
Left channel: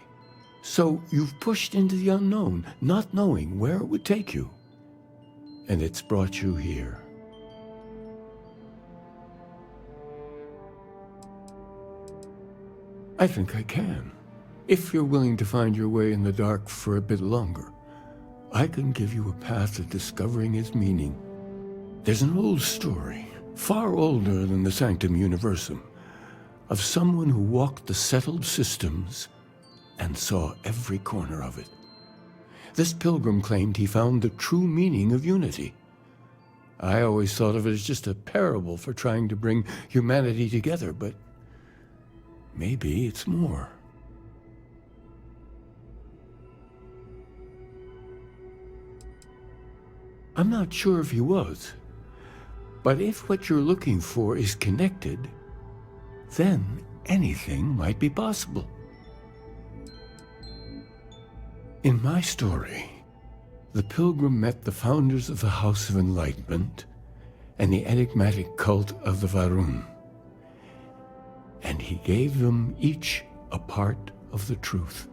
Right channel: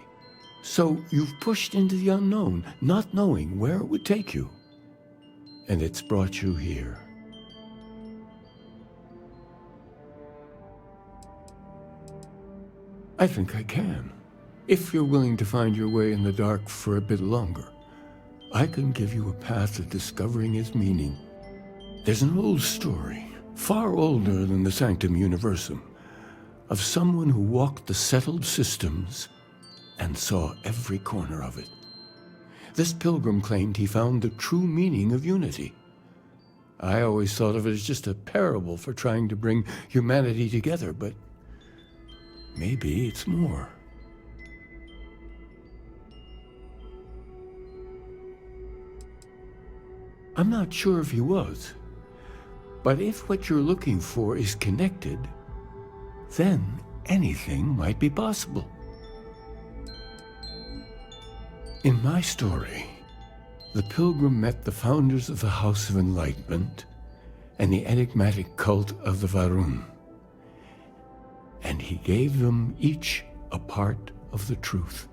So you've pushed into the unknown, not knowing where it would take you. And it's brought you here. I think I can. If you're willing to find your way in the dark for a bit longer, I can give you a path to discovering its meaning. There's an old story, far older than the Sanctum Universum, of someone who walked the settled systems and saw every corner of it. This pilgrim claimed he found the true meaning of unity. I always thought of it as just a parable for trying to bring humanity together, but maybe it's more. I'm not sure if he was, but if what you're looking for is connected, then anything might be possible. In my story, the pilgrim met the founders of the House of Enlightenment and the enigmatic cult of the Varun, and he gave them each a part of the truth.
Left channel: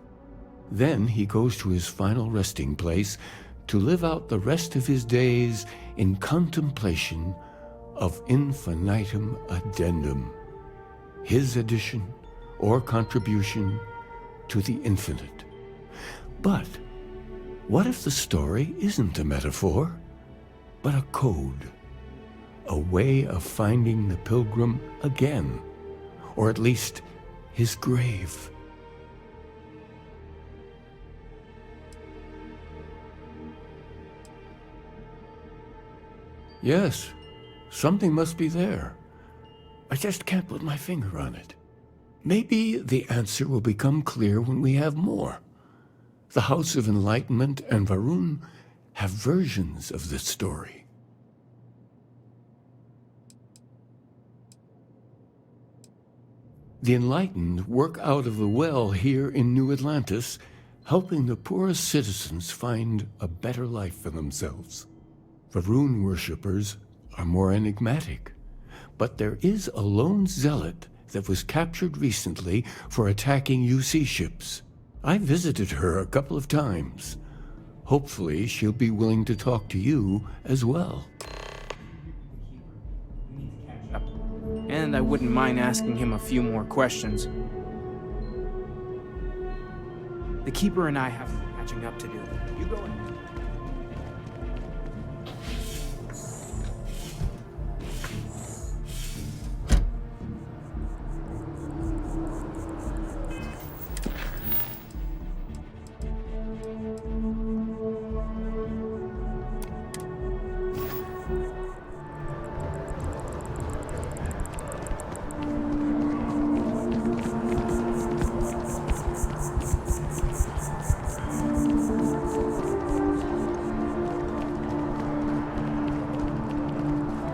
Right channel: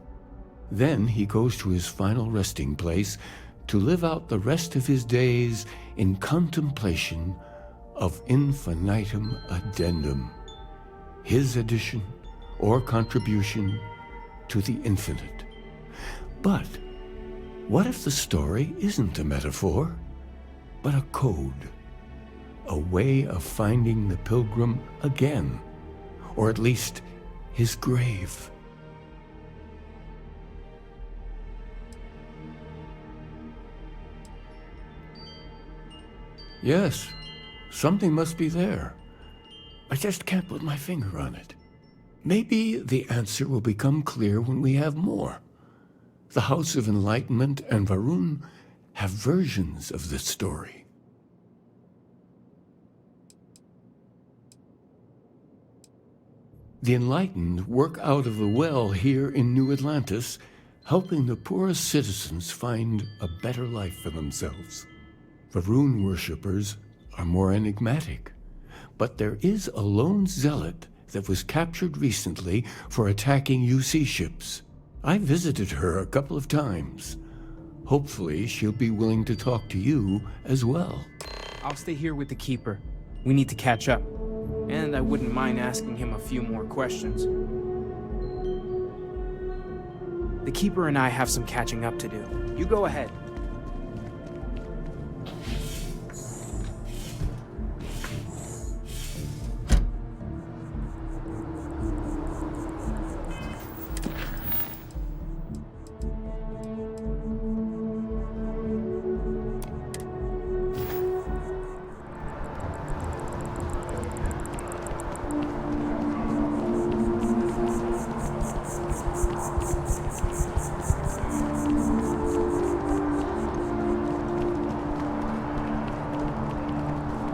Then he goes to his final resting place to live out the rest of his days in contemplation of infinitum addendum, his addition or contribution to the infinite. But what if the story isn't a metaphor, but a code, a way of finding the pilgrim again, or at least his grave? Yes, something must be there. I just can't put my finger on it. Maybe the answer will become clear when we have more. The House of Enlightenment and Varun have versions of this story. The Enlightened work out of the well here in New Atlantis, helping the poorest citizens find a better life for themselves. Varun worshippers are more enigmatic, but there is a lone zealot that was captured recently for attacking UC ships. I visited her a couple of times. Hopefully she'll be willing to talk to you as well. I'll stay here with the Keeper. We need to catch up. And I wouldn't mind asking him a few more questions. The Keeper and I have some catching up to do. You go ahead.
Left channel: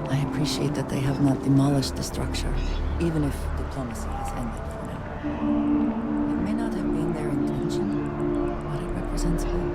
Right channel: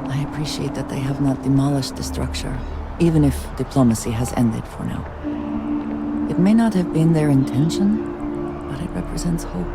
I appreciate that they have not demolished the structure, even if diplomacy has ended for now. It may not have been their intention, but it represents hope.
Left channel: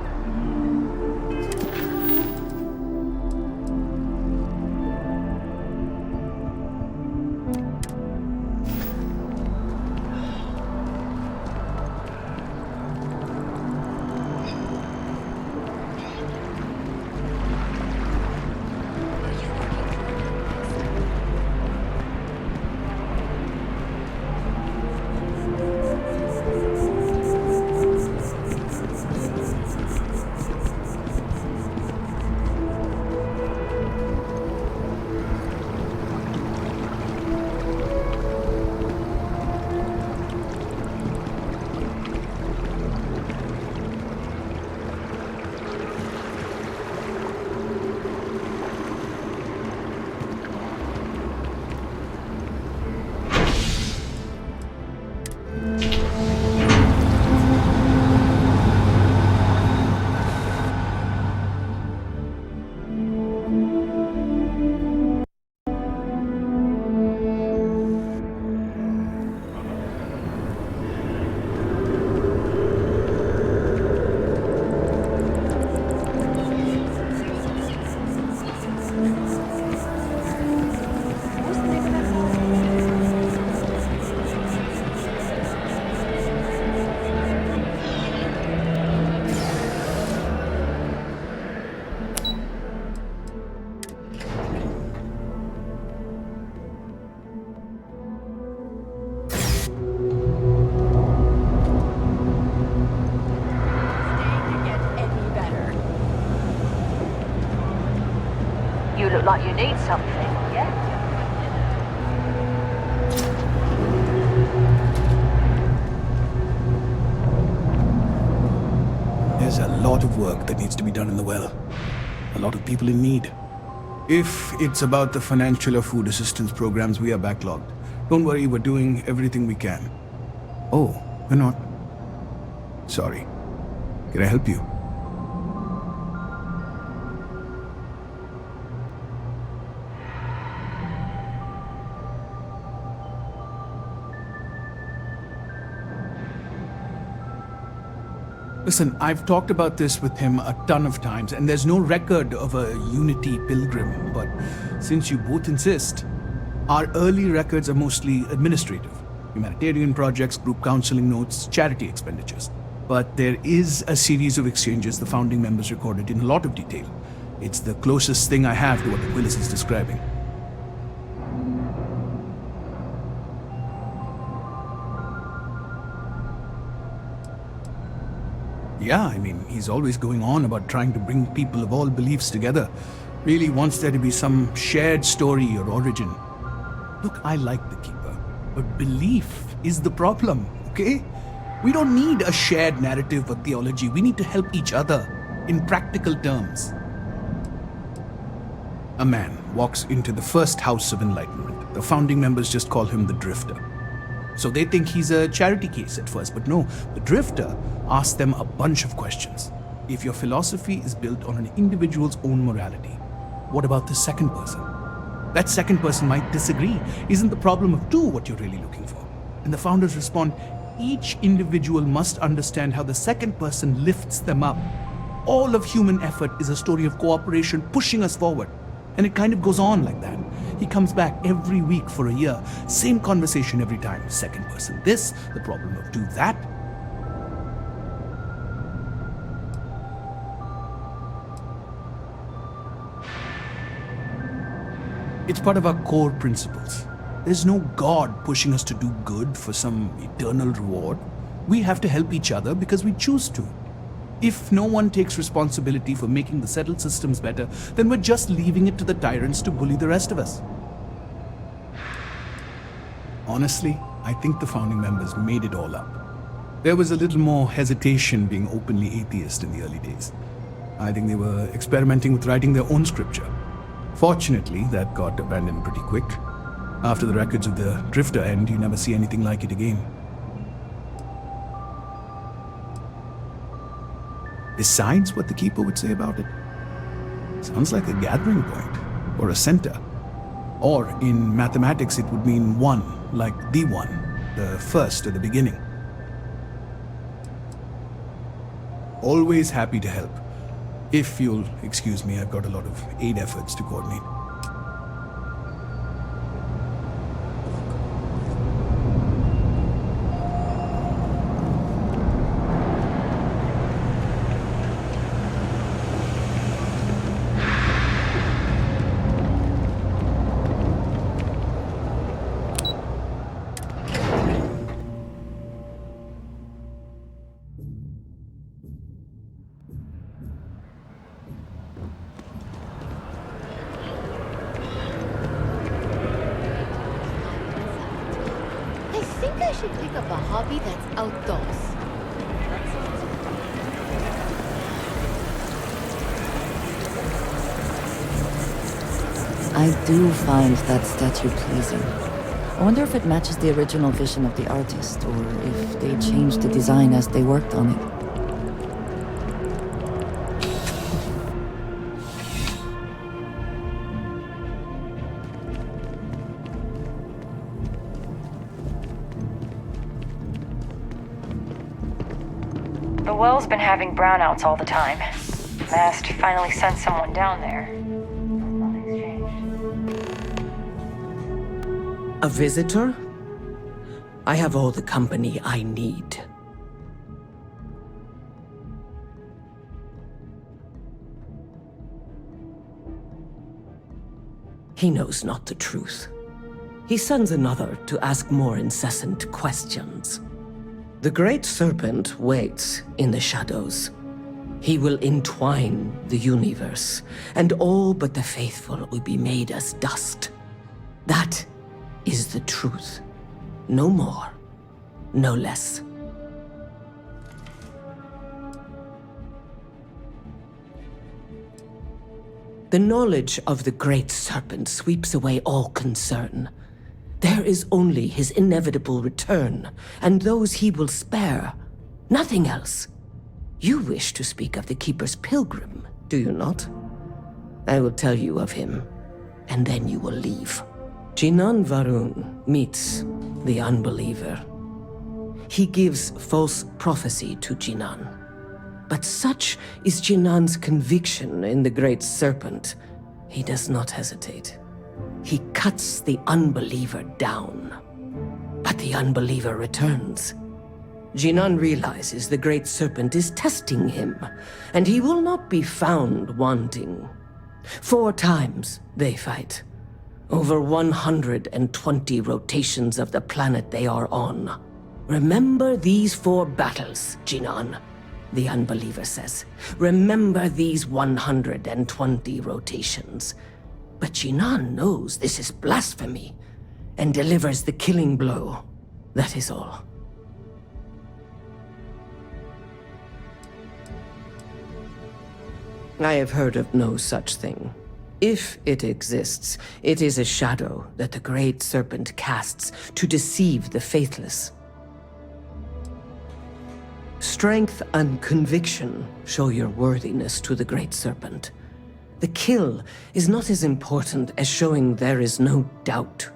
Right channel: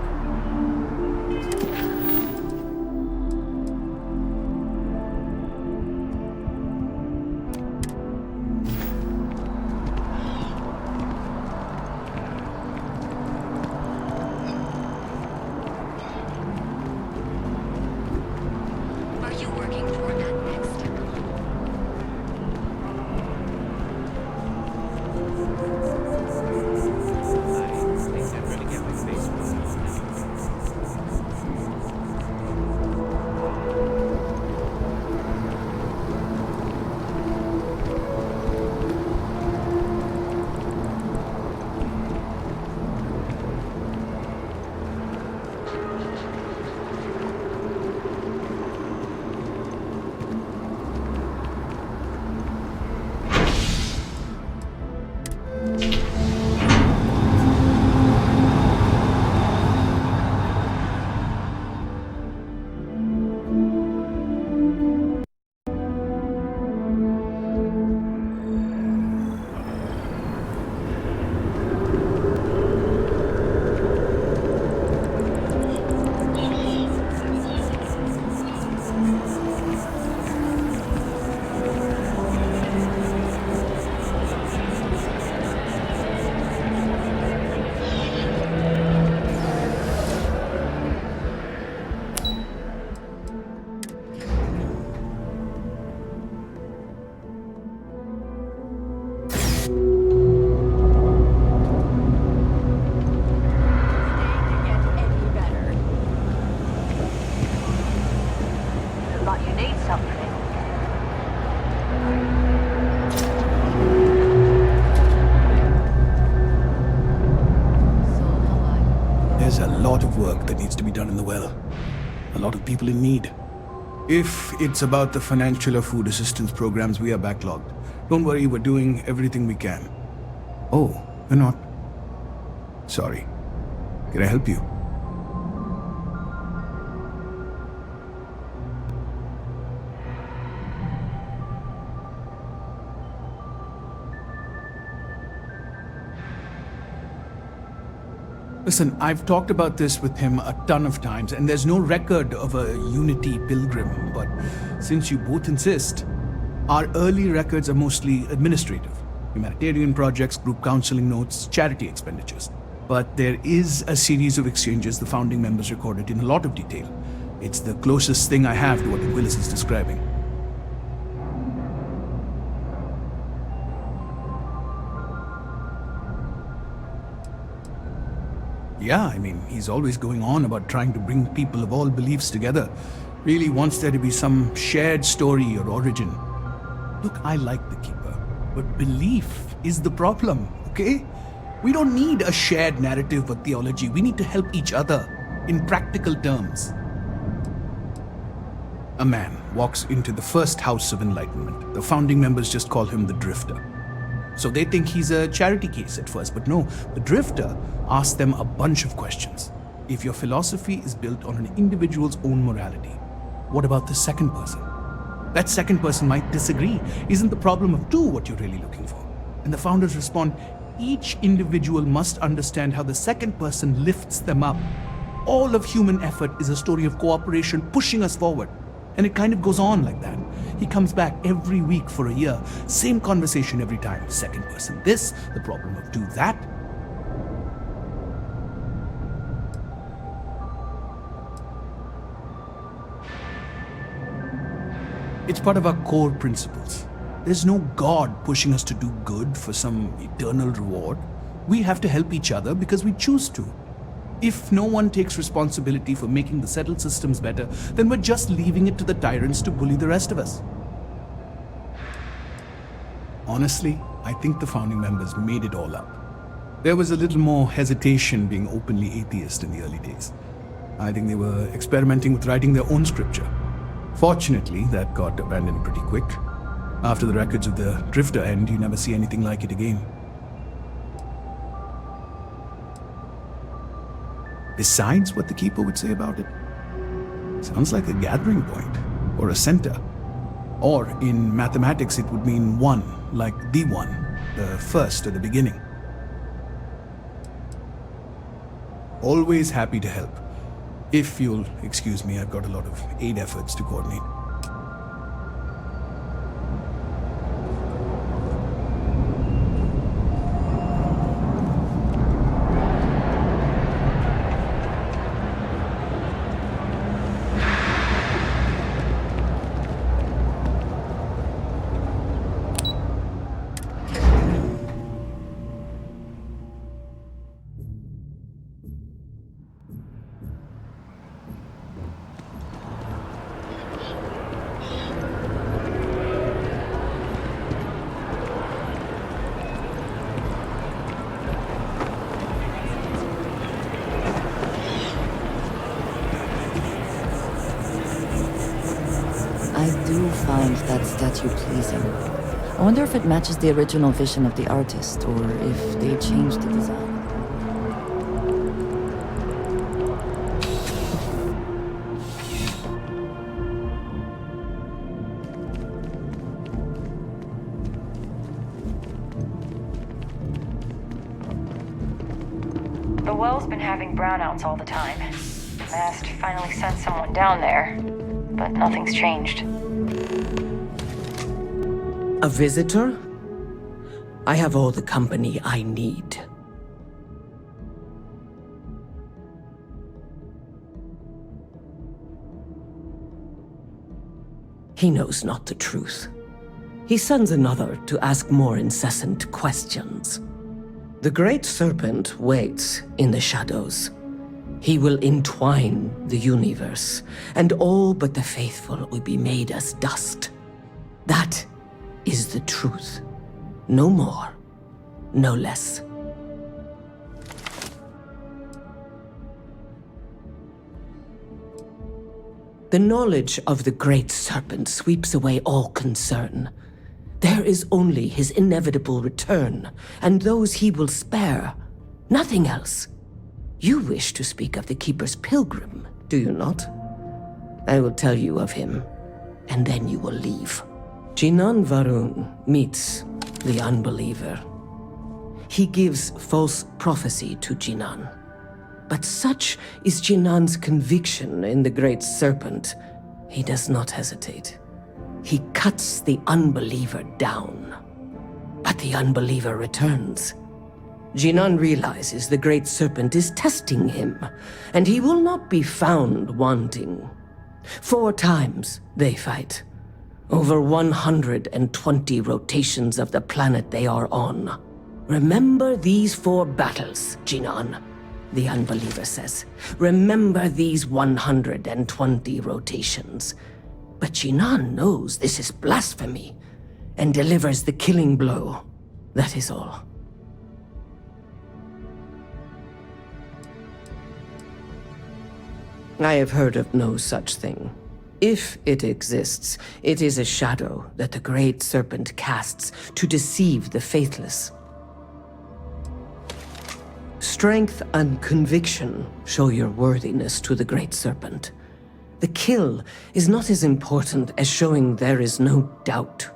need something, yeah? There's a lot of work that needs to be done in the well. A lot of people in need. If it's about the financial or food assistance programs, we are backlogged. Don't worry, we're doing everything we can. Oh, we're not. Sorry. Can I help you? Listen, I've talked about this with him a ton of times, and there's no record of a Unity pilgrim, but since you both insist, our early records are mostly administrative. Humanitarian projects, group counseling notes, charity expenditures. But there is a series of exchanges the founding members recorded in a lot of detail. It's the closest thing I have to what Willis is describing. Yeah, I mean, he's always going on about trying to bring people of all beliefs together. Really wants there to be some shared story or origin. Look, I like the Keeper, but belief is the problem, okay? We don't need a shared narrative or theology. We need to help each other in practical terms. A man walks into the first house of enlightenment. The founding members just call him the Drifter. So they think he's a charity case at first, but no, the Drifter asks them a bunch of questions. If your philosophy is built on an individual's own morality, what about the second person? That second person might disagree. Isn't the problem of two what you're really looking for? And the founders respond, each individual must understand how the second person lifts them up. All of human effort is a story of cooperation pushing us forward. And it kind of goes on like that. He comes back every week for a year. Same conversation every time. Second person this, the problem of two that. It's part of our core principles. There's no God pushing us to do good for some eternal reward. We have to help each other because we choose to. If no one takes responsibility for making the settled systems better, then we're just leaving it to the tyrants to bully the rest of us. Honestly, I think the founding members made it all up. There was a little more hesitation being openly atheist in the early days. I think they were experimenting with writing their own scripture. Fortunately, that got abandoned pretty quick. After the records of the Drifter end, you never see anything like it again. Besides what the Keeper would say about it, sounds like a gathering point, or a center. Or in mathematics, it would mean one, like the one, the first or the beginning. Always happy to help. If you'll excuse me, I've got a lot of aid efforts to coordinate. I do find that statue pleasing. I wonder if it matches the original vision of the artist, or if they changed the design as they worked on it. The well's been having brownouts all the time. Mast finally sent someone down there, but nothing's changed. A visitor? I have all the company I need. He knows not the truth. He sends another to ask more incessant questions. The Great Serpent waits in the shadows. He will entwine the universe, and all but the faithful will be made as dust. That is the truth. No more, no less. The knowledge of the Great Serpent sweeps away all concern. There is only his inevitable return, and those he will spare. Nothing else. You wish to speak of the Keeper's Pilgrim, do you not? I will tell you of him, and then you will leave. Jinan Varun meets the Unbeliever. He gives false prophecy to Jinan. But such is Jinan's conviction in the Great Serpent, he does not hesitate. He cuts the Unbeliever down. But the Unbeliever returns. Jinan realizes the Great Serpent is testing him, and he will not be found wanting. 4 times they fight. Over 120 rotations of the planet they are on. Remember these 4 battles, Jinan, the Unbeliever says. Remember these 120 rotations. But Jinan knows this is blasphemy, and delivers the killing blow. That is all. I have heard of no such thing. If it exists, it is a shadow that the Great Serpent casts to deceive the faithless. Strength and conviction show your worthiness to the Great Serpent. The kill is not as important as showing there is no doubt.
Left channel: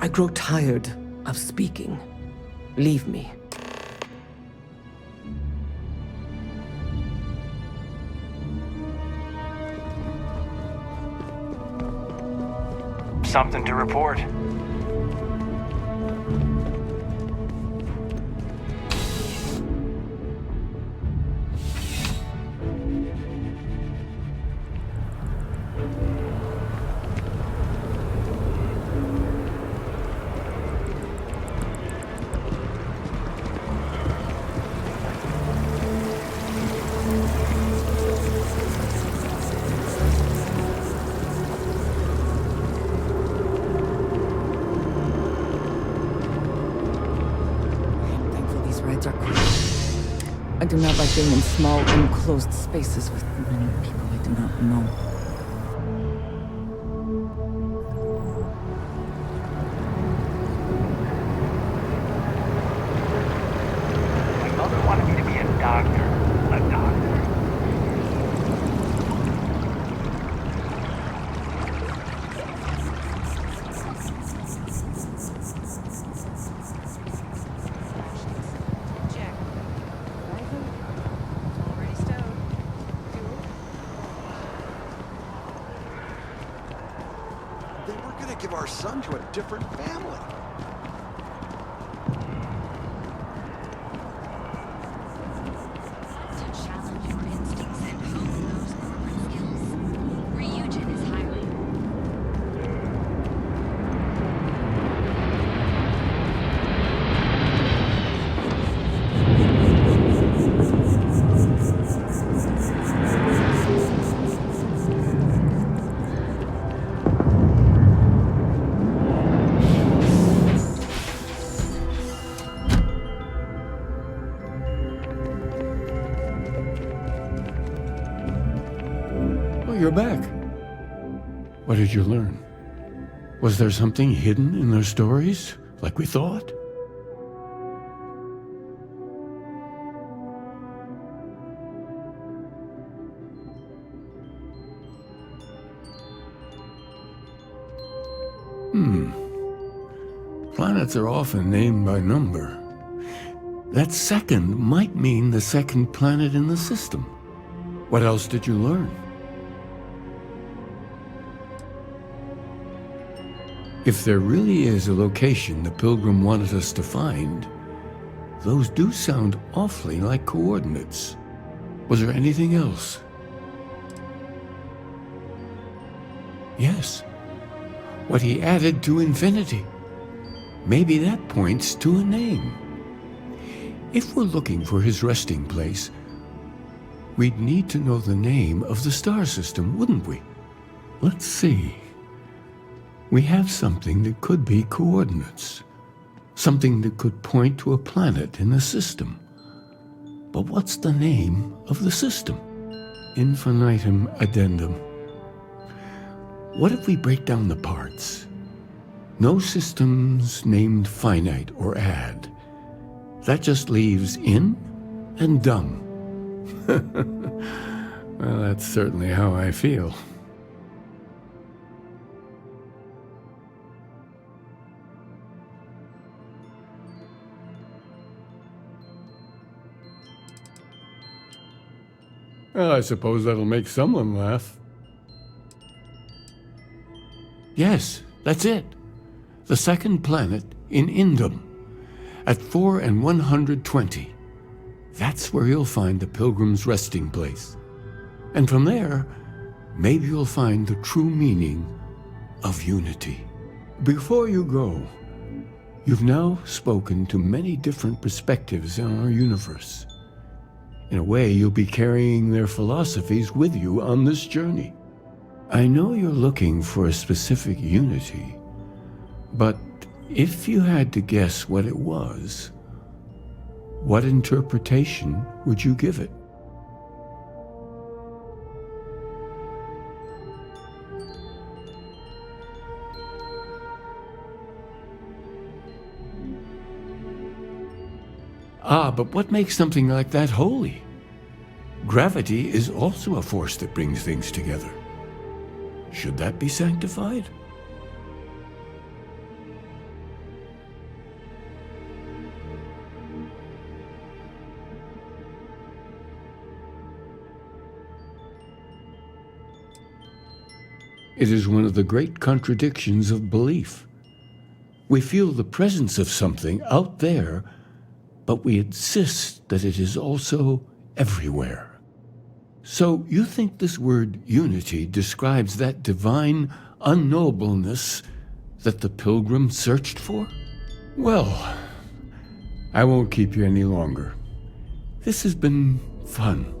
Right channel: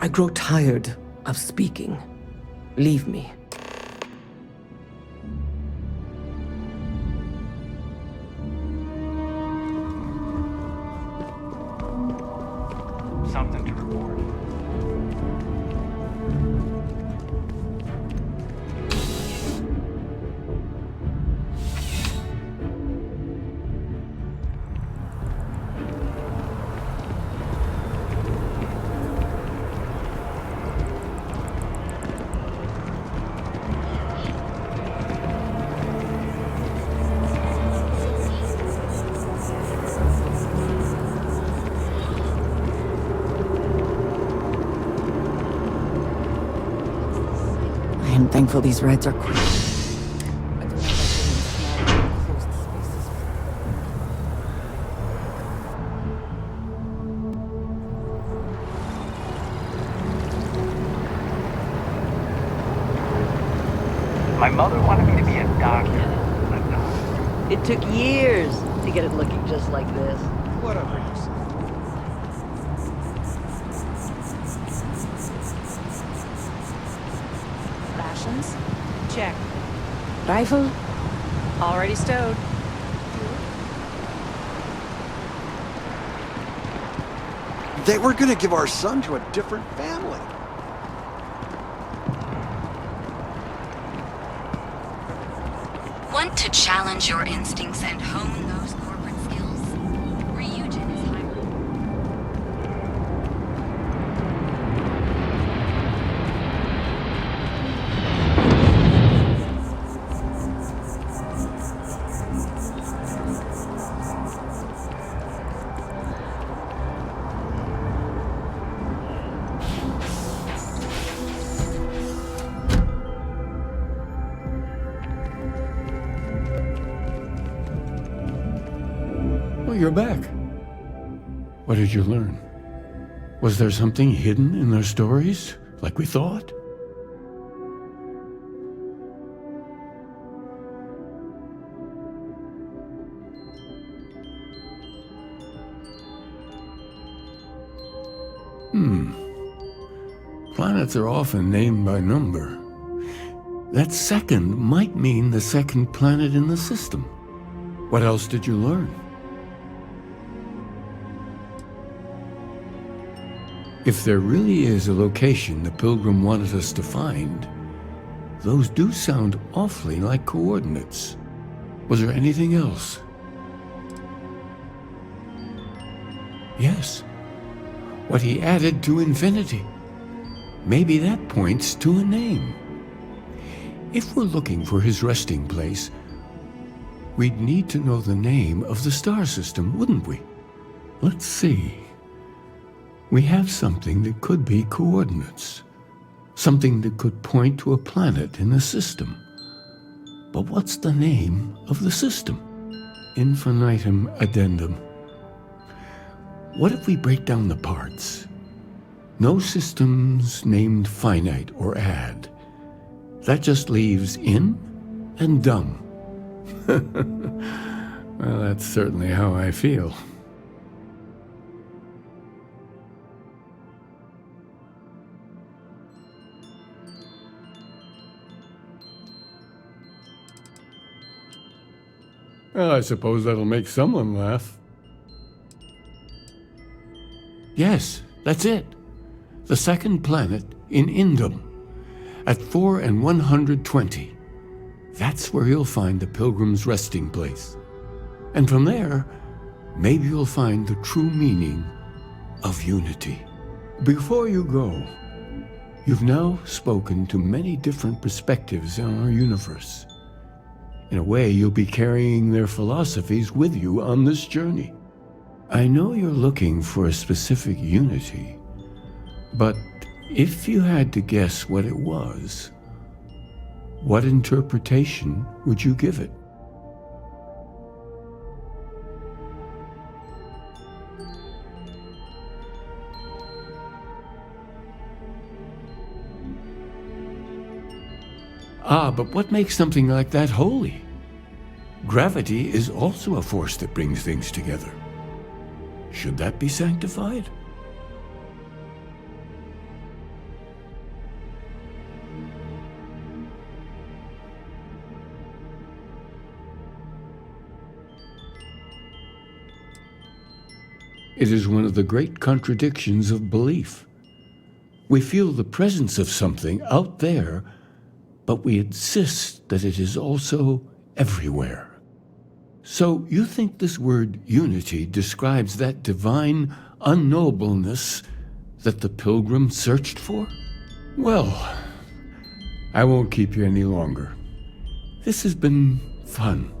I grow tired of speaking. Leave me. Something to report. Thankful these rides are quick. I do not like being in small, enclosed spaces with many people I do not know. My mother wanted me to be a doctor. A doctor. It took years to get it looking just like this. Rations? Check. Rifle? Already stowed. They were gonna give our son to a different family. Want to challenge your instincts and hone those corporate skills? Ryujin is hiring. Well, you're back. What did you learn? Was there something hidden in their stories, like we thought? Planets are often named by number. That second might mean the second planet in the system. What else did you learn? If there really is a location the Pilgrim wanted us to find, those do sound awfully like coordinates. Was there anything else? Yes. What he added to infinity. Maybe that points to a name. if we're looking for his resting place, we'd need to know the name of the star system, wouldn't we? Let's see. We have something that could be coordinates. Something that could point to a planet in the system. But what's the name of the system? Infinitum addendum. What if we break down the parts? No systems named finite or add. That just leaves in and dumb. Well, that's certainly how I feel. Well, I suppose that'll make someone laugh. Yes, that's it. The second planet in Indum, at 4 and 120. That's where you'll find the Pilgrim's resting place. And from there, maybe you'll find the true meaning of unity. Before you go, you've now spoken to many different perspectives in our universe. In a way, you'll be carrying their philosophies with you on this journey. I know you're looking for a specific unity, but if you had to guess what it was, what interpretation would you give it? Ah, but what makes something like that holy? Gravity is also a force that brings things together. Should that be sanctified? It is one of the great contradictions of belief. We feel the presence of something out there, but we insist that it is also everywhere. So you think this word unity describes that divine unknowableness that the pilgrim searched for? Well, I won't keep you any longer. This has been fun,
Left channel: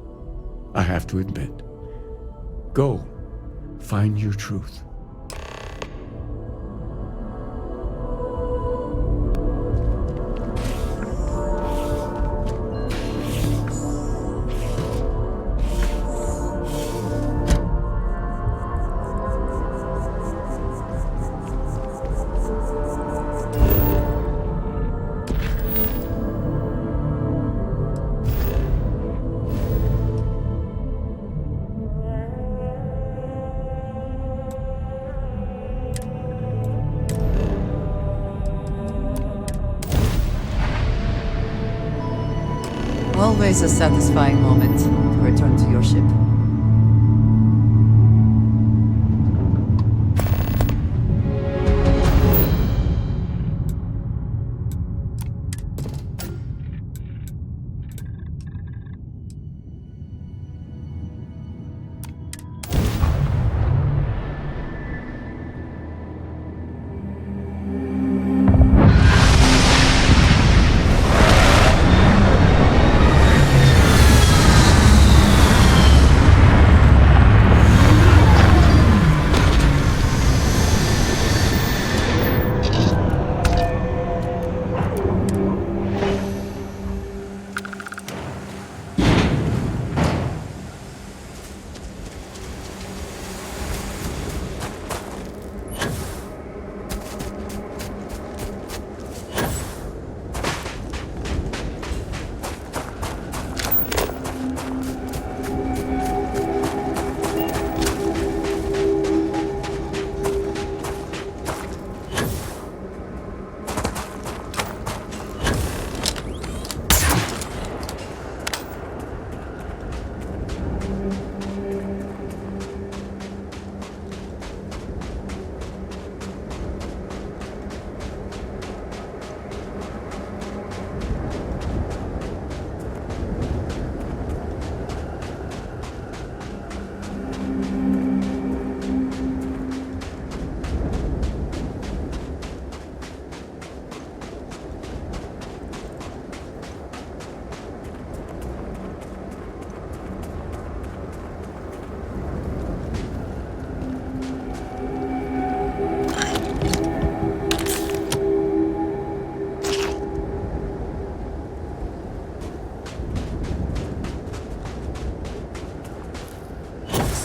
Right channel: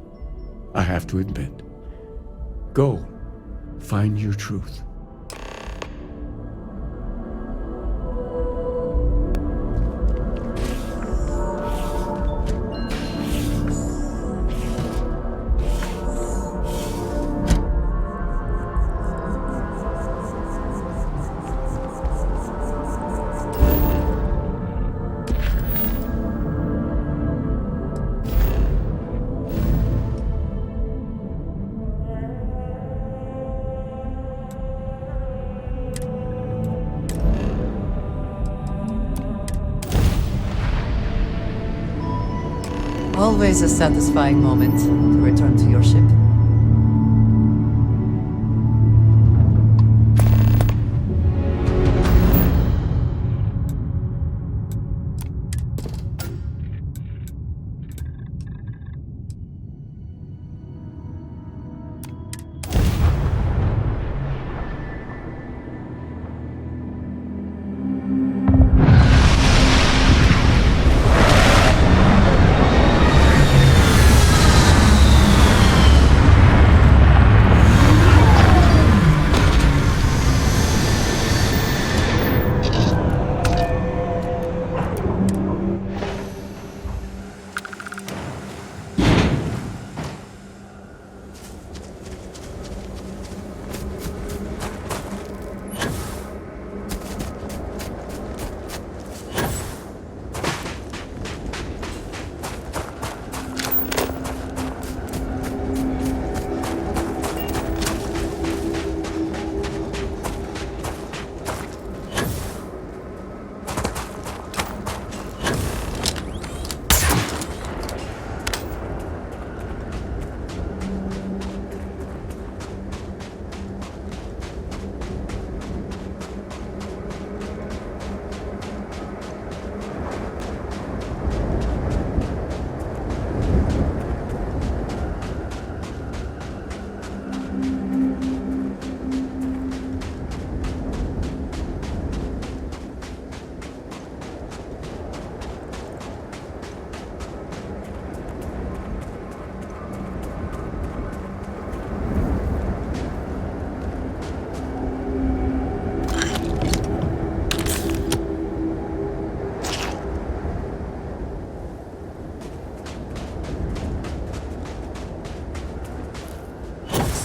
I have to admit. Go, find your truth. Always a satisfying moment to return to your ship.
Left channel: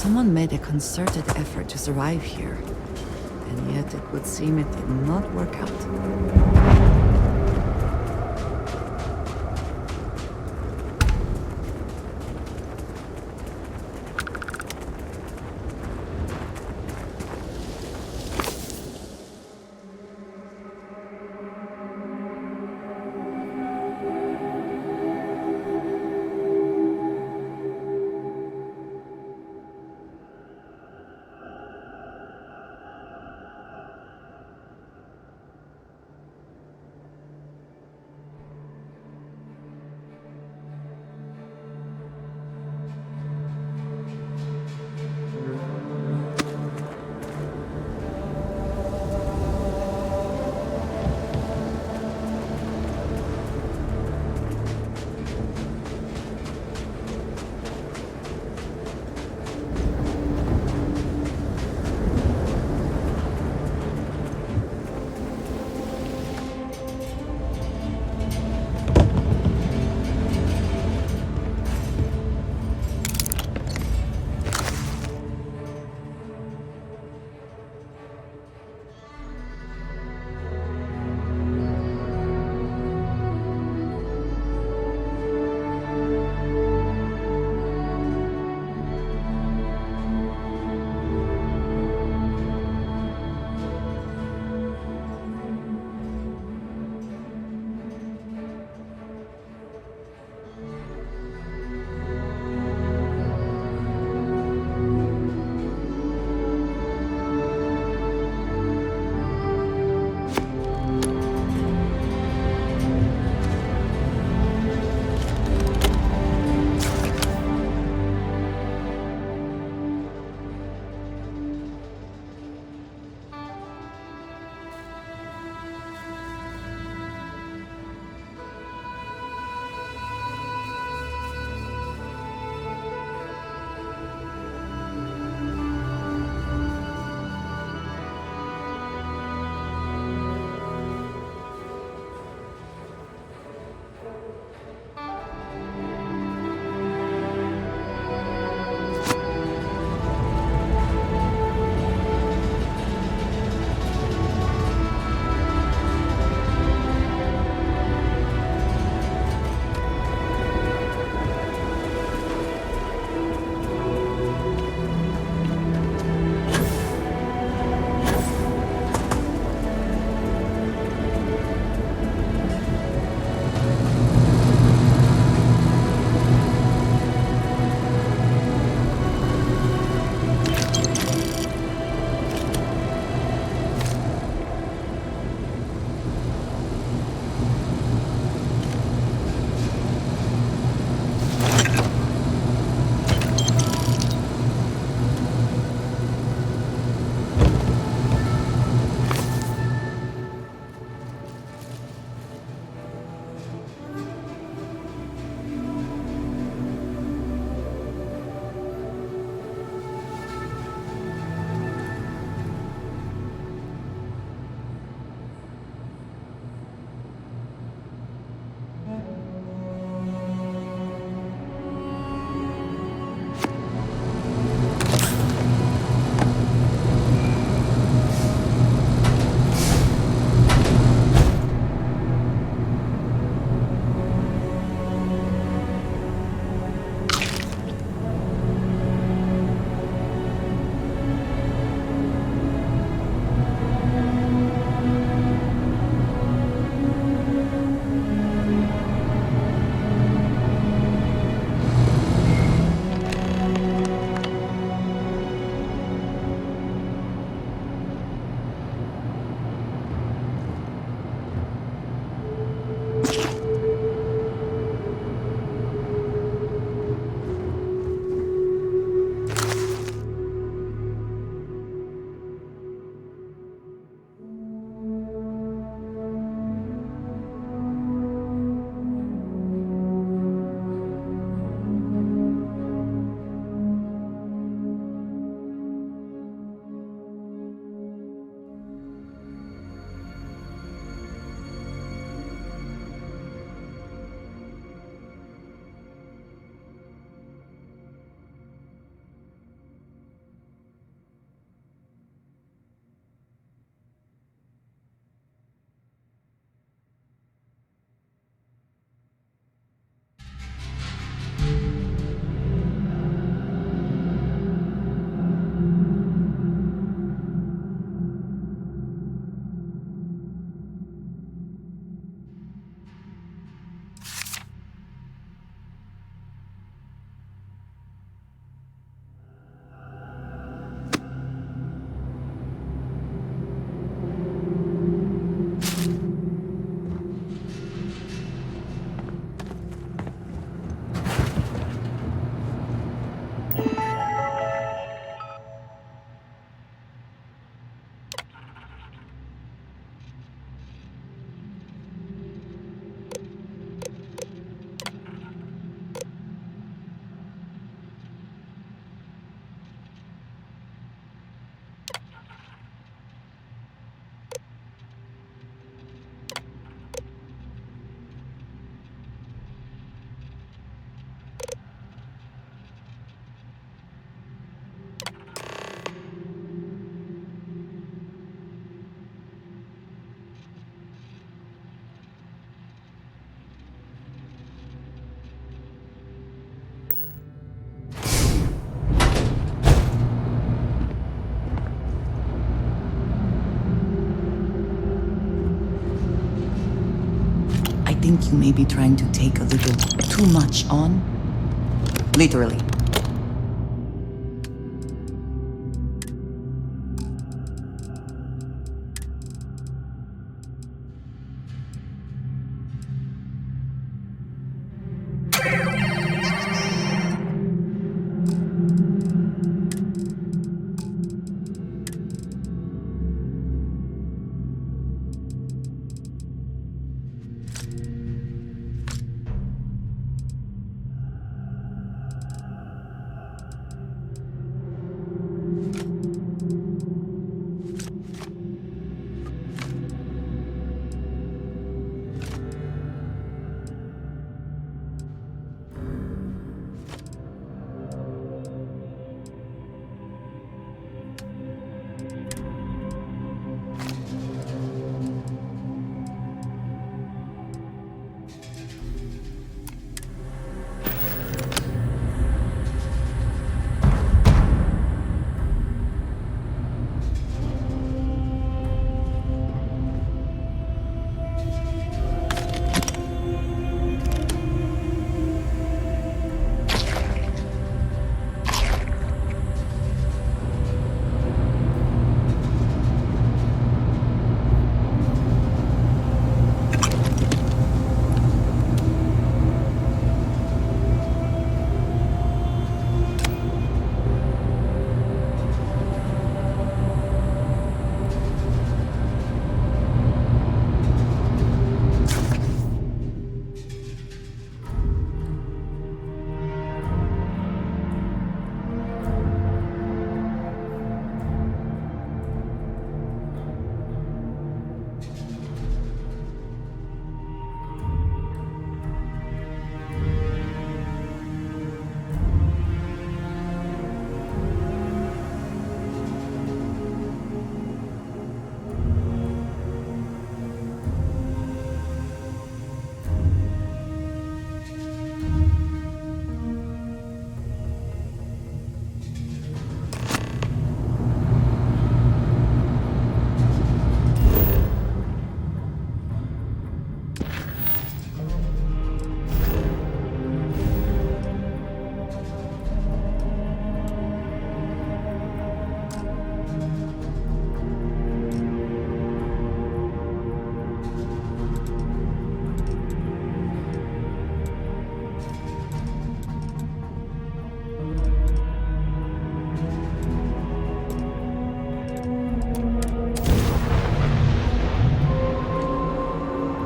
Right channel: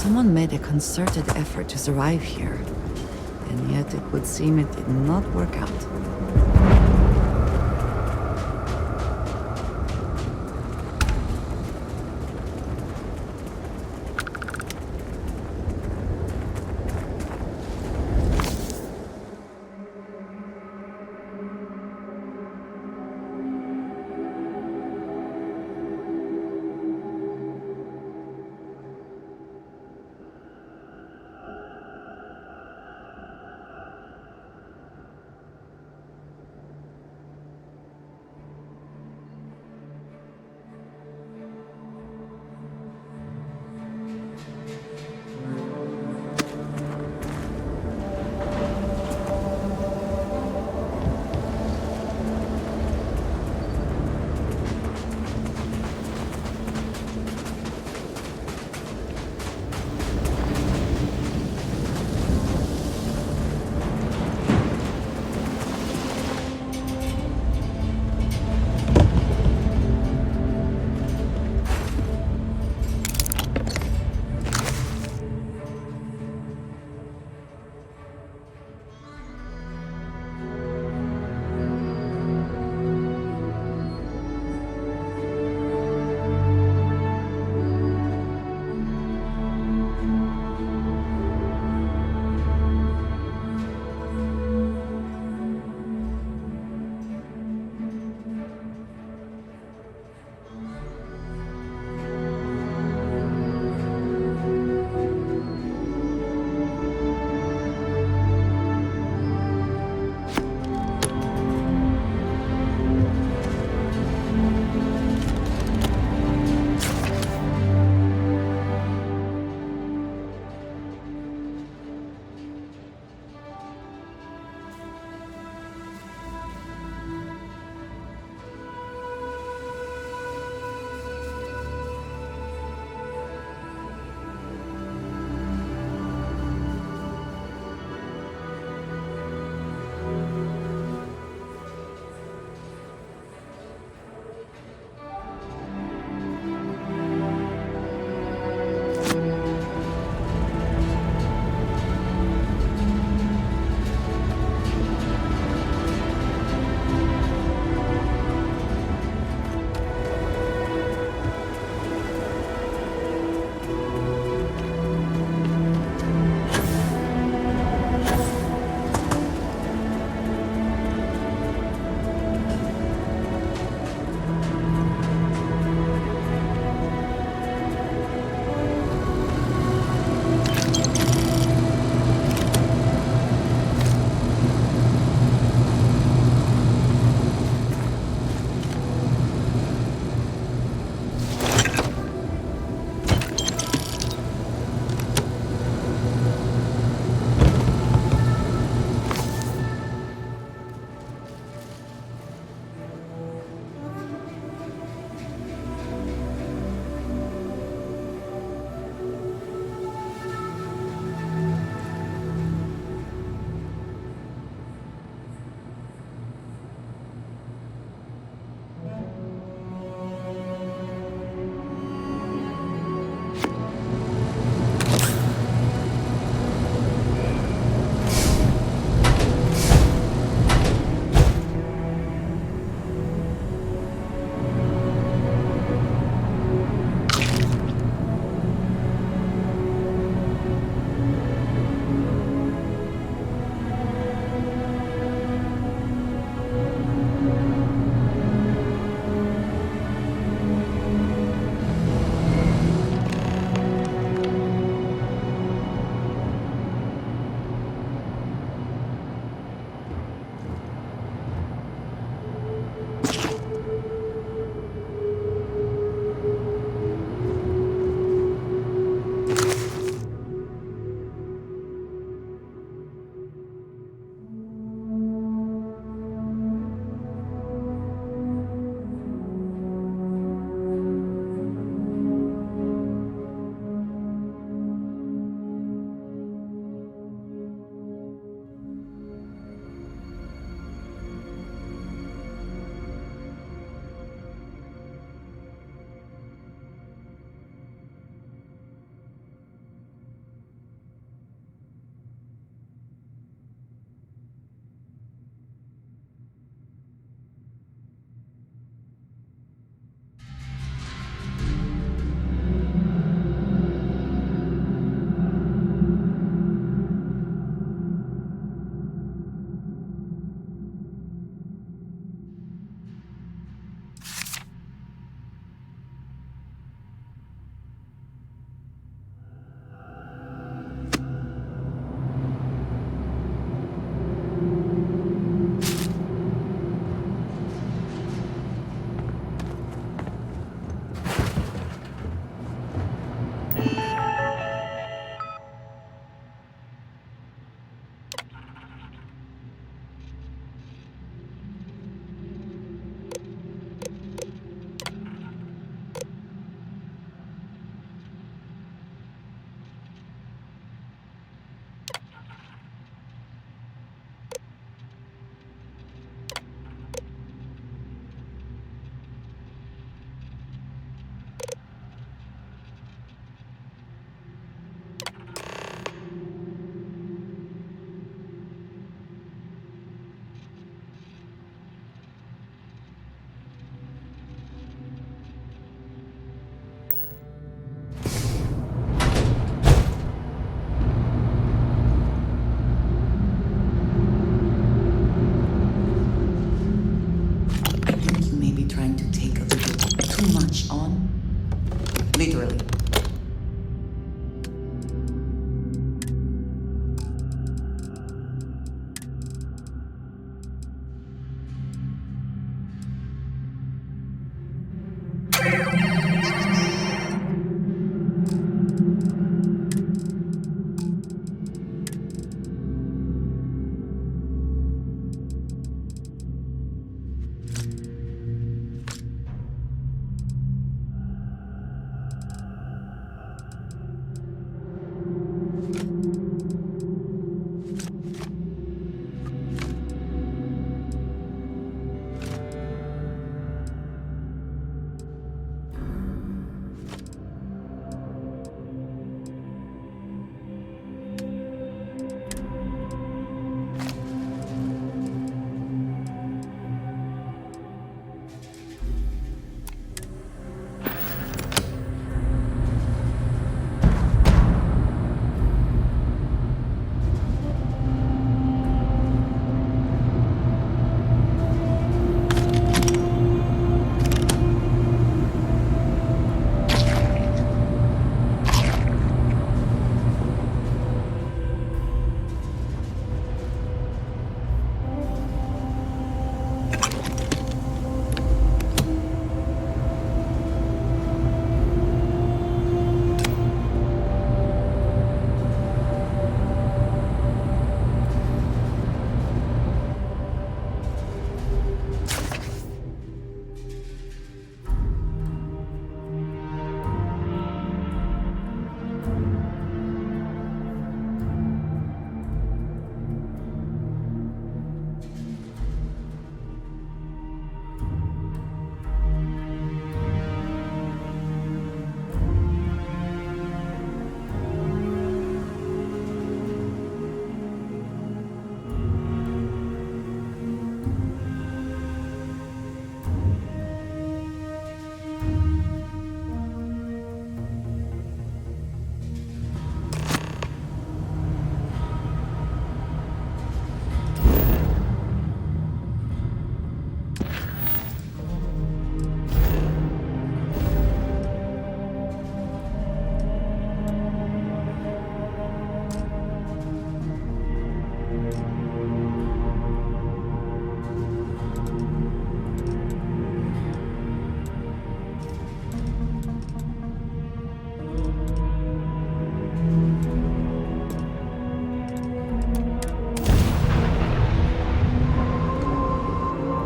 Someone made a concerted effort to survive here, and yet it would seem it did not work out. think you may be trying to take a little too much on. Literally.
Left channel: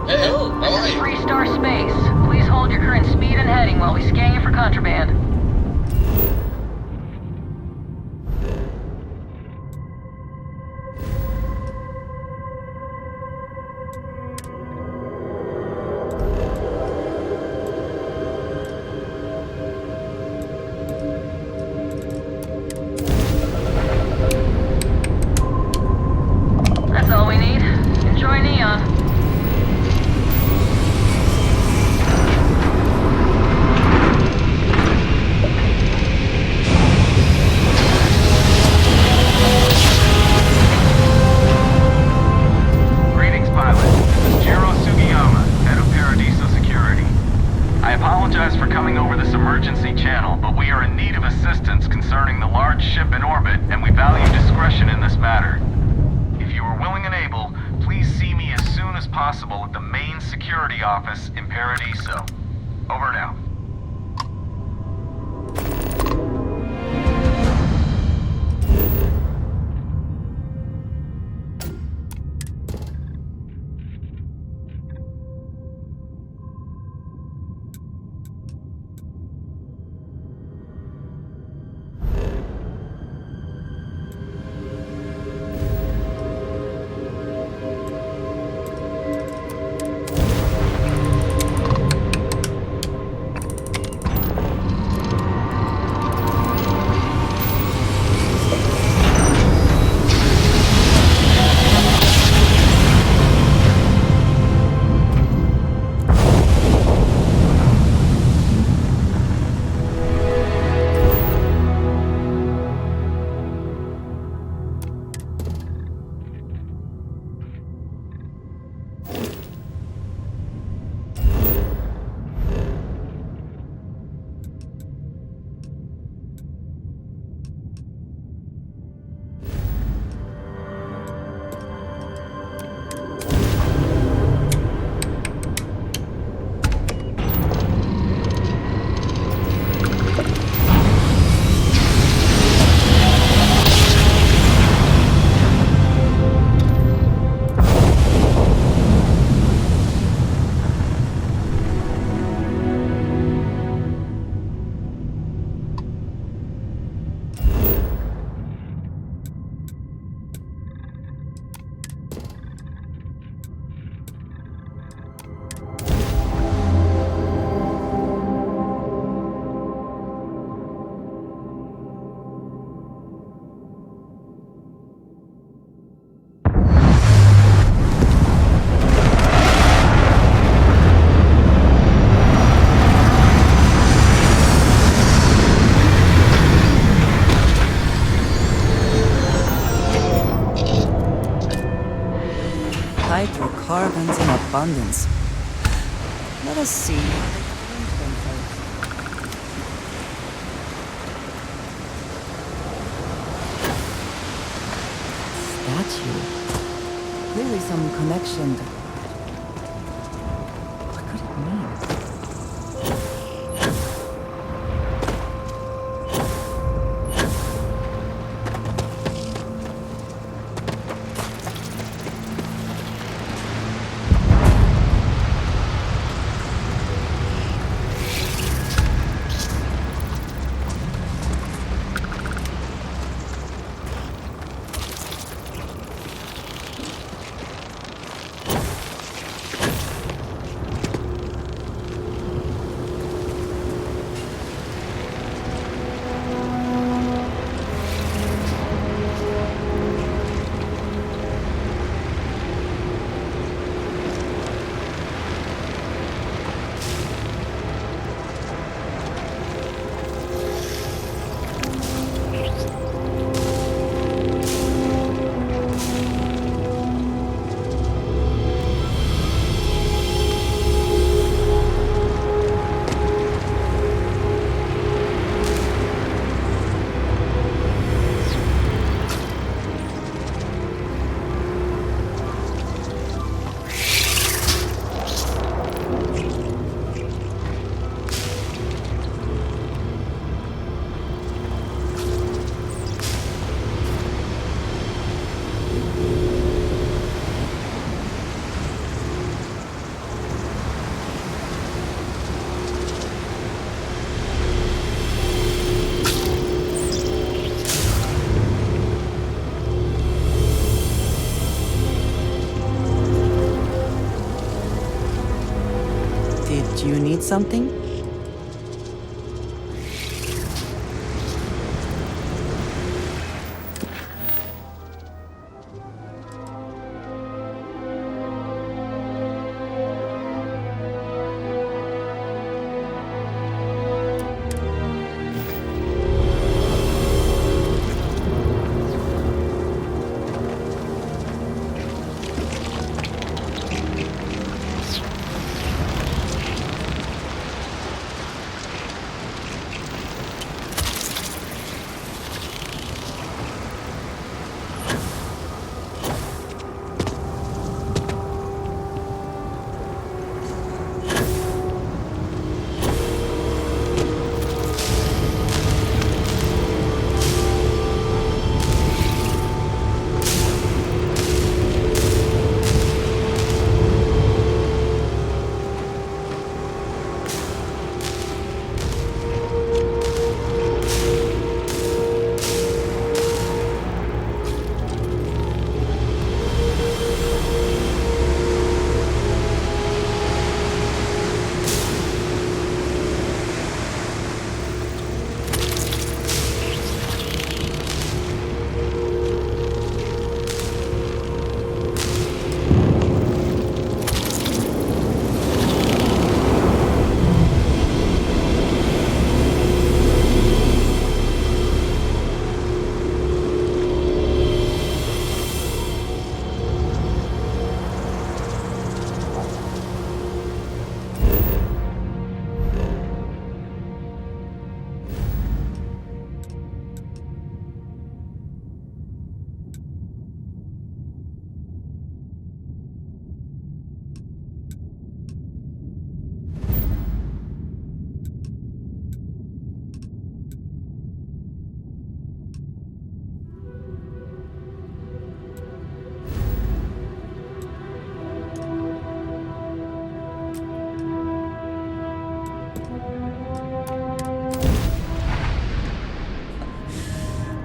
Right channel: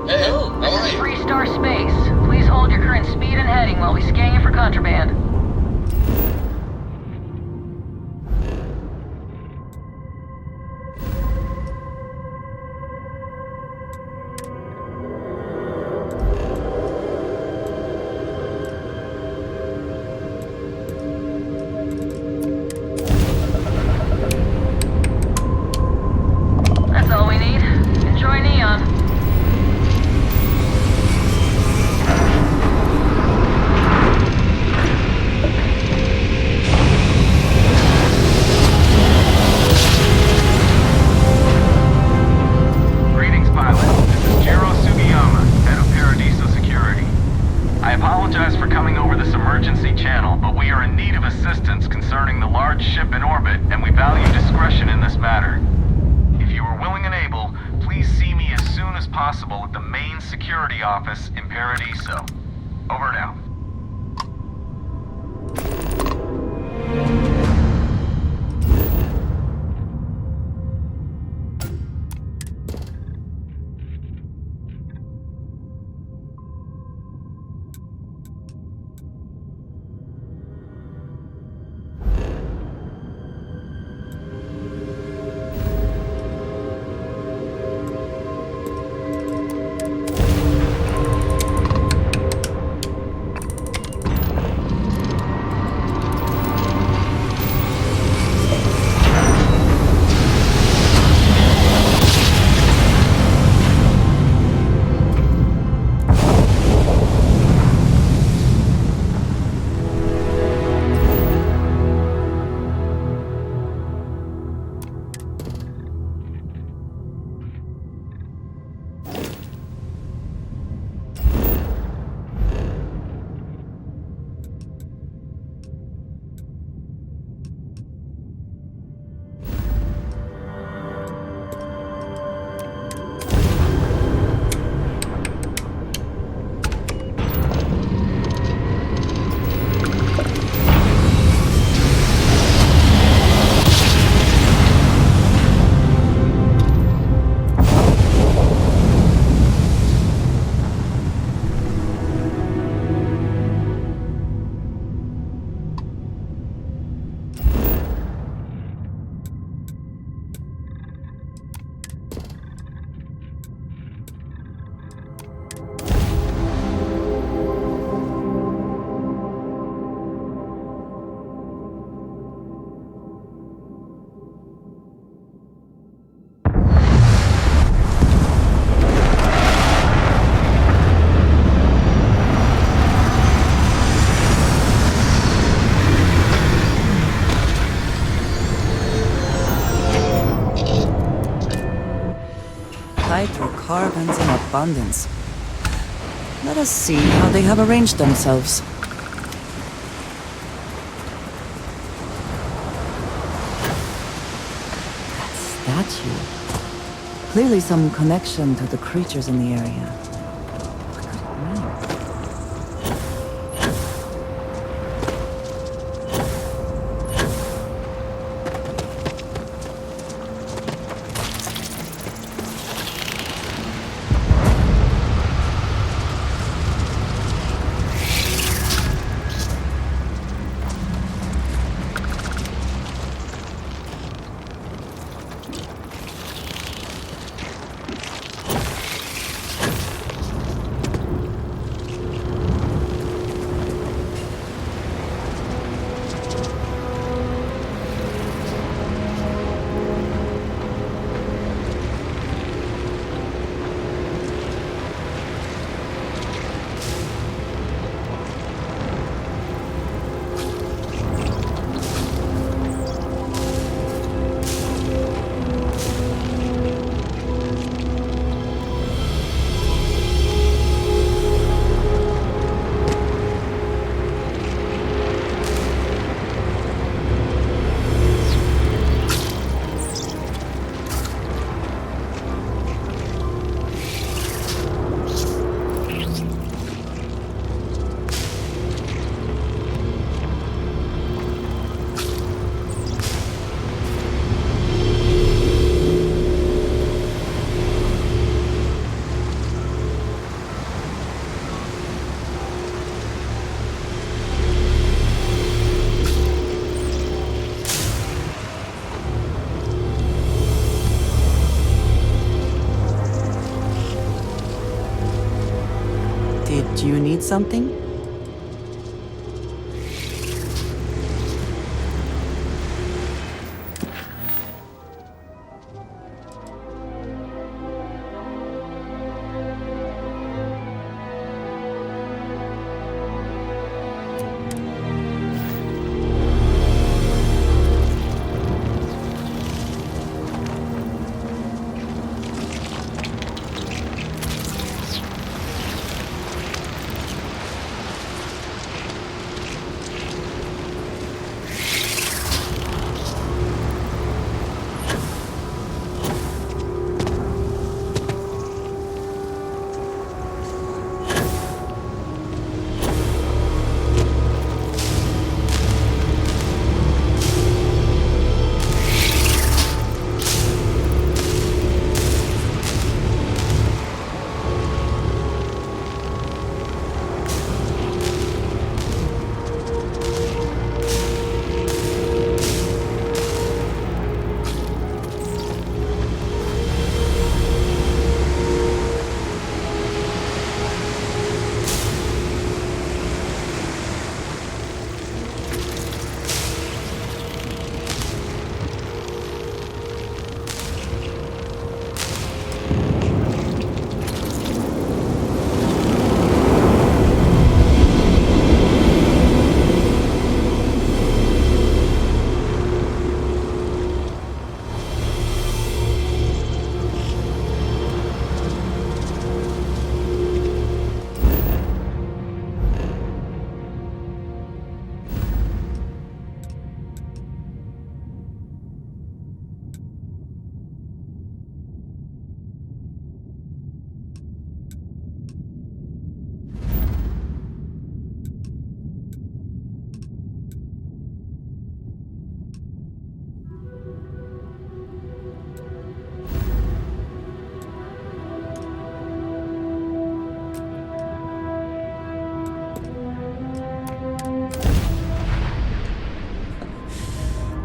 This is 3-star space. Please hold your current speed and heading while we scan you for contraband. That's all we need. Enjoy Neon. I apologize for coming over this emergency channel, but we are in need of assistance concerning the large ship in orbit, and we value discretion in this matter. If you are willing and able, please see me as soon as possible at the main security office in Paradiso. Over and out. abundance. Let us see how they have arranged themselves. That statue. Clearly some connection to the creatures in the area. What could it mean? Did you need something?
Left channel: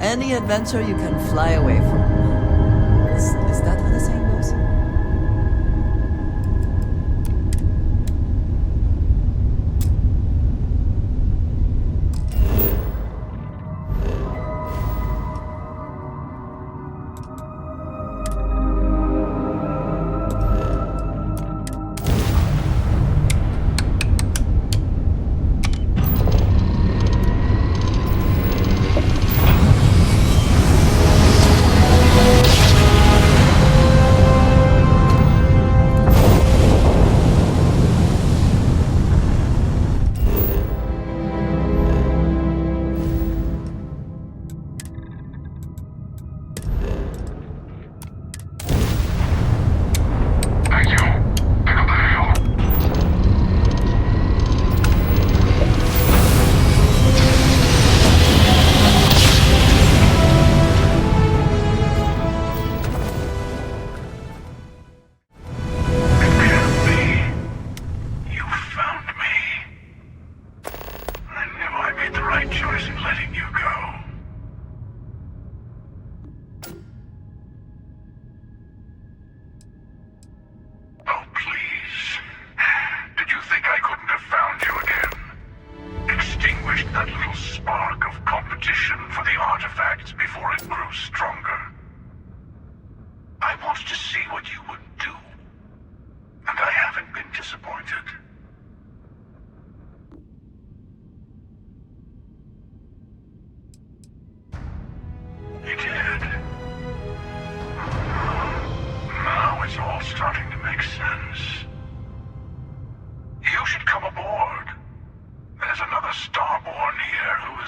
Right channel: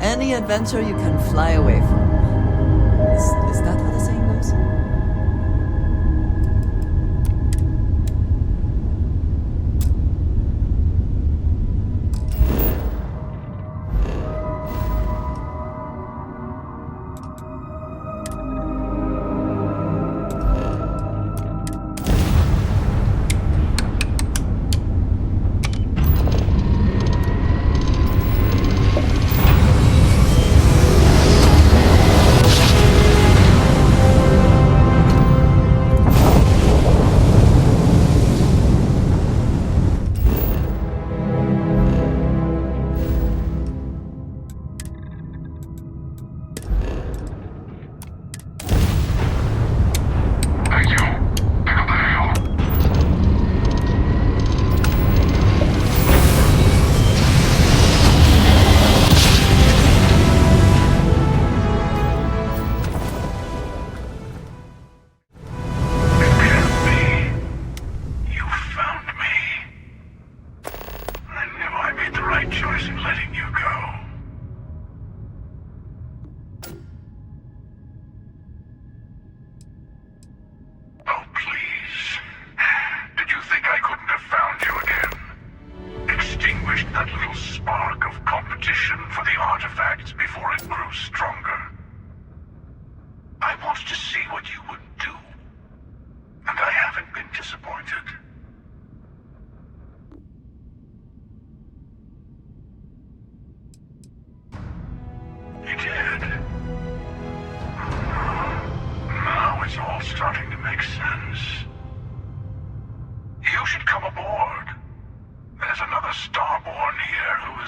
Any adventure you can fly away from. Is that how the saying goes?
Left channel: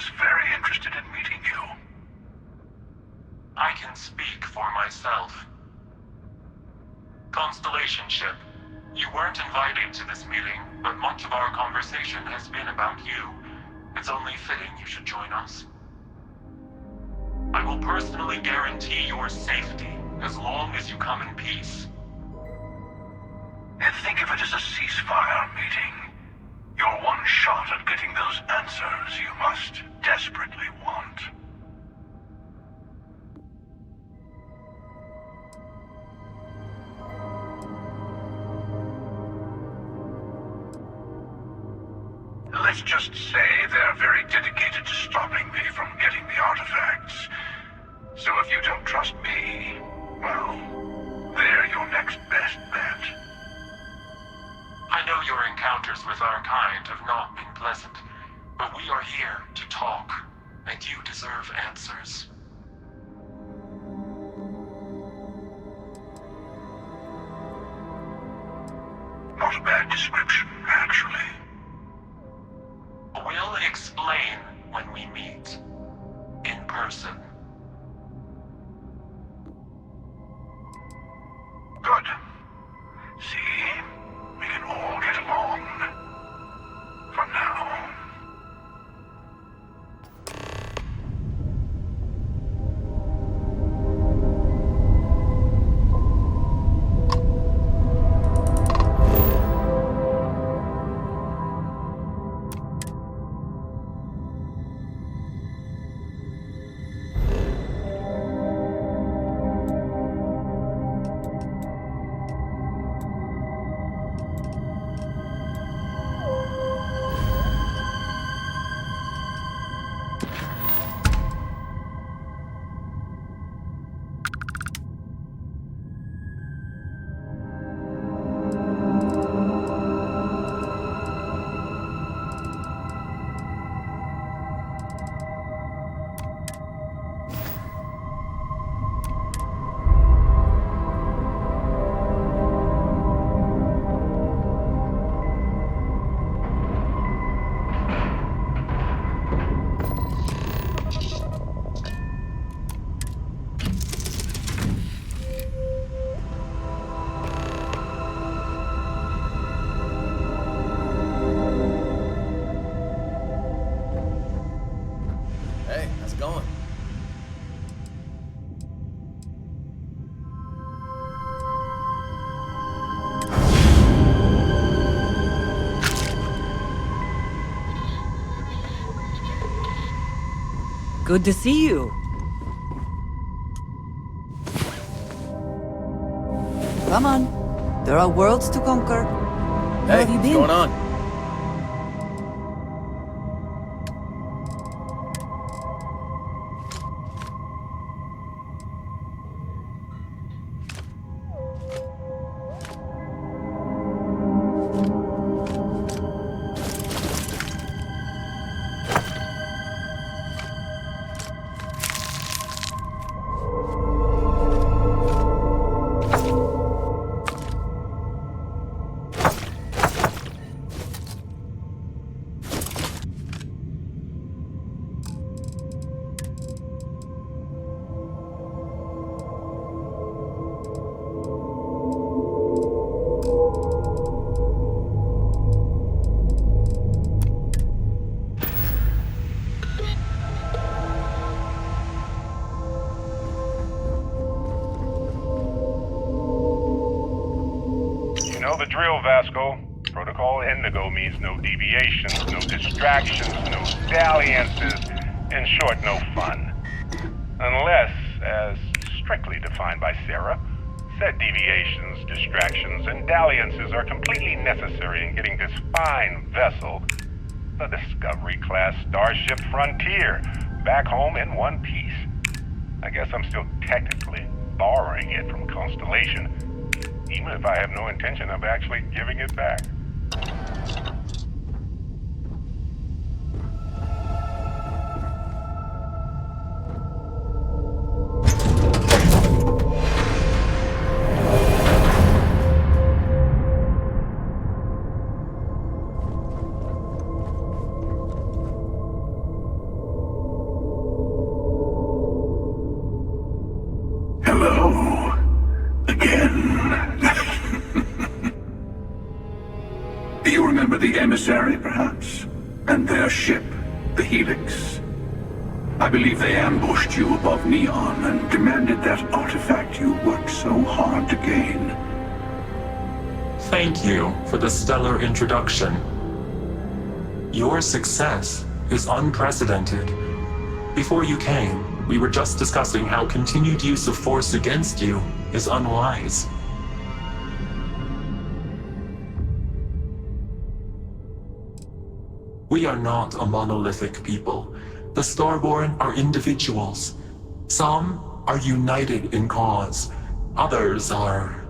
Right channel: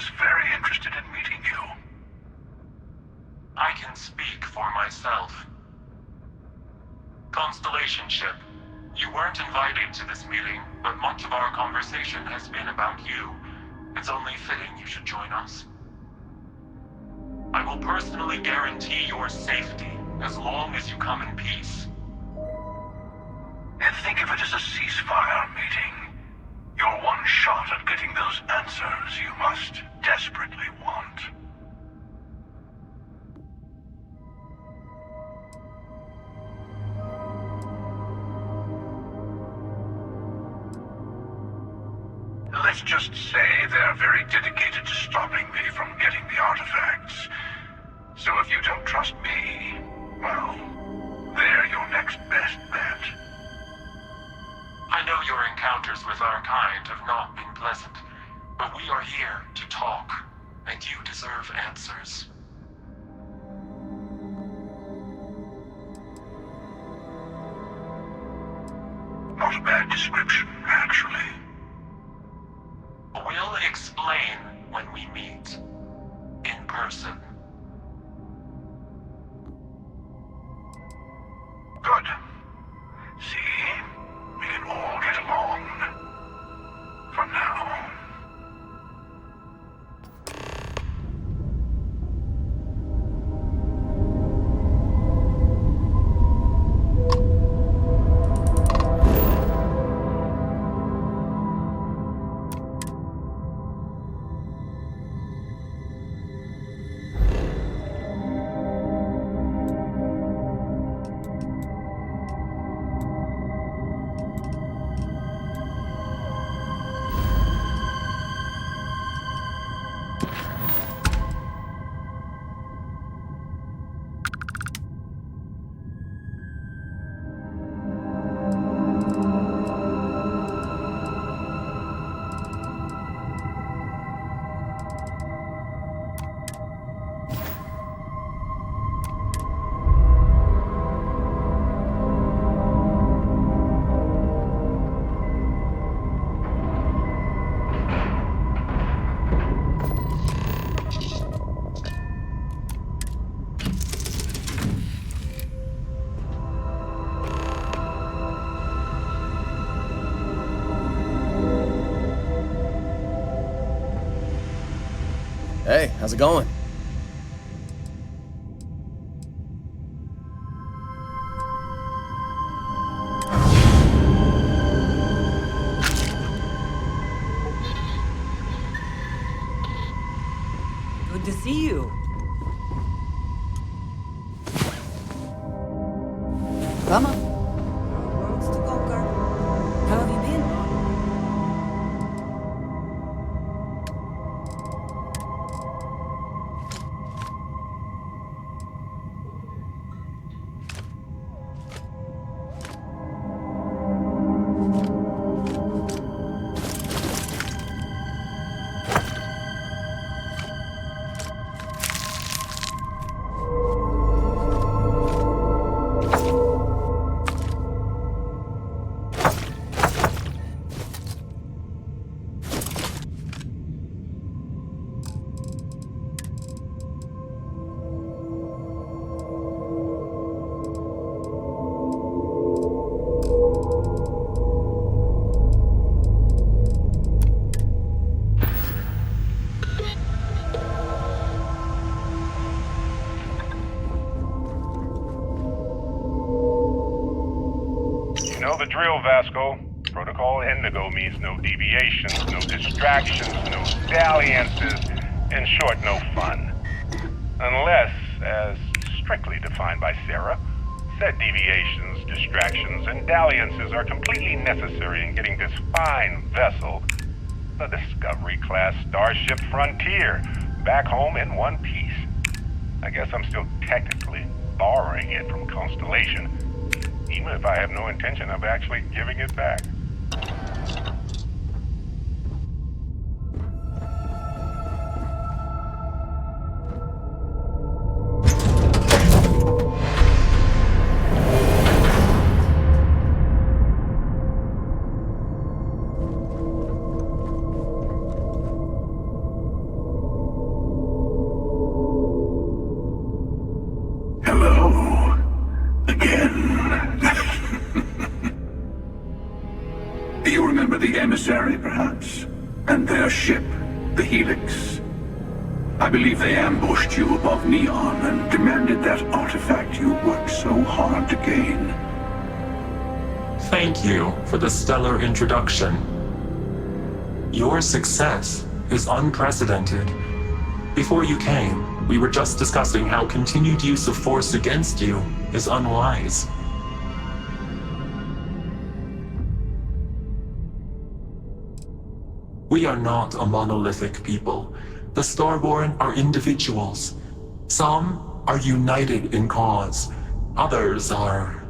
was very interested in meeting you. I can speak for myself. Constellation ship, you weren't invited to this meeting, but much of our conversation has been about you. It's only fitting you should join us. I will personally guarantee your safety as long as you come in peace. And think of it as a ceasefire meeting. Your one shot at getting those answers you must desperately want. Let's just say they're very dedicated to stopping me from getting the artifacts. So if you don't trust me, well, they're your next best bet. I know your encounters with our kind have not been pleasant, but we are here to talk, and you deserve answers. Not a bad description, actually. We'll explain when we meet. In person. Good. See? We can all get along. For now. Hey, how's it going? Good to see you. Come on. There are worlds to conquer. How have you been? What's going on? You know the drill, Vasco. Protocol Indigo means no deviations, no distractions, no dalliances, in short, no fun. Unless, as strictly defined by Sarah, said deviations, distractions, and dalliances are completely necessary in getting this fine vessel, the Discovery-class Starship Frontier, back home in one piece. I guess I'm still technically borrowing it from Constellation, even if I have no intention of actually giving it back. the emissary, perhaps? And their ship, the Helix? I believe they ambushed you above Neon and demanded that artifact you worked so hard to gain. Thank you for the stellar introduction. Your success is unprecedented. Before you came, we were just discussing how continued use of force against you is unwise. We are not a monolithic people. The Starborn are individuals. Some are united in cause. Others are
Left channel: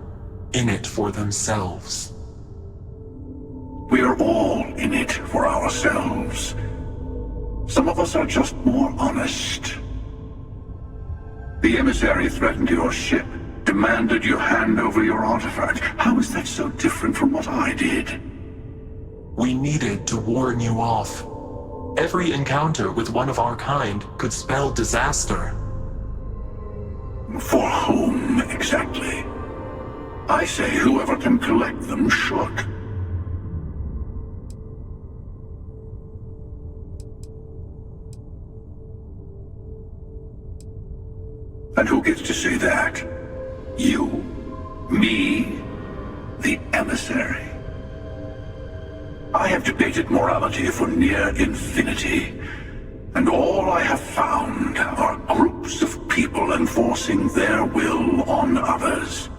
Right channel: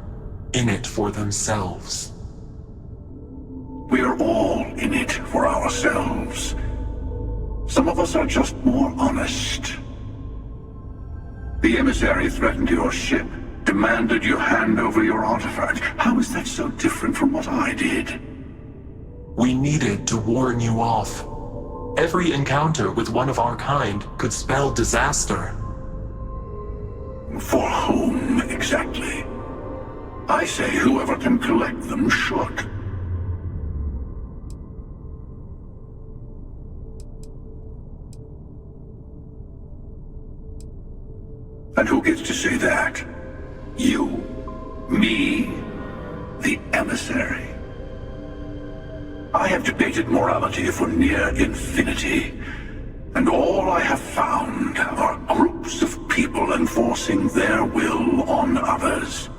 in it for themselves. We are all in it for ourselves. Some of us are just more honest. The emissary threatened your ship, demanded you hand over your artifact. How is that so different from what I did? We needed to warn you off. Every encounter with one of our kind could spell disaster. For whom, exactly? I say whoever can collect them should. And who gets to say that? You? Me? The emissary? I have debated morality for near infinity, and all I have found are groups of people enforcing their will on others.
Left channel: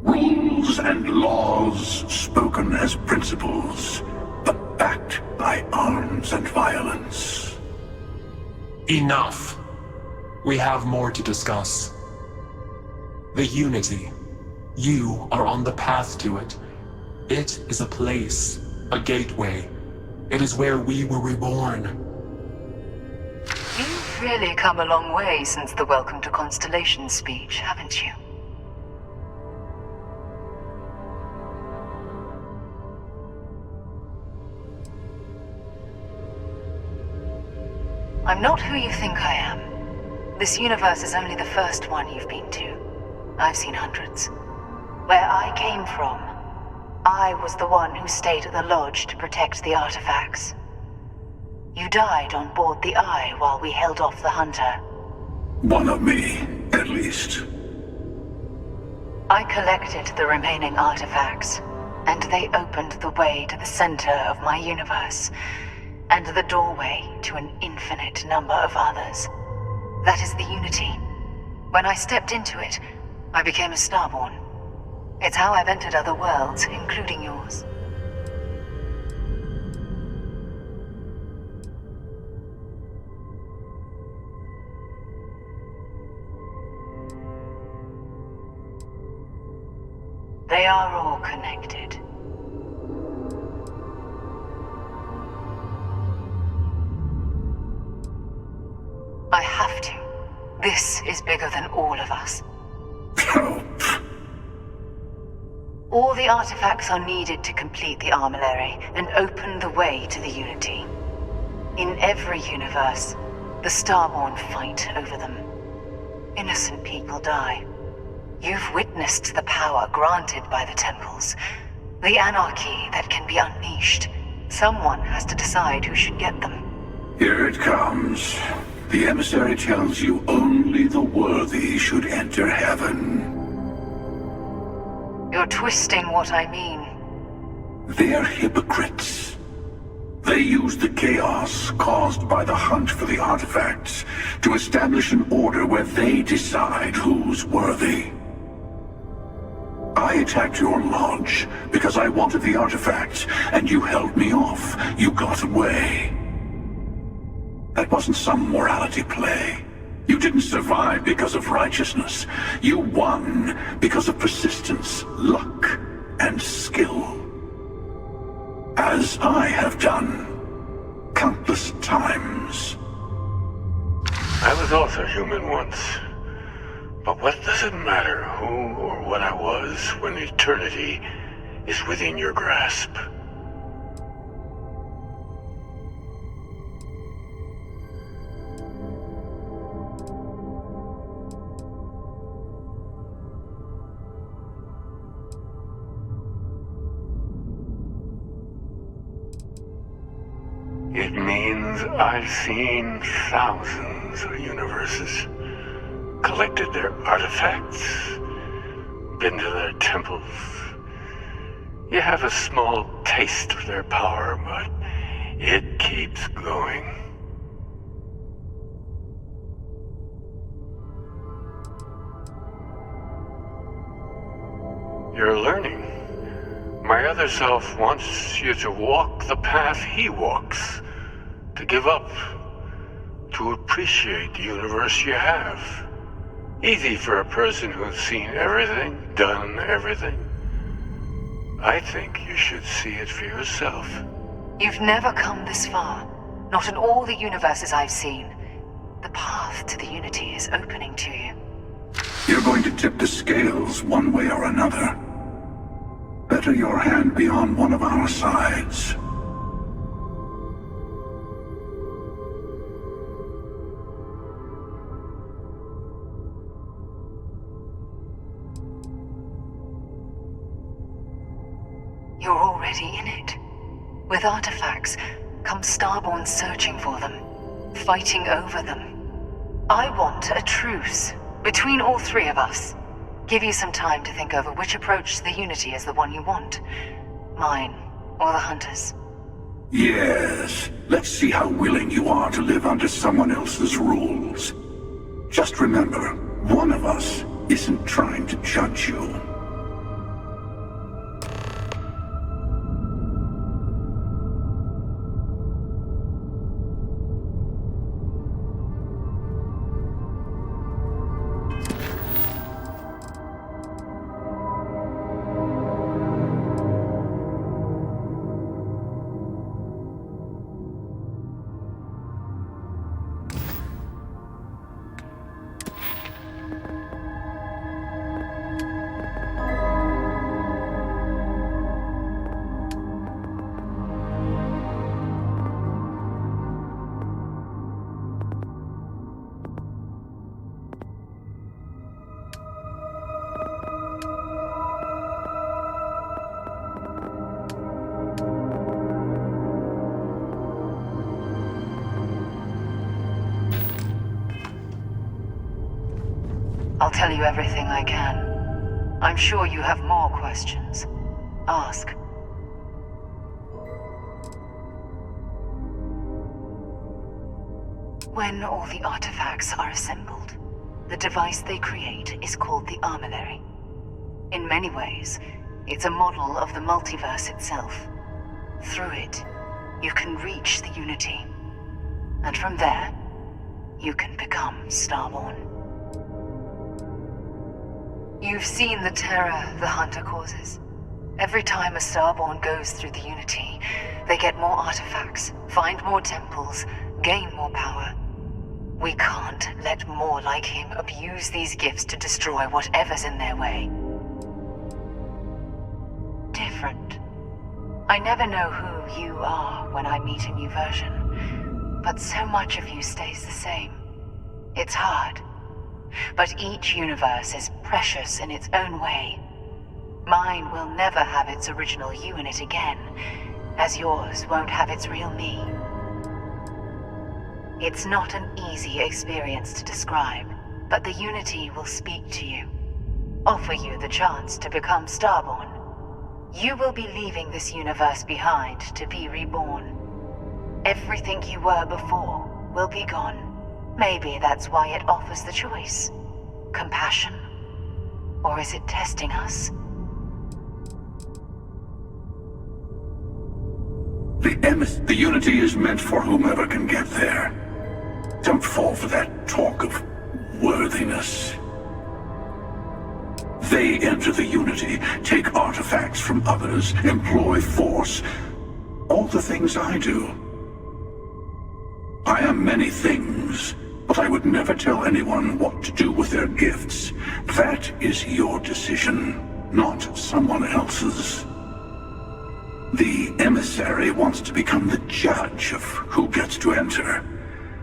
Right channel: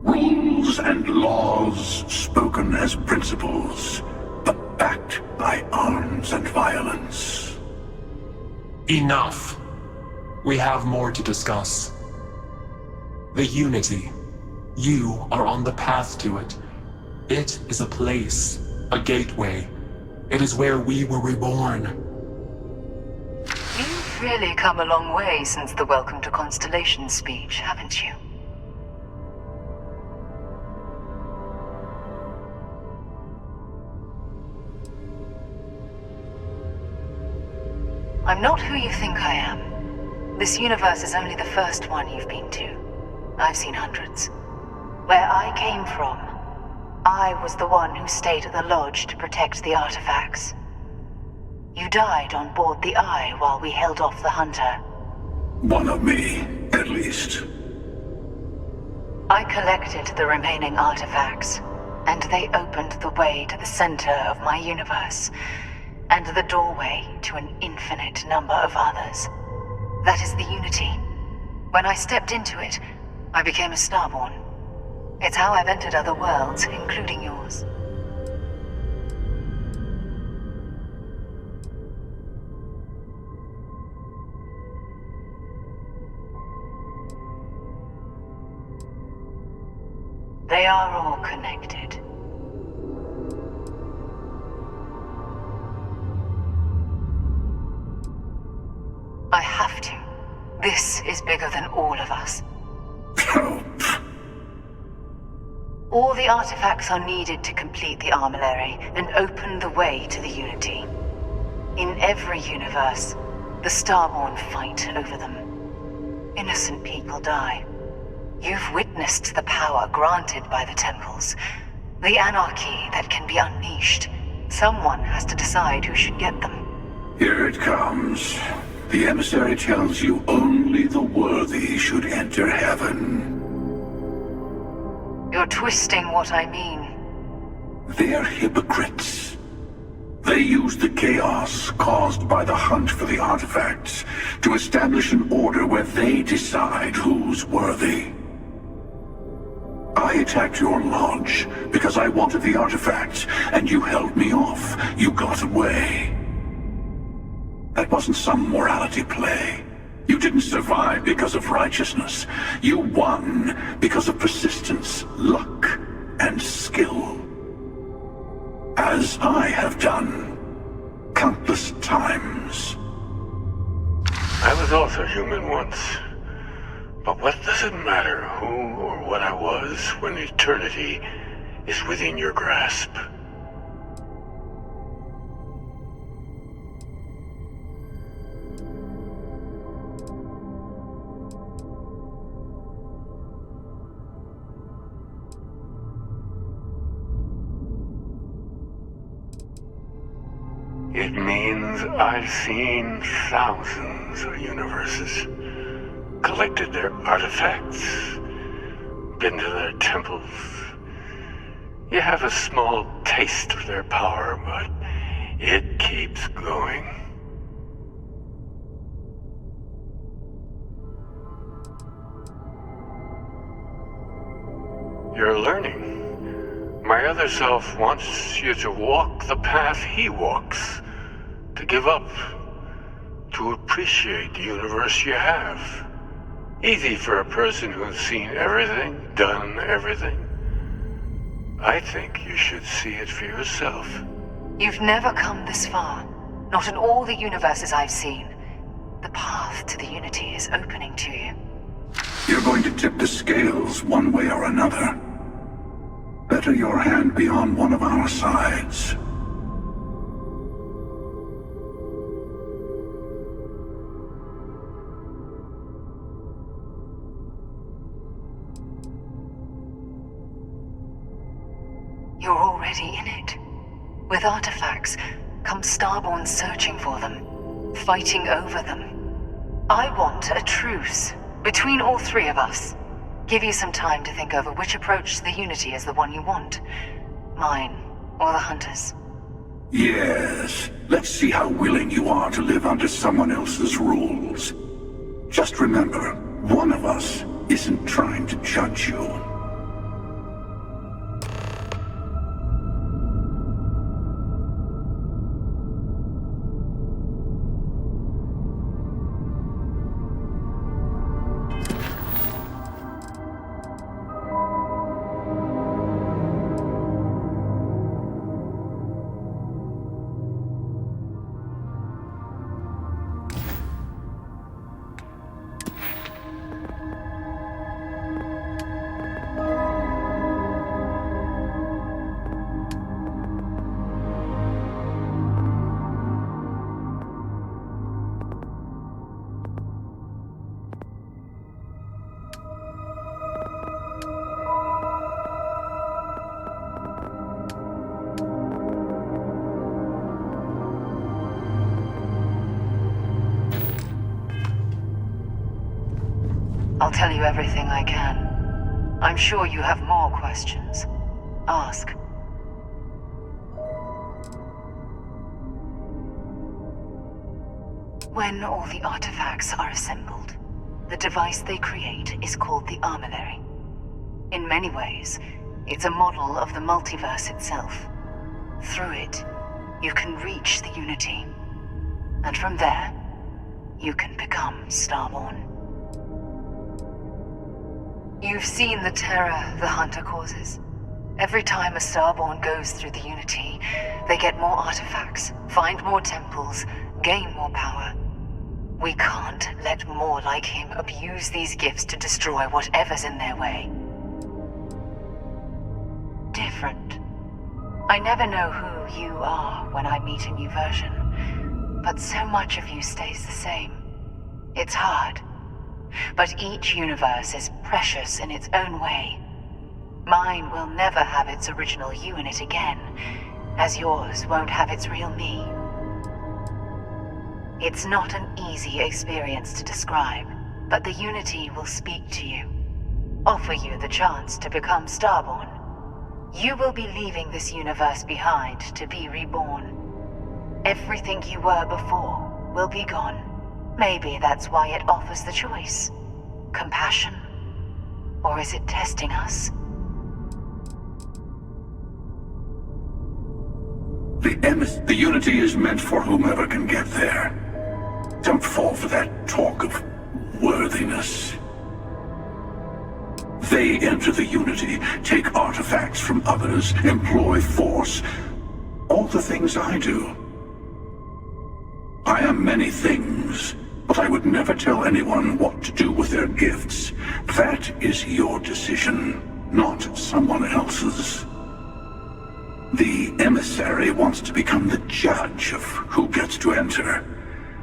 Rules and laws spoken as principles, but backed by arms and violence. Enough. We have more to discuss. The Unity. You are on the path to it. It is a place, a gateway. It is where we were reborn. You've really come a long way since the Welcome to Constellation speech, haven't you? I'm not who you think I am. This universe is only the first one you've been to. I've seen hundreds. Where I came from, I was the one who stayed at the lodge to protect the artifacts. You died on board the Eye while we held off the Hunter. One of me, at least. I collected the remaining artifacts, and they opened the way to the center of my universe, and the doorway to an infinite number of others. That is the Unity. When I stepped into it, I became a Starborn. It's how I've entered other worlds, including yours. They are all connected. I have to. This is bigger than all of us. All the artifacts are needed to complete the armillary and open the way to the Unity. In every universe, the Starborn fight over them. Innocent people die. You've witnessed the power granted by the temples, the anarchy that can be unleashed. Someone has to decide who should get them. Here it comes. The emissary tells you only the worthy should enter heaven. You're twisting what I mean. They're hypocrites. They use the chaos caused by the hunt for the artifacts to establish an order where they decide who's worthy. I attacked your lodge because I wanted the artifacts, and you held me off. You got away. That wasn't some morality play. You didn't survive because of righteousness. You won because of persistence, luck, and skill. As I have done countless times. I was also human once. But what does it matter who or what I was when eternity is within your grasp? It means I've seen thousands of universes, collected their artifacts, been to their temples. You have a small taste of their power, but it keeps going. You're learning. My other self wants you to walk the path he walks, to give up, to appreciate the universe you have. Easy for a person who's seen everything, done everything. I think you should see it for yourself. You've never come this far. Not in all the universes I've seen. The path to the Unity is opening to you. You're going to tip the scales one way or another. Better your hand be on one of our sides. You're already in it. With artifacts, come Starborn searching for them, fighting over them. I want a truce between all three of us. Give you some time to think over which approach to the Unity is the one you want. Mine, or the Hunters. Yes, let's see how willing you are to live under someone else's rules. Just remember, one of us isn't trying to judge you. I'll tell you everything I can. I'm sure you have more questions. Ask. When all the artifacts are assembled, the device they create is called the Armillary. In many ways, it's a model of the multiverse itself. Through it, you can reach the Unity. And from there, you can become Starborn. You've seen the terror the Hunter causes. Every time a Starborn goes through the Unity, they get more artifacts, find more temples, gain more power. We can't let more like him abuse these gifts to destroy whatever's in their way. Different. I never know who you are when I meet a new version, but so much of you stays the same. It's hard. But each universe is precious in its own way. Mine will never have its original you in it again, as yours won't have its real me. It's not an easy experience to describe, but the Unity will speak to you, offer you the chance to become Starborn. You will be leaving this universe behind to be reborn. Everything you were before will be gone. Maybe that's why it offers the choice. Compassion? Or is it testing us? The Unity is meant for whomever can get there. Don't fall for that talk of worthiness. They enter the Unity, take artifacts from others, employ force. All the things I do. I am many things, but I would never tell anyone what to do with their gifts. That is your decision, not someone else's. The emissary wants to become the judge of who gets to enter,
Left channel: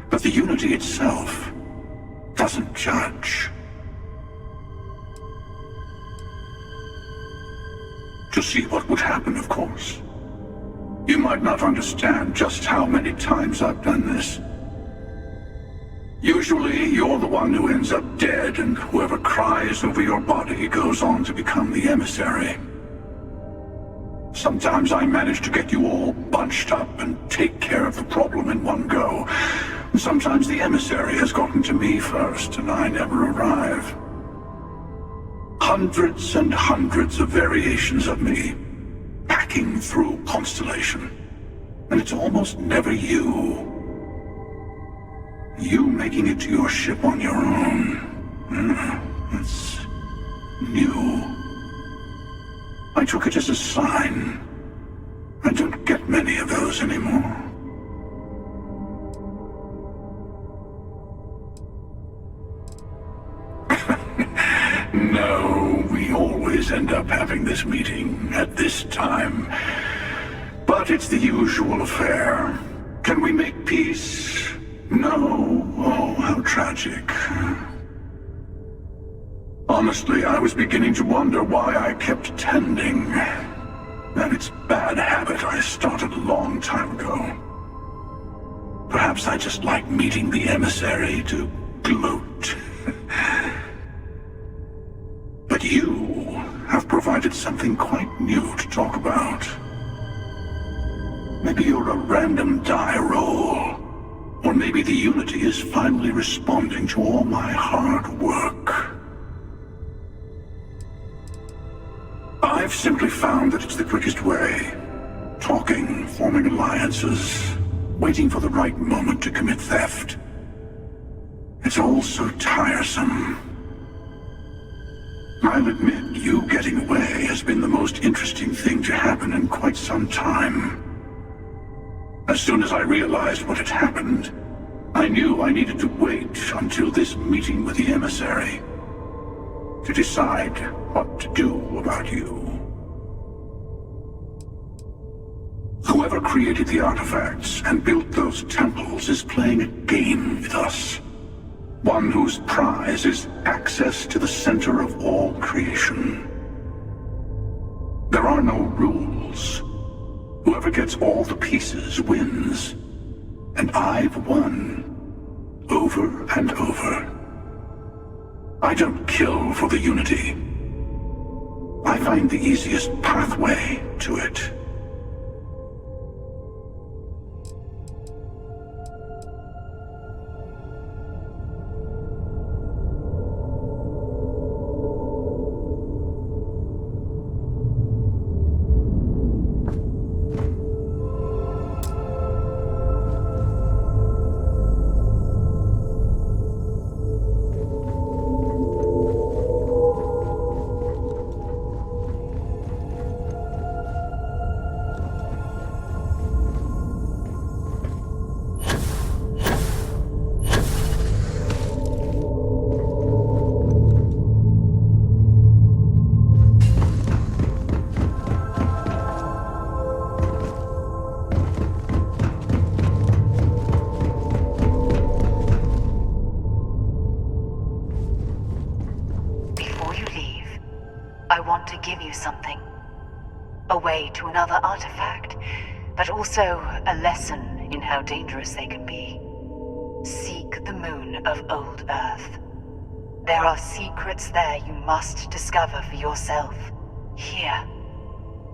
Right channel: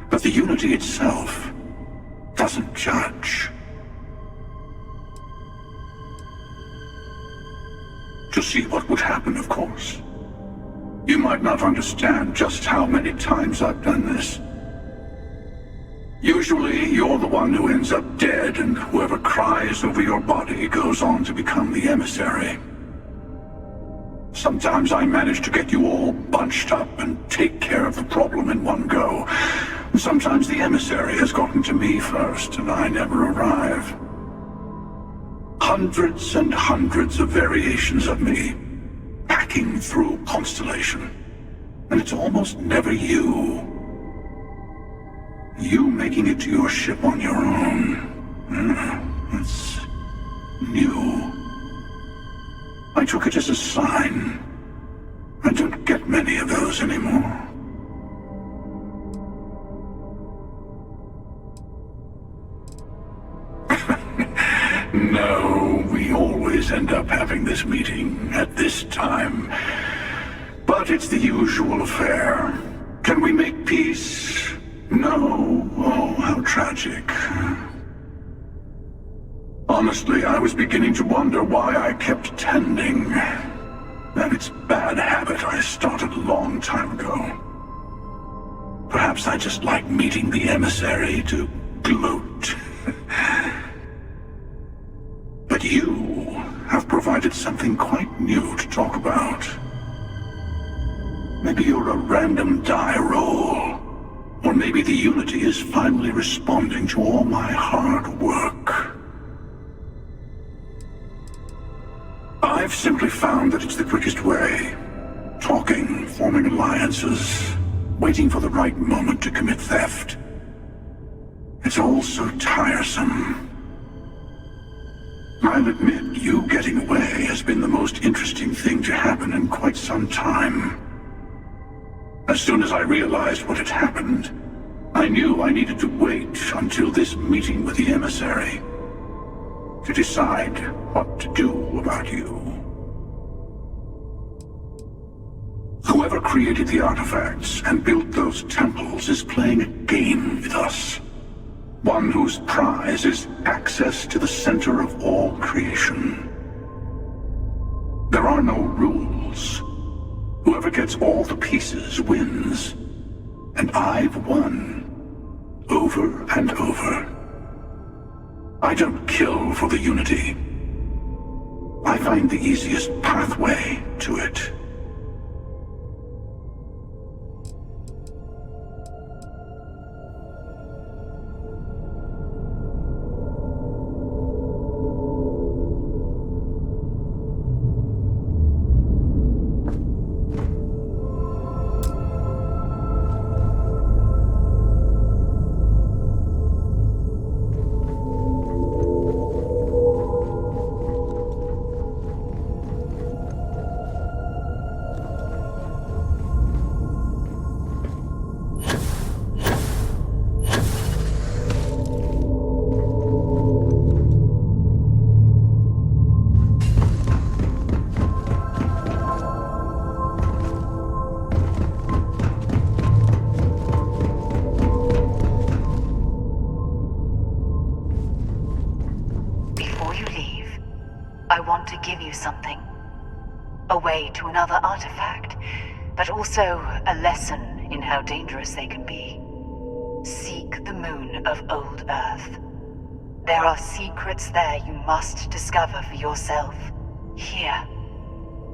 but the Unity itself doesn't judge. To see what would happen, of course. You might not understand just how many times I've done this. Usually, you're the one who ends up dead, and whoever cries over your body goes on to become the emissary. Sometimes I manage to get you all bunched up and take care of the problem in one go. Sometimes the emissary has gotten to me first, and I never arrive. Hundreds and hundreds of variations of me, hacking through Constellation. And it's almost never you. You making it to your ship on your own. It's new. I took it as a sign. I don't get many of those anymore. No, we always end up having this meeting at this time. But it's the usual affair. Can we make peace? No. Oh, how tragic. Honestly, I was beginning to wonder why I kept tending. And it's a bad habit I started a long time ago. Perhaps I just like meeting the emissary to gloat. But you have provided something quite new to talk about. Maybe you're a random die roll. Or maybe the Unity is finally responding to all my hard work. I've simply found that it's the quickest way. Talking, forming alliances, waiting for the right moment to commit theft. It's all so tiresome. I'll admit, you getting away has been the most interesting thing to happen in quite some time. As soon as I realized what had happened, I knew I needed to wait until this meeting with the emissary to decide what to do about you. Whoever created the artifacts and built those temples is playing a game with us. One whose prize is access to the center of all creation. There are no rules. Whoever gets all the pieces wins. And I've won. Over and over. I don't kill for the Unity. I find the easiest pathway to it. Give you something. A way to another artifact, but also a lesson in how dangerous they can be. Seek the moon of Old Earth. There are secrets there you must discover for yourself. Here,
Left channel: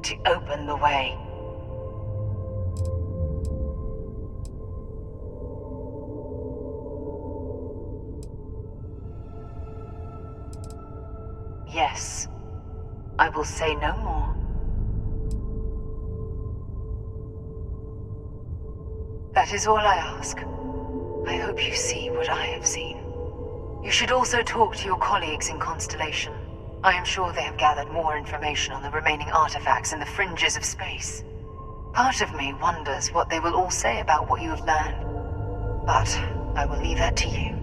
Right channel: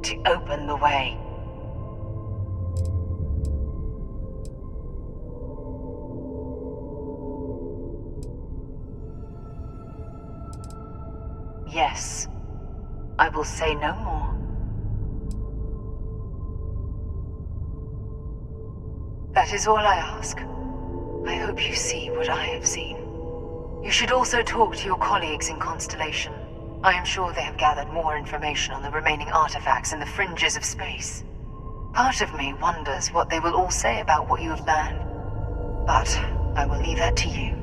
to open the way. Yes. I will say no more. That is all I ask. I hope you see what I have seen. You should also talk to your colleagues in Constellation. I am sure they have gathered more information on the remaining artifacts in the fringes of space. Part of me wonders what they will all say about what you have learned. But I will leave that to you.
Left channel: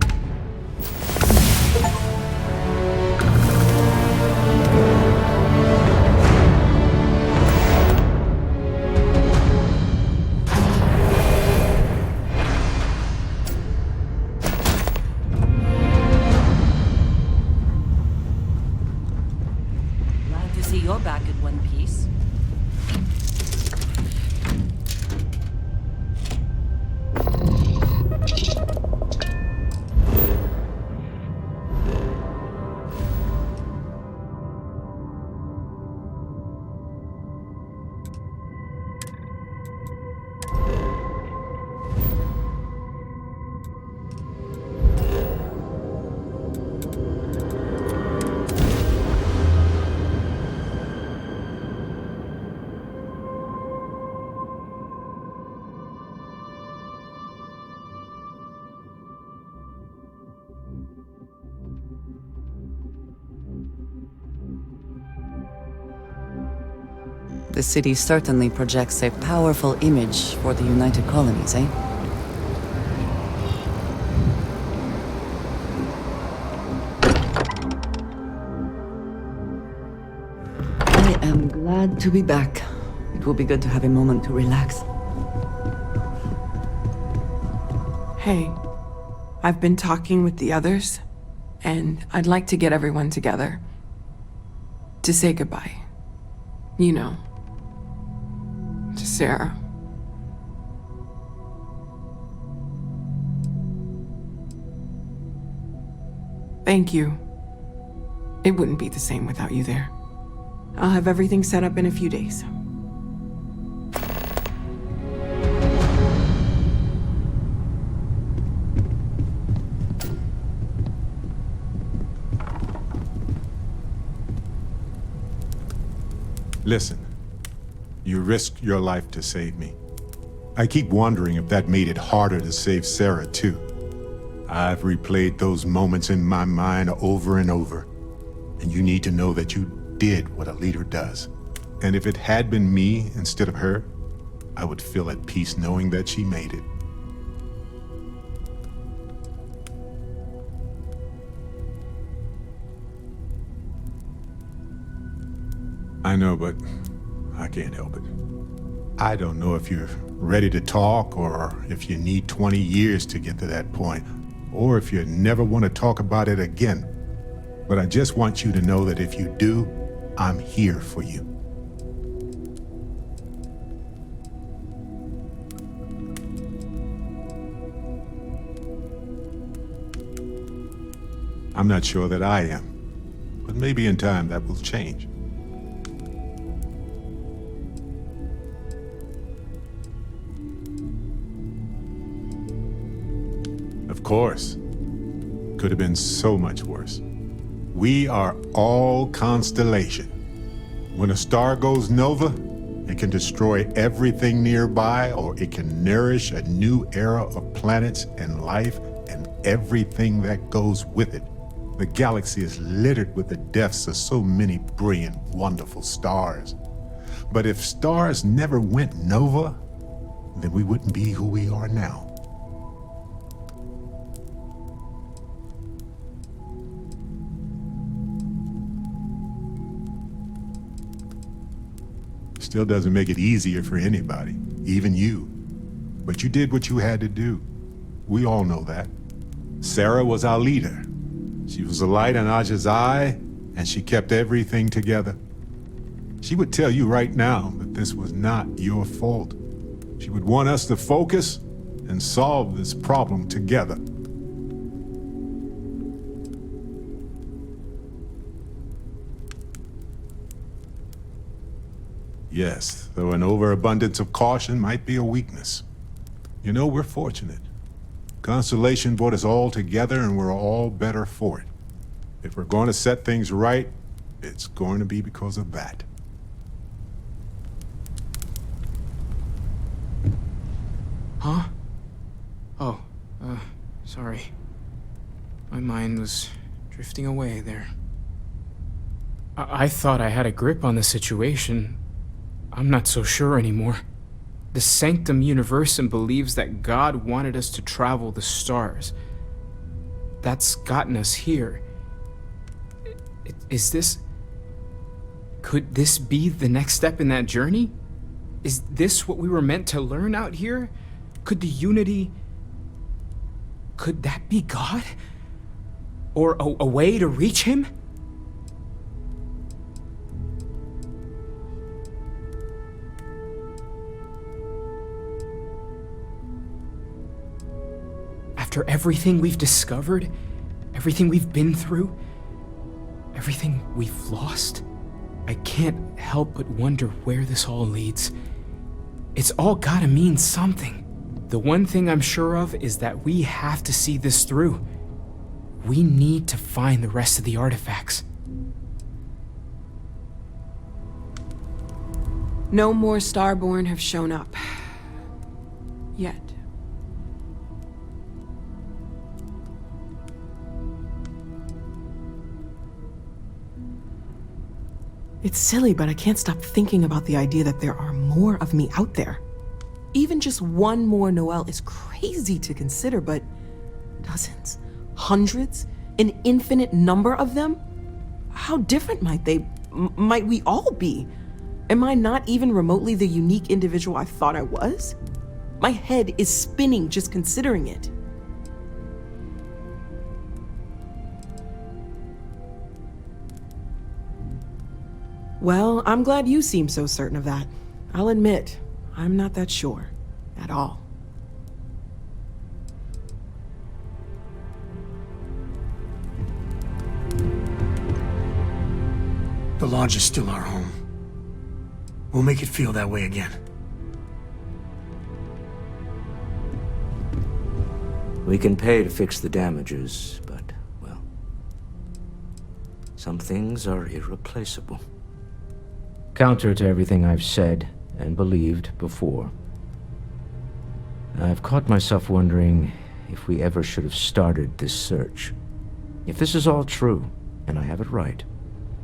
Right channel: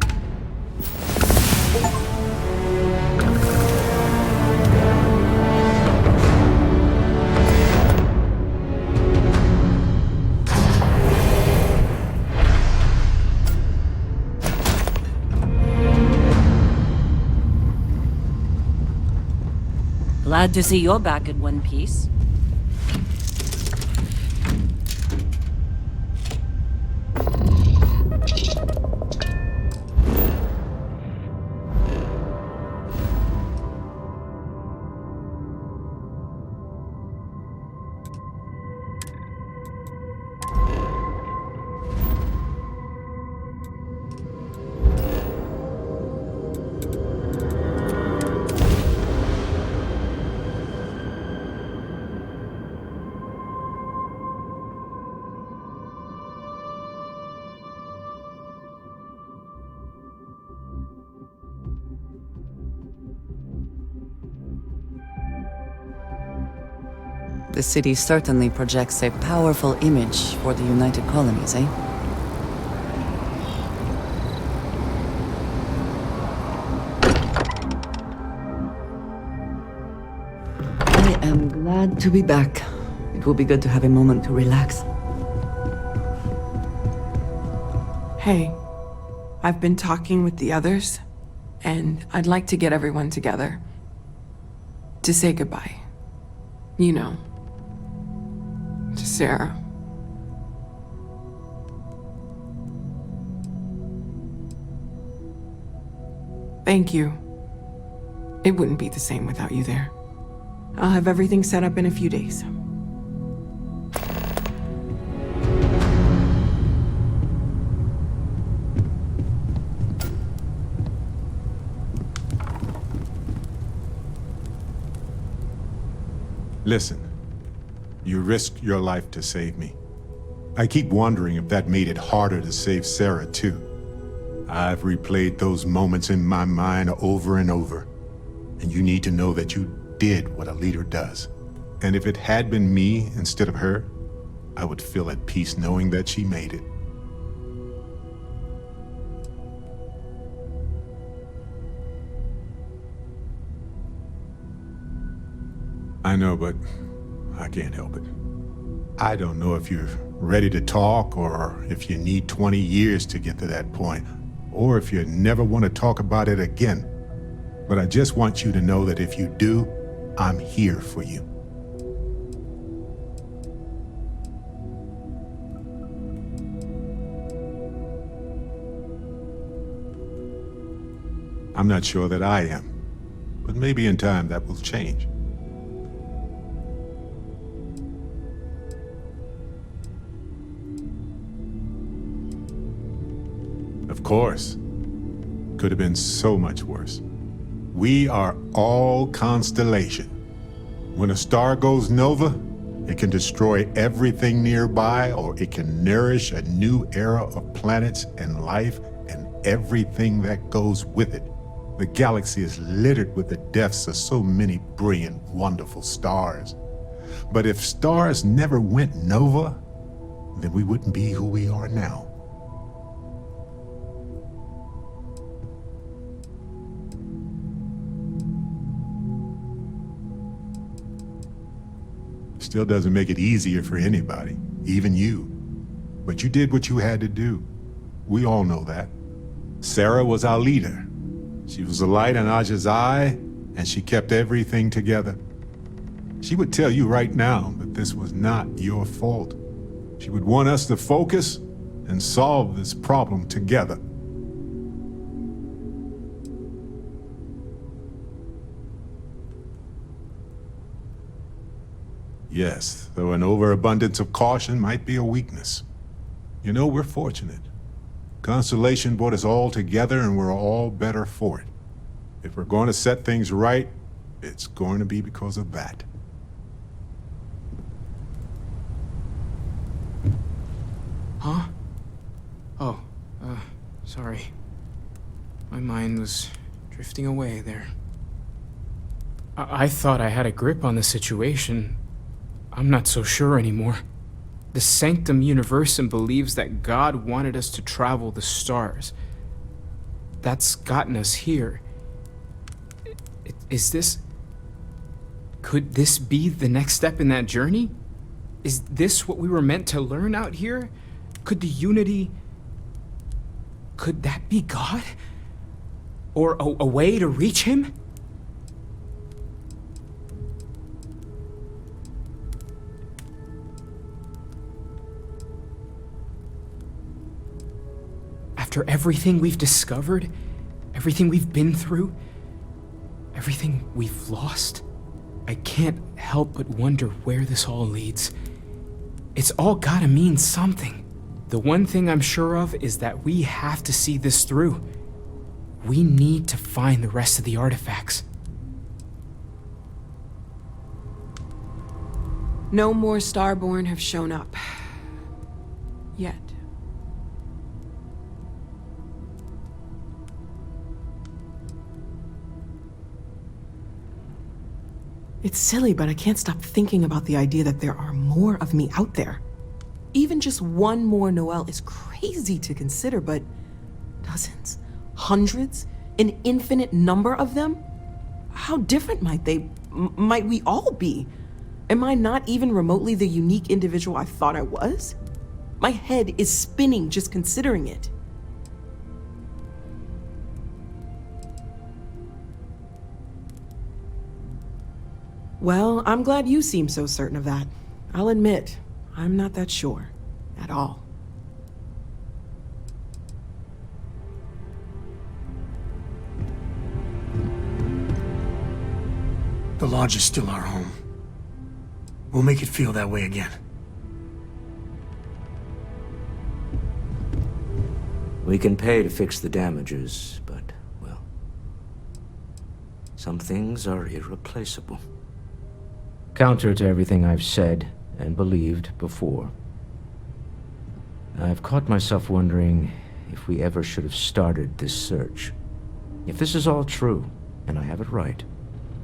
Glad to see you're back in one piece. The city certainly projects a powerful image for the United Colonies, eh? I am glad to be back. It will be good to have a moment to relax. Hey, I've been talking with the others, and I'd like to get everyone together. To say goodbye. You know. To Sarah. Thank you. It wouldn't be the same without you there. I'll have everything set up in a few days. Listen, you risked your life to save me. I keep wondering if that made it harder to save Sarah, too. I've replayed those moments in my mind over and over, and you need to know that you did what a leader does. And if it had been me instead of her, I would feel at peace knowing that she made it. I know, but I can't help it. I don't know if you're ready to talk, or if you need 20 years to get to that point, or if you never want to talk about it again. But I just want you to know that if you do, I'm here for you. I'm not sure that I am, but maybe in time that will change. Of course. Could have been so much worse. We are all constellation. When a star goes nova, it can destroy everything nearby, or it can nourish a new era of planets and life and everything that goes with it. The galaxy is littered with the deaths of so many brilliant, wonderful stars. But if stars never went nova, then we wouldn't be who we are now. Still doesn't make it easier for anybody, even you. But you did what you had to do. We all know that. Sarah was our leader. She was a light in Aja's eye, and she kept everything together. She would tell you right now that this was not your fault. She would want us to focus and solve this problem together. Yes, though an overabundance of caution might be a weakness. You know, we're fortunate. Constellation brought us all together, and we're all better for it. If we're going to set things right, it's going to be because of that. Huh? Oh, sorry. My mind was drifting away there. I thought I had a grip on the situation. I'm not so sure anymore. The Sanctum Universum believes that God wanted us to travel the stars. That's gotten us here. Is this... Could this be the next step in that journey? Is this what we were meant to learn out here? Could the unity... Could that be God? Or a way to reach him? After everything we've discovered, everything we've been through, everything we've lost, I can't help but wonder where this all leads. It's all gotta mean something. The one thing I'm sure of is that we have to see this through. We need to find the rest of the artifacts. No more Starborn have shown up. Yet. It's silly, but I can't stop thinking about the idea that there are more of me out there. Even just one more Noel is crazy to consider, but dozens, hundreds, an infinite number of them? How different might we all be? Am I not even remotely the unique individual I thought I was? My head is spinning just considering it. Well, I'm glad you seem so certain of that. I'll admit, I'm not that sure at all. The Lodge is still our home. We'll make it feel that way again. We can pay to fix the damages, but, well, some things are irreplaceable. Counter to everything I've said and believed before, I've caught myself wondering if we ever should have started this search. If this is all true, and I have it right,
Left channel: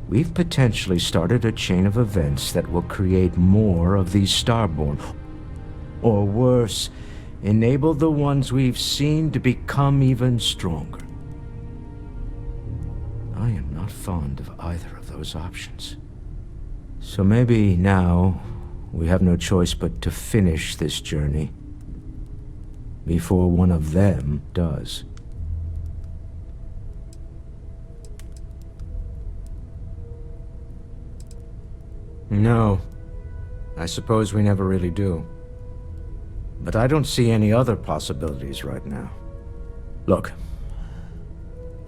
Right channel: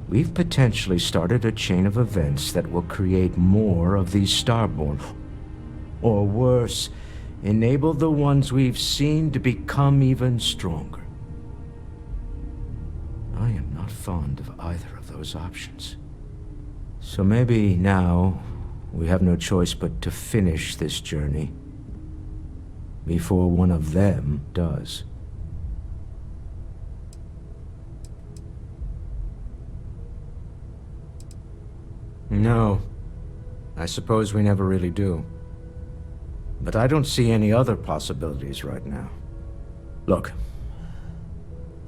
we've potentially started a chain of events that will create more of these Starborn. Or worse, enable the ones we've seen to become even stronger. I am not fond of either of those options. So maybe now we have no choice but to finish this journey before one of them does. No, I suppose we never really do. But I don't see any other possibilities right now. Look,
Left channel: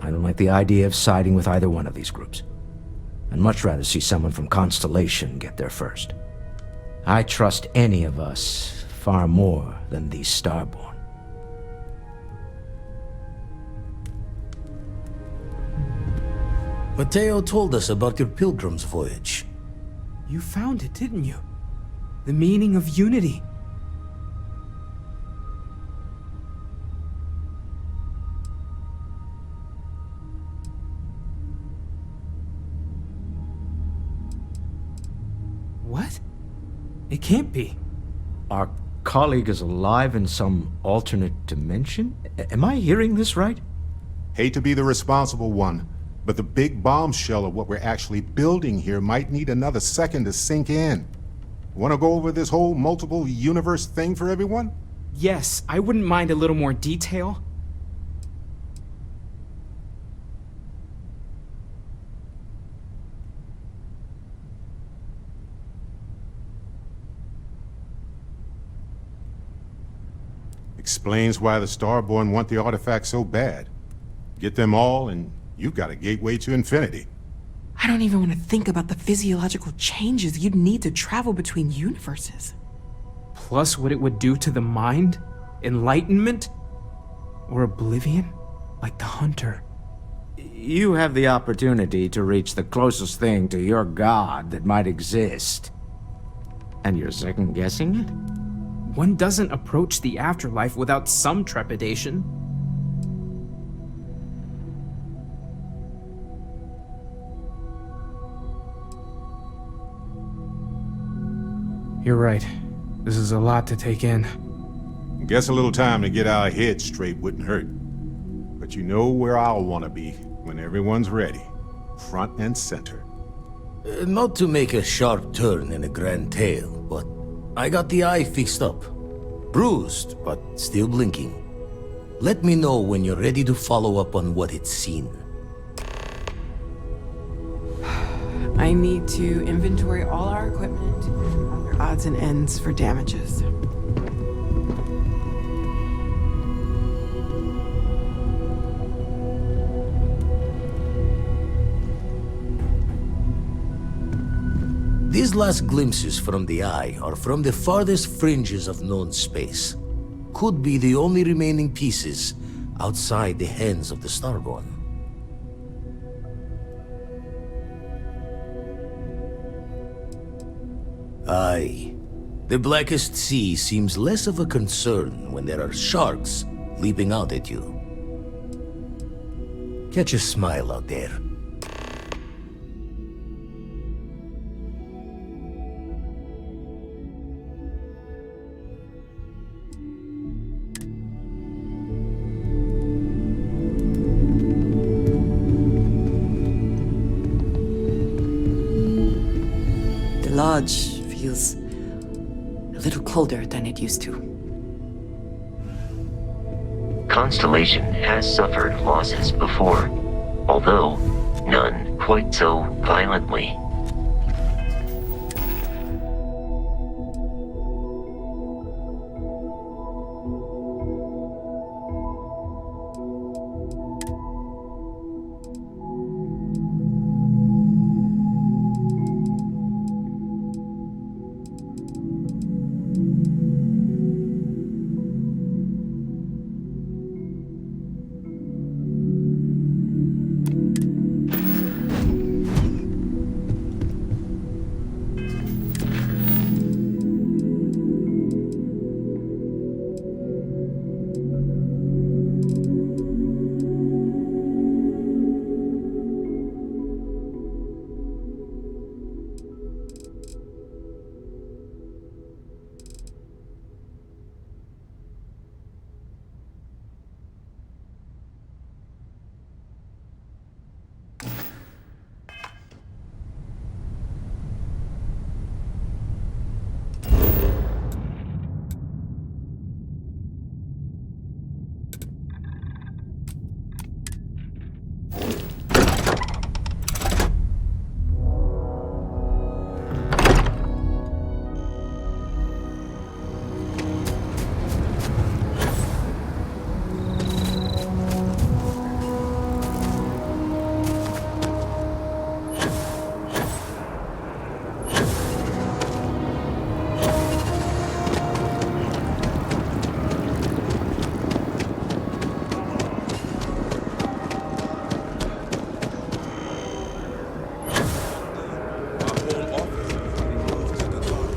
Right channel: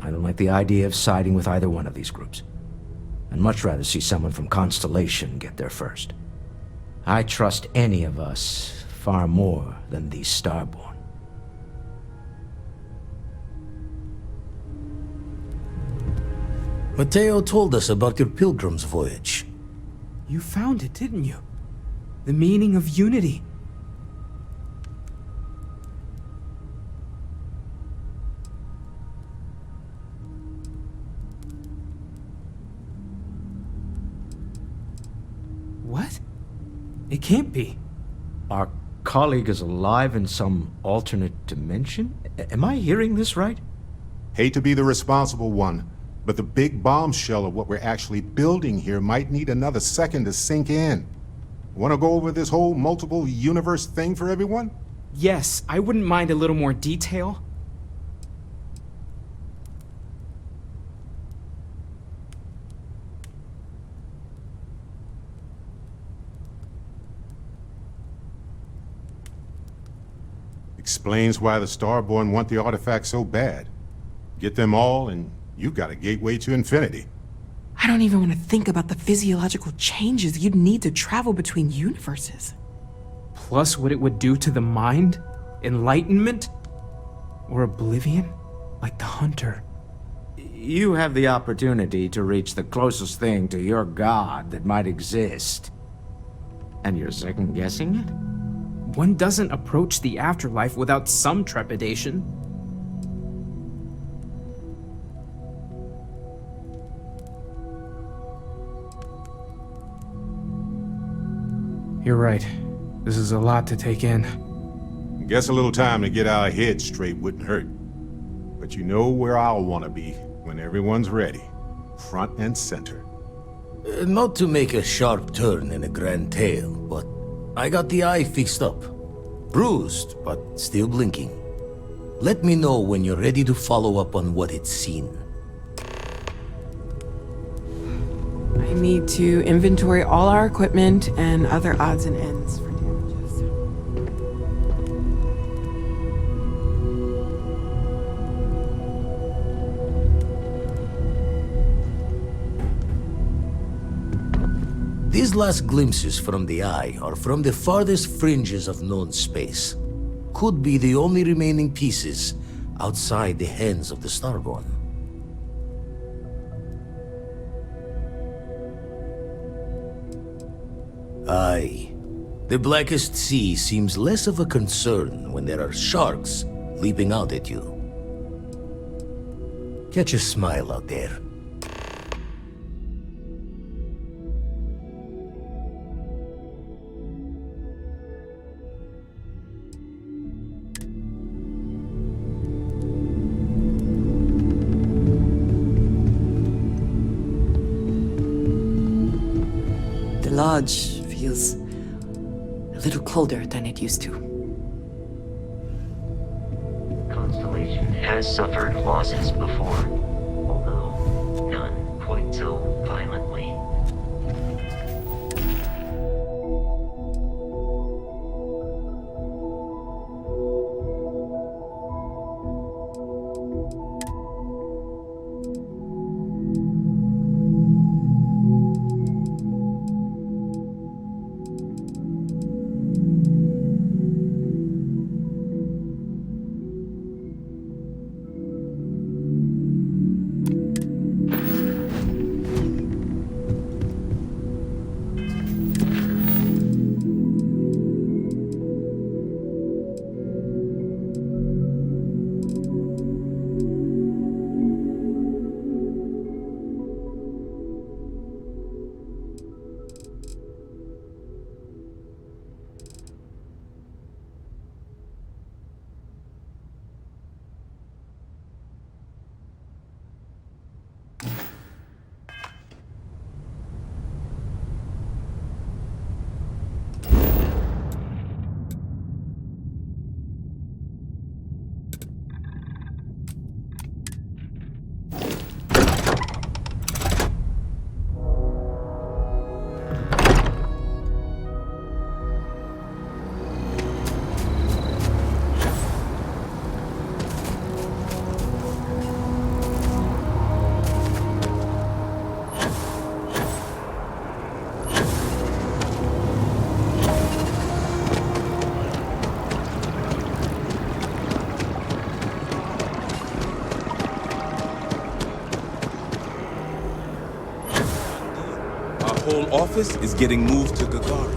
I don't like the idea of siding with either one of these groups. I'd much rather see someone from Constellation get there first. I trust any of us far more than these Starborn. Mateo told us about your pilgrim's voyage. You found it, didn't you? The meaning of unity. What? It can't be. Our colleague is alive in some alternate dimension? Am I hearing this right? Hate to be the responsible one, but the big bombshell of what we're actually building here might need another second to sink in. Want to go over this whole multiple universe thing for everyone? Yes, I wouldn't mind a little more detail. Explains why the Starborn want the artifact so bad. Get them all, and you've got a gateway to infinity. I don't even want to think about the physiological changes you'd need to travel between universes. Plus what it would do to the mind? Enlightenment? Or oblivion? Like the Hunter. You have the opportunity to reach the closest thing to your god that might exist. And you're second-guessing it? One doesn't approach the afterlife without some trepidation. You're right. This is a lot to take in. Guess a little time to get our heads straight wouldn't hurt. But you know where I'll want to be when everyone's ready. Front and center. Not to make a sharp turn in a grand tale, but I got the eye fixed up. Bruised, but still blinking. Let me know when you're ready to follow up on what it's seen. I need to inventory all our equipment and other odds and ends for damages. These last glimpses from the eye are from the farthest fringes of known space. Could be the only remaining pieces outside the hands of the Starborn. Aye. The blackest sea seems less of a concern when there are sharks leaping out at you. Catch a smile out there. lodge feels a little colder than it used to. Constellation has suffered losses before, although none quite so violently. Whole office is getting moved to Gagari.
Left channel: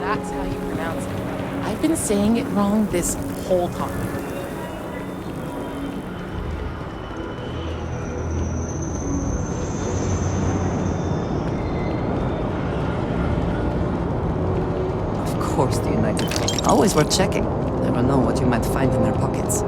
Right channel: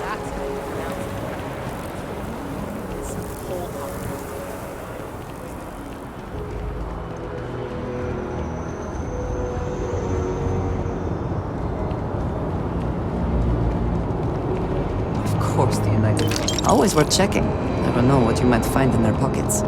That's how you pronounce it. I've been saying it wrong this whole time. Of course, the United Front. Always worth checking. Never know what you might find in their pockets.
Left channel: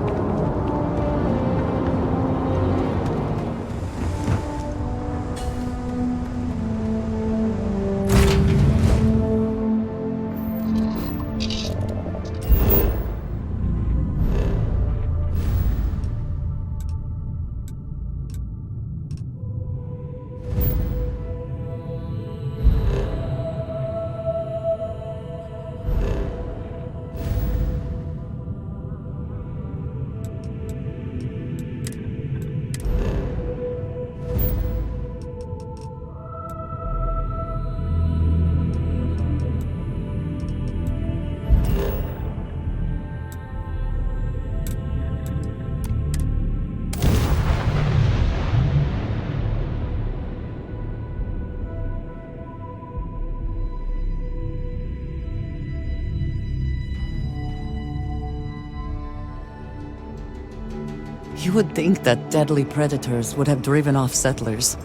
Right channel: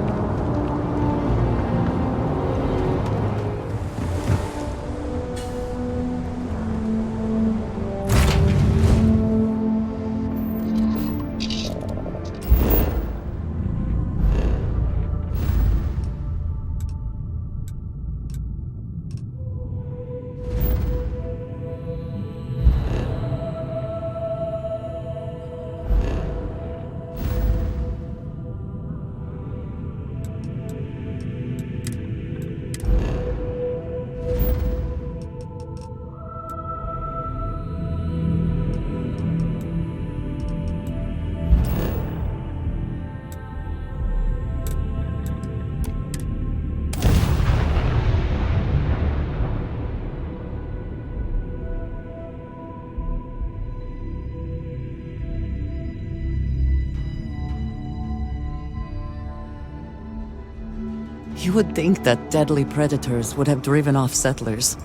You would think that deadly predators would have driven off settlers.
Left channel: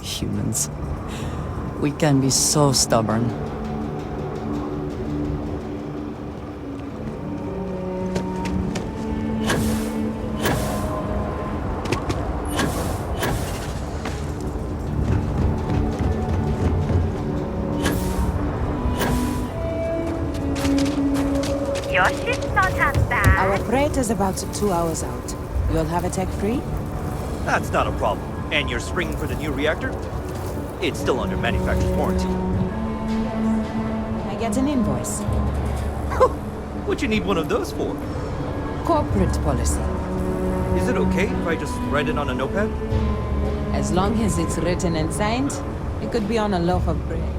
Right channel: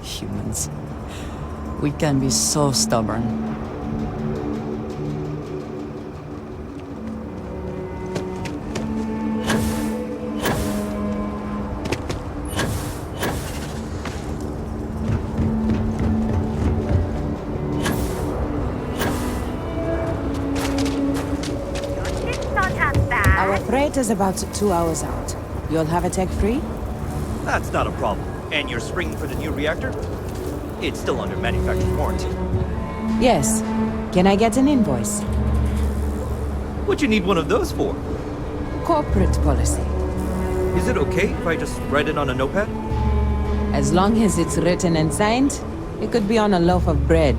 Humans. We can be so stubborn. Your ship's not as bad. Our freight is about 2 hours out. You'll have a tech free? That's not a problem. And you're springing for the new reactor? It's still under manufacturer's warranty. Yes. Can I get an invoice? What you need one of those for? Corporate policy. Is it okay if I just write it on a notepad? As long as it's written and signed, it could be on a loaf of bread.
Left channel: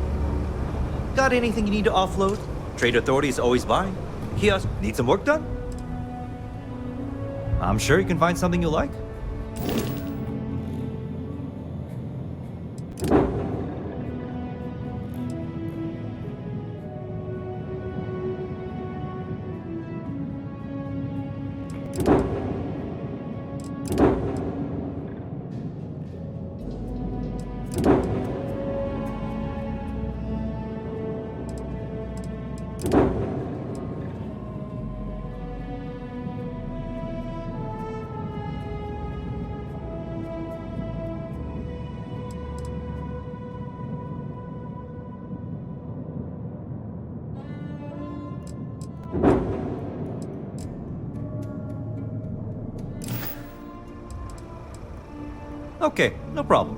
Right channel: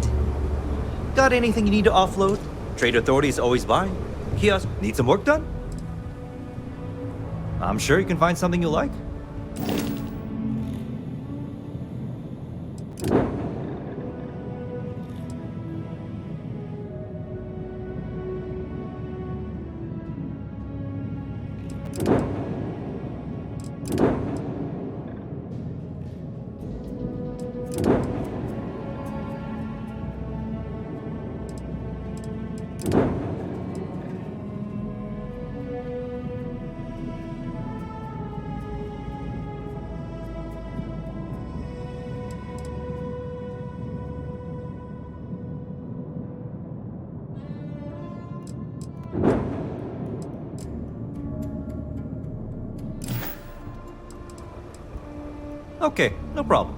Got anything you need to offload? Trade Authority is always buying. Kiosk, need some work done? I'm sure you can find something you like. Okay, no problem.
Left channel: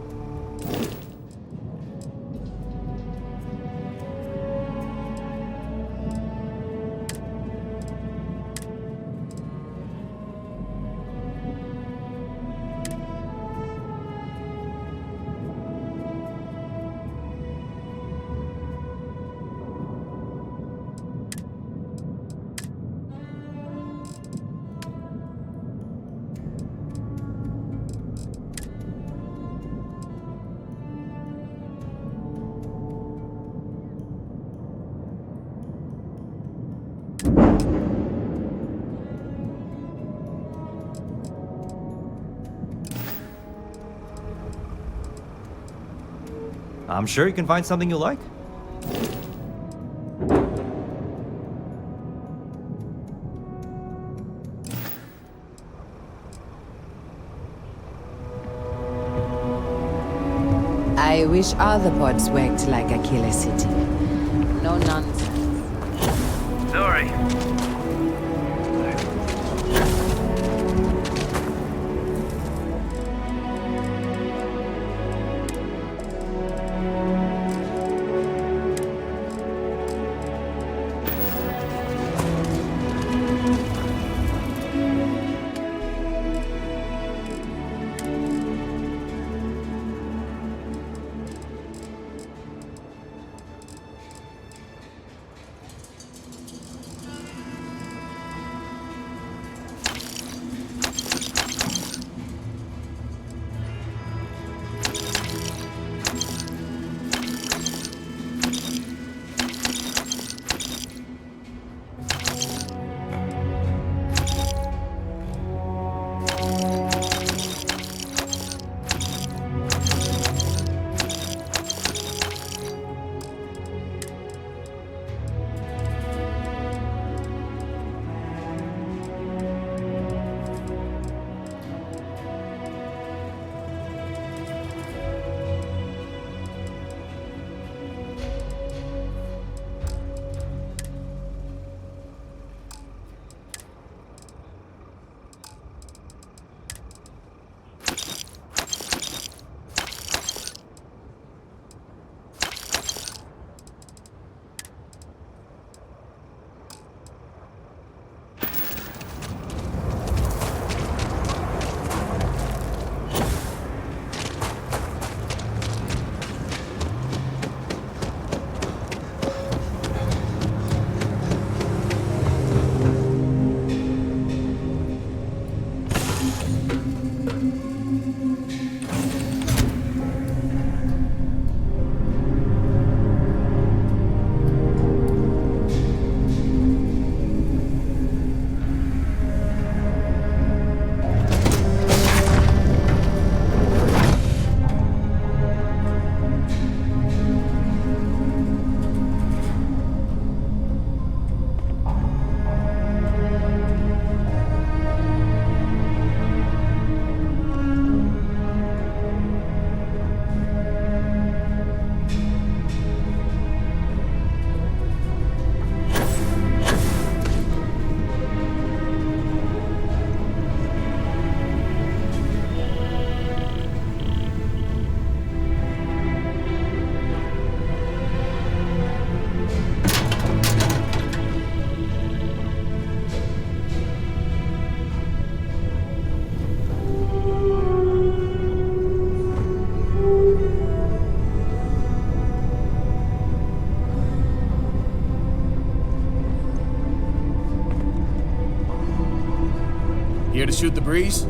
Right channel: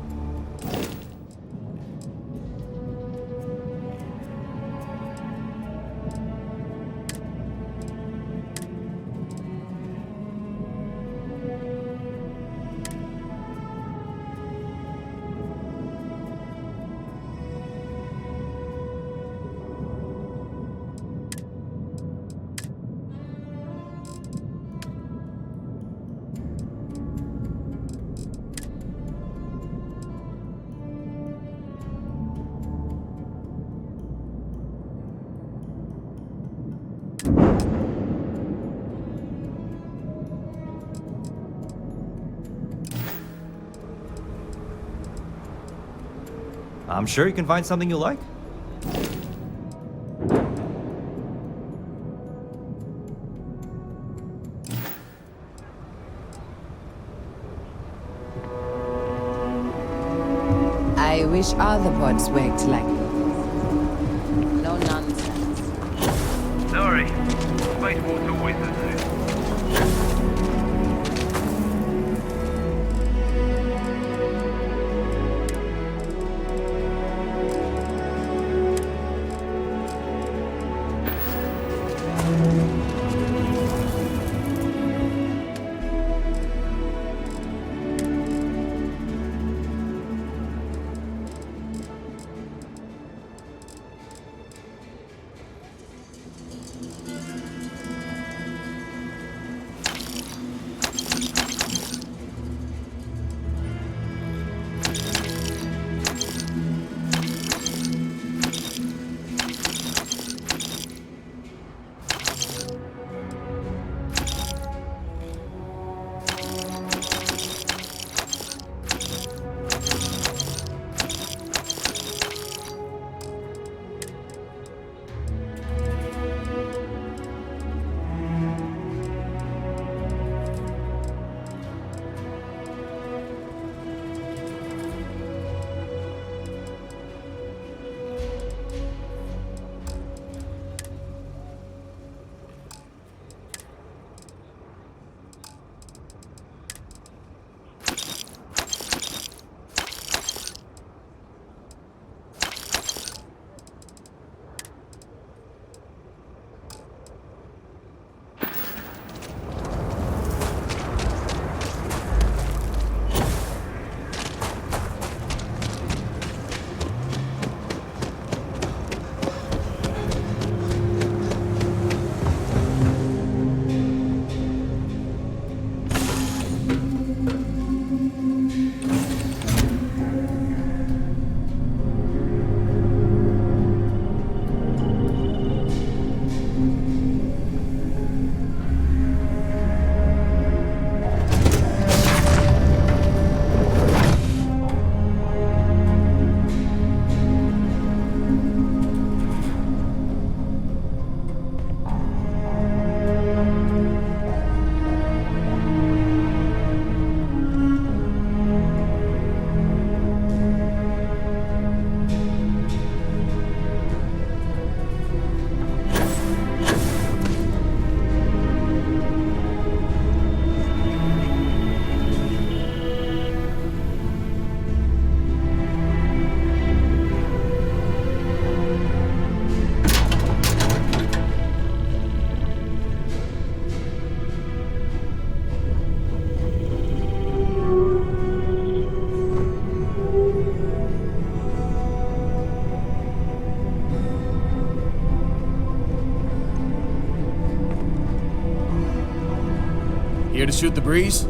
I'm sure you can find something you like. I wish all the pods worked like a killer city. No nonsense. Sorry. Wait, what's always the same. Here to shoot the breeze?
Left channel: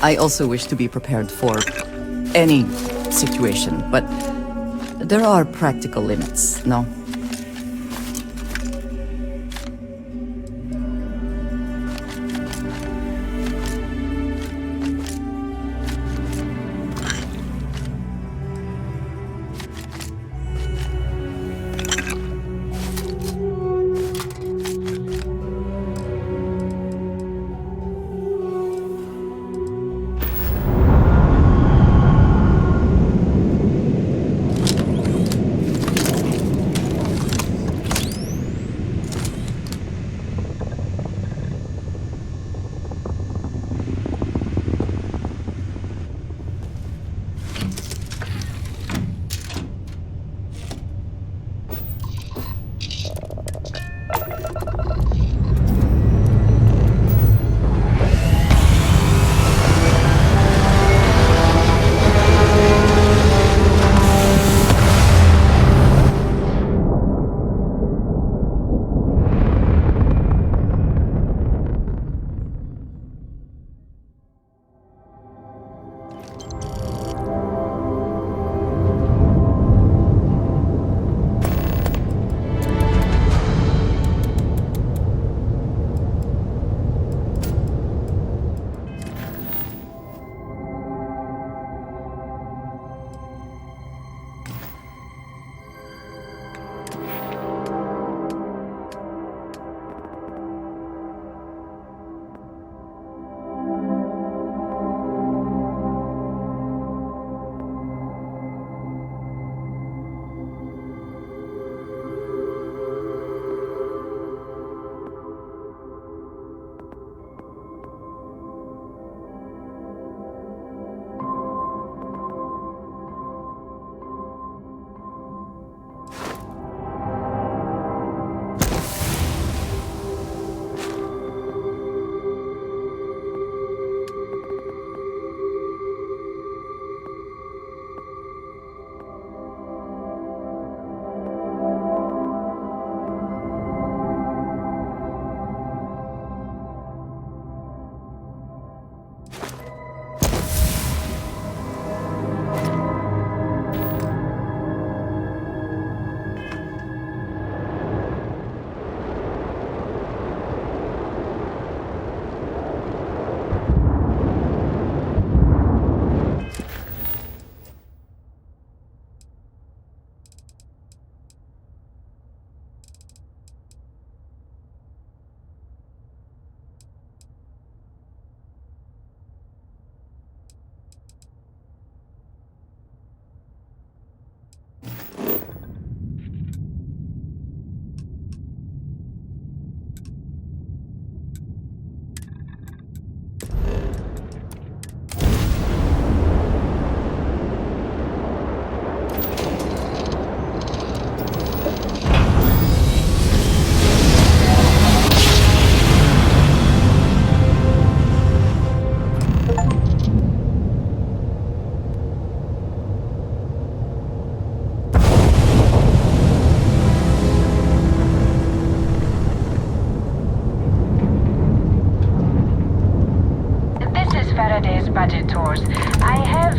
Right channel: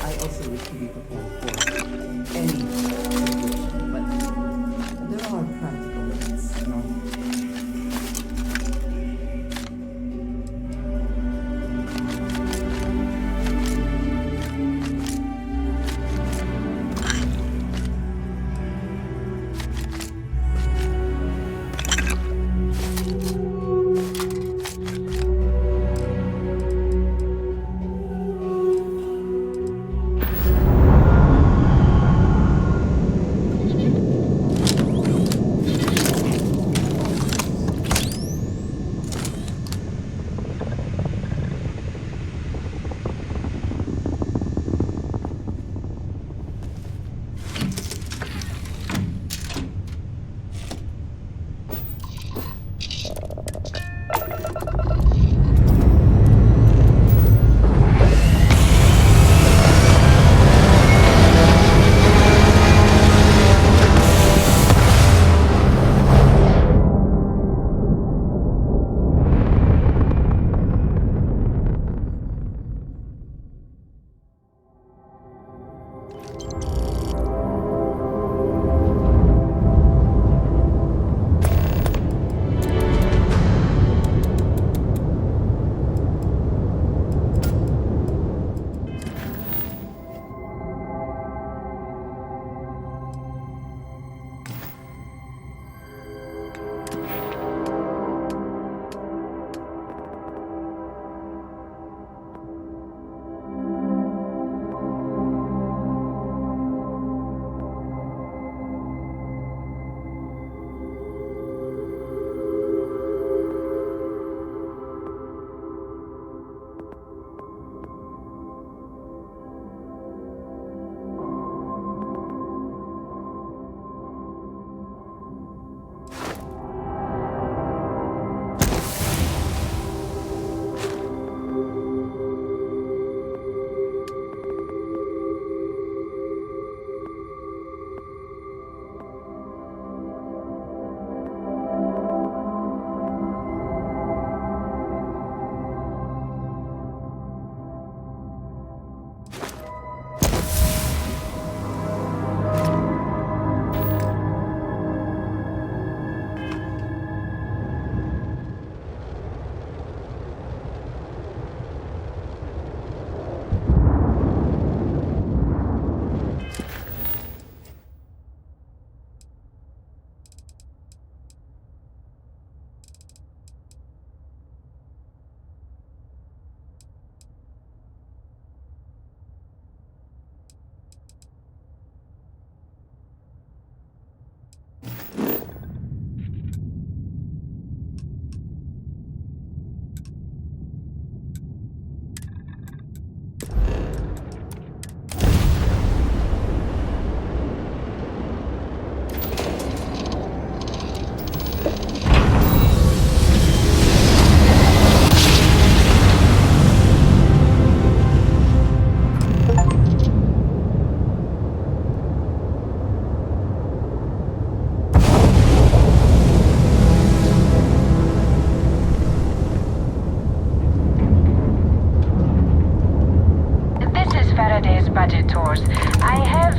I also wish to be prepared for any situation, but there are practical limits, no? budget tours. I have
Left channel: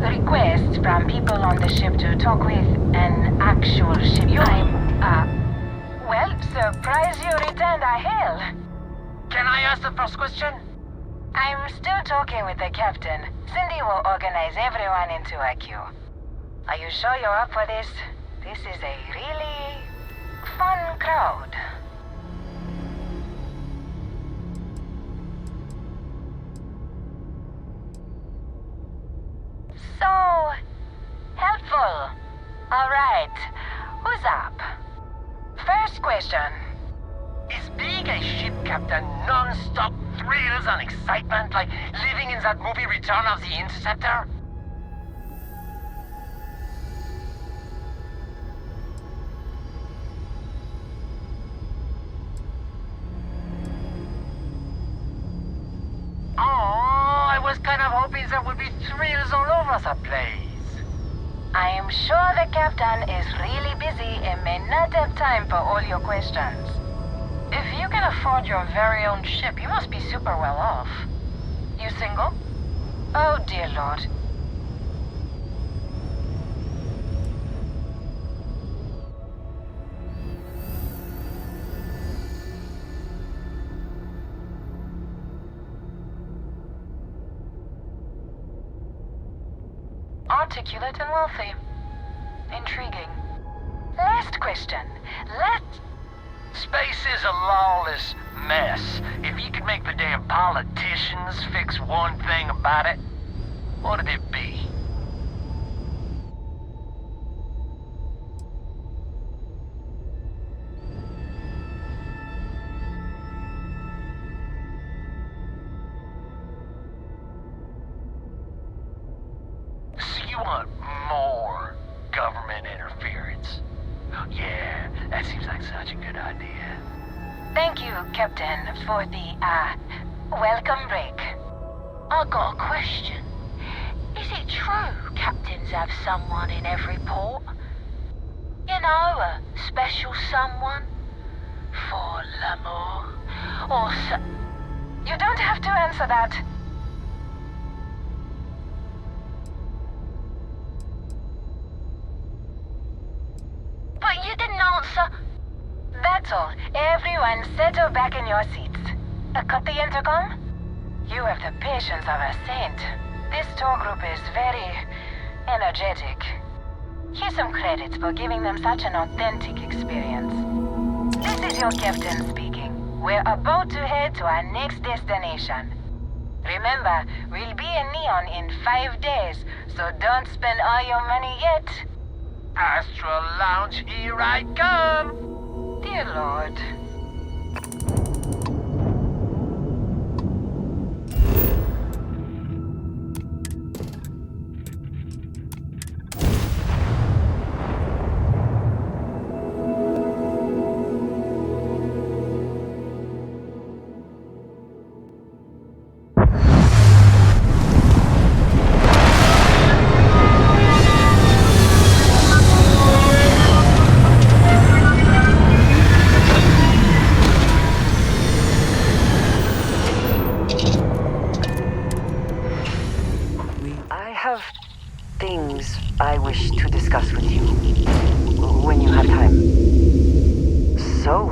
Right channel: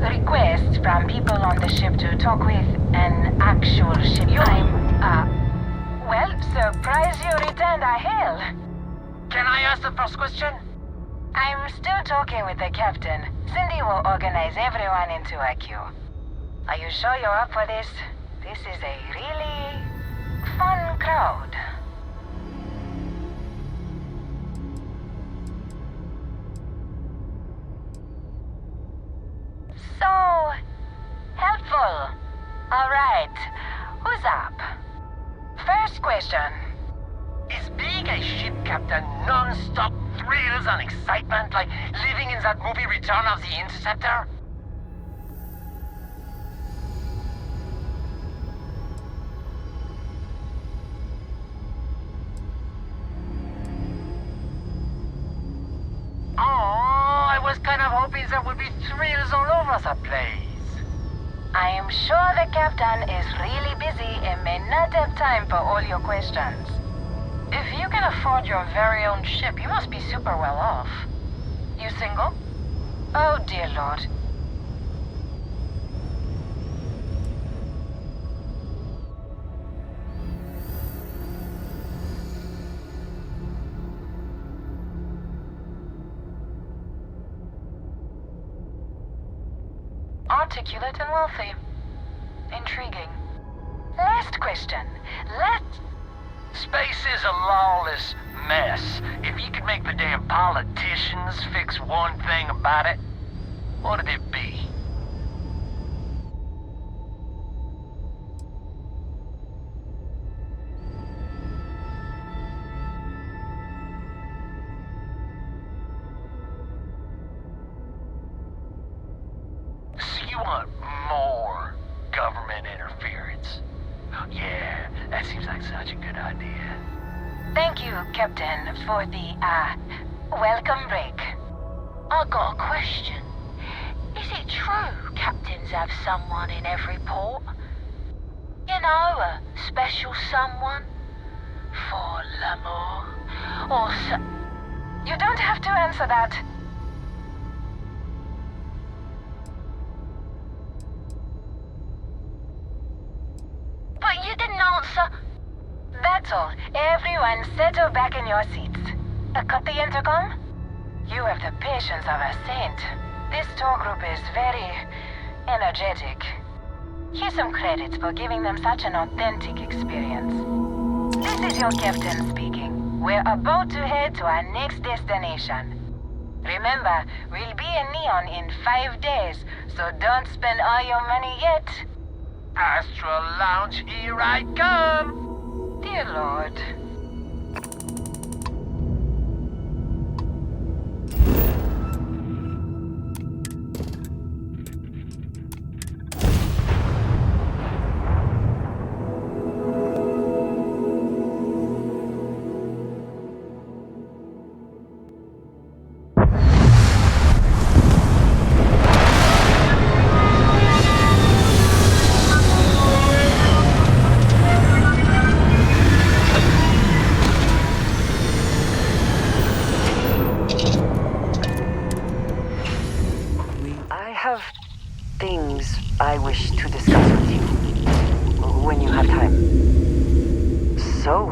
requests from people on the ship to talk with an actual ship. Well, surprise you returned, I hail. Can I ask the first question? I'm still talking with the captain. Cindy will organize everyone into a queue. Are you sure you're up for this? This is a really fun crowd. So helpful. All right, who's up? First question. Is being a ship captain non-stop thrills and excitement like living in that movie Return of the Interceptor? Oh, I was kind of hoping there would be thrills all over the place. I am sure the captain is really busy and may not have time for all your questions. If you can afford your very own ship, you must be super well off. You single? Oh, dear Lord. Articulate and wealthy. Intriguing. Last question. Space is a lawless mess. If you could make the damn politicians fix one thing about it, what'd it be? So you want more government interference? Yeah, that seems like such a good idea. Thank you, Captain, for the, welcome break. I got a question. Is it true captains have someone in every port? You know, a special someone? For l'amour? Or You don't have to answer that. But you didn't answer. That's all. Everyone settle back in your seats. Cut the intercom? You have the patience of a saint. This tour group is very energetic. Here's some credits for giving them such an authentic experience. This is your captain speaking. We're about to head to our next destination. Remember, we'll be in Neon in 5 days, so don't spend all your money yet. Astral Lounge, here I come! Dear Lord. Things I wish to discuss with you when you have time. So,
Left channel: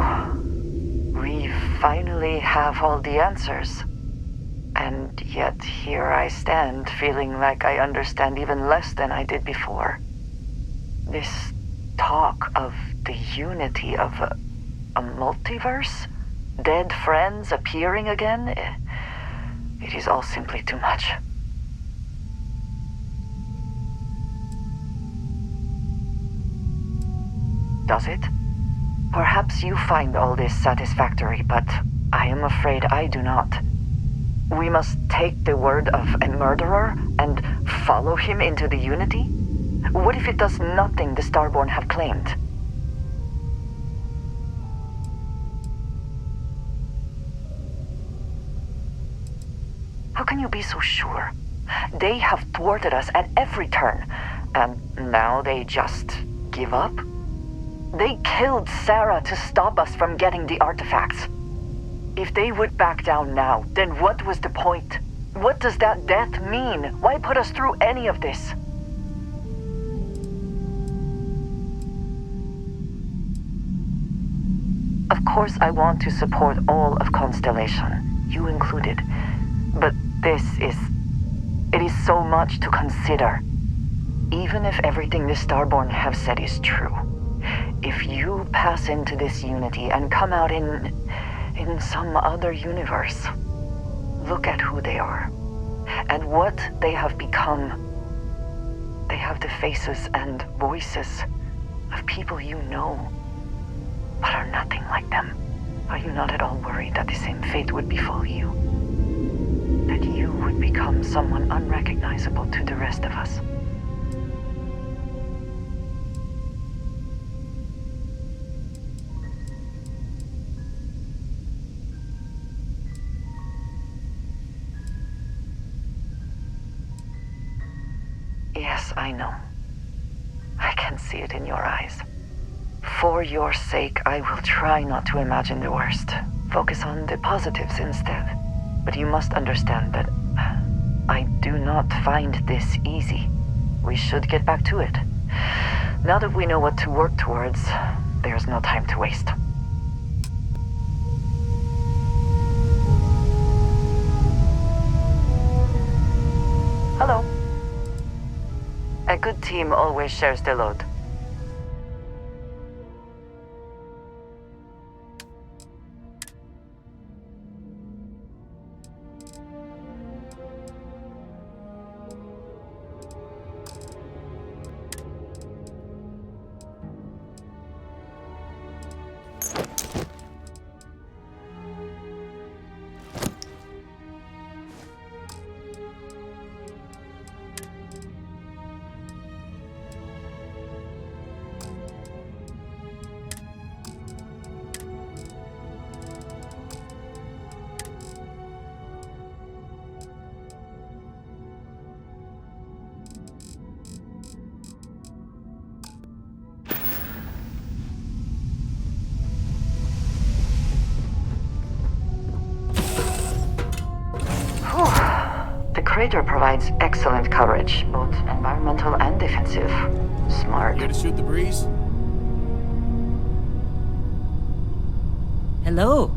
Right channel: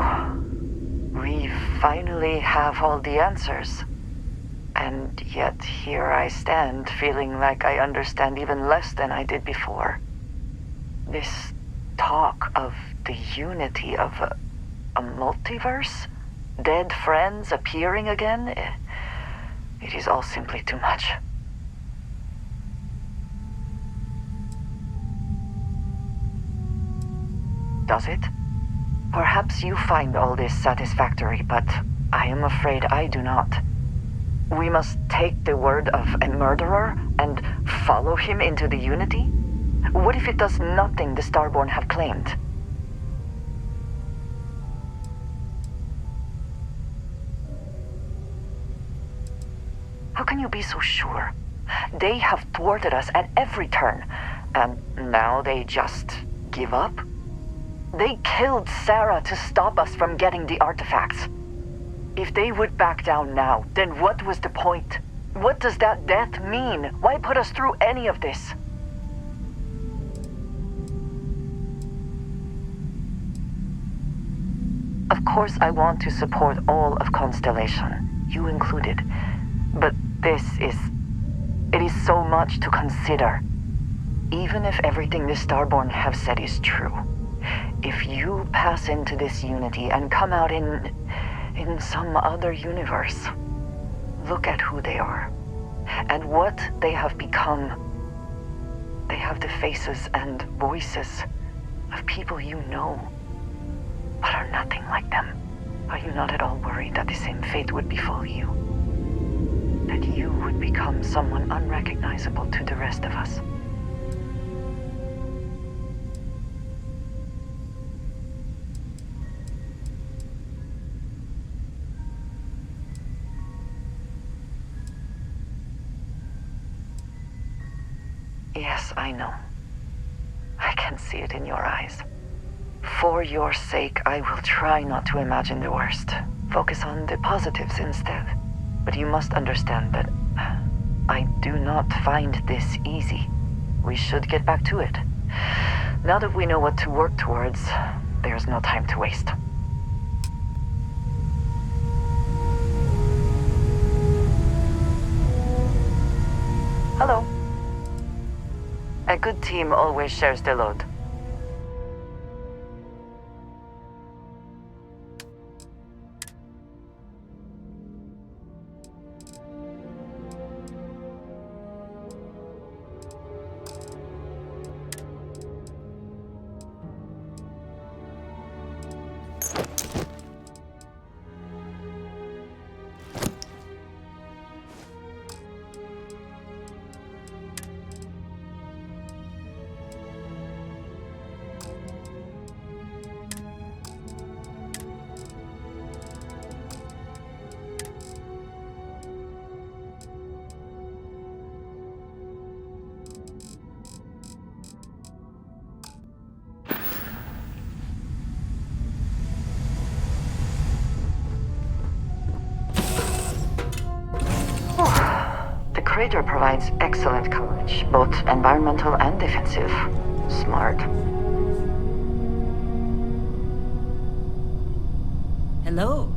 we finally have all the answers. And yet here I stand, feeling like I understand even less than I did before. This talk of the unity of a multiverse? Dead friends appearing again? It is all simply too much. Does it? Perhaps you find all this satisfactory, but I am afraid I do not. We must take the word of a murderer and follow him into the Unity? What if it does nothing the Starborn have claimed? How can you be so sure? They have thwarted us at every turn, and now they just give up? They killed Sarah to stop us from getting the artifacts. If they would back down now, then what was the point? What does that death mean? Why put us through any of this? Of course I want to support all of Constellation, you included. But it is so much to consider. Even if everything the Starborn have said is true. If you pass into this Unity and come out in some other universe, look at who they are and what they have become. They have the faces and voices of people you know, but are nothing like them. Are you not at all worried that the same fate would befall you? That you would become someone unrecognizable to the rest of us? Yes, I know. I can see it in your eyes. For your sake, I will try not to imagine the worst. Focus on the positives instead. But you must understand that I do not find this easy. We should get back to it. Now that we know what to work towards, there's no time to waste. Hello. A good team always shares the load. The crater provides excellent coverage, both environmental and defensive. Smart. Shoot the breeze. Hello.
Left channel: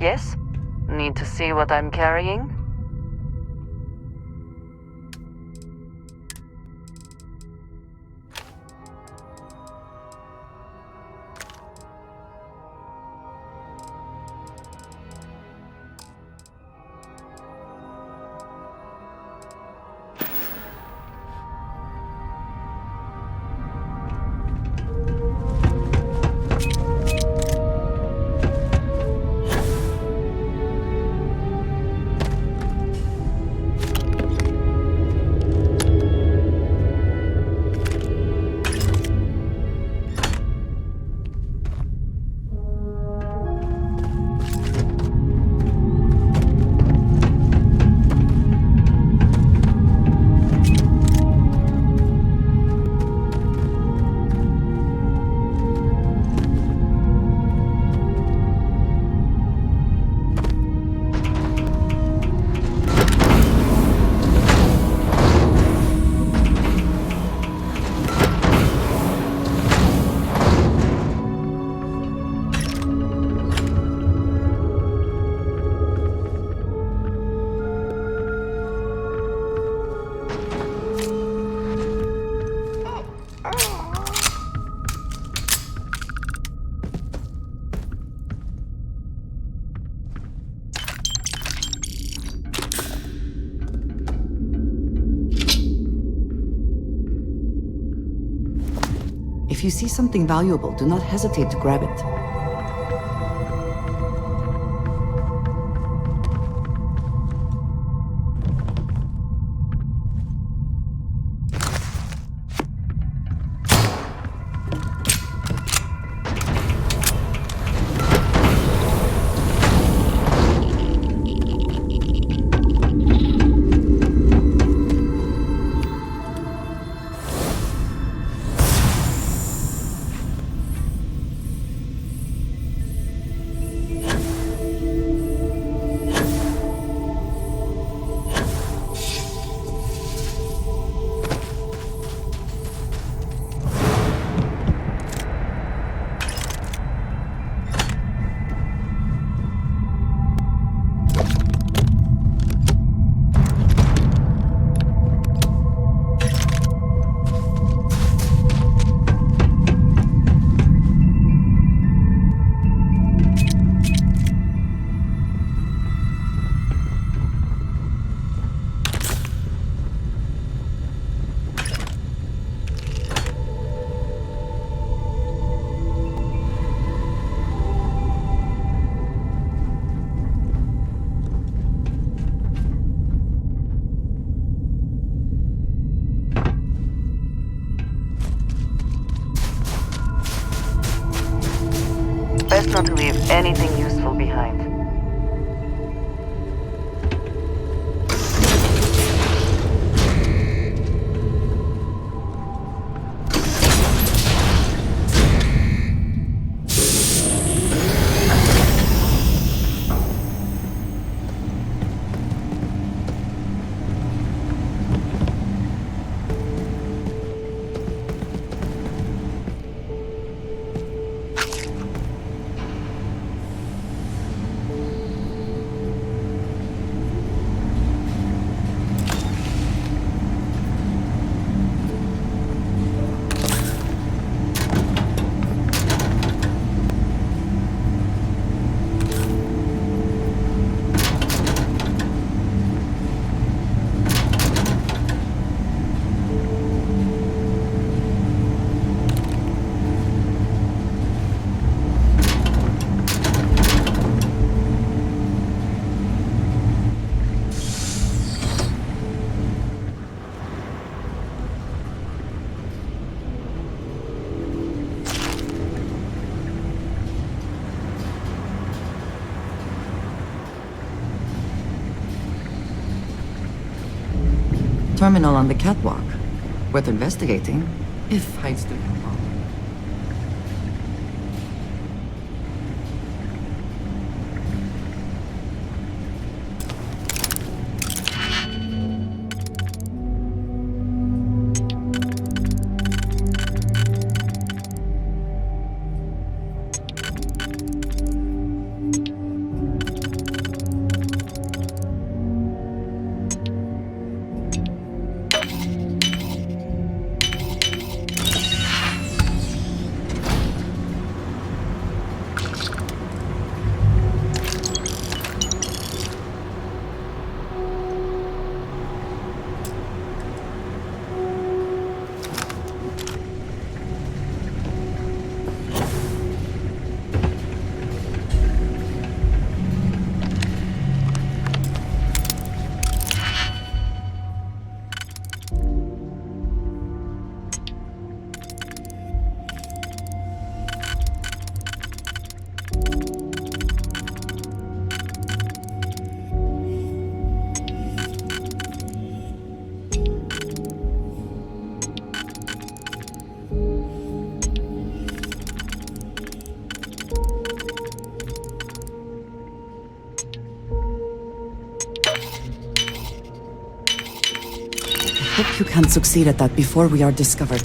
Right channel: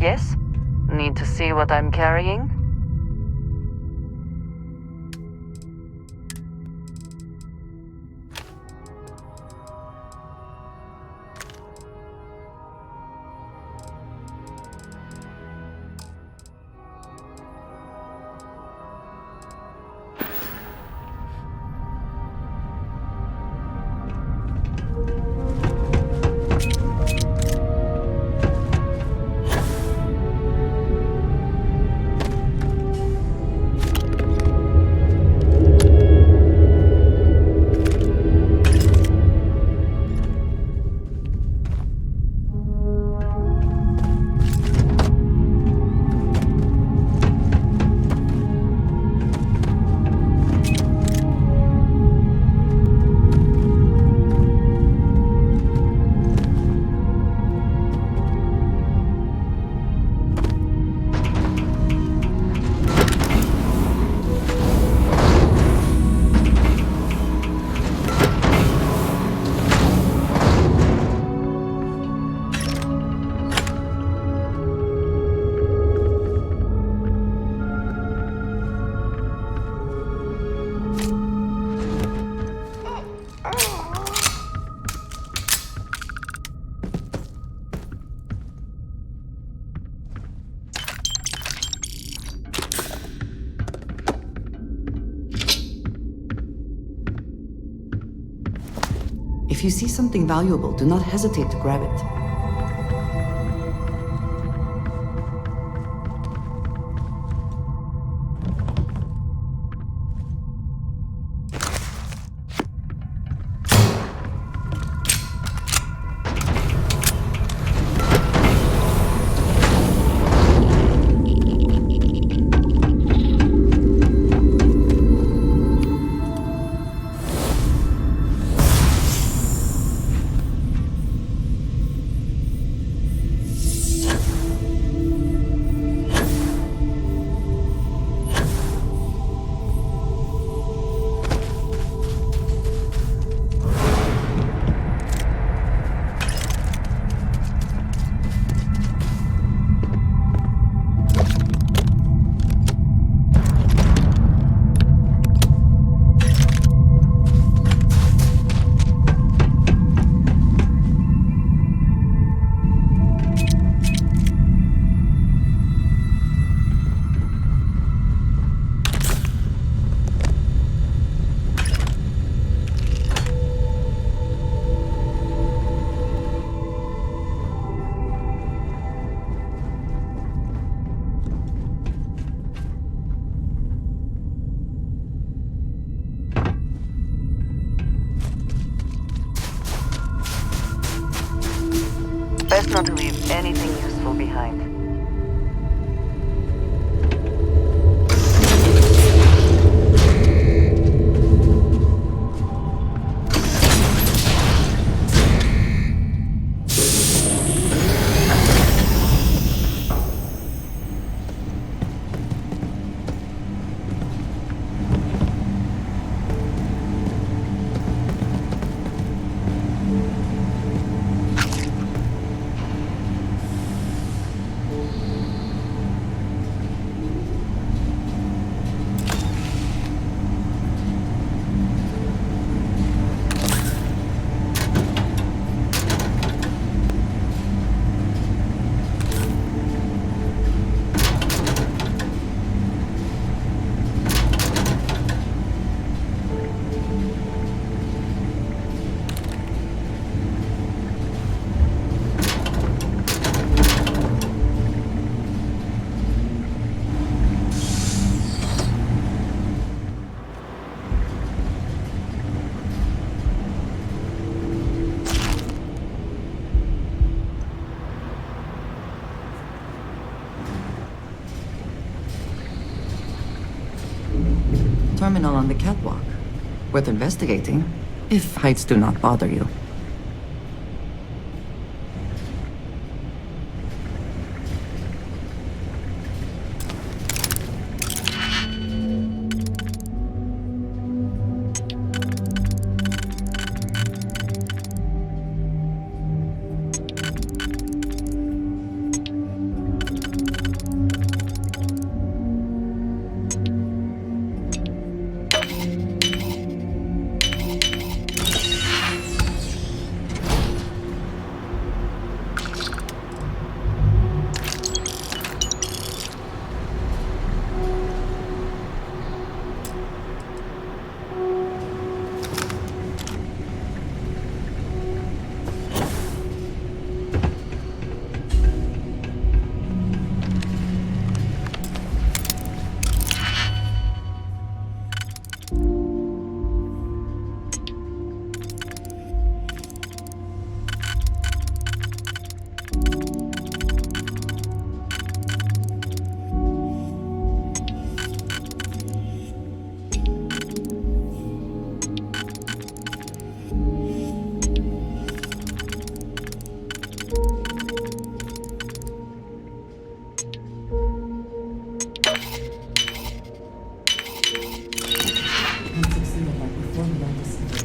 Yes? Need to see what I'm carrying? If you see something valuable, do not hesitate to grab it. Best not to leave anything useful behind. Terminal on the catwalk. Worth investigating, if heights do not bother you. you can't succeed at that before we are discovered.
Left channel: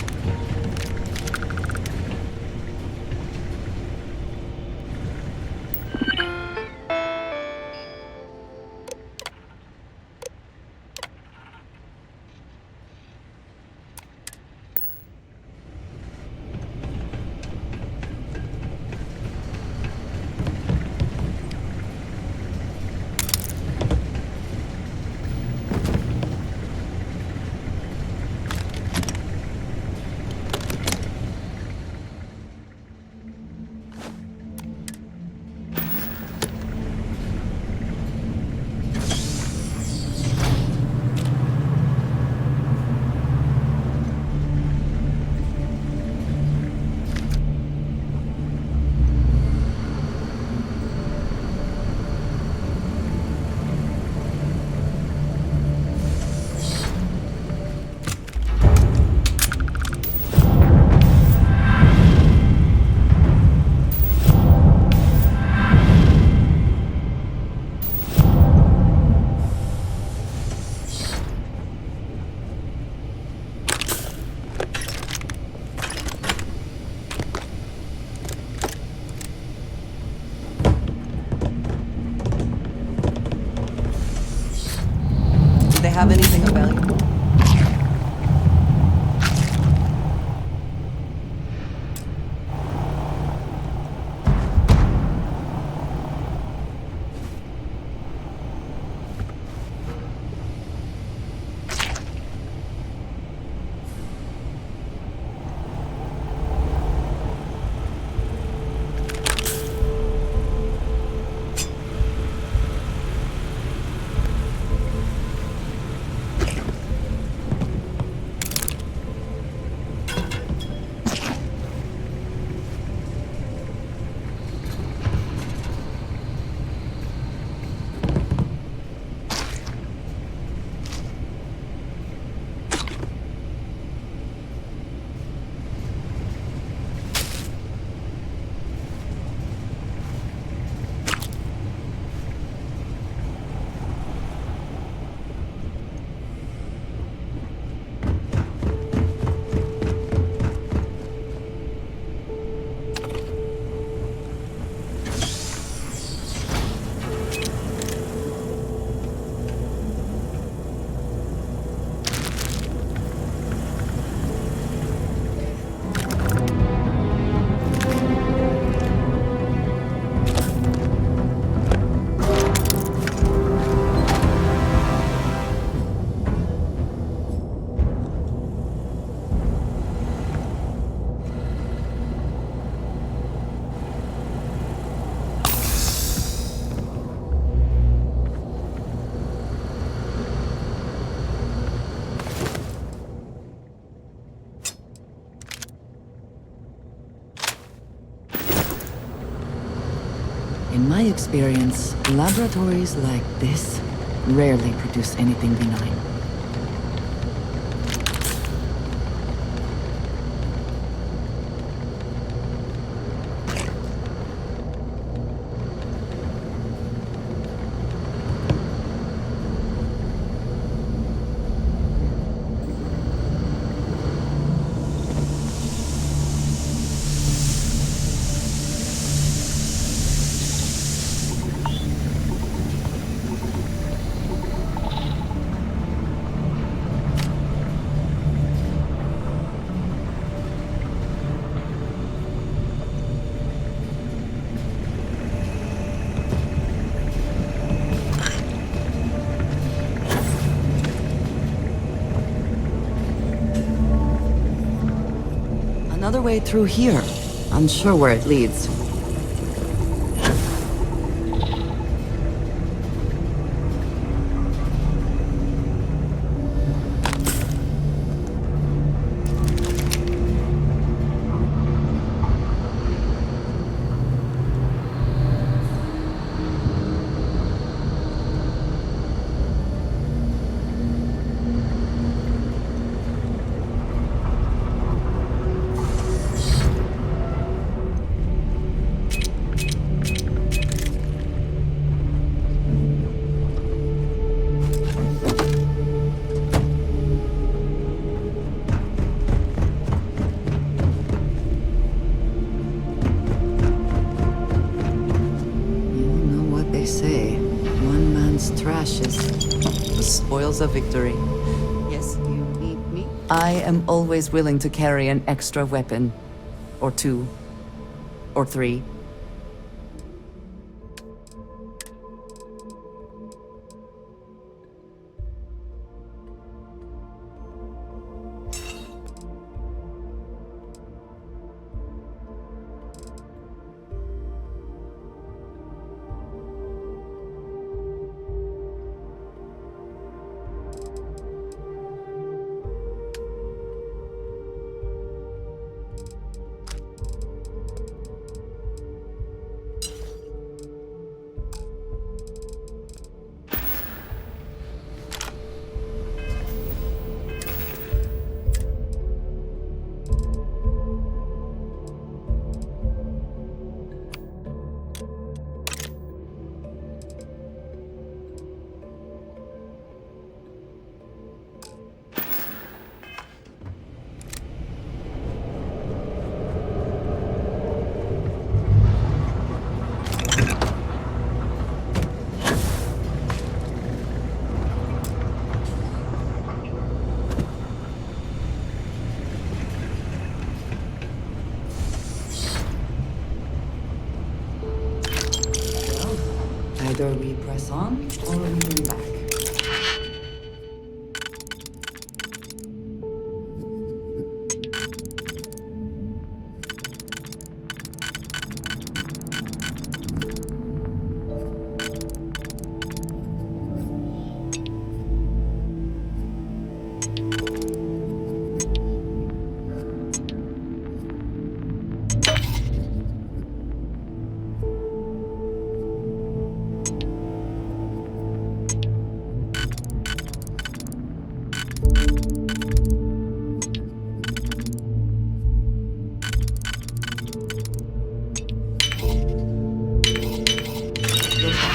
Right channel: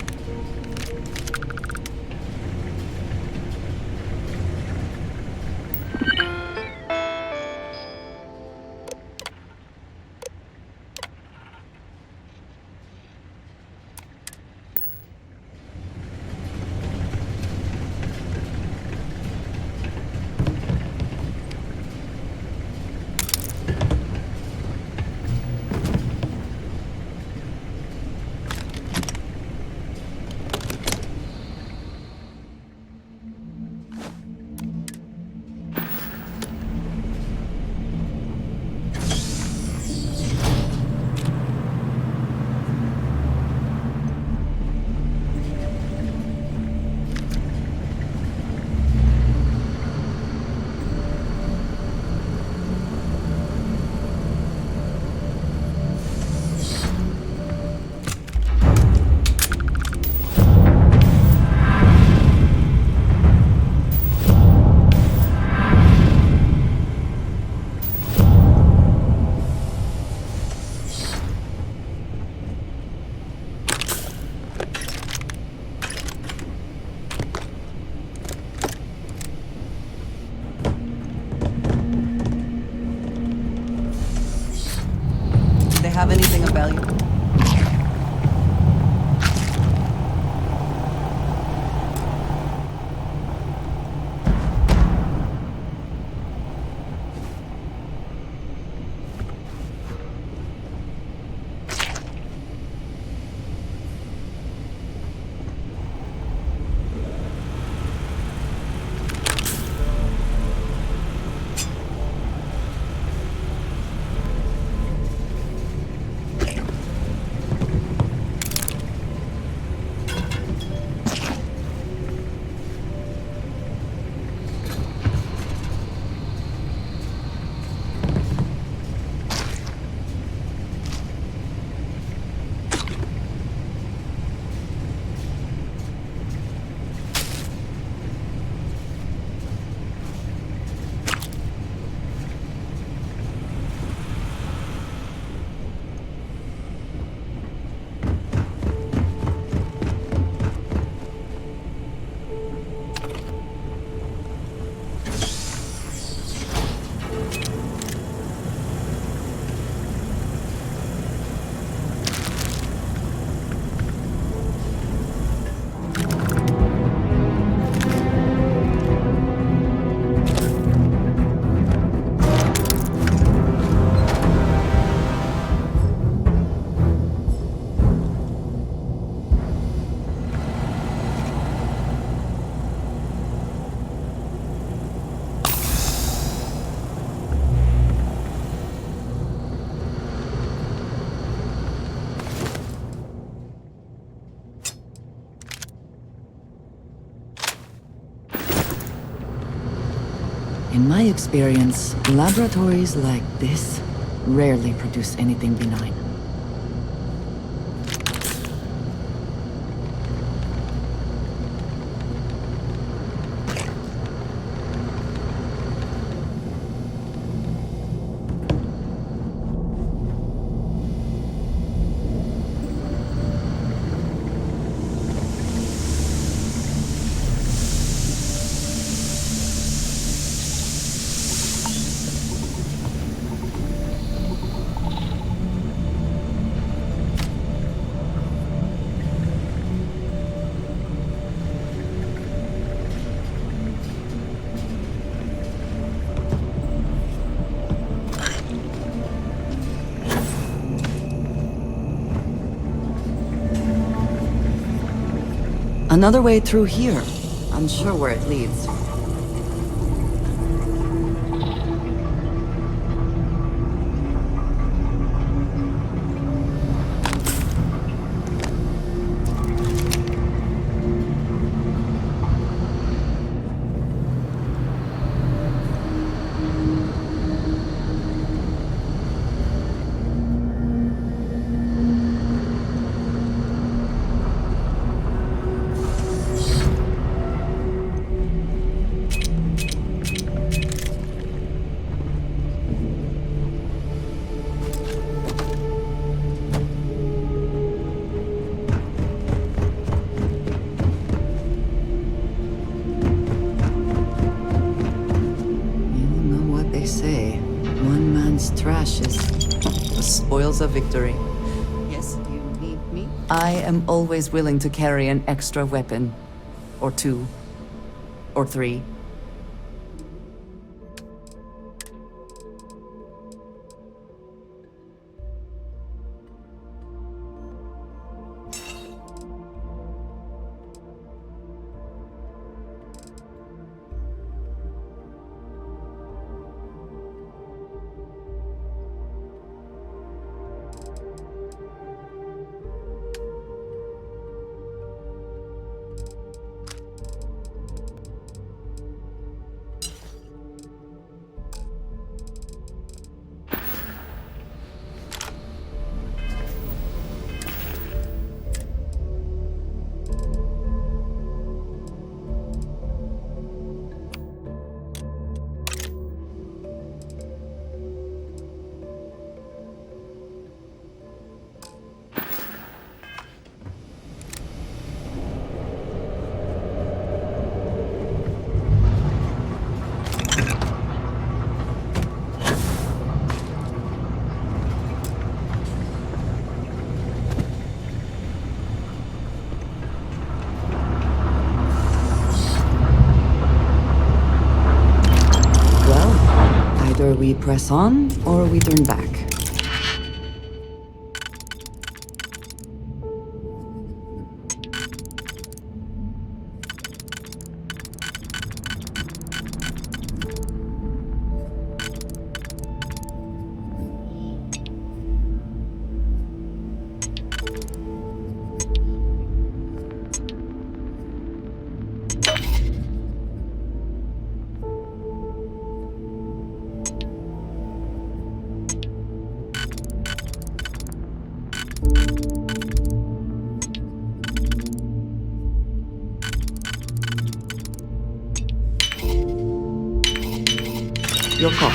They have anything of value? In my experience, laboratories like this rarely produce anything benign. Another way through here. Unsure where it leads. they say, one man's trash is The spoils of victory. Yes, you need me? I am always willing to carry an extra weapon. Or two. Or three. Either we press on, or we turn back. Your call.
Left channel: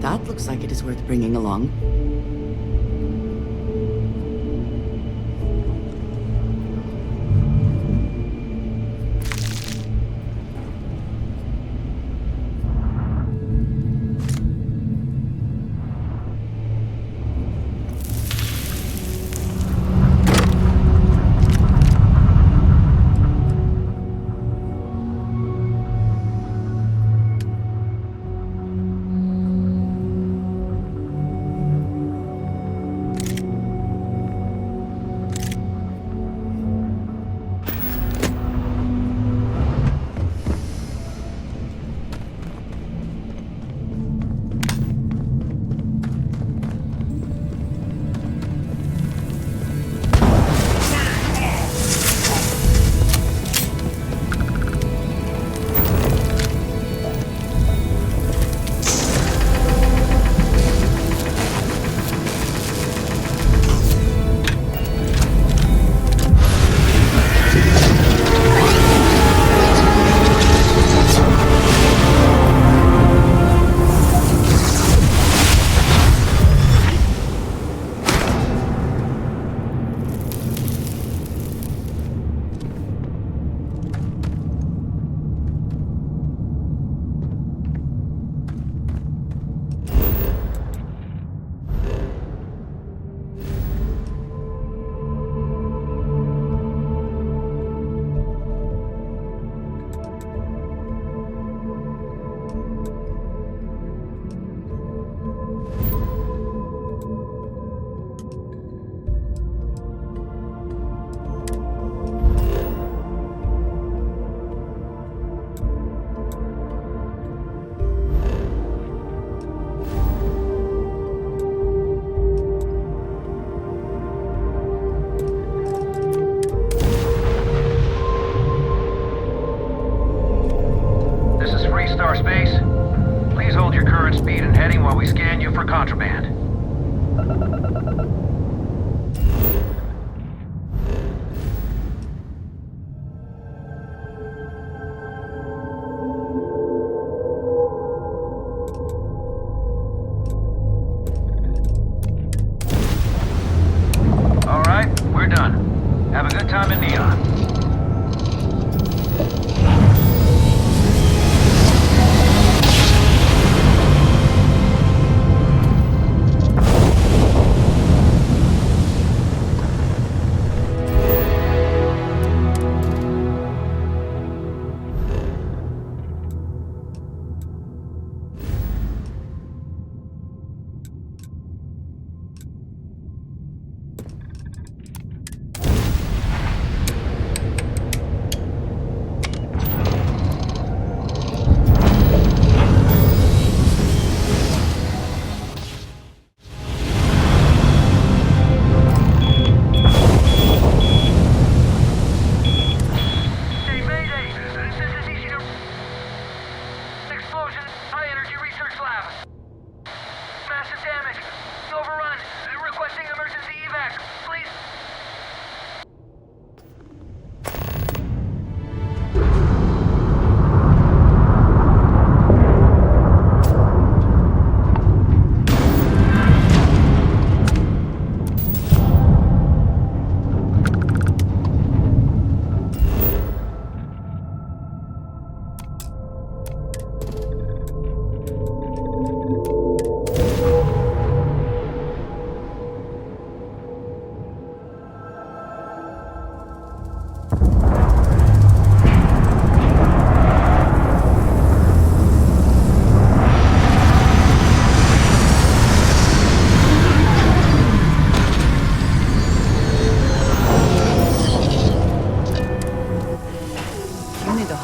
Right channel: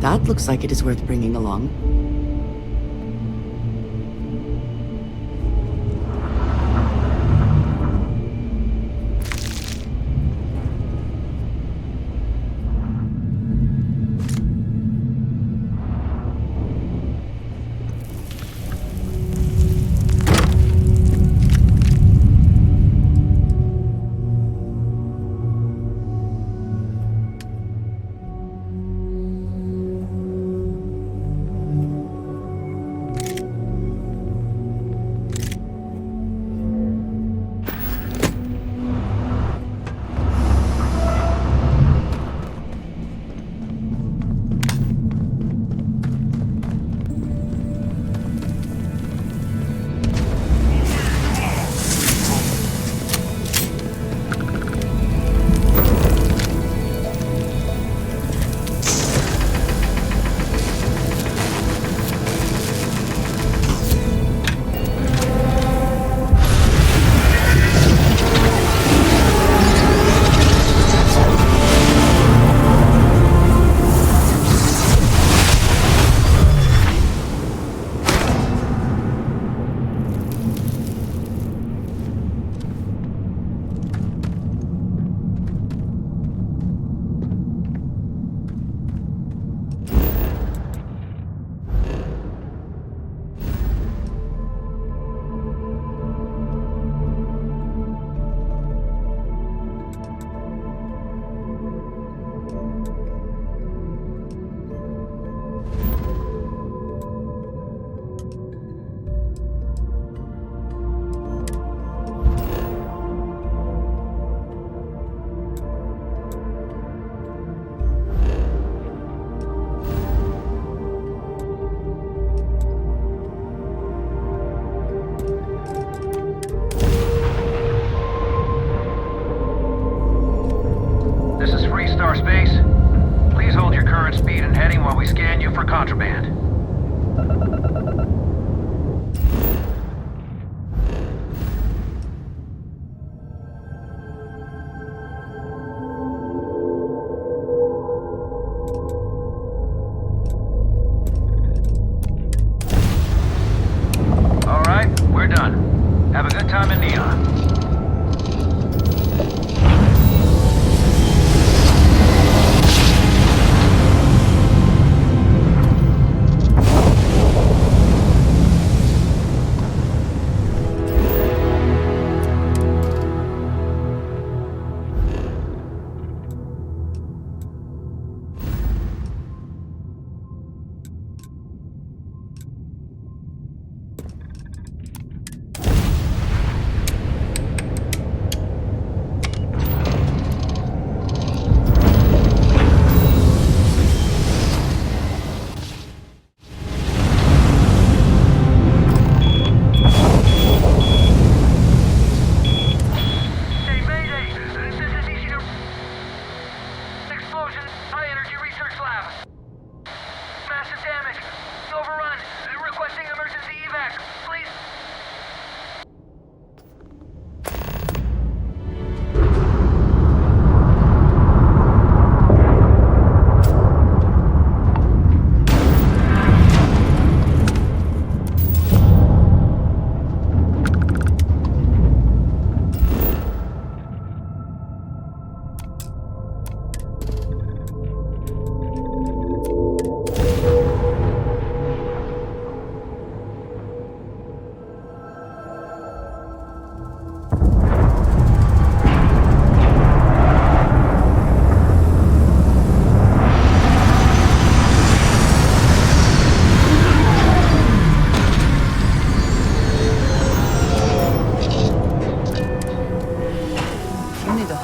That looks like it is worth bringing along. Star Space. Please hold your current speed and heading while we scan you for contraband. We're done. Have a good time in Neon.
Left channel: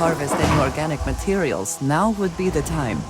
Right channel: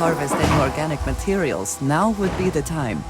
Harvest any organic materials, now would be the time.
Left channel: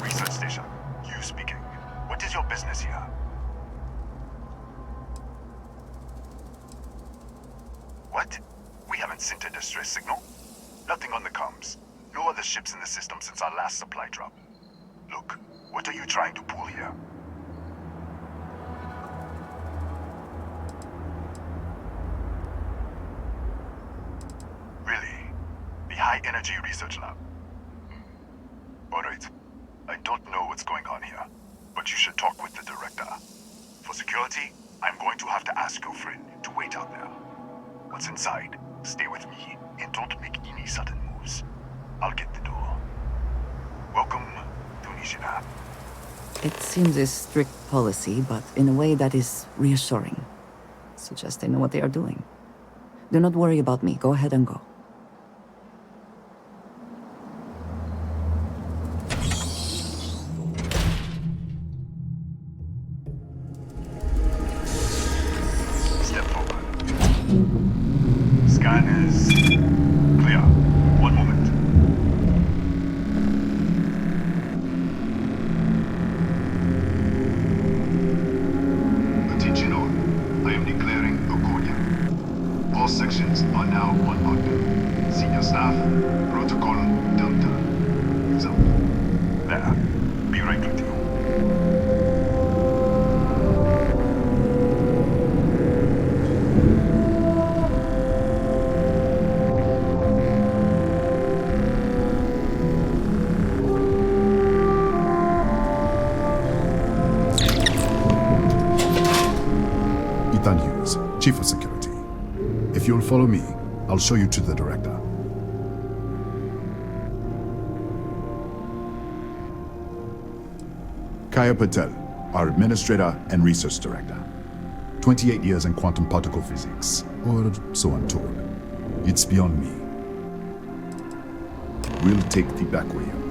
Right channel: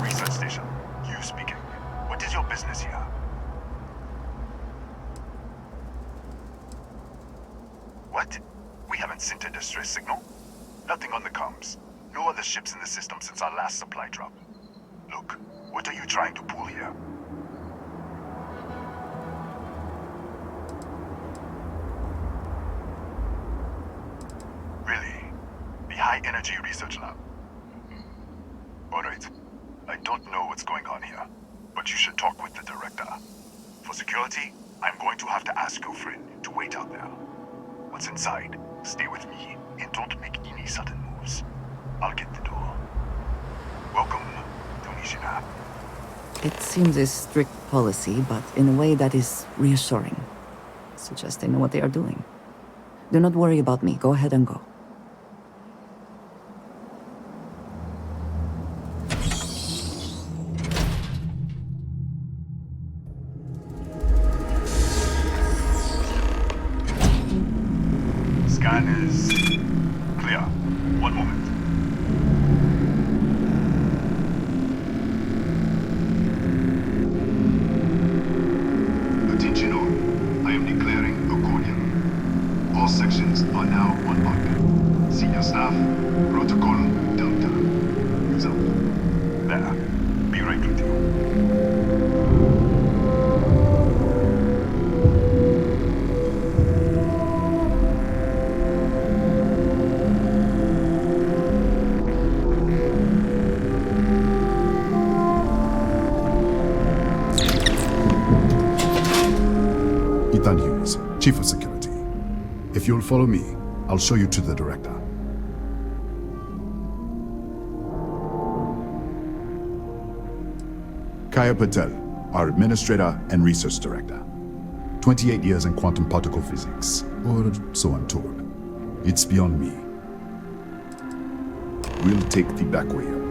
Research station. You speaking. What is your business here? What? We haven't sent a distress signal. Nothing on the comms. No other ships in the system since our last supply drop. Look, what are you trying to pull here? Really? The High Energy Research Lab? All right. I don't know what's going on here, but you should talk with the director. For security, I'm going to have to ask your friend to wait out there. What's inside, stay with me, and don't make any sudden moves. I'll get the door. Welcome to Nishina. It seems a strict policy, but in a way that is reassuring. Suggests they know what they are doing. Do not worry about me. Go ahead and go. Scan is clear. One moment. Attention all. I am declaring accordion. All sections are now on lockdown. Senior staff, protocol Delta. Use up. There. Be right with you. Ethan Hughes, Chief of Security. If you'll follow me, I'll show you to the director. Kaya Patel, our Administrator and Research Director. 28 years in quantum particle physics, or so I'm told. It's beyond me. We'll take the back way up.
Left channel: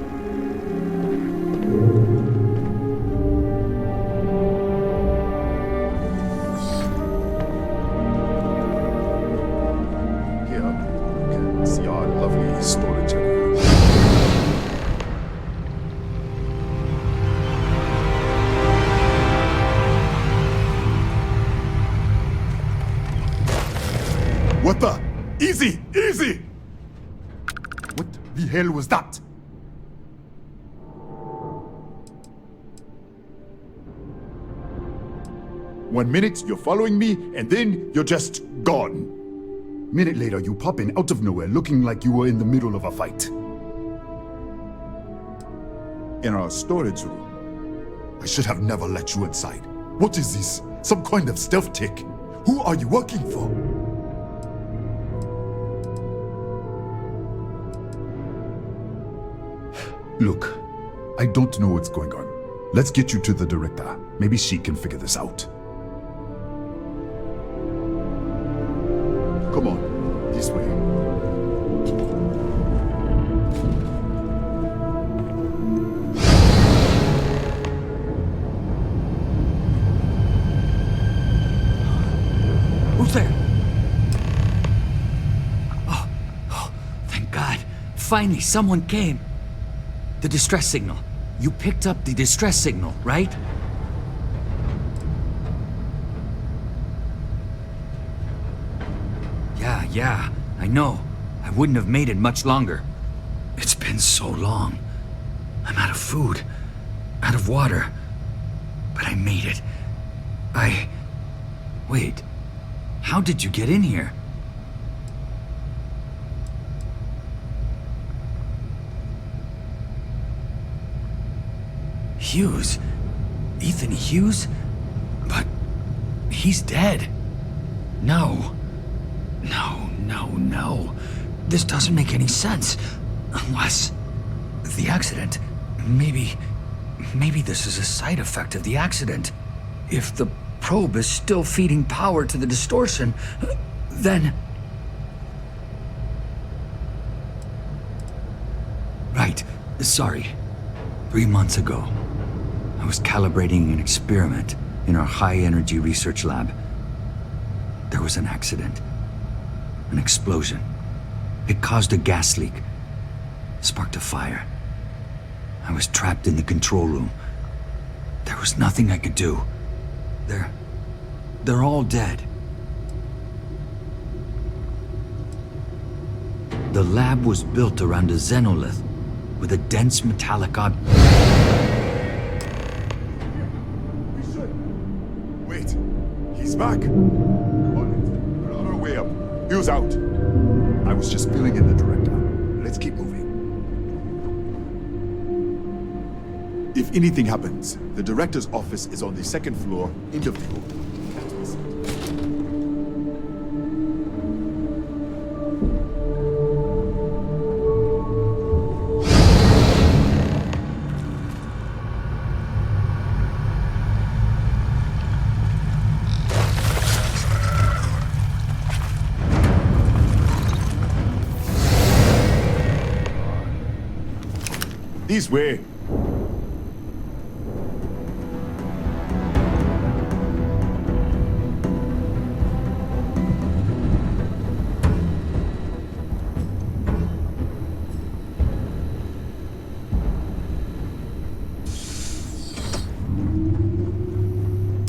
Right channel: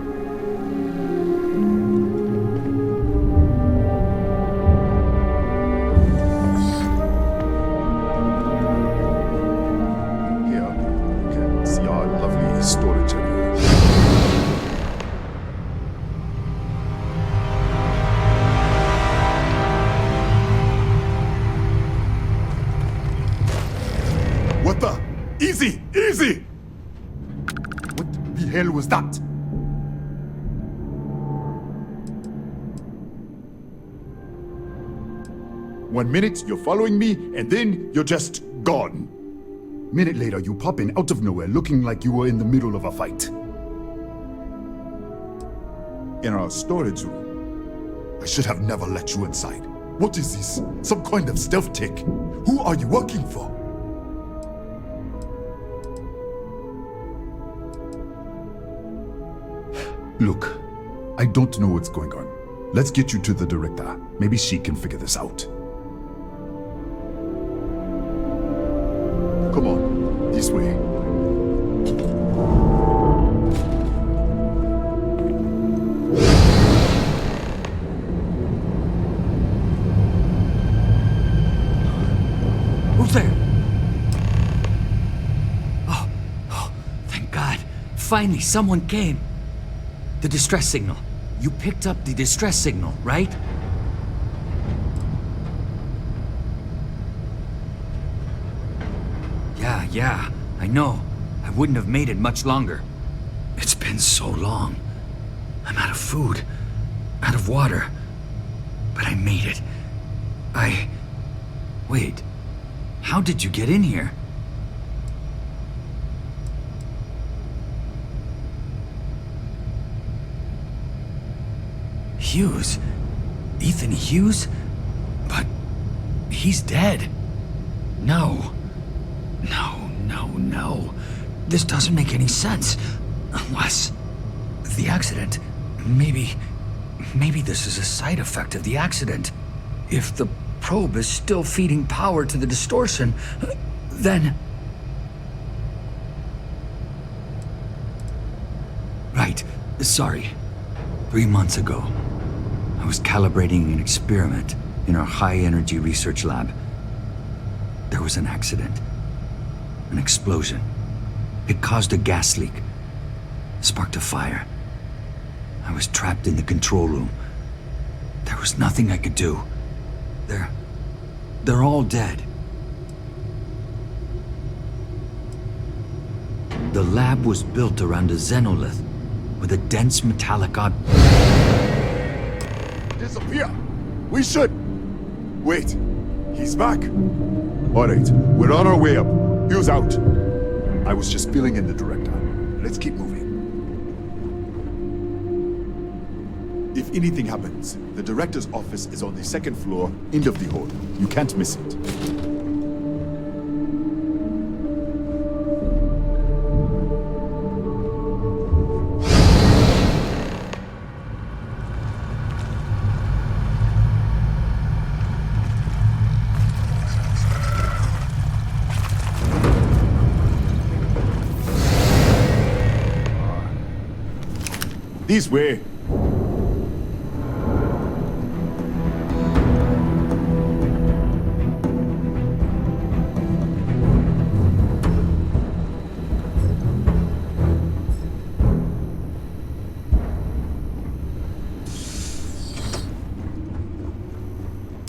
Easy! Easy! What the hell was that? One minute, you're following me, and then you're just gone. Minute later, you pop in out of nowhere looking like you were in the middle of a fight. In our storage room. I should have never let you inside. What is this? Some kind of stealth tick? Who are you working for? Look, I don't know what's going on. Let's get you to the director. Maybe she can figure this out. Come on, this way. Who's there? Oh, thank God. Finally, someone came. The distress signal. You picked up the distress signal, right? Yeah, I know. I wouldn't have made it much longer. It's been so long. I'm out of food, out of water. But I made it. Wait. How did you get in here? Hughes? Ethan Hughes? But he's dead. No. No. This doesn't make any sense. Unless the accident. Maybe this is a side effect of the accident. If the probe is still feeding power to the distortion, then... Right. Sorry. 3 months ago, I was calibrating an experiment in our high-energy research lab. There was an accident. An explosion. It caused a gas leak. Sparked a fire. I was trapped in the control room. There was nothing I could do. They're all dead. The lab was built around a xenolith with a dense metallic Disappear! We should... Wait. He's back. All right, we're on our way up. Hughes out. I was just filling in the director. Let's keep moving. If anything happens, the director's office is on the second floor, end of the hall. You can't miss it. This way.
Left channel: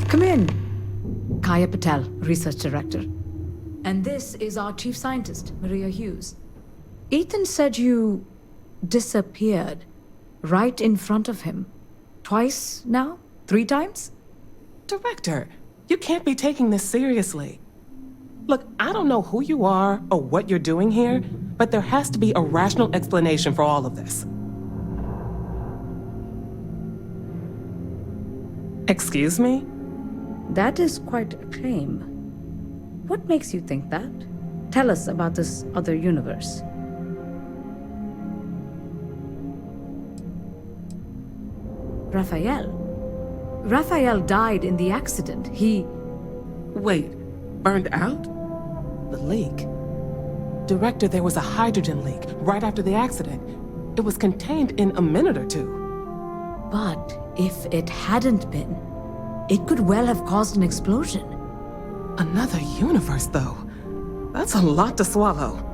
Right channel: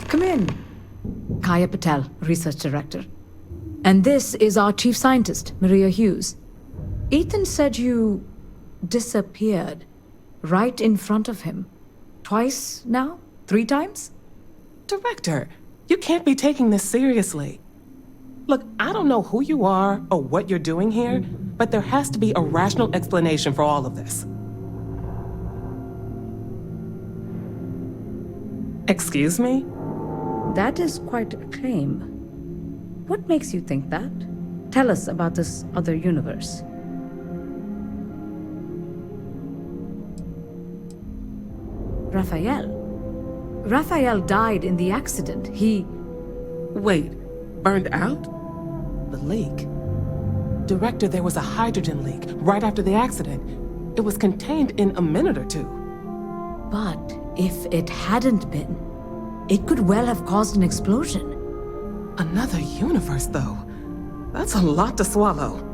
Come in. Kaya Patel, Research Director. And this is our Chief Scientist, Maria Hughes. Ethan said you disappeared right in front of him. Twice now? 3 times? Director, you can't be taking this seriously. Look, I don't know who you are or what you're doing here, but there has to be a rational explanation for all of this. Excuse me? That is quite a claim. What makes you think that? Tell us about this other universe. Raphael died in the accident. He... Wait, burned out? The leak? Director, there was a hydrogen leak right after the accident. It was contained in a minute or 2. But if it hadn't been, it could well have caused an explosion. Another universe, though. That's a lot to swallow.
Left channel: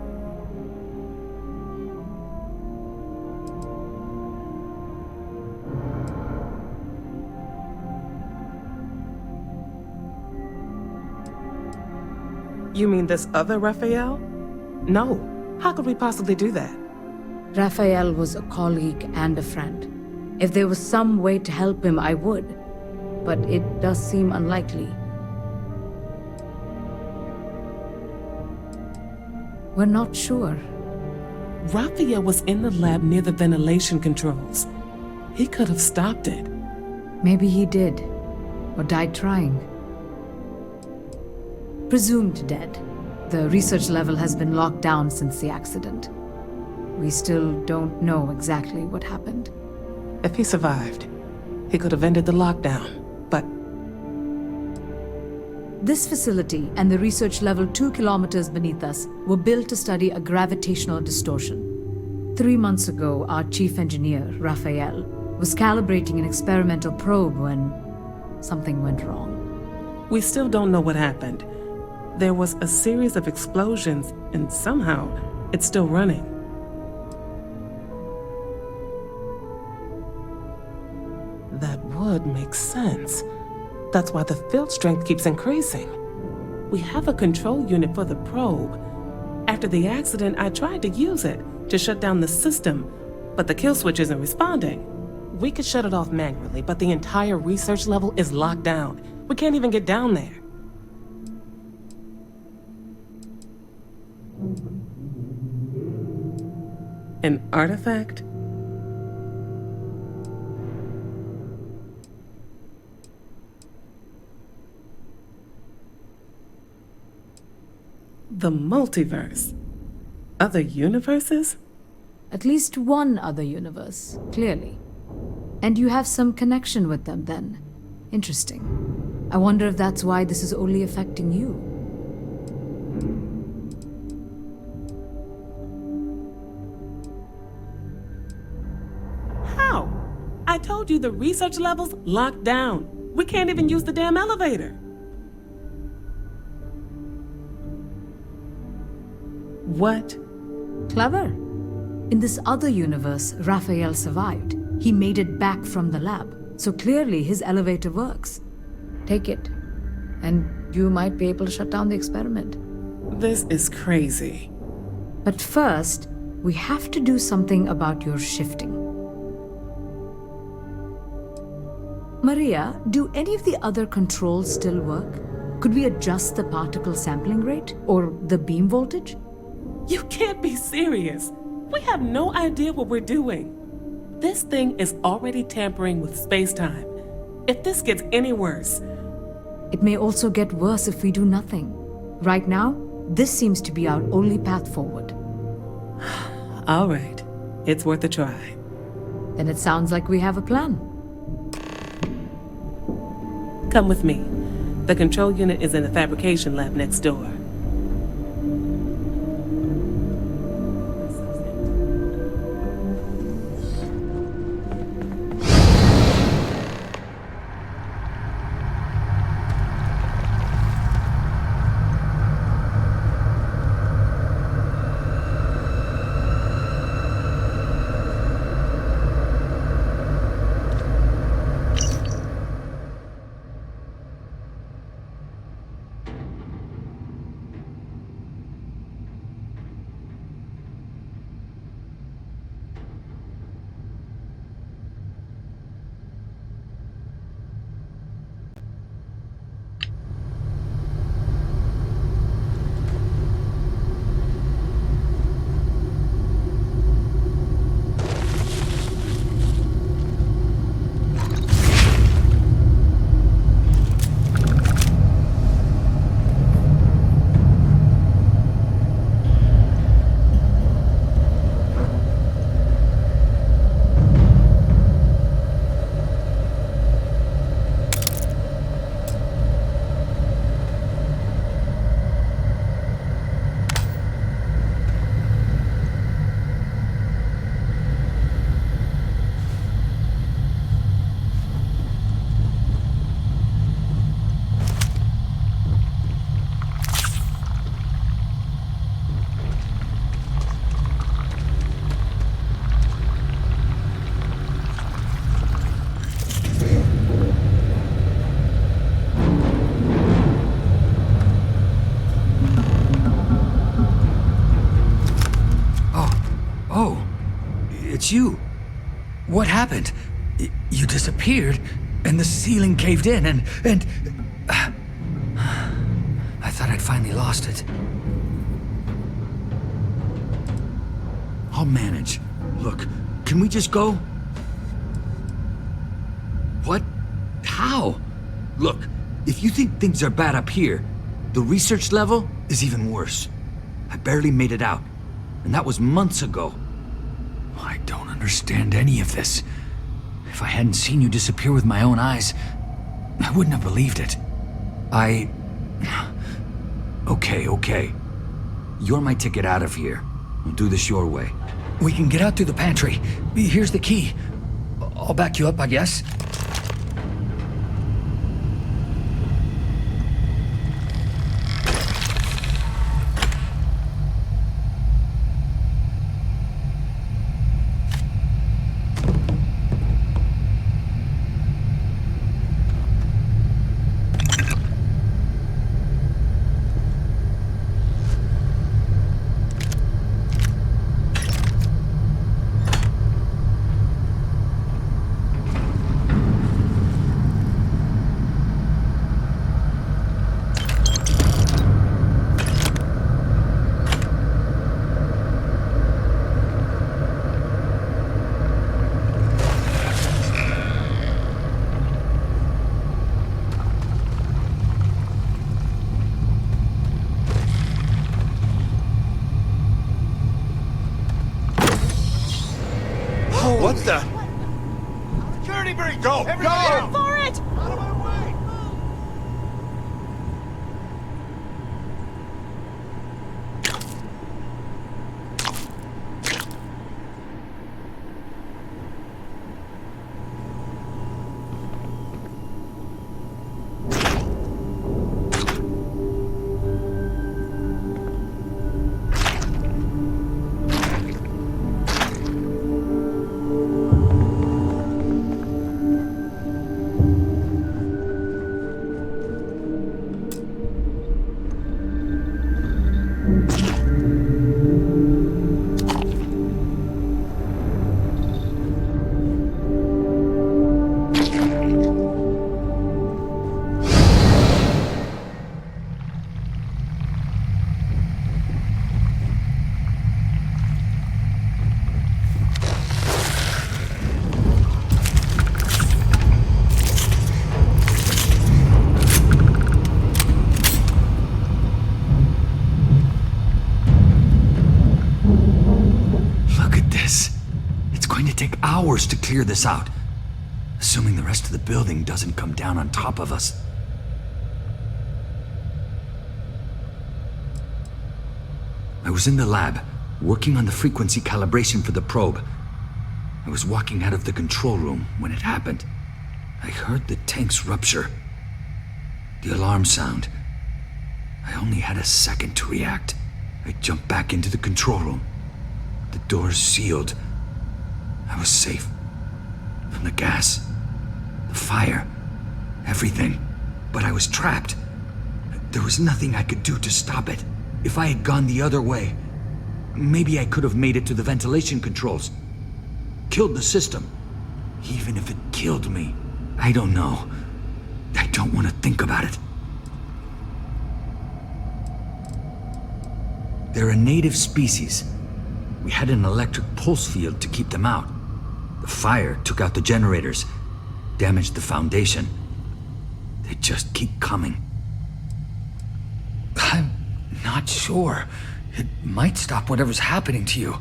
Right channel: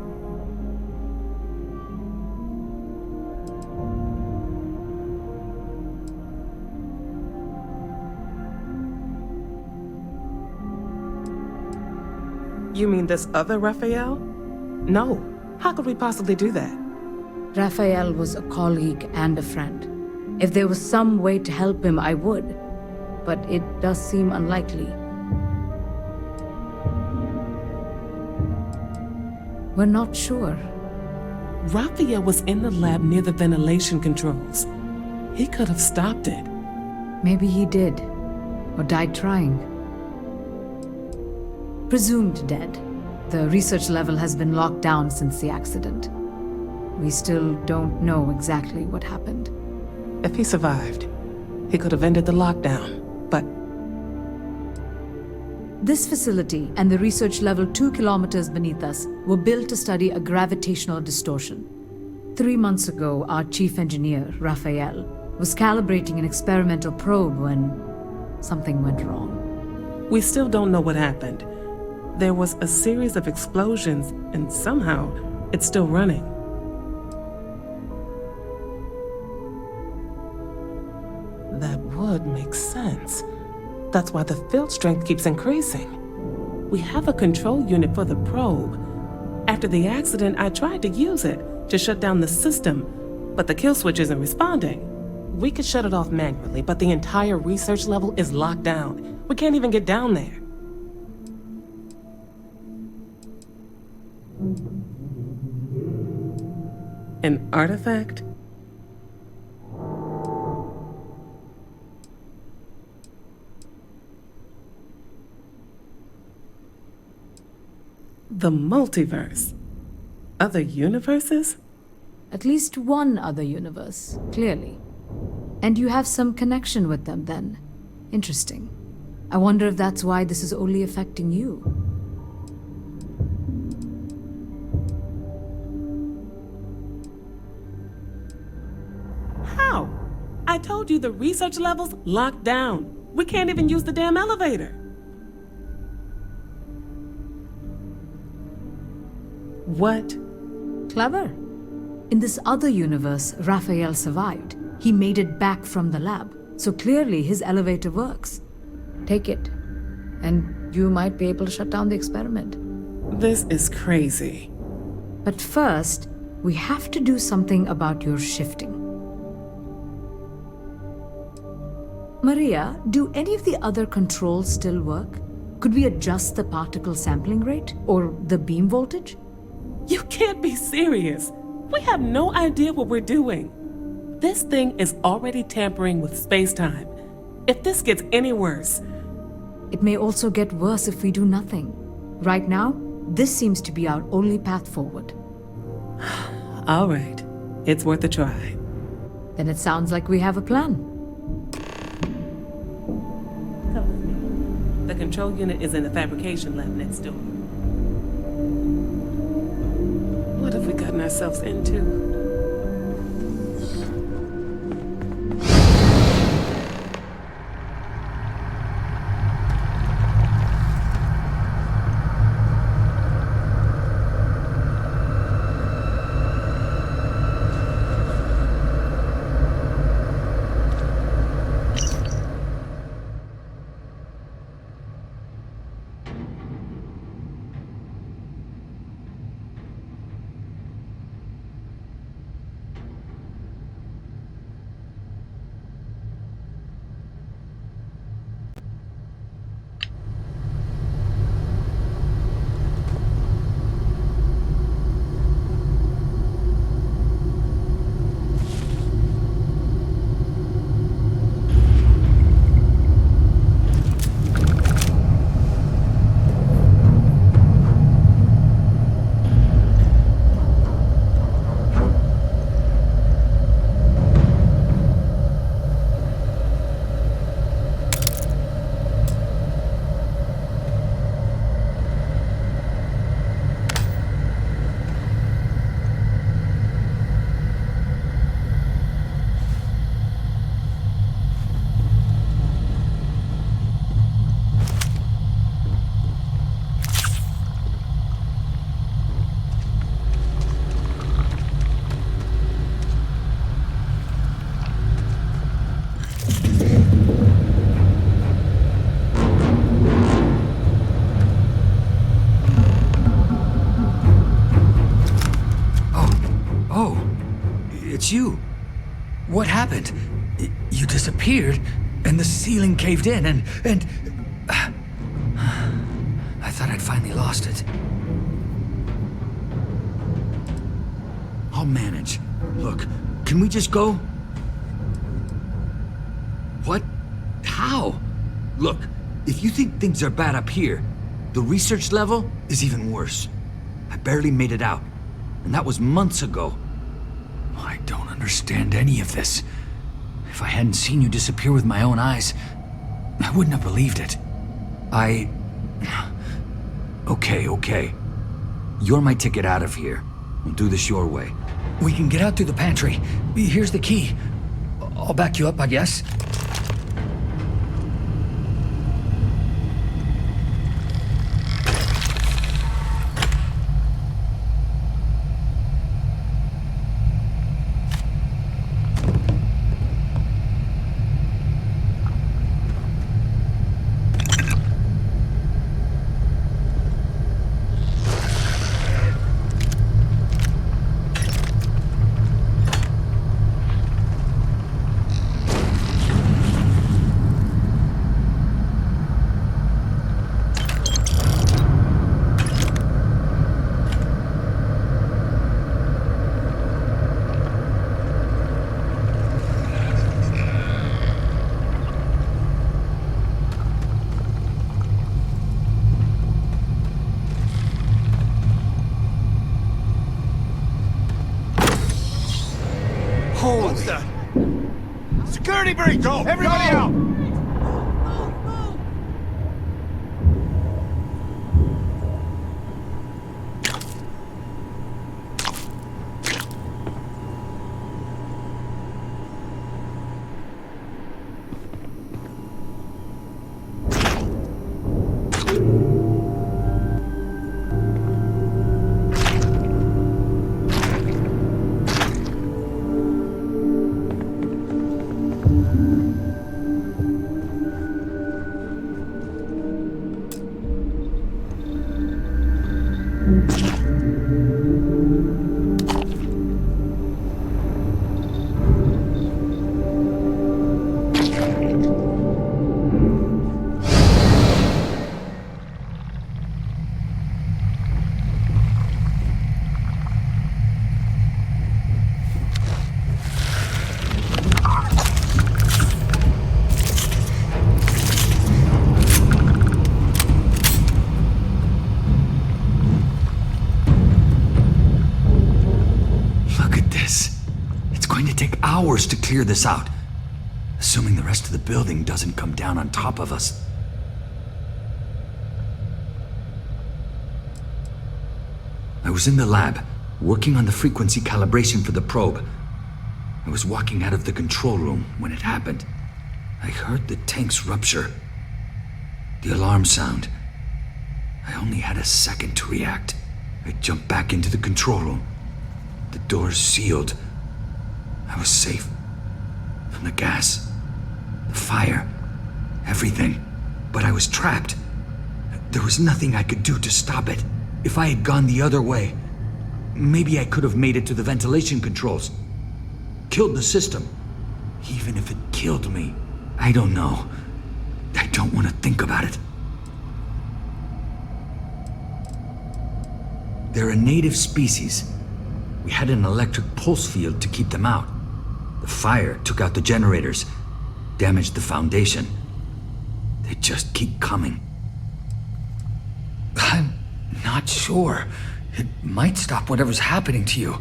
You mean this other Raphael? No. How could we possibly do that? Raphael was a colleague and a friend. If there was some way to help him, I would. But it does seem unlikely. We're not sure. Raphael was in the lab near the ventilation controls. He could have stopped it. Maybe he did. Or died trying. Presumed dead. The research level has been locked down since the accident. We still don't know exactly what happened. If he survived, he could have ended the lockdown, but... This facility and the research level 2 kilometers beneath us were built to study a gravitational distortion. 3 months ago, our chief engineer, Raphael, was calibrating an experimental probe when something went wrong. We still don't know what happened. There was a series of explosions, and somehow it's still running. That would make sense. That's why the field strength keeps increasing. We have a control unit for the probe. After the accident, I tried to use it to shut down the system, but the kill switch isn't responding. We could shut it off manually, but the entire research level is locked down. We can't even get down there. An artifact? The multiverse? Other universes? At least one other universe, clearly. And you have some connection with them then. Interesting. I wonder if that's why this is only affecting you. How? I told you the research level's locked down. We can't even use the damn elevator. What? Clever. In this other universe, Raphael survived. He made it back from the lab, so clearly his elevator works. Take it, and you might be able to shut down the experiment. This is crazy. But first, we have to do something about your shifting. Maria, do any of the other controls still work? Could we adjust the particle sampling rate, or the beam voltage? You can't be serious. We have no idea what we're doing. This thing is already tampering with space-time. If this gets any worse... It may also get worse if we do nothing. Right now, this seems to be our only path forward. All right. It's worth a try. Then it sounds like we have a plan. Come with me. The control unit is in the fabrication lab next door. What have we gotten ourselves into? it's you. What happened? You disappeared, and the ceiling caved in, and... I thought I'd finally lost it. I'll manage. Look, can we just go? What? How? Look, if you think things are bad up here, the research level is even worse. I barely made it out, and that was months ago. I don't understand any of this. If I hadn't seen you disappear with my own eyes, I wouldn't have believed it. Okay. You're my ticket out of here. We'll do this your way. We can get out through the pantry. Here's the key. I'll back you up, I guess. What the? Security breach! Go! Everybody out! For it! Hours to clear this out, assuming the rest of the building doesn't come down on top of us. I was in the lab, working on the frequency calibration for the probe. I was walking out of the control room when it happened. I heard the tanks rupture. The alarm sound. I only had a second to react. I jumped back into the control room. The doors sealed. I was safe. From the gas, the fire, everything. But I was trapped. There was nothing I could do to stop it. If I had gone the other way, maybe I could have made it to the ventilation controls. Killed the system. Even if it killed me. I don't know. I don't want to think about it. They're a native species. We had an electric pulse field to keep them out. The fire took out the generators, damaged the foundation. They just keep coming. I'm not sure. It might stop whatever's happening to you.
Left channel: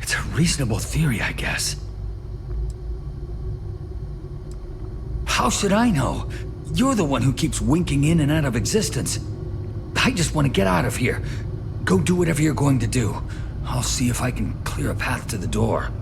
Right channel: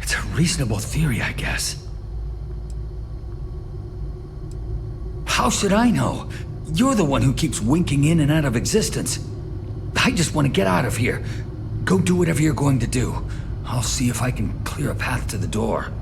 It's a reasonable theory, I guess. How should I know? You're the one who keeps winking in and out of existence. I just want to get out of here. Go do whatever you're going to do. I'll see if I can clear a path to the door.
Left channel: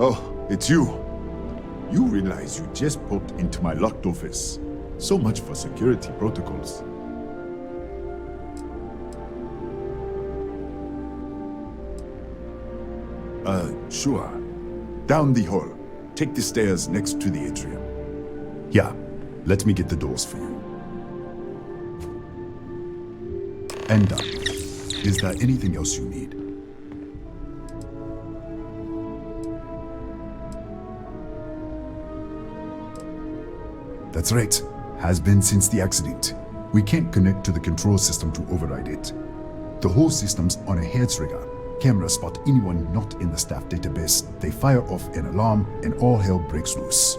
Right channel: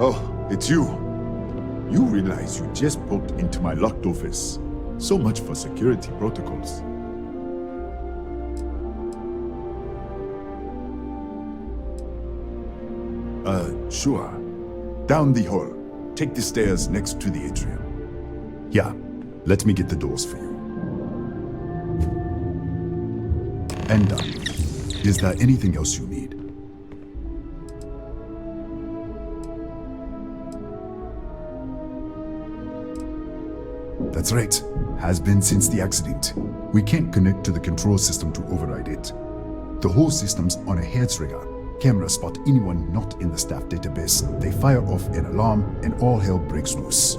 Oh, it's you. You realize you just poked into my locked office. So much for security protocols. Sure. Down the hall. Take the stairs next to the atrium. Yeah, let me get the doors for you. And done. Is there anything else you need? That's right. Has been since the accident. We can't connect to the control system to override it. The whole system's on a hair trigger. Cameras spot anyone not in the staff database. They fire off an alarm and all hell breaks loose.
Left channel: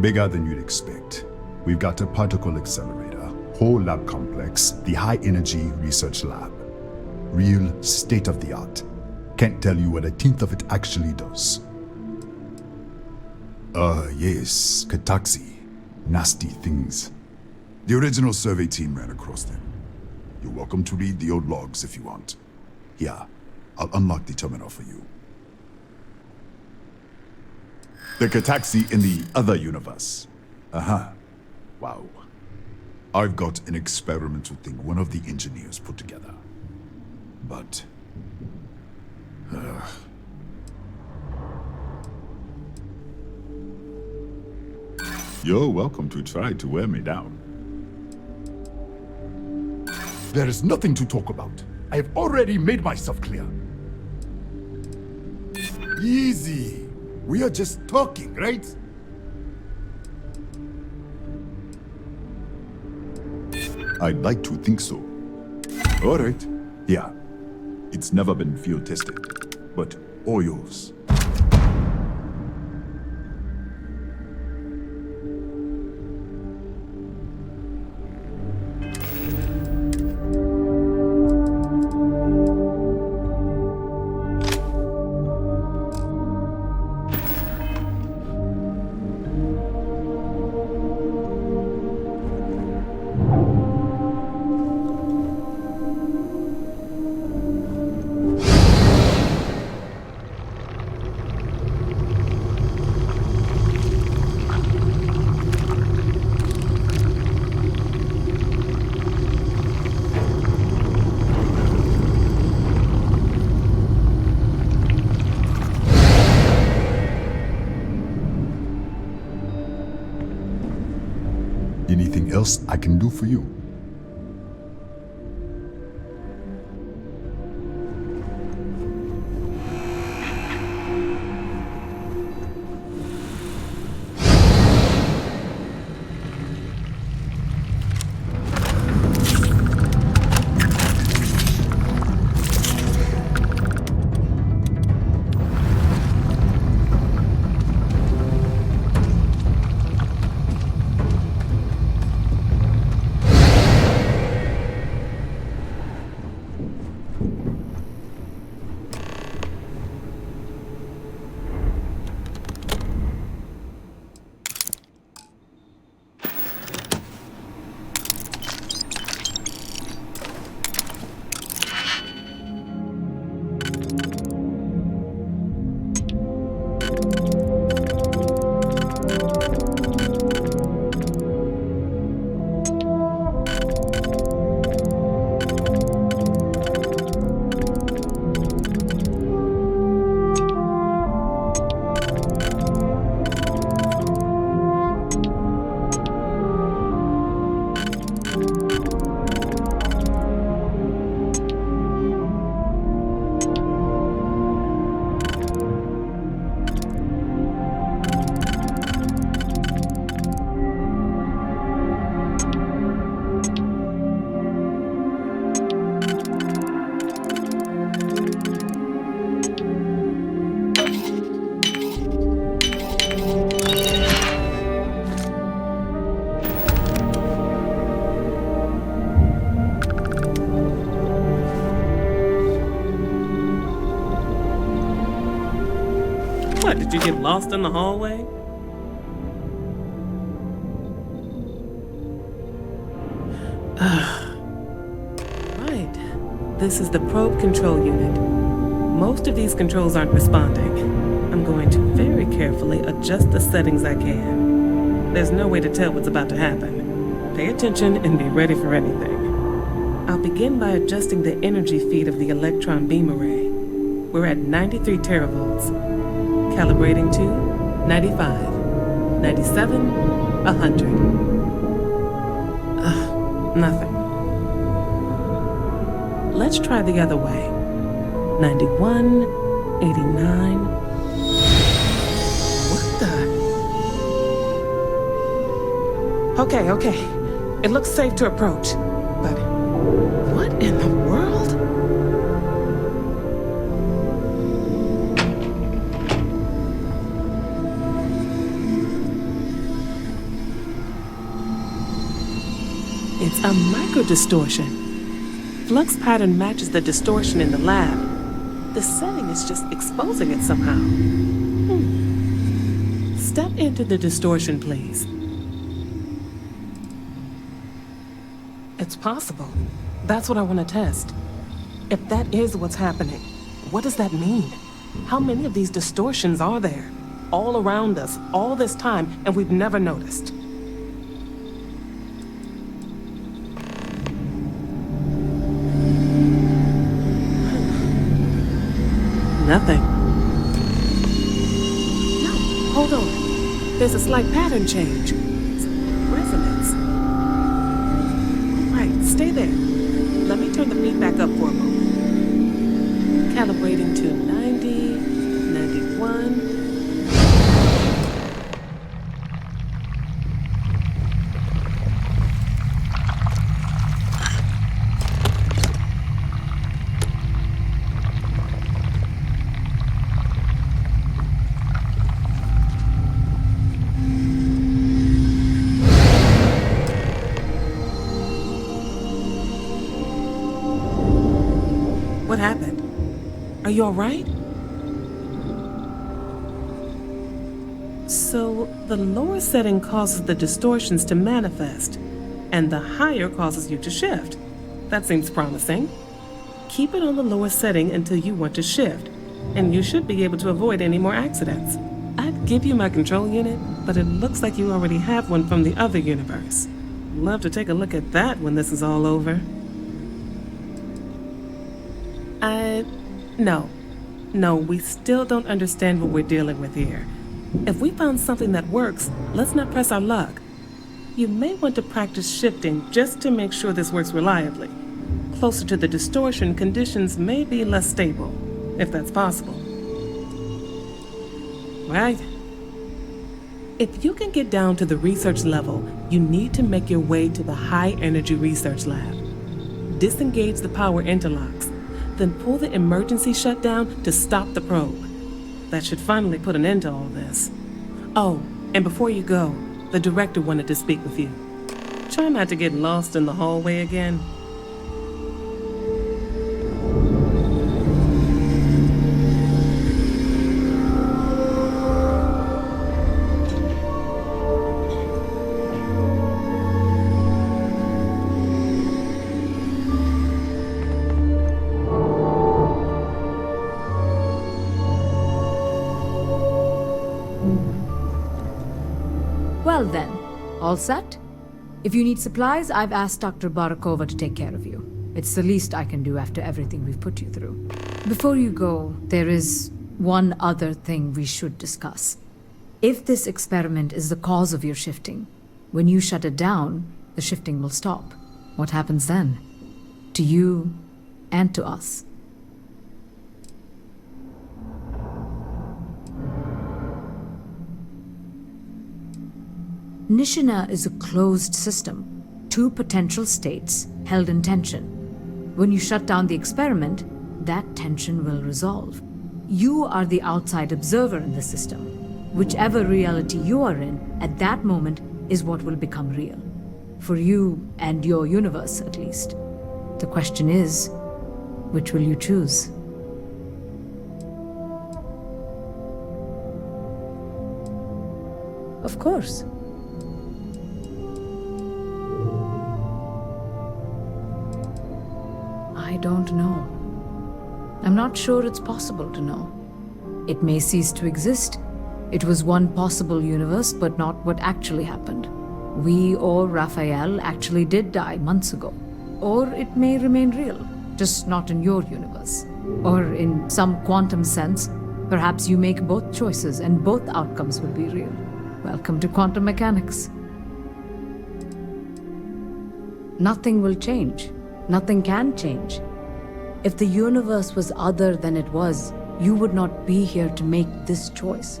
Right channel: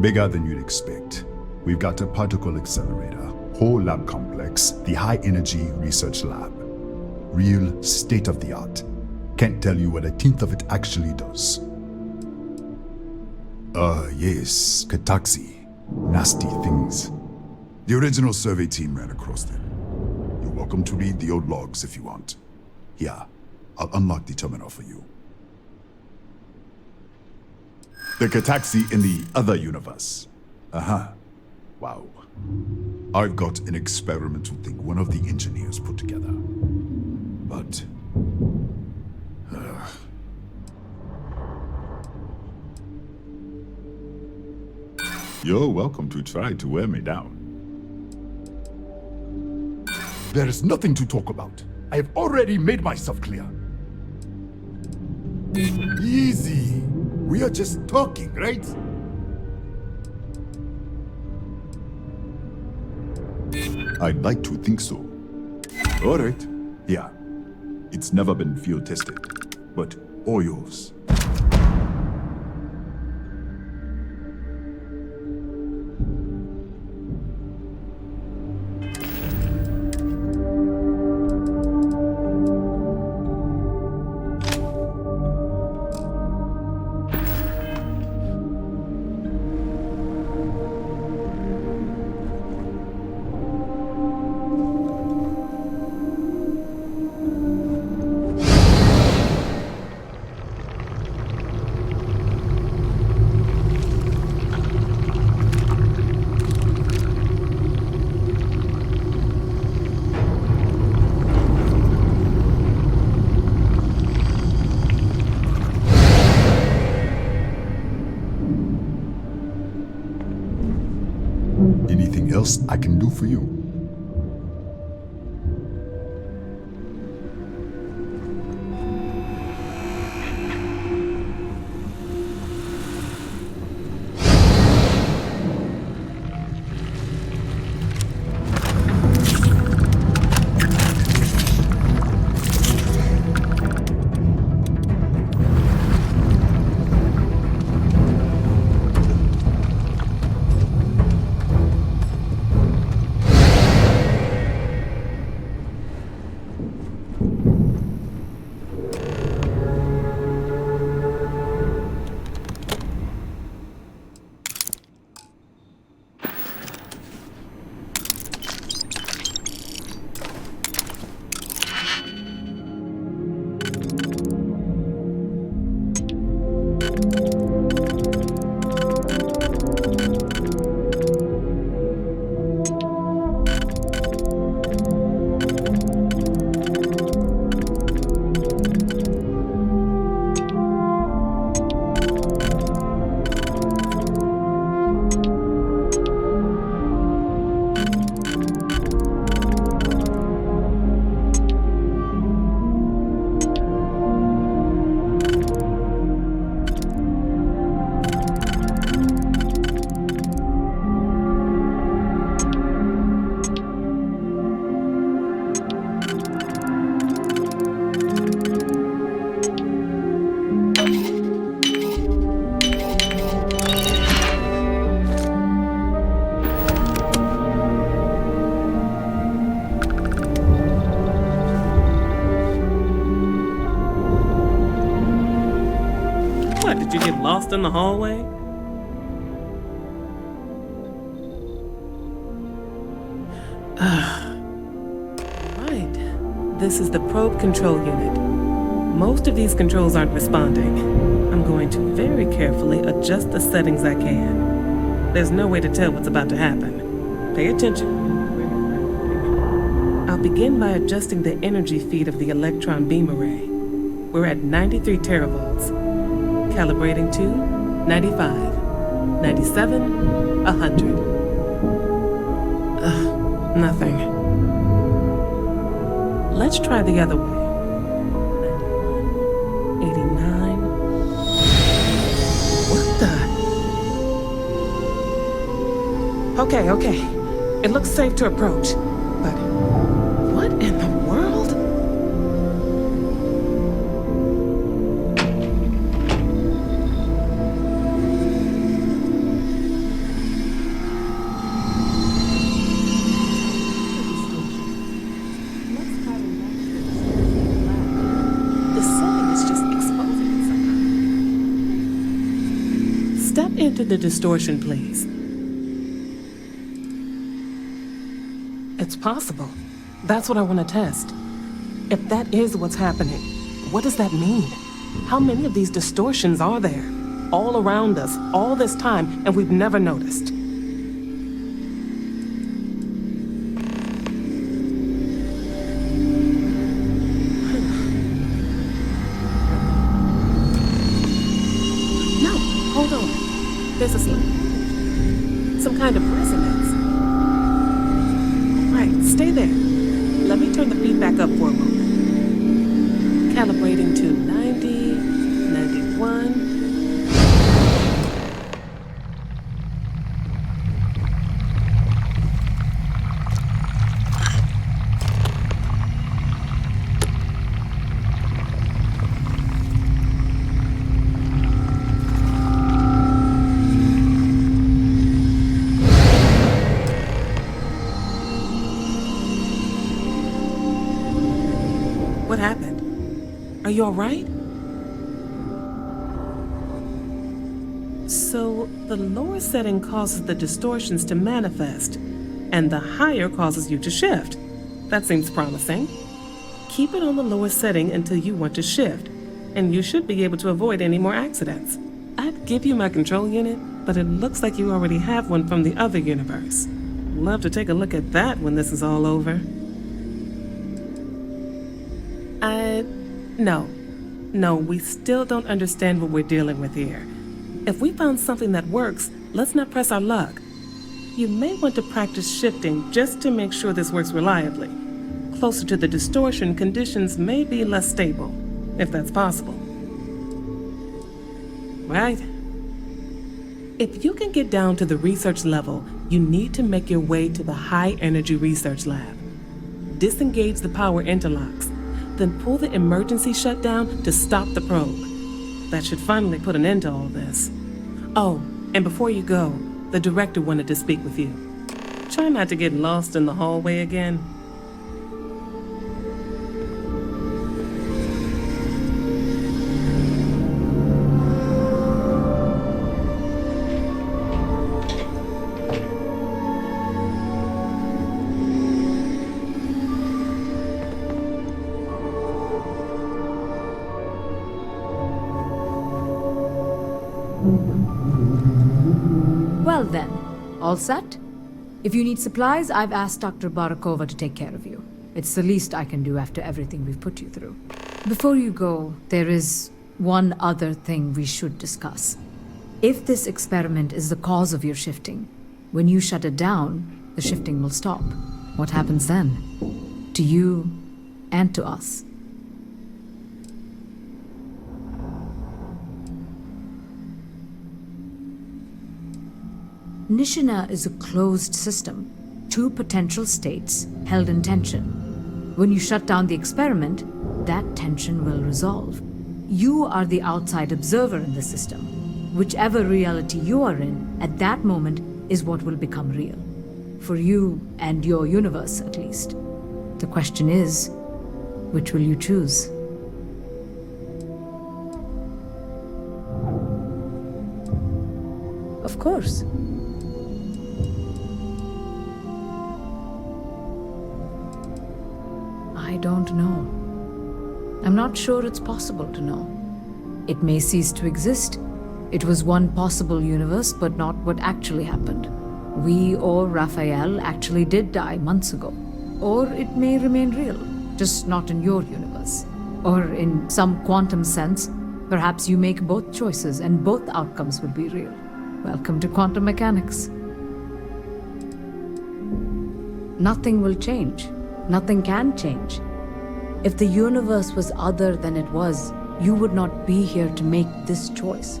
Bigger than you'd expect. We've got a particle accelerator, whole lab complex, the high energy research lab. Real state of the art. Can't tell you what a tenth of it actually does. Yes, Kataxi. Nasty things. The original survey team ran across them. You're welcome to read the old logs if you want. Here, I'll unlock the terminal for you. The Kataxi in the other universe. Wow. I've got an experimental thing one of the engineers put together. But... You're welcome to try to wear me down. There is nothing to talk about. I have already made myself clear. Easy. We are just talking, right? I'd like to think so. All right. Yeah. It's never been field tested, but all yours. Anything else I can do for you? What, did you get lost in the hallway? Right. This is the probe control unit. Most of these controls aren't responding. I'm going to very carefully adjust the settings I can. There's no way to tell what's about to happen. Pay attention and be ready for anything. I'll begin by adjusting the energy feed of the electron beam array. We're at 93 teravolts. Calibrating to 95, 97, 100. Nothing. Let's try the other way. 91, 89. What the? Okay. It looks safe to approach. But what in the world? It's a microdistortion. Flux pattern matches the distortion in the lab. The setting is just exposing it somehow. Step into the distortion, please. It's possible. That's what I want to test. If that is what's happening, what does that mean? How many of these distortions are there? All around us, all this time, and we've never noticed. Nothing. No, hold on. There's a slight pattern change. Some kind of resonance. All right, stay there. Let me turn the feedback up for a moment. Calibrating to 90, 91. What happened? Are you all right? So, the lower setting causes the distortions to manifest, and the higher causes you to shift. That seems promising. Keep it on the lower setting until you want to shift, and you should be able to avoid any more accidents. I'd give you my control unit, but it looks like you already have one from the other universe. Love to take a look at that when this is all over. No, we still don't understand what we're dealing with here. If we found something that works, let's not press our luck. You may want to practice shifting just to make sure this works reliably. Closer to the distortion, conditions may be less stable, if that's possible. Right? If you can get down to the research level, you need to make your way to the high-energy research lab. Disengage the power interlocks. Then pull the emergency shutdown to stop the probe. That should finally put an end to all this. Oh, and before you go, the director wanted to speak with you. Try not to get lost in the hallway again. Well then, all set? If you need supplies, I've asked Dr. Barakova to take care of you. It's the least I can do after everything we've put you through. Before you go, there is one other thing we should discuss. If this experiment is the cause of your shifting, when you shut it down, the shifting will stop. What happens then? To you and to us. Nishina is a closed system, 2 potential states held in tension. When you shut down the experiment, that tension will resolve. You are the outside observer in the system. Whichever reality you are in at that moment is what will become real. For you and your universe, at least. The question is, which will you choose? Of course. I don't know. I'm not sure it's possible to know. It may cease to exist. It was one possible universe, but not what actually happened. We or Raphael actually did die months ago. Or it may remain real, just not in your universe. Or in some quantum sense, perhaps you make both choices and both outcomes will be real. Welcome to quantum mechanics. Nothing will change. Nothing can change. If the universe was other than it was, you would not be here to make this choice.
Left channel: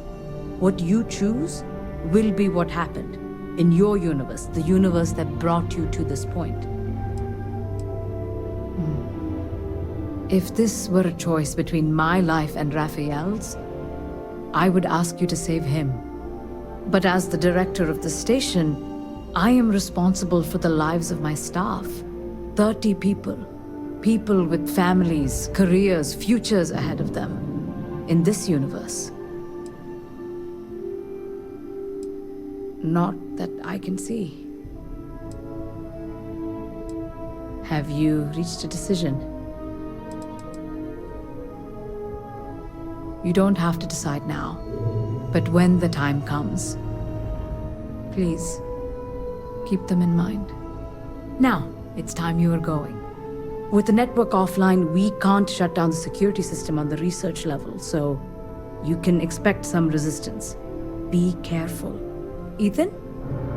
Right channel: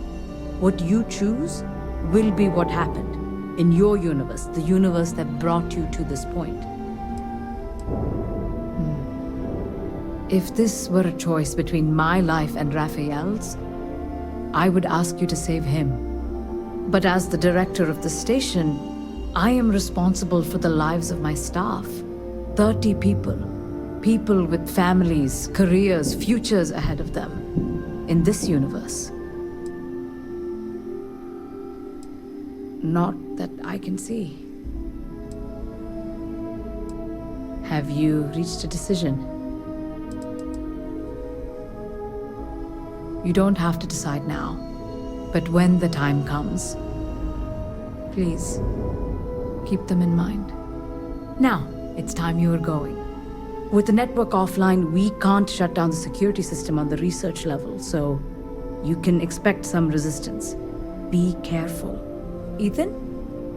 What you choose will be what happened in your universe, the universe that brought you to this point. If this were a choice between my life and Raphael's, I would ask you to save him. But as the director of the station, I am responsible for the lives of my staff. 30 people. People with families, careers, futures ahead of them. In this universe. Not that I can see. Have you reached a decision? You don't have to decide now, but when the time comes, please, keep them in mind. Now, it's time you are going. With the network offline, we can't shut down the security system on the research level, so you can expect some resistance. Be careful. Ethan,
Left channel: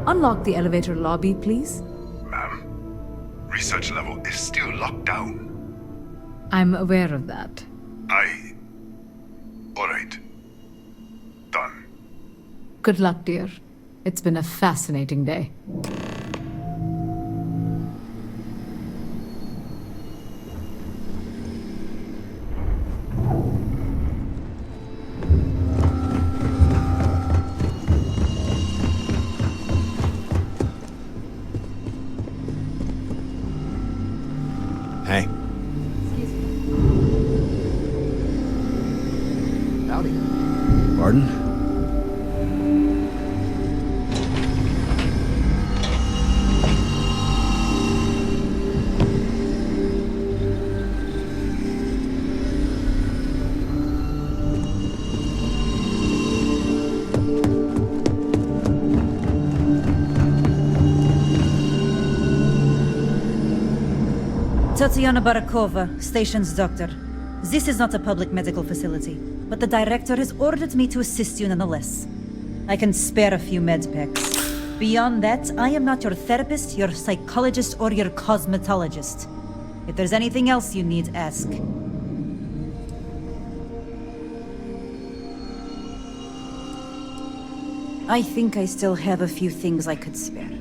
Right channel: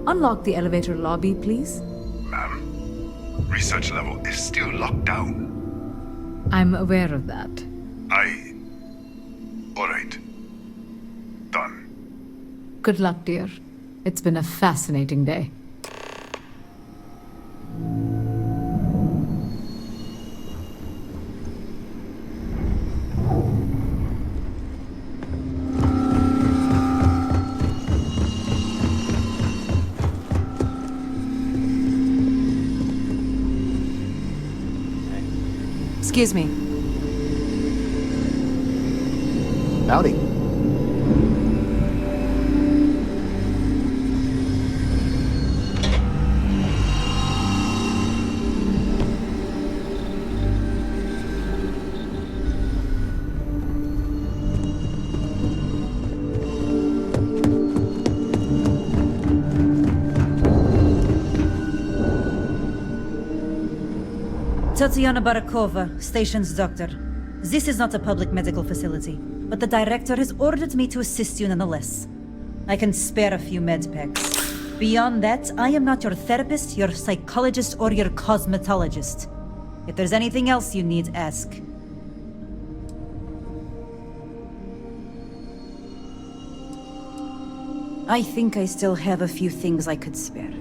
unlock the elevator lobby, please. Ma'am, research level is still locked down. I'm aware of that. All right. Done. Good luck, dear. It's been a fascinating day. Hey. Excuse me. Howdy. Pardon? Tatiana Barakova, station's doctor. This is not a public medical facility, but the director has ordered me to assist you nonetheless. I can spare a few med packs. Beyond that, I am not your therapist, your psychologist, or your cosmetologist. If there's anything else you need, ask. I think I still have a few things I could spare.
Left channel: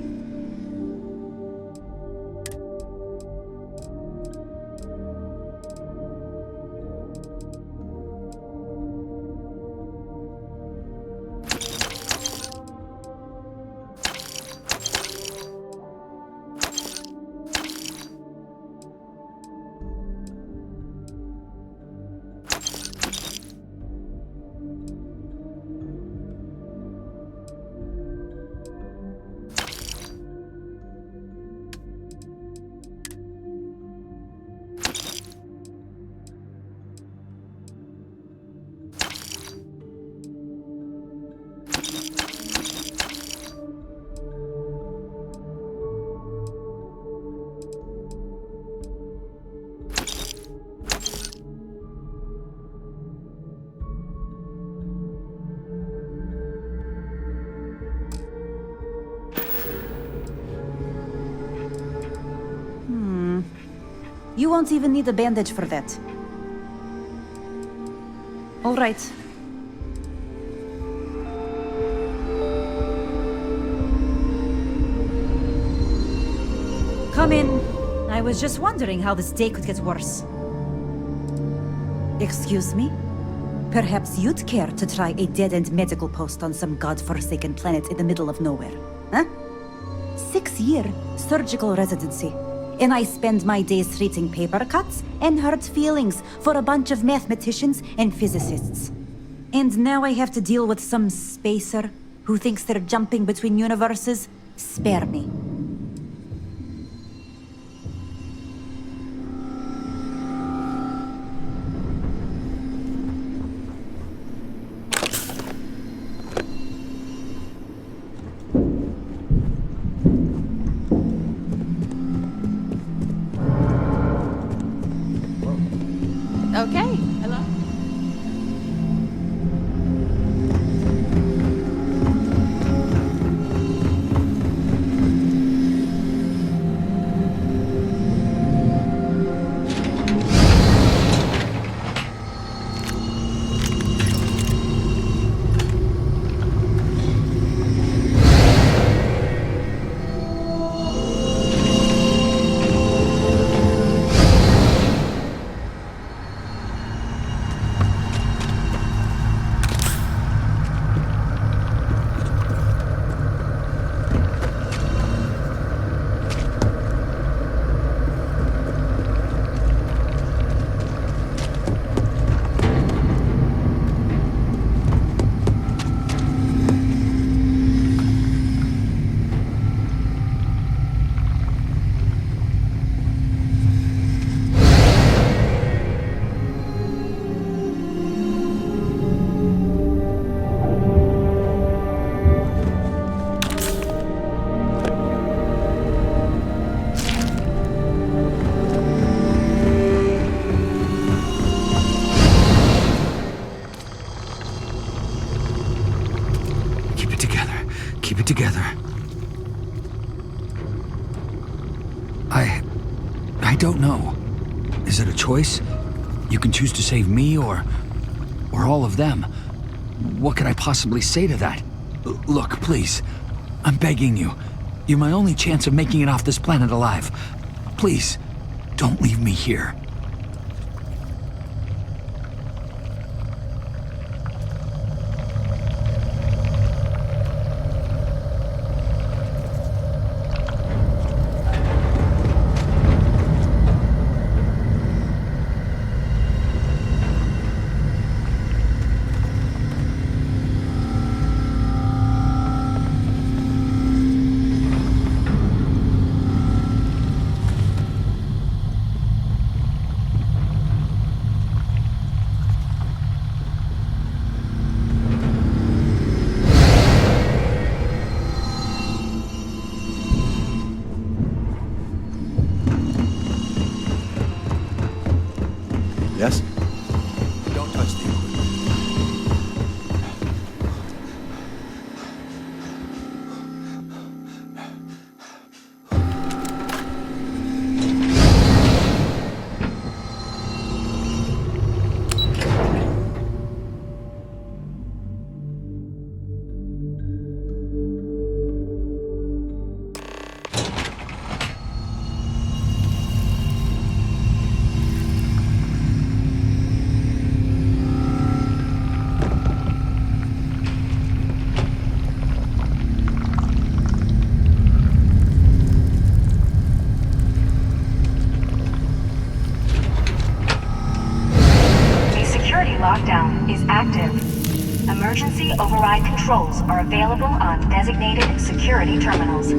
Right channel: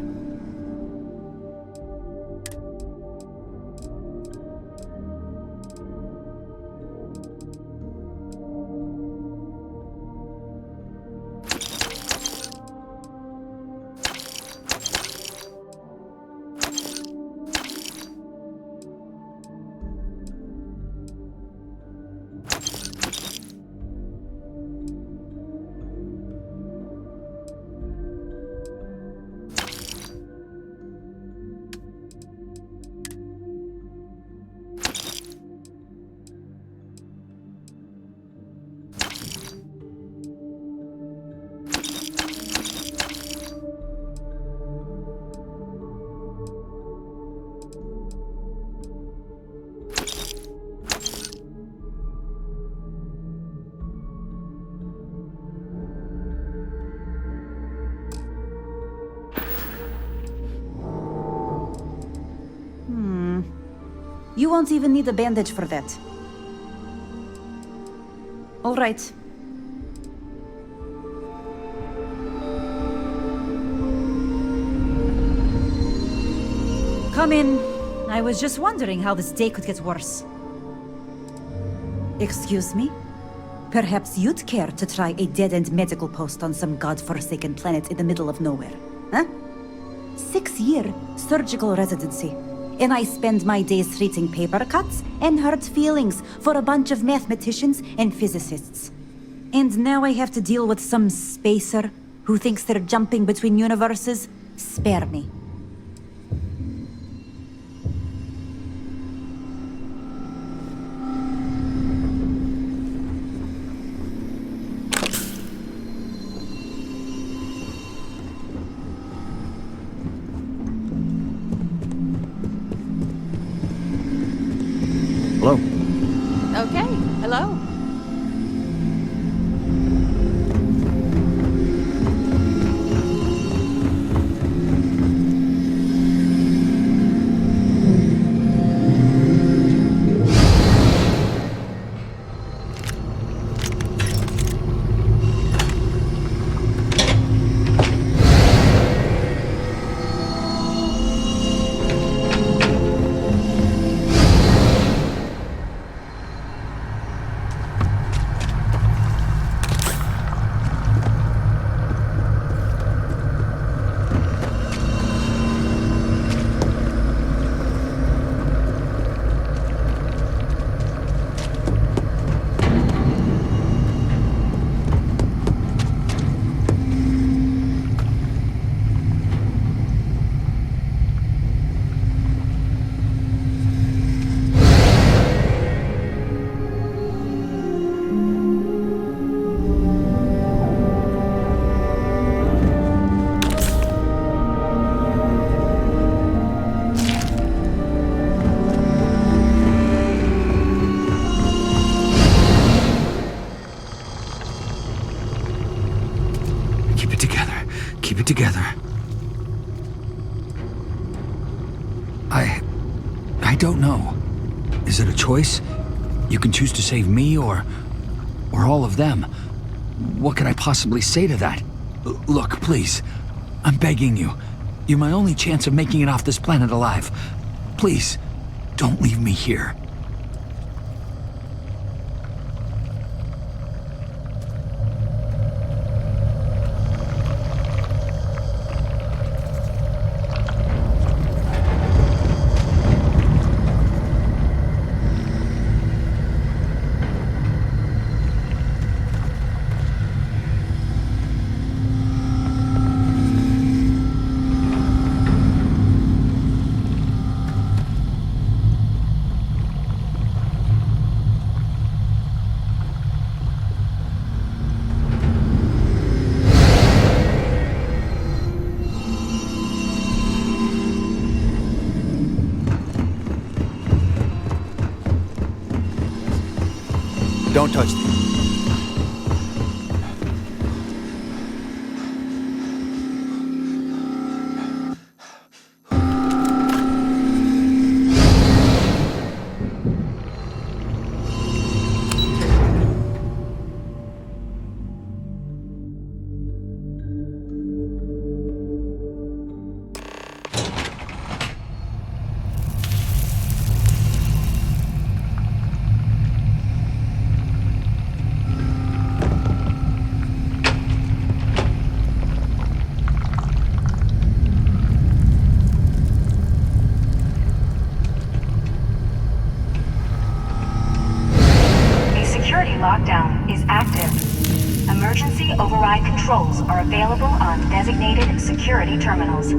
You won't even need a bandage for that. All right. Come in. I was just wondering how this day could get worse. Excuse me? Perhaps you'd care to try a dead-end medical post on some godforsaken planet in the middle of nowhere, huh? 6-year surgical residency. And I spend my days treating paper cuts and hurt feelings for a bunch of mathematicians and physicists. And now I have to deal with some spacer who thinks they're jumping between universes? Spare me. Hello. Okay, hello. Keep it together. I don't know. Is it a choice? You can choose to save me or all of them. What could I possibly say to that? Look, please. I'm begging you. You're my only chance of making it off this planet alive. Please, don't leave me here. Yes? Don't touch me. Lockdown is active. Emergency override controls are available on designated security terminals.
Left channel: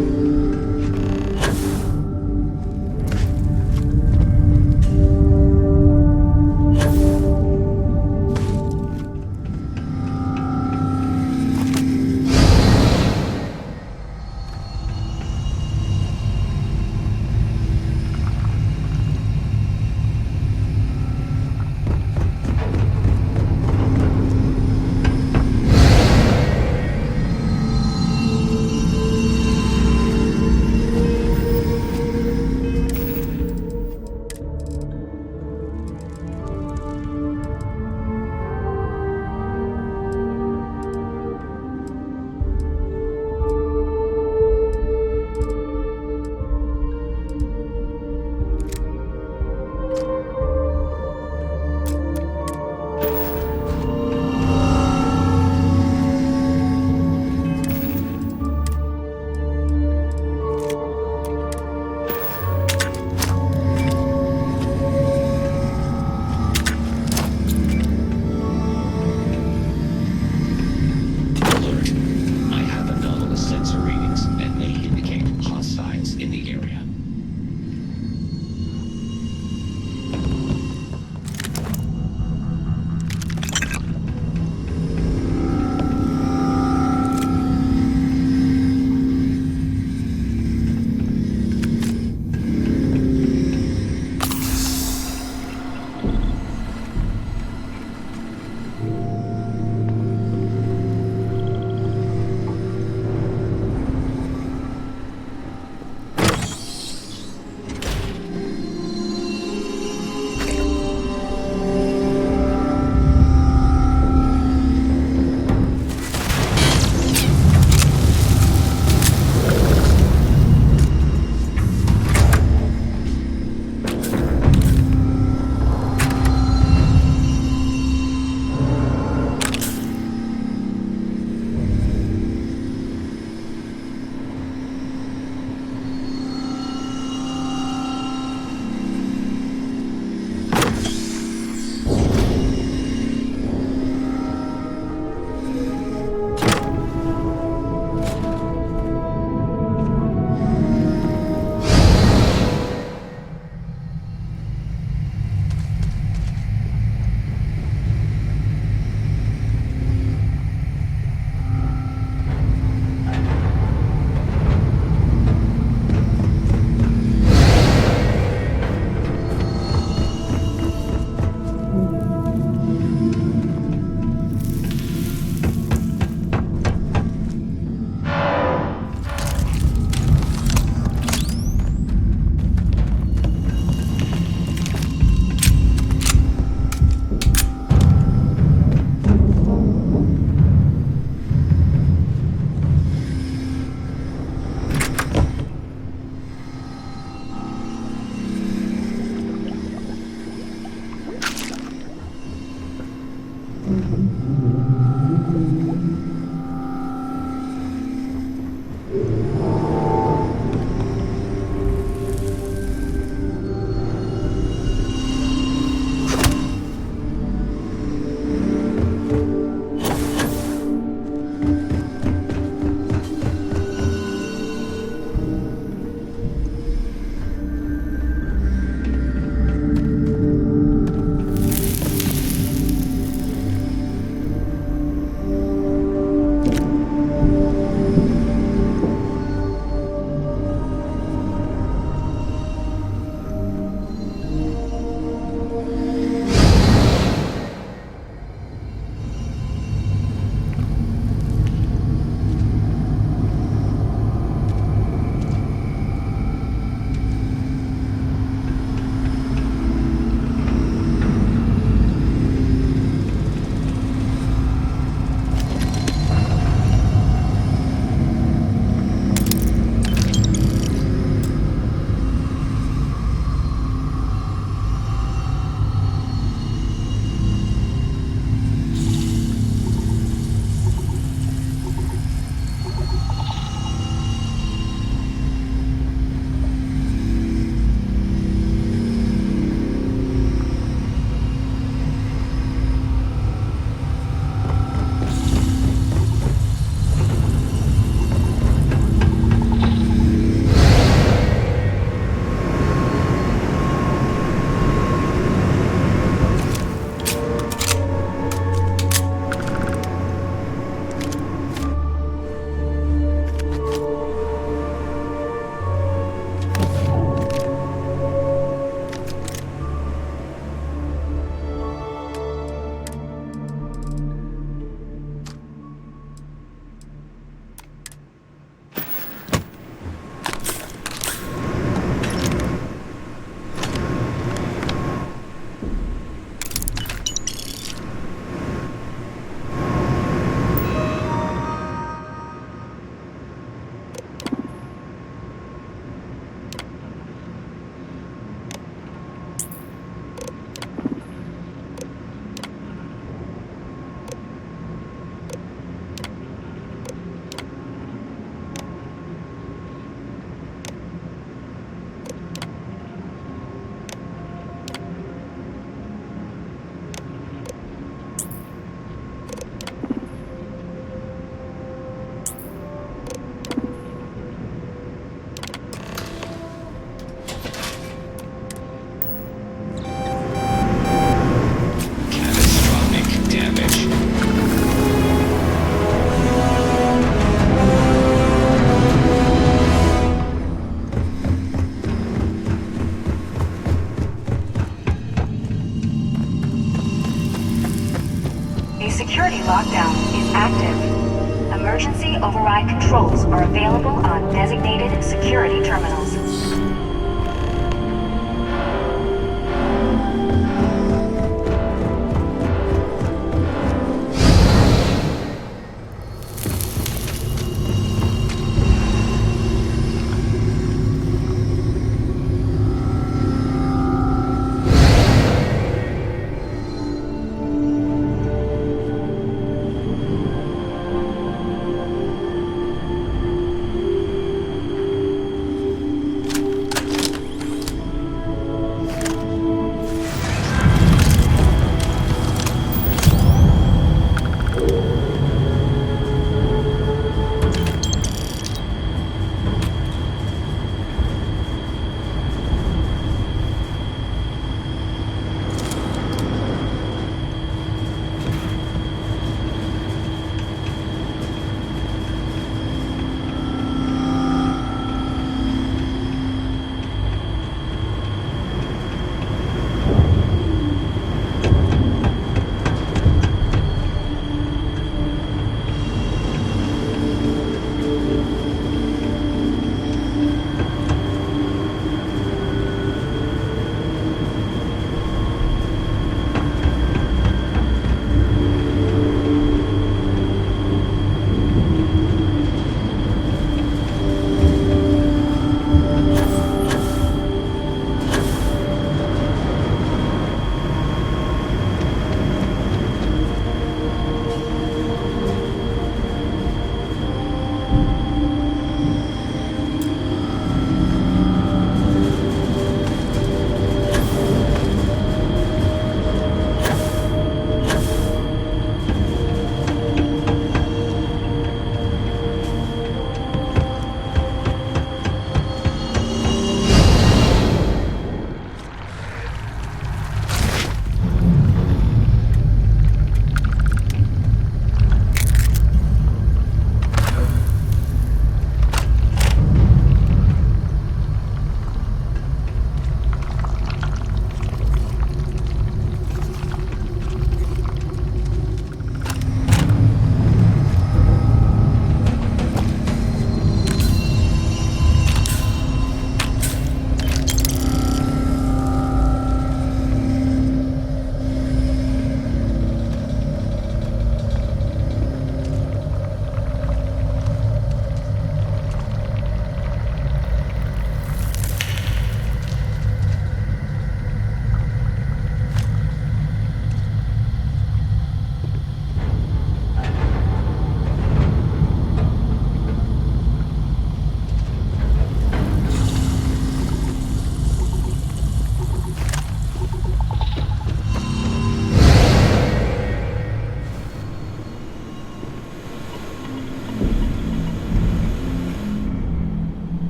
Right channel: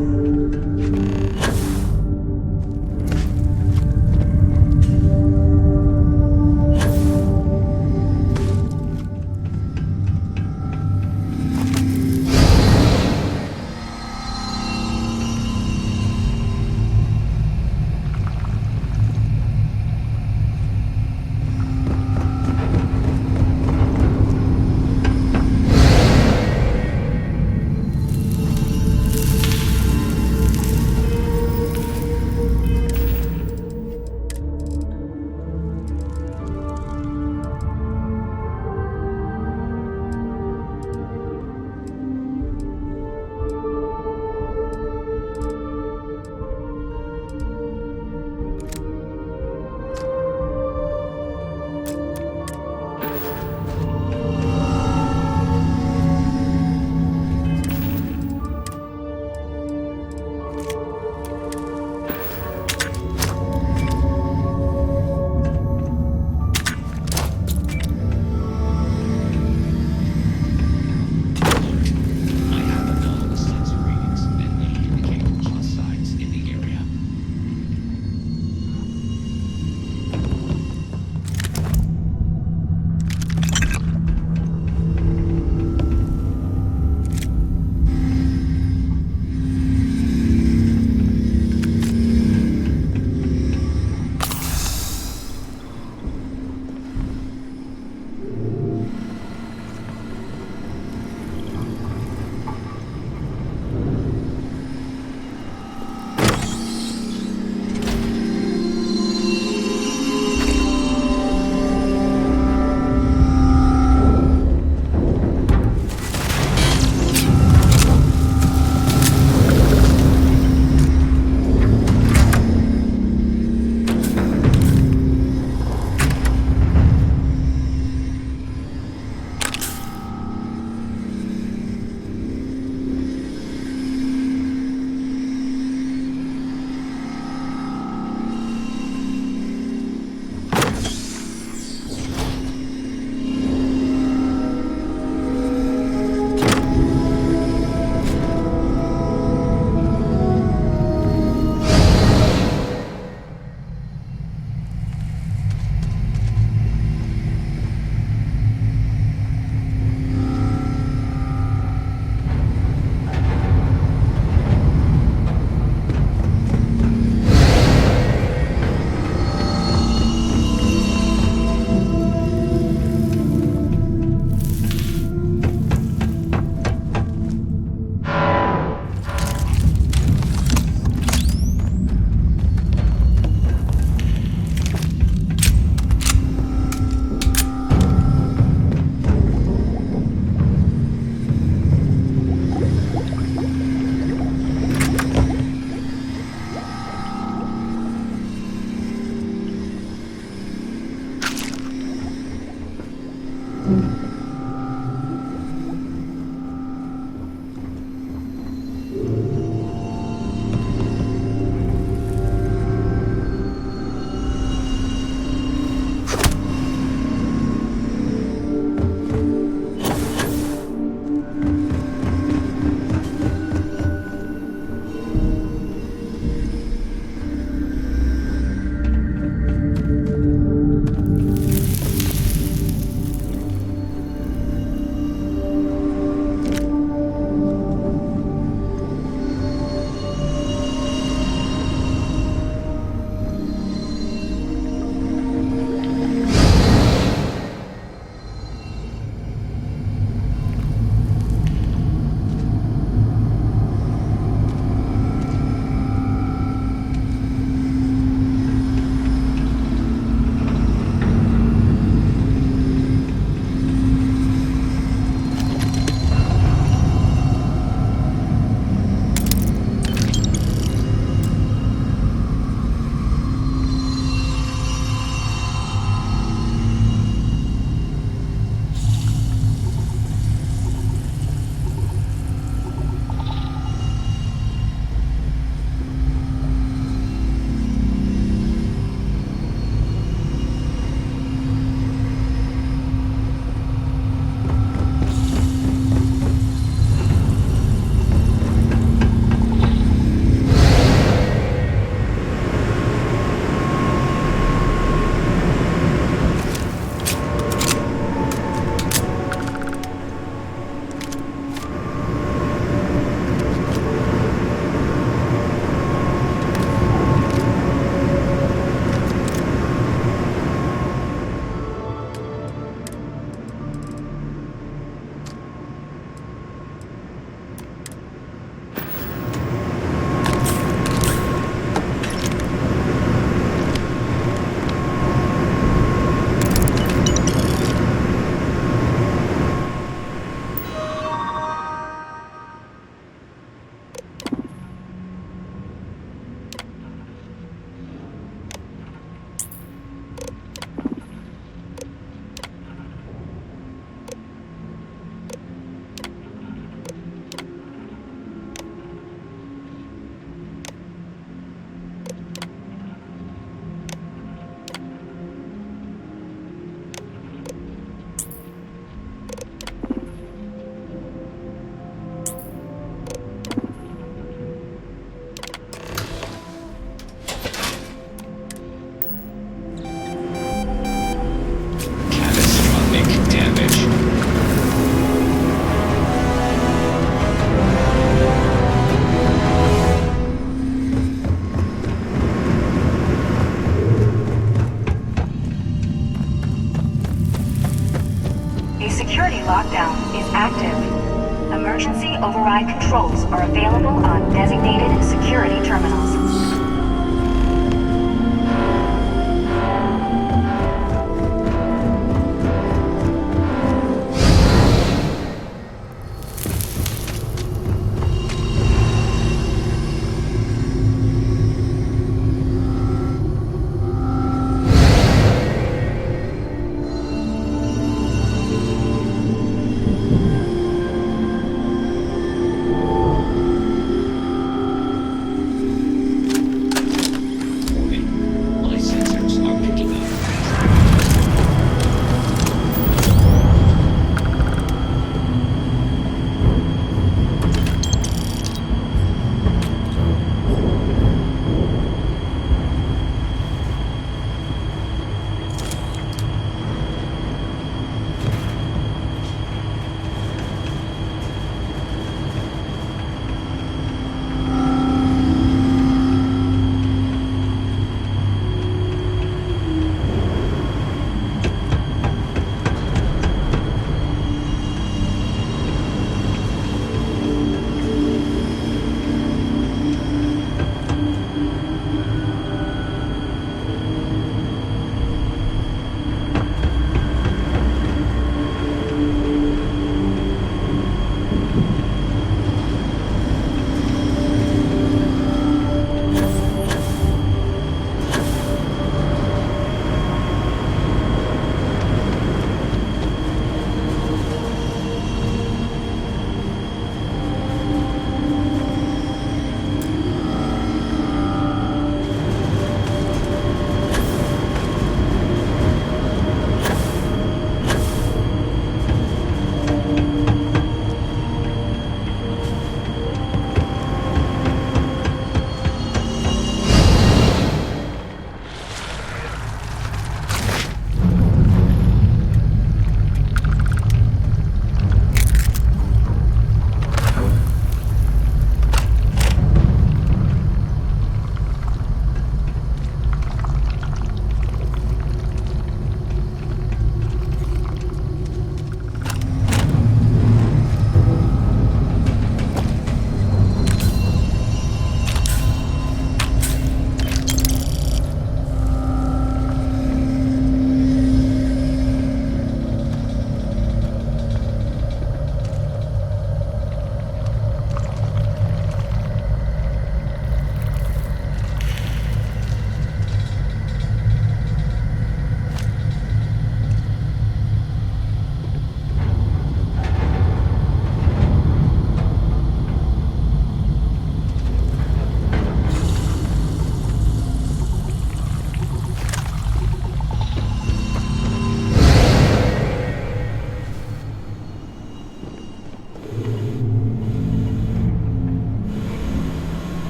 security lockdown is active. Emergency override controls are available on designated security terminals.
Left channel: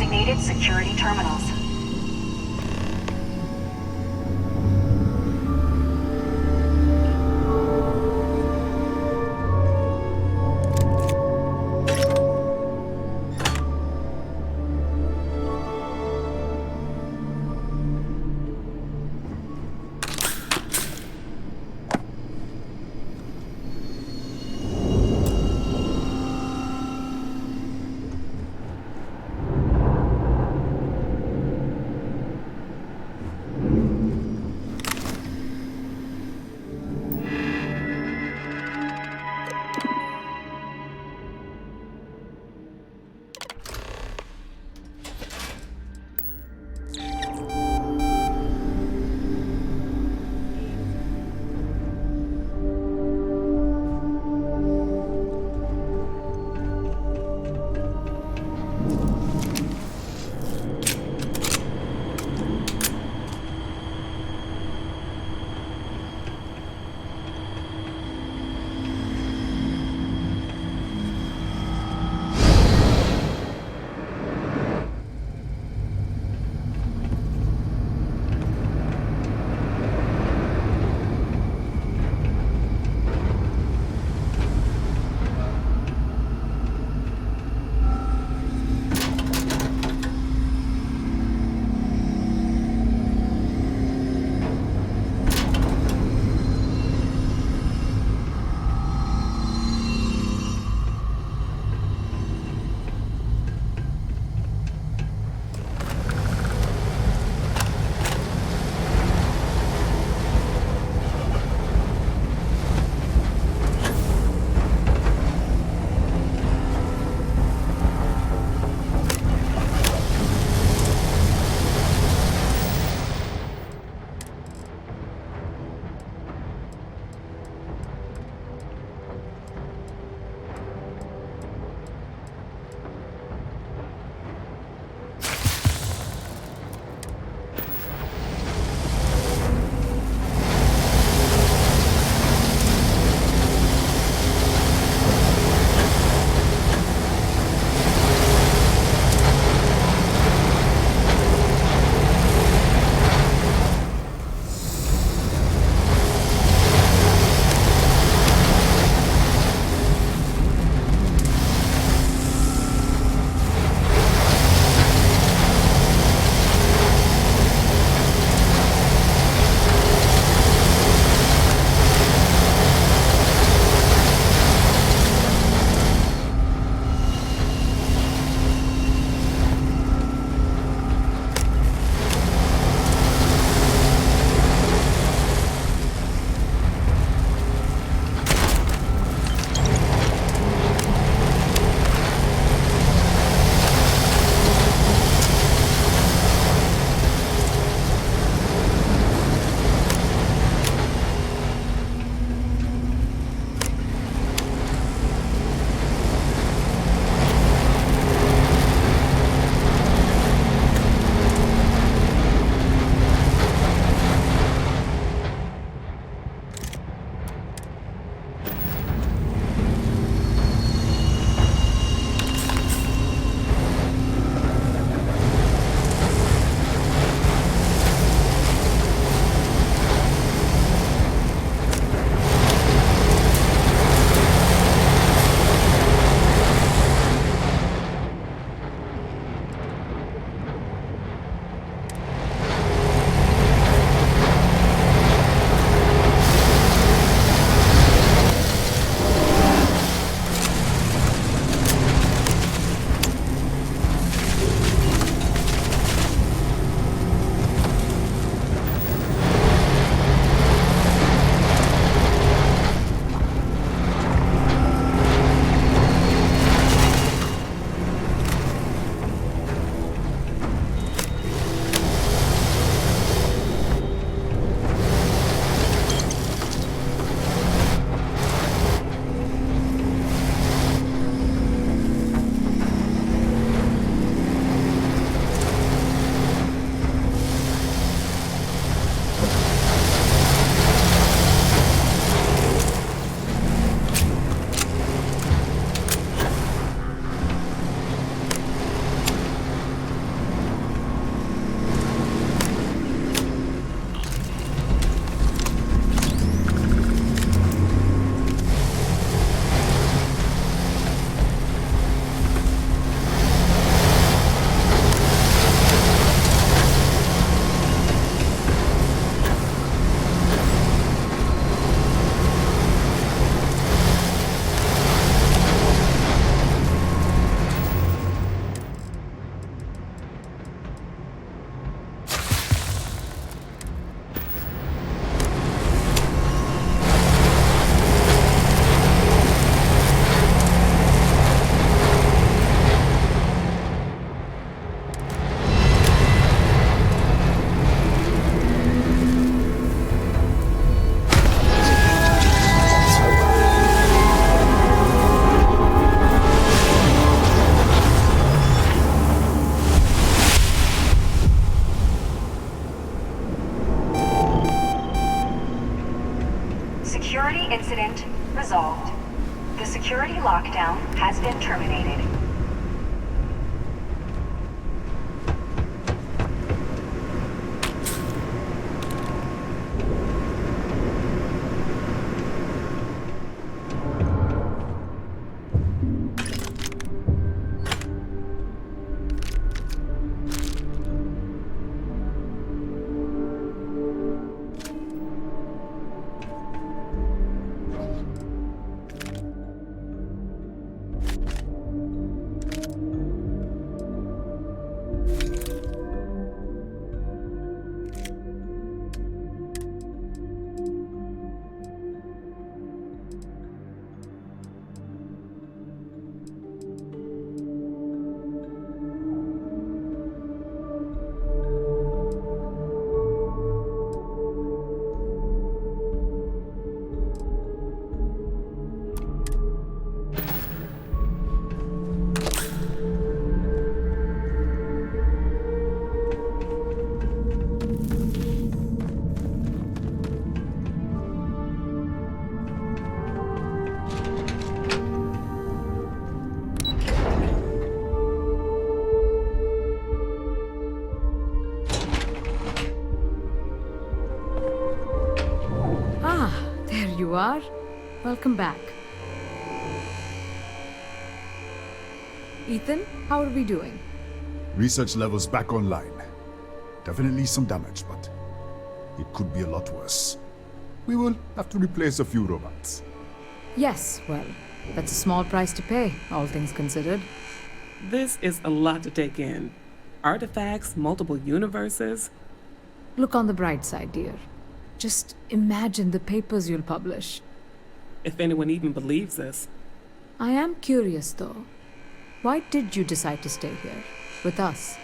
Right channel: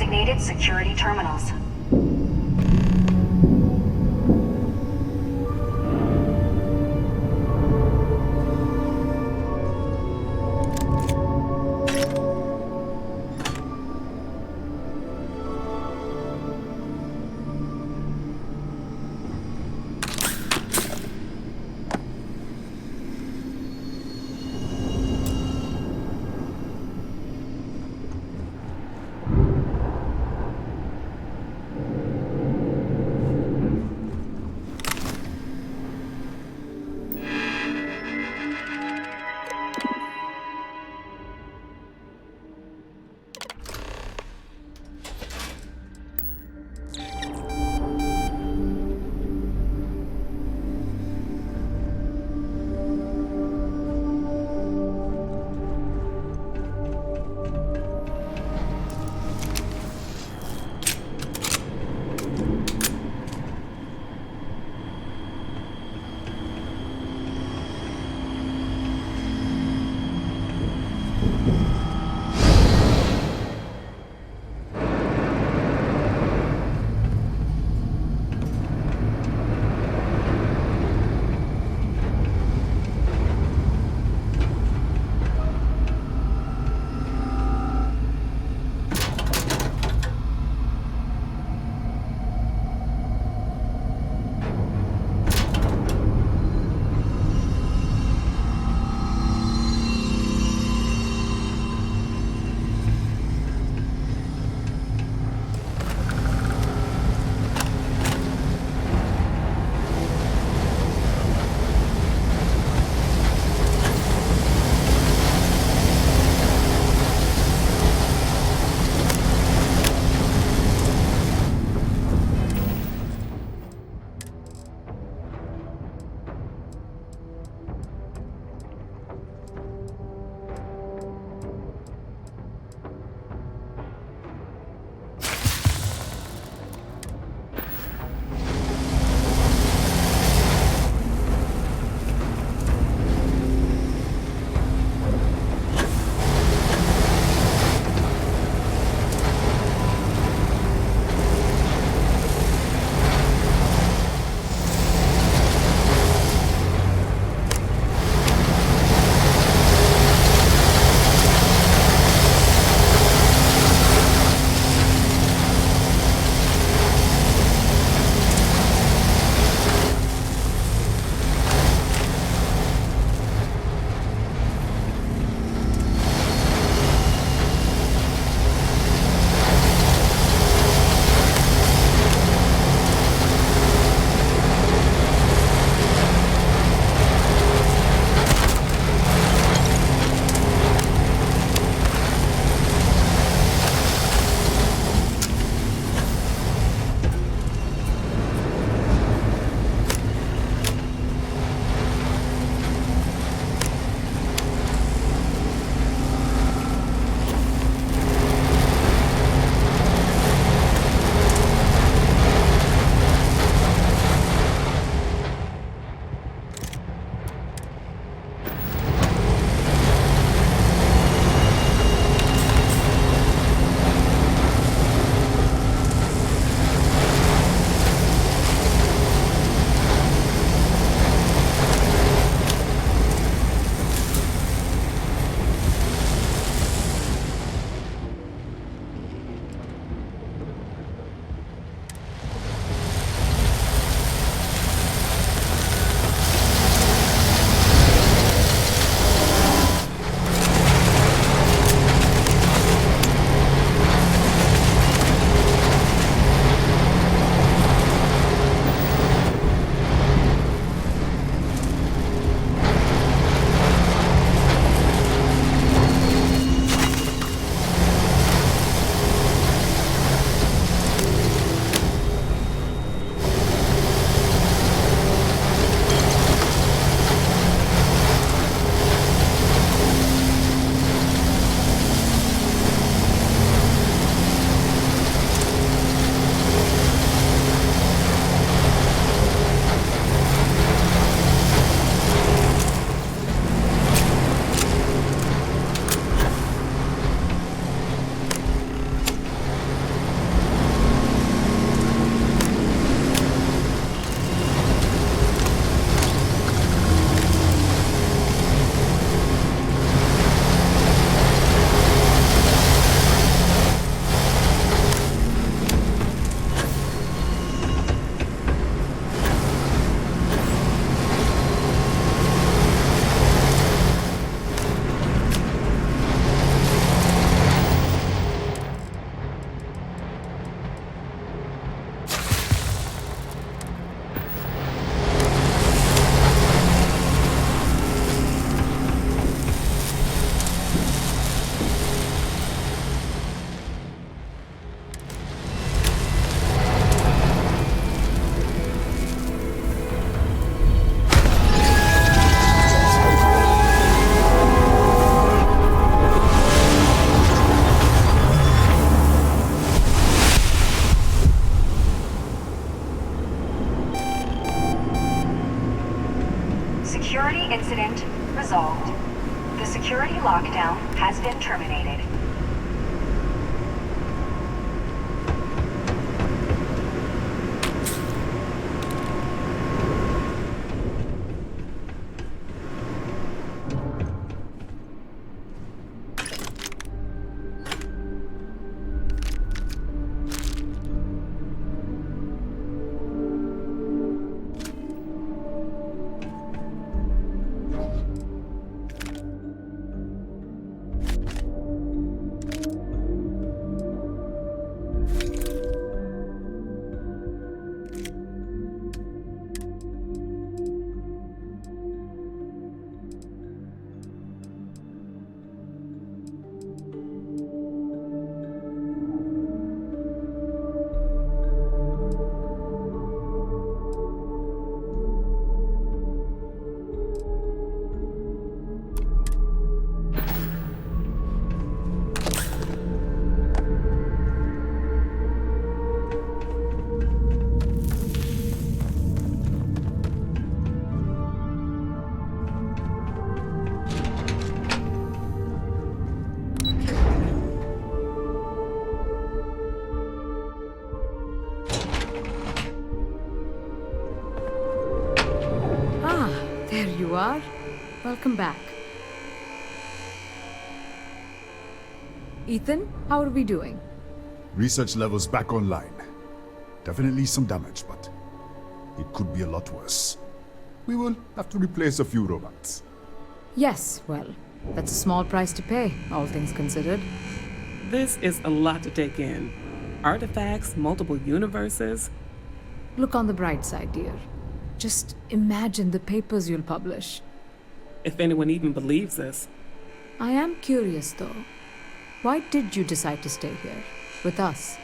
designated security terminals. The security lockdown has been terminated. There you are. Welcome back. Ethan, how are we doing? Research levels back online. Definitely some damage, but it could be a lot worse. We will have to replace a few robots. Yes, well, that's a small price to pay, all things considered. This is a lot to take in. Artifacts, multiple universes. Look on the bright side, dear. Just imagine the papers you'll publish. If anyone even believes this. I am curious, though. Why did you decide to stay here, with us?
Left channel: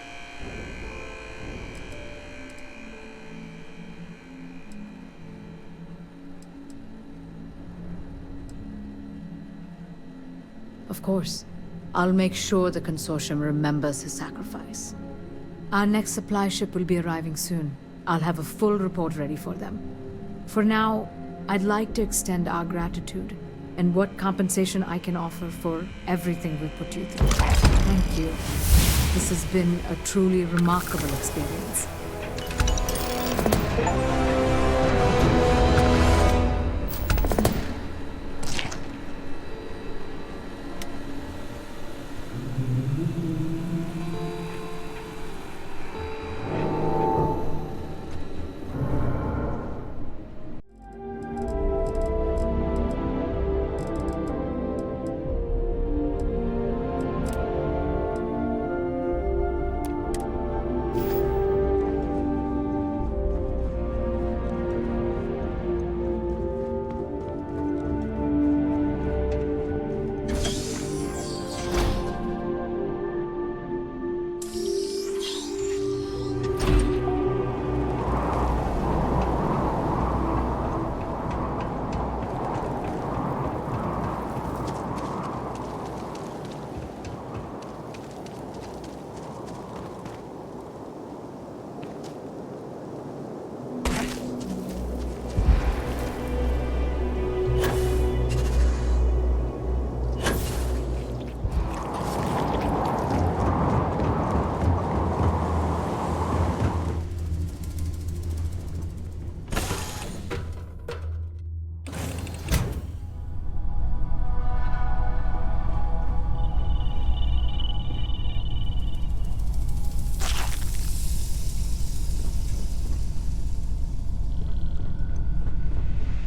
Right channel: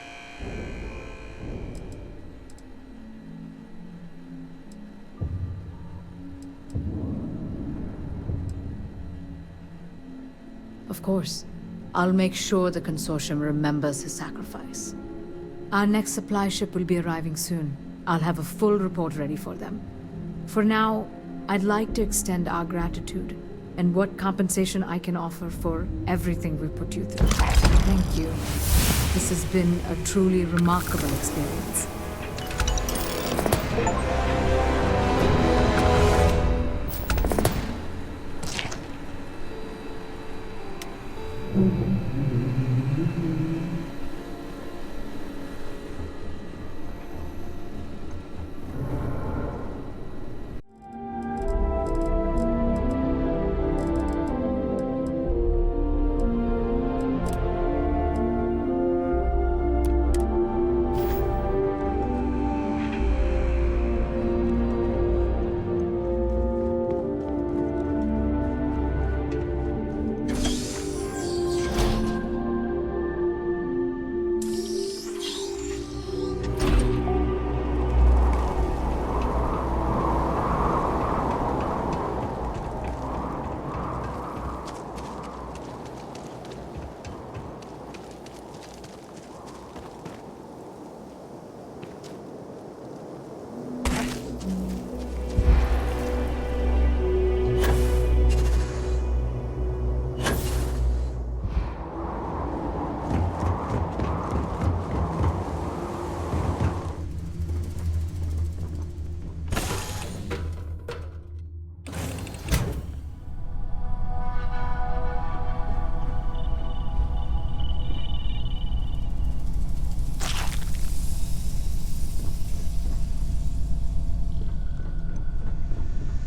Of course. I'll make sure the consortium remembers his sacrifice. Our next supply ship will be arriving soon. I'll have a full report ready for them. For now, I'd like to extend our gratitude and what compensation I can offer for everything we put you through. Thank you. This has been a truly remarkable experience.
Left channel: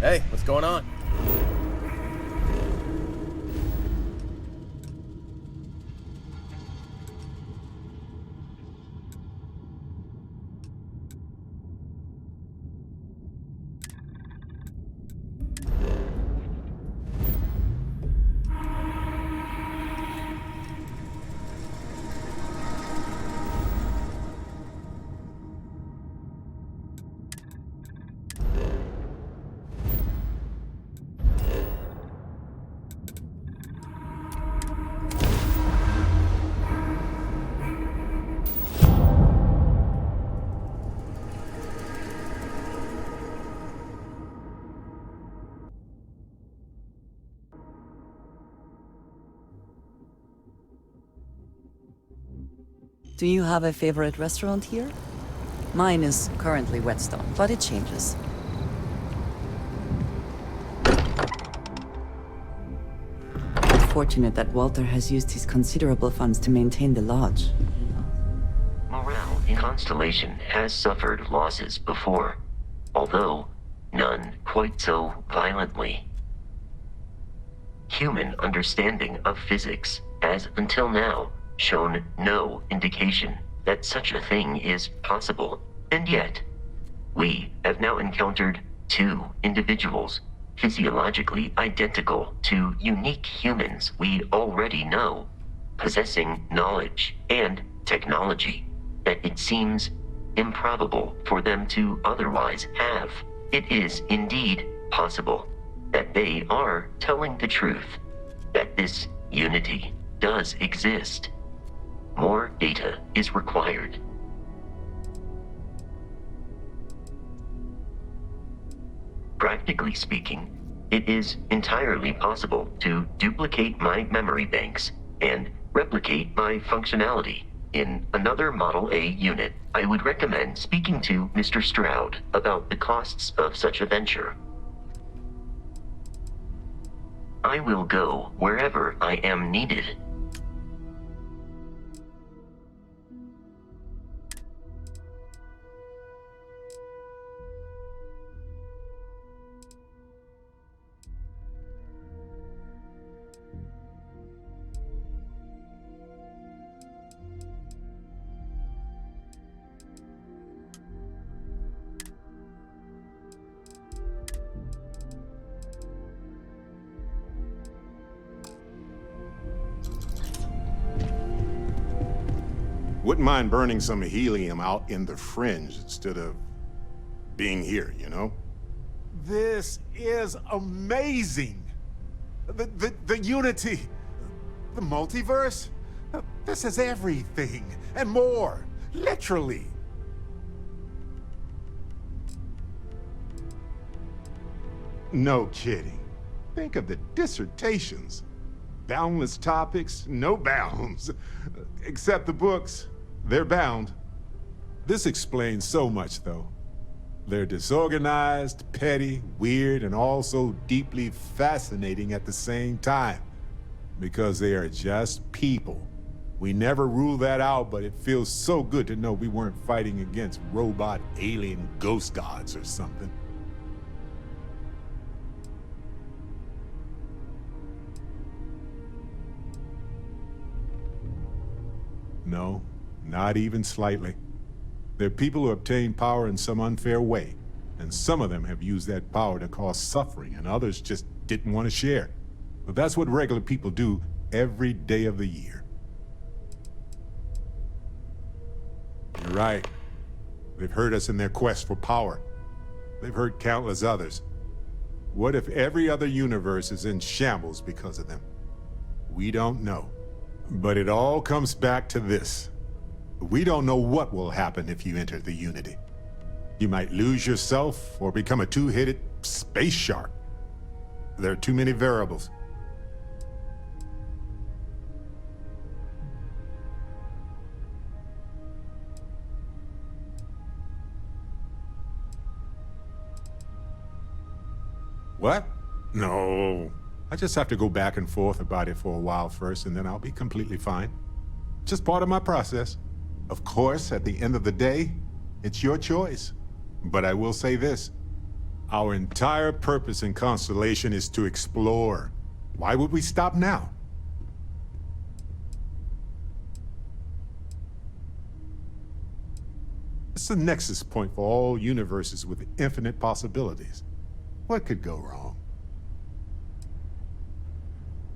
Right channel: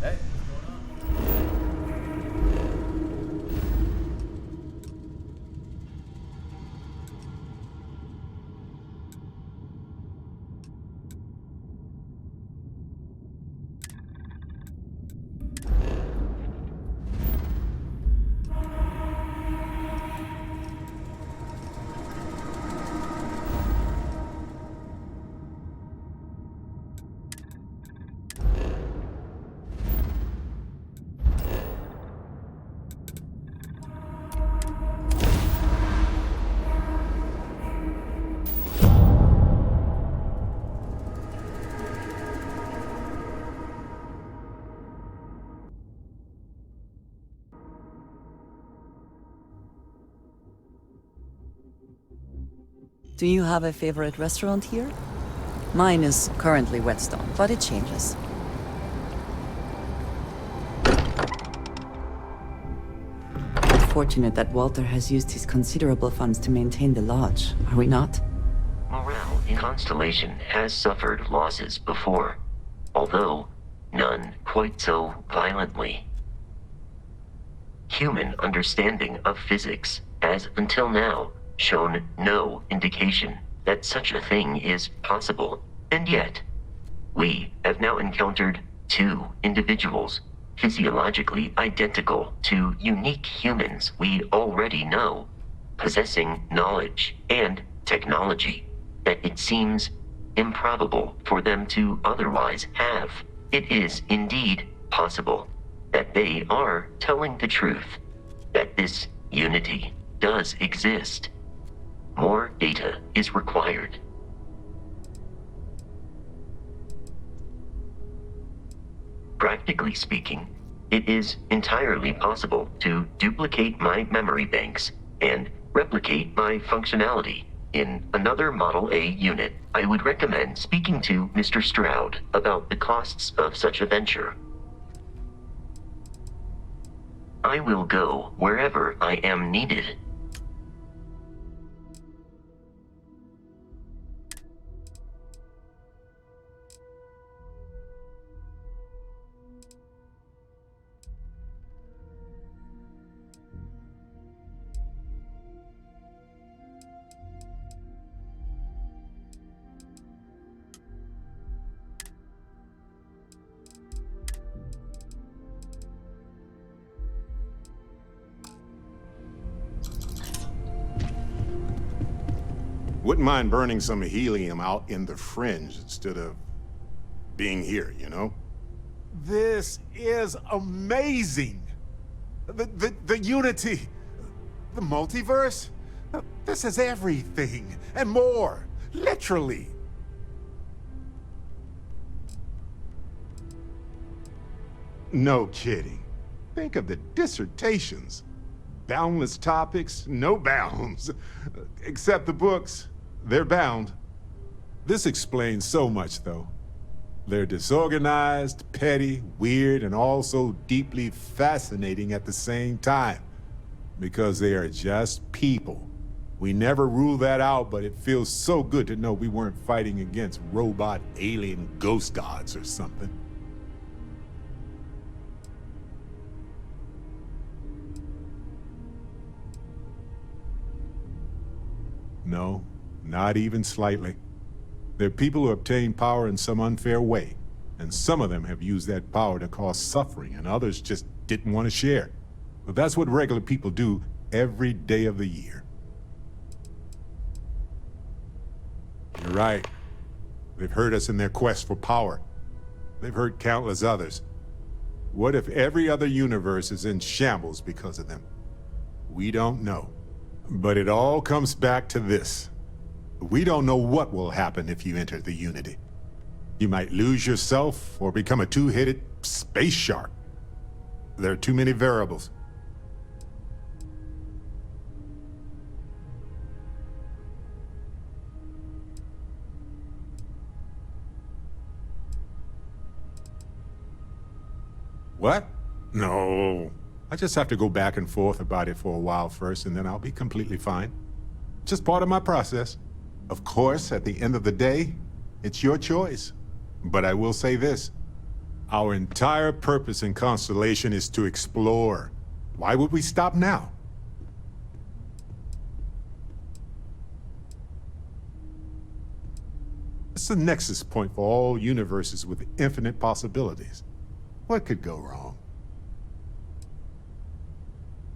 Hey, what's going on? Do you have a favorite restaurant here? Mine is currently Whetstone, but it changes. Fortunate that Walter has used his considerable funds to maintain the lodge, are we not? Morale in Constellation has suffered losses before, although none quite so violently. Human understanding of physics has until now shown no indication that such a thing is possible, and yet we have now encountered two individuals physiologically identical to unique humans we already know, possessing knowledge and technology that it seems improbable for them to otherwise have. It is indeed possible that they are telling the truth, that this unity does exist. More data is required. Practically speaking, it is entirely possible to duplicate my memory banks and replicate my functionality in another Model A unit. I would recommend speaking to Mr. Stroud about the costs of such a venture. I will go wherever I am needed. Wouldn't mind burning some helium out in the fringe instead of being here, you know? This is amazing! The unity, the multiverse, this is everything and more, literally. No kidding. Think of the dissertations. Boundless topics, no bounds. Except the books, they're bound. This explains so much, though. They're disorganized, petty, weird, and also deeply fascinating at the same time. Because they are just people. We never rule that out, but it feels so good to know we weren't fighting against robot alien ghost gods or something. No, not even slightly. They're people who obtain power in some unfair way, and some of them have used that power to cause suffering, and others just didn't want to share. But that's what regular people do every day of the year. You're right. They've hurt us in their quest for power. They've hurt countless others. What if every other universe is in shambles because of them? We don't know. But it all comes back to this. We don't know what will happen if you enter the Unity. You might lose yourself or become a two-headed space shark. There are too many variables. What? No. I just have to go back and forth about it for a while first, and then I'll be completely fine. Just part of my process. Of course, at the end of the day, it's your choice. But I will say this. Our entire purpose in Constellation is to explore. Why would we stop now? It's the nexus point for all universes with infinite possibilities. What could go wrong?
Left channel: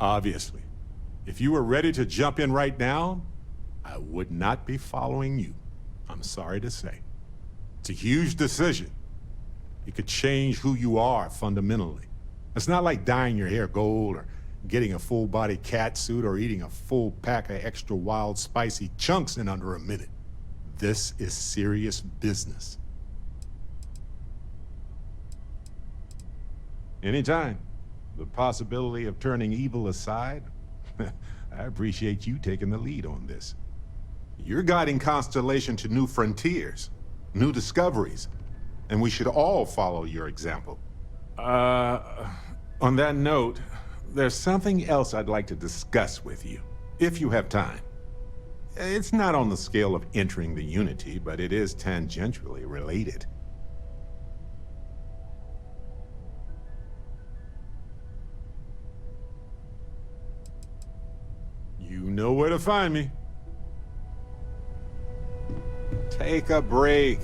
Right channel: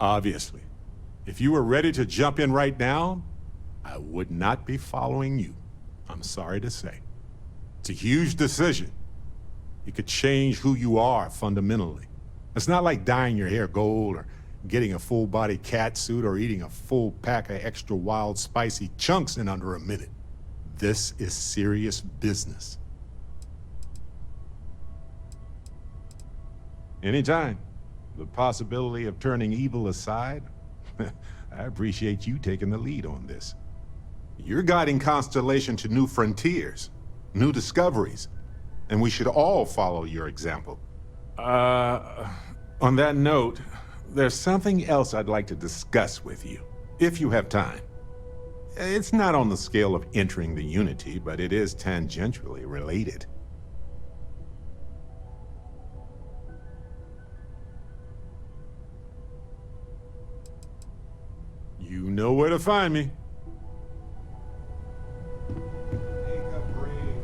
Obviously, if you were ready to jump in right now, I would not be following you. I'm sorry to say. It's a huge decision. It could change who you are fundamentally. It's not like dyeing your hair gold or getting a full-body cat suit or eating a full pack of extra wild spicy chunks in under a minute. This is serious business. Anytime. The possibility of turning evil aside, I appreciate you taking the lead on this. You're guiding Constellation to new frontiers, new discoveries, and we should all follow your example. On that note, there's something else I'd like to discuss with you, if you have time. It's not on the scale of entering the Unity, but it is tangentially related. You know where to find me. Take a break.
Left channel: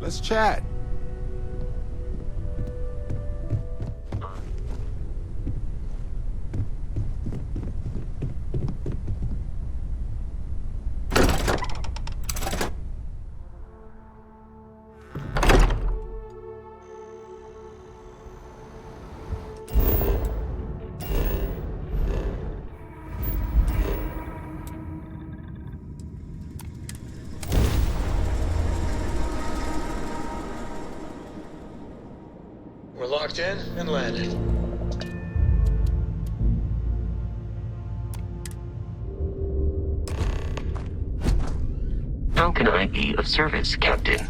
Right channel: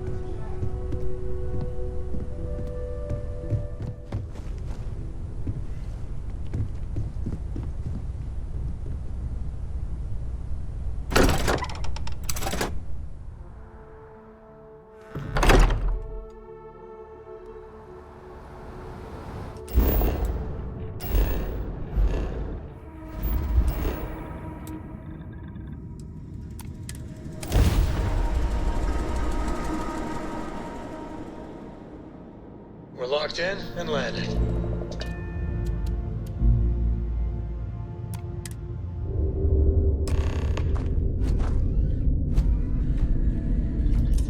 Let's chat. We're locked in and landed. How can I be of service, Captain?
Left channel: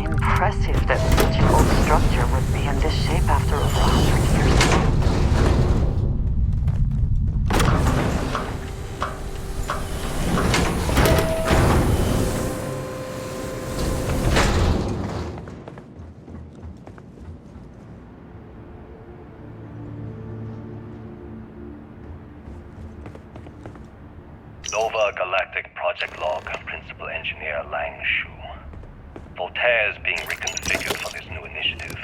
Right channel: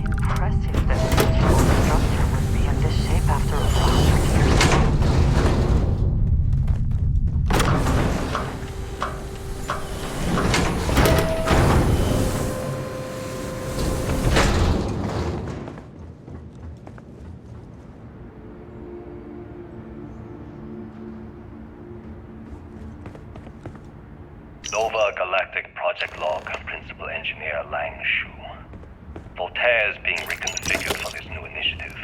Impressive that such an old structure would be in this shape after over 100 years. Nova Galactic Project Log, Principal Engineer Lang Shu. Voltaire is being reconfigured for this new initiative.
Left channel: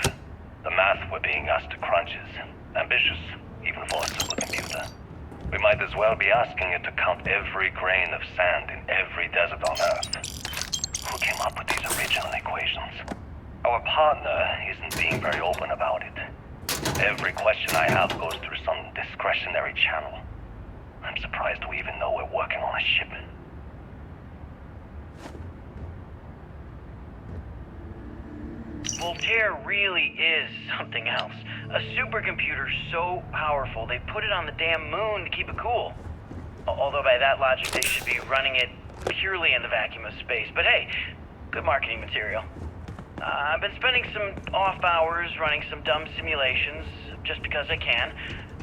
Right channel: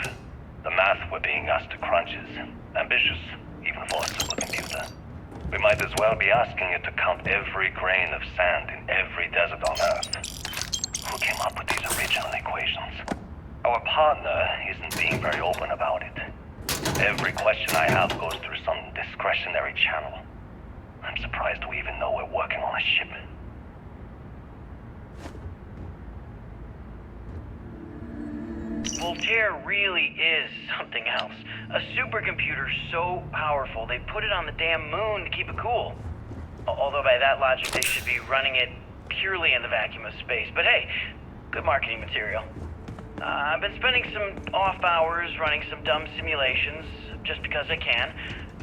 The math we're being asked to crunch is ambitious, even for a supercomputer. We might as well be asking it to count every grain of sand in every desert on Earth. Who came up with these original equations? Our partner isn't being very open about it. Every question I have goes through some discretionary channel. I'm surprised we even know we're working on a ship. Voltaire really is something else. A supercomputer so powerful, they put it on the damn moon to keep it cool. Although by that logic, they should be running it purely in the vacuum of space. But hey, good marketing material. I've been spending some off hours running some dumb simulations, just because I can.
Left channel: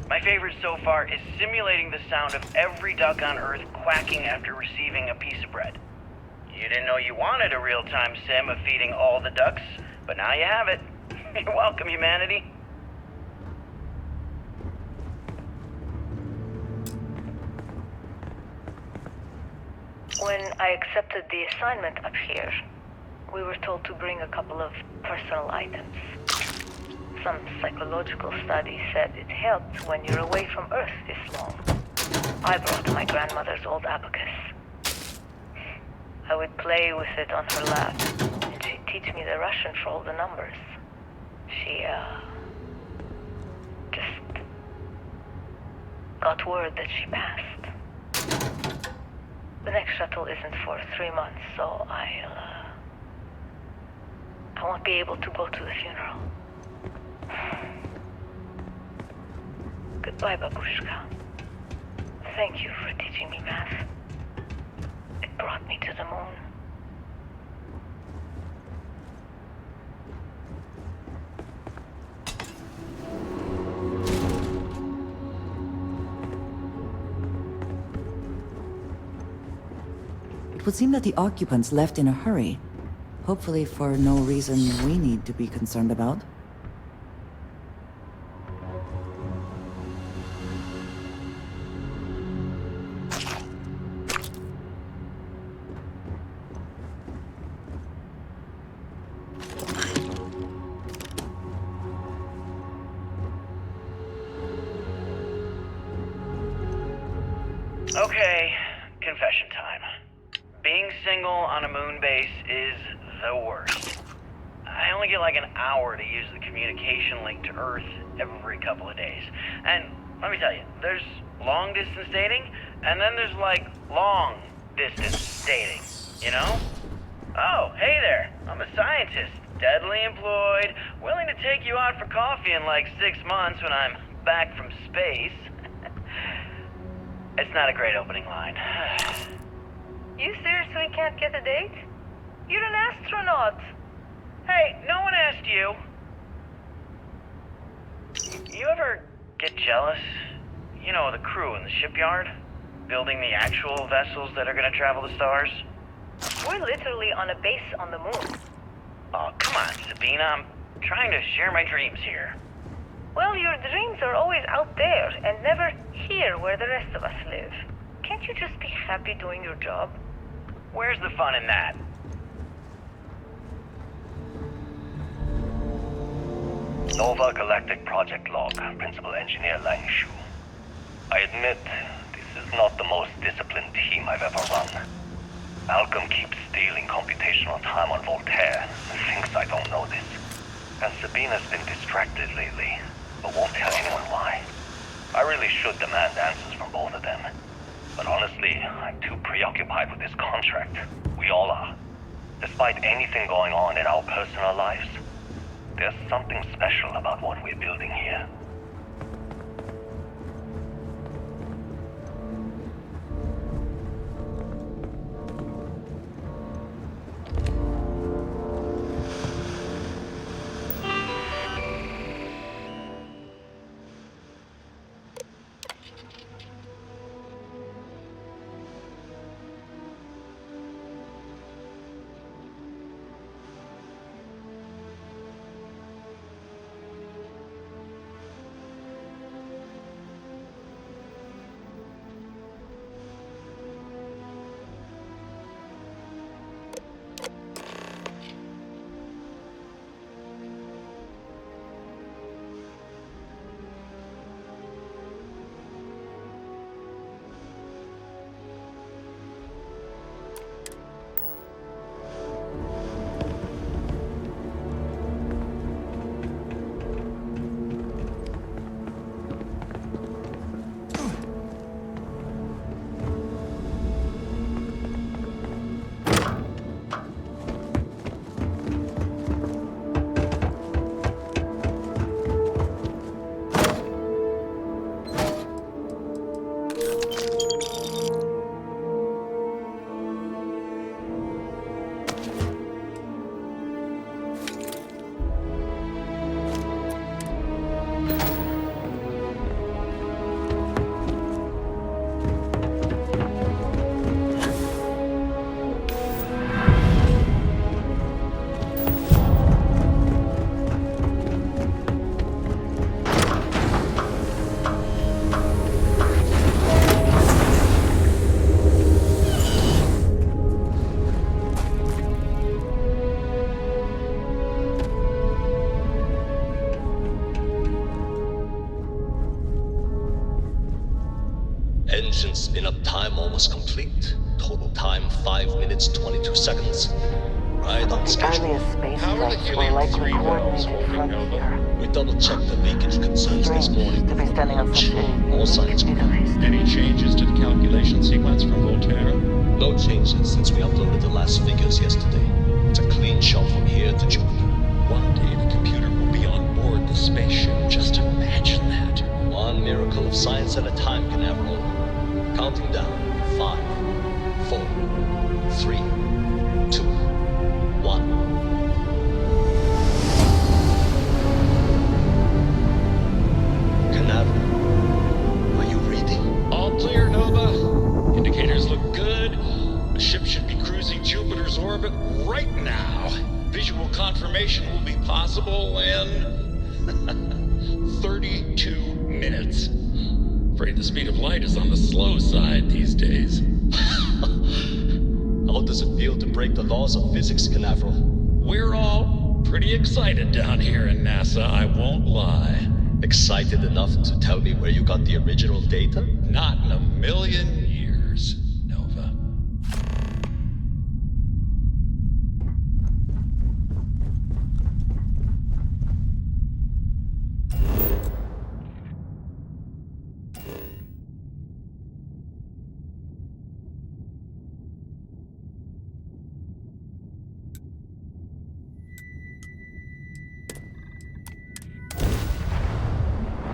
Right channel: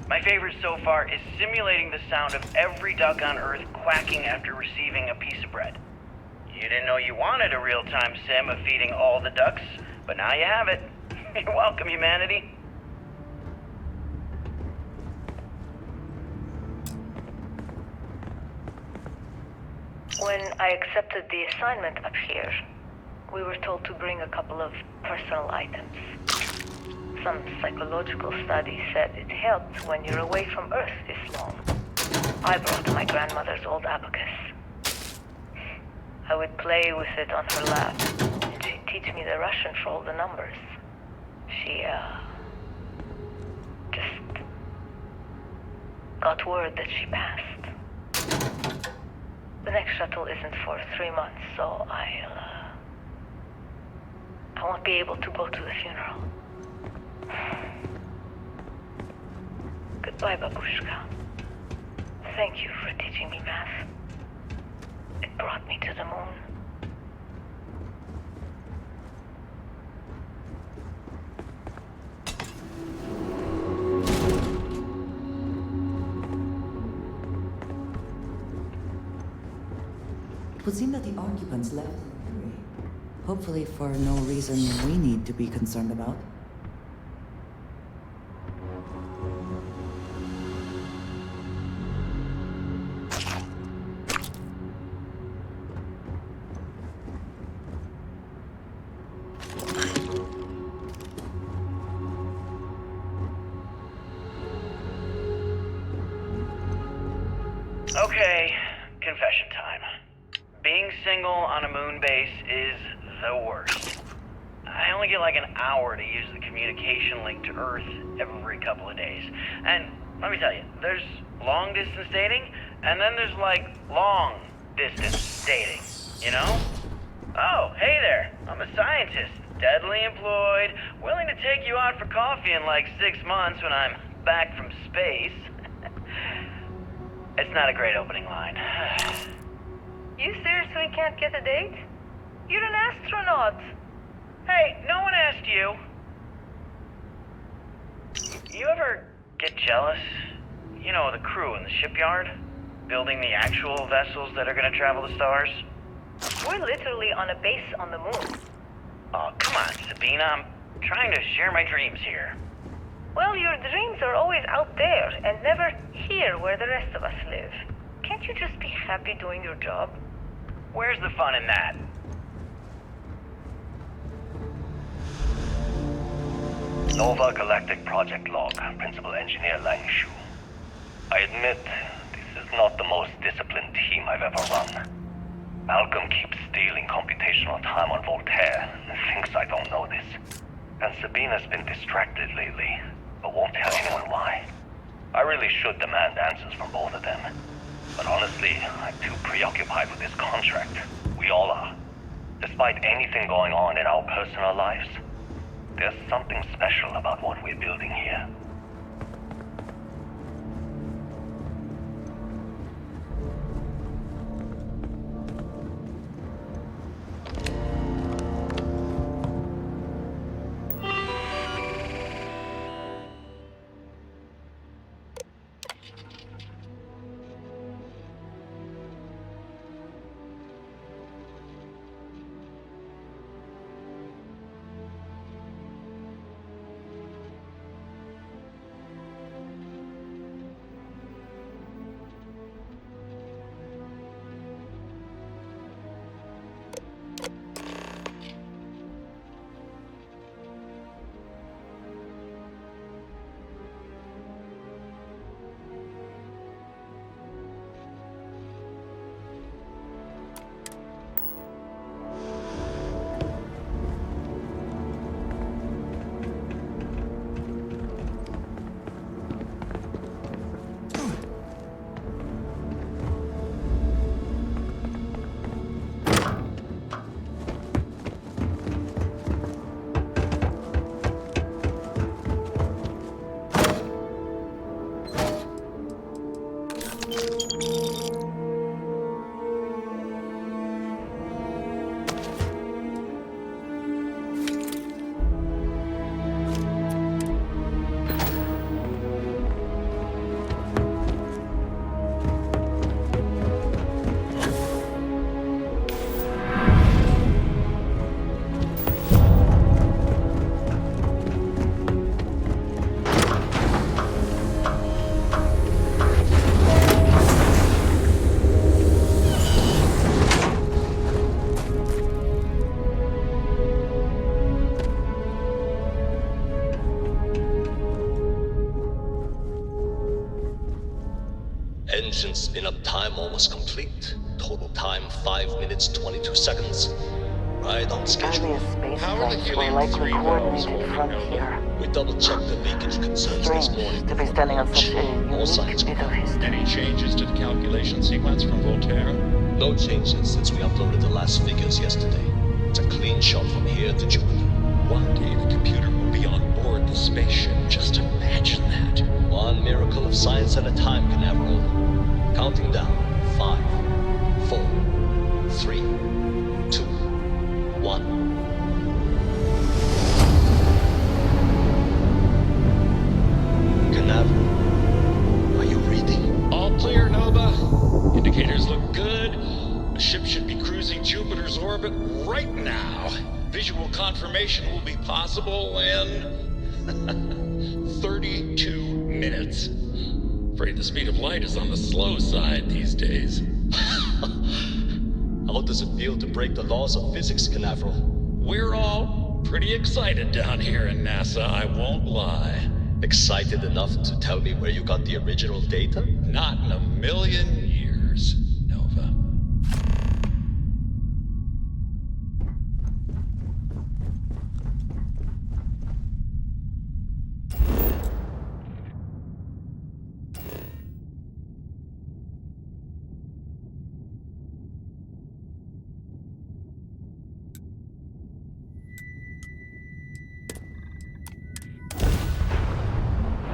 My favorite so far is simulating the sound of every duck on Earth quacking after receiving a piece of bread. You didn't know you wanted a real-time sim of feeding all the ducks, but now you have it. You're welcome, humanity. When I accepted the assignment up here, we were told to bring a couple of personal items. Some psychological studies said it helped when you're away from Earth this long. I brought my grandmother's old abacus. I would play with it on her lap, and she'd teach me the Russian for all the numbers. She, just got word that she passed. The next shuttle isn't for 3 months, so I won't be able to go to the funeral. Goodbye, Babushka. Thank you for teaching me math. It brought me to the moon. It would seem that the occupants left in a hurry. Hopefully for no reason we need to be concerned about. Okay, confession time. Being single on a moon base is the worst. I only get like an hour to use the communication link to Earth every couple of days. And let me tell you, there's long distance dating, and then there's like long distance dating, you know? Oh, hey there, I'm a scientist, deadly employed, willing to take you out for coffee in like 6 months when I'm back from space. It's not a great opening line. You seriously can't get a date? You're an astronaut. Hey, no one asked you. You ever get jealous? You know, the crew in the shipyard? Building the actual vessels that are gonna travel the stars? We're literally on a base on the moon. Oh, come on, Sabina. I'm trying to share my dreams here. Well, your dreams are always out there and never here where the rest of us live. Can't you just be happy doing your job? Where's the fun in that? Nova Galactic Project Log, Principal Engineer Lang Shu. I admit, this is not the most disciplined team I've ever run. Malcolm keeps stealing computational time on Voltaire and thinks I don't know this. And Sabina's been distracted lately, but won't tell anyone why. I really should demand answers from both of them. But honestly, I'm too preoccupied with this contract. We all are. Despite anything going on in our personal lives, there's something special about what we're building here. Engine spin-up time almost complete. Total time 5 minutes 22 seconds. Right on schedule. Earliest space flights were likely coordinated from here. We double-checked the leakage concerns this morning. To be standing on such a All signs bit of history. Any changes to the calculation sequence from Voltaire? No changes since we uploaded the last figures yesterday. It's a clean shot from here to Jupiter. One day the computer will be on board the spaceship. Just imagine that. One miracle of science at a time, Canaveral. Counting down. 5, 4, 3, 2, 1. Canaveral, are you reading? All clear, Nova. Indicators look good. The ship should be cruising Jupiter's orbit right now. Visual confirmation will be possible in 32 minutes. Afraid the speed of light is on the slow side these days. How does it feel to break the laws of physics, Canaveral? We're all pretty excited down here in NASA, I won't lie. Excited enough to tell me where you got the original data? Not in a million years, Nova.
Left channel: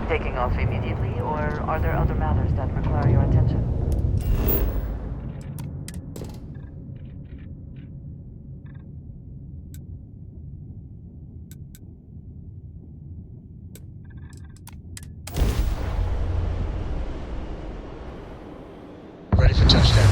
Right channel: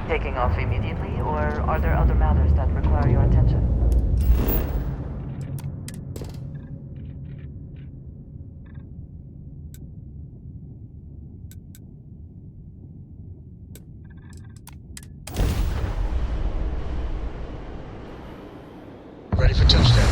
taking off immediately, or are there other matters that require your attention? Ready for touchdown.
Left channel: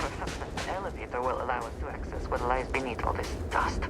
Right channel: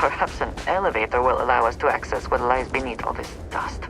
Perhaps an elevator will allow us to access what lies beneath all this dust.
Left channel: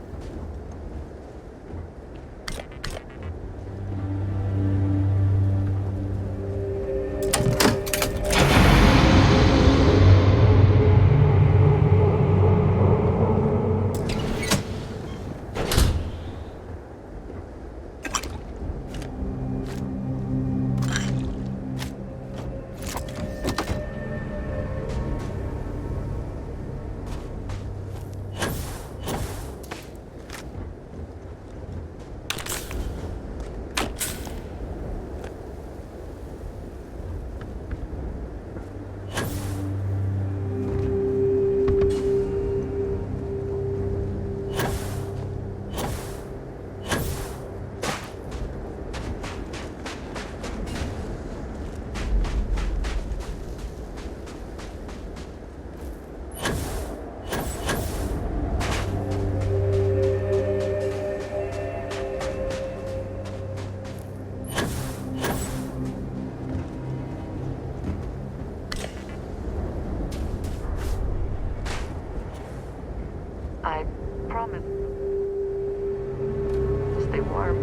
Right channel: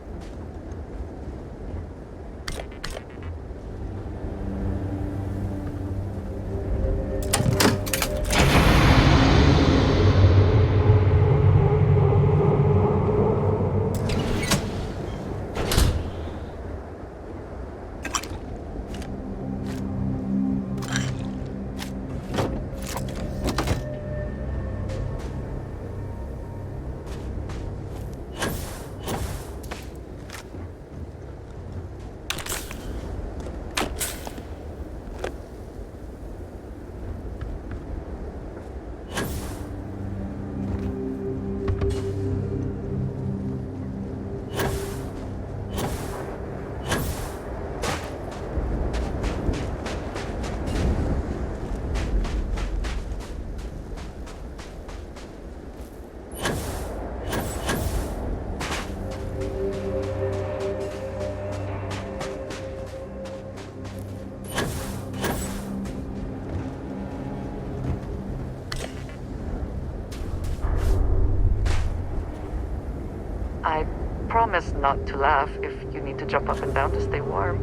I promise not to laugh if you need to jump up and down to stay warm.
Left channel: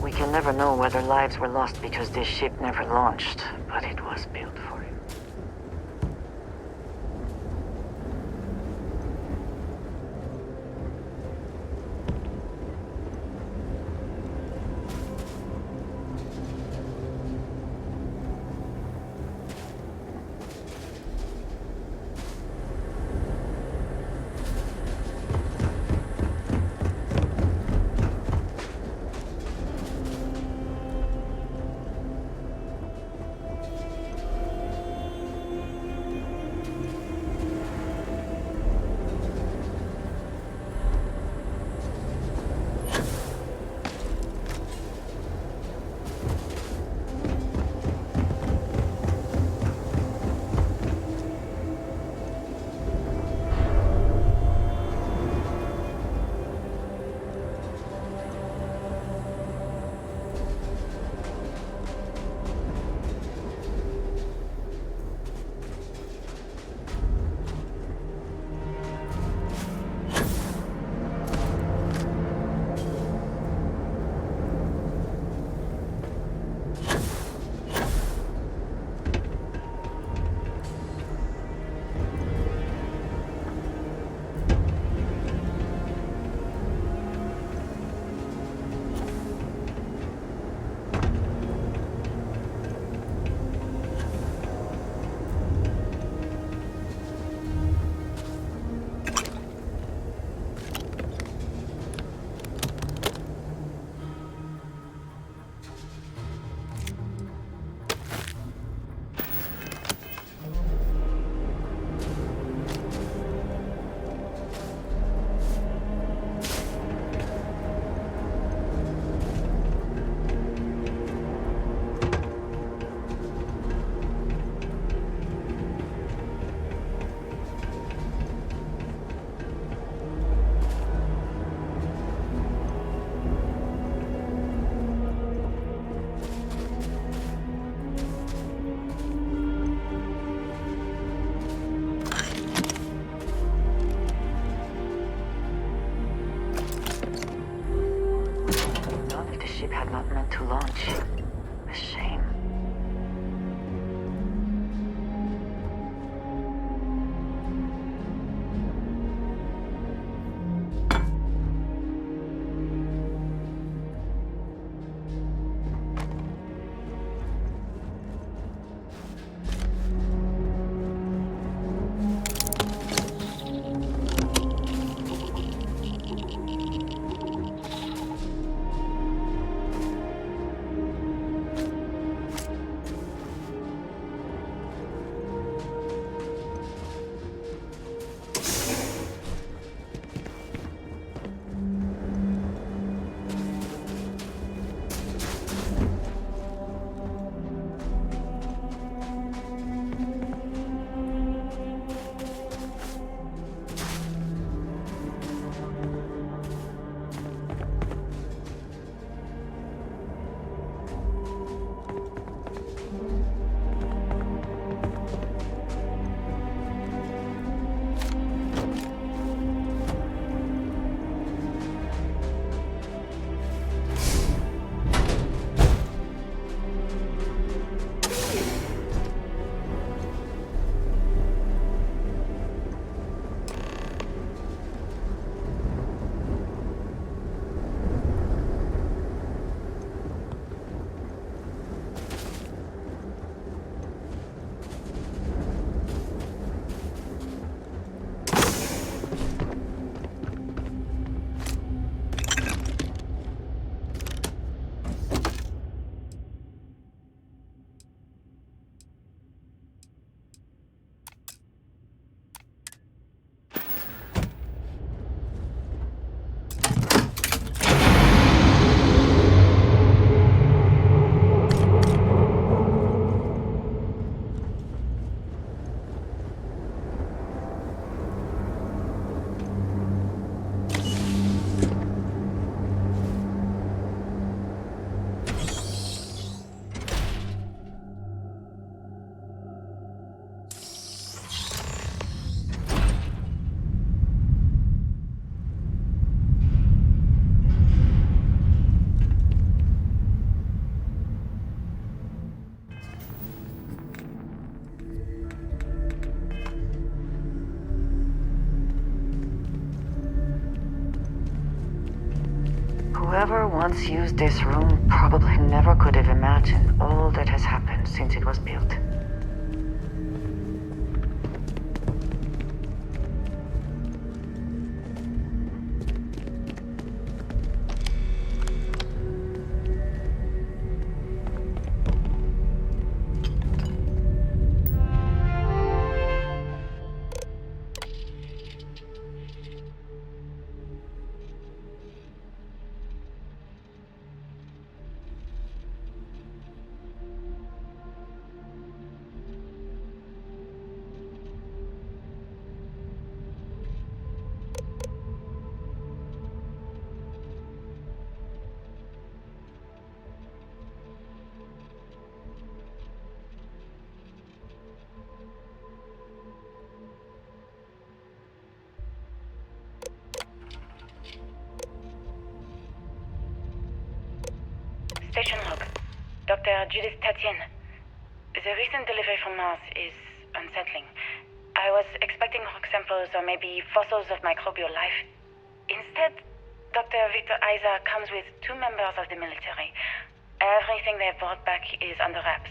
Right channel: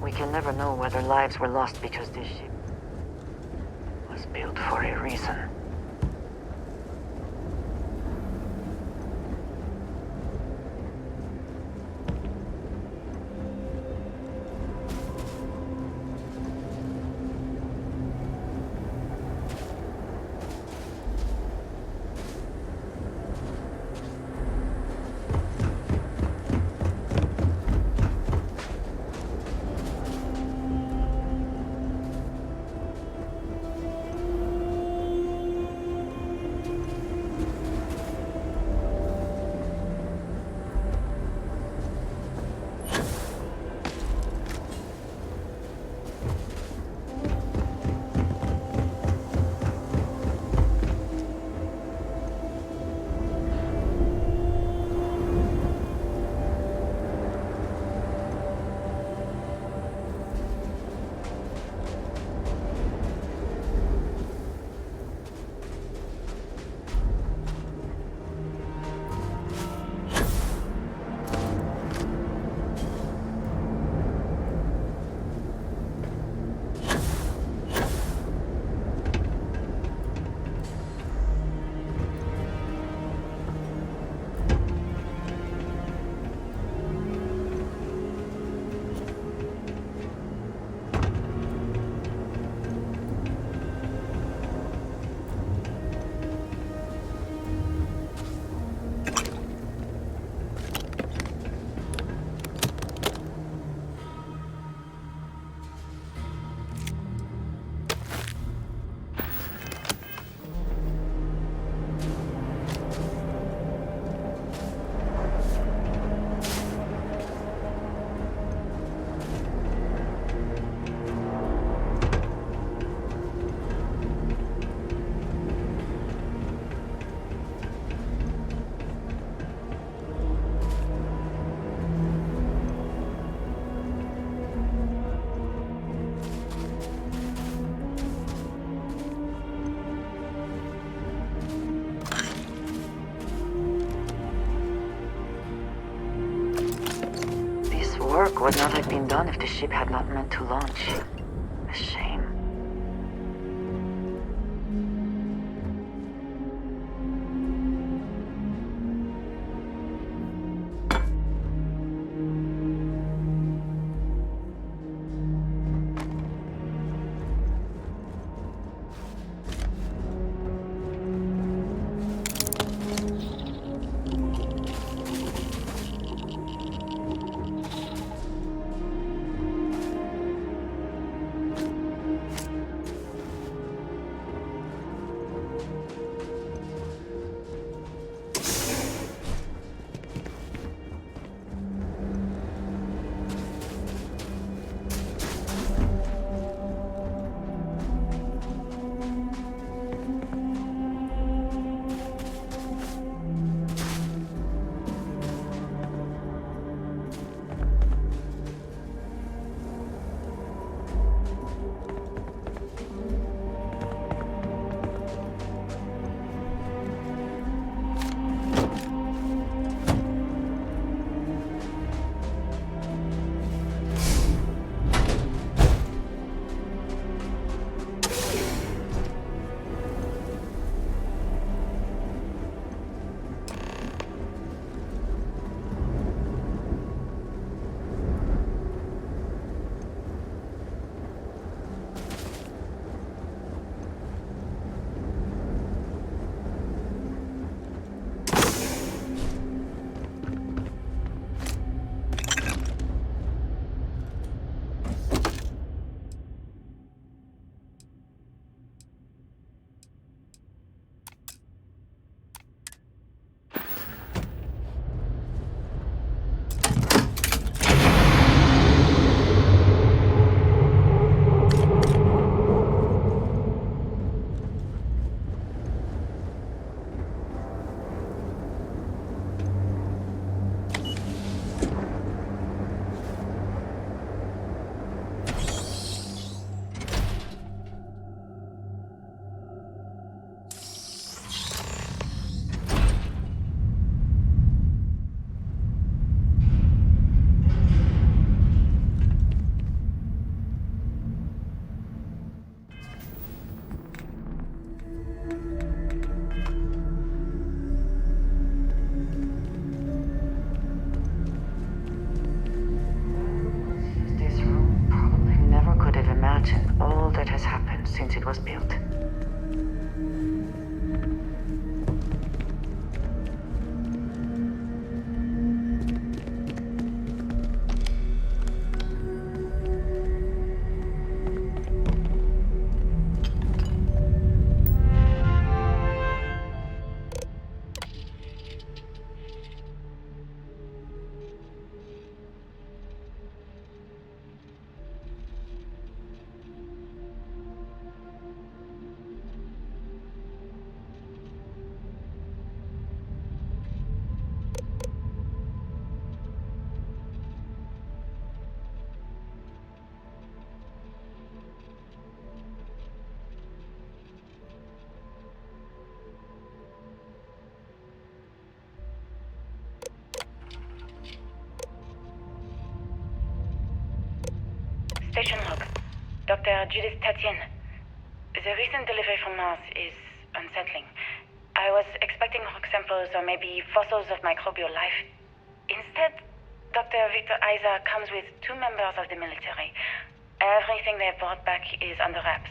We can never know whether lives were lost because this ship never launched, but it was built for a reason. work would not have been done if the ship had not meant to launch. A shame. Whoever once used this room probably never could have imagined all that has happened since it was built. Station log. Dr. Judith Tatien. The recent delivery from Mars is unsettling. I was expecting rock samples or maybe fossils of microbial life. Instead, Dr. Victor Isa comes with 2 members of the military. Everything they've brought back is under wraps.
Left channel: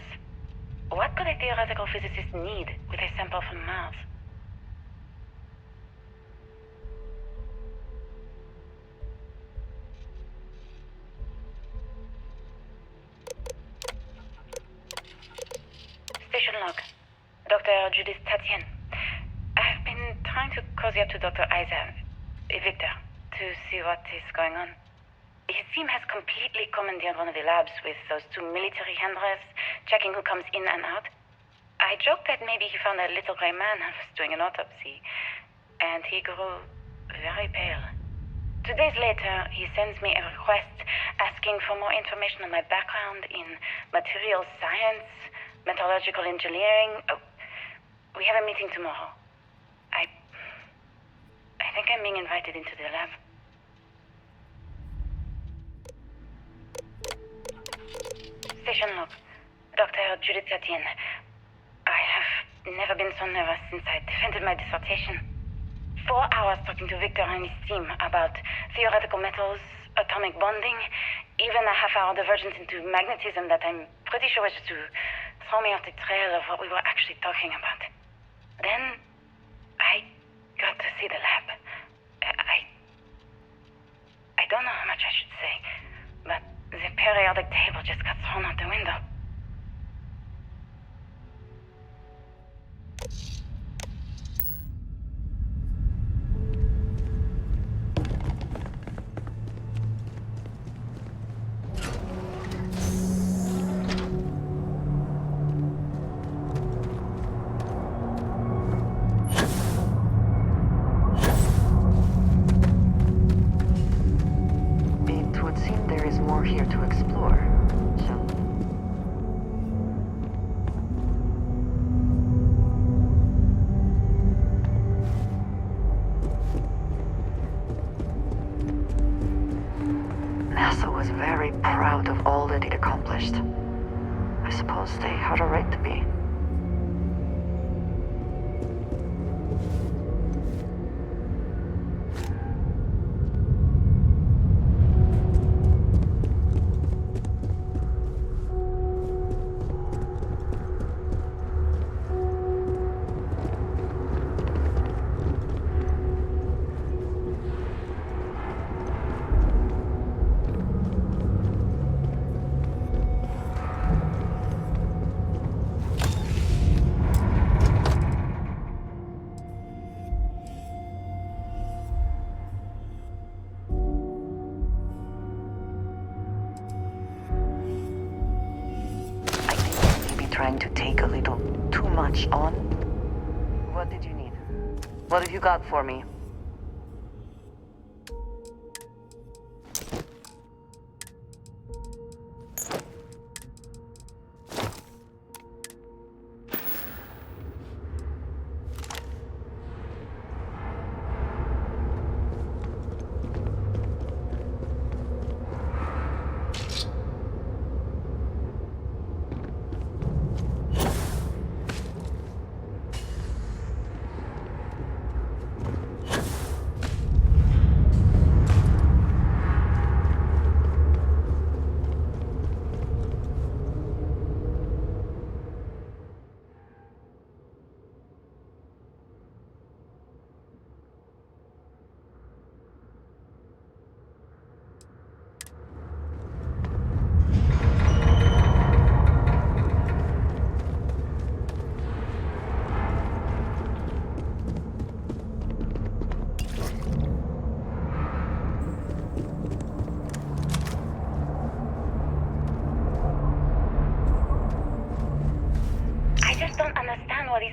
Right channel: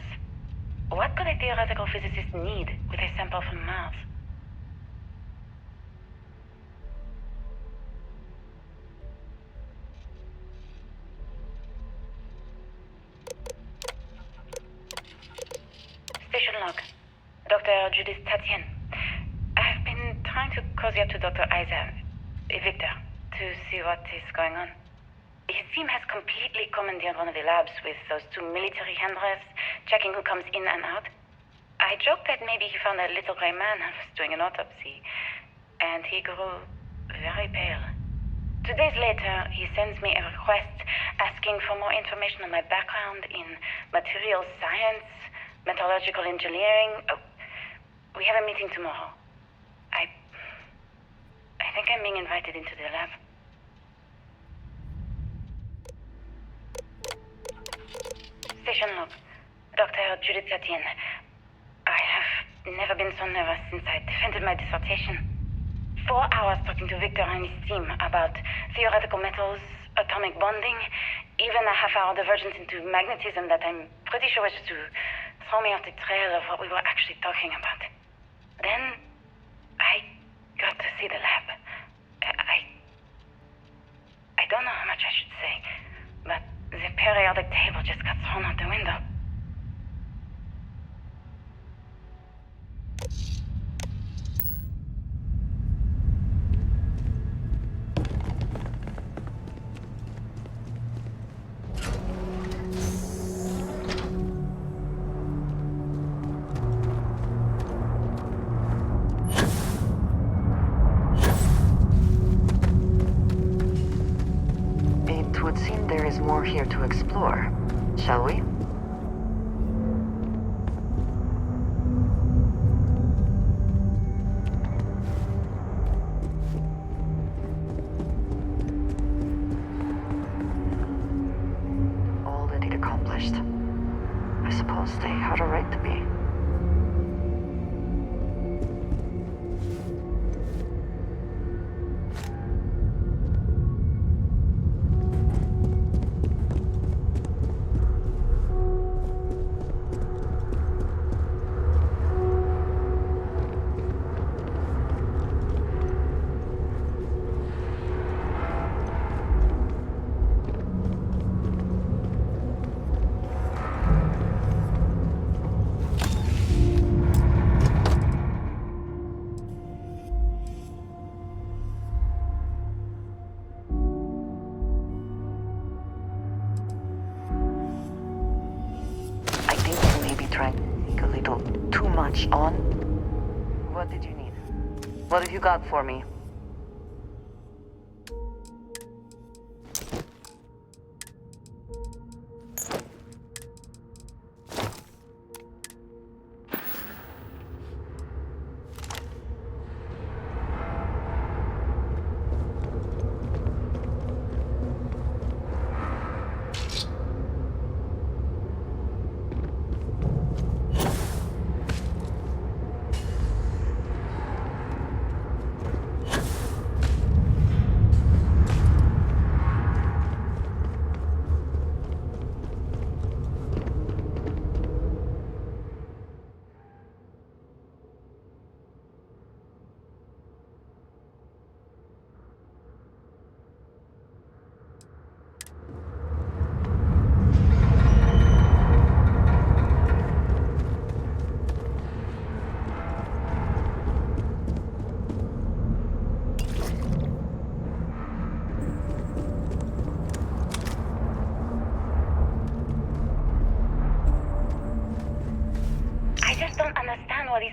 What could a theoretical physicist need with a sample from Mars? Station log. Dr. Judith Tatien. I've been trying to cozy up to Dr. Isa, Victor, to see what is going on. His team has completely commandeered one of the labs with those 2 military handlers, checking who comes in and out. I joked that maybe he found a little gray man and was doing an autopsy, and he grew very pale. 2 days later, he sends me a request asking for more information on my background in materials science, metallurgical engineering. Oh, we have a meeting tomorrow. I think I'm being invited into the lab. Victor, I Station log. Dr. Judith Satien. I have never been so nervous since I defended my dissertation. 4 hours talking to Victor and his team about theoretical metals, atomic bonding, even a half-hour divergence into magnetism that I'm pretty sure was to throw me off the trail of what we were actually talking about. Then, I got to see the lab. I don't know how much I should say, but the periodic table just got thrown out the window. It would seem there is more here to explore. Shall we? NASA was very proud of all that it accomplished. I suppose they had a right to be. Trying to take a little too much on. What did you need? What have you got for me?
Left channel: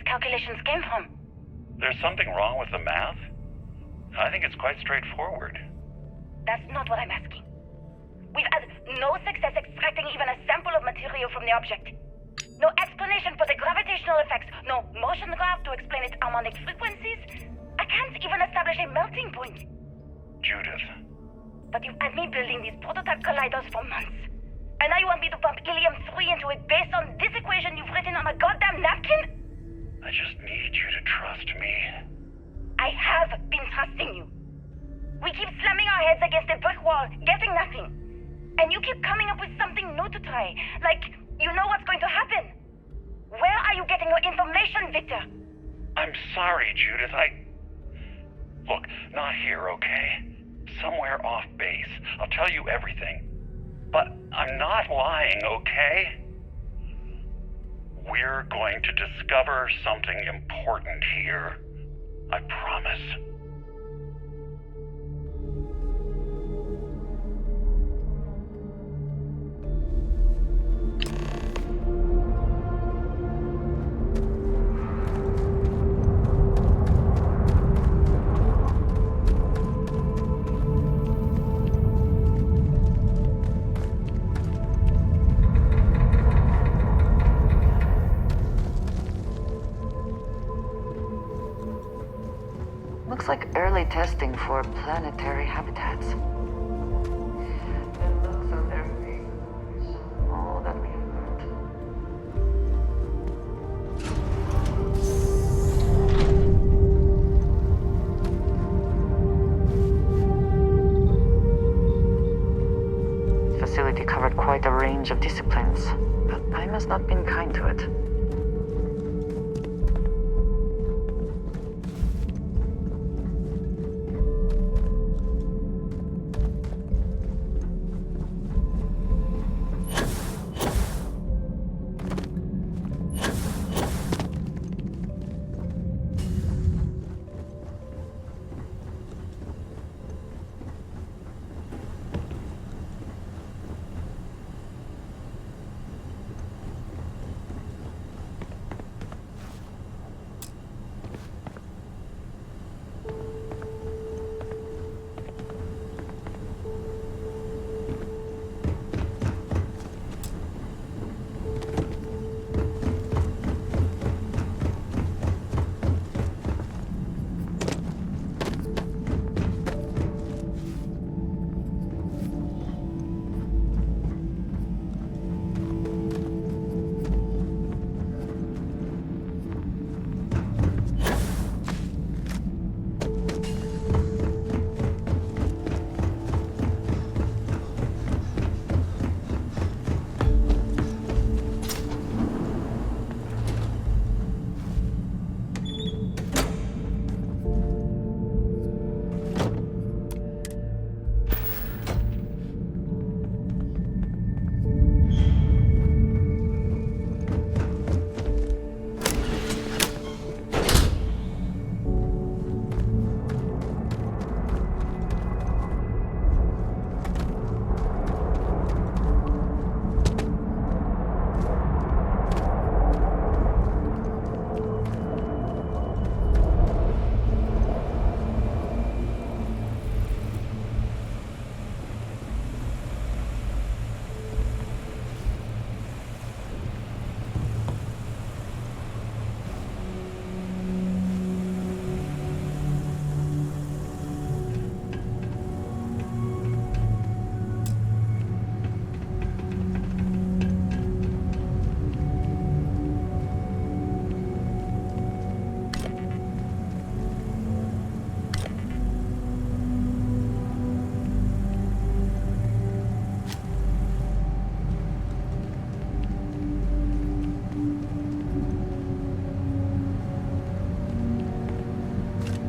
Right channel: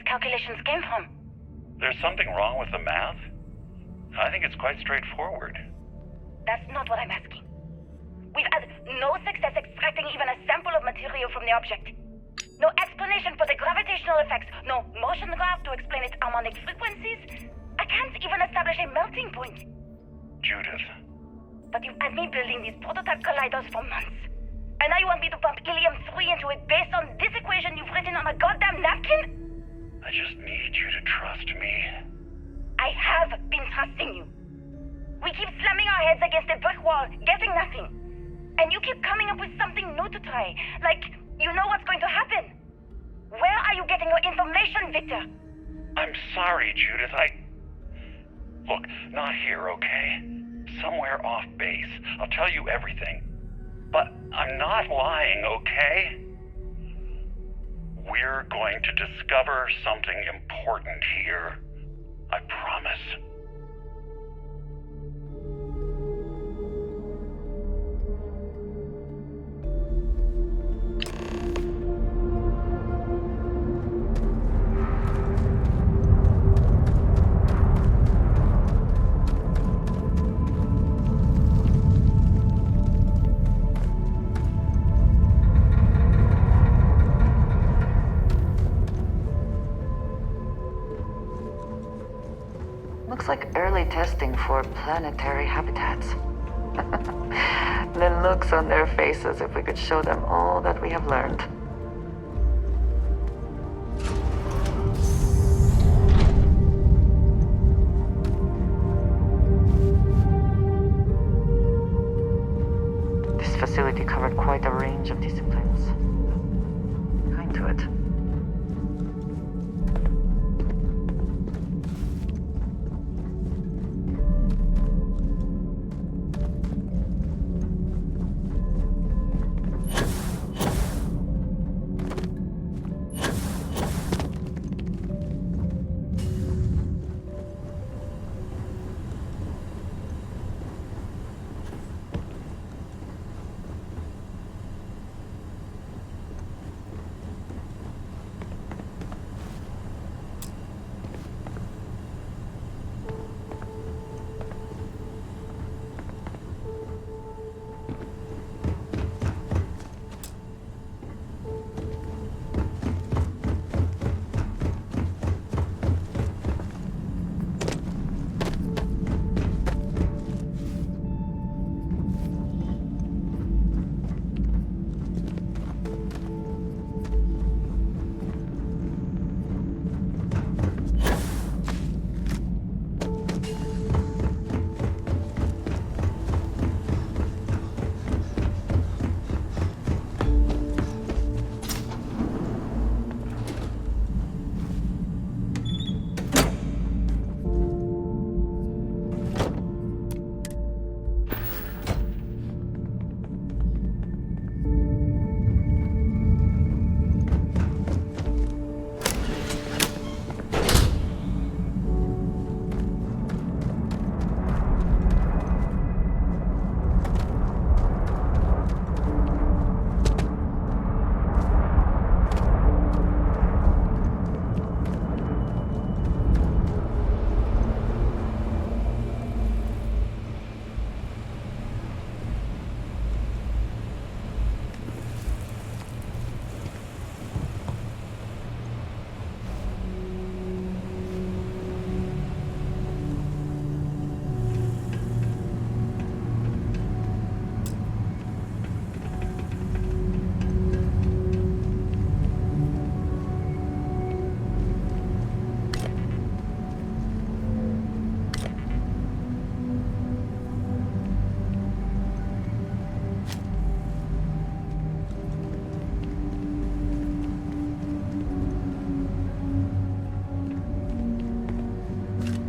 Calculations came from. There's something wrong with the math? I think it's quite straightforward. That's not what I'm asking. We've had no success extracting even a sample of material from the object. No explanation for the gravitational effects, no motion graph to explain its harmonic frequencies. I can't even establish a melting point. Judith. But you've had me building these prototype colliders for months. And now you want me to pump helium-3 into it based on this equation you've written on a goddamn napkin? I just need you to trust me. I have been trusting you. We keep slamming our heads against a brick wall, getting nothing. And you keep coming up with something new to try. Like, you know what's going to happen. Where are you getting your information, Victor? I'm sorry, Judith. Look, not here, okay? Somewhere off base. I'll tell you everything. But I'm not lying, okay? We're going to discover something important here. I promise. Looks like early testing for planetary habitats. The looks on their faces if we could show them all that we have learned. This facility covered quite a range of disciplines, but I must not been kind to it.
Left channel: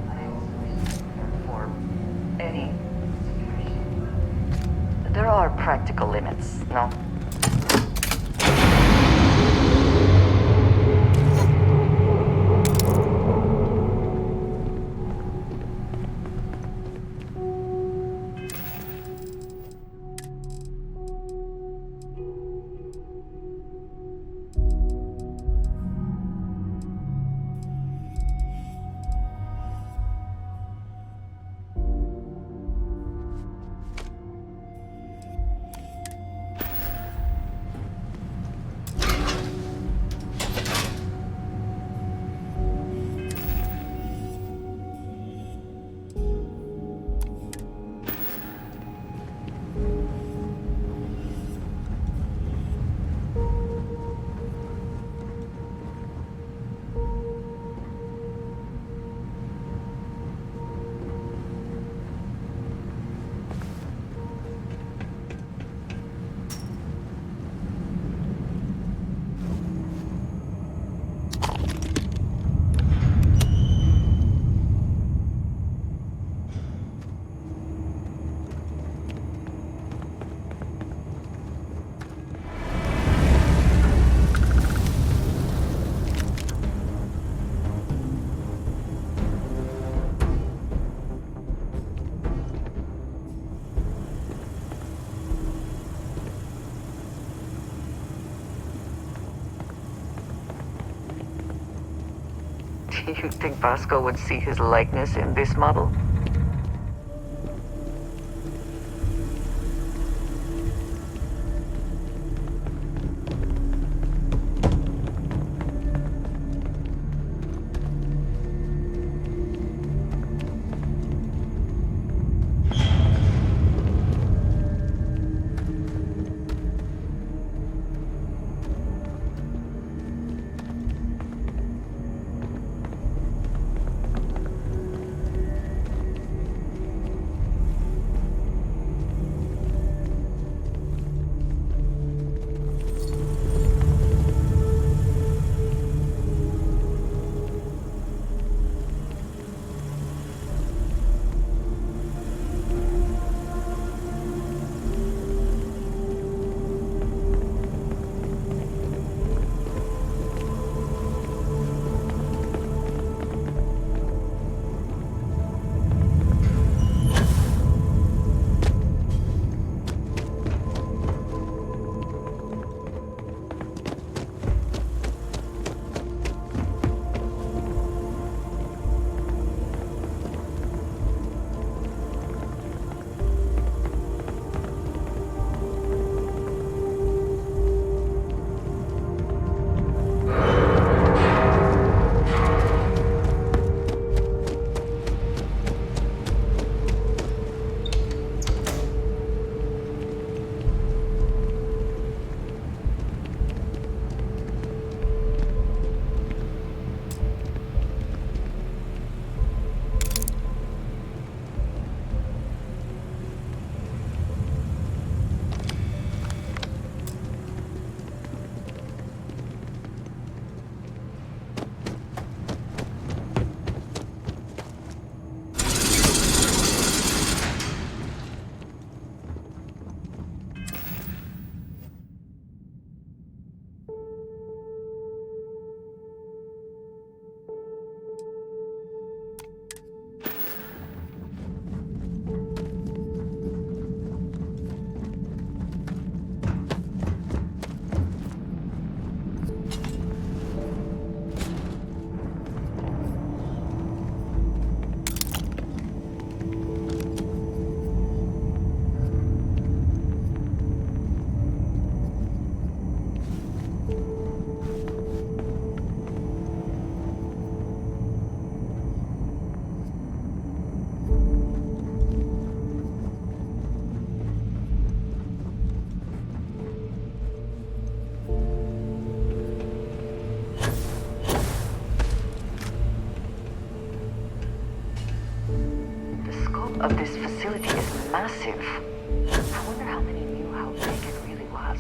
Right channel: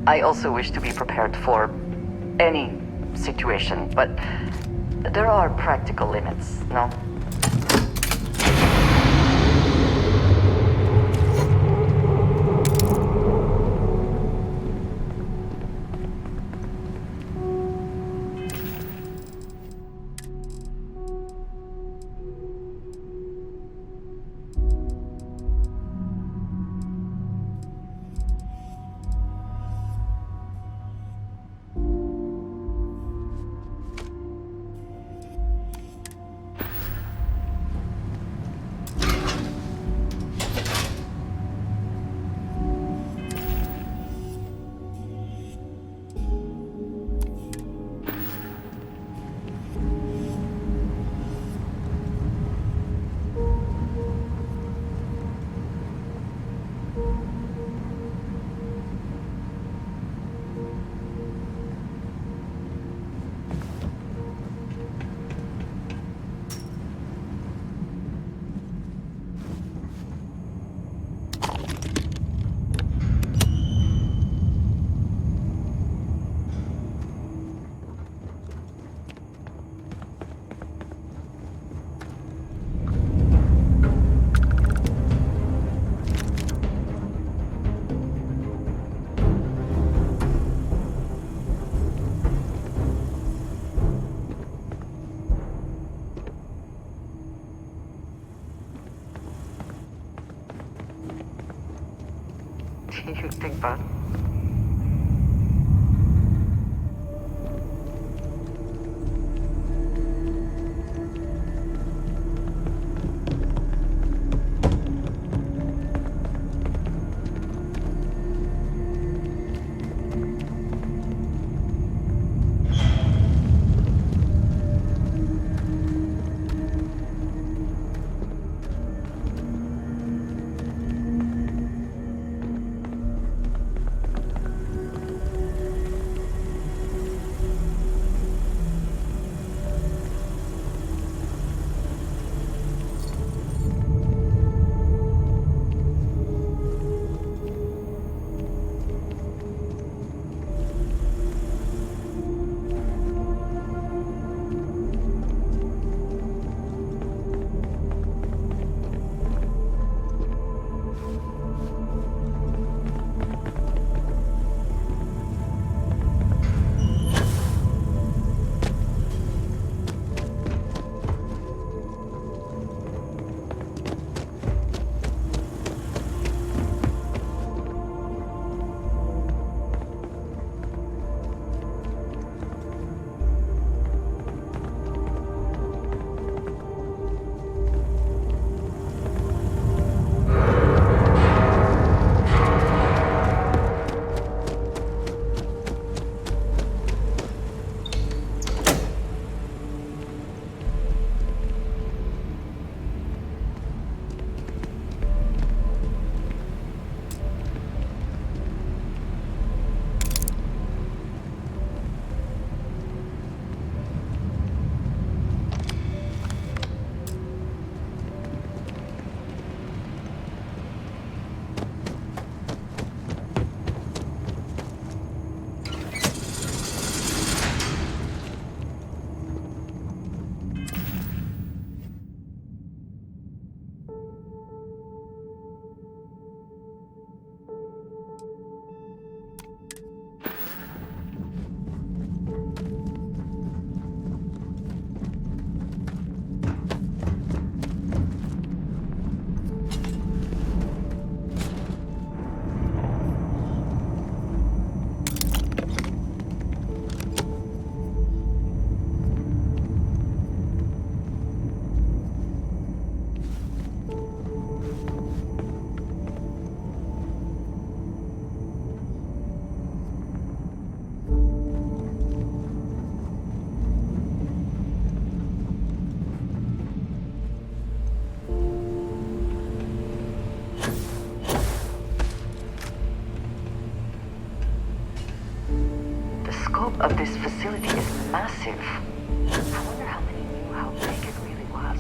I also wish to be prepared for any situation, but there are practical limits, no? Do you think Vasco would see his likeness in this model? This facility is massive. I wonder how many knew how big it really was.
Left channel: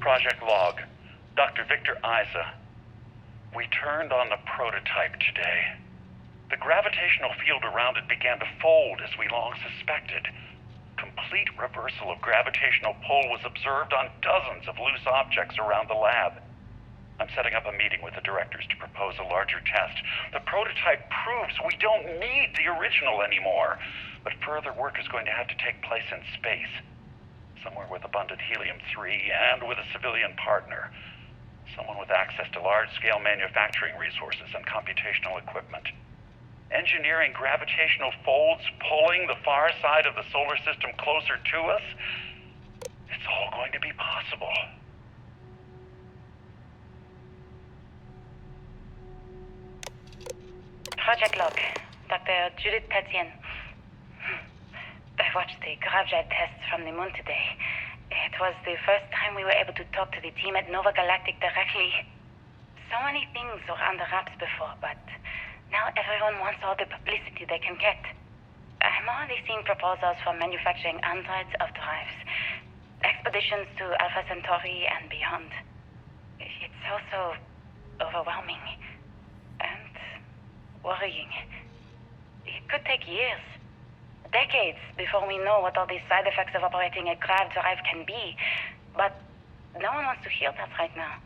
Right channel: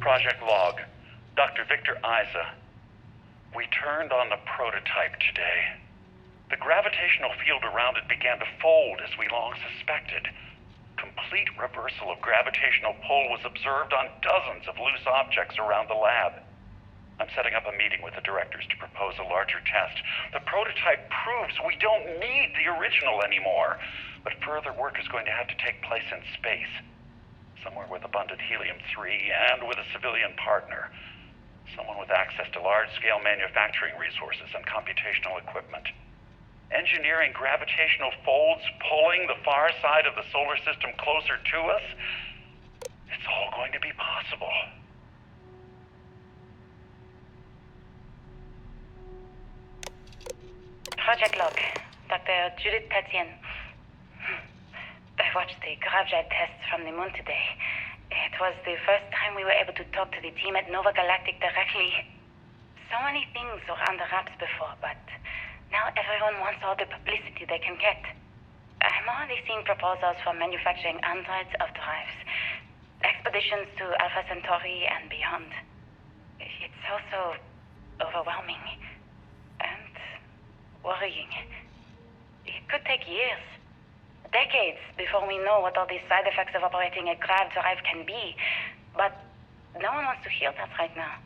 Project Log, Dr. Victor Isa. We turned on the prototype today. The gravitational field around it began to fold as we long suspected. Complete reversal of gravitational pull was observed on dozens of loose objects around the lab. I'm setting up a meeting with the directors to propose a larger test. The prototype proves we don't need the original anymore, but further work is going to have to take place in space. Somewhere with abundant helium-3 and with a civilian partner. Someone with access to large-scale manufacturing resources and computational equipment. Engineering gravitational folds pulling the far side of the solar system closer to us. It's all going to be possible. Project Log, Dr. Judith Tatian. I watched the gravjite tests from the moon today. It was the first time we were able to talk to the team at Nova Galactic directly. So many things were under wraps before, but now everyone wants all the publicity they can get. I'm already seeing proposals for manufacturing androids of drives, expeditions to Alpha Centauri and beyond. It's also overwhelming and worrying. It could take years. Decades before we know what all these side effects of operating a grav drive can be. But no one wants to hear that right now.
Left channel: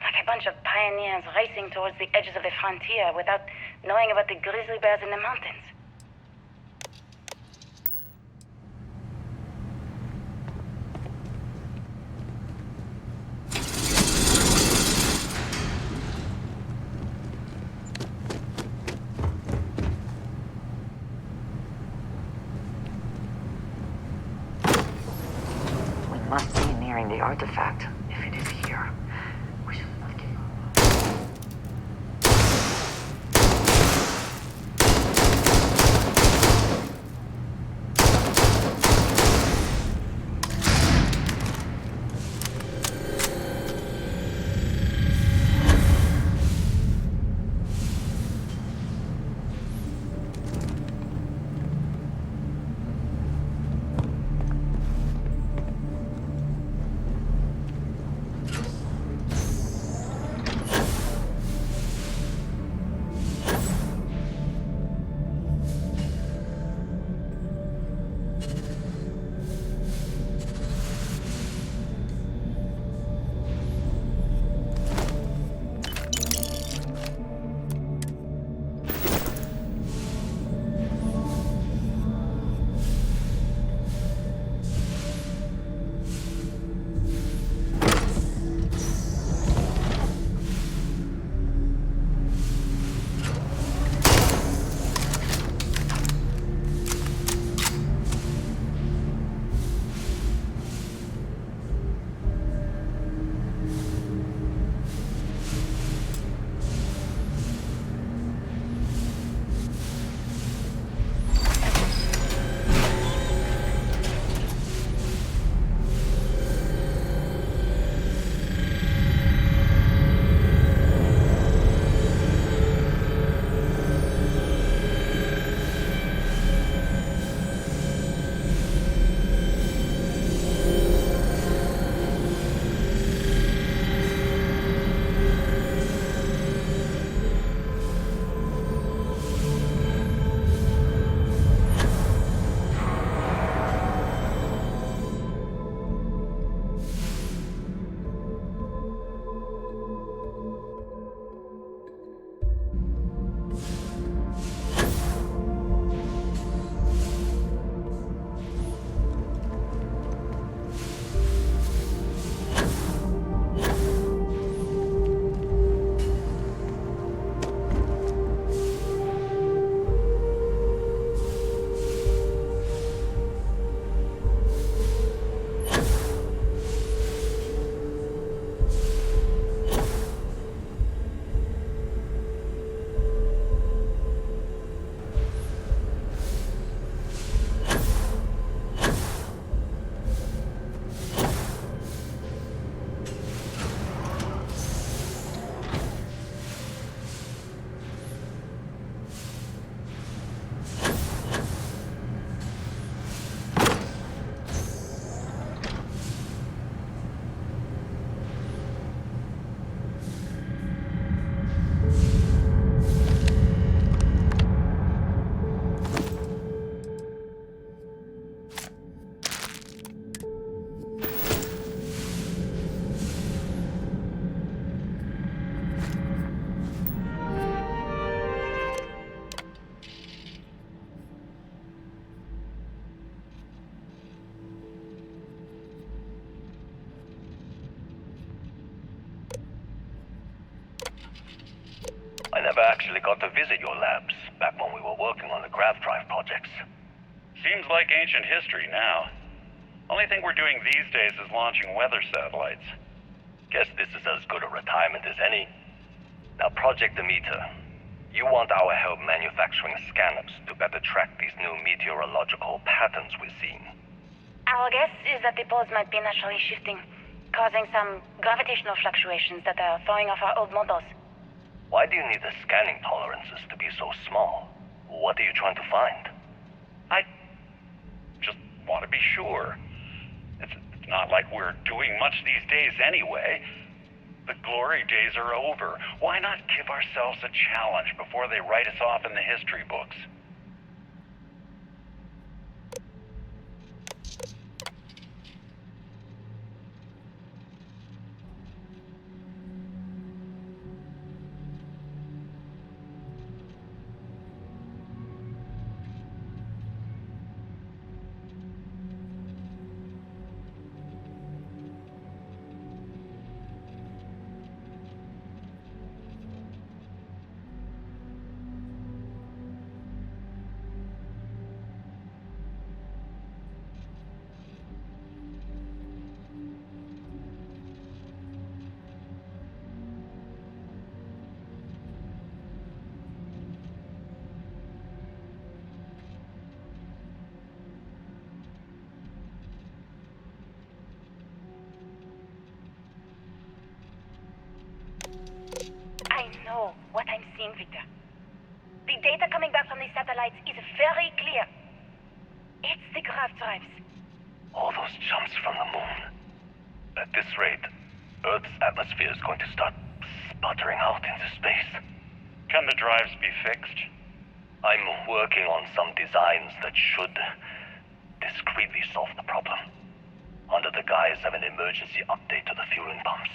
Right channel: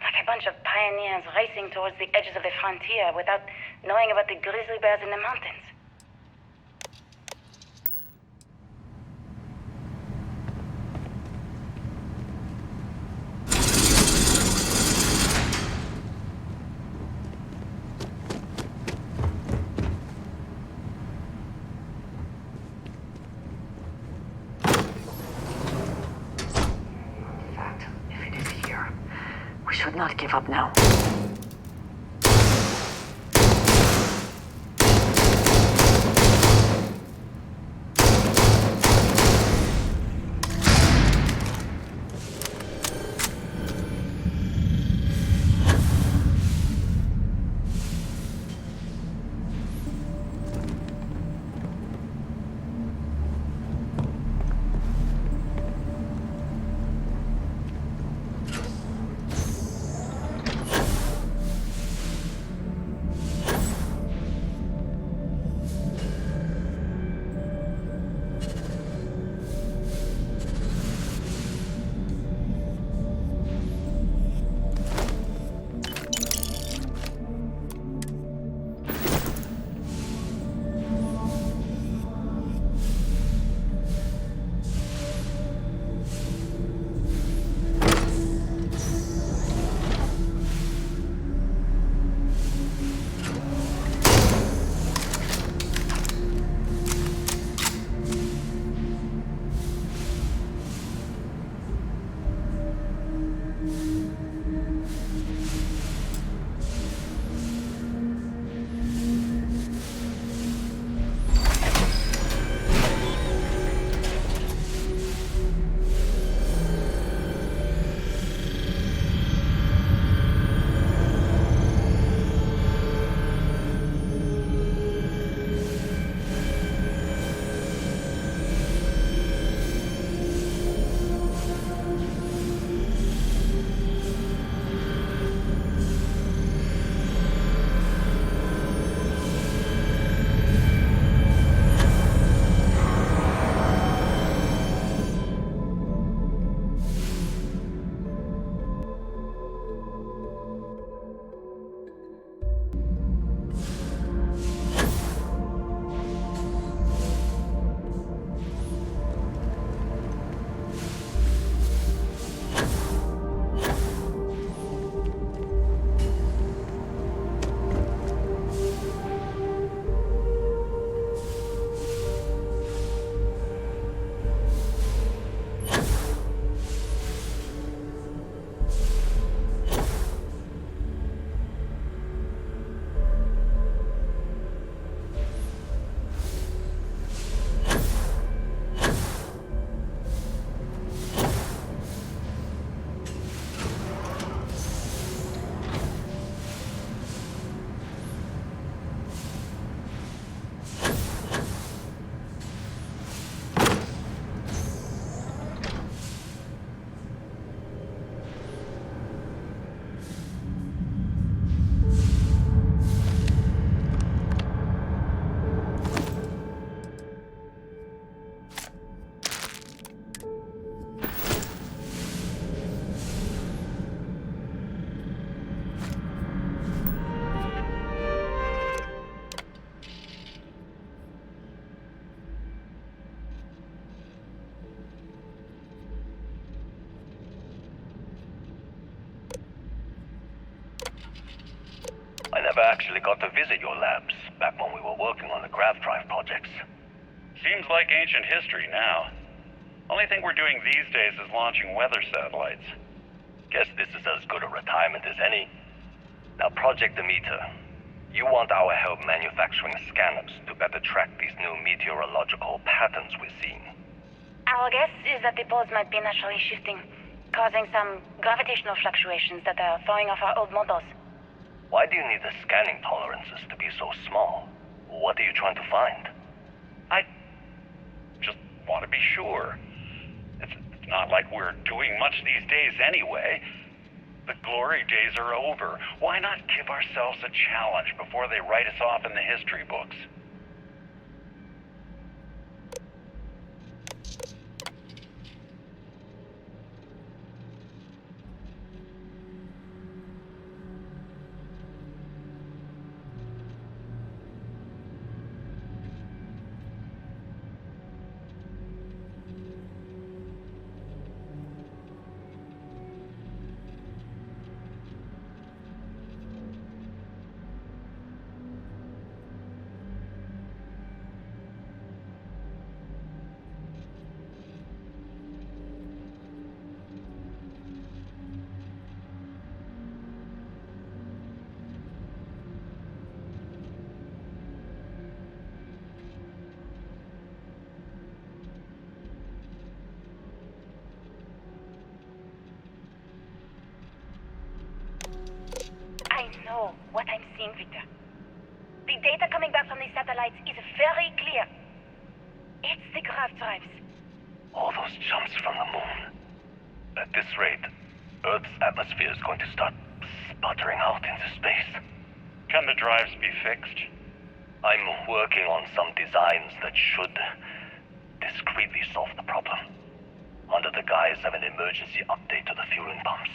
Like a bunch of pioneers racing towards the edges of the frontier without knowing about the grizzly bears in the mountains. Must be nearing the artifact, if it is here. We should not give up now. actually got to visit your labs back when we were working on the grav drive projects. Seems like ancient history now. Only thing we're doing these days is launching weather satellites. Guess this is as good a retirement as any. Now, Project Demeter, you want our help manufacturing scanners to better track these new meteorological patterns we're seeing. Our guess is that the poles might be naturally shifting, causing some gravitational fluctuations that are throwing off our old models. Why do you need the scanning tolerances to be so small? What are you trying to find? I just want to be sure. It's not like we're doing much these days anyway. The glory days are over. Why not give ourselves a challenge before they write us off in the history books? know what I'm seeing, Victor. The data coming back from the satellites is very clear. It's the grav drives. All those jumps from the moon. At this rate, Earth's atmosphere is going to start sputtering out into space. Can the drives be fixed? I'm working on some designs that should discreetly solve the problem, under the guise of an emergency update to the fueling pumps.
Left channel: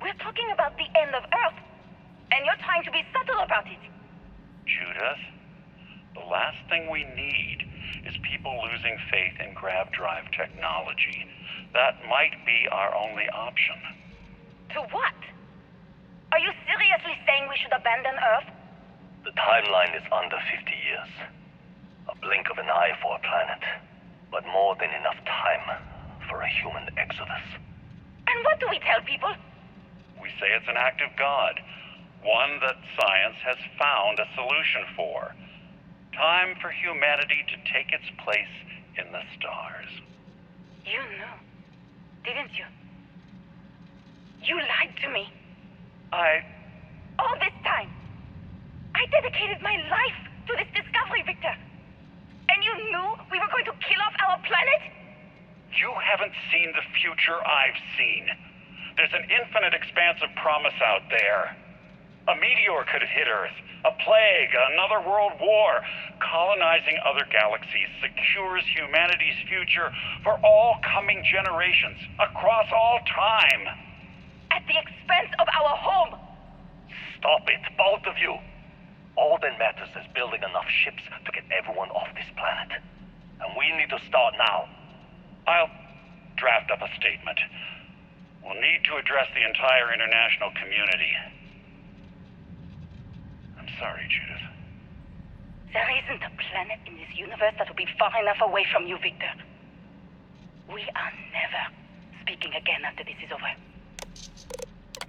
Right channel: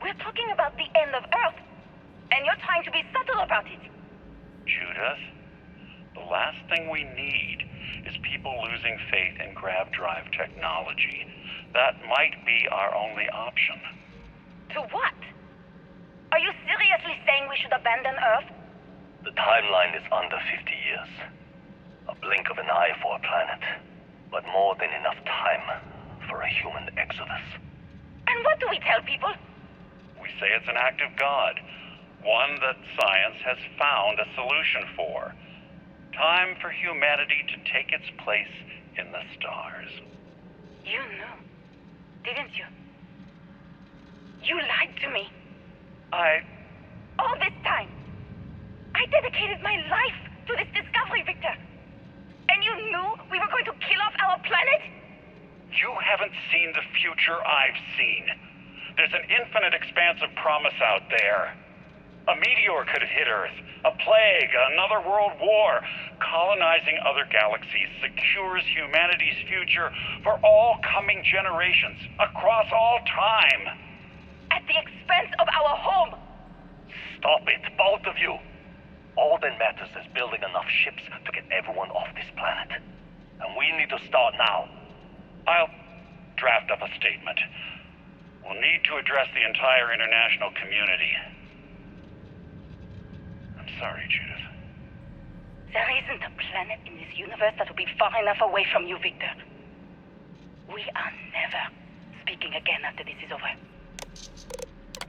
We're talking about the end of Earth, and you're trying to be subtle about it. Judith, the last thing we need is people losing faith in grav drive technology. That might be our only option. To what? Are you seriously saying we should abandon Earth? The timeline is under 50 years. A blink of an eye for a planet, but more than enough time for a human exodus. And what do we tell people? We say it's an act of God, one that science has found a solution for. Time for humanity to take its place in the stars. You knew, didn't you? You lied to me. All this time. I dedicated my life to this discovery, Victor. And you knew we were going to kill off our planet? You haven't seen the future I've seen. There's an infinite expanse of promise out there. A meteor could have hit Earth, a plague, another world war. Colonizing other galaxies secures humanity's future for all coming generations, across all time. At the expense of our home. Stop it, both of you. All that matters is building enough ships to get everyone off this planet. And we need to start now. I'll draft up a statement. We'll need to address the entire international community. I'm sorry, Judith. There isn't a planet in this universe that will be far enough away from you, Victor. We are never speaking again after this is over.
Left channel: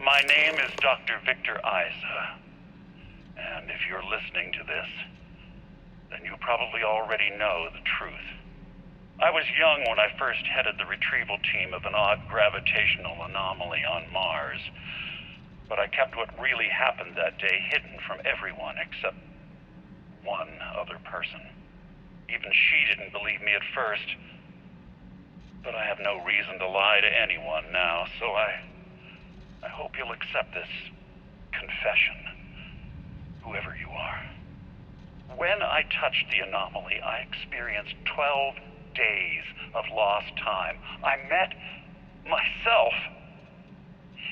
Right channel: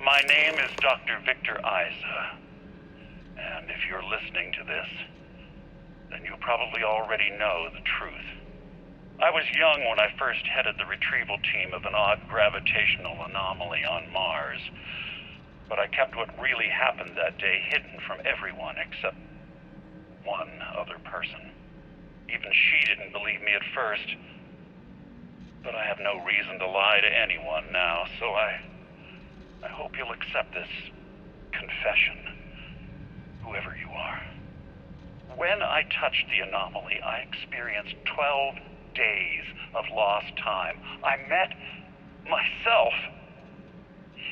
My name is Dr. Victor Isa. And if you're listening to this, then you probably already know the truth. I was young when I first headed the retrieval team of an odd gravitational anomaly on Mars. But I kept what really happened that day hidden from everyone except one other person. Even she didn't believe me at first. But I have no reason to lie to anyone now, so I hope you'll accept this confession, whoever you are. When I touched the anomaly, I experienced 12 days of lost time. I met myself.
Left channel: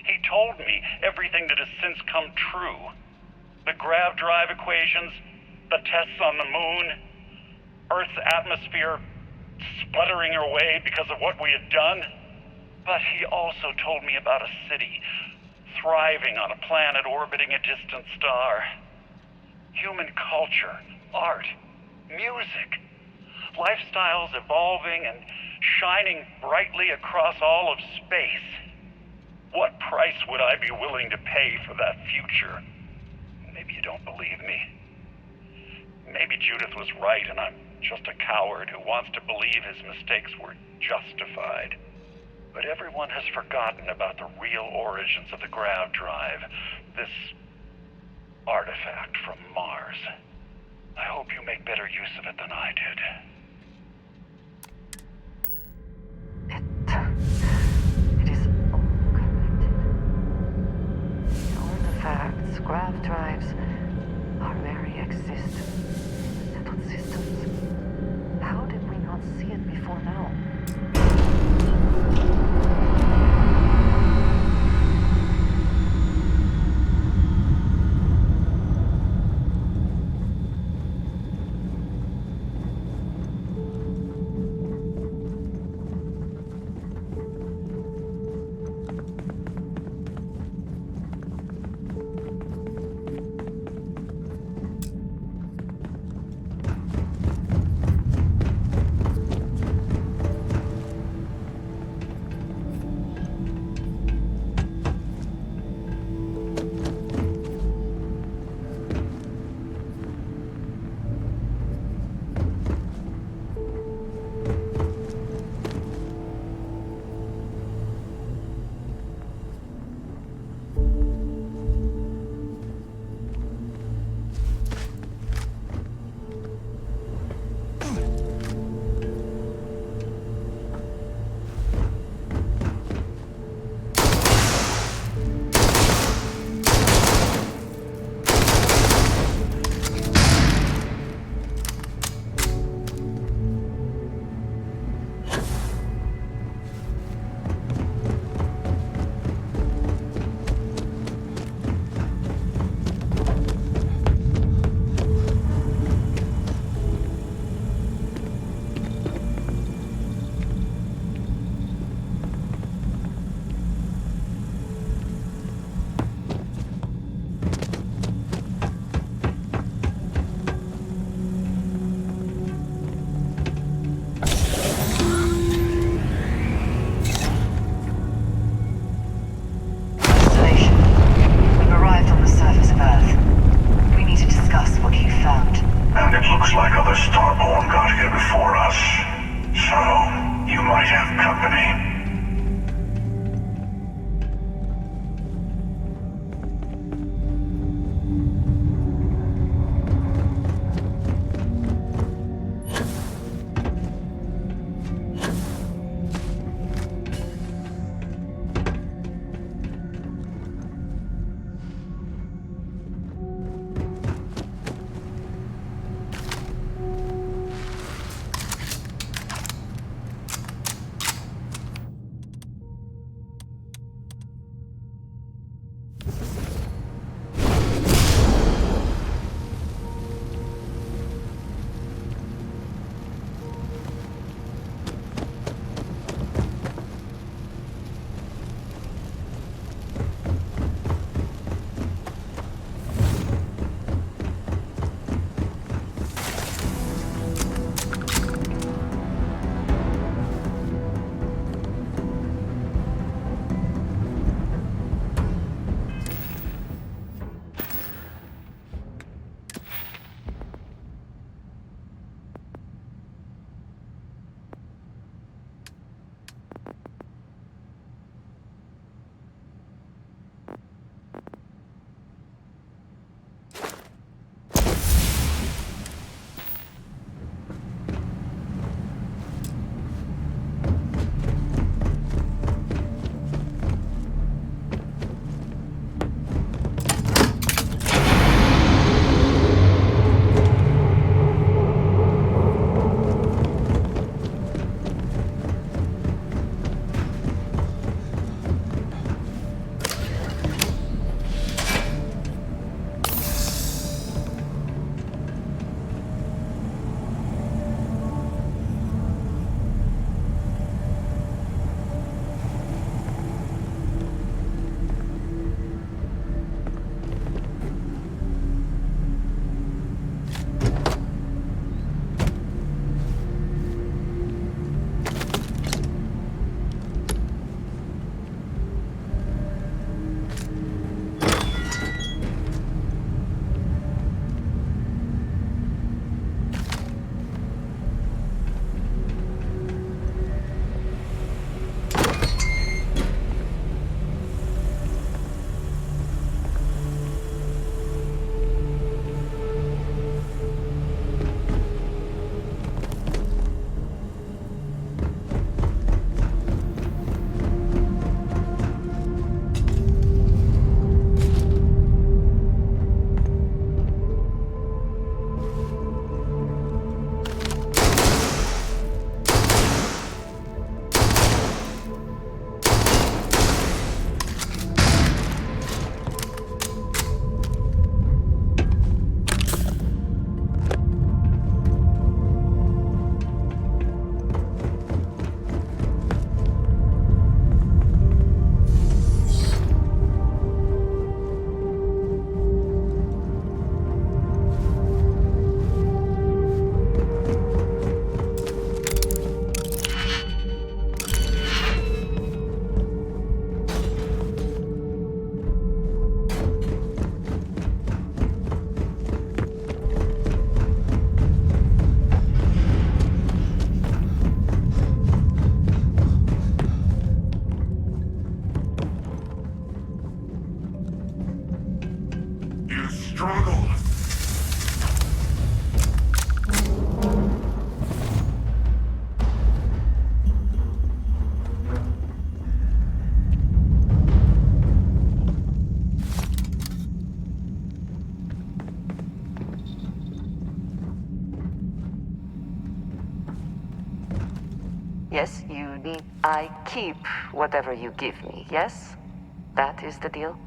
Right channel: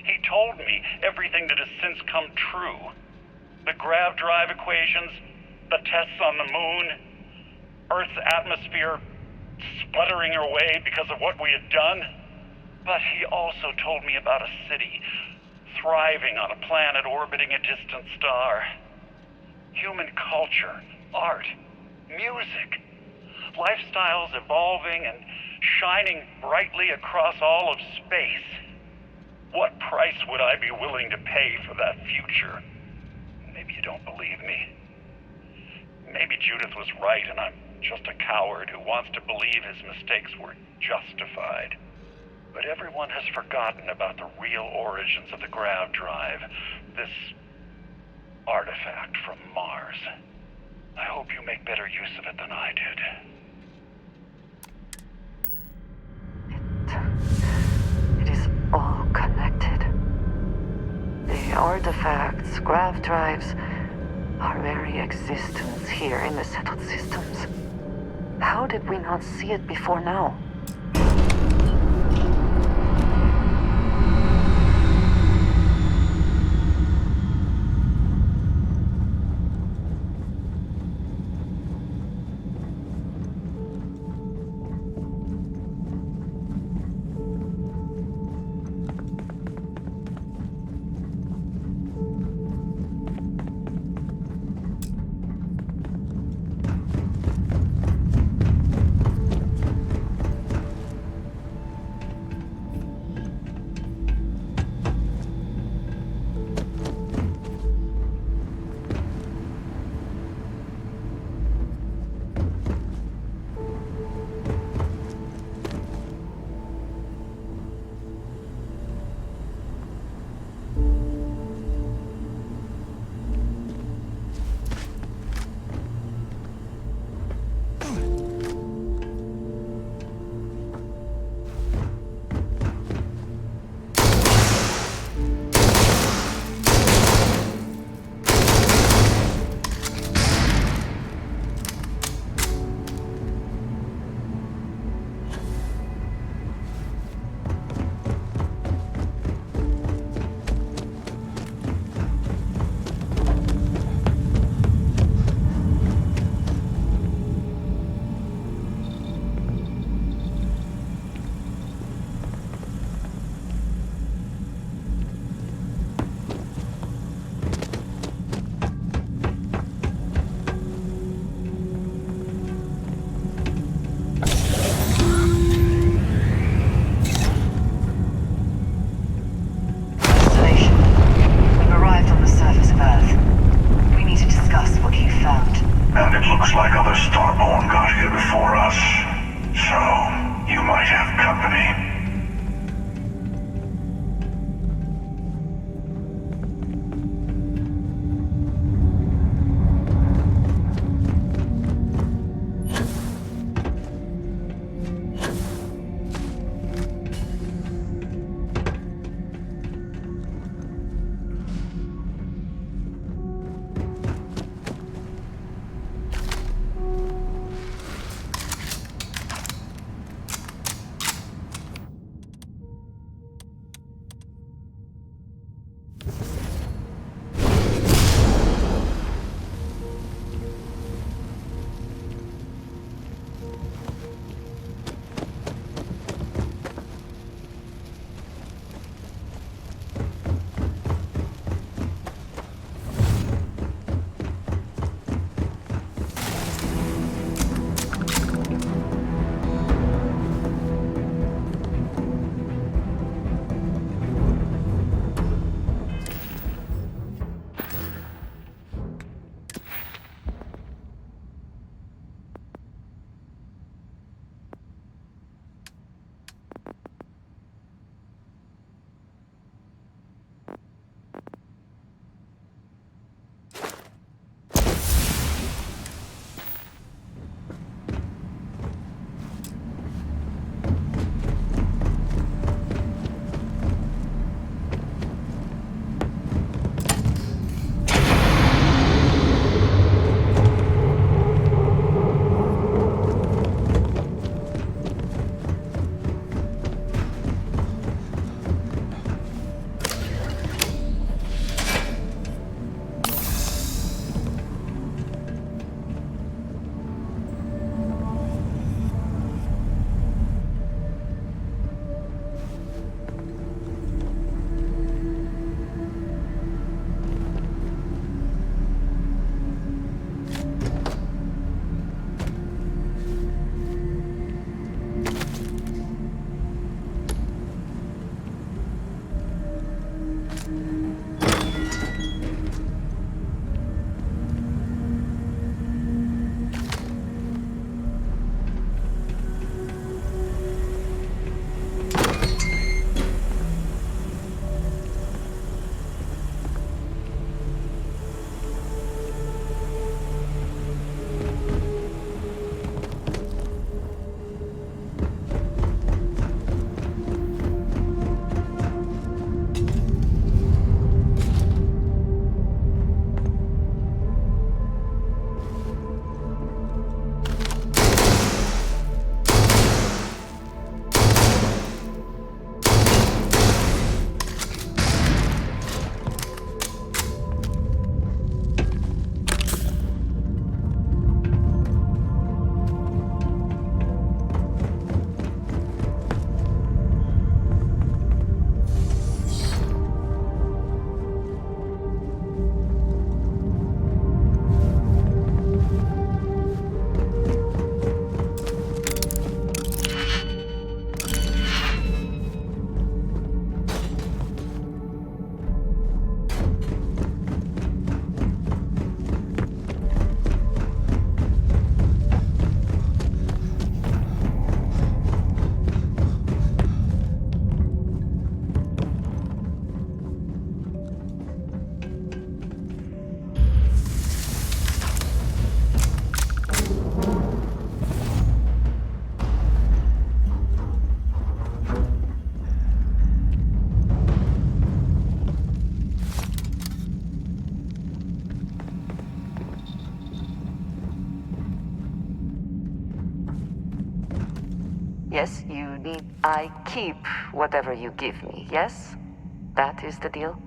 He told me everything that has since come true. The grav drive equations, the tests on the moon, Earth's atmosphere sputtering away because of what we had done. But he also told me about a city thriving on a planet orbiting a distant star. human culture, art, music, lifestyles evolving and shining brightly across all of space. What price would I be willing to pay for that future? Maybe you don't believe me. Maybe Judith was right and I'm just a coward who wants to believe his mistakes were justified. But everyone has forgotten about the real origins of the grav drive, this artifact from Mars. I hope you make better use of it than I did. It is all connected. The artifacts, grav drives, our very existence here in the settled systems. How did we not see it before now? And it looks like other Starborn got here before us. So, you might have company. Yes, you need... I keep whatever you give me, yes? That is the deal?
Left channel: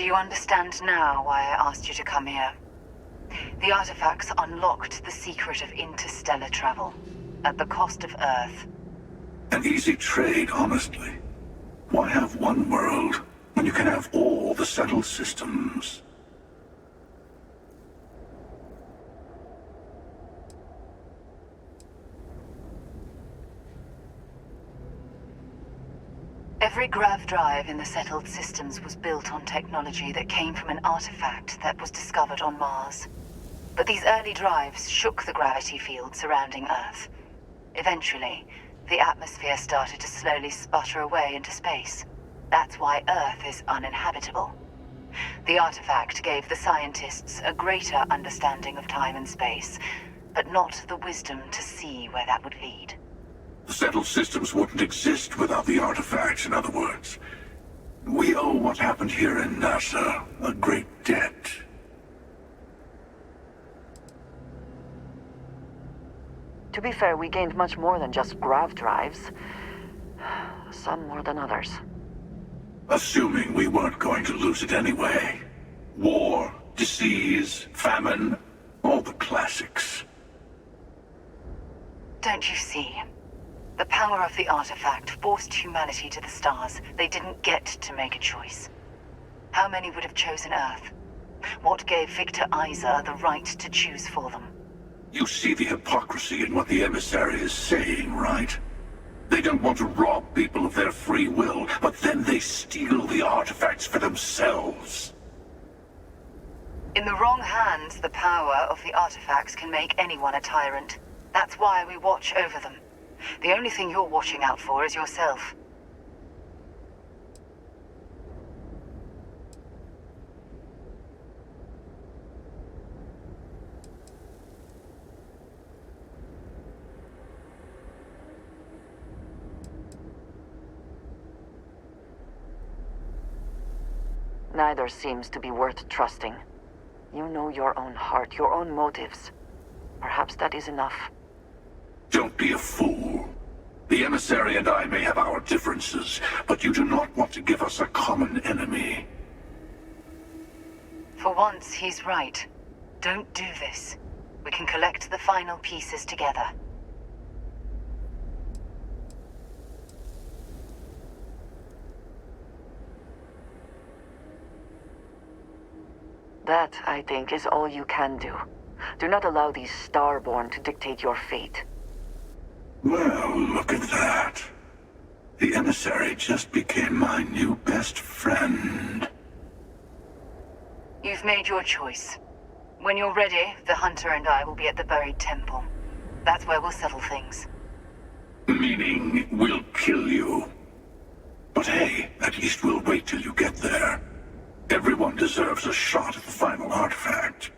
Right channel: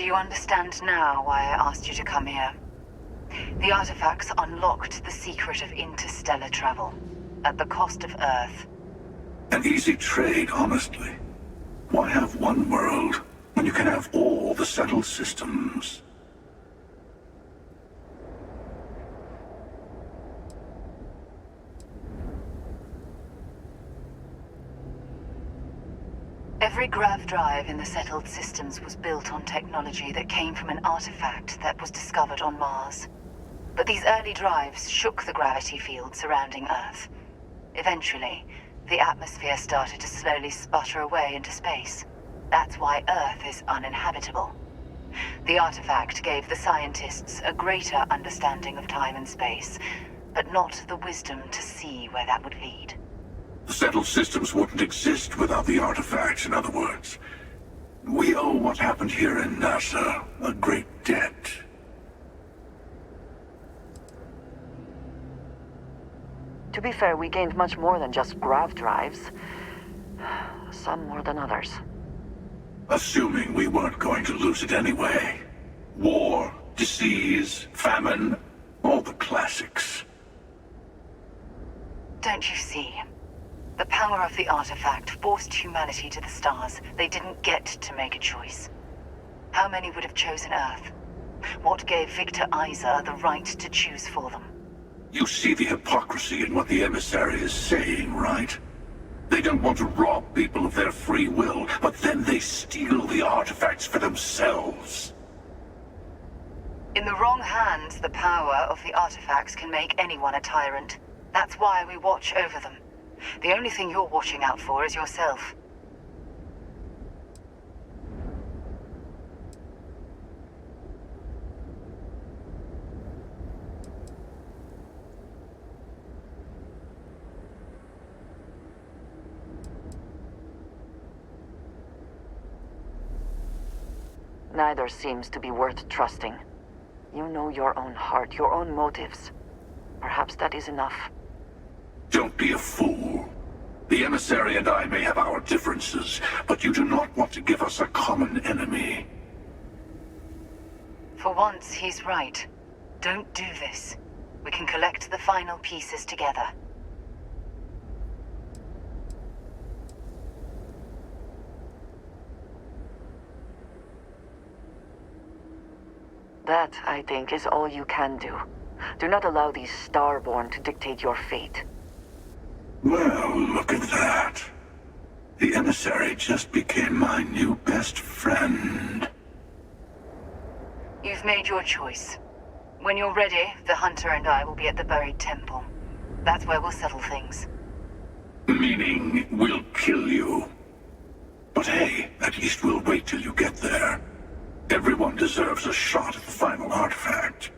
Do you understand now why I asked you to come here? The artifacts unlocked the secret of interstellar travel, at the cost of Earth. An easy trade, honestly. Why have one world when you can have all the settled systems? Every grav drive in the settled systems was built on technology that came from an artifact that was discovered on Mars. But these early drives shook the gravity field surrounding Earth. Eventually, the atmosphere started to slowly sputter away into space. That's why Earth is uninhabitable. The artifact gave the scientists a greater understanding of time and space, but not the wisdom to see where that would lead. The settled systems wouldn't exist without the artifacts, in other words. We owe what happened here in NASA a great debt. To be fair, we gained much more than just grav drives. Some more than others. Assuming we weren't going to lose it anyway. War, disease, famine, all the classics. Don't you see? The power of the artifact forced humanity to the stars. They didn't get to make a choice. How many would have chosen Earth? What gave Victor Isa the right to choose for them? You see the hypocrisy in what the emissary is saying, right? They don't want to rob people of their free will, but then they steal the artifacts for themselves. In the wrong hands, the power of the artifacts can make anyone a tyrant. That's why we watch over them. The only thing you're watching out for is yourself. Neither seems to be worth trusting. You know your own heart, your own motives. Perhaps that is enough. Don't be a fool. The emissary and I may have our differences, but you do not want to give us a common enemy. For once, he's right. Don't do this. We can collect the final pieces together. That, I think, is all you can do. Do not allow these Starborn to dictate your fate. Well, look at that. The emissary just became my new best friend. You've made your choice. When you're ready, the Hunter and I will be at the buried temple. That's where we'll settle things. Meaning, we'll kill you. But hey, at least we'll wait till you get there. Everyone deserves a shot at the final artifact.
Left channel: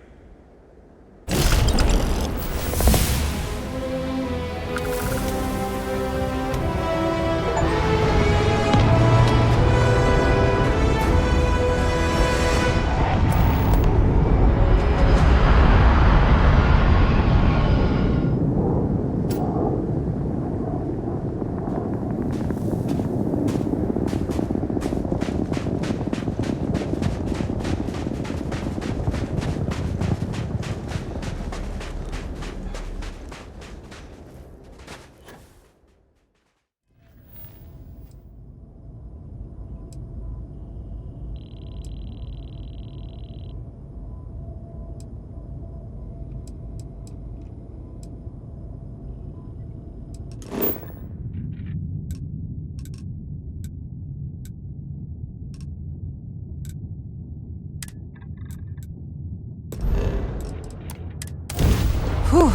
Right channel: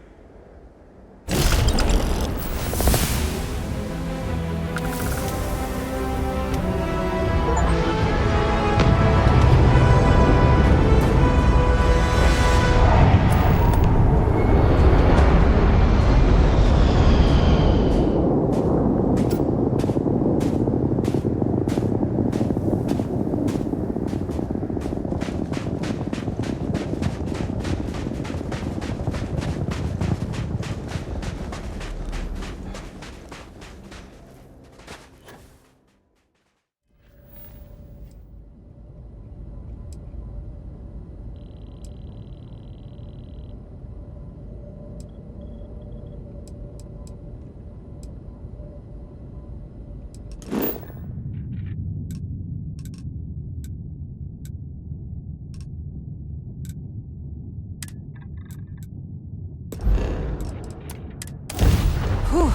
Whew.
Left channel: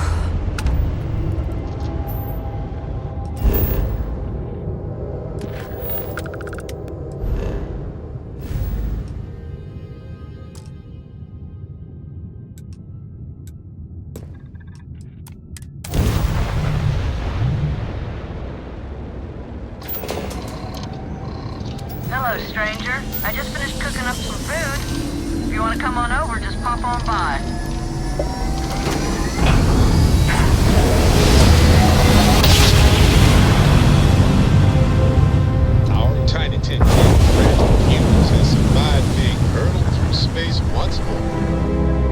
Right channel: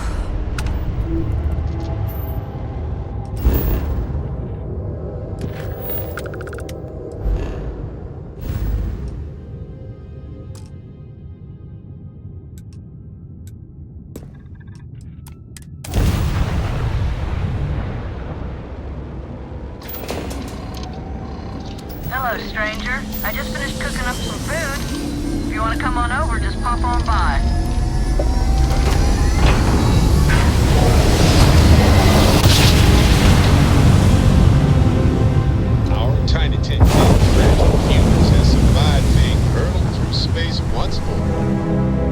Hello, stranger. I just finished cooking up some food. If you want to come on over, just pop on by. Our tiny tin can fragile humans has survived being hurtled through space once more.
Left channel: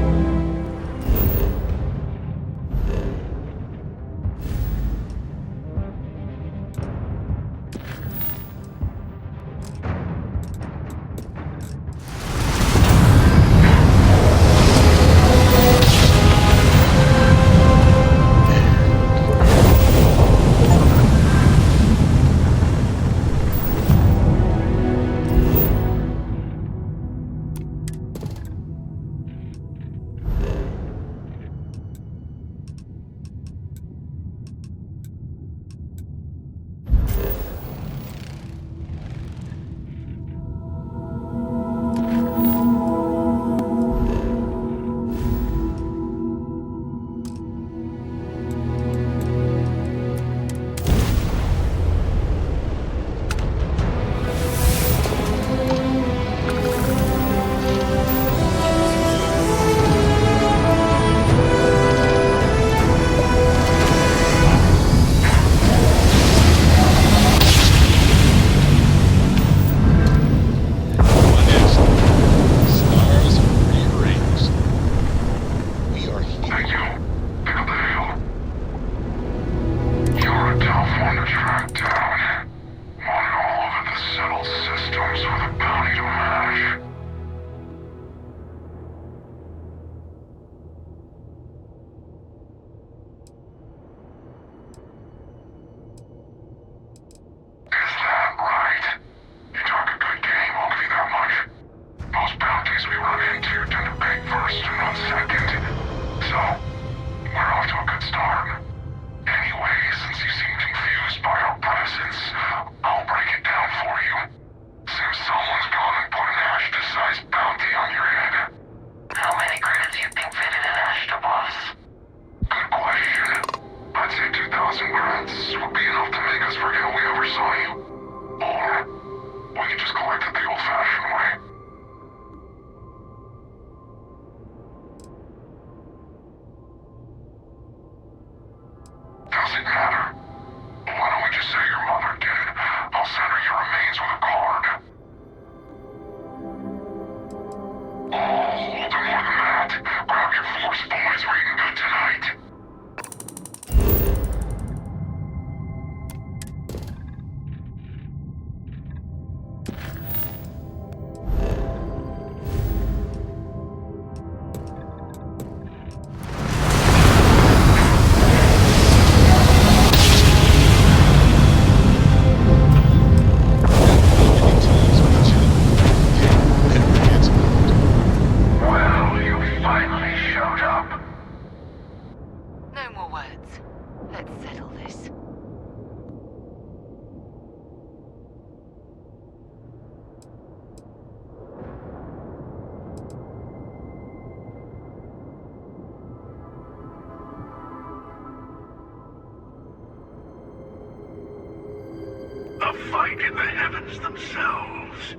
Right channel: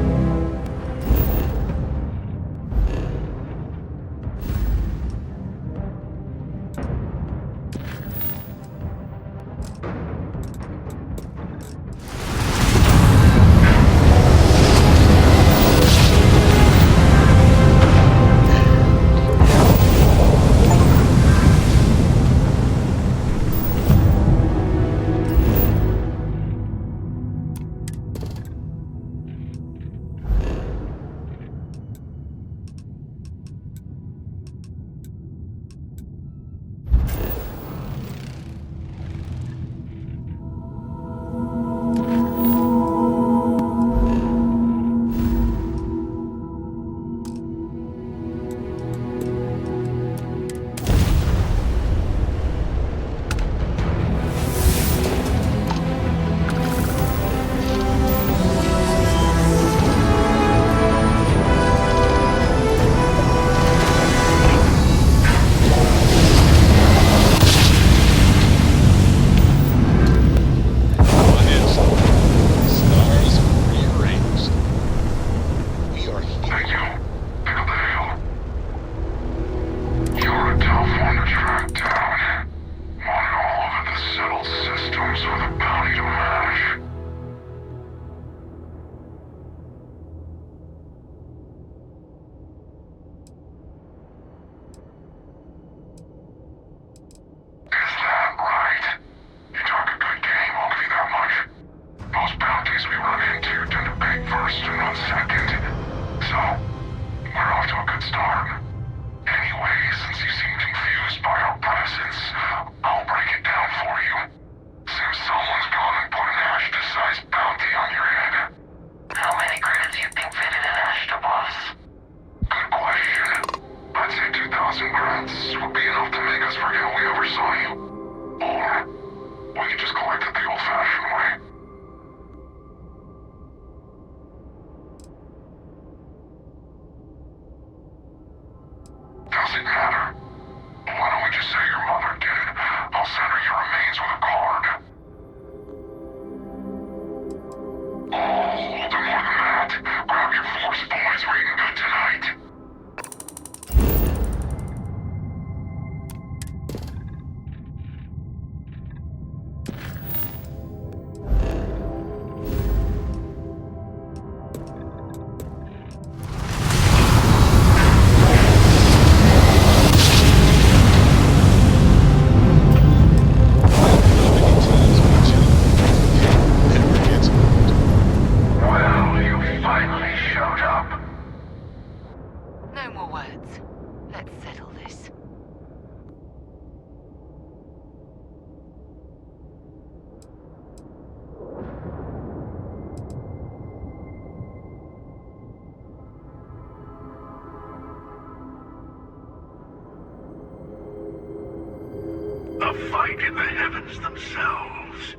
fight in the heavens themselves.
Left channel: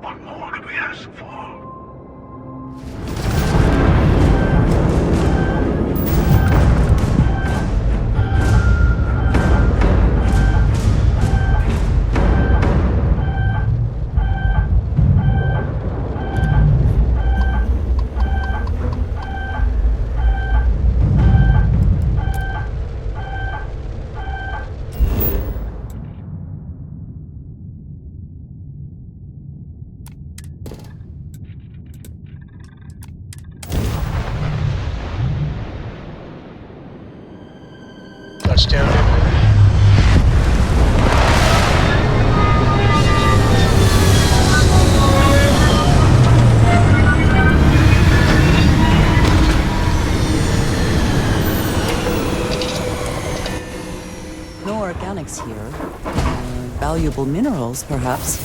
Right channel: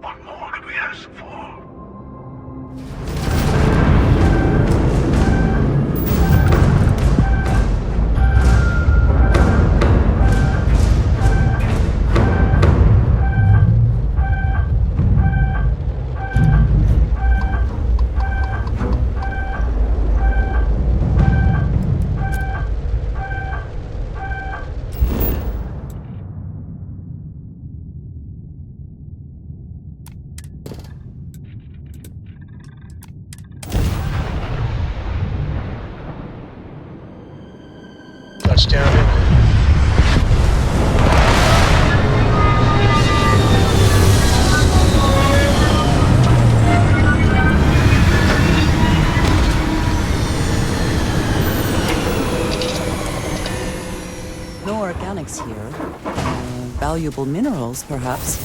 What more could we ask for? Touchdown imminent. No organics here. Valuable minerals, perhaps.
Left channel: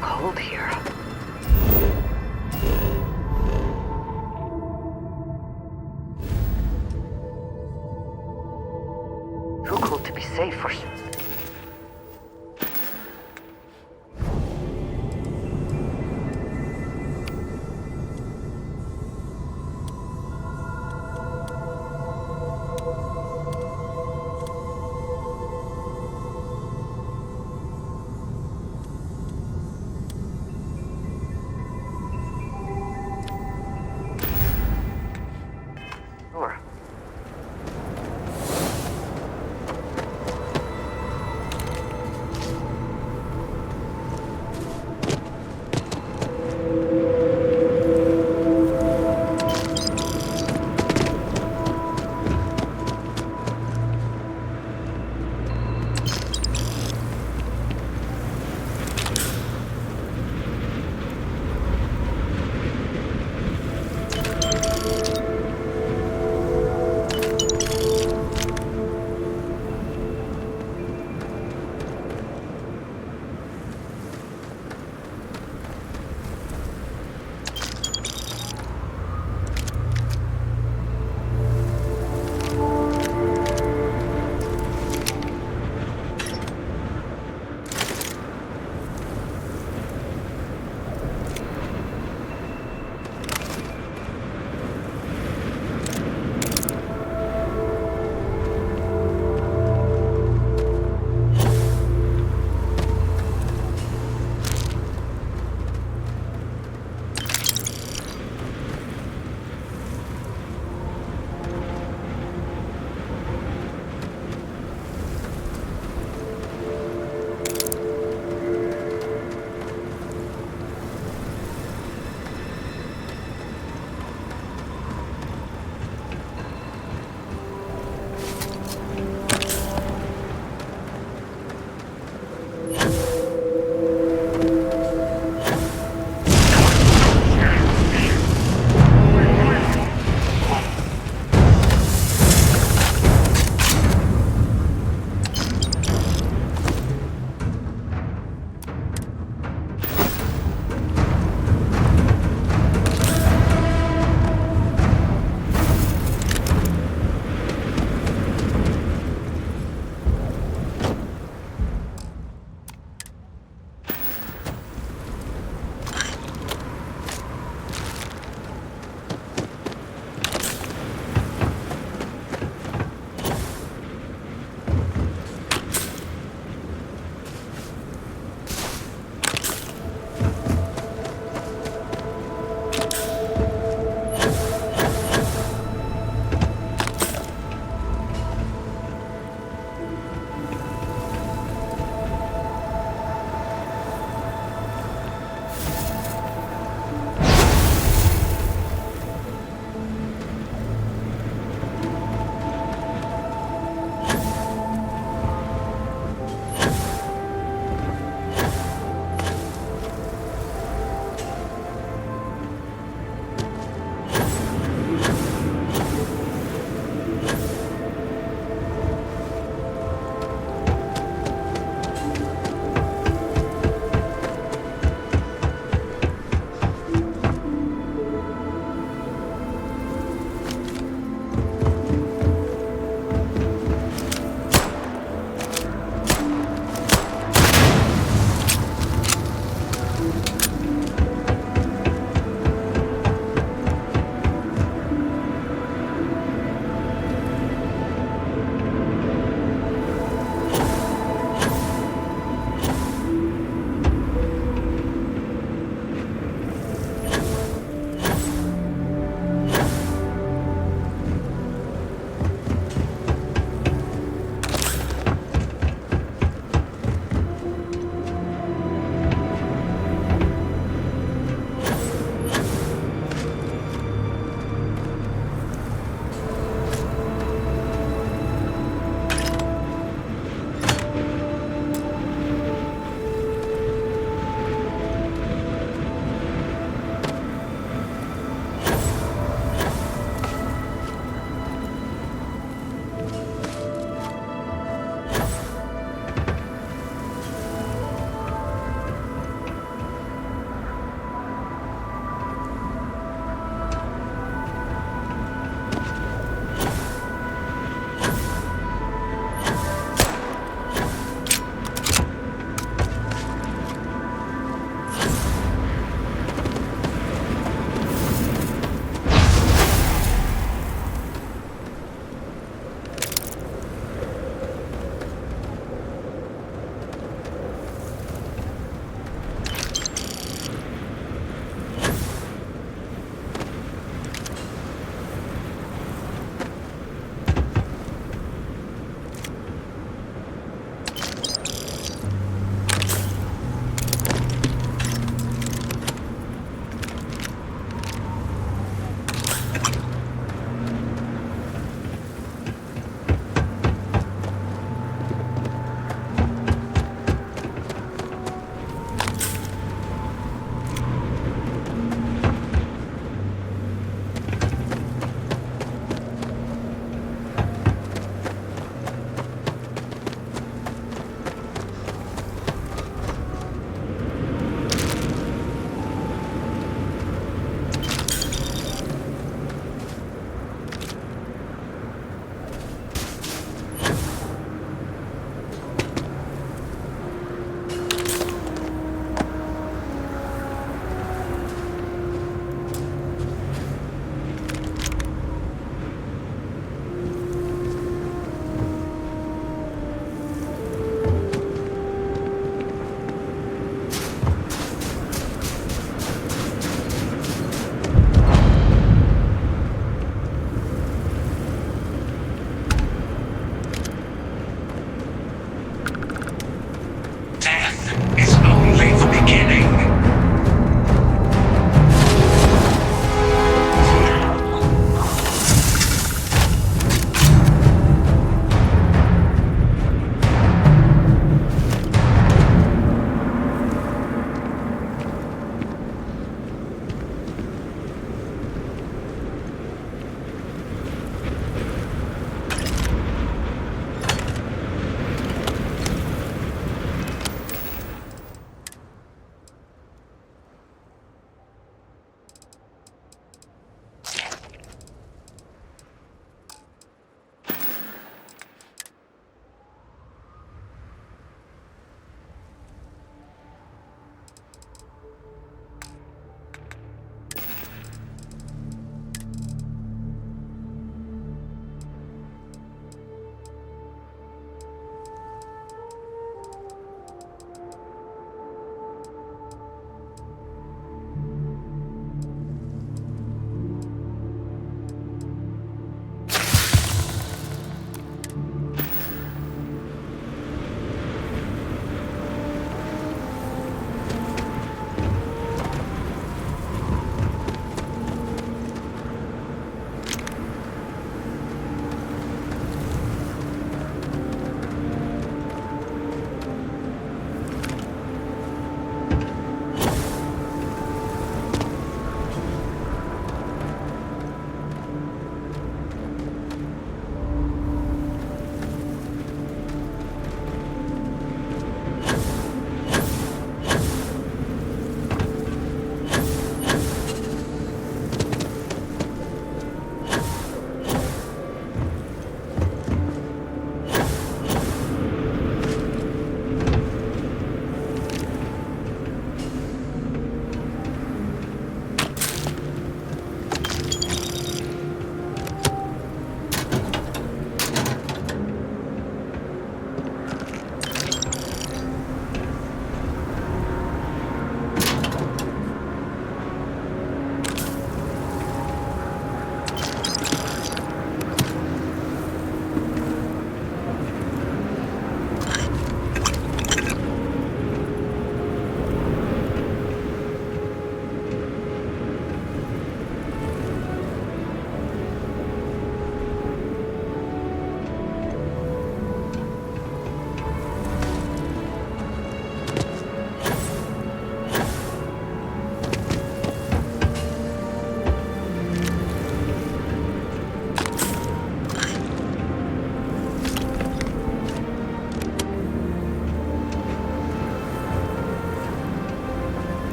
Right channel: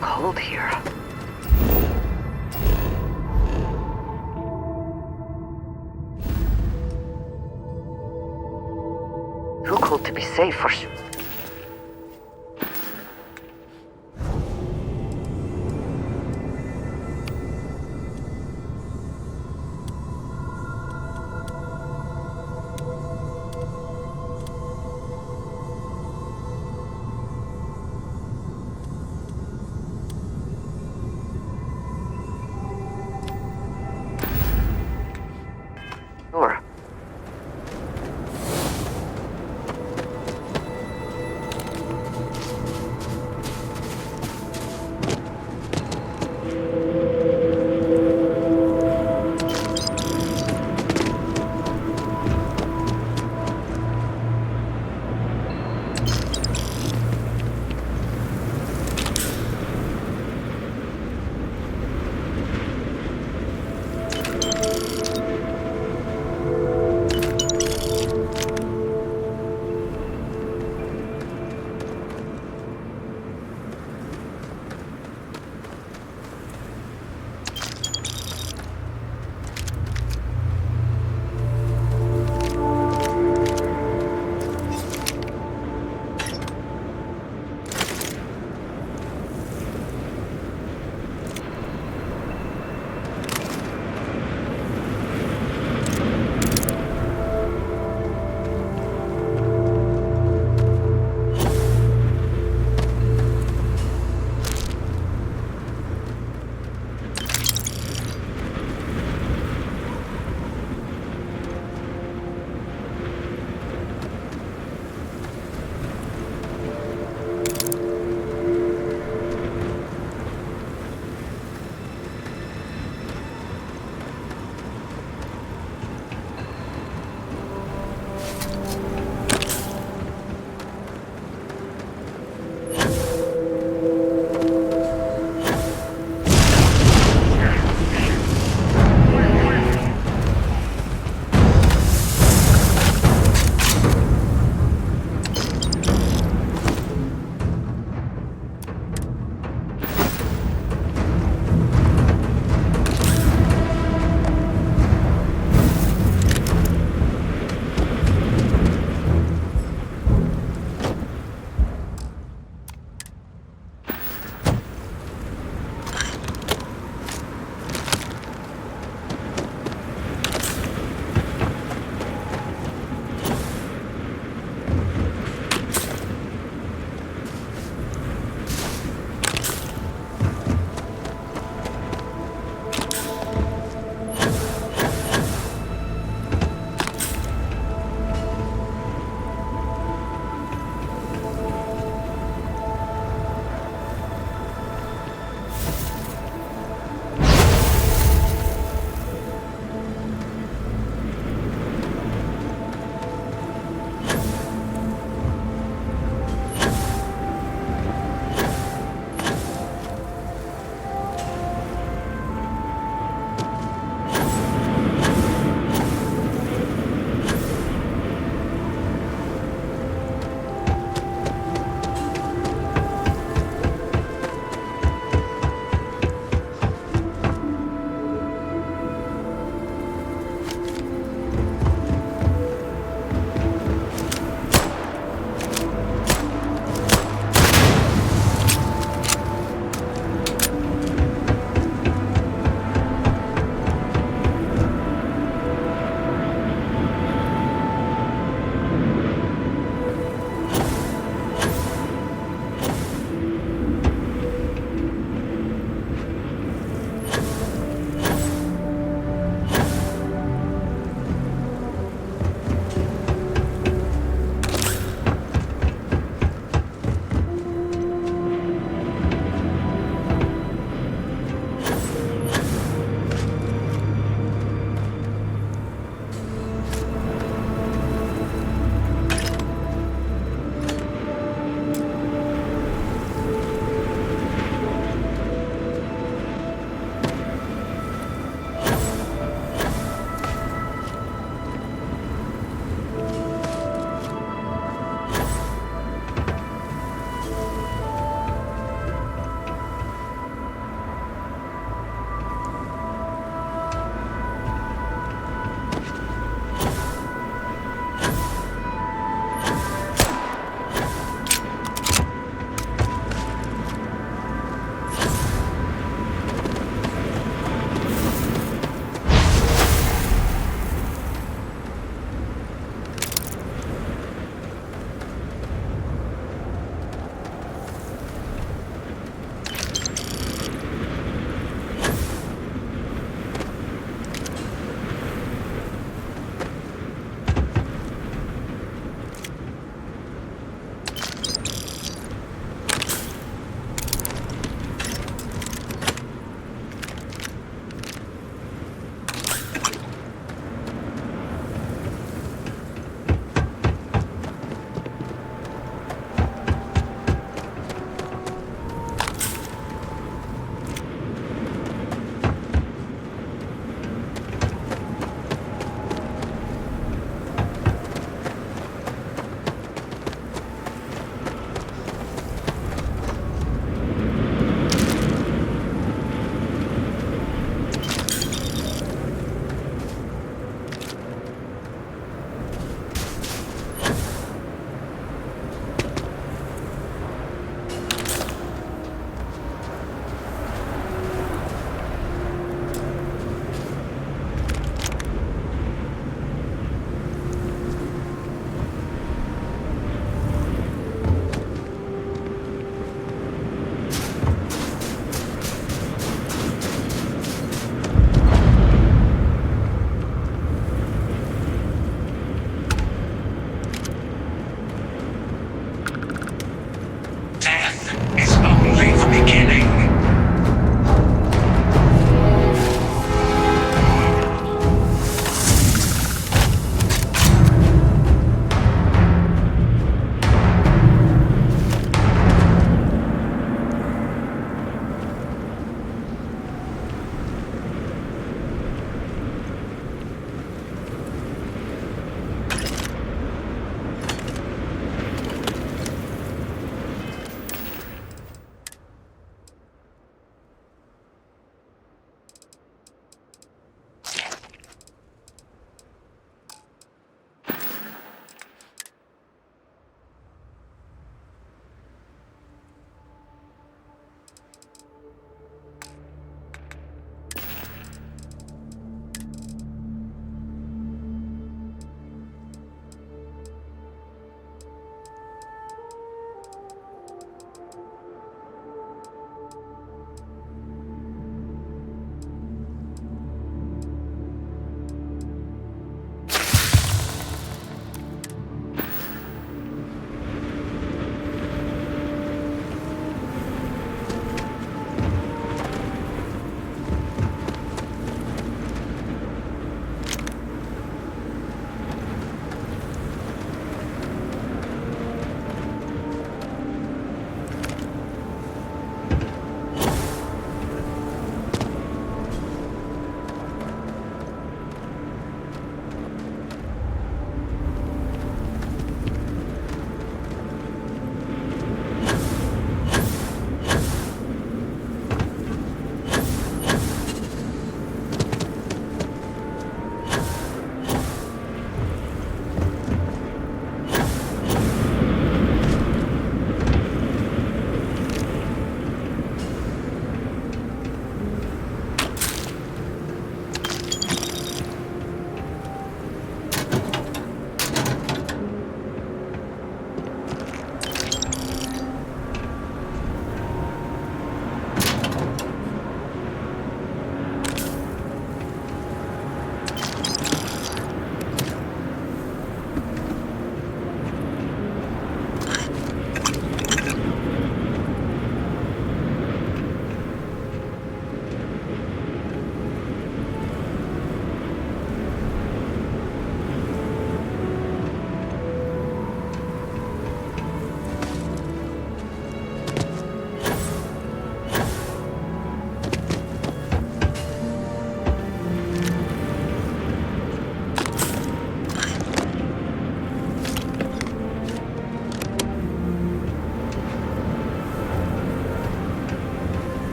Cold here. Too cold to be safe for sure.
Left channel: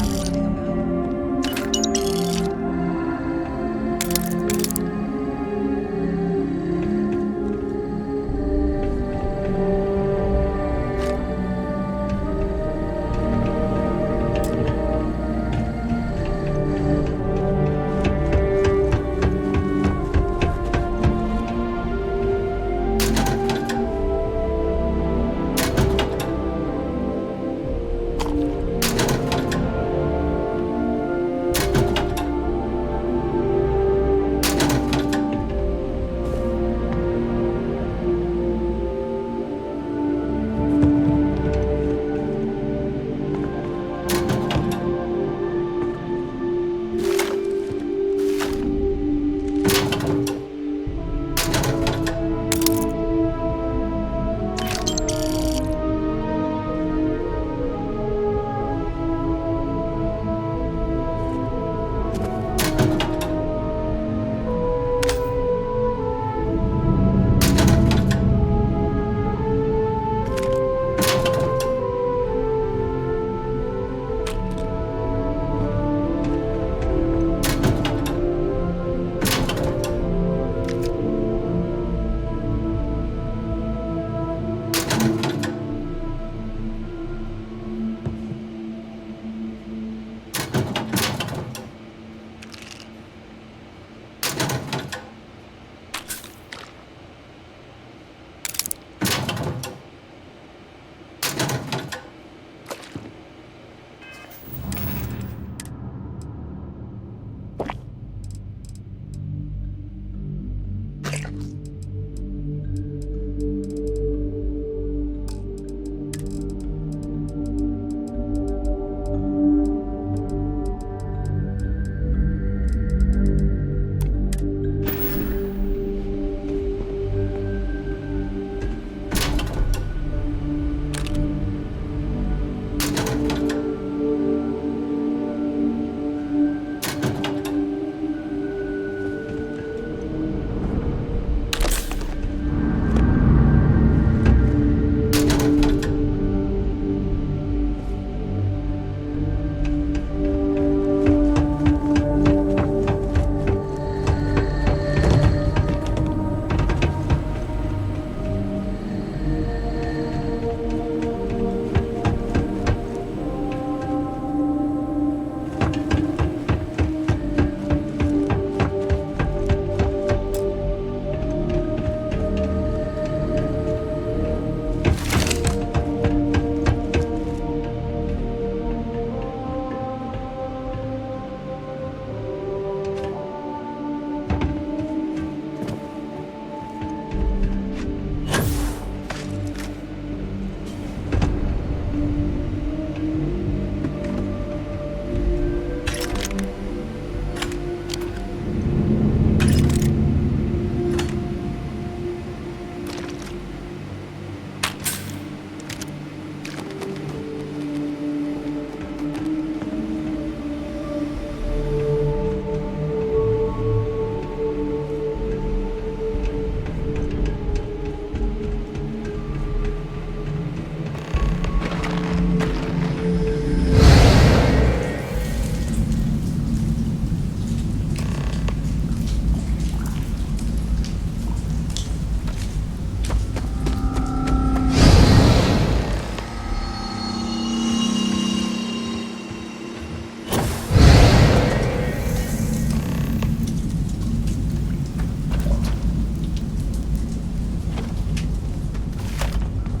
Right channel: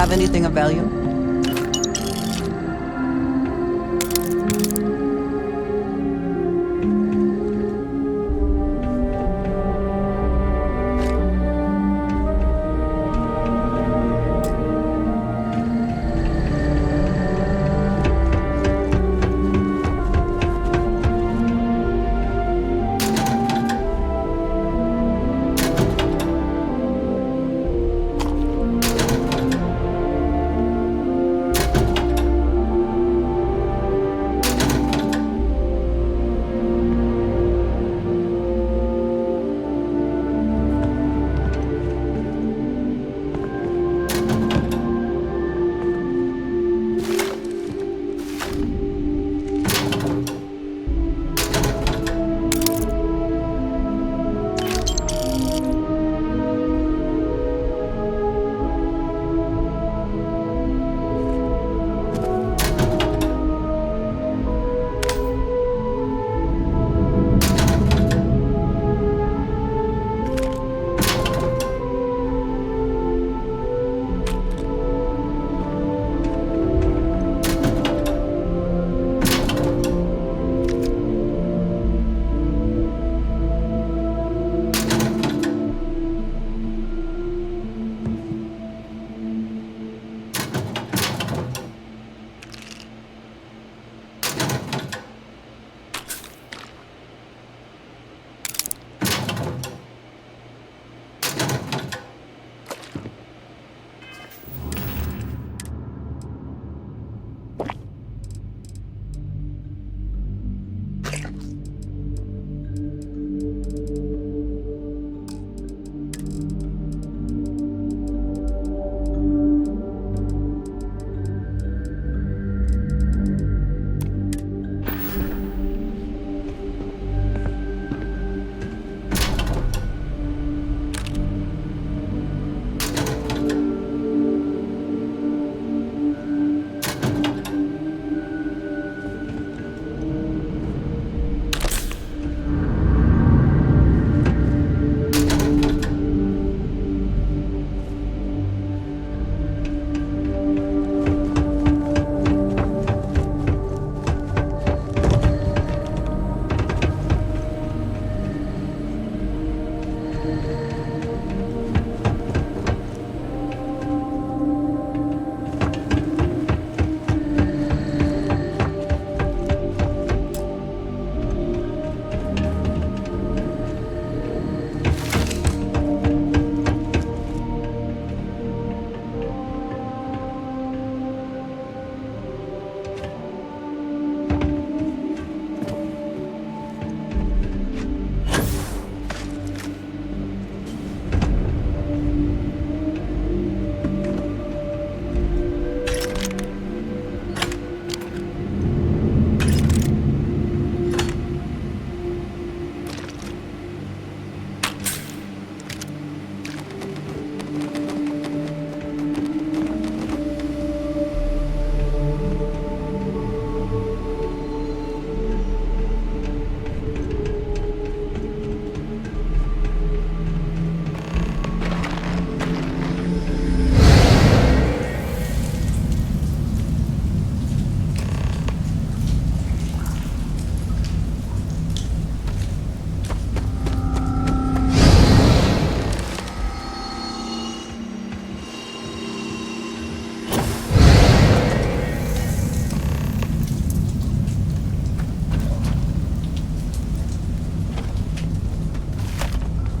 have anything of value?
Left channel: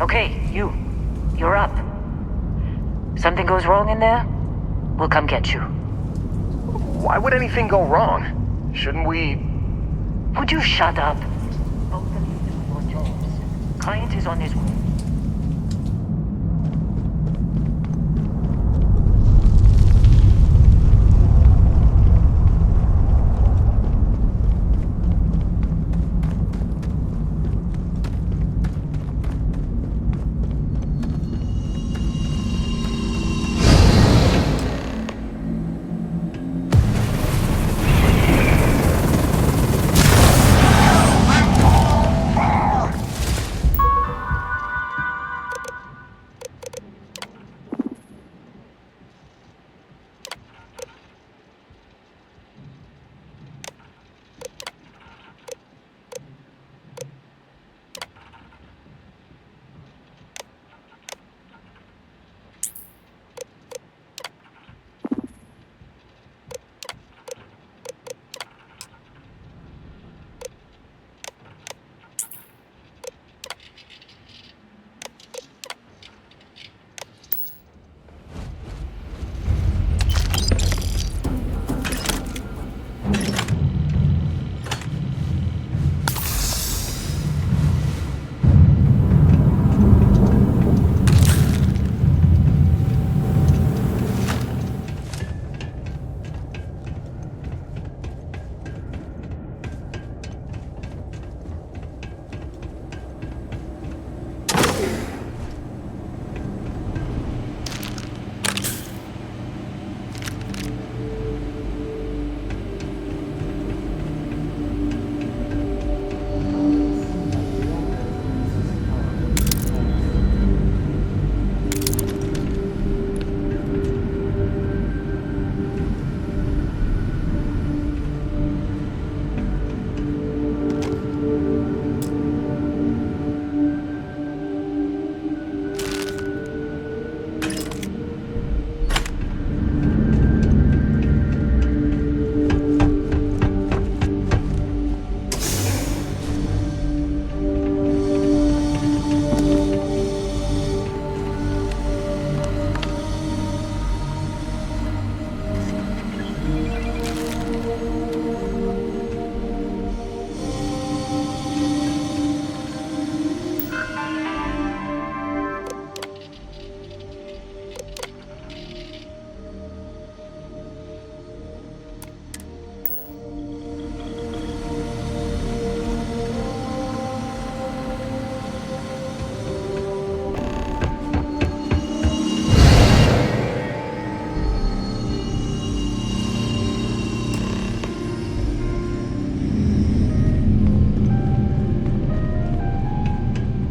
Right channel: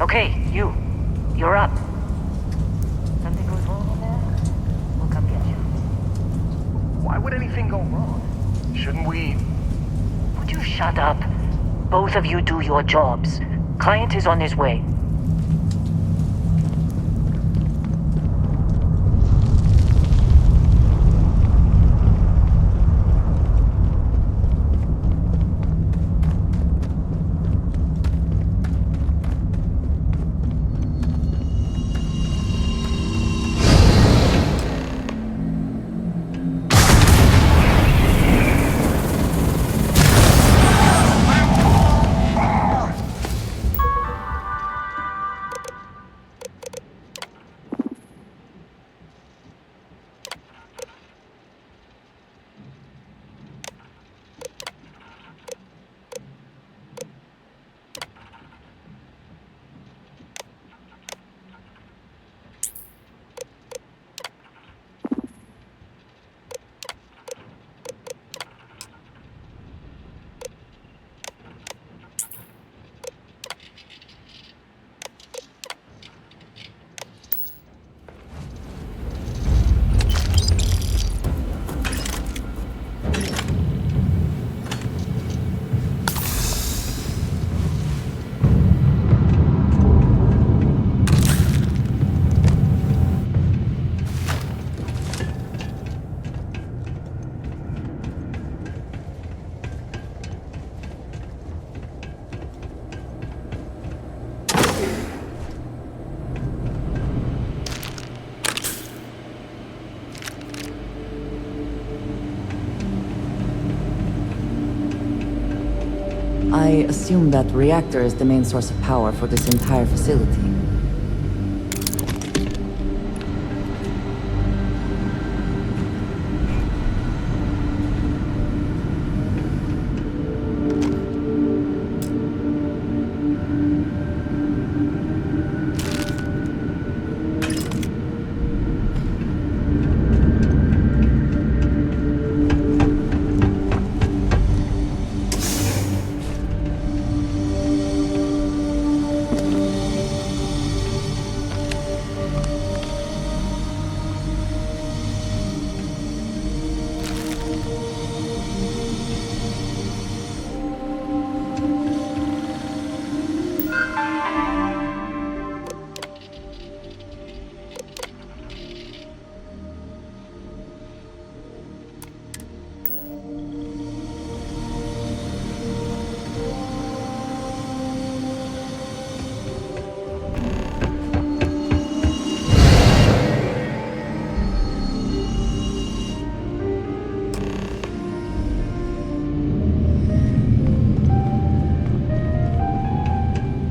Okay, you're up. Something goes wrong in there, we'll come get you. Why would anything go wrong? Shouldn't we... Would you shut up? Both of you do your jobs. Client is on his way. assume that reactor is the main source of power for this entire facility.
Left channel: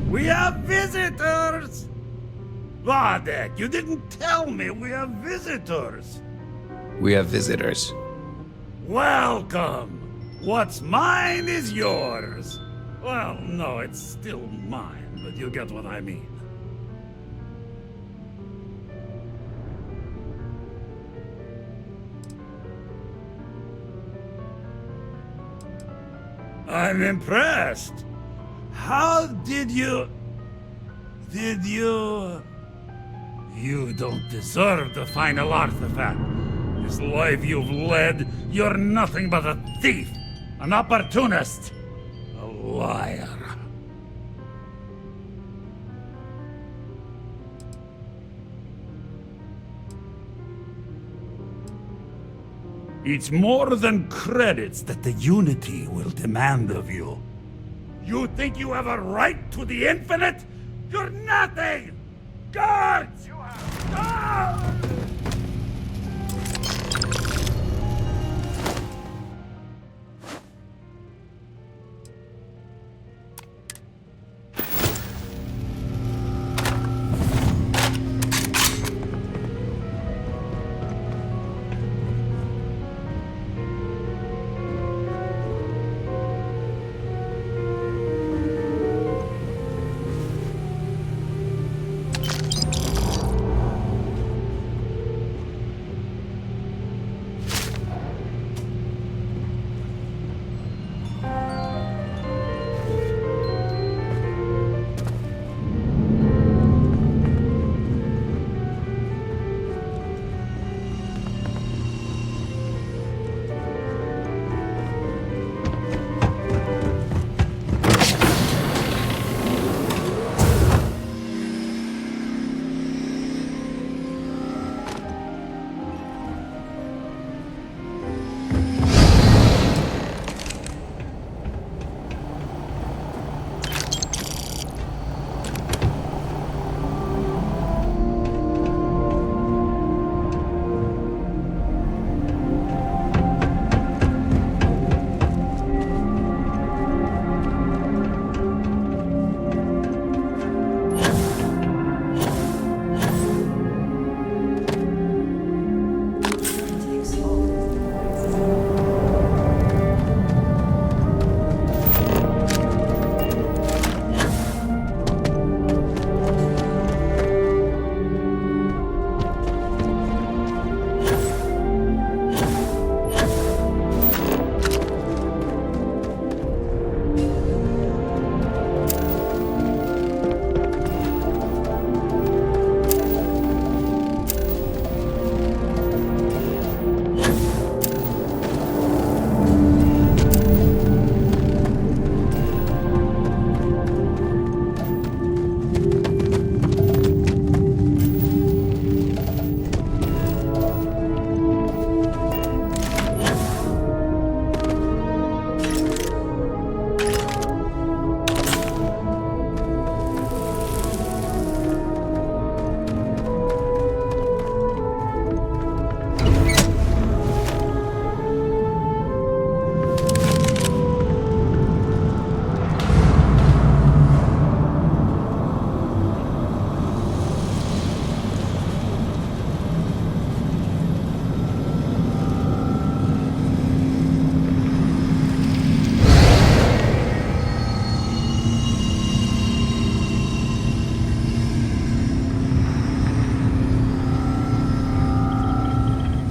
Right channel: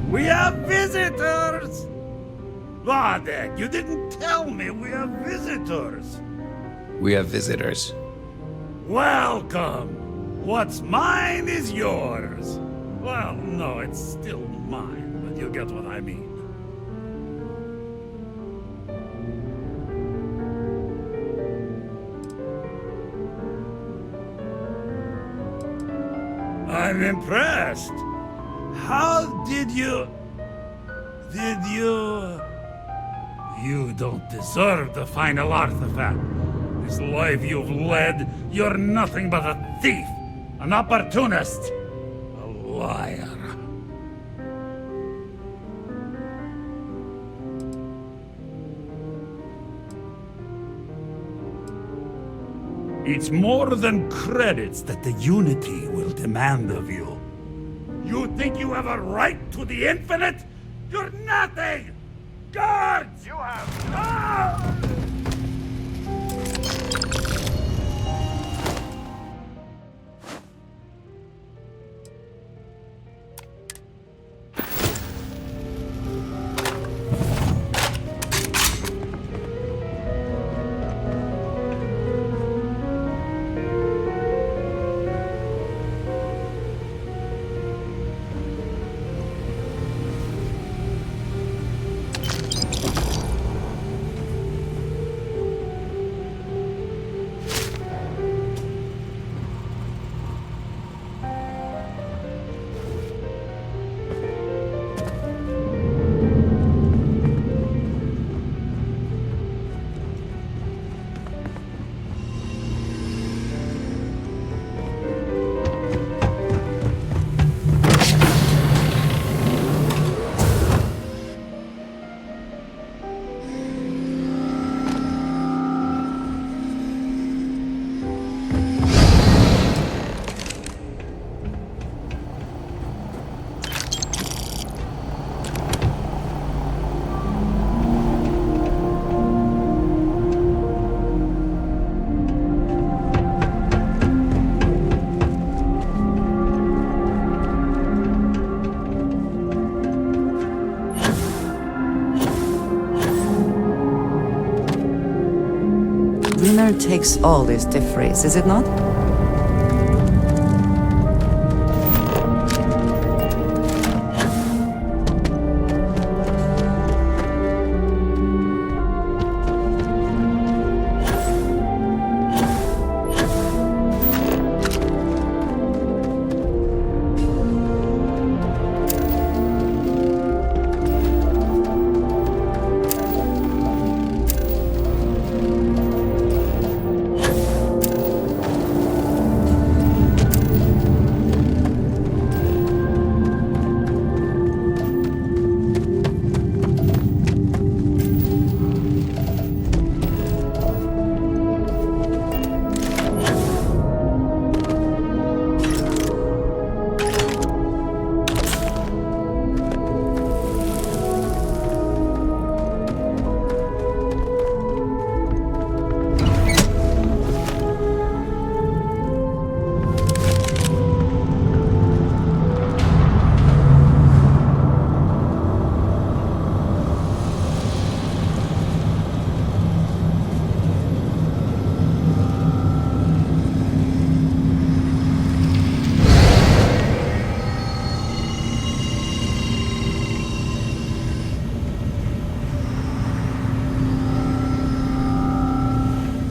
We have visitors! Vadek, you didn't tell me we have visitors! We have visitors. Welcome! What's mine is yours! Well, no, it's still mine, but you get what I mean. I'm impressed! How did you... You don't deserve the final artifact. This life you've led, you're nothing but a thief, an opportunist, a liar. It's more than credits that the Unity will demand of you. You think you have a right to the infinite? You're nothing! Guards! You have... Winner takes all is the phrase, is it not?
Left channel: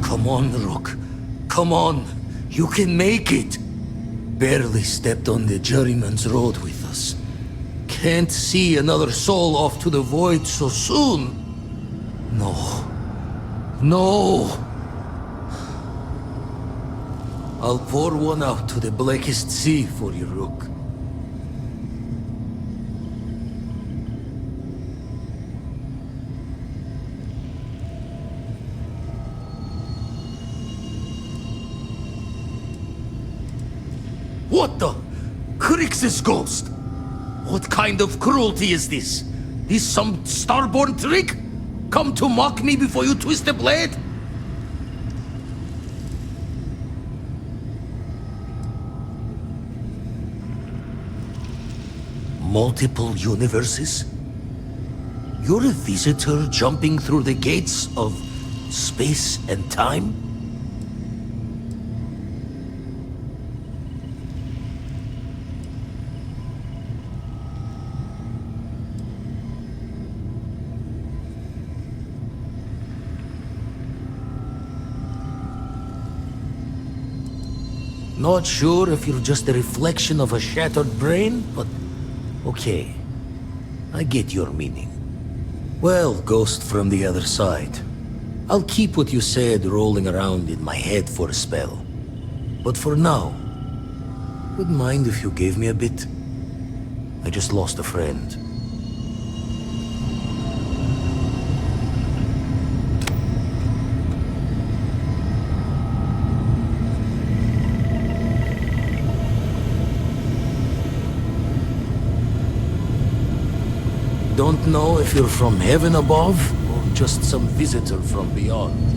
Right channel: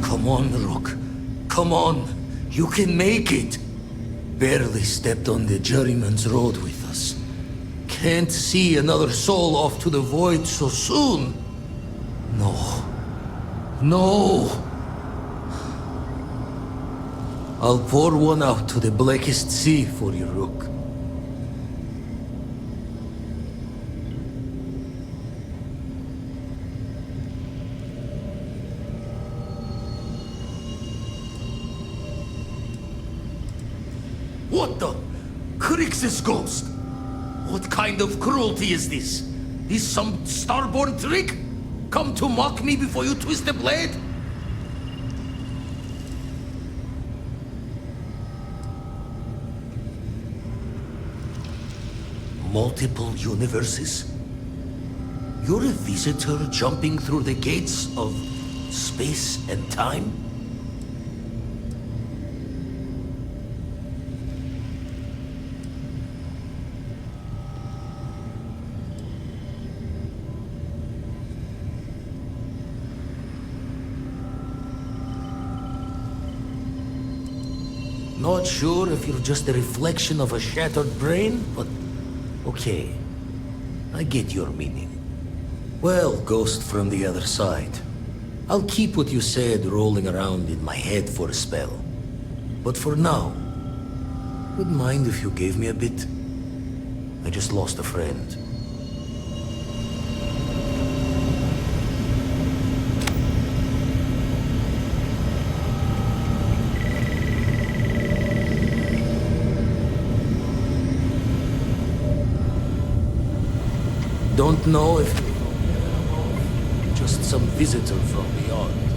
Come on, Rook. Come on. You can make it. Barely stepped on the juryman's road with us. Can't see another soul off to the void so soon. No. No. I'll pour one out to the blackest sea for you, Rook. What the? Crix's ghost? What kind of cruelty is this? Is some Starborn trick? Come to mock me before you twist the blade? Multiple universes? You're a visitor jumping through the gates of space and time? Not sure if you're just a reflection of a shattered brain, but okay. I get your meaning. Well, ghost from the other side. I'll keep what you said rolling around in my head for a spell. But for now, wouldn't mind if you gave me a bit. I just lost a friend. Don't know if you're from heaven above, or just some visitor from beyond.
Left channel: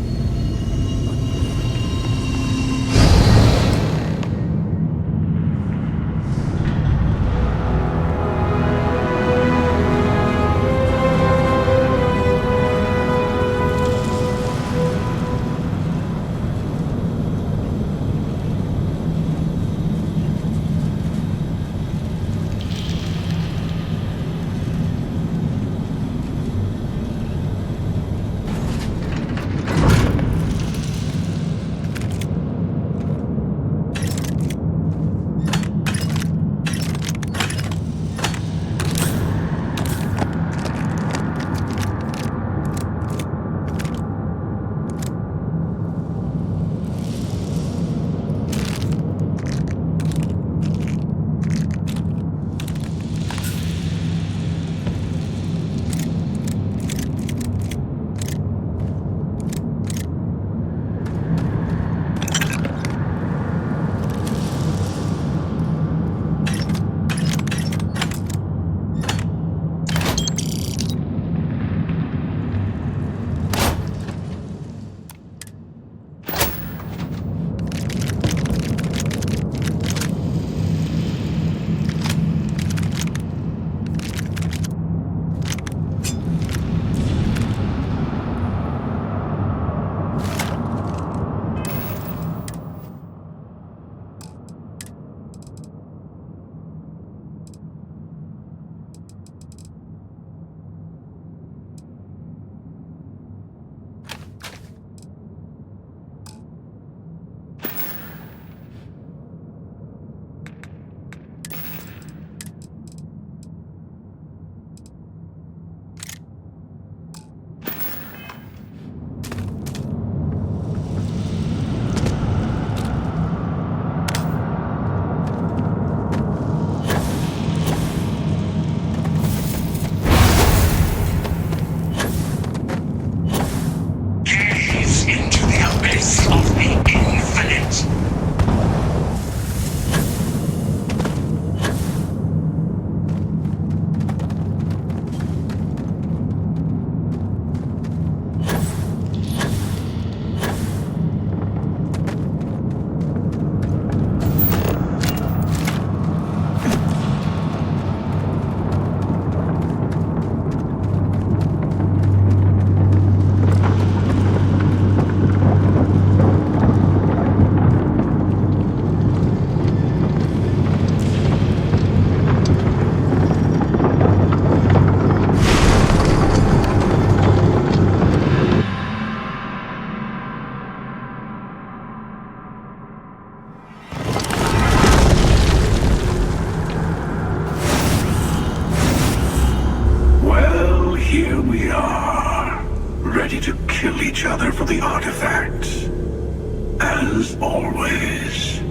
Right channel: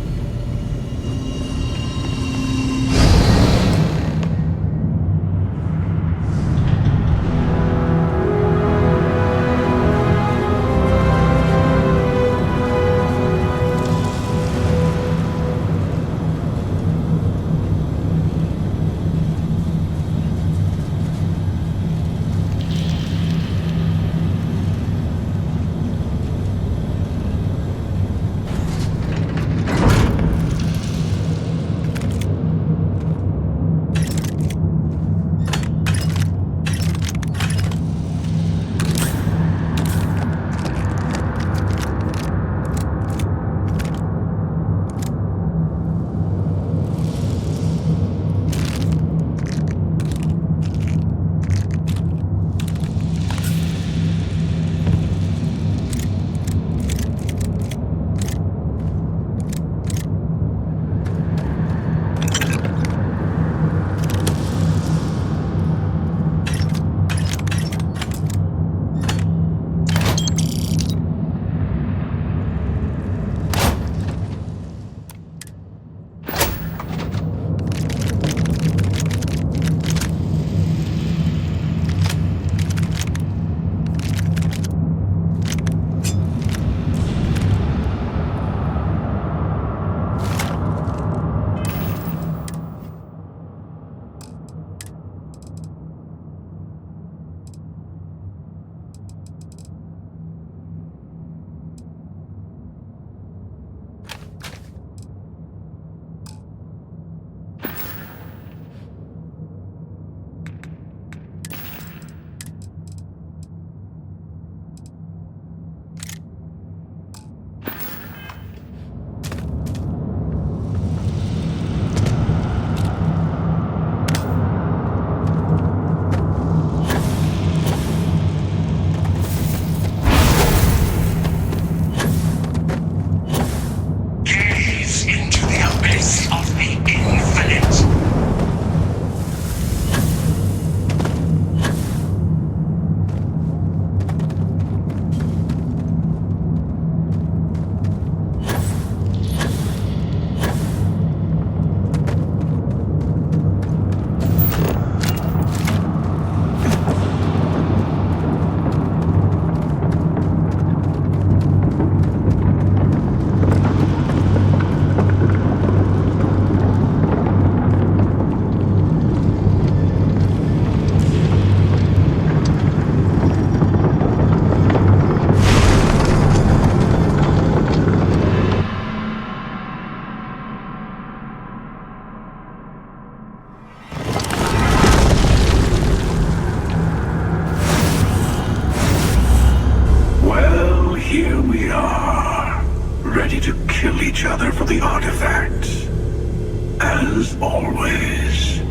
other for the artifacts. As always.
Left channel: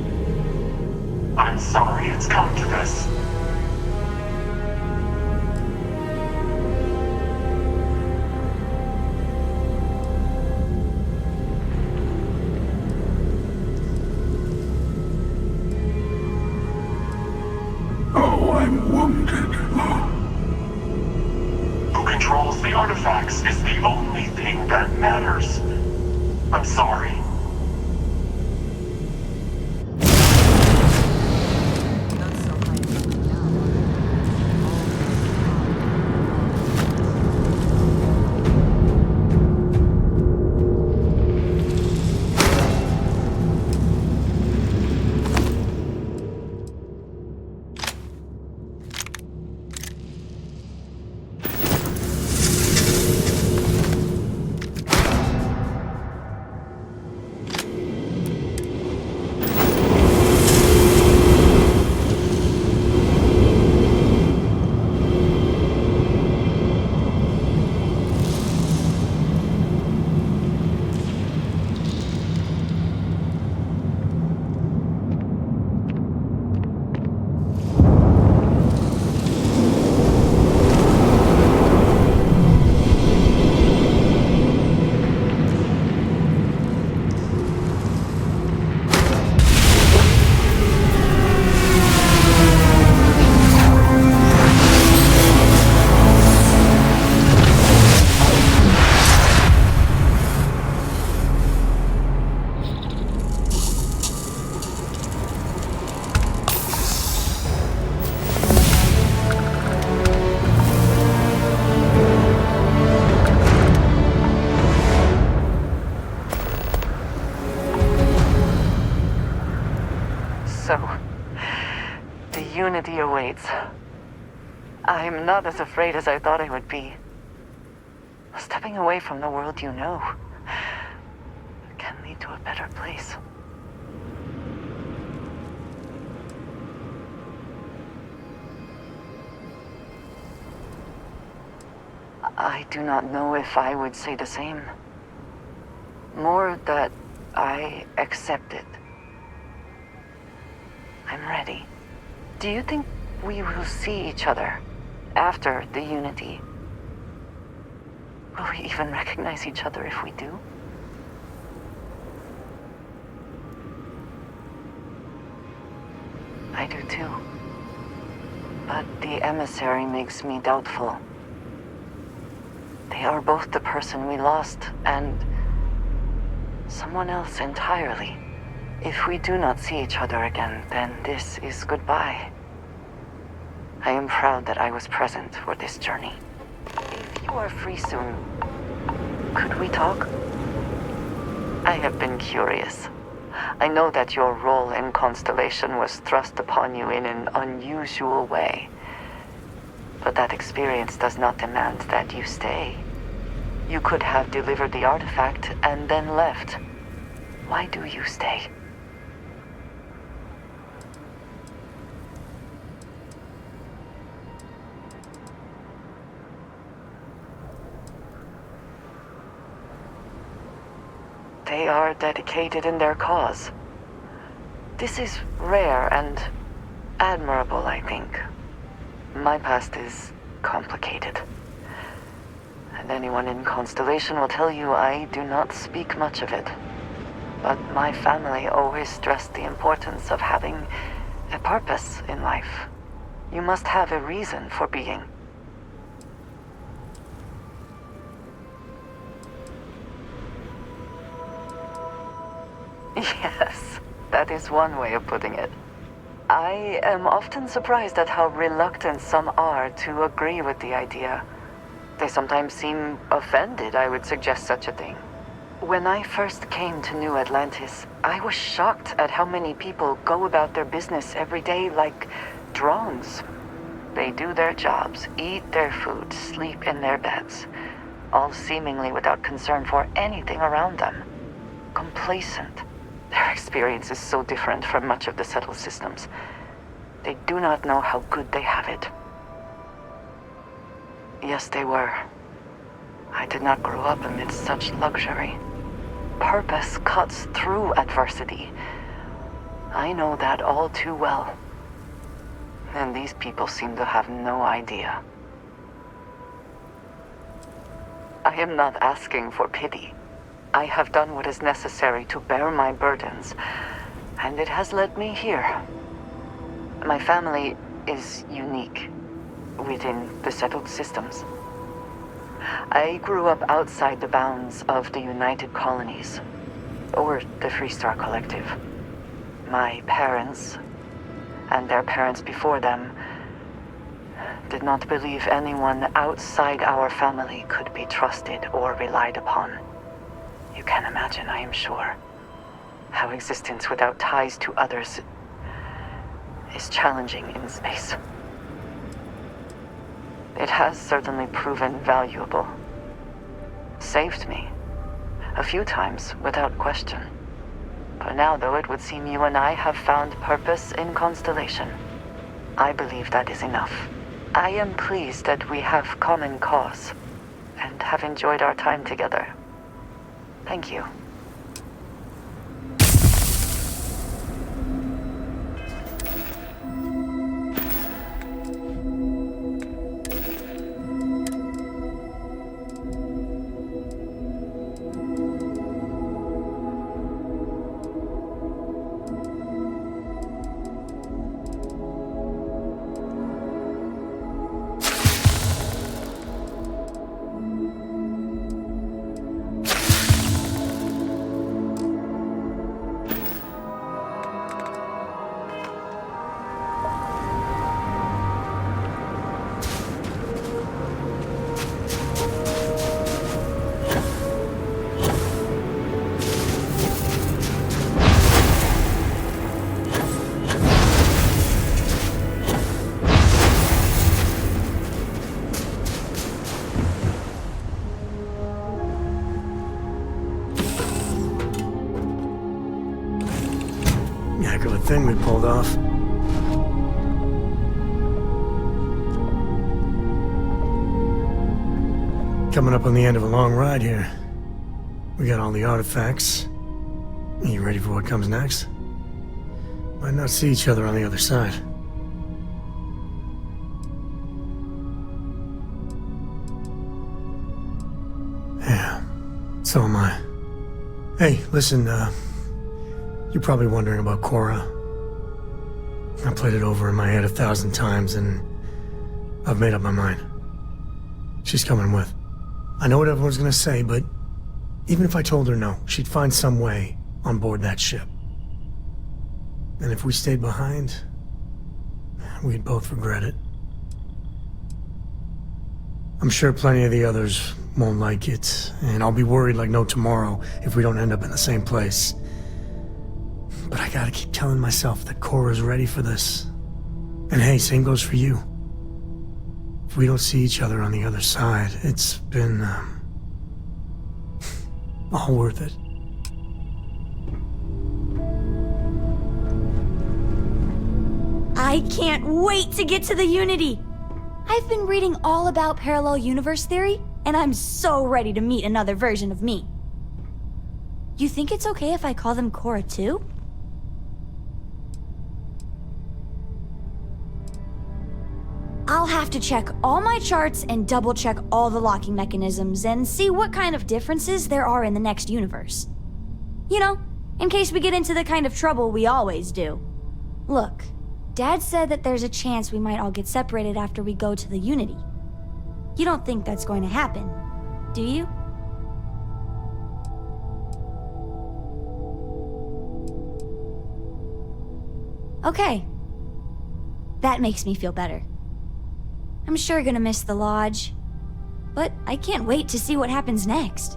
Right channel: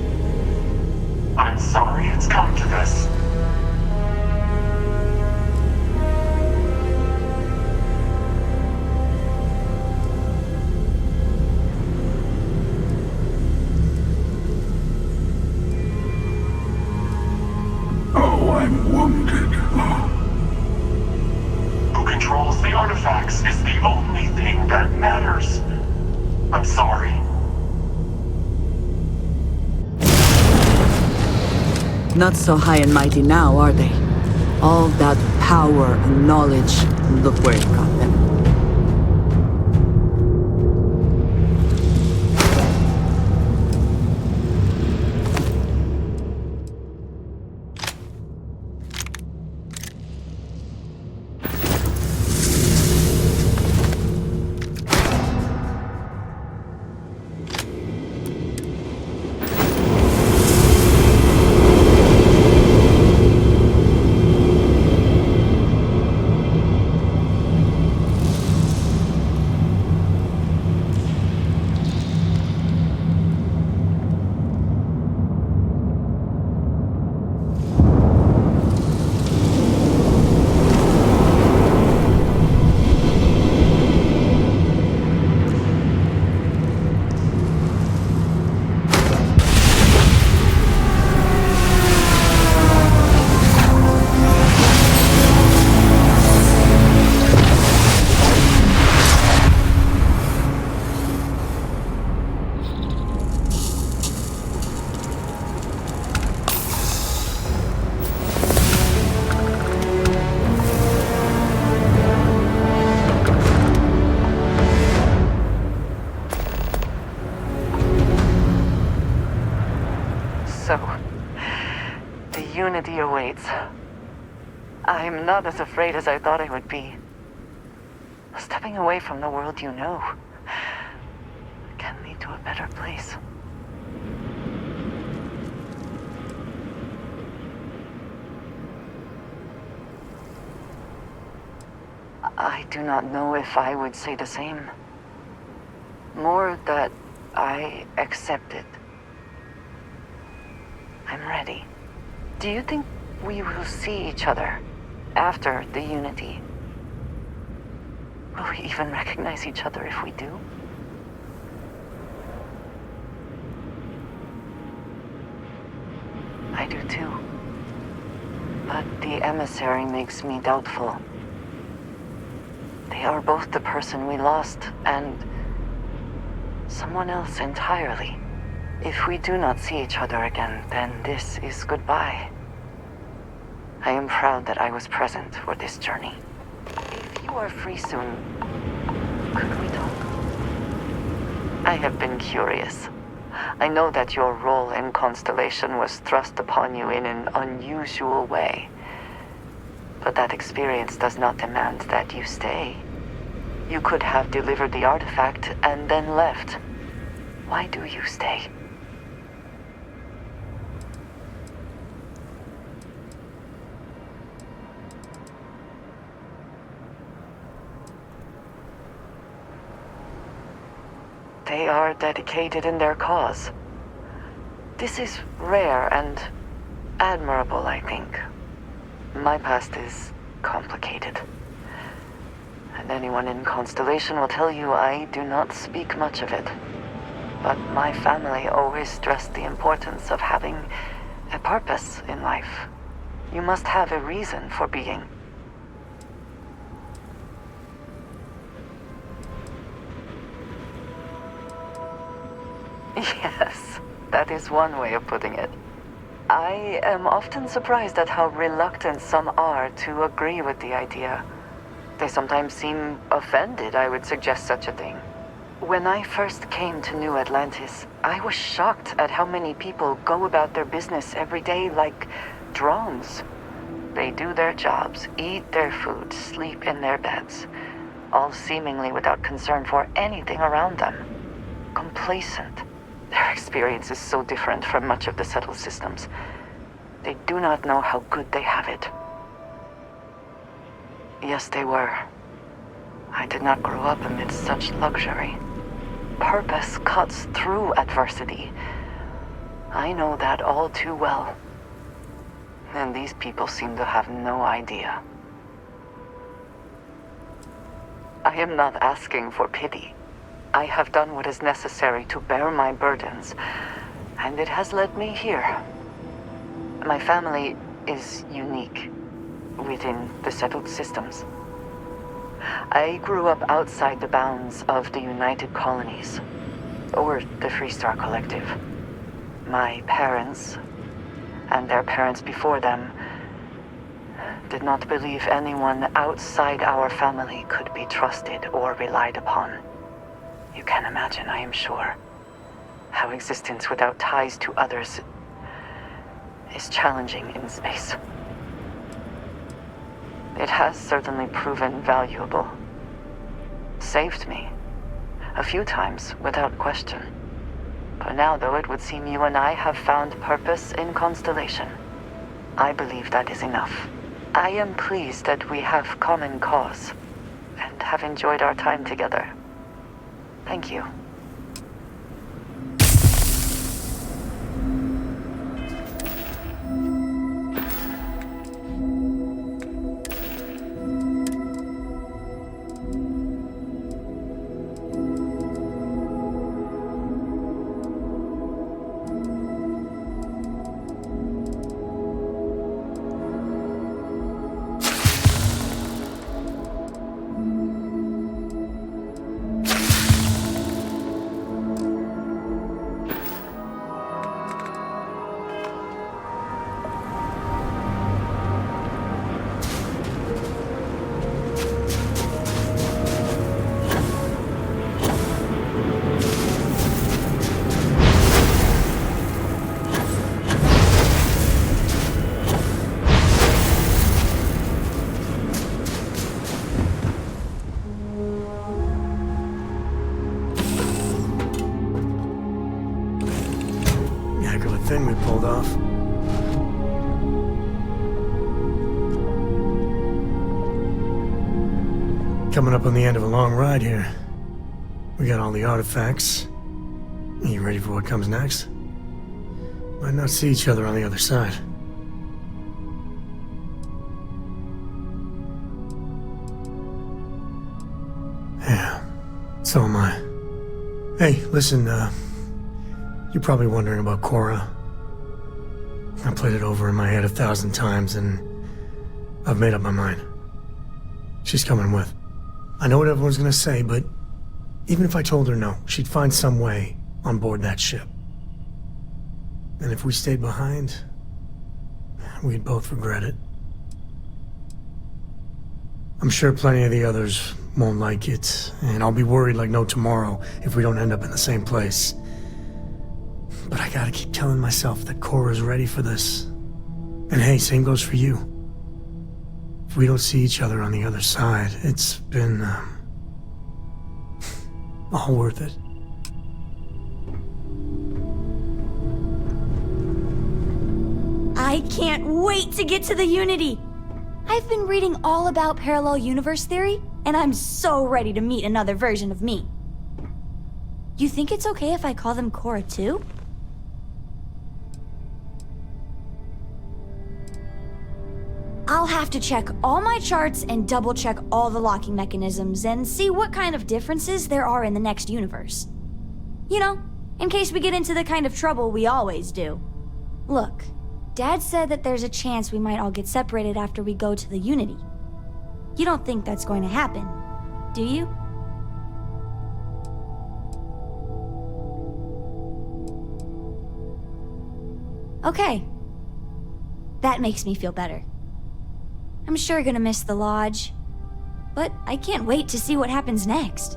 I'm sorry it's come to this. Oh, I'm wounded. Who controls the artifacts is the only thing that matters. I'm sorry. Not so high and mighty now, are they? All that power and knowledge, look where it got them. So, the Unity awaits. I'm not as afraid as I thought I would be. Stepping away from the world you know can lead to a better place. I do not know if I would say the same. More that I accept it. I'm ready. Do you think we will see each other after the Unity? Will we even recognize each other if we do? I do too. But the emissary makes me doubtful. They are both the person we lost and someone else entirely. If we do not see each other again, then this is goodbye. I am proud that I was present for this journey. If you are free soon, could we talk? I have been curious. I know that your role in Constellation was thrust upon you in an unusual way. But that experience does not demand that you stay. You could have delivered the artifact and then left. Why do you stay? They are dedicated in their cause. This is rare and admirable, I think. My past is complicated. And anyone in Constellation will tell you I do not speak much of it. But my family always stressed the importance of having a purpose in life. You must have a reason for being. Yes, that is one way of putting it. I am often surprised at how reluctant some are to agree with the idea. They sometimes seem offended I would suggest such a thing. When I first came to New Atlantis, I was shocked at how many people go about their business every day like drones. They do their jobs, eat their food, sleep in their beds, all seemingly without concern for anything around them. Complacent. Their experience is so different from much of the settled systems. They do not know how good they have it. Yes, they were. I did not grow up amidst such luxury. purpose cuts through adversity. I know that all too well. And these people seem to have no idea. I am not asking for pity. I have done what is necessary to bear my burdens, and it has led me here. My family is unique within the settled systems. I grew up outside the bounds of the United Colonies, or the Freestar Collective. My parents, and their parents before them, did not believe anyone outside our family could be trusted or relied upon. You can imagine, I am sure, how existence without ties to others is challenging in space. It has certainly proven valuable. Saved me. A few times, without question. For now, though, it would seem you and I have found purpose in Constellation. I believe that is enough. I am pleased that we have common cause, and have enjoyed our time together. Thank you. Heck of a thing we pulled off. Coming up on the end of a long ride here. We got all the artifacts. You ready for what comes next? Might not see each other on the other side. Yeah, so am I. Hey, listen, you're probably wondering about Cora. I played it over in my head 1,000 times, and I've made up my mind. She's coming with. I know what everyone's gonna say, but even if I told her no, she'd find some way on board that ship. And if we stayed behind, we'd both regret it. I'm sure plenty of the others won't like it, and I'll be worried like no tomorrow if we don't end up in the same place. But I gotta keep telling myself that Cora's ready for this. And hey, same goes for you. If we don't see each other on the other side, it's been, all worth it. I can't wait to get to the Unity! I've been reading all about parallel universe theory, and I'm so ready to meet another version of me. You think it's okay if I call them Cora too? I'll have to check all my charts and double-check all the locking mechanisms and see what kind of differences there are in the next universe. You know, in case we get into the kind of trouble we always do. Look, Dad said that there's a chance we might all get separated after we go to the Unity. You don't think that's going to happen, do you? Okay. That makes me feel better. I'm sure gonna miss the lodge, but I can't wait to see what happens next.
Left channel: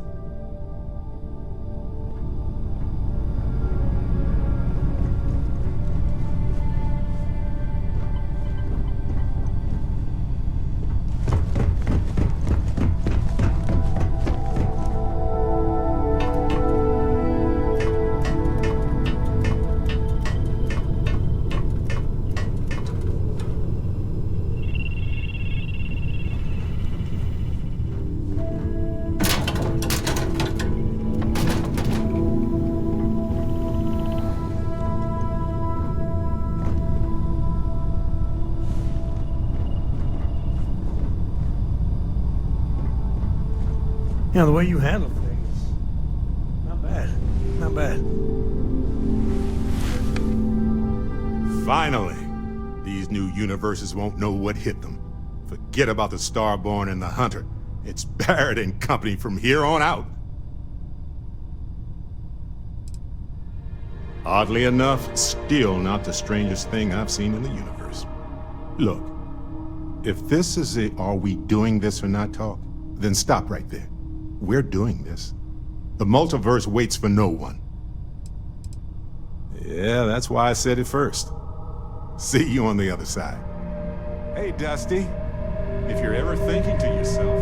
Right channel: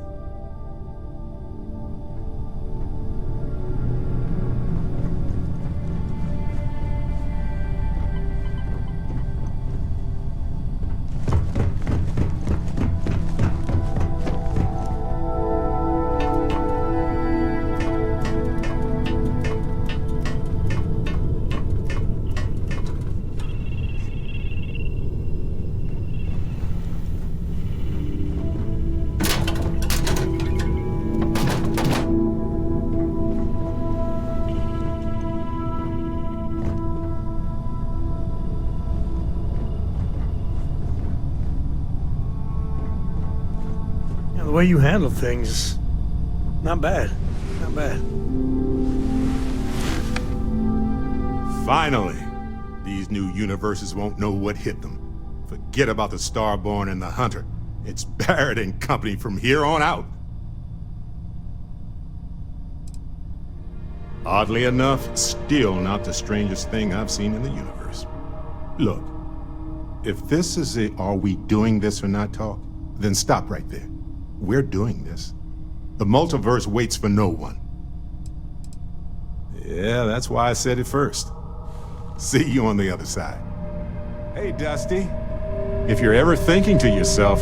You know, the way you handle things, not bad. Not bad. Finally, these new universes won't know what hit them. Forget about the Starborn and the Hunter. It's Barrett and company from here on out. Oddly enough, still not the strangest thing I've seen in the universe. Look, if this is a "are we doing this or not" talk, then stop right there. We're doing this. The multiverse waits for no one. Yeah, that's why I said it first. See you on the other side. Hey, Dusty. If you're ever thinking to yourself,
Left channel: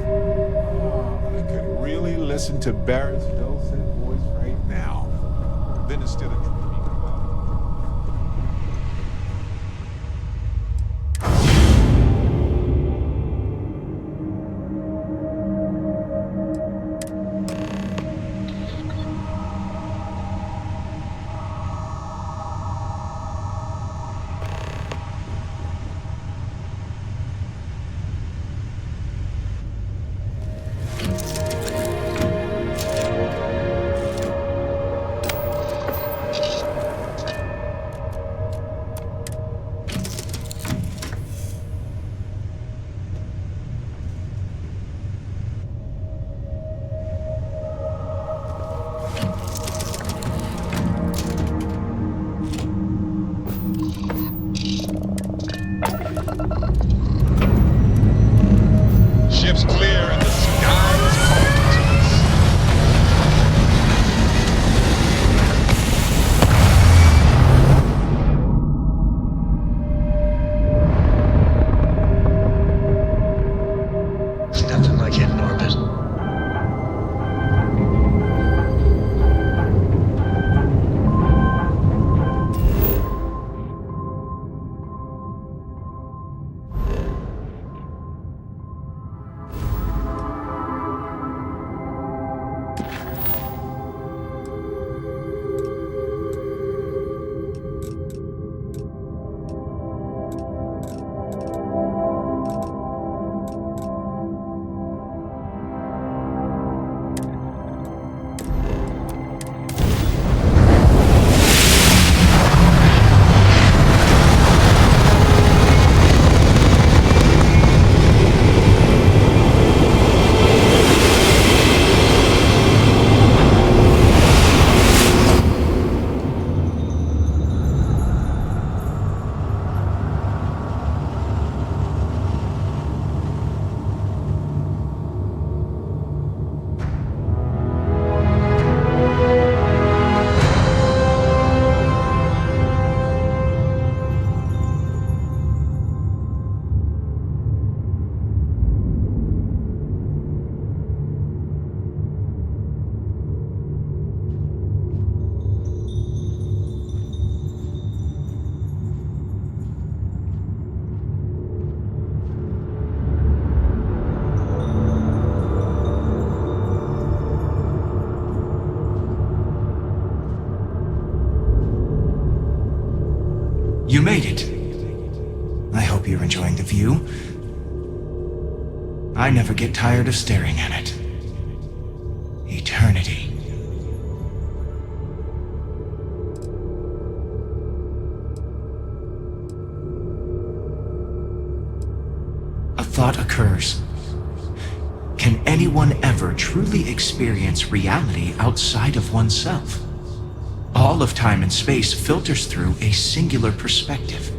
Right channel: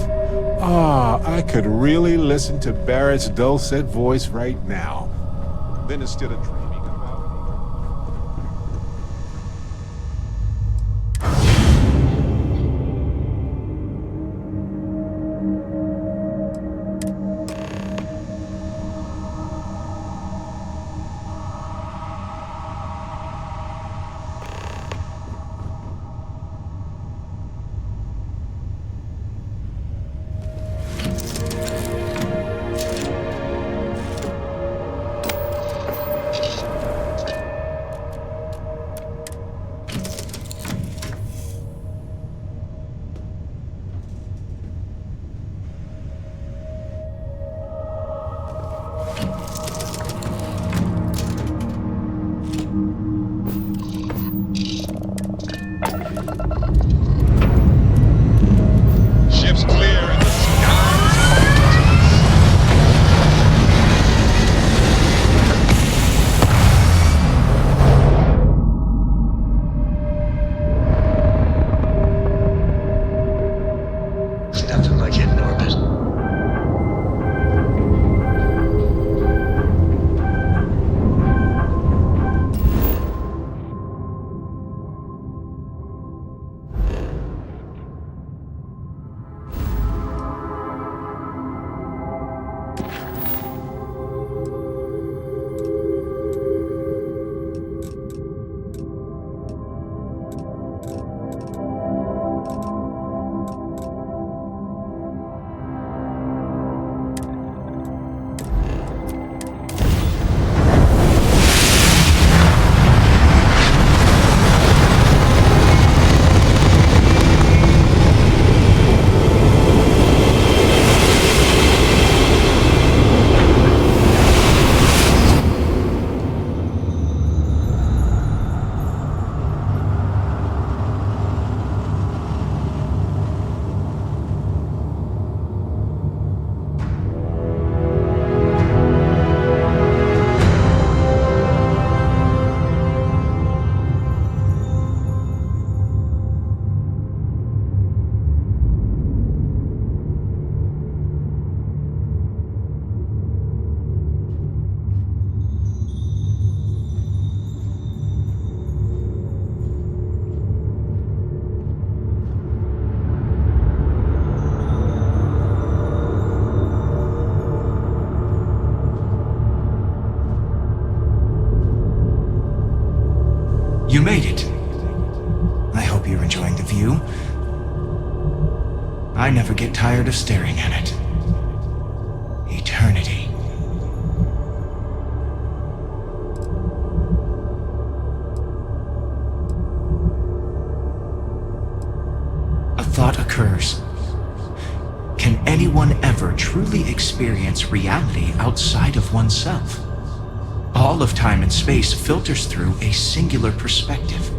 I could really listen to Barrett's dulcet voice right now, then instead of dreaming about Ships clear and the skies Nothing like hitting orbit. You made it. I hope you're enjoying the view. I never get tired of staring at it. Eternity. A thought occurs. Can anyone ever truly experience reality outside of oneself? All of time and space filters through a singular perspective.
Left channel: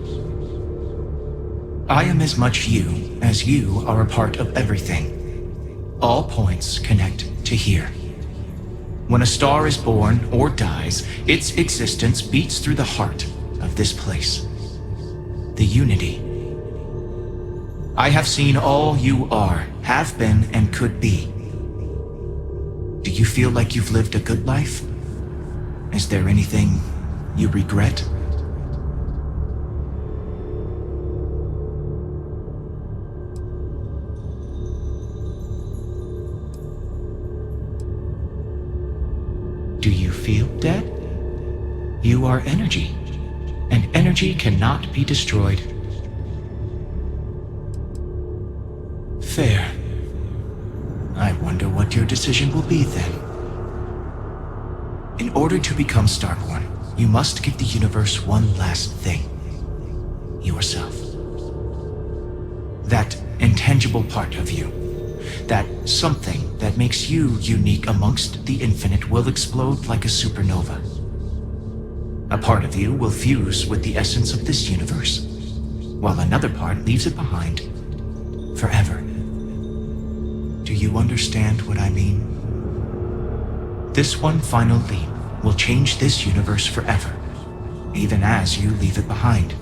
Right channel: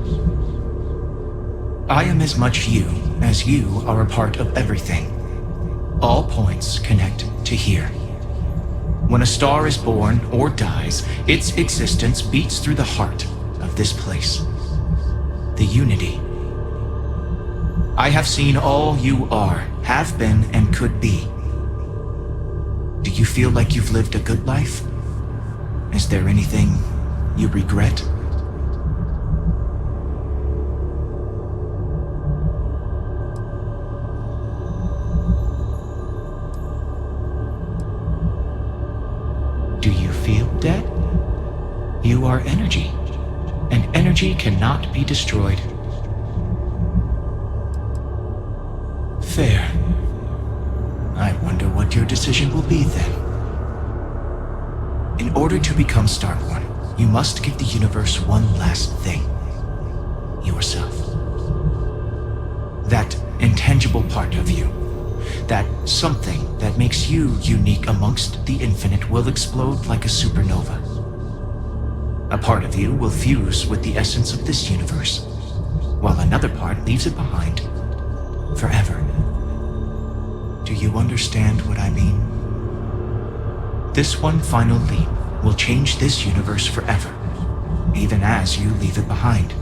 I am as much you as you are a part of everything. All points connect to here. When a star is born or dies, its existence beats through the heart of this place. The unity. I have seen all you are, have been, and could be. Do you feel like you've lived a good life? Is there anything you regret? Do you feel dead? You are energy, and energy cannot be destroyed. Fair. I wonder what what your decision will be then. In order to become Starborn, you must give the universe one last thing. Yourself. That intangible part of you. That something that makes you unique amongst the infinite will explode like a supernova. A part of you will fuse with the essence of this universe, while another part leaves it behind forever. Do you understand what I mean? This one final leap will change this universe forever, even as you leave it behind.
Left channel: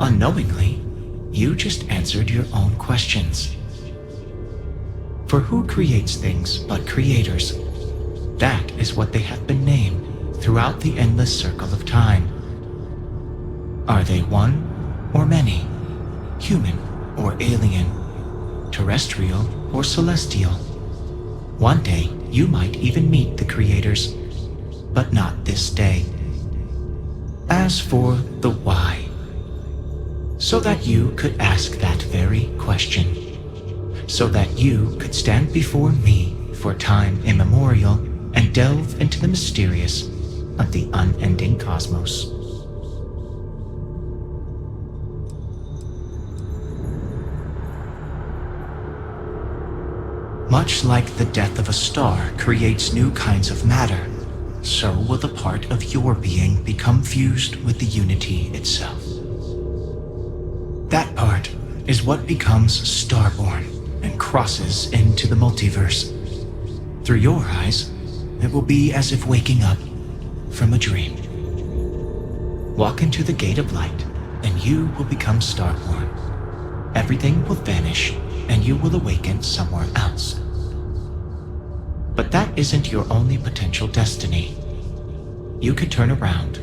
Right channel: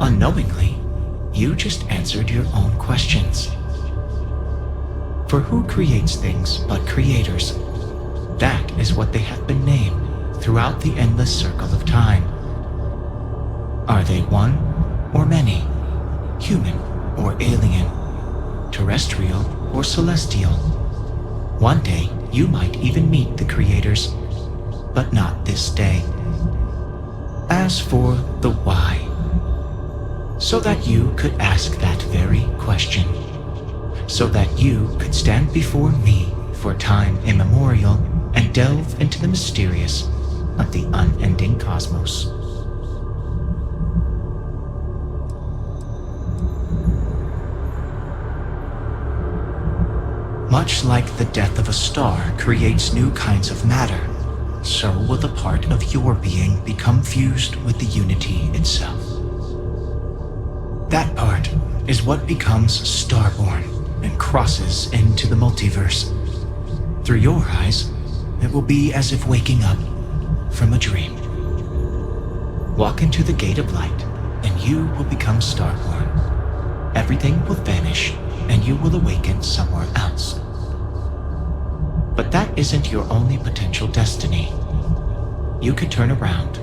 Unknowingly, you just answered your own questions. For who creates things but creators? That is what they have been named throughout the endless circle of time. Are they one or many? Human or alien? Terrestrial or celestial? One day, you might even meet the creators, but not this day. As for the why, so that you could ask that very question, so that you could stand before me for time immemorial and delve into the mysterious of the unending cosmos. Much like the death of a star creates new kinds of matter, so will the part of your being become fused with the unity itself. That part is what becomes Starborn and crosses into the multiverse. Through your eyes, it will be as if waking up from a dream. Walk into the gate of light, and you will become Starborn. Everything will vanish, and you will awaken somewhere else. But that isn't your only potential destiny. You could turn around,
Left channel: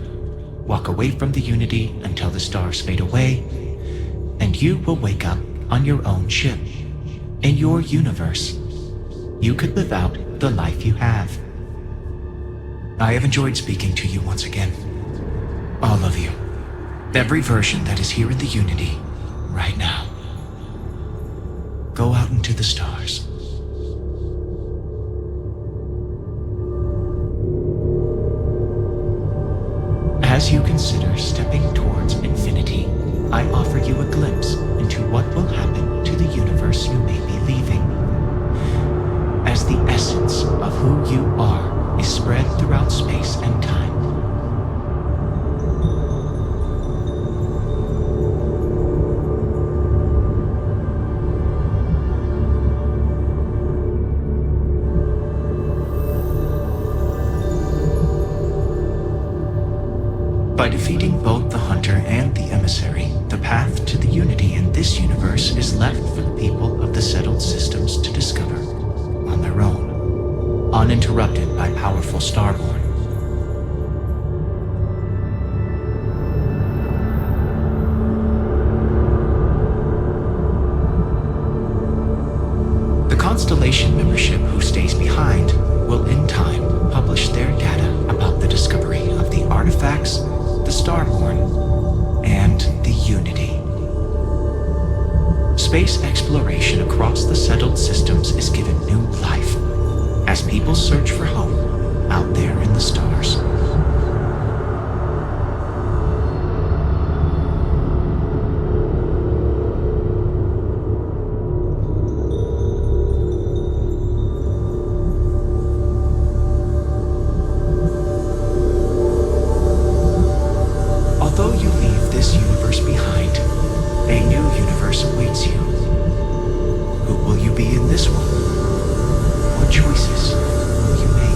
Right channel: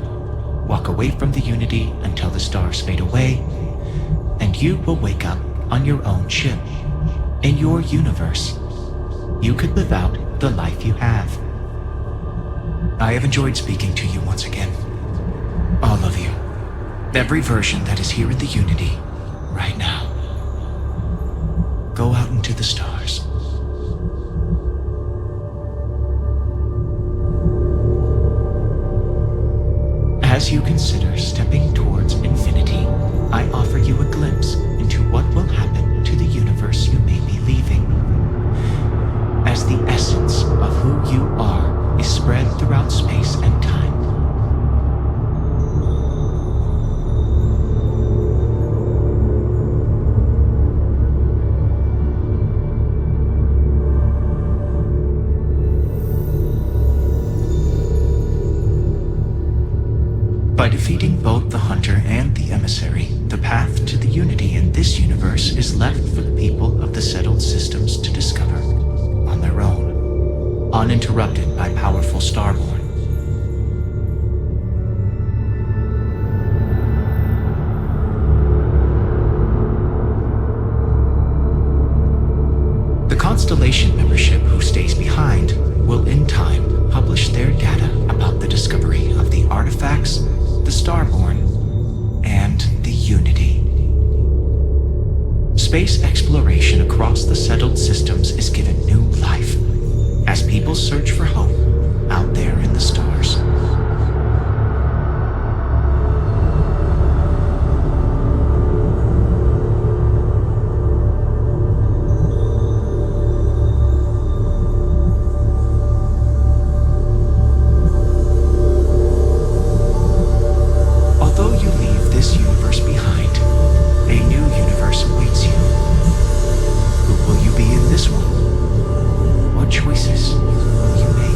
walk away from the unity until the stars fade away, and you will wake up on your own ship, in your universe. You could live out the life you have. I have enjoyed speaking to you once again. All of you. Every version that is here in the Unity, right now. Go out into the stars. As you consider stepping towards infinity, I offer you a glimpse into what will happen to the universe you may be leaving. As the essence of who you are is spread throughout space and time. By defeating both the Hunter and the Emissary, the path to the Unity in this universe is left for the people of the settled systems to discover on their own, uninterrupted by powerful Starborn. The Constellation membership who stays behind will in time publish their data about the discovery of the artifacts, the Starborn, and the Unity. Space exploration across the settled systems is given new life as people search for hope out there in the stars. Although you leave this universe behind, a new universe awaits you. Who will you be in this one? What choices will you make?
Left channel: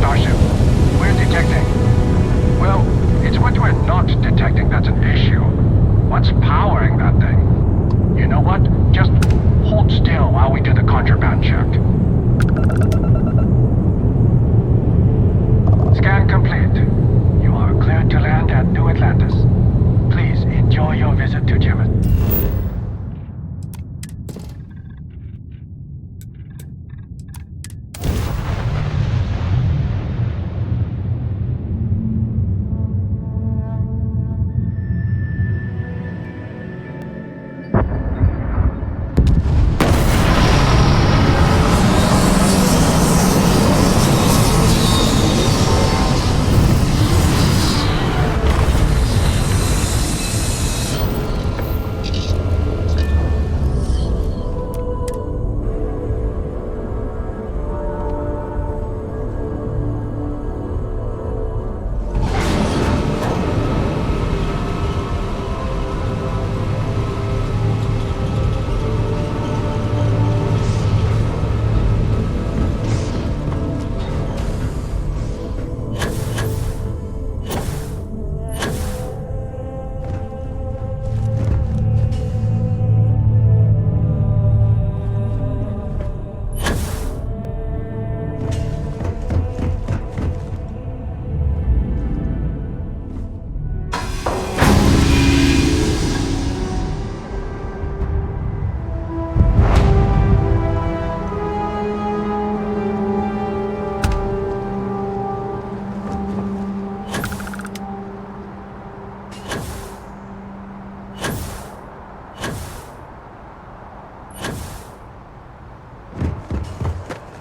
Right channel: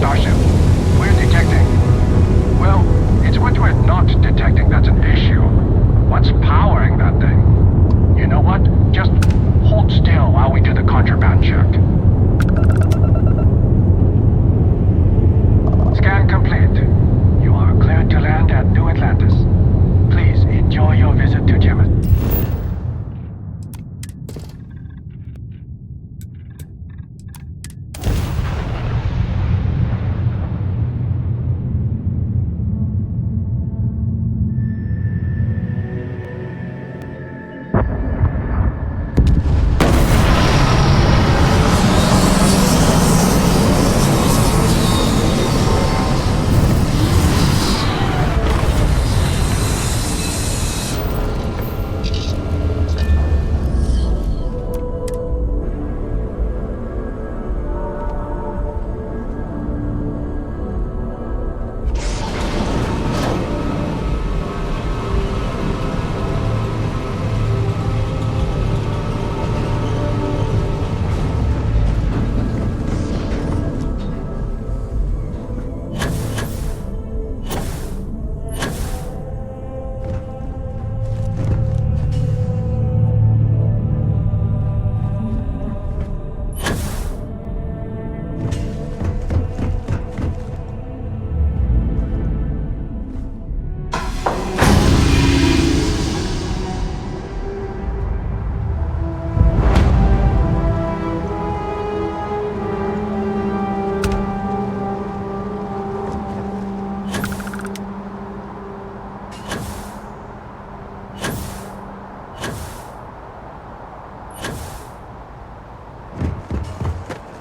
Starship. We're detecting... Well, it's what we're not detecting that's an issue. What's powering that thing? You know what? Just hold still while we do the contraband check. Scan complete. You are cleared to land at New Atlantis. Please enjoy your visit to Gemma.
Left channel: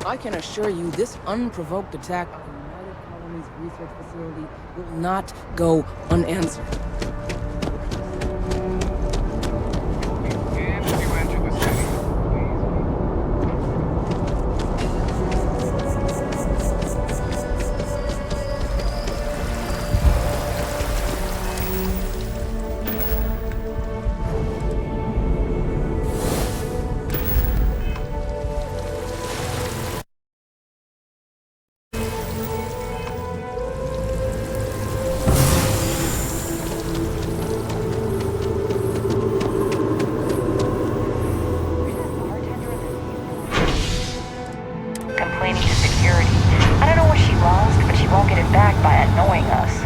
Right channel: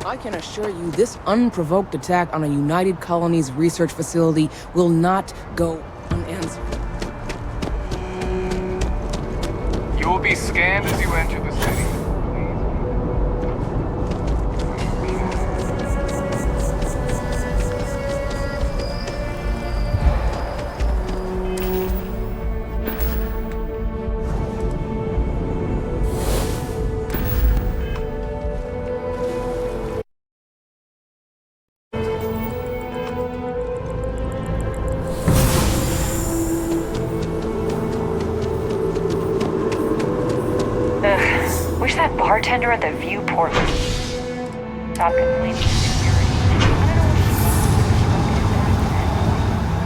I can assure you this unprovoked attack on a United Colonies research facility will not go unanswered. You will be scanned as you enter the city. Wish that bartender at the viewport would stop complaining to security. I don't know what she lost, but she won't get it back by annoying us.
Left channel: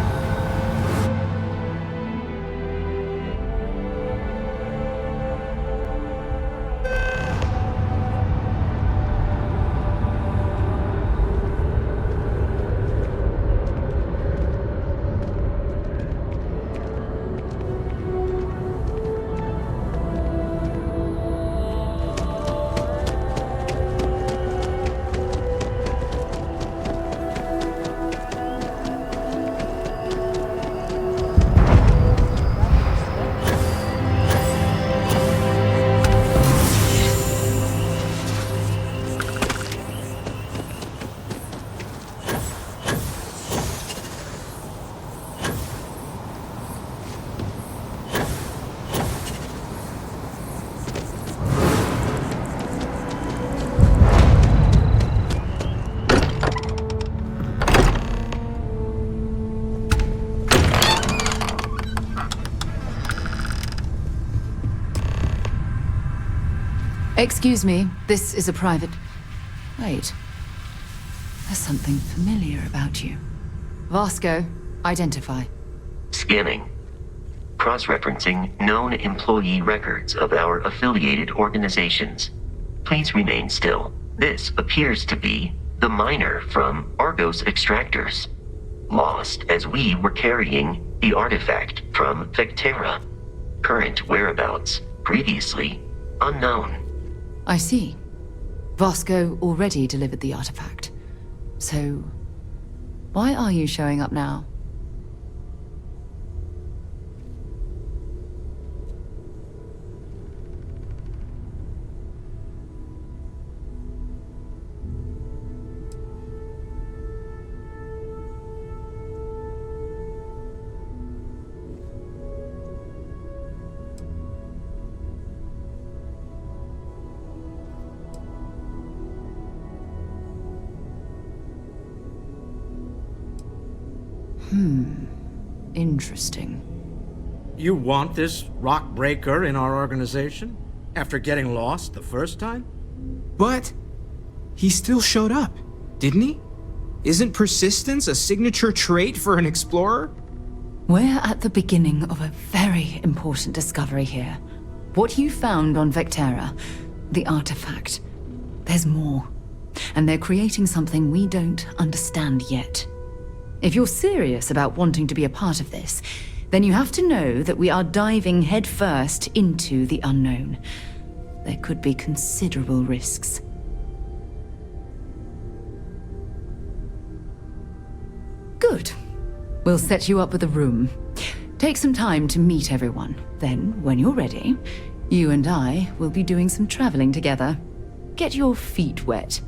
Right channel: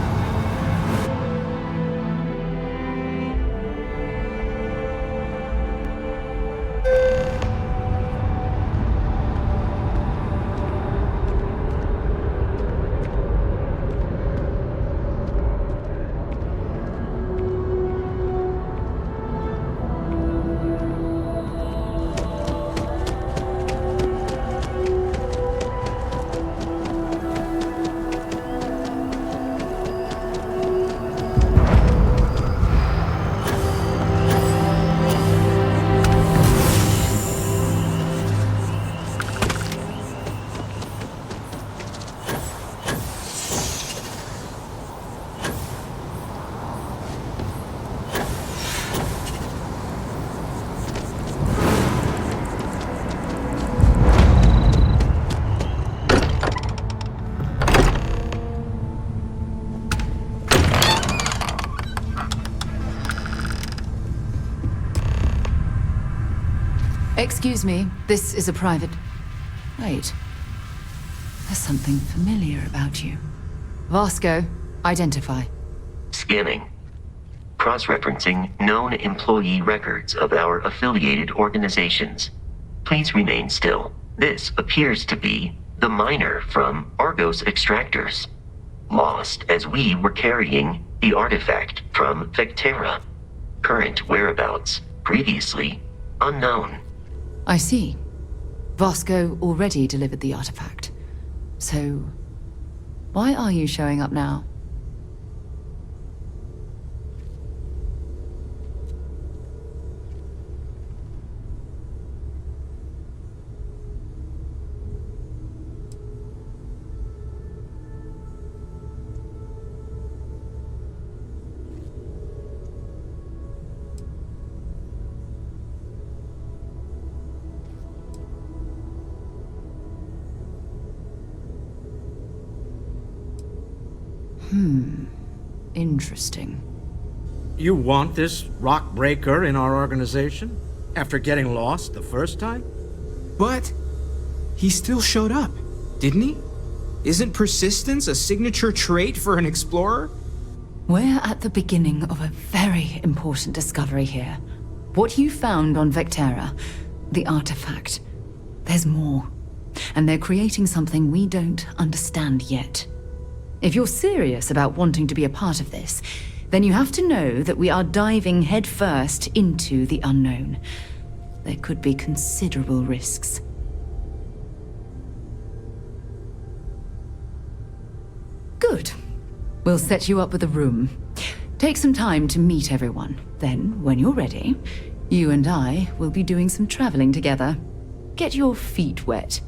Excuse me, this is a private... Wait. There's something familiar about you. Vasco, identify. Scanning. Cross-referencing known employee records of our affiliated organizations. Please remain still. This appears to be the miner from Argos Extractors. Lost as we were carrying the artifact from Vectera. Current whereabouts, previously unknown. I see. Vasco already delivered the artifact. So, why are you showing up now? Interesting. You want this rock breaker in our organization? After getting lost the first time? But he still showed up, didn't he? Isn't persistence a signature trait for an explorer? We're at the beginning of a very important discovery here. What you found on Vectera, the artifact, there's more. And they're creating something we don't understand yet. If you're serious about wanting to be a part of this, then you have to know that we are diving headfirst into the unknown. There could be considerable risks. Good. We'll set you up with a room. Take some time to meet everyone. Then, when you're ready, you and I will be doing some traveling together. Get your feet wet.